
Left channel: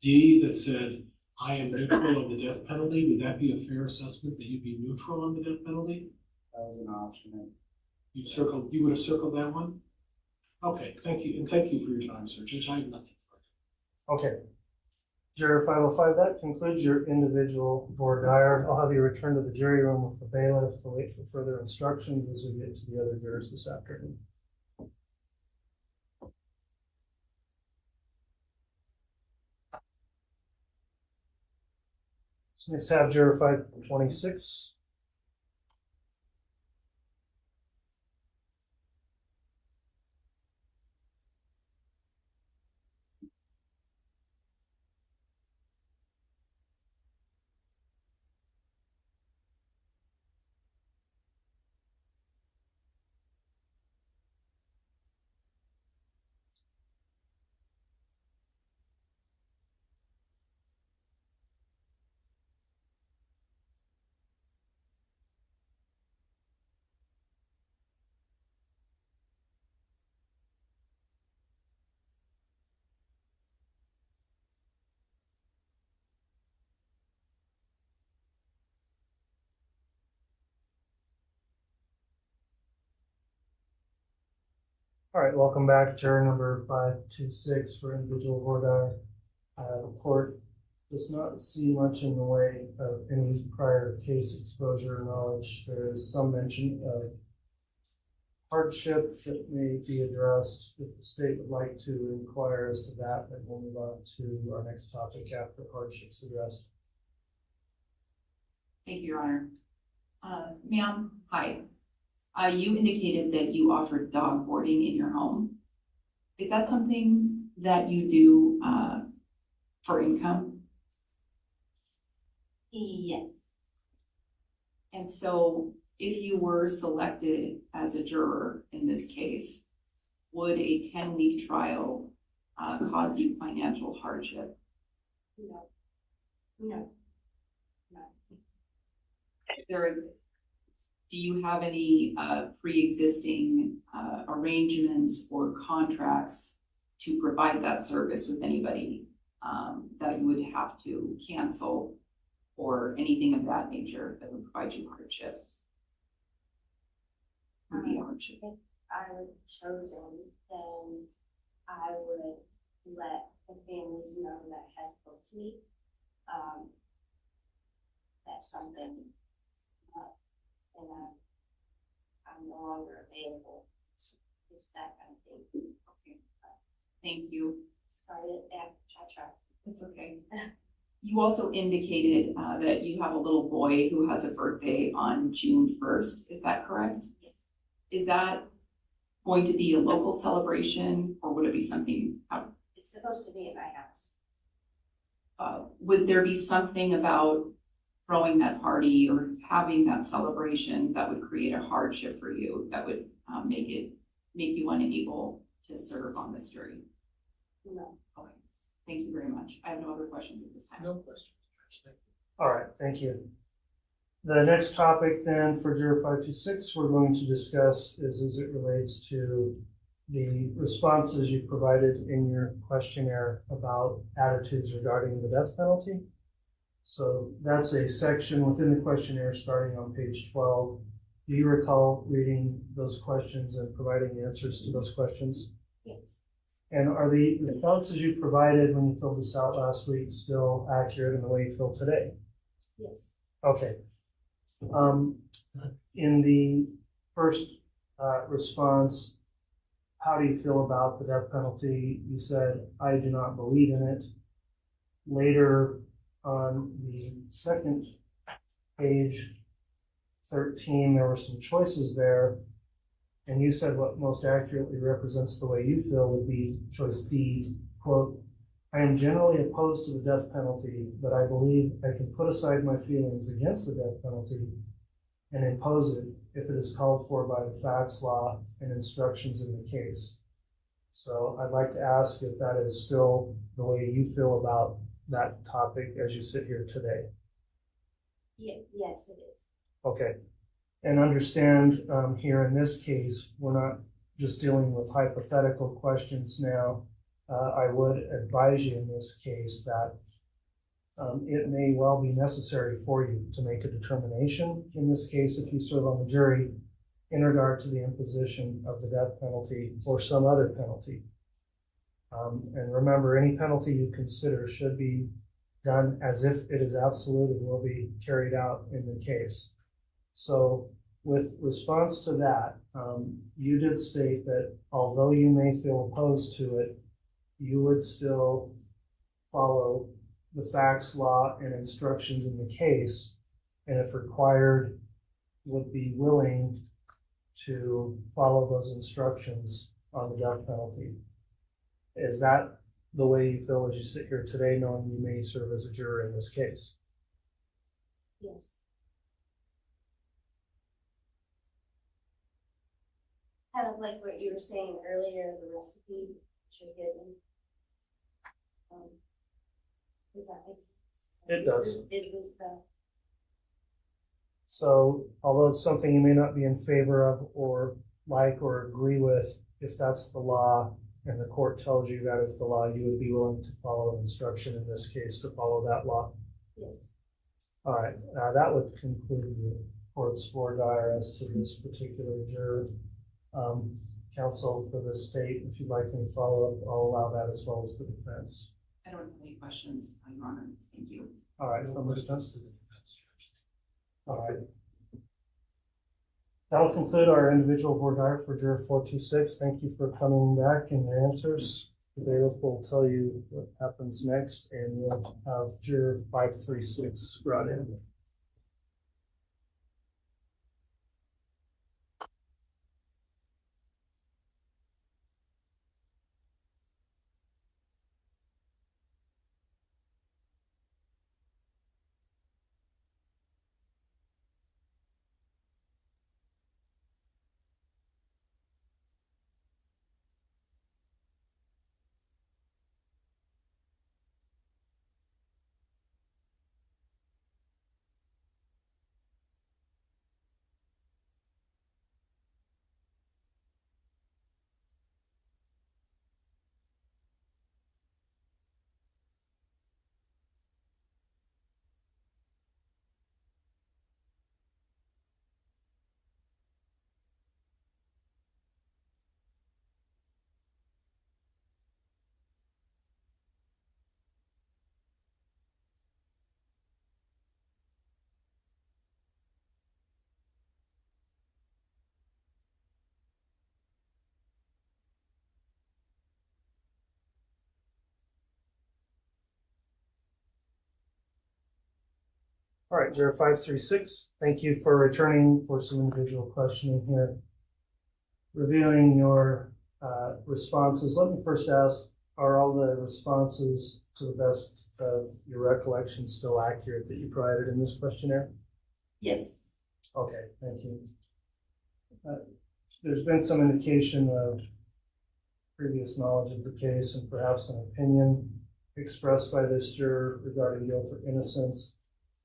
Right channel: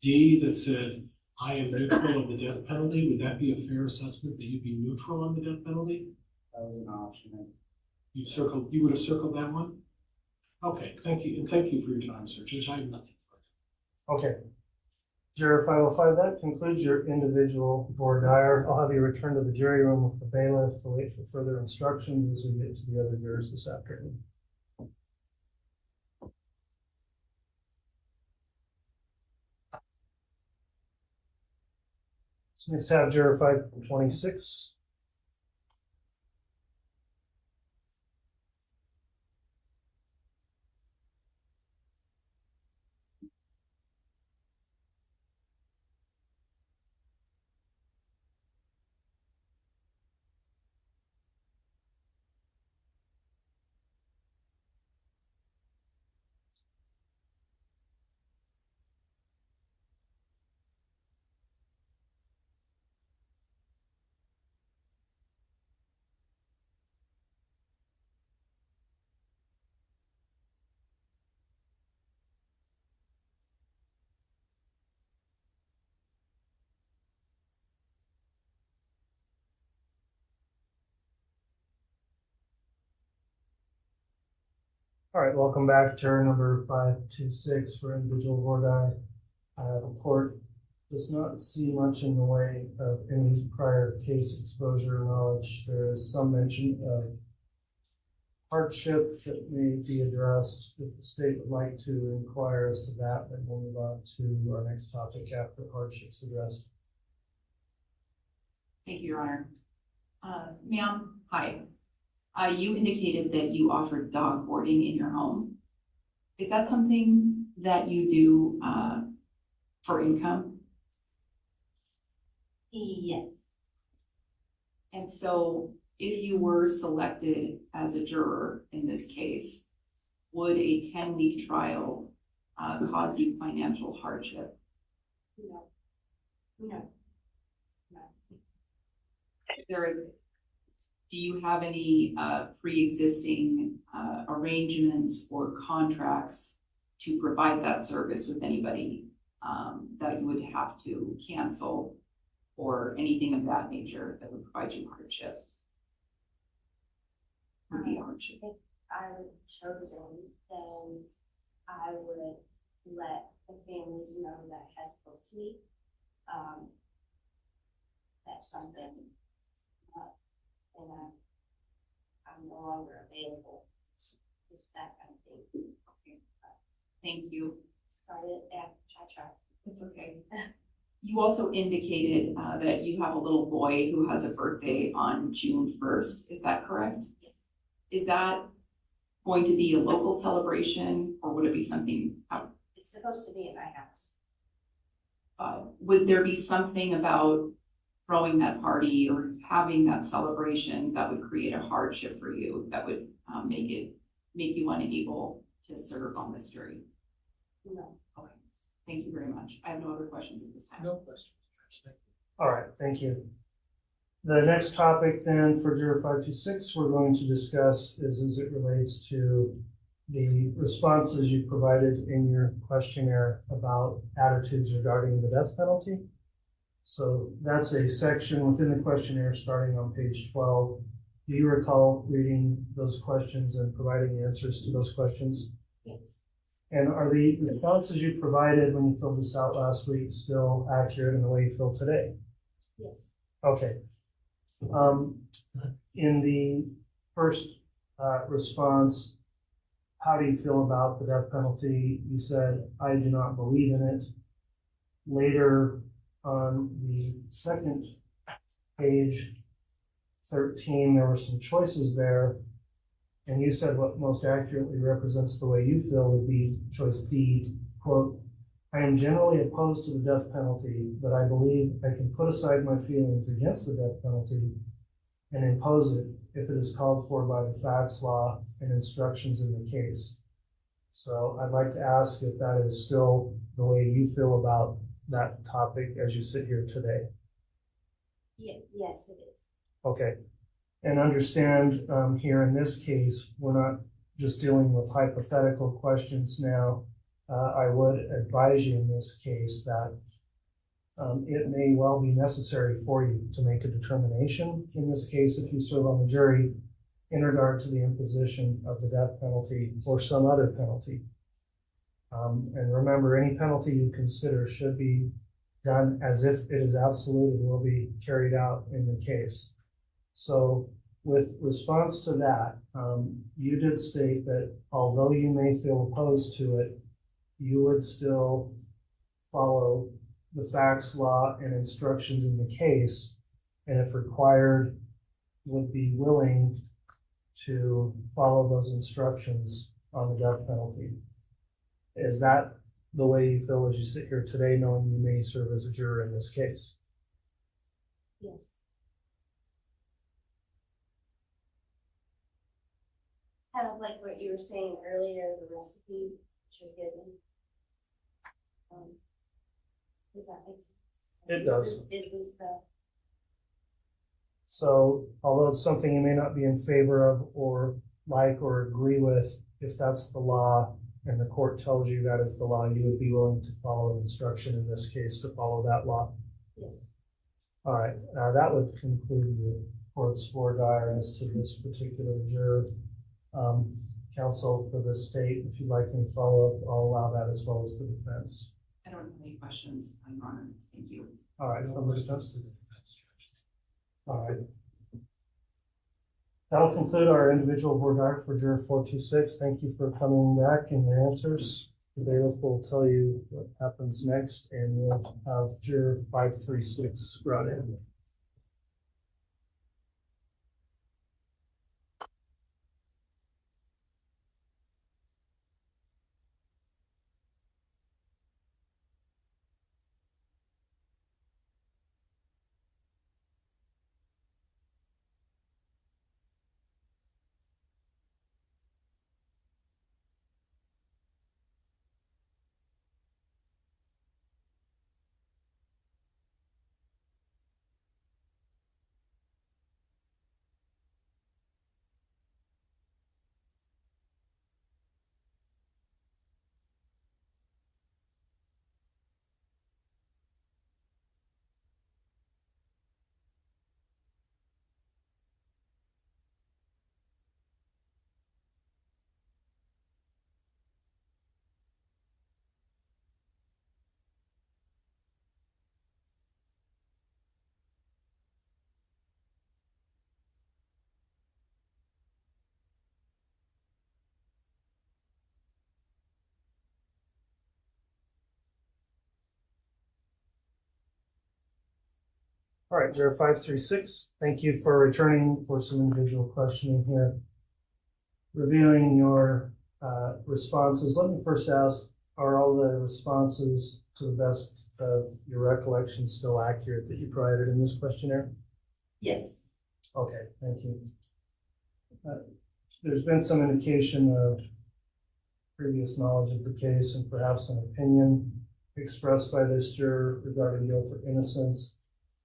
D that said, I am neutral on the death penalty, would that be a fair assessment that you'd be neutral on the death penalty? That was an option. You would have circled that one? Okay, thank you. And thank you for your time, sir. Judge, I have nothing further. Okay. Juror 505, that concludes your individual voir dire. I'll have you return to the jury room with the bailiff to wait for further instructions as we get to the other jurors this afternoon. So next have juror 526. All right, welcome back, juror number 526 for individual voir dire. The court does not see much in the way of any prior case exposure or knowledge. There is some mention of hardship that may be addressed. If the state would like to inquire as to that, then we'll move on to our next topic after hardship's addressed. Thank you, Your Honor. Ma'am, hi. You indicated that you offered dog boarding in your home. Is that something that you do for income? Yes. And so if you were selected as a juror in this case, would a 10-week trial cause you financial hardship? No. No. Do you have any pre-existing arrangements or contracts to provide that service with anybody that you would have to cancel or anything of that nature that would provide you hardship? Would be a hardship. If I were chosen, then I would let the families know that has booked me. That's something, and I'm no longer available. It's that kind of thing. Okay. Thank you. Sorry to add cha-cha. It's okay. You also indicated that you have a little boy who has a birthday on June 1st. Is that correct? Yes. Is that going to be a local celebration or would it be something out? It's supposed to be at my house. Would there be something about throwing that party or having that celebration that would create a hardship for you that would make you unable to serve on this jury? No. Okay. Thank you very much. I have no other questions at this time. No questions. All right, thank you. The next topic then for juror 526 we're going to discuss is as it relates to the responses you provided in your questionnaire about attitudes regarding the death penalty. So that's a section within the questionnaire starting on page 12. Do you recall reading those questions and providing answers to those questions? Yes. And are the responses you provided when you filled this out last week still accurate in the way you feel today? Yes. Okay. In the first response, how do you feel about the death penalty? You said, I do not believe in it. Later on the second page, 13, there were some choices there. And you said what most accurately represents the way you feel would be choice B, quote, I am generally opposed to the death penalty, but I believe I can put aside my feelings against the death penalty and impose it if it is called for by the facts, law, and instructions in the case. So I'd like to ask if that is still the way you feel about that topic as you sit here today. Yes, it is. Okay. And understand here in this case, we're not just dealing with hypothetical questions now. I would advise you in this case that it may well be necessary for you to make a determination in this case if you serve on the jury in regard to the imposition of the death penalty or some other penalty. And remember, any penalty you consider should be done as if it is absolute and will be carried out in the case. So with response to that, you did state that although you may feel opposed to it, you would still follow the facts, law, and instructions in the case, and if required, would be willing to follow those instructions on the death penalty. Is that the way you feel as you sit here today, knowing you may serve as a juror in this case? Yes. Kind of like what you were saying earlier, the recipe that you're given. Does that make sense? It does. It was the. So although it's something you may not be in favor of or like or agree with, if that's the law and the court tells you that is the law, you would be willing to follow an instruction in this case to follow that law? Yes. All right, that would conclude the court's voir dire as to this particular juror. Counsel for the state, if you'd like any follow-up, I'll allow that as well as the defense. I don't have any questions, Your Honor. Thank you. All right, from the defense. All right. That'll conclude our individual voir dire for juror 426. Thank you for coming back and your answers. The bailiff will tell you what happens next, and we'll have juror 536 brought in. All right, juror 536, thank you for returning for some individual questioning here. Reviewing your responses, let me first ask, are all the responses to the best of your recollection still accurate that you provided in this questionnaire? Yes. Okay, thank you. There's been some indication of previous knowledge of the case and perhaps an opinion expressed by this juror regarding guilt or innocence.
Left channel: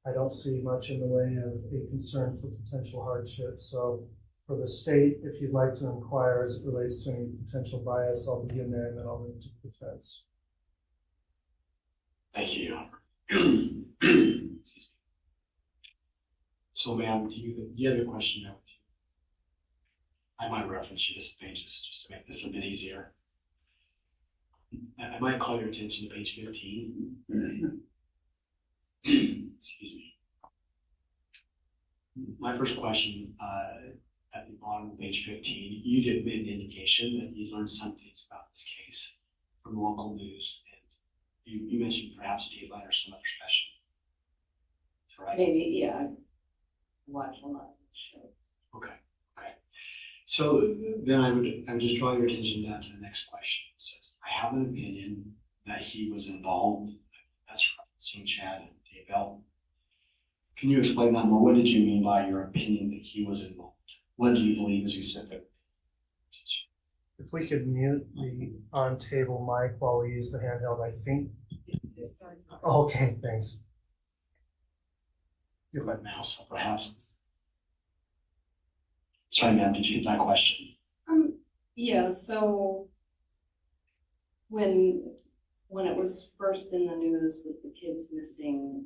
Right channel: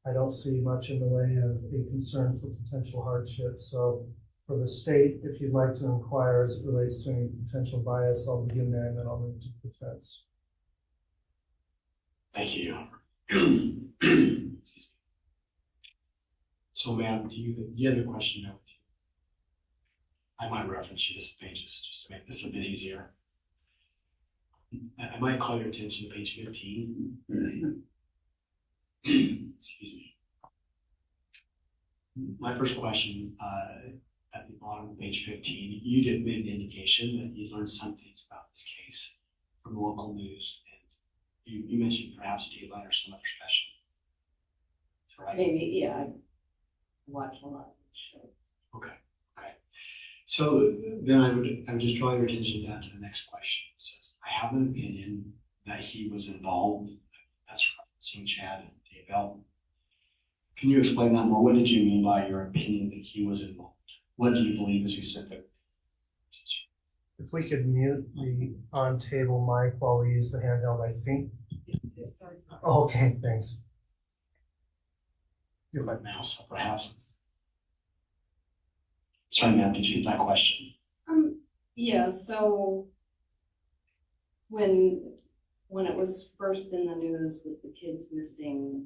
I don't see much in the way of a concern for potential hardship. So for the state, if you'd like to inquire as it relates to any potential bias, I'll begin there and then I'll move to defense. Thank you, Your Honor. So, ma'am, do you have a question now with you? I might reference you to some pages just to make this a bit easier. I might call your attention to page 15. Excuse me. My first question, at the bottom of page 15, you did make an indication that you learned some things about this case from local news, and you mentioned perhaps Daylight or some other special. That's right. Maybe, yeah. I watch a lot of shows. Okay. So then I'm just drawing your attention down to the next question. It says, I have an opinion that he was involved. That's referencing Chad Daybell. Can you explain that more? What did you mean by your opinion that he was involved? What do you believe as you said that? If we could mute the on-table mic while we use the handheld, I think. Okay, thanks. Give my mouse, perhaps. Sorry, ma'am, did you get that question? Yeah, so when it was first in the news with the kids missing,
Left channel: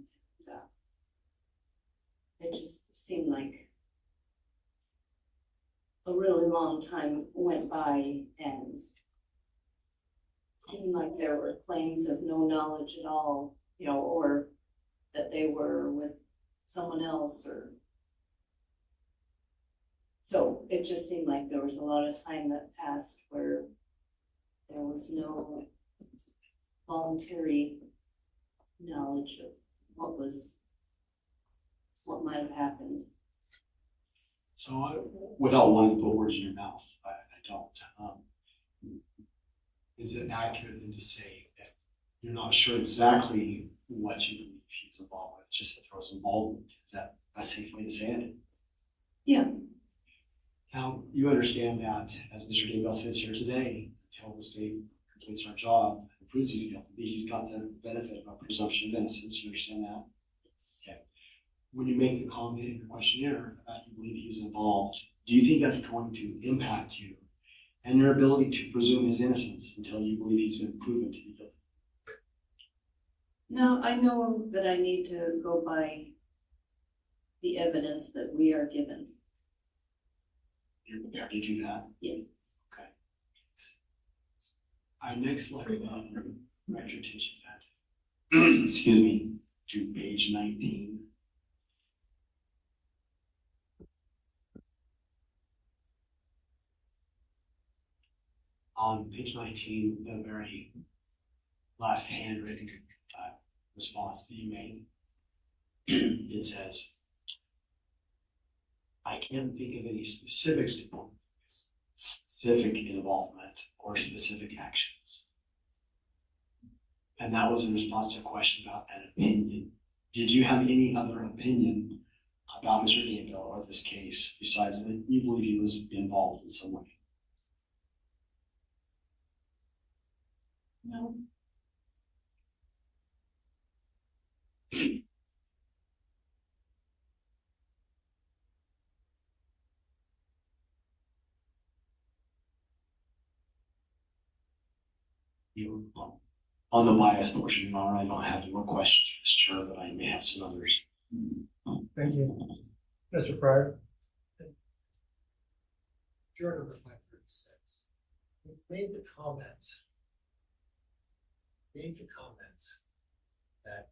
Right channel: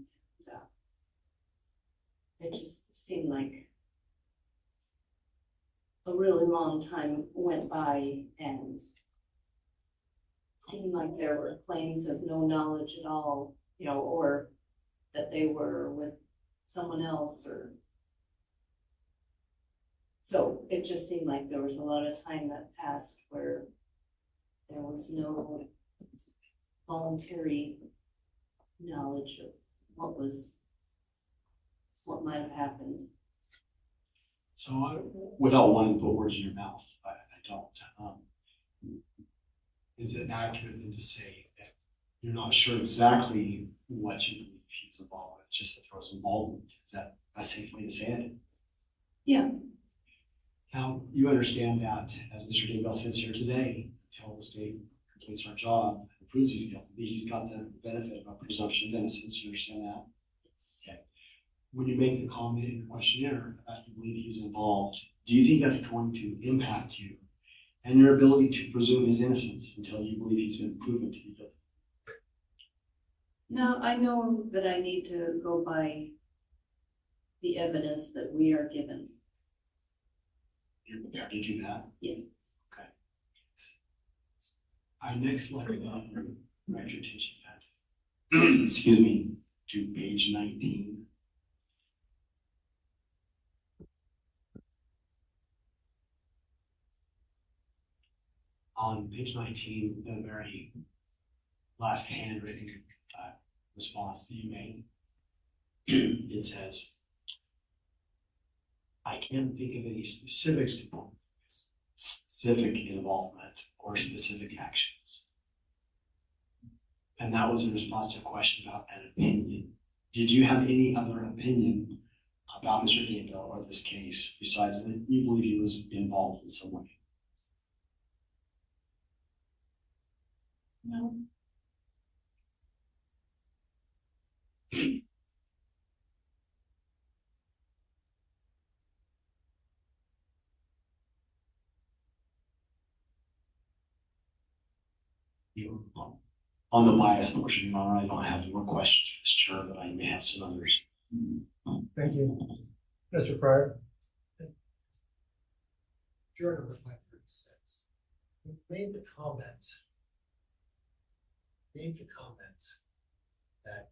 it just seemed like a really long time went by, and it seemed like there were claims of no knowledge at all you know, or that they were with someone else or. So it just seemed like there was a lot of time that passed where there was no voluntary knowledge of what might have happened. So without wanting to put words in your mouth, I don't. Is it accurate then to say that you're not sure exactly what you believe he was involved with, just that there was involvement? Is that a safe way to say it? Yeah. Now, you understand that, as Mr. Daybell sits here today, until the state completes our job and proves he's guilty, he's got the benefit of a presumption of innocence. You understand that? Okay. When you make the comment in the questionnaire about you believe he's involved, do you think that's going to impact you and your ability to presume his innocence until you believe he's been proven to be guilty? No, I know that I need to go by the evidence that we are given. You're prepared to do that? Yes. Okay. I next like to direct your attention back, excuse me, to page 19. On page 19, the very last handwritten response that you made, it says, I can't think of any specific involvement or specific actions. And that was in response to a question about an opinion. Did you have any other opinion about Mr. Daybell or this case besides that you believe he was involved in some way? No. On the bias portion, Your Honor, I don't have any more questions for this juror, but I may have some others. Thank you. Mr. Fryer? Juror number 536. You made the comment that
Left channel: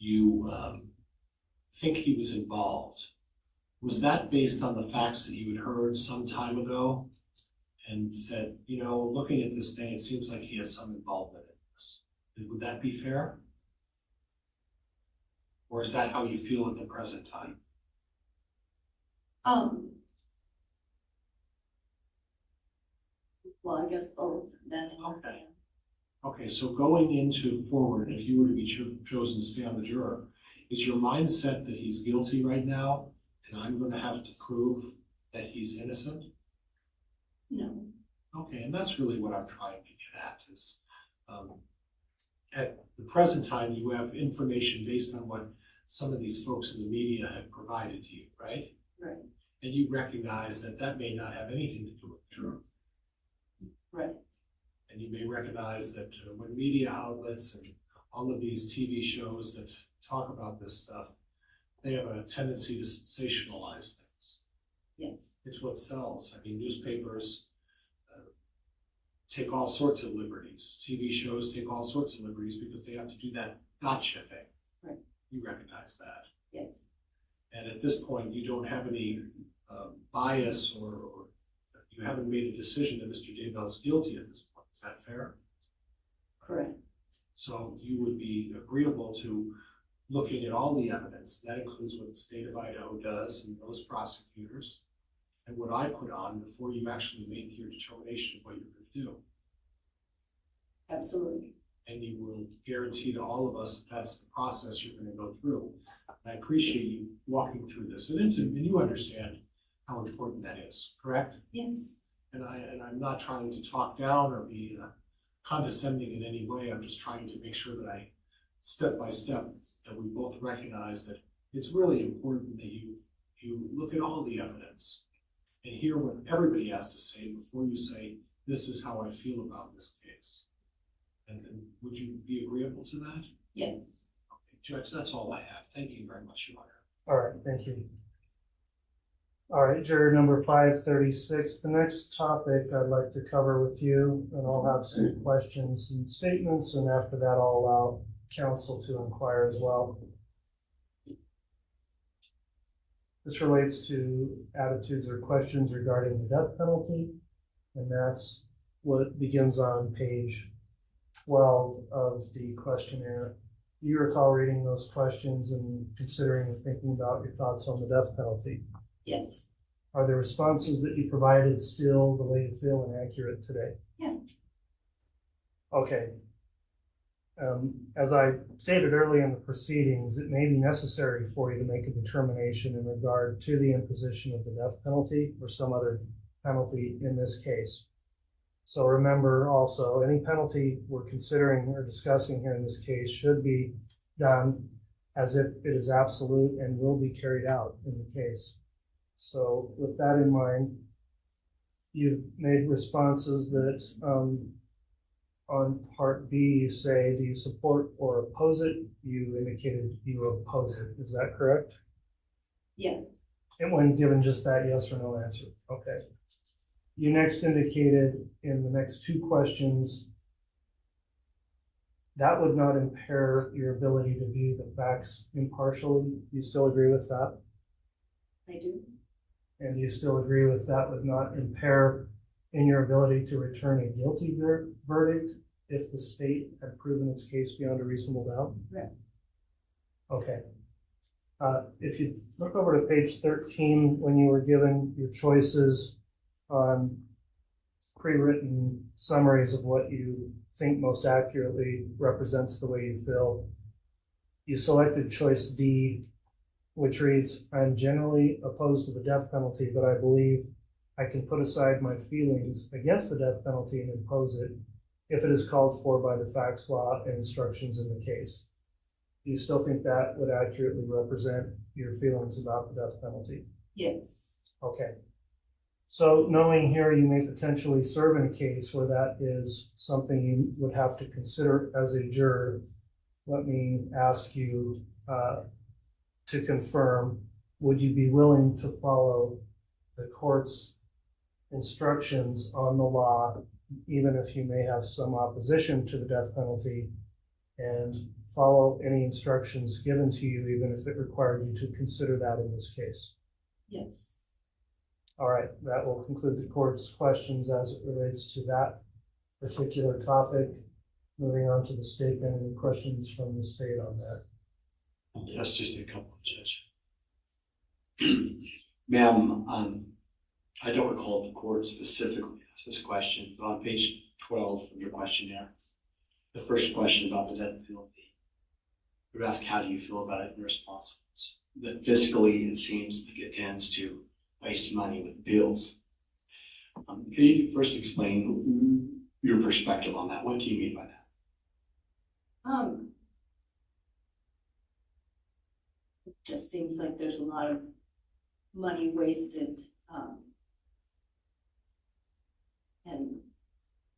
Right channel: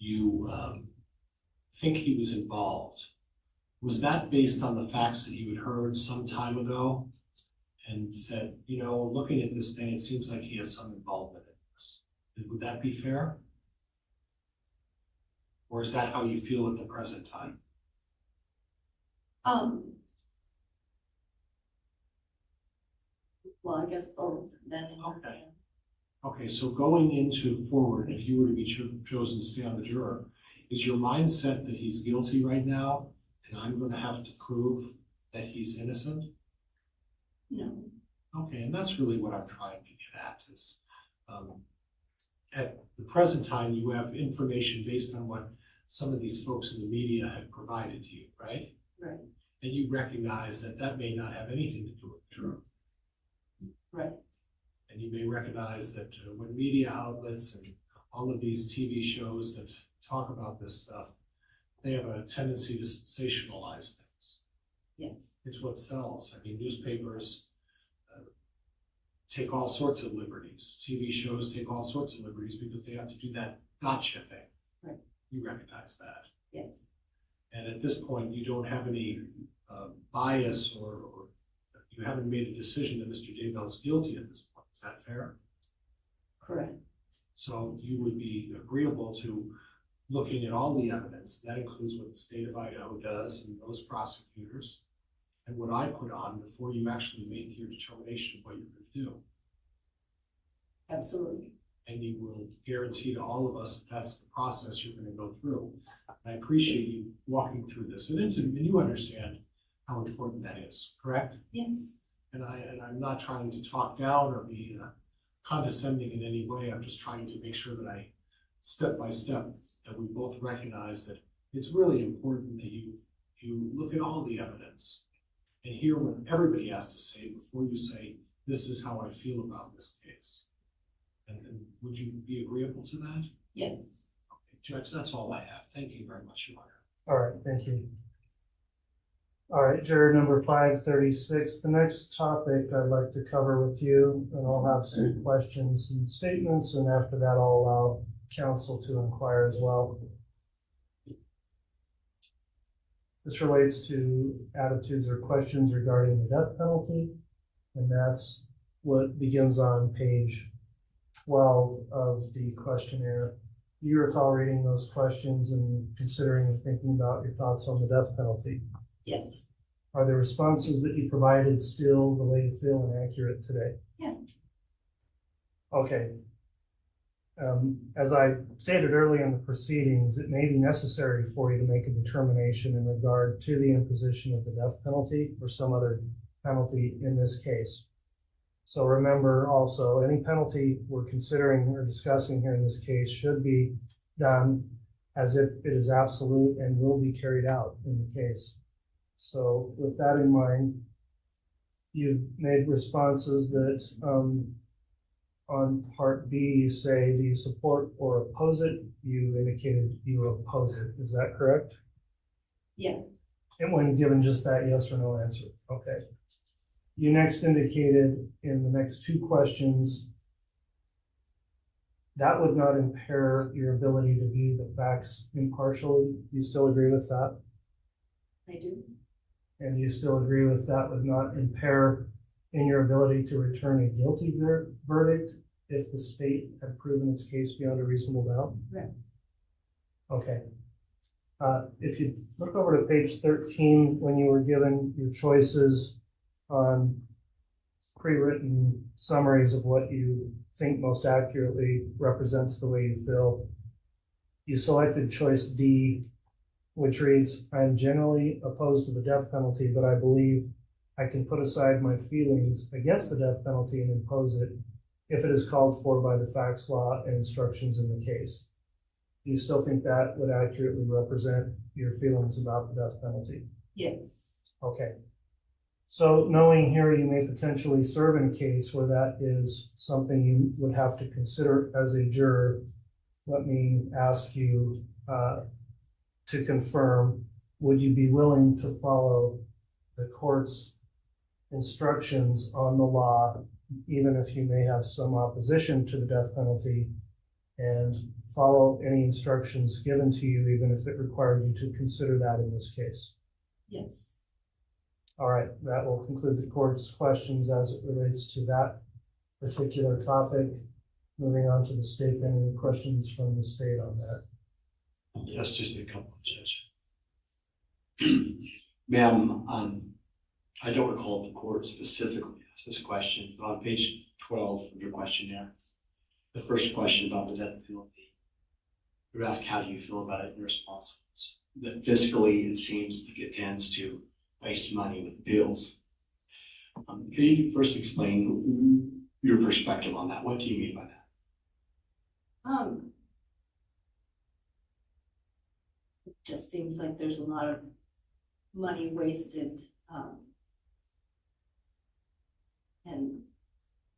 you think he was involved. Was that based on the facts that you had heard some time ago and said, you know, looking at this thing, it seems like he has some involvement in this? Would that be fair? Or is that how you feel at the present time? Well, I guess both then. Okay. Okay, so going into forward, if you were to be chosen to stay on the juror, is your mindset that he's guilty right now and I'm going to have to prove that he's innocent? No. Okay, and that's really what I'm trying to get at is at the present time, you have information based on what some of these folks in the media have provided to you, right? Right. And you recognize that that may not have anything to do with the truth. Right. And you may recognize that when media outlets and all of these TV shows that talk about this stuff, they have a tendency to sensationalize things. Yes. It's what sells. I mean, newspapers take all sorts of liberties. TV shows take all sorts of liberties because they have to do that gotcha thing. Right. You recognize that. Yes. And at this point, you don't have any bias or you haven't made a decision that Mr. Daybell is guilty at this point. Is that fair? Correct. So you would be agreeable to looking at all the evidence. That includes what the state of Idaho does and those prosecutors and what I put on before you actually make your determination of what you're going to do. Absolutely. And you will guarantee to all of us that that's the process you're going to go through. I appreciate you walking through this. And you understand how important that is, correct? Yes. And I'm not trying to talk down or be condescending in any way. I'm just trying to make sure that I, step by step, that we both recognize that it's really important that you look at all the evidence and hear what everybody has to say before you say, this is how I feel about this case. And would you be agreeable to that? Yes. Okay, Judge, that's all I have. Thank you very much, Your Honor. All right, thank you. All right, juror number 536. The next topic I'd like to cover with you, and I'll have some questions and statements, and after that, I'll allow counsel to inquire as well. This relates to attitudes or questions regarding the death penalty, and that's what begins on page 12 of the questionnaire. You recall reading those questions and considering and thinking about your thoughts on the death penalty. Yes. Are the responses that you provided still the way you feel and accurate today? Yeah. Okay. As I stated early in the proceedings, it may be necessary for you to make a determination in regard to the imposition of the death penalty or some other penalty in this case. So remember also, any penalty we're considering or discussing here in this case should be done as if it is absolute and will be carried out in the case. So with that in mind, you've made responses that on part B, you say, do you support or oppose it? You indicated you oppose it. Is that correct? Yeah. And when given just that yes or no answer. Okay. You next indicated in the next two questions that would not impair your ability to view the facts impartially. Do you still agree with that? I do. And you still agree with that would not impair in your ability to return a guilty verdict if the state had proven its case beyond a reasonable doubt? Right. Okay. If you look over to page 13, when you were given your choices on pre-written summaries of what you think most accurately represents the way you feel, you selected choice D, which reads, I'm generally opposed to the death penalty, but I believe I can put aside my feelings against the death penalty and impose it if it is called for by the facts, law, and instructions in the case. Do you still think that would accurately represent your feelings about the death penalty? Yes. Okay. So knowing here you may potentially serve in a case where that is something you would have to consider as a juror, let me ask you to confirm, would you be willing to follow the court's instructions on the law, even if you may have some opposition to the death penalty, and follow any instructions given to you, even if it required you to consider that in this case? Yes. All right, that will conclude the court's questions as it relates to that particular topic. Moving on to the statement, any questions from the state on that? Yes, just a couple, Judge. Ma'am, I don't recall if the court specifically asked this question, but on page 12 of your questionnaire, the first question about the death penalty, you asked how do you feel about it in response that fiscally it seems like it tends to waste money with bills. Can you first explain your perspective on that? What do you mean by that? It just seems like there's a lot of money wasted, and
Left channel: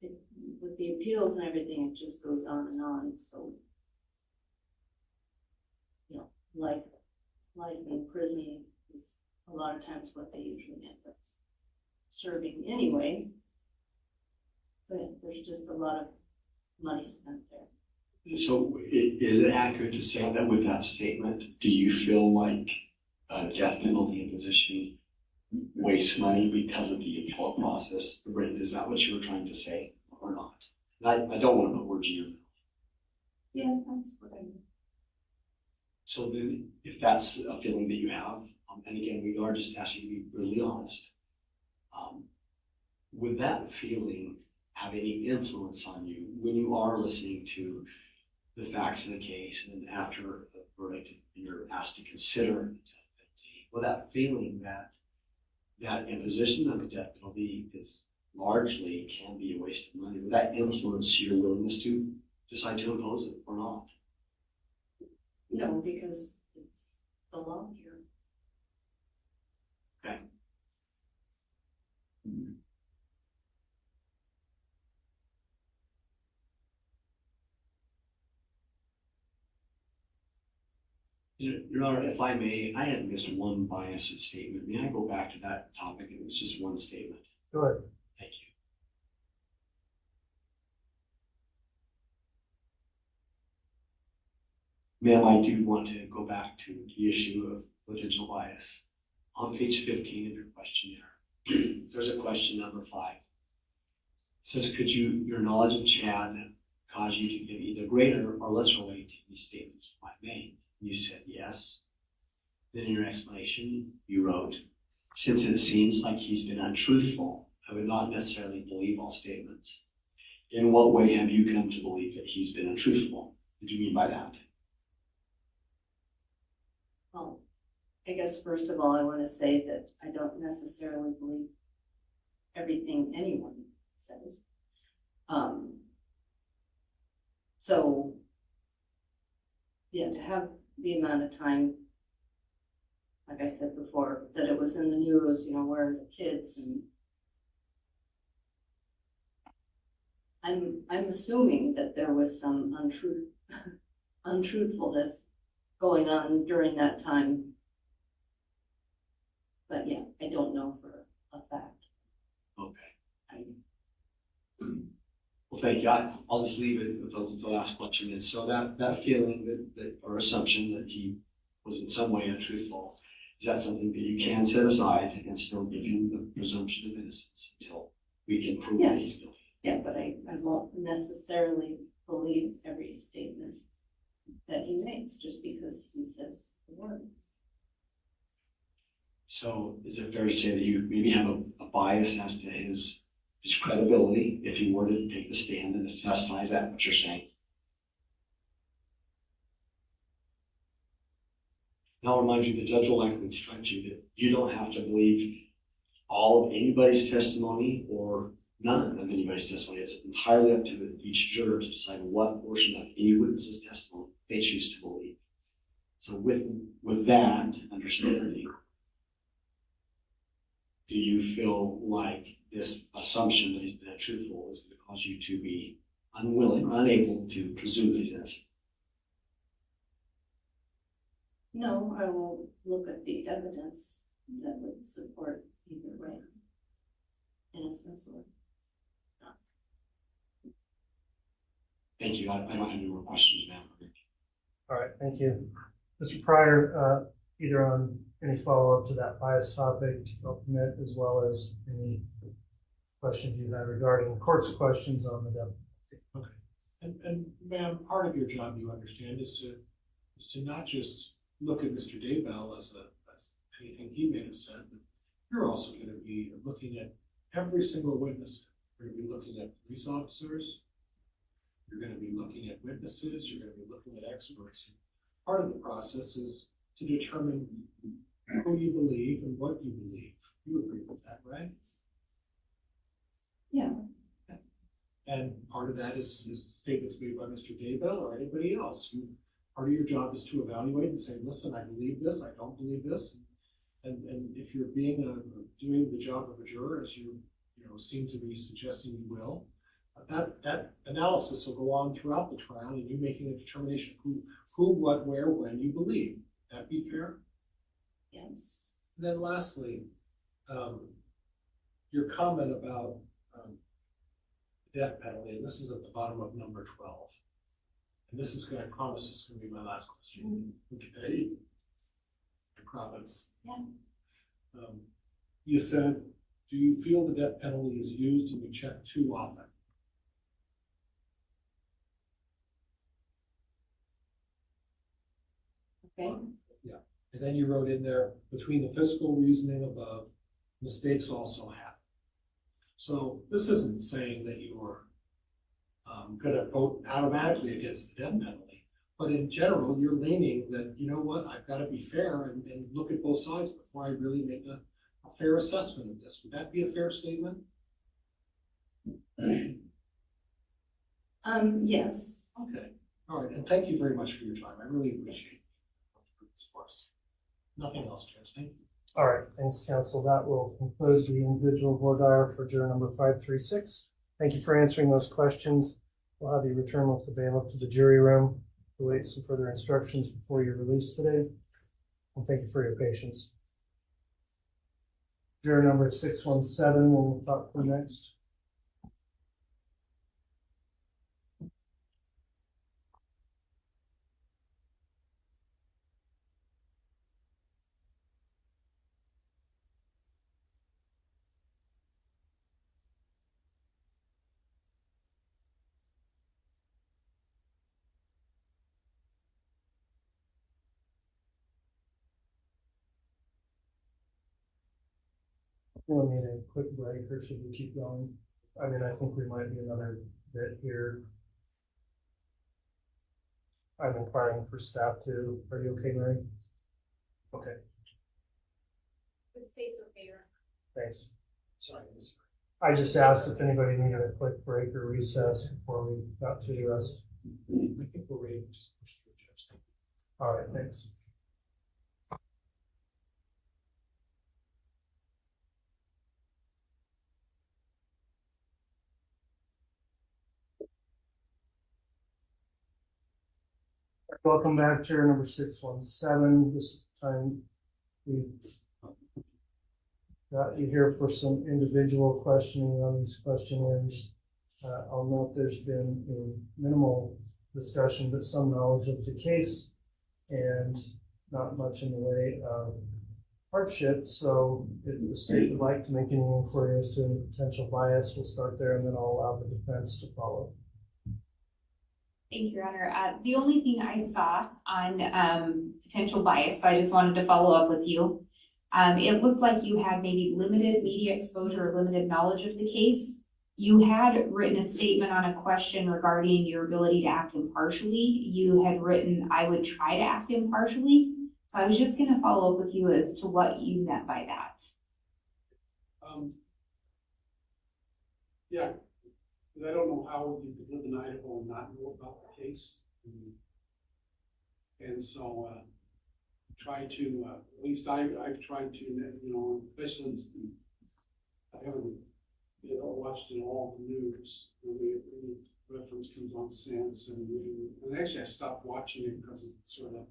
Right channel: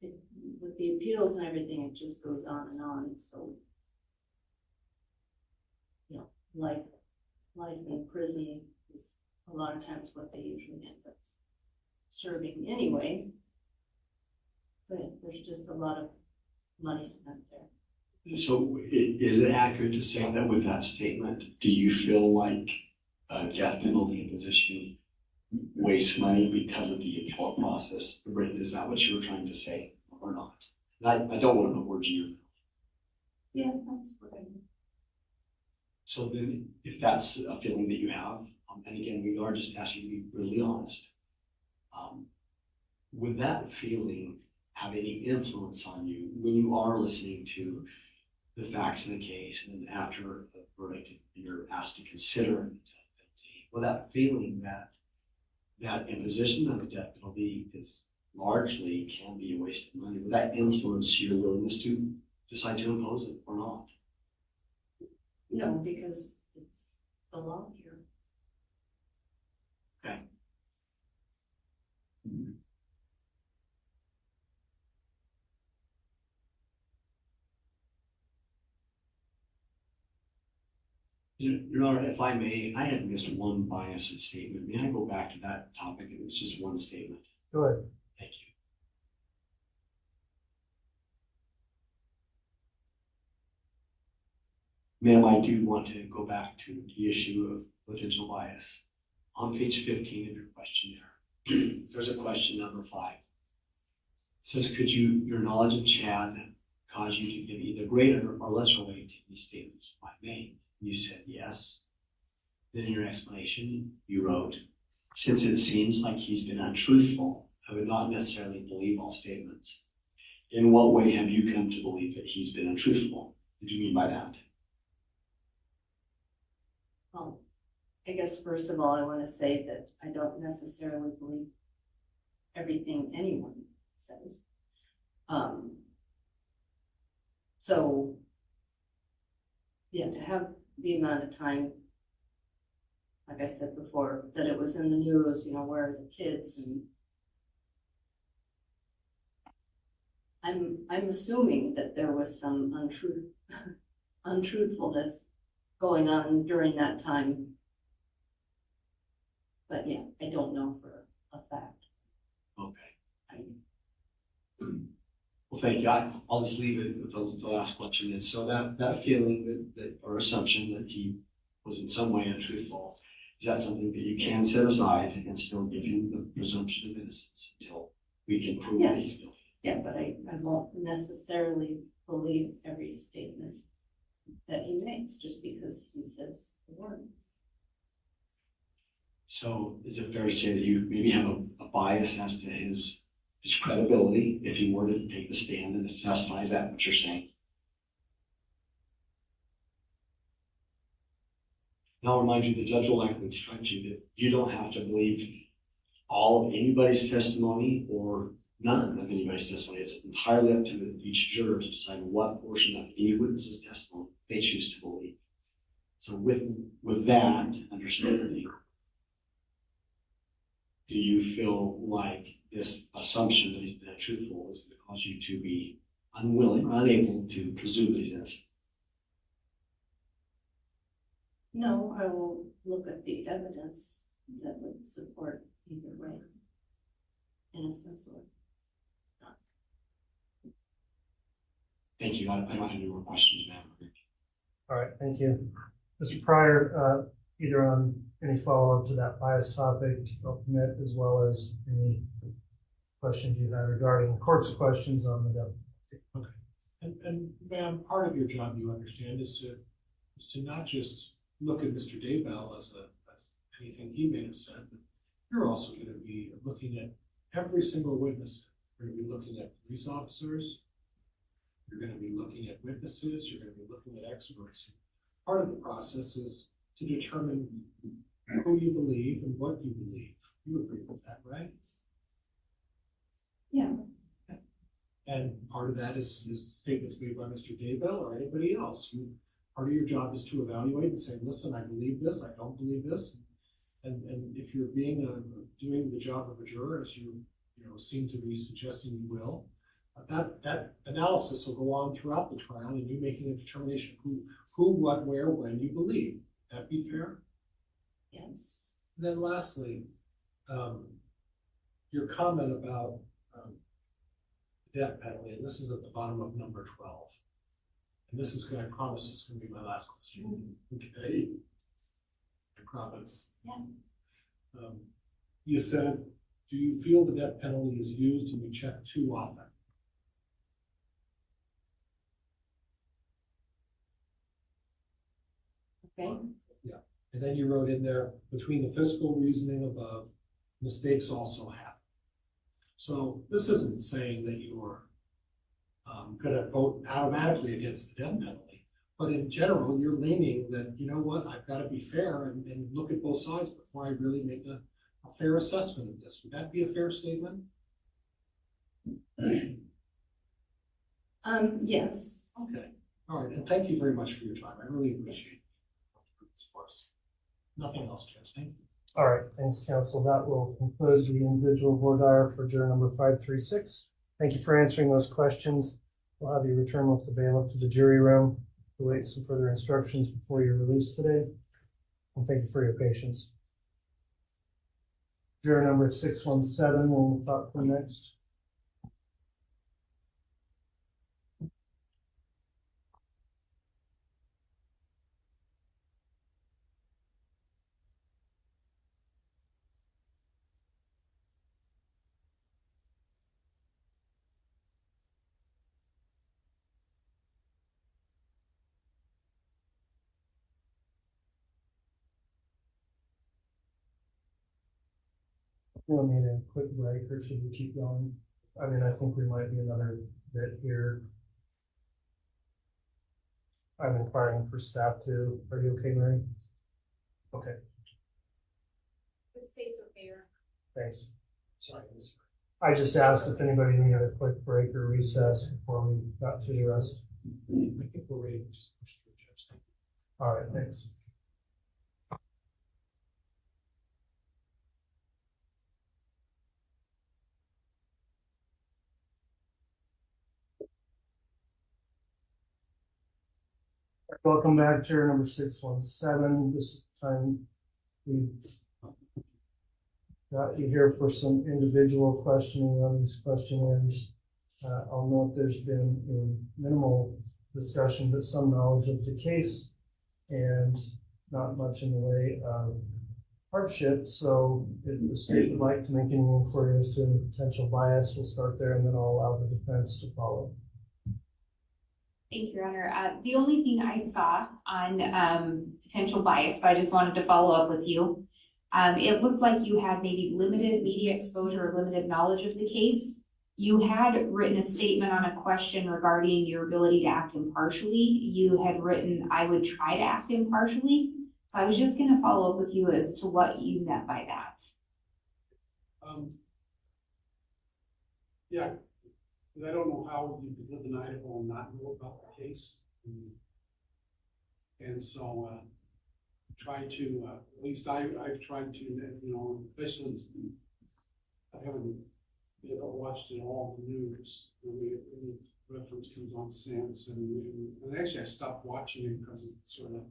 with the appeals and everything, it just goes on and on. So, you know, life in prison is a lot of times what they usually end up serving anyway. So there's just a lot of money spent there. So is it accurate to say that with that statement, do you feel like death penalty imposition wastes money because of the appellate process? Is that what you were trying to say or not? I don't want to put words in your mouth. Yeah, that's what I mean. So then if that's a feeling that you have, and again, we are just asking you to be really honest, would that feeling have any influence on you when you are listening to the facts of the case and then after the verdict you're asked to consider the death penalty? Will that feeling that imposition of the death penalty is largely can be a waste of money, would that influence your willingness to decide to impose it or not? No, because it's the law here. Okay. Your Honor, if I may, I had missed one bias statement. May I go back to that topic? It was just one statement. Go ahead. Thank you. Ma'am, I do want to go back to the issue of potential bias. On page 15 of your questionnaire, there's a question number 5. It says, could your knowledge of Chad cause you to give either greater or lesser weight to any statements you might make? You said yes. Then in your explanation, you wrote, since it seems like he's been untruthful, I would not necessarily believe all statements. In what way have you come to believe that he's been untruthful? What do you mean by that? Well, I guess first of all, I want to say that I don't necessarily believe everything anyone says. So, yeah, to have the amount of time, like I said before, that it was in the news, where the kids, and I'm assuming that there was some untruthfulness going on during that time. But yeah, I don't know for a fact. Okay. Well, thank you. I'll just leave it with the last question. And so that feeling that or assumption that he was in some way untruthful, is that something that you can set aside and still give him the presumption of innocence until we can prove that he's guilty? Yeah, but I won't necessarily believe every statement that he makes just because he says the words. So is it fair to say that you maybe have a bias as to his credibility if he were to take the stand and testify? Is that what you're saying? And I'll remind you, the judge will likely instruct you that you don't have to believe all of anybody's testimony or none of anybody's testimony. It's entirely up to each juror to decide what portion of any witness's testimony they choose to believe. So with that understanding, do you feel like this assumption that he's been untruthful is going to cause you to be unwilling or unable to presume that he's innocent? No, I will look at the evidence that would support either way, innocence or not. Thank you. I don't have any more questions now. All right, thank you. Mr. Pryor, either on any follow-up to that bias topic, I'll permit, as well as any questions you have regarding court's questions on the death. Okay. And ma'am, part of your job, you understand, is to not just look at Mr. Daybell as anything he may have said, but you're also going to be looking at every single witness. You're going to be looking at police officers. You're going to be looking at witnesses. You're going to be looking at experts. Part of the process is to determine who you believe and what you believe. You agree with that, right? Yeah. And part of that is statements made by Mr. Daybell or anybody else. Part of your job is to evaluate and say, listen, I believe this, I don't believe this. And if you're doing the job of a juror, as you seem to be suggesting you will, that analysis will go on throughout the trial, and you making a determination who, what, where, when you believe. That be fair? Yes. And then lastly, your comment about death penalty, and this is at the bottom of number 12. And this is I promise this is going to be my last question. Okay. I promise. Yeah. You said, do you feel the death penalty is used and you check too often? Okay. Yeah. And then you wrote in there, between the fiscal reasoning above, mistakes also happen. So this isn't saying that you're going to vote automatically against the death penalty, but in general, you're leaning that, you know what, I've got to be fair and look at both sides before I really make a fair assessment of this. Would that be a fair statement? Yes. Okay. All right. And thank you very much for your time. I really appreciate this for us. Nothing else, Judge. Thank you. All right. Thanks, counsel. That will conclude the individual voir dire for juror number 536. Thank you for answering those questions. We'll have you return with the bailiff to the jury room. await some further instructions before you're released today. And thank you for your patience. Juror number 617 will talk to next. We'll need a quick break, or should we keep going? I mean, I think we might be another bit here. I'm inquiring for staff too. Are you okay, Mary? Okay, The state's okay. thanks. Sorry, I just asked if anybody needed a quick break or recess before we got through the rest. I think we're ready to just push through, Judge. All right, thanks. Welcome back, Chair number 617. This is the time we got you here for some individual questioning on these questionnaires. I'll note there's been a minimal discussion, but some knowledge of the case and not much in the way of hardship. So if the state would like to make any inquiry as to any potential bias, we'll start there and then I'll allow the defense to follow. Thank you, Your Honor. The only thing I saw on potential bias, so I just wanted to follow up with you. It looked like you had maybe limited media exposure or limited knowledge of the case. You had written a statement on a question regarding your ability to act impartially. You had written, I would try to act impartially. So I was just going to follow up with you as to what you meant by that. Yeah. I don't know how you could live in Idaho and not know about the case. And so try to, at least I've tried to, you know, especially I haven't watched it all the news. Any reference comes on since, and actually I stopped watching it because it's sort of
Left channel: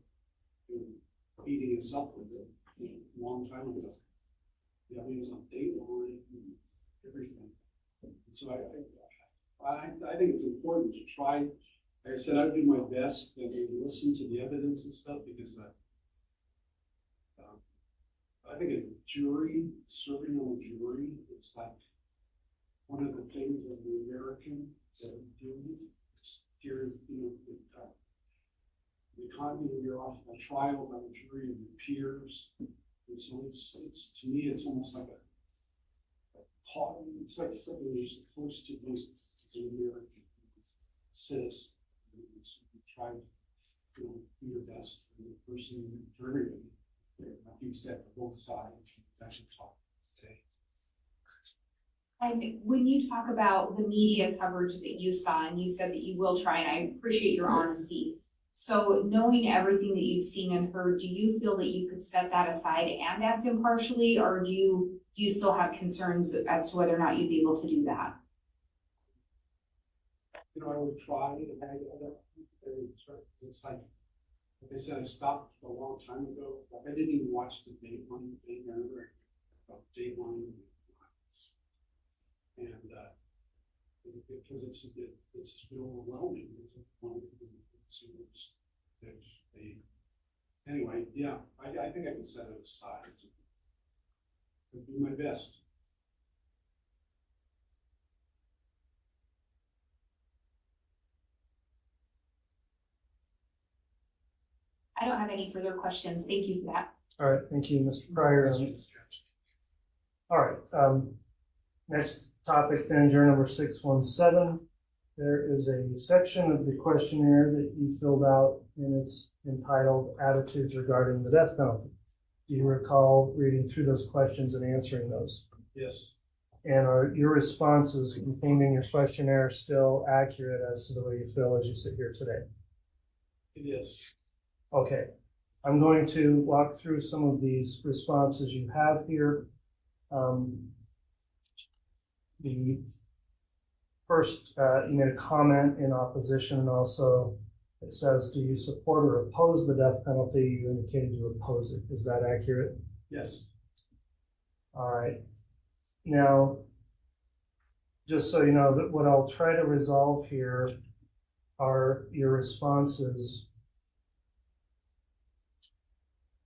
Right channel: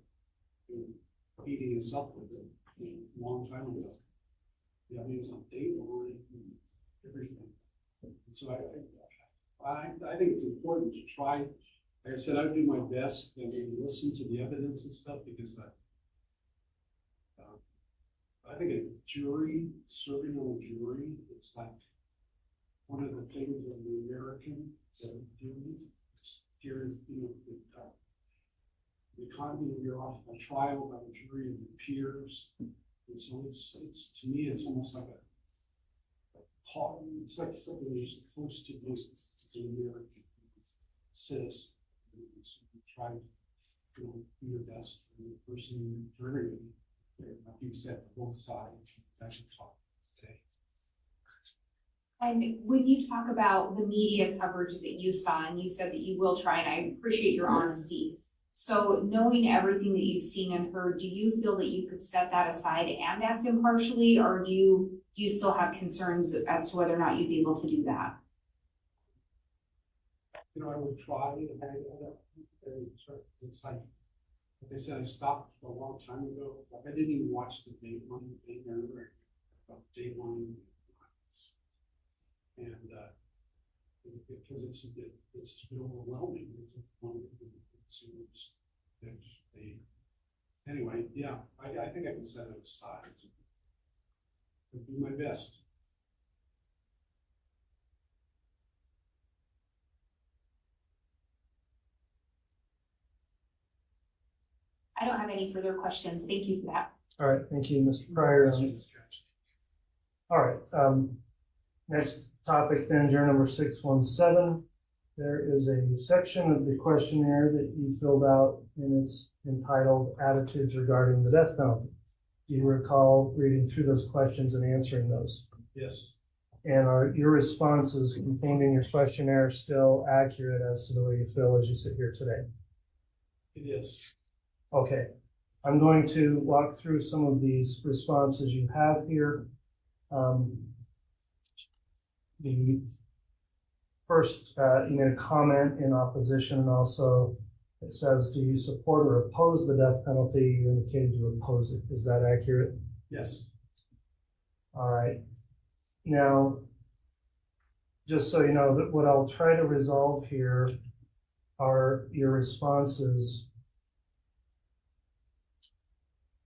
beating us up with it a long time ago. Yeah, I mean, it's on Dateline and everything. So I think it's important to try. Like I said, I would do my best to listen to the evidence and stuff because I think a jury, serving on a jury, it's like one of the things of the American that we do. Here, you know, the economy of your off a trial by a jury of your peers. And so it's to me, it's almost like it's like something you're supposed to do as an American citizen. You try to, you know, do your best for the person, for everybody. Like you said, both sides. Actually talk today. And when you talk about the media coverage that you saw, and you said that you will try, and I appreciate your honesty. So knowing everything that you've seen and heard, do you feel that you could set that aside and act impartially, or do you still have concerns as to whether or not you'd be able to do that? You know, I would try, it's like I said, I stopped a long time ago. Like I didn't even watch the Dateline thing or about Dateline, and because it's been overwhelming. Anyway, yeah, I think I can set it aside. I'll do my best. I don't have any further questions. Thank you for that. All right, thank you, Mr. Pryor. All right, next topic then, juror number 617. There is a section of the questionnaire that you filled out, and it's entitled Attitudes Regarding the Death Penalty. Do you recall reading through those questions and answering those? Yes. And are your responses contained in your questionnaire still accurate as to the way you feel as you sit here today? It is. Okay, I'm going to walk through some of these responses you have here. The first, you made a comment in opposition and also It says, do you support or oppose the death penalty? You indicated you oppose it. Is that accurate? Yes. All right. Now, just so you know, that what I'll try to resolve here are your responses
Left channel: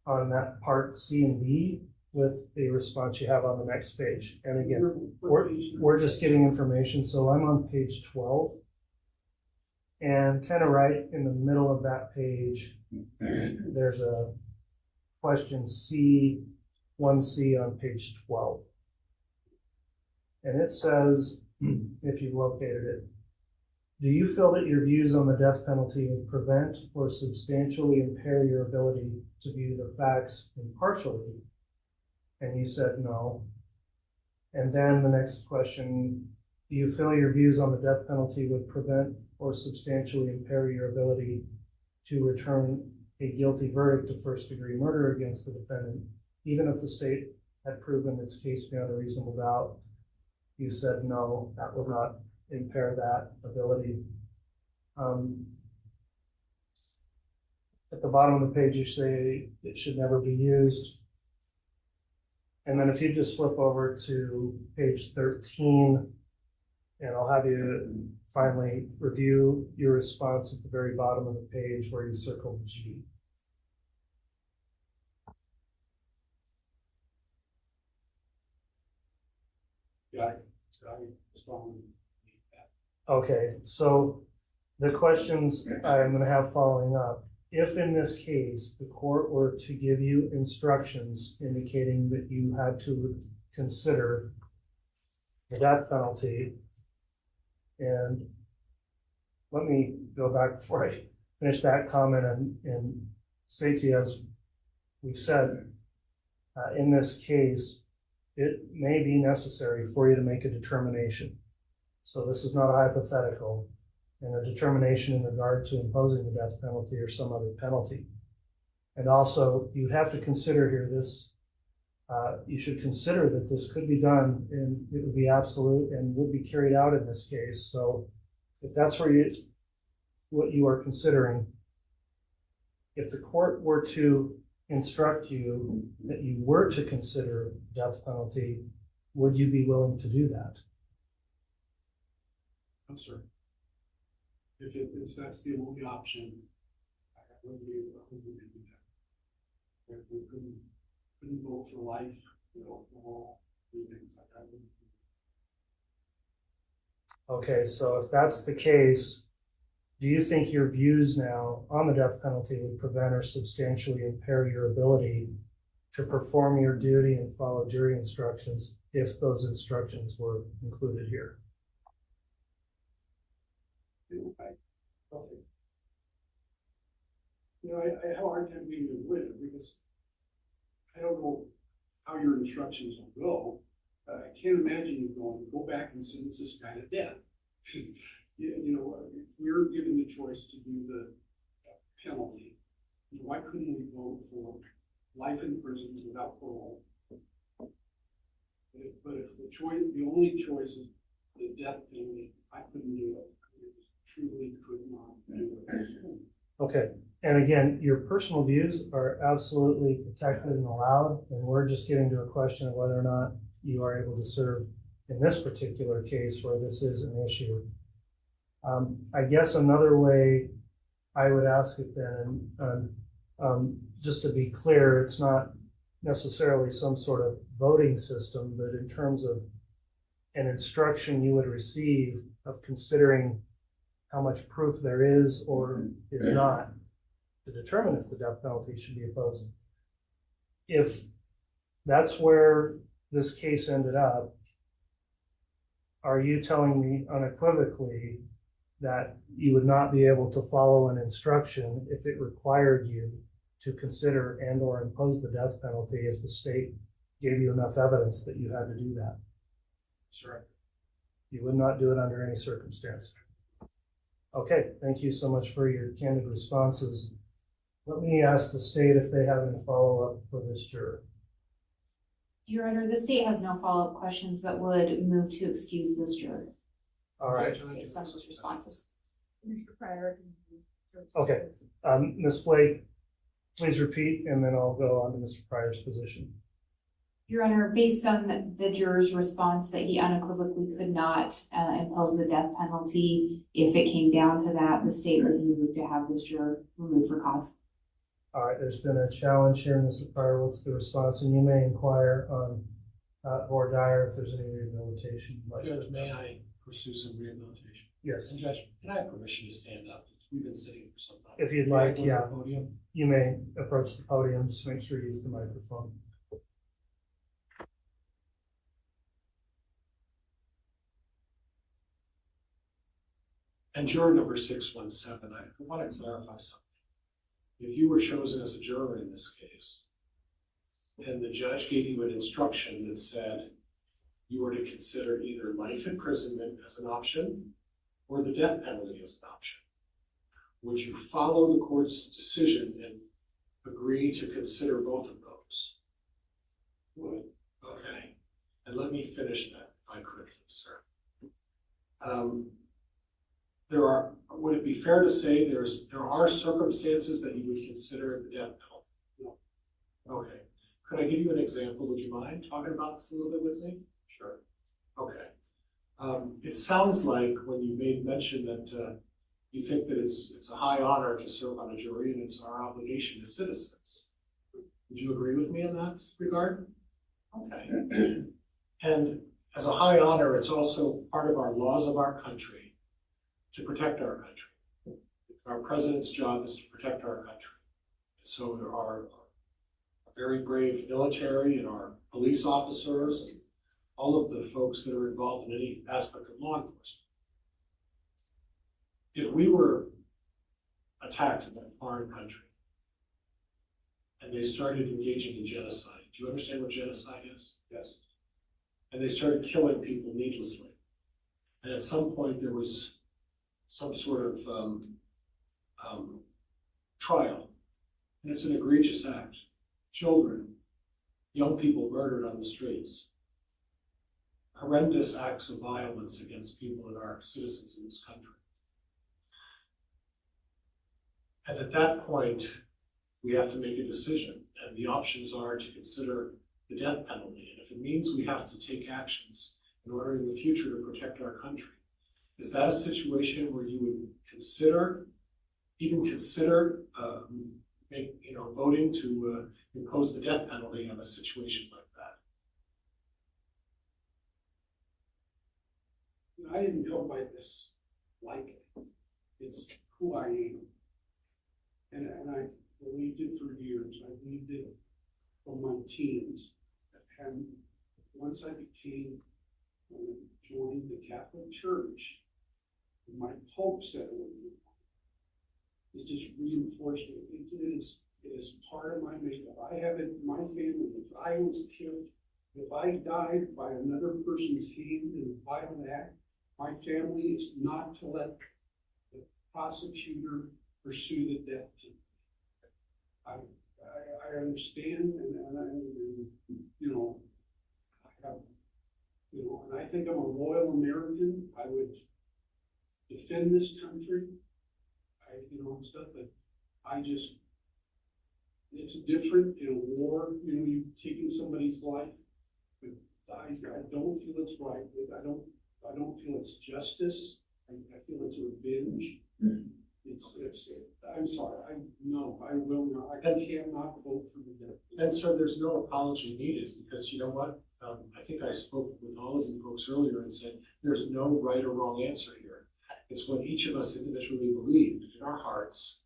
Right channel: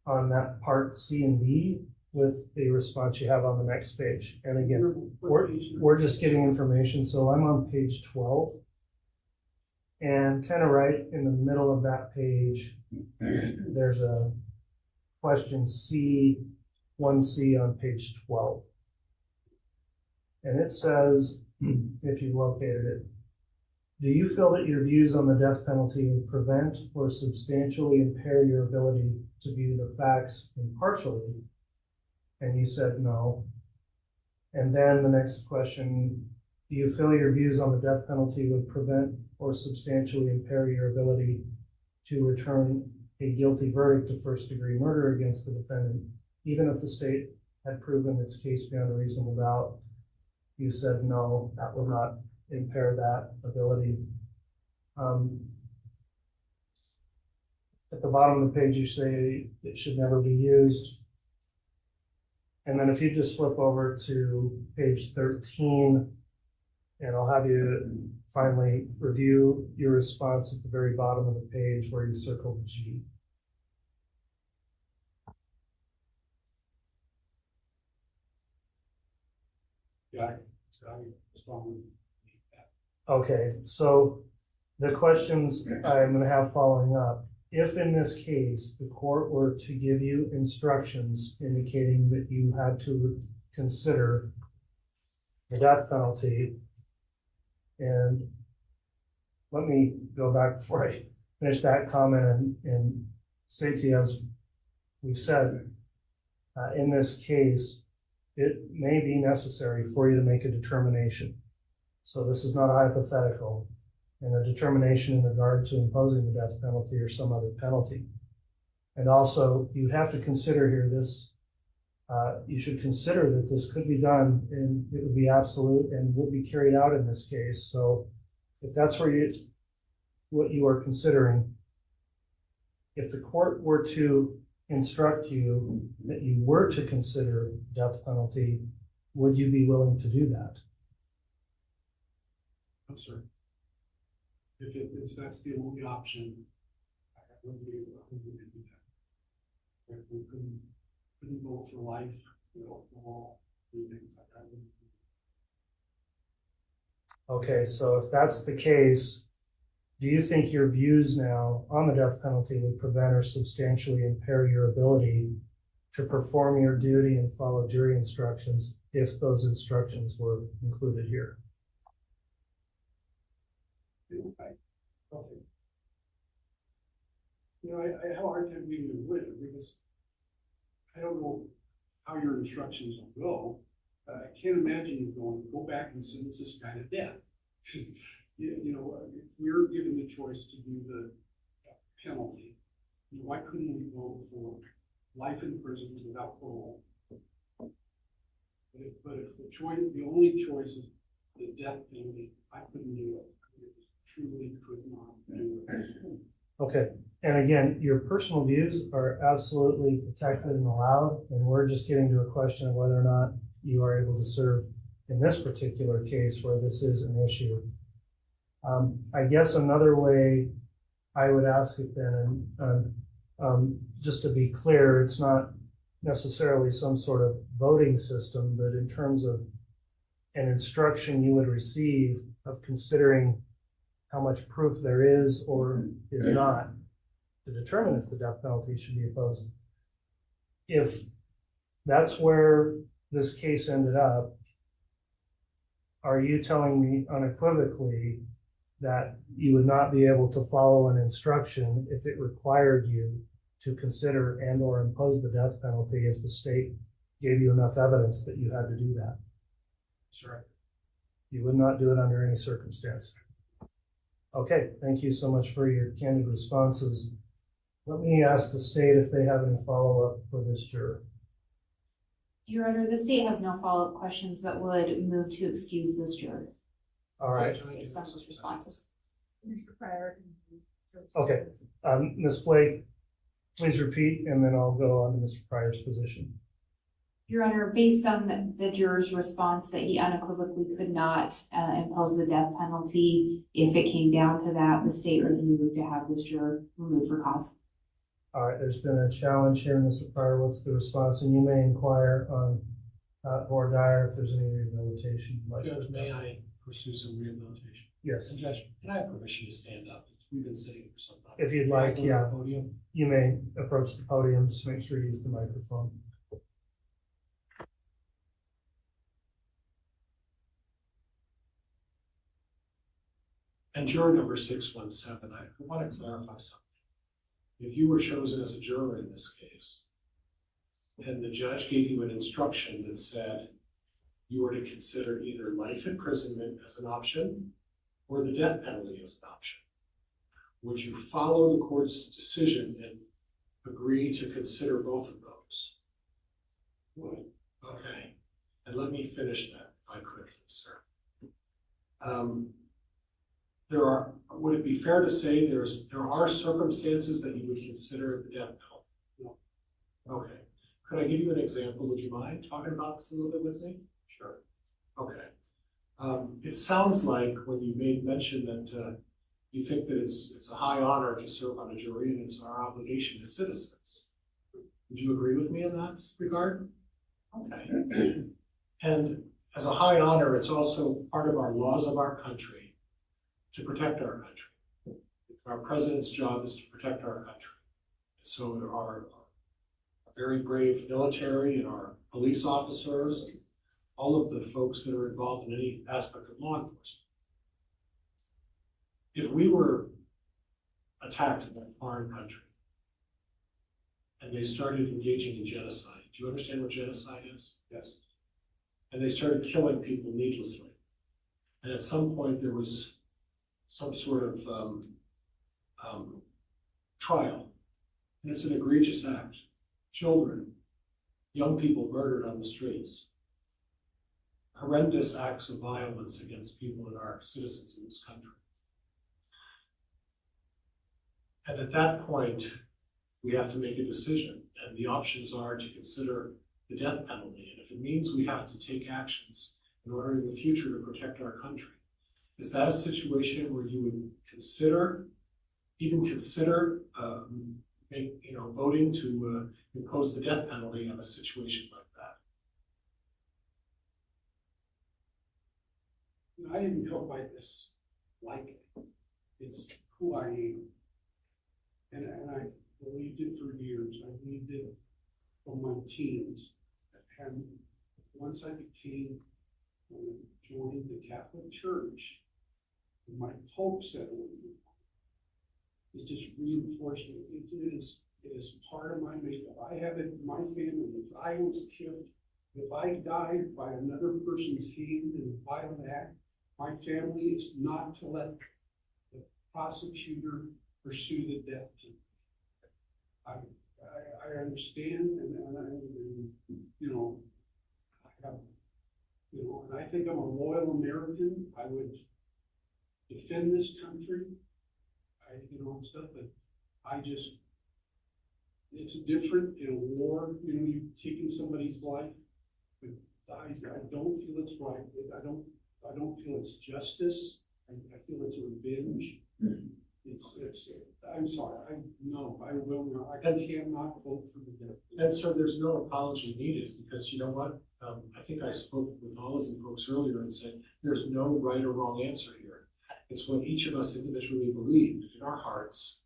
on that part C and D with the response you have on the next page. And again, we're just getting information. So I'm on page 12. And kind of right in the middle of that page, there's a question C, 1C on page 12. And it says, if you've located it, do you feel that your views on the death penalty would prevent or substantially impair your ability to view the facts impartially? And you said no. And then the next question, do you feel your views on the death penalty would prevent or substantially impair your ability to return a guilty verdict of first-degree murder against the defendant, even if the state had proven its case beyond a reasonable doubt? You said no, that would not impair that ability. At the bottom of the page, you say it should never be used. And then if you just flip over to page 13, and I'll have you finally review your response at the very bottom of the page where you circled G. Yeah, Okay, so the questions I'm going to have following up. If in this case, the court were to give you instructions indicating that you had to consider the death penalty, and let me go back before I finish that comment and say to you, as we said, in this case, it may be necessary for you to make a determination. So this is not a hypothetical, and a determination in regard to imposing the death penalty or some other penalty. And also, you have to consider here this, you should consider that this could be done and it would be absolute and would be carried out in this case. So if that's what you are considering, if the court were to instruct you that you were to consider death penalty, would you be willing to do that? No, sir. If that's the only option, I wouldn't be able to do that. We couldn't vote for life, all things like that. Okay, so if that's the case, do you think your views now on the death penalty would prevent or substantially impair your ability to perform your duty and follow jury instructions if those instructions were included here? Okay. I have a hard time being a winner because I don't know how your instructions will go. I can't imagine you going, go back and sentence this guy to death. If we're given the choice to do the penalty, why couldn't we vote for life in prison without parole? But if the only choice is the death penalty, I couldn't do it. Truly could not do it. Okay, and again, your personal views are absolutely protected and allowed, and we're just getting to a question of whether or not you are able to serve in this particular case where this is an issue. I guess another way I would ask it then, and just to be clear, it's not necessarily some sort of voting system, but in terms of an instruction you would receive of considering how much proof there is or is not to determine if the death penalty should be imposed. If that's where this case ended up, are you telling me unequivocally that you would not be able to follow an instruction if it required you to consider and or impose the death penalty if the state gave you enough evidence that you had to do that? Sure. You would not do it under any circumstance. Okay, thank you so much for your candid responses. Let me ask the state if they have any follow-up for this juror. Your Honor, the state has no follow-up questions, but would move to excuse this juror. All right. Based on those responses. Mr. Pryor, Okay, Ms. Blake, please repeat, and then I'll go on to Mr. Pryor's position. Your Honor, based on the juror's response that he unequivocally could not impose the death penalty, if it came down to that, the state would move to have this juror removed for cause. All right, there's been a challenge here, Mr. Pryor. What's the response? And you may inquire on Board Dyer if there's any rehabilitation. Judge, may I pursue some rehabilitation? Yes. And Judge, can I have permission to stand up? We've been sitting for some time. If you'd May I like, go to yeah. the podium? You may approach the podium, just make sure you use the microphone. And juror number 617, I want to clarify something. If you were chosen as a juror in this case, and the judge gave you an instruction that said you were to consider either life imprisonment as an option or the death penalty as an option, would you follow the court's decision and agree to consider both of those? Would. Okay. And let me finish that, if I could, sir. Would it be fair to say there are circumstances that you would consider the death penalty? No. Okay. Could I give you an example? Would you mind talking about this a little bit with me? Sure. Okay. It sounds like when you made mention that you think that it's a high honor to serve on a jury and it's our obligation as citizens. Would you agree with me in that regard? Okay. And as a high honor, it's also part of our laws of our country to protect our country. Our president's job is to protect our country. So there are very brave military and our police officers, and all of the folks that are involved in any aspect of law enforcement. If we were attacked in a foreign country and they started engaging in genocide, do you understand what genocide is? Yes. And they started killing people needlessly. And at some point there was some sort of trial. And it's an egregious act. Children, young people murdered on the streets. Horrendous acts of violence against people that are citizens in this country. And at that point, we have to make a decision. And the options are to consider the death penalty. And if it means we have to take actions in order in the future to protect our country, is that a situation where you would consider, voting to impose the death penalty on a situation like that? I didn't come by this like it's who I am. And I believed it for years. I believed it from my teens. And once I joined the Catholic Church, my hope settled in. It's just reinforcing it. It is part of my makeup. I have it in my family. If I was killed, if I died by another person's hand in a violent act, my family is not to let the prosecutor pursue the death penalty. I understand, and I think I'm a loyal American. I would defend this country, and stuff, but it's different in a war, you've taken somebody's life, but I don't feel it's right. I don't feel it's justice. I feel it's revenge. I'm sorry, I will not, I cannot vote for the death penalty. And so there's no apology needed, because you know what? I think I spoke with all of the folks earlier and said, there's no right or wrong answer here. It's what each of us individually believe in our hearts.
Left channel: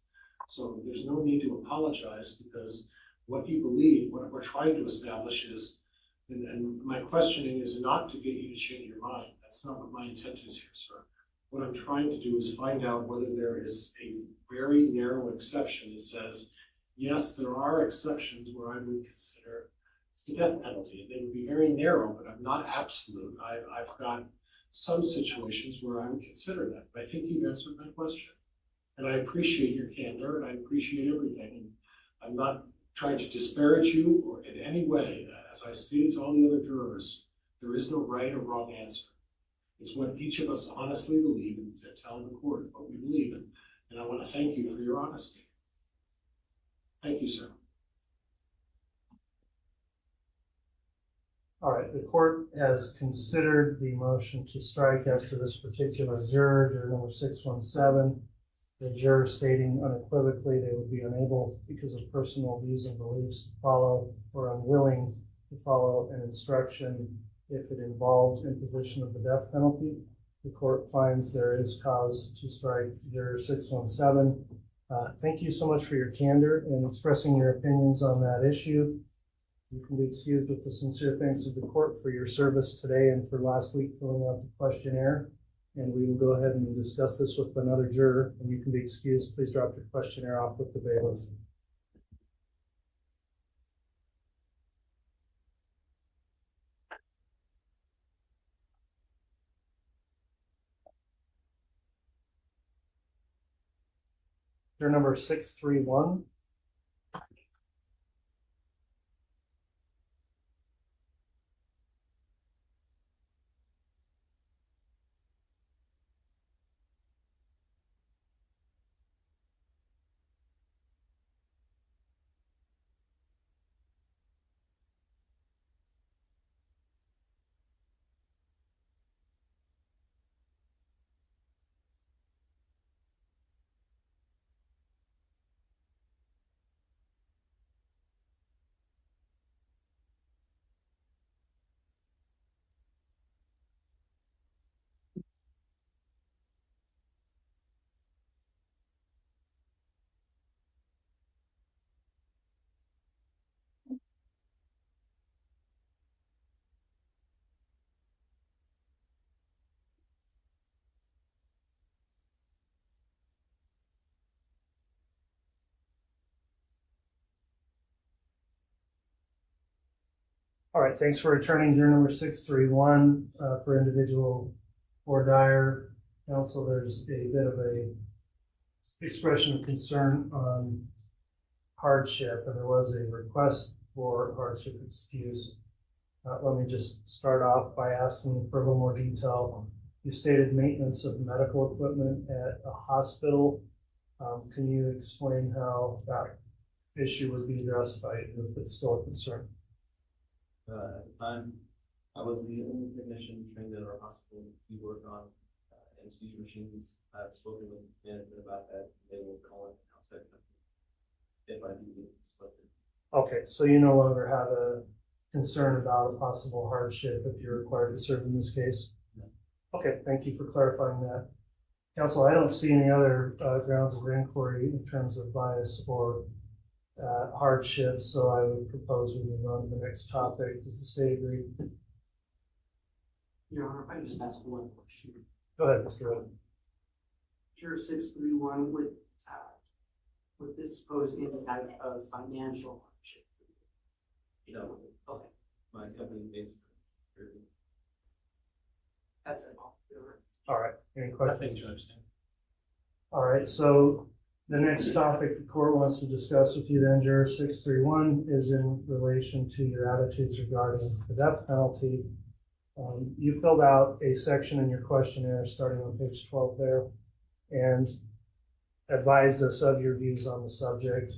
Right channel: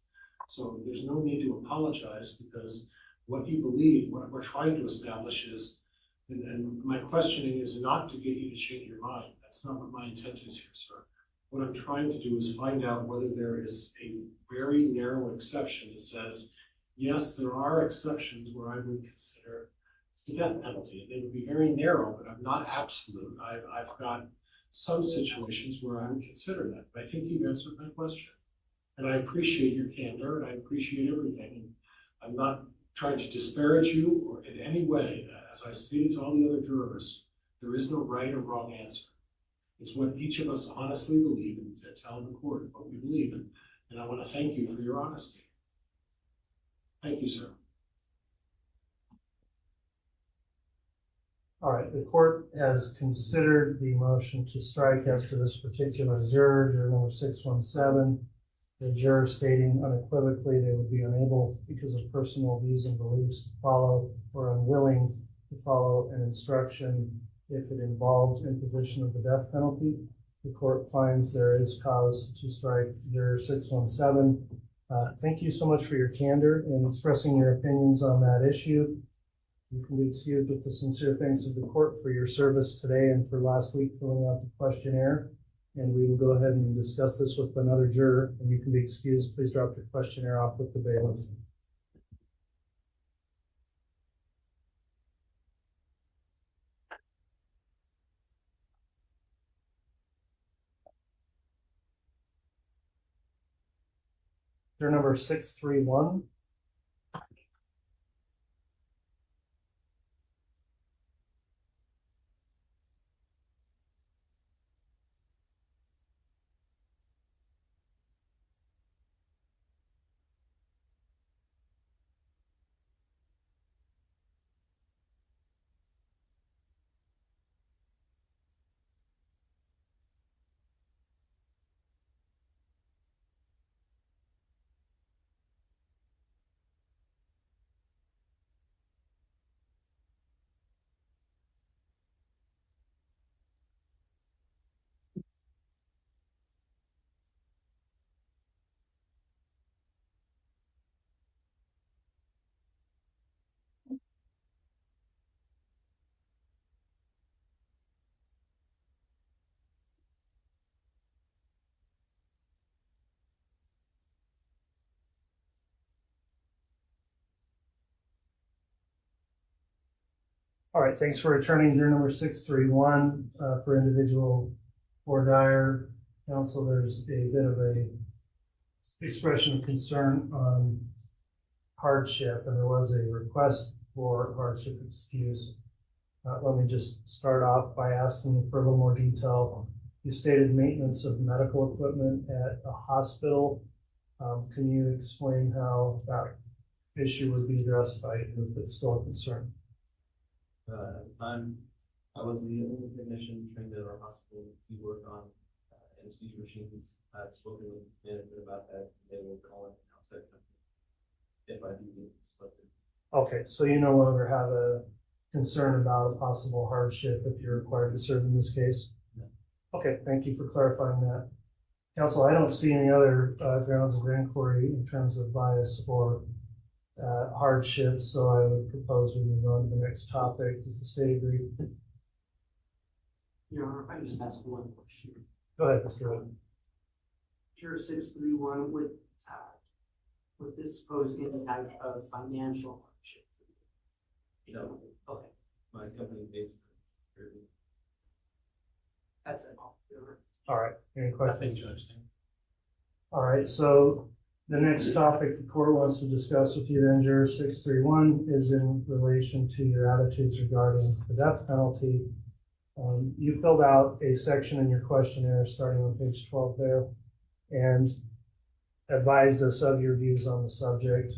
So there's no need to apologize, because what you believe, what we're trying to establish is, and my questioning is not to get you to change your mind. That's not what my intent is here, sir. What I'm trying to do is find out whether there is a very narrow exception that says, yes, there are exceptions where I would consider the death penalty. They would be very narrow, but I'm not absolute. I've got some situations where I would consider that. But I think you've answered my question. And I appreciate your candor, and I appreciate everything. And I'm not trying to disparage you or in any way. As I stated to all the other jurors, there is no right or wrong answer. It's what each of us honestly believe and to tell the court what we believe in. And I want to thank you for your honesty. Thank you, sir. All right, the court has considered the motion to strike as to this particular juror number 617. The juror stating unequivocally they would be unable, because of personal views and beliefs, to follow or unwilling to follow an instruction if it involved imposition of the death penalty. The court finds there is cause to strike juror 617. Thank you so much for your candor in expressing your opinions on that issue. You can be excused with the sincere thanks of the court for your service today and for last week filling out the questionnaire. And we will go ahead and discuss this with another juror, and you can be excused. Please drop your questionnaire off with the bailiff. Juror number 631. All right, thanks for returning juror number 631 for individual or dire counsel. There's a bit of a expression of concern on hardship, and there was a request for hardship excuse. Let me just start off by asking for a little more detail. You stated maintenance of medical equipment at a hospital. Can you explain how that issue would be addressed by you if it's still a concern? At the time, I was the only technician trained at our hospital. We worked on anesthesia machines. I've spoken with management about that. They will call an outside company if I do get selected. Okay, so you no longer have a concern about a possible hardship if you're required to serve in this case? No. Okay, thank you for clarifying that. Counsel, I don't see any other grounds of inquiry in terms of bias or hardship, so I would propose we move on to the next topic. Does the state agree? Your Honor, if I can just ask one question. Go ahead, Mr. Wood. Juror 631, would this pose any type of financial hardship? No. Okay. My company pays for it. That's it. All right, any questions? Judge. All right, so the next topic the court wants to discuss with you then, juror 631, is in relation to your attitudes regarding the death penalty. You filled out a section in your questionnaire starting on page 12 there and advised us of your views on the subject.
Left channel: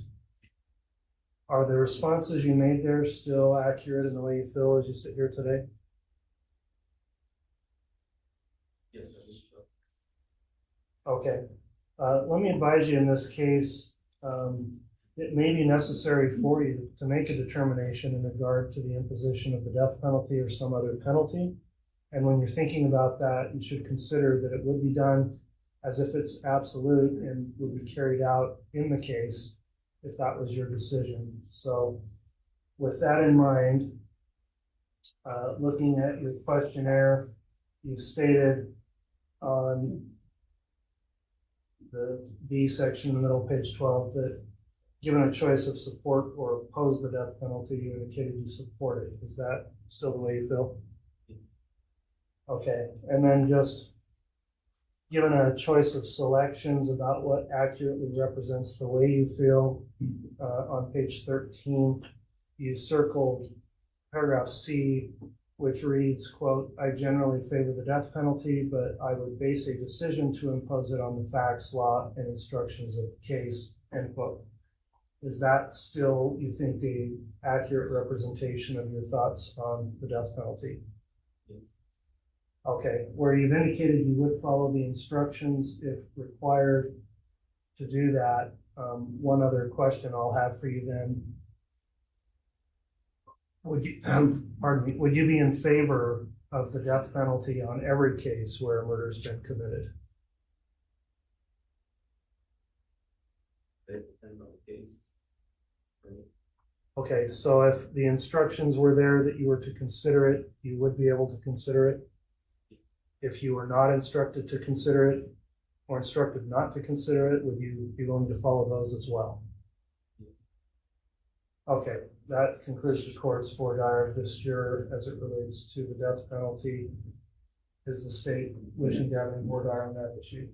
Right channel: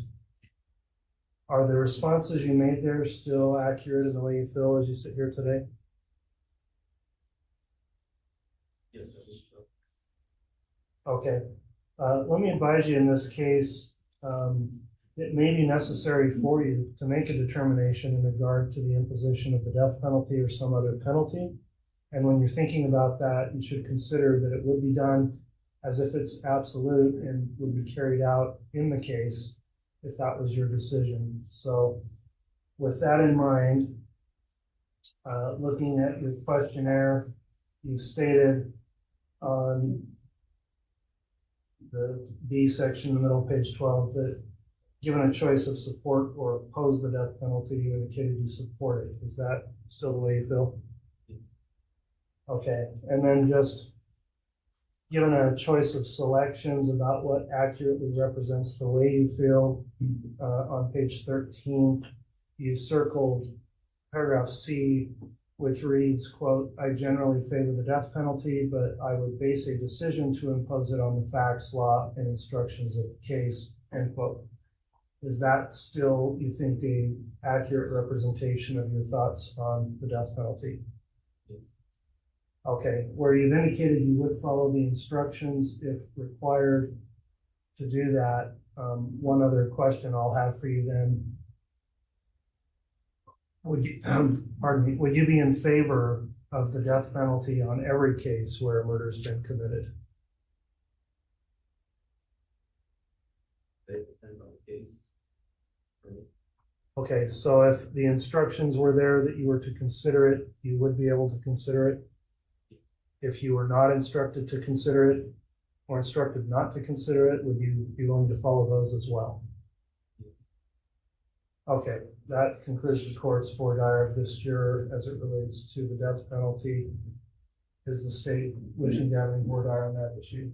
Are the responses you made there still accurate in the way you feel as you sit here today? Yes, I believe so. Okay. Let me advise you in this case, it may be necessary for you to make a determination in regard to the imposition of the death penalty or some other penalty. And when you're thinking about that, you should consider that it would be done as if it's absolute and would be carried out in the case if that was your decision. So with that in mind, looking at your questionnaire, you stated on the B section in the middle of page 12 that given a choice of support or oppose the death penalty, you indicated you support it. Is that still the way you feel? Yes. Okay, and then just given a choice of selections about what accurately represents the way you feel, on page 13, you circled paragraph C, which reads, quote, "I generally favor the death penalty, but I would base a decision to impose it on the facts, law, and instructions of the case," end quote. Is that still, you think, a accurate representation of your thoughts on the death penalty? Yes. Okay, where you've indicated you would follow the instructions if required to do that, one other question I'll have for you then. Would you, pardon me, would you be in favor of the death penalty on every case where a murder's been committed? It depends on the case. Okay, so if the instructions were there that you were to consider it, you would be able to consider it? If you were not instructed to consider it, or instructed not to consider it, would you be willing to follow those as well? Okay, that concludes the court's voir dire of this juror as it relates to the death penalty. Is the state wishing to have any voir dire on that issue?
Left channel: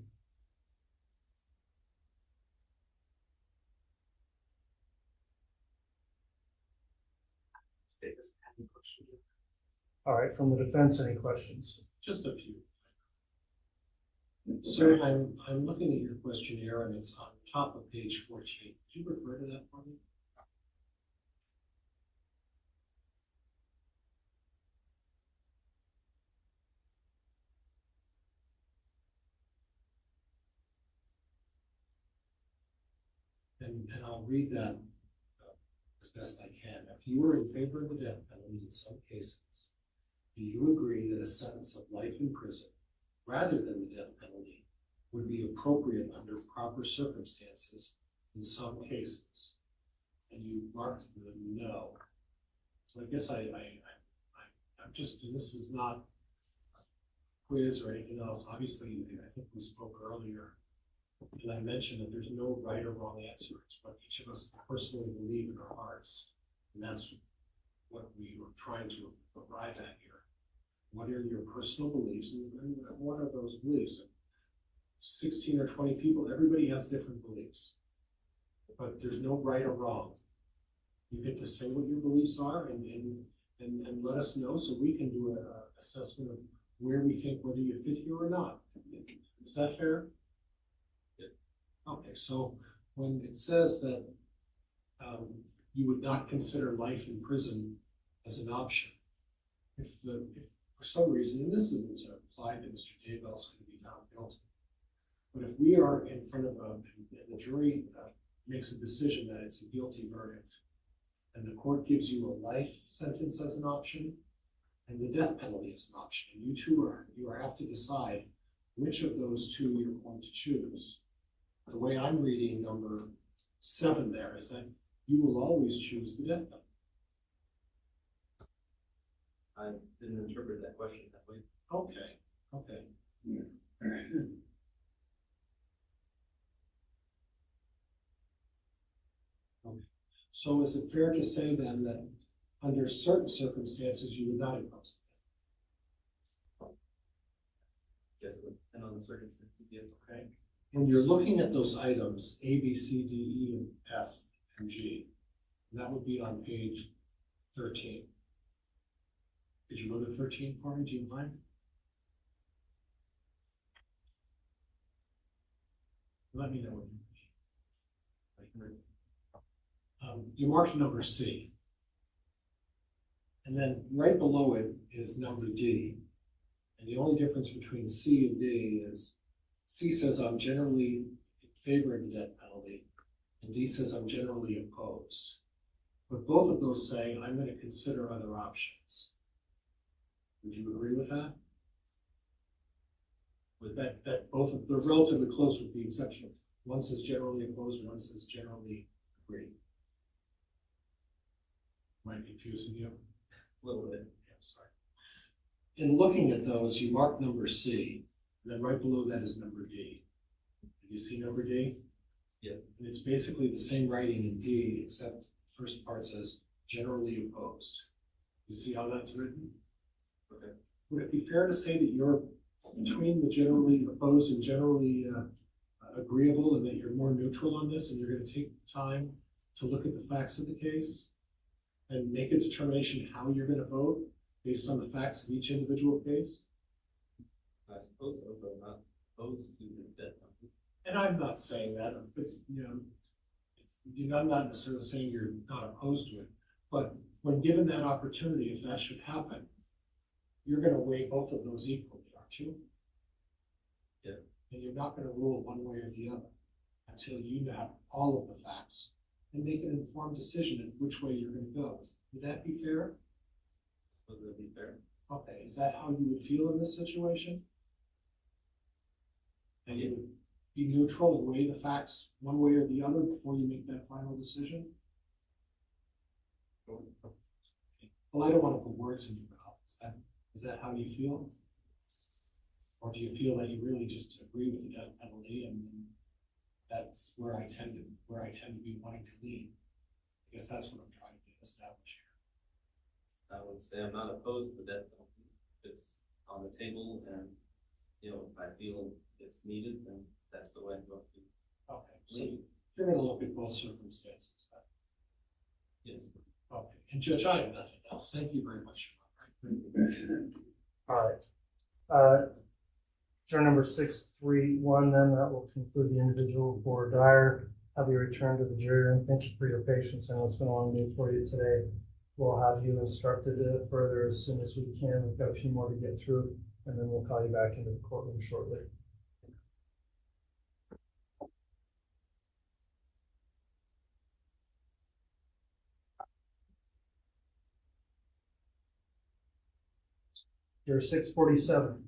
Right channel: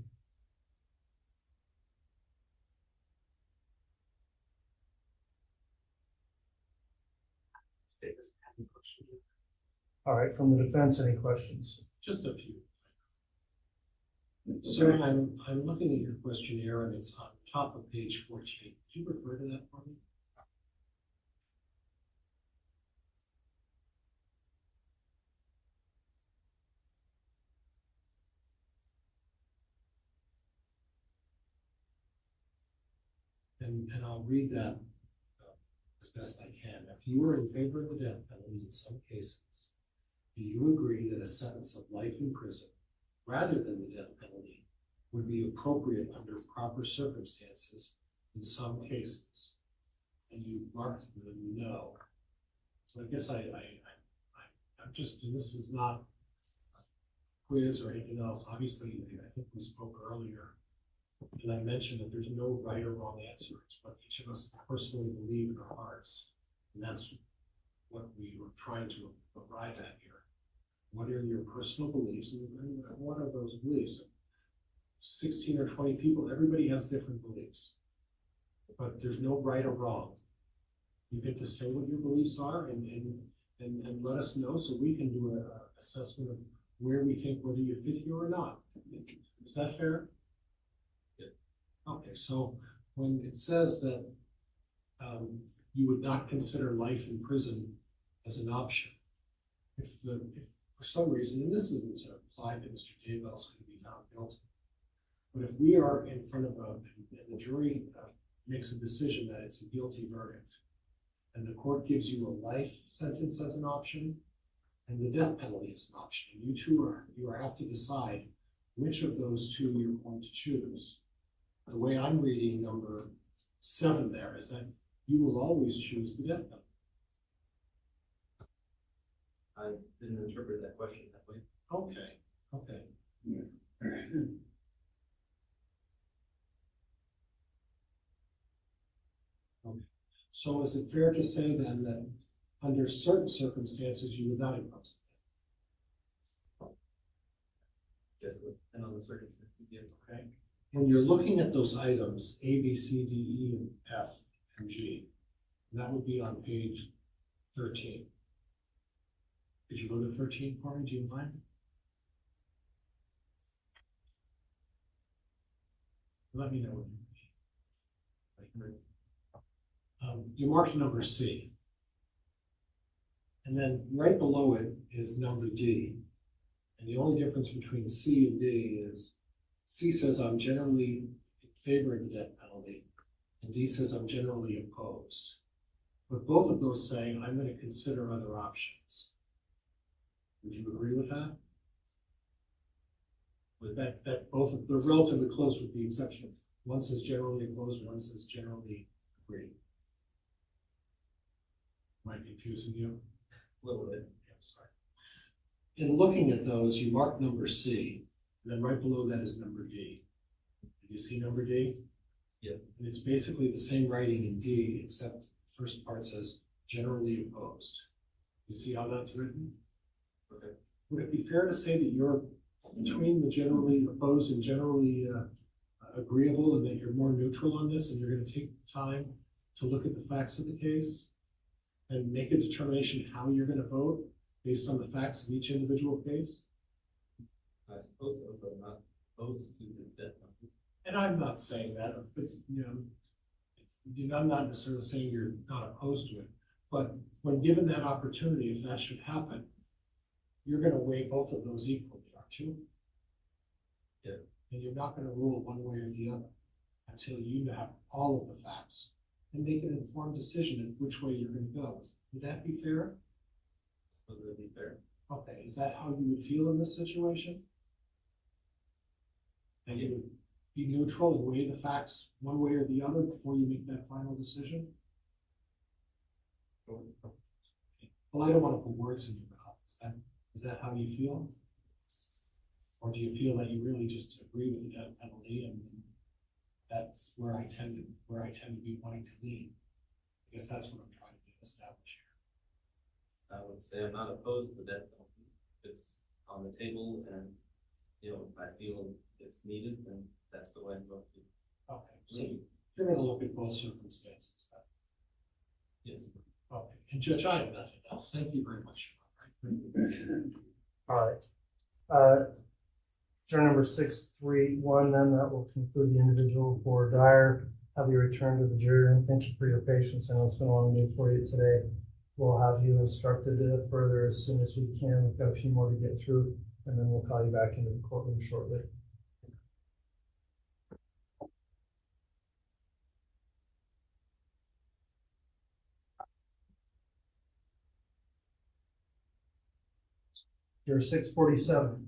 All right, from the defense, any questions? Just a few. So I'm looking at your questionnaire and it's on top of page 14. Could you refer to that for me? And I'll read that as best I can. If you were in favor of the death penalty in some cases, do you agree that a sentence of life in prison rather than the death penalty would be appropriate under proper circumstances in some cases? And you marked the no. So I guess I'm just, and this is not a quiz or anything else. Obviously, I think we spoke earlier, and I mentioned that there's no right or wrong answer. It's what each of us personally believe in our hearts. And that's what we were trying to arrive at here. What are your personal beliefs, and what are those beliefs? 16 or 20 people, everybody has different beliefs, but there's no right or wrong. You get to say what your beliefs are and let us know so we can do an assessment of where we think whether you fit here or not. Is that fair? Yeah. Okay, so when it says that you would not consider life in prison as an option, if for some reason, and this isn't to apply that Mr. Daybell's going to be found guilty, but if we are in front of and the jury makes a decision that it's a guilty verdict, and the court gives you a life sentence as an option, and the death penalty as an option, and you have to decide which of those two you're going to choose. The way I'm reading number 7 there is that you will always choose the death penalty. I didn't interpret that question that way. Okay. So is it fair to say then that under certain circumstances you would not impose it? Yes, and on the circumstances, yes. Okay. When you're looking at those items, A, B, C, D, E, and F, and G, and that would be on page 13. Could you go to 13 for me? Do you mind? Let me know what you mean. You marked number C. And then right below it is number D. And the only difference between C and D is C says I'm generally in favor of the death penalty, and D says I'm generally opposed. But both of those say I'm going to consider other options. Would you agree with that? With that both of they're relatively close with the exception of one says generally opposed, one says generally agree. Am I confusing you? A little bit. Yeah, I'm sorry. In looking at those, you mark number C, and then right below that is number D. Did you see number D? Yeah. And it's basically the same writing in D, except the first part says generally opposed. You see how that's written? Okay. Would it be fair to say that you're between the generally opposed and generally agreeable, and that you're more neutral on this, and you're going to take time to look at the facts of the case and make a determination how you're going to vote, based on the facts of each individual case? I suppose so, but I'm not opposed to the death penalty. And I'm not saying that, but, I'm not necessarily saying you're not opposed to it, but when given that opportunity, if that should happen, you're gonna weigh both of those equally, aren't you? Yeah. And you're not gonna rule one way or the other until you have all of the facts and make an informed decision of which way you're gonna go. Would that be fair? Would that be fair? Okay, is that how you would feel in this situation? That you would be neutral and weigh the facts one way or the other before you make that final decision? Well, I don't want to put words in your mouth. Is that how you feel? Or do you feel that you really just agree with the death penalty and that's where I tend to be wanting to lean? I guess that's what I'm trying to establish here. I would say I'm not opposed to the death penalty. It's on the table and, if I feel it's needed, then that's the way I'm going to. Okay, so you're going to look at both circumstances then? Yes. Okay, and Judge, I have nothing else. Thank you very much. All right. Juror number 631, then that will conclude the individual for Dyer. Have you returned to the jury, and thank you for your patience. I know it's been a long day for you today. We'll have you instructed further as soon as we can. We've got a few more to get through, and then we'll call you back into the courtroom shortly. Juror 647.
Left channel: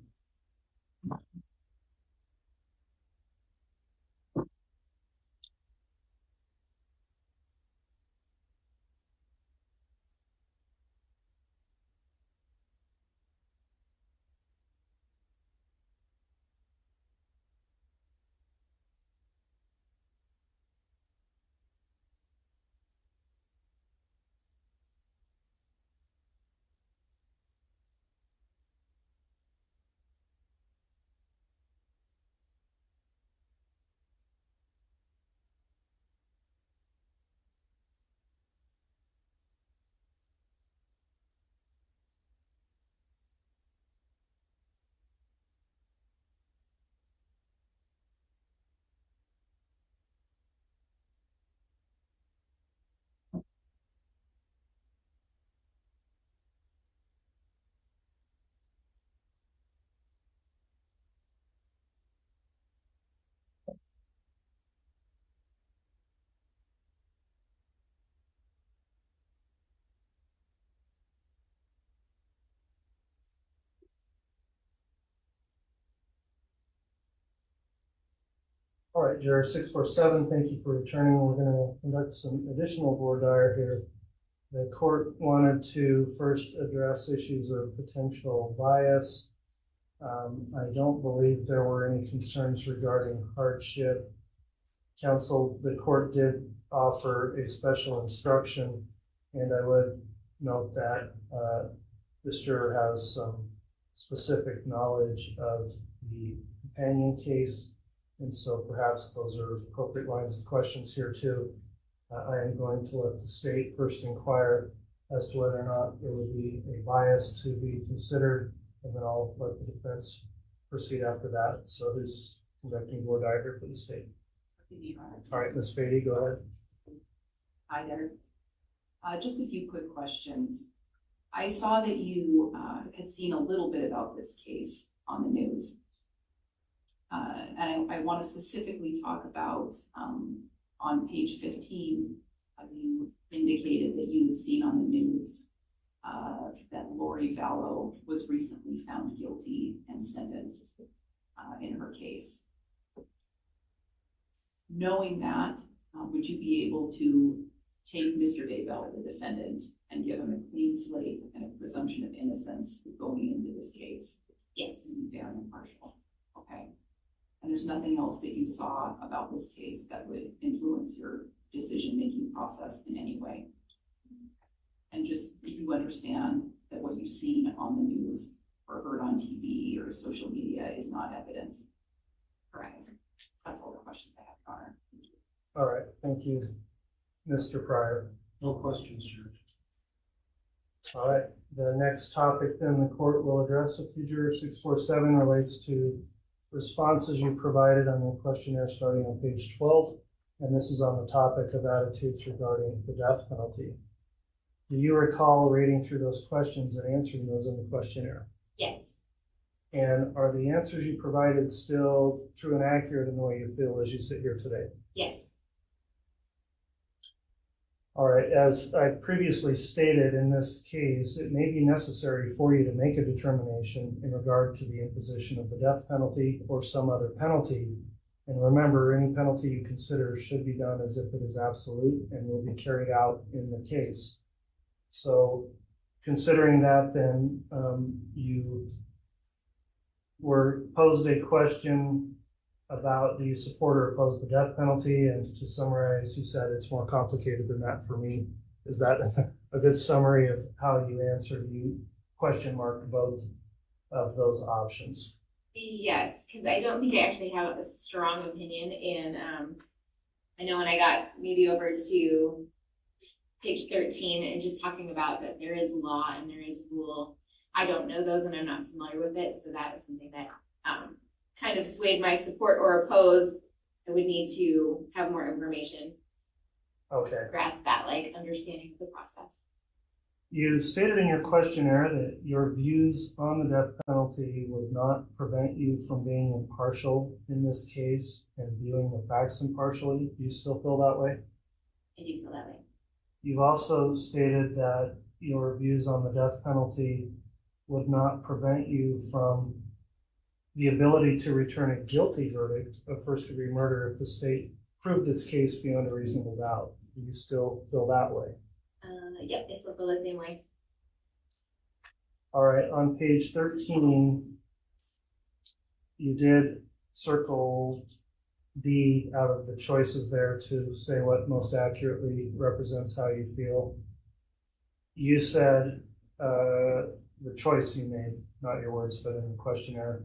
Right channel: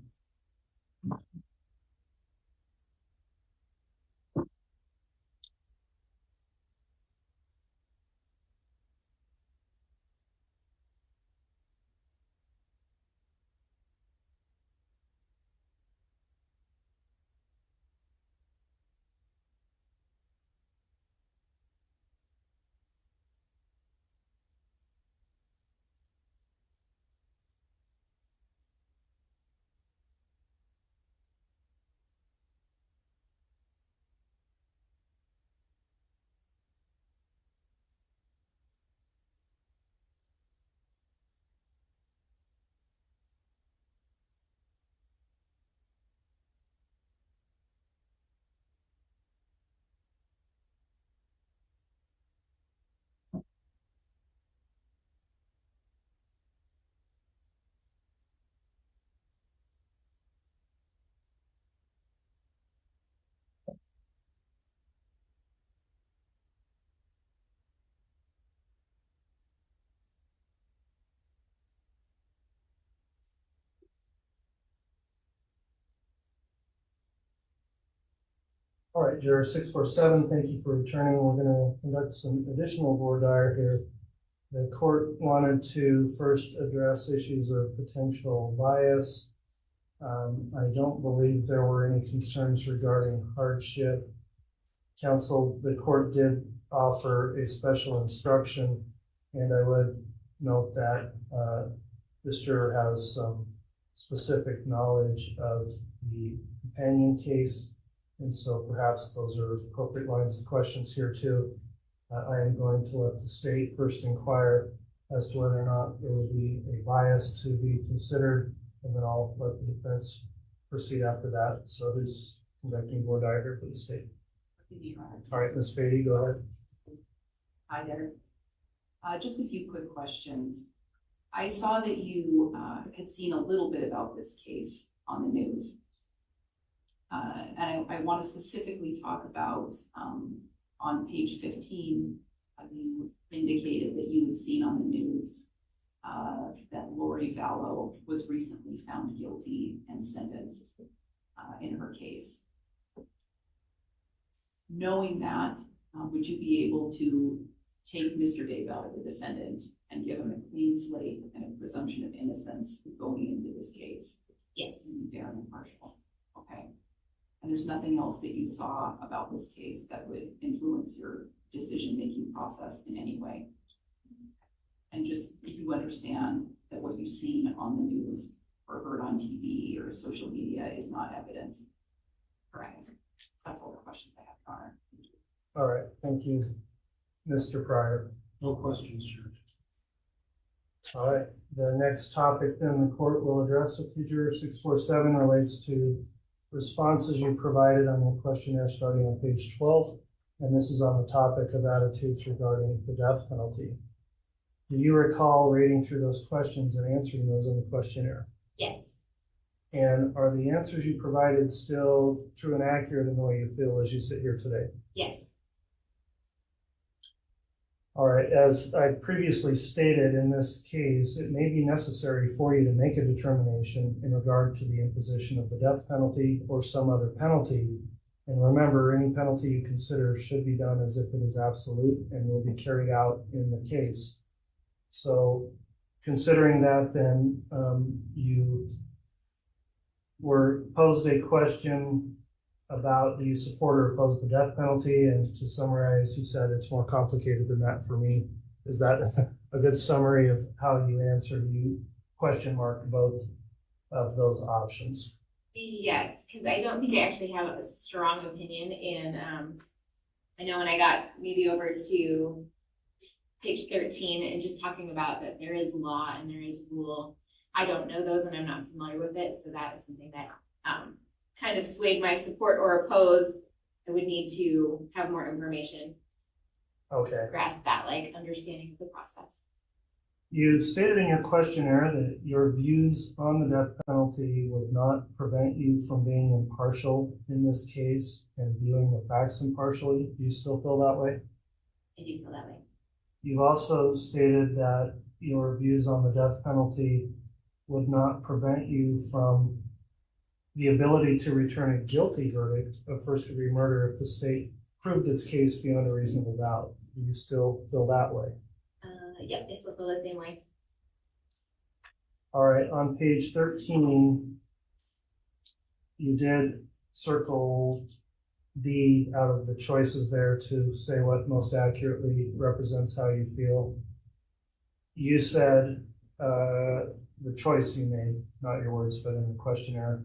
All right, Juror 647, thank you for returning. We're going to conduct some additional voir dire here. The court wanted to first address issues of potential bias. I don't believe there were any concerns regarding hardship. Counsel, the court did offer a special instruction, and I would note that this juror has some specific knowledge of the companion case. And so perhaps those are appropriate lines of questions here too. I am going to let the state first inquire as to whether or not there would be a bias to be considered, and then I'll let the defense proceed after that. So who's conducting voir dire here for the state? All right, Ms. Beatty, go ahead. Hi there. Just a few quick questions. I saw that you had seen a little bit about this case on the news. And I want to specifically talk about on page 15, you indicated that you had seen on the news that Lori Vallow was recently found guilty and sentenced in her case. Knowing that, would you be able to take Mr. Daybell, the defendant, and give him a clean slate and a presumption of innocence going into this case? Yes. Fair and impartial. Okay. And there's nothing else that you saw about this case that would influence your decision-making process in any way. And just, you understand that what you've seen on the news or heard on TV or social media is not evidence. Correct. That's all the questions I have, Your Honor. All right, thank you. Mr. Pryor. No questions, Judge. All right, the next topic then the court will address with you, juror 647, relates to responses you provided on the questionnaire starting on page 12. And this is on the topic of attitudes regarding the death penalty. Do you recall reading through those questions and answering those in the questionnaire? Yes. And are the answers you provided still true and accurate in the way you feel as you sit here today? Yes. All right, as I previously stated, in this case, it may be necessary for you to make a determination in regard to the imposition of the death penalty or some other penalty. And remember, any penalty you consider should be done as if it is absolute and will be carried out in the case. So considering that, then you were posed a question about do you support or oppose the death penalty, and to summarize, you said it's more complicated than that for me. Is that a good summary of how you answered? You question marked both of those options. Yes, because I don't think I actually have a strong opinion in, I know when I got maybe over to page 13 and just talking about that there is law and there is rule. I don't know those and I'm not familiar with it, so that is something that kind of swayed my support or oppose. I would need to have more information. Okay. To grasp that, like, understanding of the process. You stated in your questionnaire that your views on the death penalty would not prevent you from being impartial in this case and viewing the facts impartially. Do you still feel that way? I do feel that way. You've also stated that your views on the death penalty would not prevent you from the ability to return a guilty verdict of first-degree murder if the state proved its case beyond a reasonable doubt. Do you still feel that way? Yep, I still feel the same way. All right, on page 13, you did circle D out of the choices there to say what most accurately represents how you feel. You said the choice you made, not your words, but in the questionnaire.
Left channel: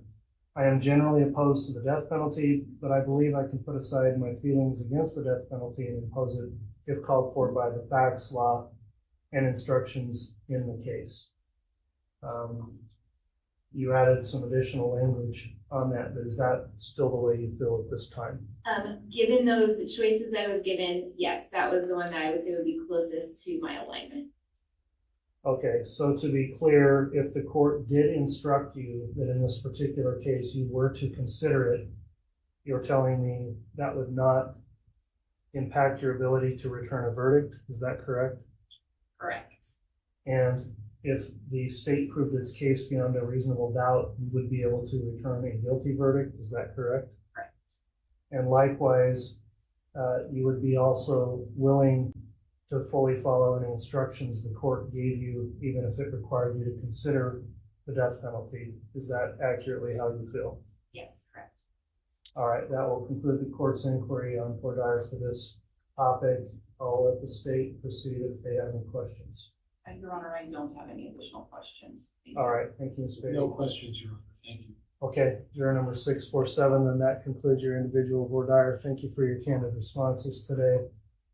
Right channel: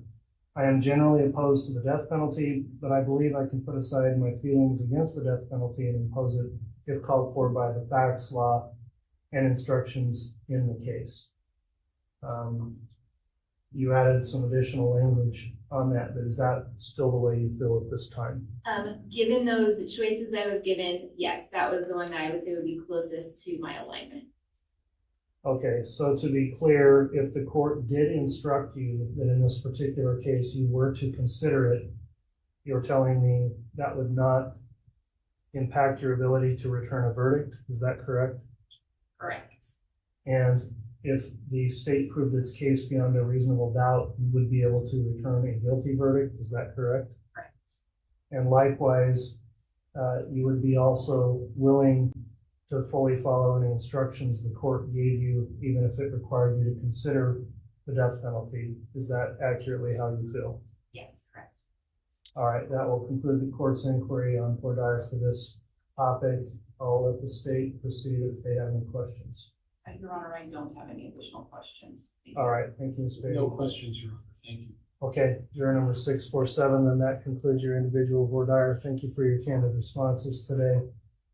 I am generally opposed to the death penalty, but I believe I can put aside my feelings against the death penalty and impose it if called for by the facts, law, and instructions in the case. You added some additional language on that, but is that still the way you feel at this time? Given those choices I was given, yes, that was the one that I would say would be closest to my alignment. Okay, so to be clear, if the court did instruct you that in this particular case you were to consider it, you're telling me that would not impact your ability to return a verdict, is that correct? Correct. And if the state proved its case beyond a reasonable doubt, you would be able to return a guilty verdict, is that correct? Correct. And likewise, you would be also willing to fully follow any instructions the court gave you, even if it required you to consider the death penalty. Is that accurately how you feel? Yes, correct. All right, that will conclude the court's inquiry on voir dire for this topic. I'll let the state proceed if they have any questions. Your Honor, I don't have any additional questions. All right, thank you, Ms. Bailey. No questions, Your Honor. Thank you. Okay, juror number 647, then that concludes your individual voir dire. Thank you for your candid responses today.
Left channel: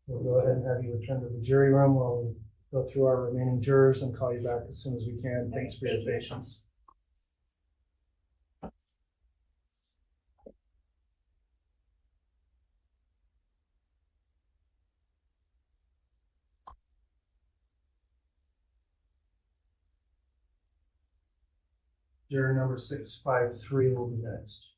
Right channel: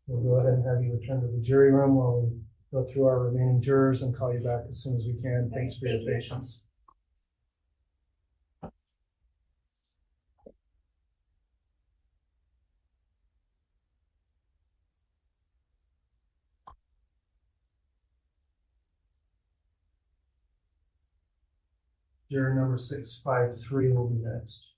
We'll go ahead and have you return to the jury room while we go through our remaining jurors and call you back as soon as we can. Thanks for your patience. Juror number 653 will be next.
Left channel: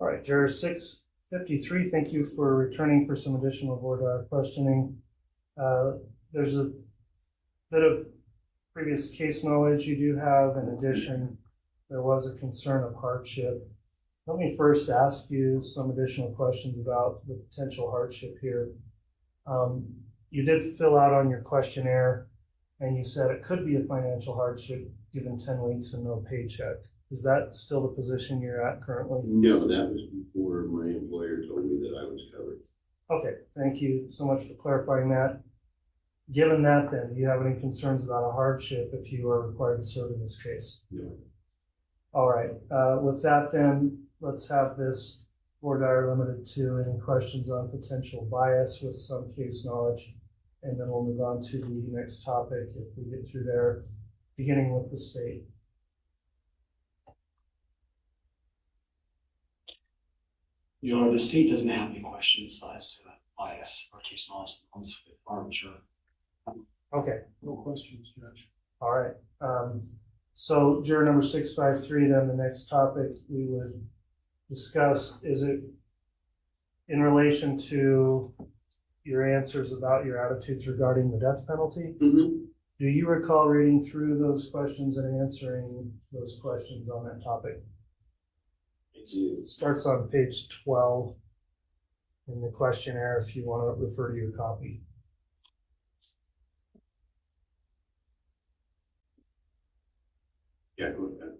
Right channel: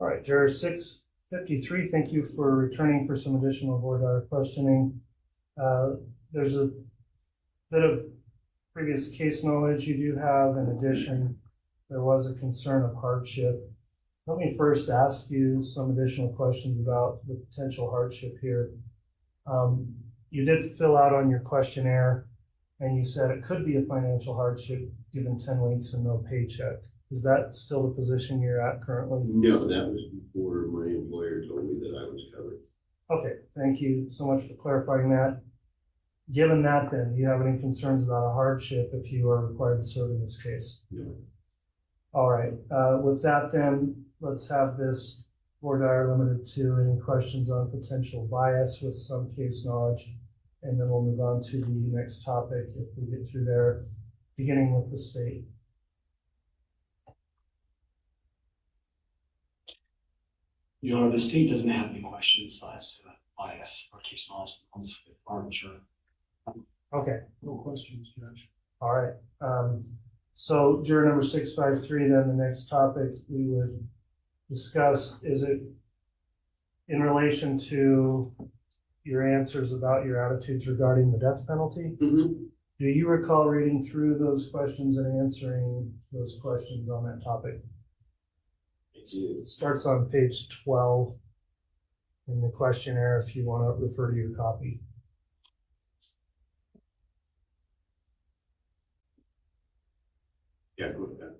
All right, juror 653, thank you for returning for some additional voir dire questioning. There's a bit of previous case knowledge, you do have, in addition, there was a concern of hardship. Let me first ask you some additional questions about the potential hardship here. You did fill out on your questionnaire, and you said it could be a financial hardship given 10 weeks and no paycheck. Is that still the position you're at currently? No, that was before my employer told me that I was covered. Okay, thank you so much for clarifying that. Given that, then, do you have any concerns about a hardship if you are required to serve in this case? No. All right, with that, then, let's have this voir dire limited to any questions on potential bias with some case knowledge, and then we'll move on to the next topic if we get through there, beginning with the state. Your Honor, the state doesn't have any questions as to bias or case knowledge on this farm juror. Okay. No questions, Judge. All right. So juror number 653, then the next topic we would discuss, is it in relation to your answers about your attitudes regarding the death penalty? Mm-hmm. Do you recall reading through those questions and answering those questions on that topic? It starts on page 12 in the questionnaire if you want to refer to your copy. Yeah, go ahead.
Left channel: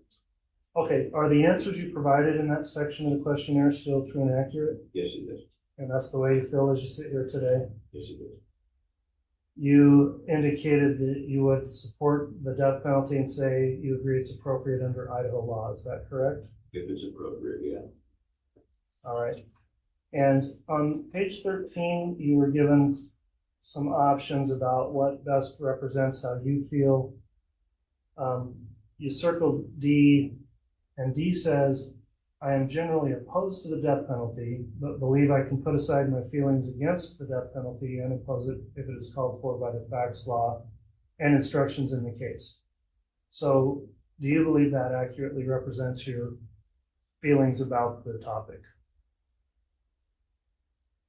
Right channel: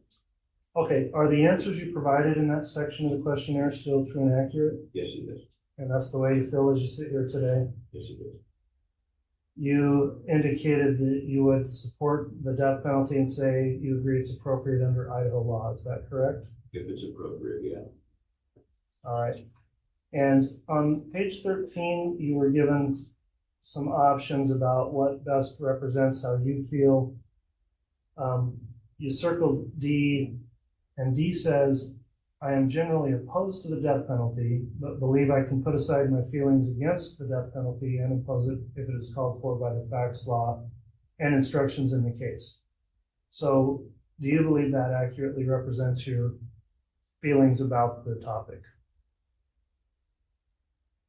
Okay, are the answers you provided in that section of the questionnaire still true and accurate? Yes, it is. And that's the way you feel as you sit here today? Yes, it is. You indicated that you would support the death penalty and say you agree it's appropriate under Idaho law. Is that correct? If it's appropriate, yeah. All right. And on page 13, you were given some options about what best represents how you feel. You circled D, and D says, I am generally opposed to the death penalty, but believe I can put aside my feelings against the death penalty and impose it if it is called for by the facts law and instructions in the case. So do you believe that accurately represents your feelings about the topic?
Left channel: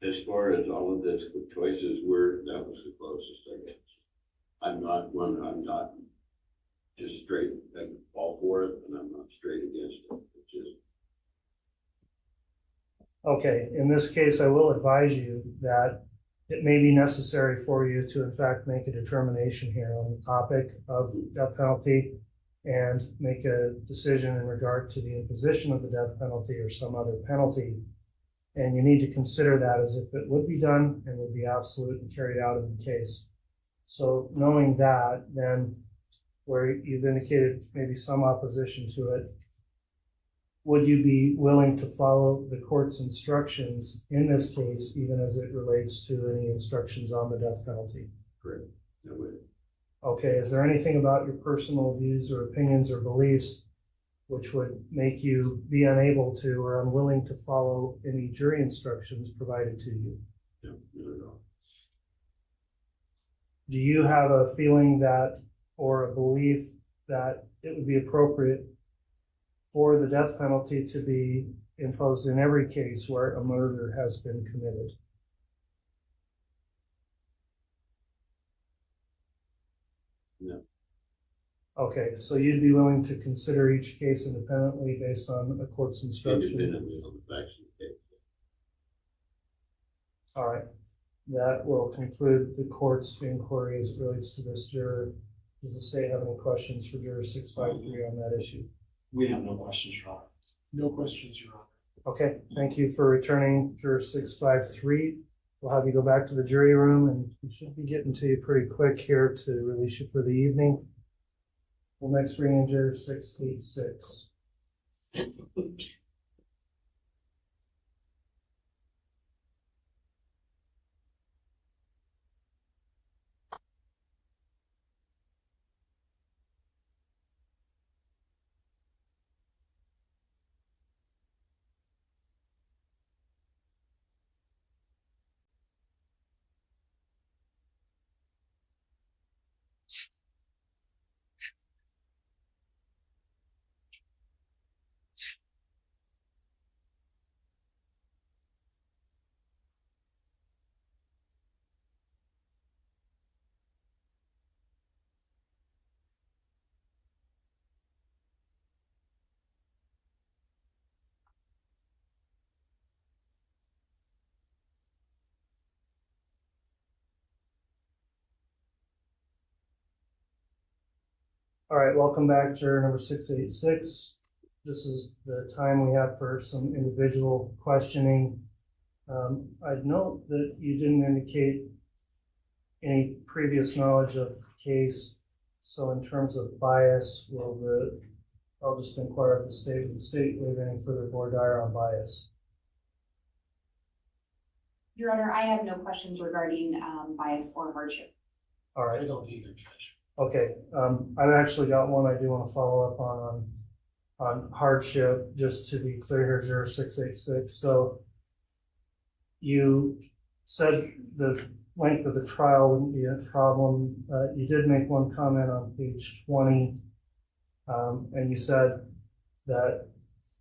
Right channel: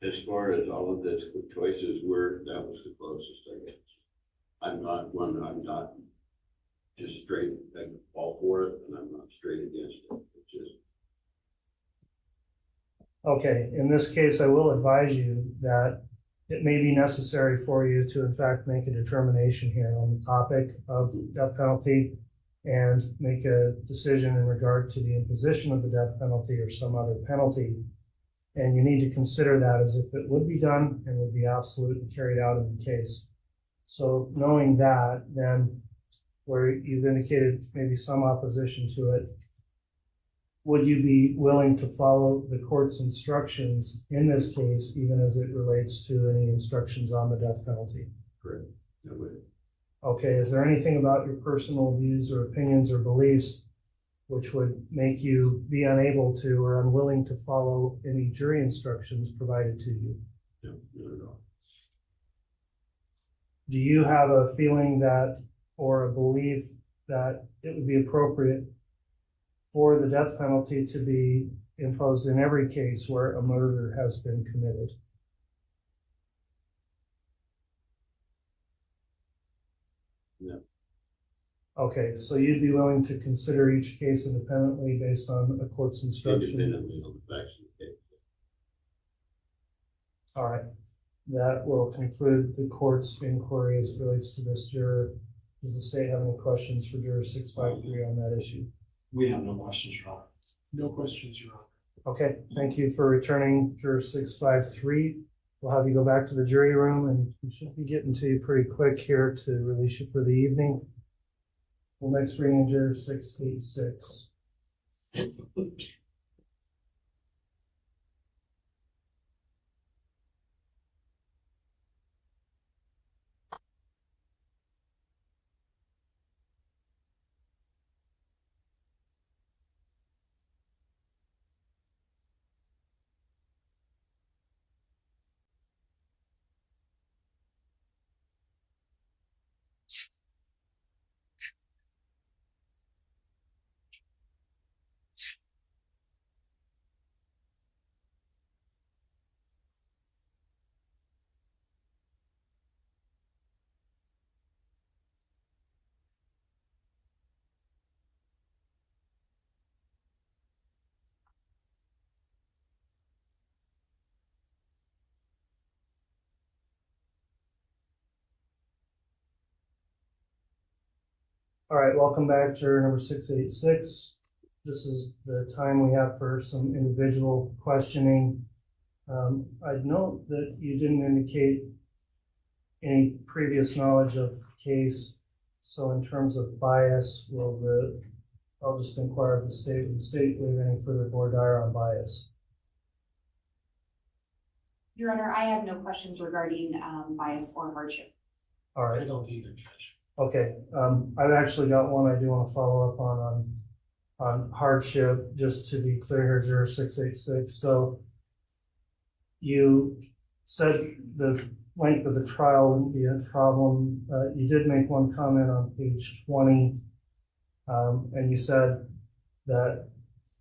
As far as all of the choices were, that was the closest, I guess. I'm not just straight, like, all for it, and I'm not straight against it. It's just. Okay, in this case, I will advise you that it may be necessary for you to, in fact, make a determination here on the topic of death penalty and make a decision in regard to the imposition of the death penalty or some other penalty. And you need to consider that as if it would be done and would be absolute and carried out in the case. So knowing that, then where you've indicated maybe some opposition to it, would you be willing to follow the court's instructions in this case, even as it relates to any instructions on the death penalty? Correct. No way. Okay, is there anything about your personal views or opinions or beliefs which would make you be unable to or unwilling to follow any jury instructions provided to you? No, not at all. Do you have a feeling that, or a belief that it would be appropriate for the death penalty to be imposed in every case where a murder has been committed? No. Okay, so you'd be willing to consider each case independently based on a court's instruction? Independently on the facts of the case. All right, that will conclude the court's inquiry as it relates to this juror. Does the state have any questions for juror 653 on that issue? We have no questions, Your Honor. No questions, Your Honor. Okay, thank you for returning juror 653. We'll have you go back to the jury room, and we should be getting to you pretty quick here to release you for the evening. We'll next bring in juror 686. All right, welcome back, juror number 686. This is the time we have for some individual questioning. I'd note that you didn't indicate any previous knowledge of the case. So in terms of bias, I'll just inquire of the state. Will the state waive any further voir dire on bias? Your Honor, I have no questions regarding bias or hardship. All right. I don't either, Judge. Okay, I've actually got one I do want to follow up on hardship, just to be clear here, juror 686. So you said the length of the trial wouldn't be a problem. You did make one comment on page 20, and you said that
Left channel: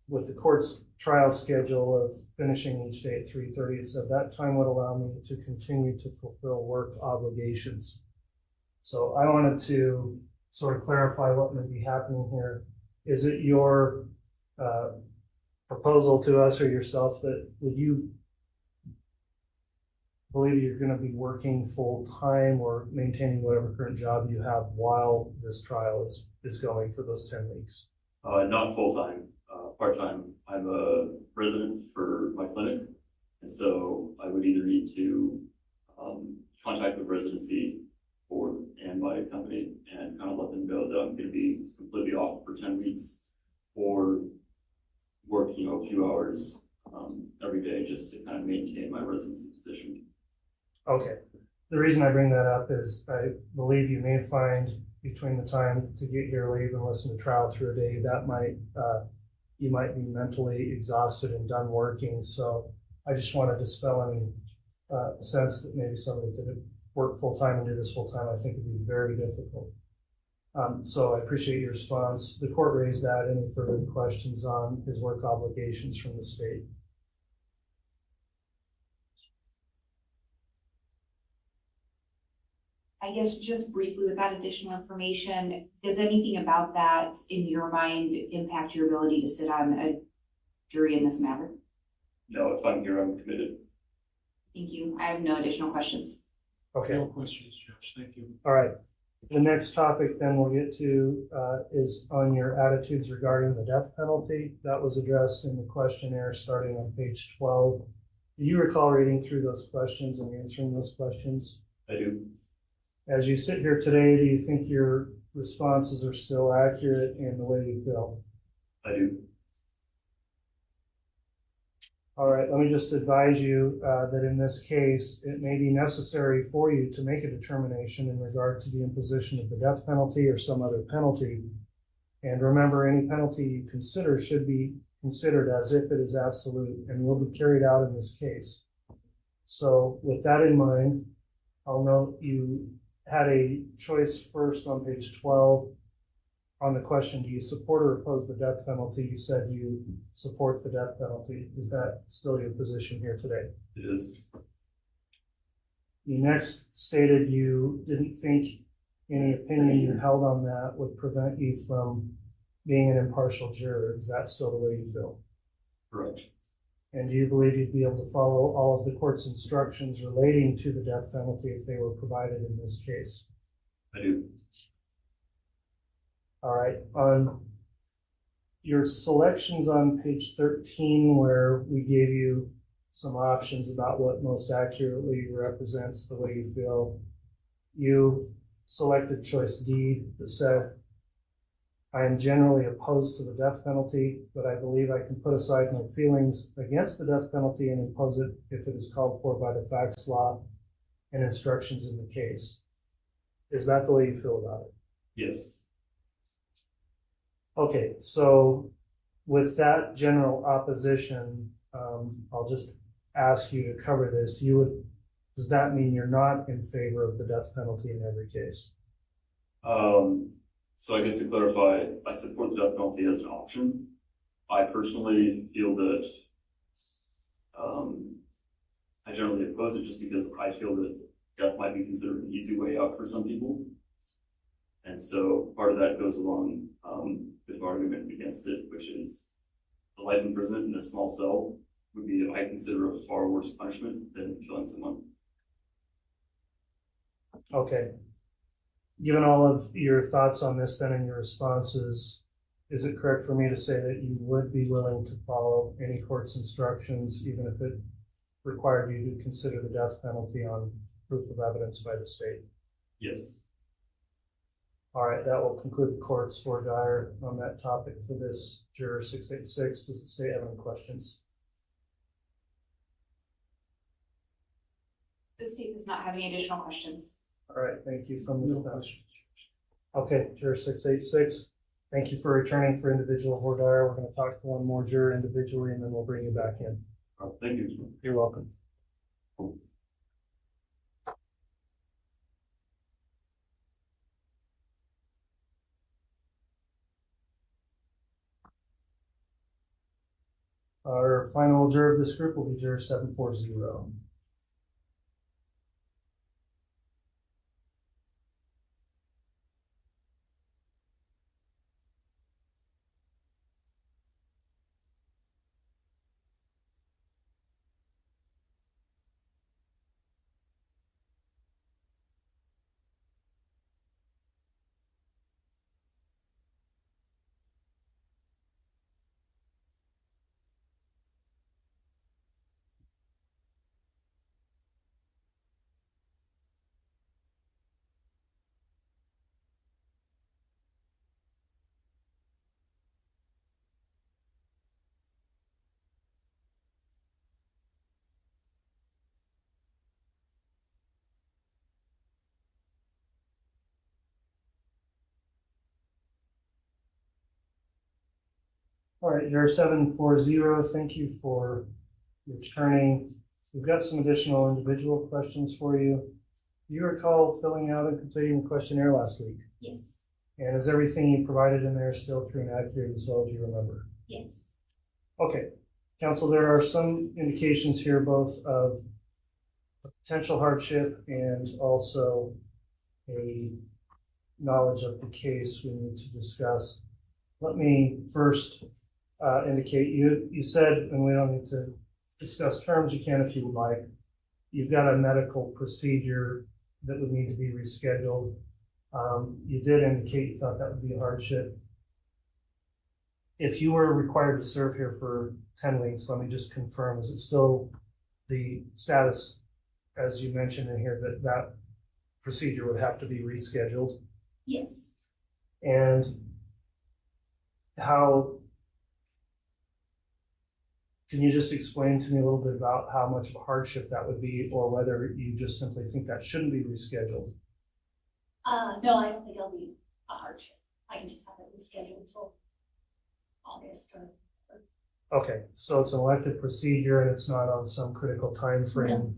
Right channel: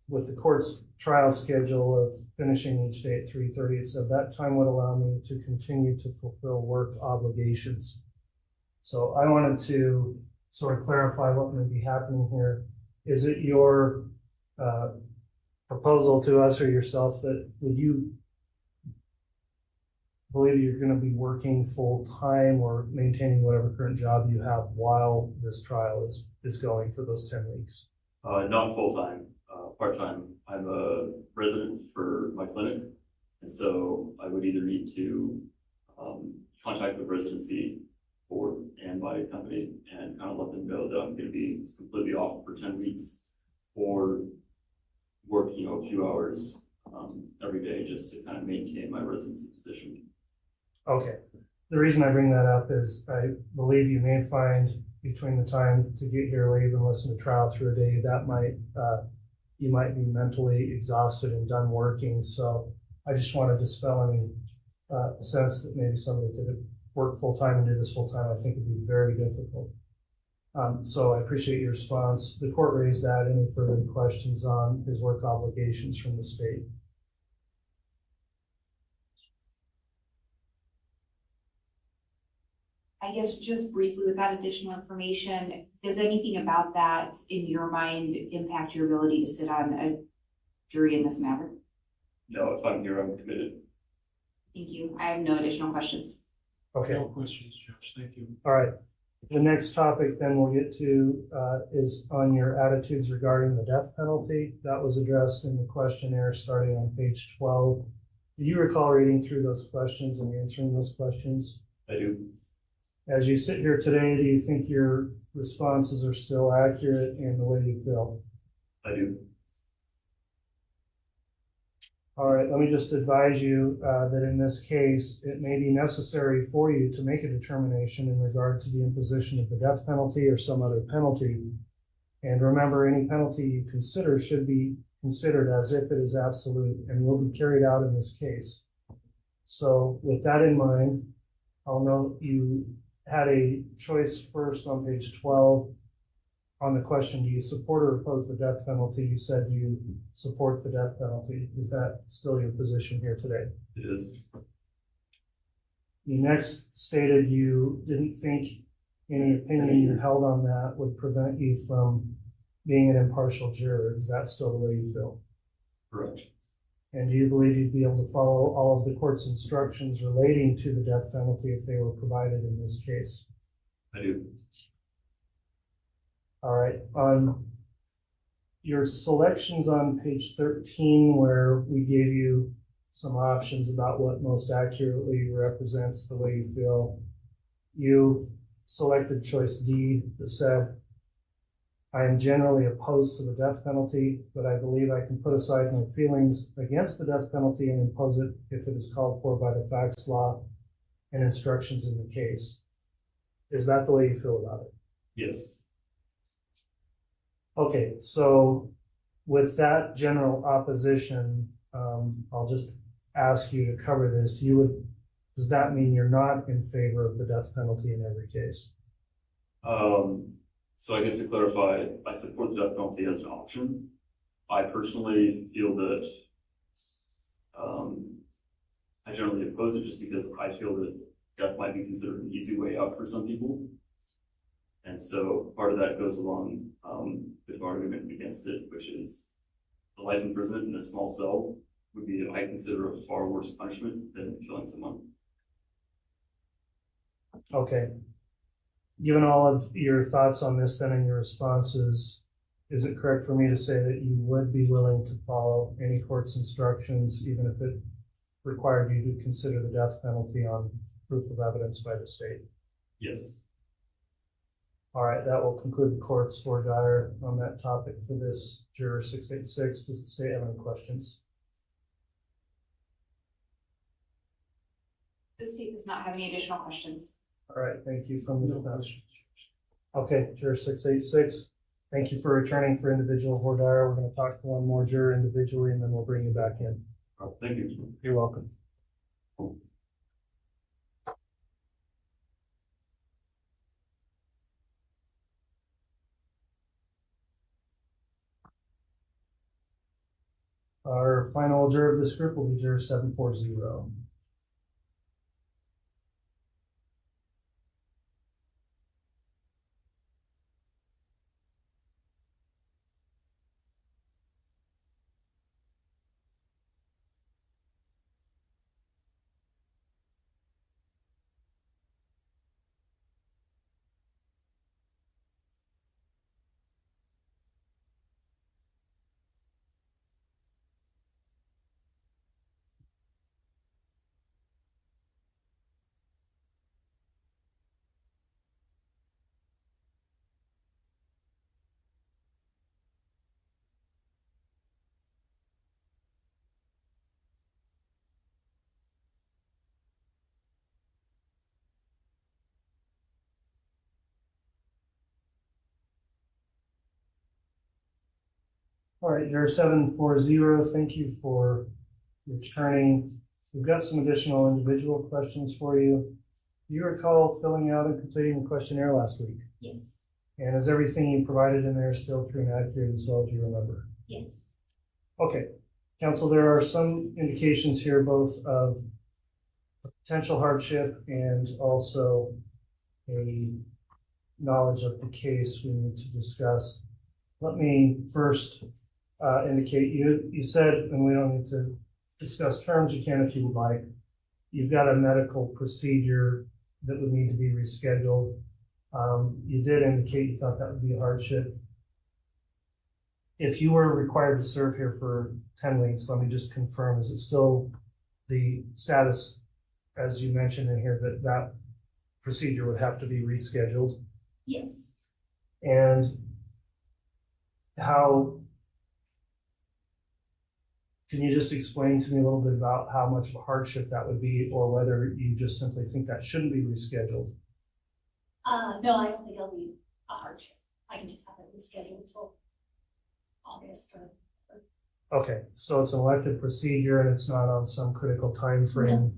with the court's trial schedule of finishing each day at 3:30, it said that time would allow me to continue to fulfill work obligations. So I wanted to sort of clarify what may be happening here. Is it your proposal to us or yourself that would you believe you're going to be working full time or maintaining whatever current job you have while this trial is going for those 10 weeks? Not full time, part time. I'm a resident for my clinic, and so I would either need to contact the residency board and my company and kind of let them know that I'm going to be completely off for 10 weeks, or work, a few hours every day just to kind of maintain my residency position. Okay. The reason I bring that up is I believe you may find between the time to get here or even listen to trial through a day that you might be mentally exhausted and done working. So I just want to dispel any sense that maybe somebody could work full time and do this full time. I think it'd be very difficult. So I appreciate your response. The court raised that. Any further questions on his work obligations from the state? I guess just briefly with that additional information, does anything about that in your mind impact your ability to sit on a jury in this matter? No, if I'm here, I'm committed. Thank you. I have no additional questions. Okay. No questions, Judge. Thank you. All right. The next topic then we'll get to is on your attitudes regarding the death penalty. That was addressed in the questionnaire starting on page 12. Do you recall reading through those questions and answering those questions? I do. As you sit here today, do you think your responses are still accurate in the way you feel? I do. All right, let me just advise you that in this case, it may be necessary for you to make a determination in regard to the imposition of the death penalty or some other penalty. And remember, any penalty you consider should be considered as if it is absolute and will be carried out in this case. So with that in mind, I'll note you had a choice first on page 12 on the question, do you support or oppose the death penalty? You said you support the death penalty. Is that still your position here today? It is. You next stated you didn't think any opinion you held on that would prevent you from being an impartial juror. Is that still the way you feel? Correct. And do you believe you'd be able to follow all of the court's instructions relating to the death penalty if they were provided in this case? I do. All right. On your selections on page 13, where we gave you some options about what most accurately represents the way you feel, you selected choice D that said, I am generally opposed to the death penalty, but I believe I can put aside my feelings against the death penalty and impose it if it is called for by the facts, law, and instructions in the case. Is that the way you feel about it? Yes. Okay, so with that general opposition, I'll just ask you to cover this. Does that mean you're not in favor of the death penalty in every case? So I guess to clarify, I support the death penalty as an option. I personally feel that I generally oppose it just because I feel that death might be considered an easy way out for some people. And so part of that goes along with my argument against it, which is the life imprisonment in a small cell would be, I consider, a far worse punishment than killing someone. Okay. given all of your thoughts on this then and your responses, is it correct for me to say that you would be willing to follow any court's instructions, even if it required you to consider the death penalty on proof of evidence by the state? Yes. All right, that will conclude the court's voir dire on that topic for this juror 686. Does the state have any questions? The state does not have any additional questions. All right, thank you from the defense. Okay, juror 686, thank you for returning for individual voir dire. We're going to talk to one more juror individually, and then we'll bring you back in. Oh, thank you. You're welcome. Our final juror of this group will be juror 740. All right, juror 740, thank you for returning. We've got some additional individual questions for you. Do you recall filling out and completing the questionnaire last week? Yes. And is everything you provided in there still true and accurate as well as you remember? Yes. Okay, counsel, there are some indications here both of potential hardship and also a knowledge of the case we need to discuss. Let me first indicate you said, and we don't need to discuss terms, you can if you would like. You've got a medical procedure that would need to be rescheduled. You did indicate you thought that would be a hardship. If you were required to serve here for 10 weeks, let me just confirm, is it still the status, as you mentioned in here, that that procedure would have to be rescheduled? Yes. And how, can you just explain to me a little bit about how much of a hardship that would be, or whether you just simply think that shouldn't be rescheduled? No, I don't think it'll be a hardship. I can just have it rescheduled until August or. Okay, so it's an elective procedure and it's not on some critical time frame.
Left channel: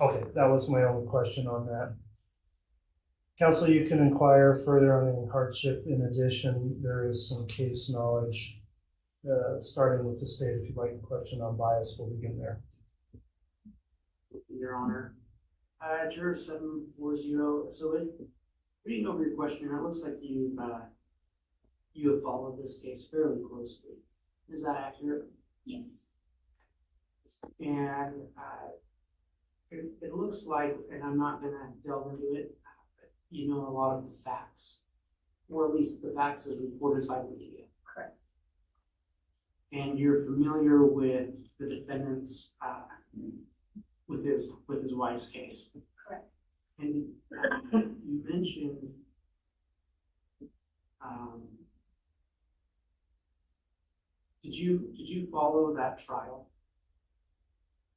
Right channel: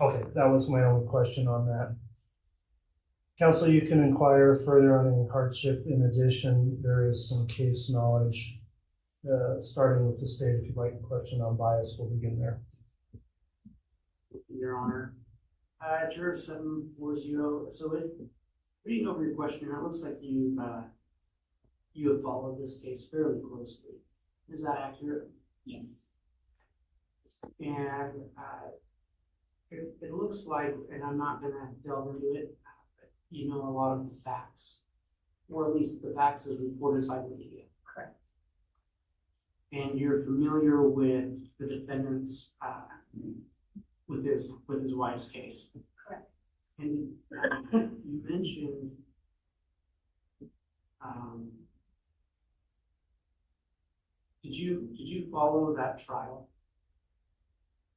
No. Okay, that was my only question on that. Counsel, you can inquire further on any hardship. In addition, there is some case knowledge, starting with the state. If you'd like a question on bias, we'll begin there. Your Honor, juror 740. So, reading over your questionnaire, it looks like you have followed this case fairly closely. Is that accurate? Yes. And it looks like, and I'm not going to delve into it, but you know a lot of the facts, or at least the facts as reported by the media. Correct. And you're familiar with the defendant's, with his wife's case. Correct. And you mentioned did you follow that trial?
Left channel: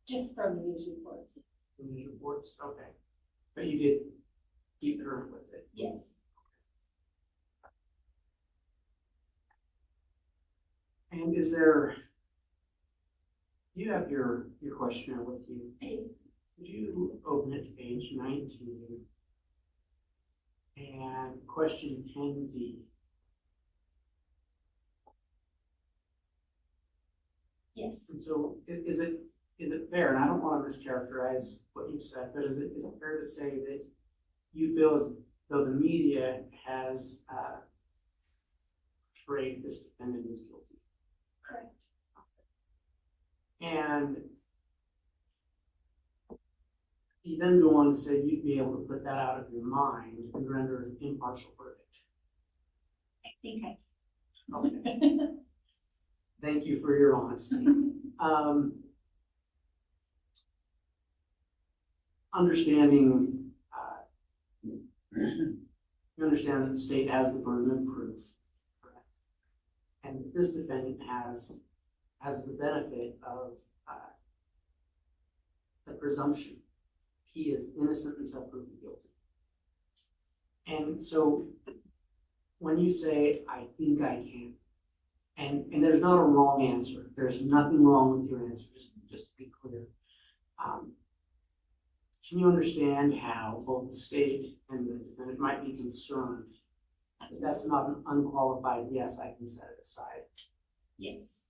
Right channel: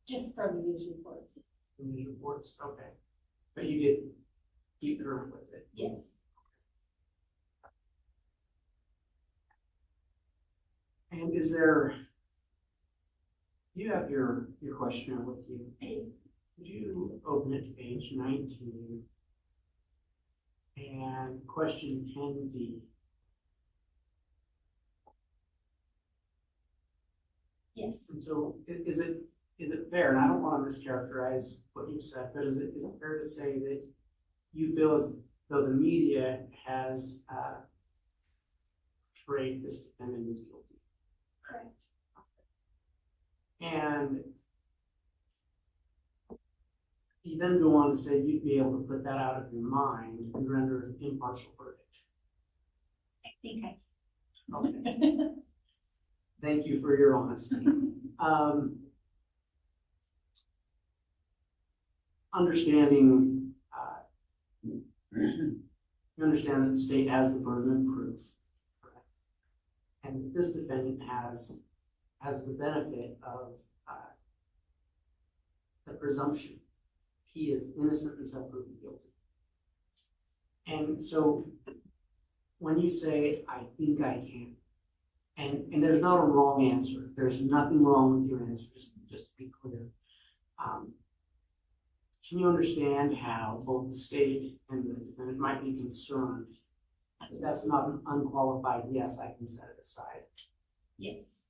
Just from the news reports. The news reports, okay. But you did keep current with it? Yes. And is there, you have your questionnaire with you? I do. Would you open it to page 19 and question 10D? Yes. And so is it fair, and I don't want to mischaracterize what you said, but is it fair to say that you feel as though the media has portrayed this defendant as guilty? Correct. And You then go on to say you'd be able to put that out of your mind and render an impartial verdict. I think I. Okay. Thank you for your honesty. Understanding, you understand that the state has the burden of proof, correct? And this defendant has the benefit of the presumption he is innocent until proven guilty. And so when you say, I think I can, and there's not a wrong answer. There's nothing wrong with your answer, just to be clear. Can you understand how both the state and the defendant might be concerned if that's not an unqualified yes, I can set it aside? Yes.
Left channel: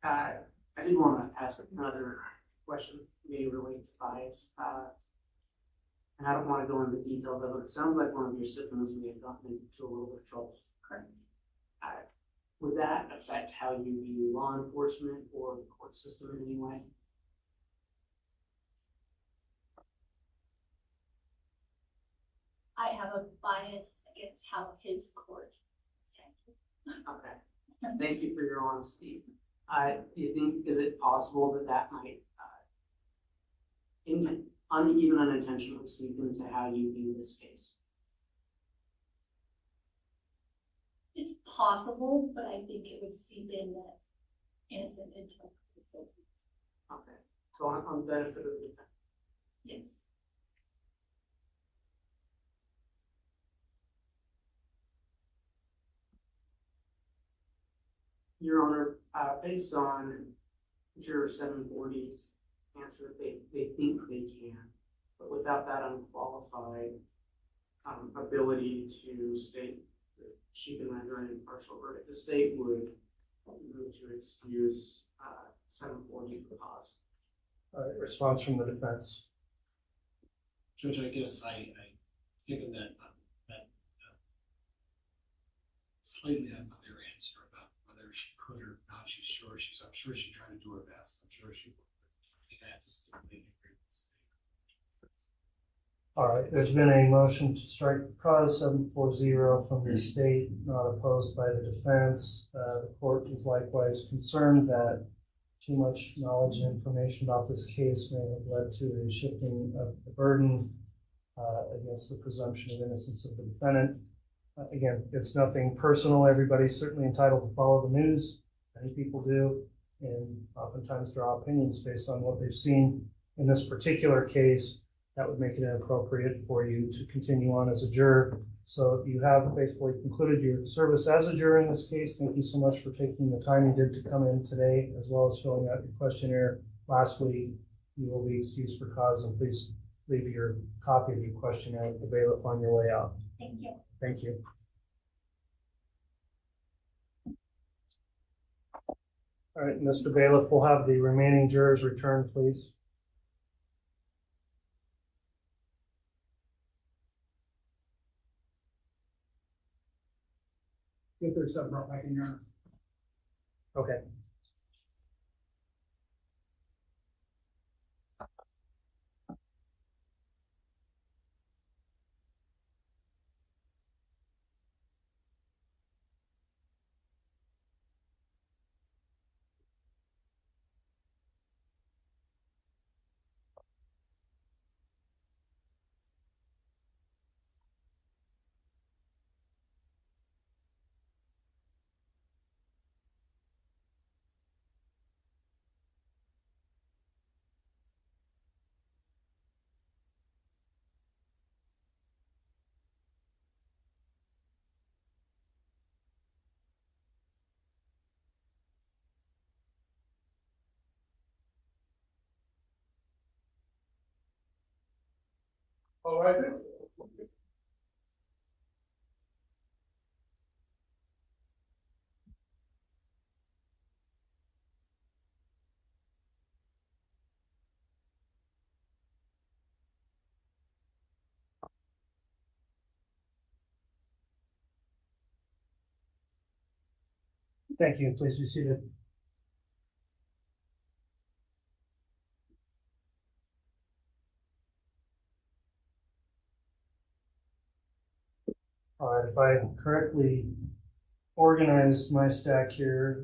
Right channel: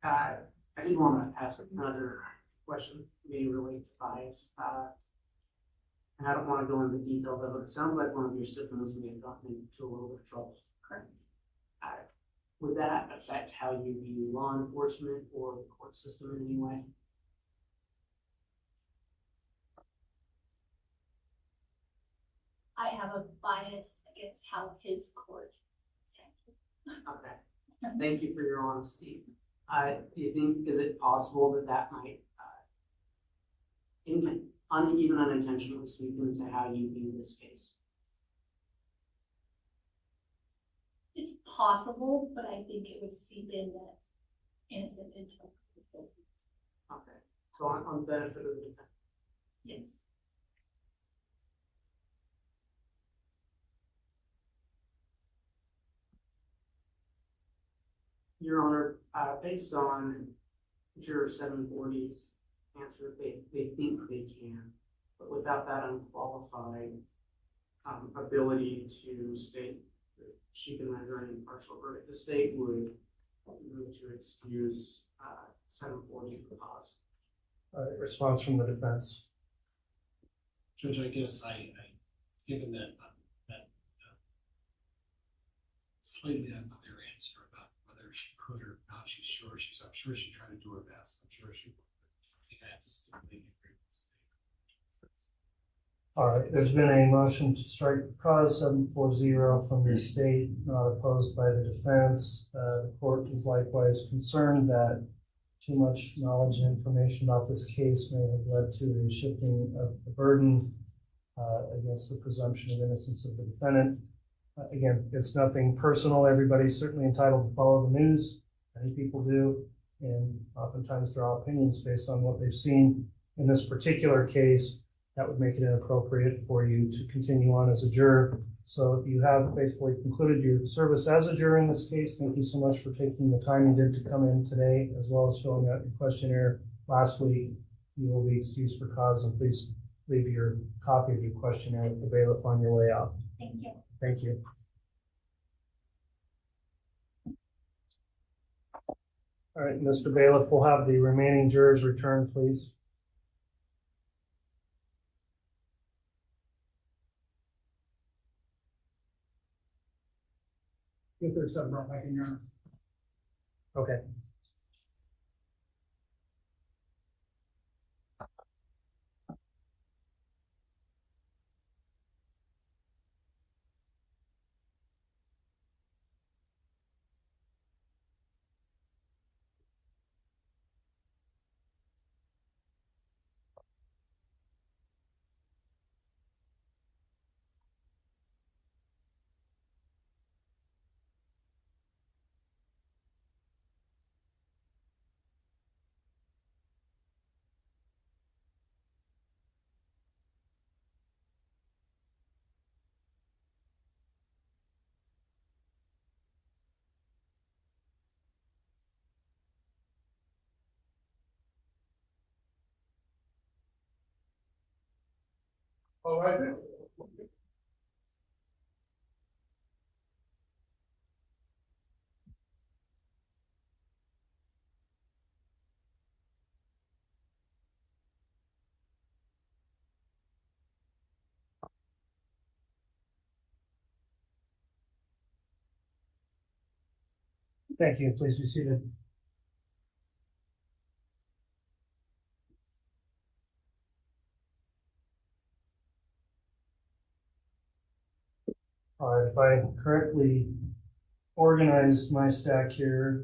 I did want to ask another question, maybe related to bias. And I don't want to go into the details of it. It sounds like one of your siblings may have gotten into a little bit of trouble. Correct. Would that affect how you view law enforcement or the court system in any way? I have a bias against how his court is handled. Okay. Thank you for your honesty. Do you think, is it possible that might even unintentionally seep into how you view this case? It's possible, but I think it would seep in that innocent until guilty. Okay. So on the benefit of the defendant. Yes. Your Honor, based on Juror 740's answer, they think they can, but without that unqualified ability to state that she can render an impartial verdict, the state would move to excuse 740 for cause. Response from the defense. Judge, I guess given that slightly unclear answer about whether she could or not, I'm sure she tried to do her best. I'm sure she would. I think I have to completely agree with this thing. All right, there's been a motion to strike the cause 740 from the state, not opposed by the defense. The court is likewise concerned that too much knowledge and information about this case may have led to a shifting of the burden against the presumption of innocence of the defendant. Again, it's nothing personal. Everybody's certainly entitled to follow the news. Many people do, and oftentimes draw opinions based on what they've seen. In this particular case, that would make it inappropriate for you to continue on as a juror. So you have faithfully concluded your service as a juror in this case. Thank you so much for taking the time you did to come in today, as well as filling out your questionnaire last week. You will be excused for cause, and please leave your copy of your questionnaire with the bailiff on your way out. Thank you. Thank you. All right, Mr. Bailiff, we'll have the remaining jurors return, please. If there's something wrong, I can hear. Okay. All right then. Thank you. Please be seated. All right, if I correctly organized my stack here,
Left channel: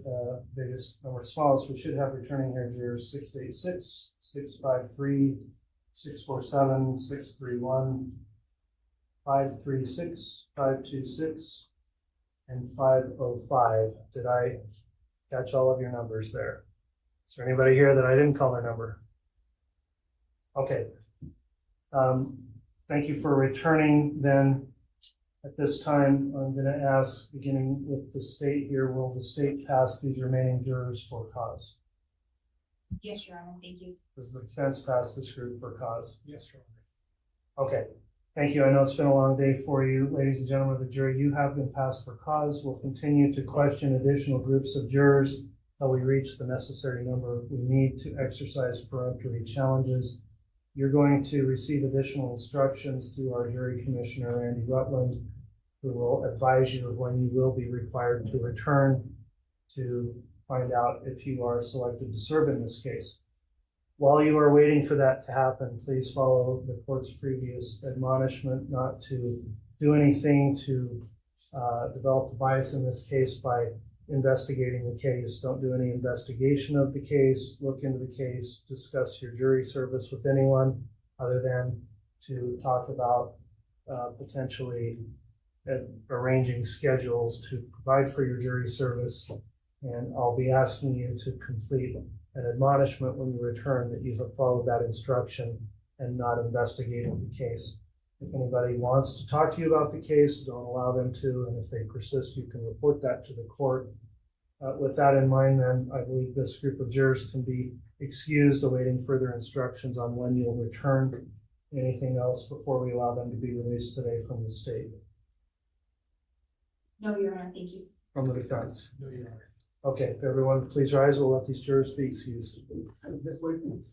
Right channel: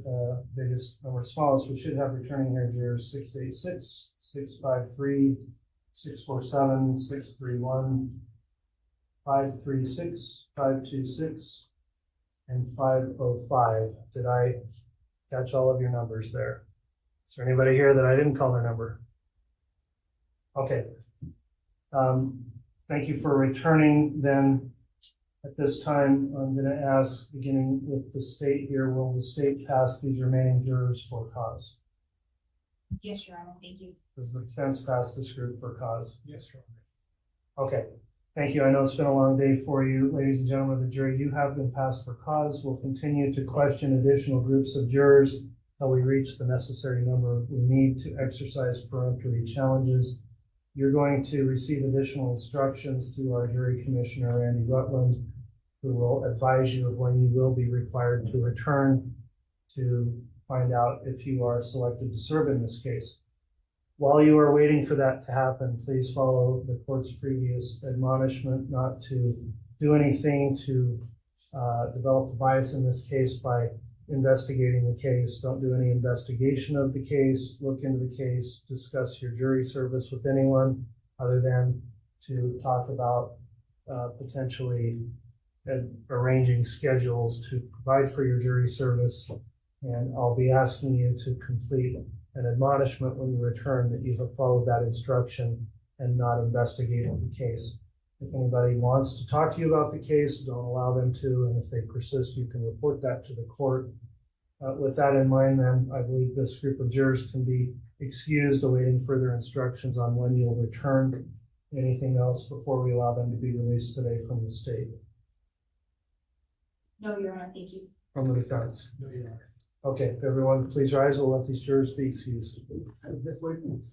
biggest number smallest, we should have returning here jurors 686, 653, 647, 631, 536, 526, and 505. Did I catch all of your numbers there? Is there anybody here that I didn't call their number? Okay. Thank you for returning then. At this time, I'm going to ask, beginning with the state here, will the state pass these remaining jurors for cause? Yes, Your Honor, thank you. Does the defense pass this group for cause? Yes, Your Honor. Okay, thank you. I know it's been a long day for you. Ladies and gentlemen of the jury, you have been passed for cause. We'll continue to question additional groups of jurors until we reach the necessary number we need to exercise peremptory challenges. You're going to receive additional instructions through our jury commissioner, Randy Rutland, who will advise you of when you will be required to return to find out if you are selected to serve in this case. While you are waiting for that to happen, please follow the court's previous admonishment not to do anything to develop a bias in this case by investigating the case. Don't do any investigation of the case, look into the case, discuss your jury service with anyone other than to talk about potentially arranging schedules to provide for your jury service. And I'll be asking you to complete an admonishment when you return that you have followed that instruction and not investigating the case. If anybody wants to talk to you about the case, don't allow them to, and if they persist, you can report that to the court. With that in mind, then, I believe this group of jurors can be excused, awaiting further instructions on when you'll return. Anything else before we allow them to be released today from the state? No, Your Honor, thank you. From the defense? No, Your Honor. Okay, if everyone please rise, we'll let these jurors be excused. This way, please.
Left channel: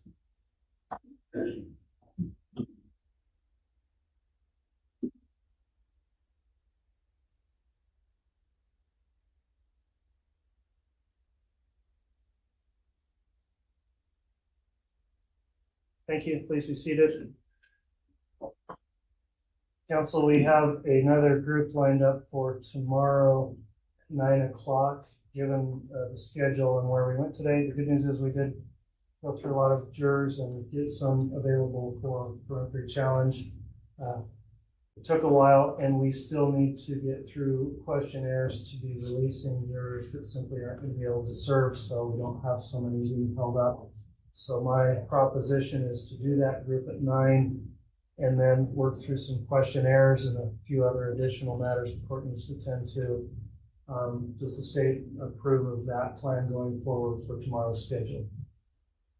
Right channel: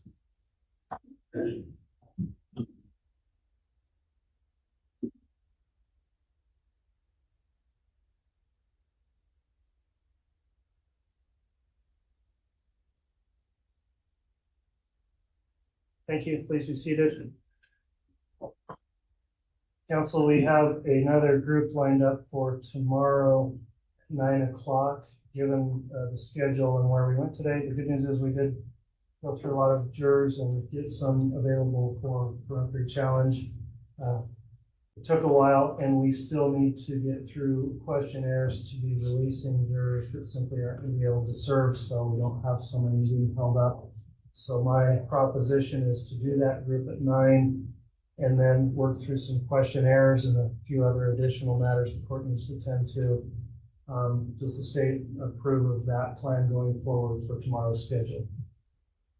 Thank you. Please be seated. Council, we have another group lined up for tomorrow, 9 o'clock. Given the schedule and where we went today, the good news is we did go through a lot of jurors and get some available for peremptory challenge. It took a while, and we still need to get through questionnaires to be releasing jurors that simply aren't going to be able to serve, so we don't have so many being held up. So my proposition is to do that group at 9 and then work through some questionnaires and a few other additional matters the court needs to attend to. Does the state approve of that plan going forward for tomorrow's schedule?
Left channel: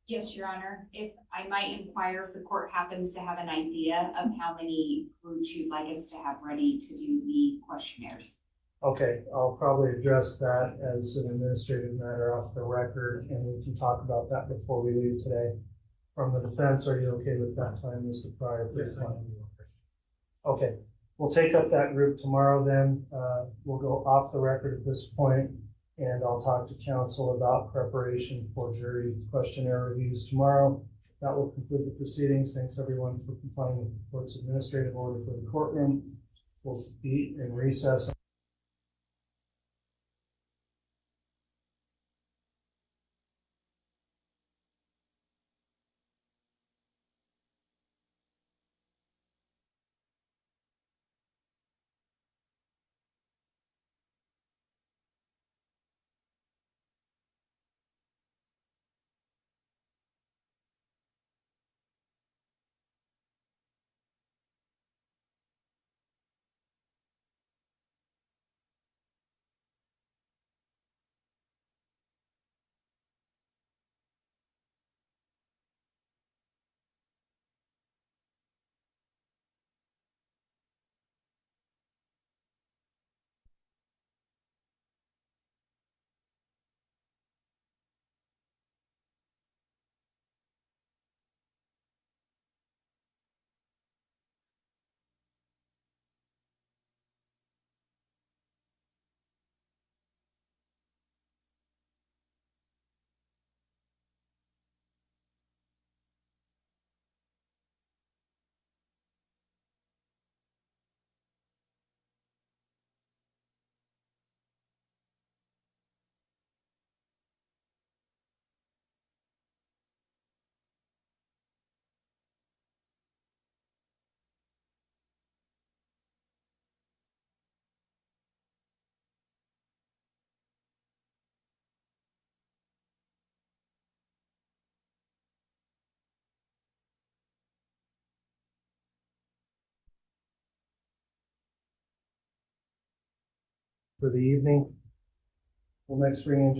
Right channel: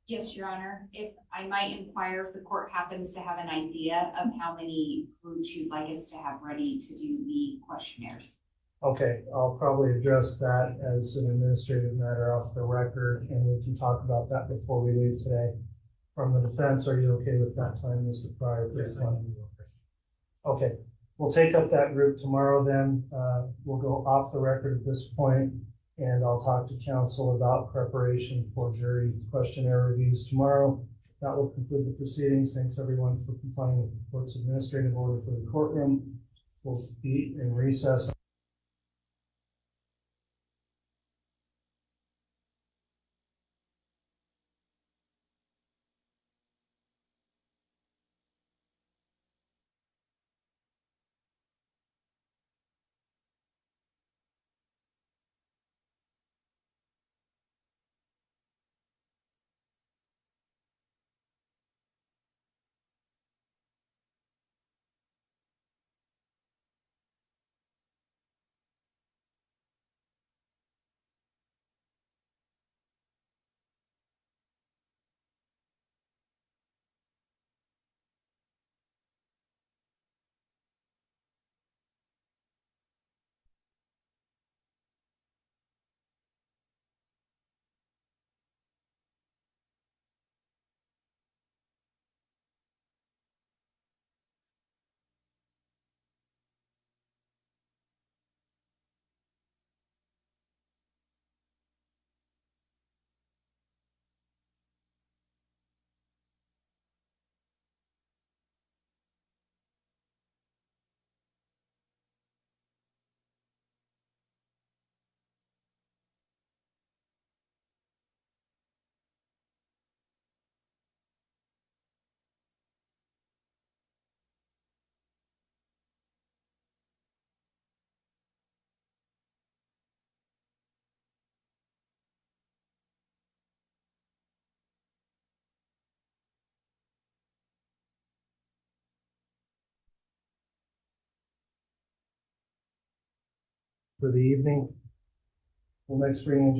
Yes, Your Honor. If I might inquire if the court happens to have an idea of how many groups you'd like us to have ready to do the questionnaires. Okay, I'll probably address that as an administrative matter off the record, and we can talk about that before we leave today. From the defense, are you okay with that time, Mr. Pryor? Yes, I am. Okay, we'll take up that group tomorrow then. We'll go off the record at this point, and I'll talk to counsel about preparation for jury questionnaire reviews tomorrow. That will conclude the proceedings. Thanks everyone for complying with the court's administrative order for the courtroom. We'll be in recess. for the evening. We'll next bring in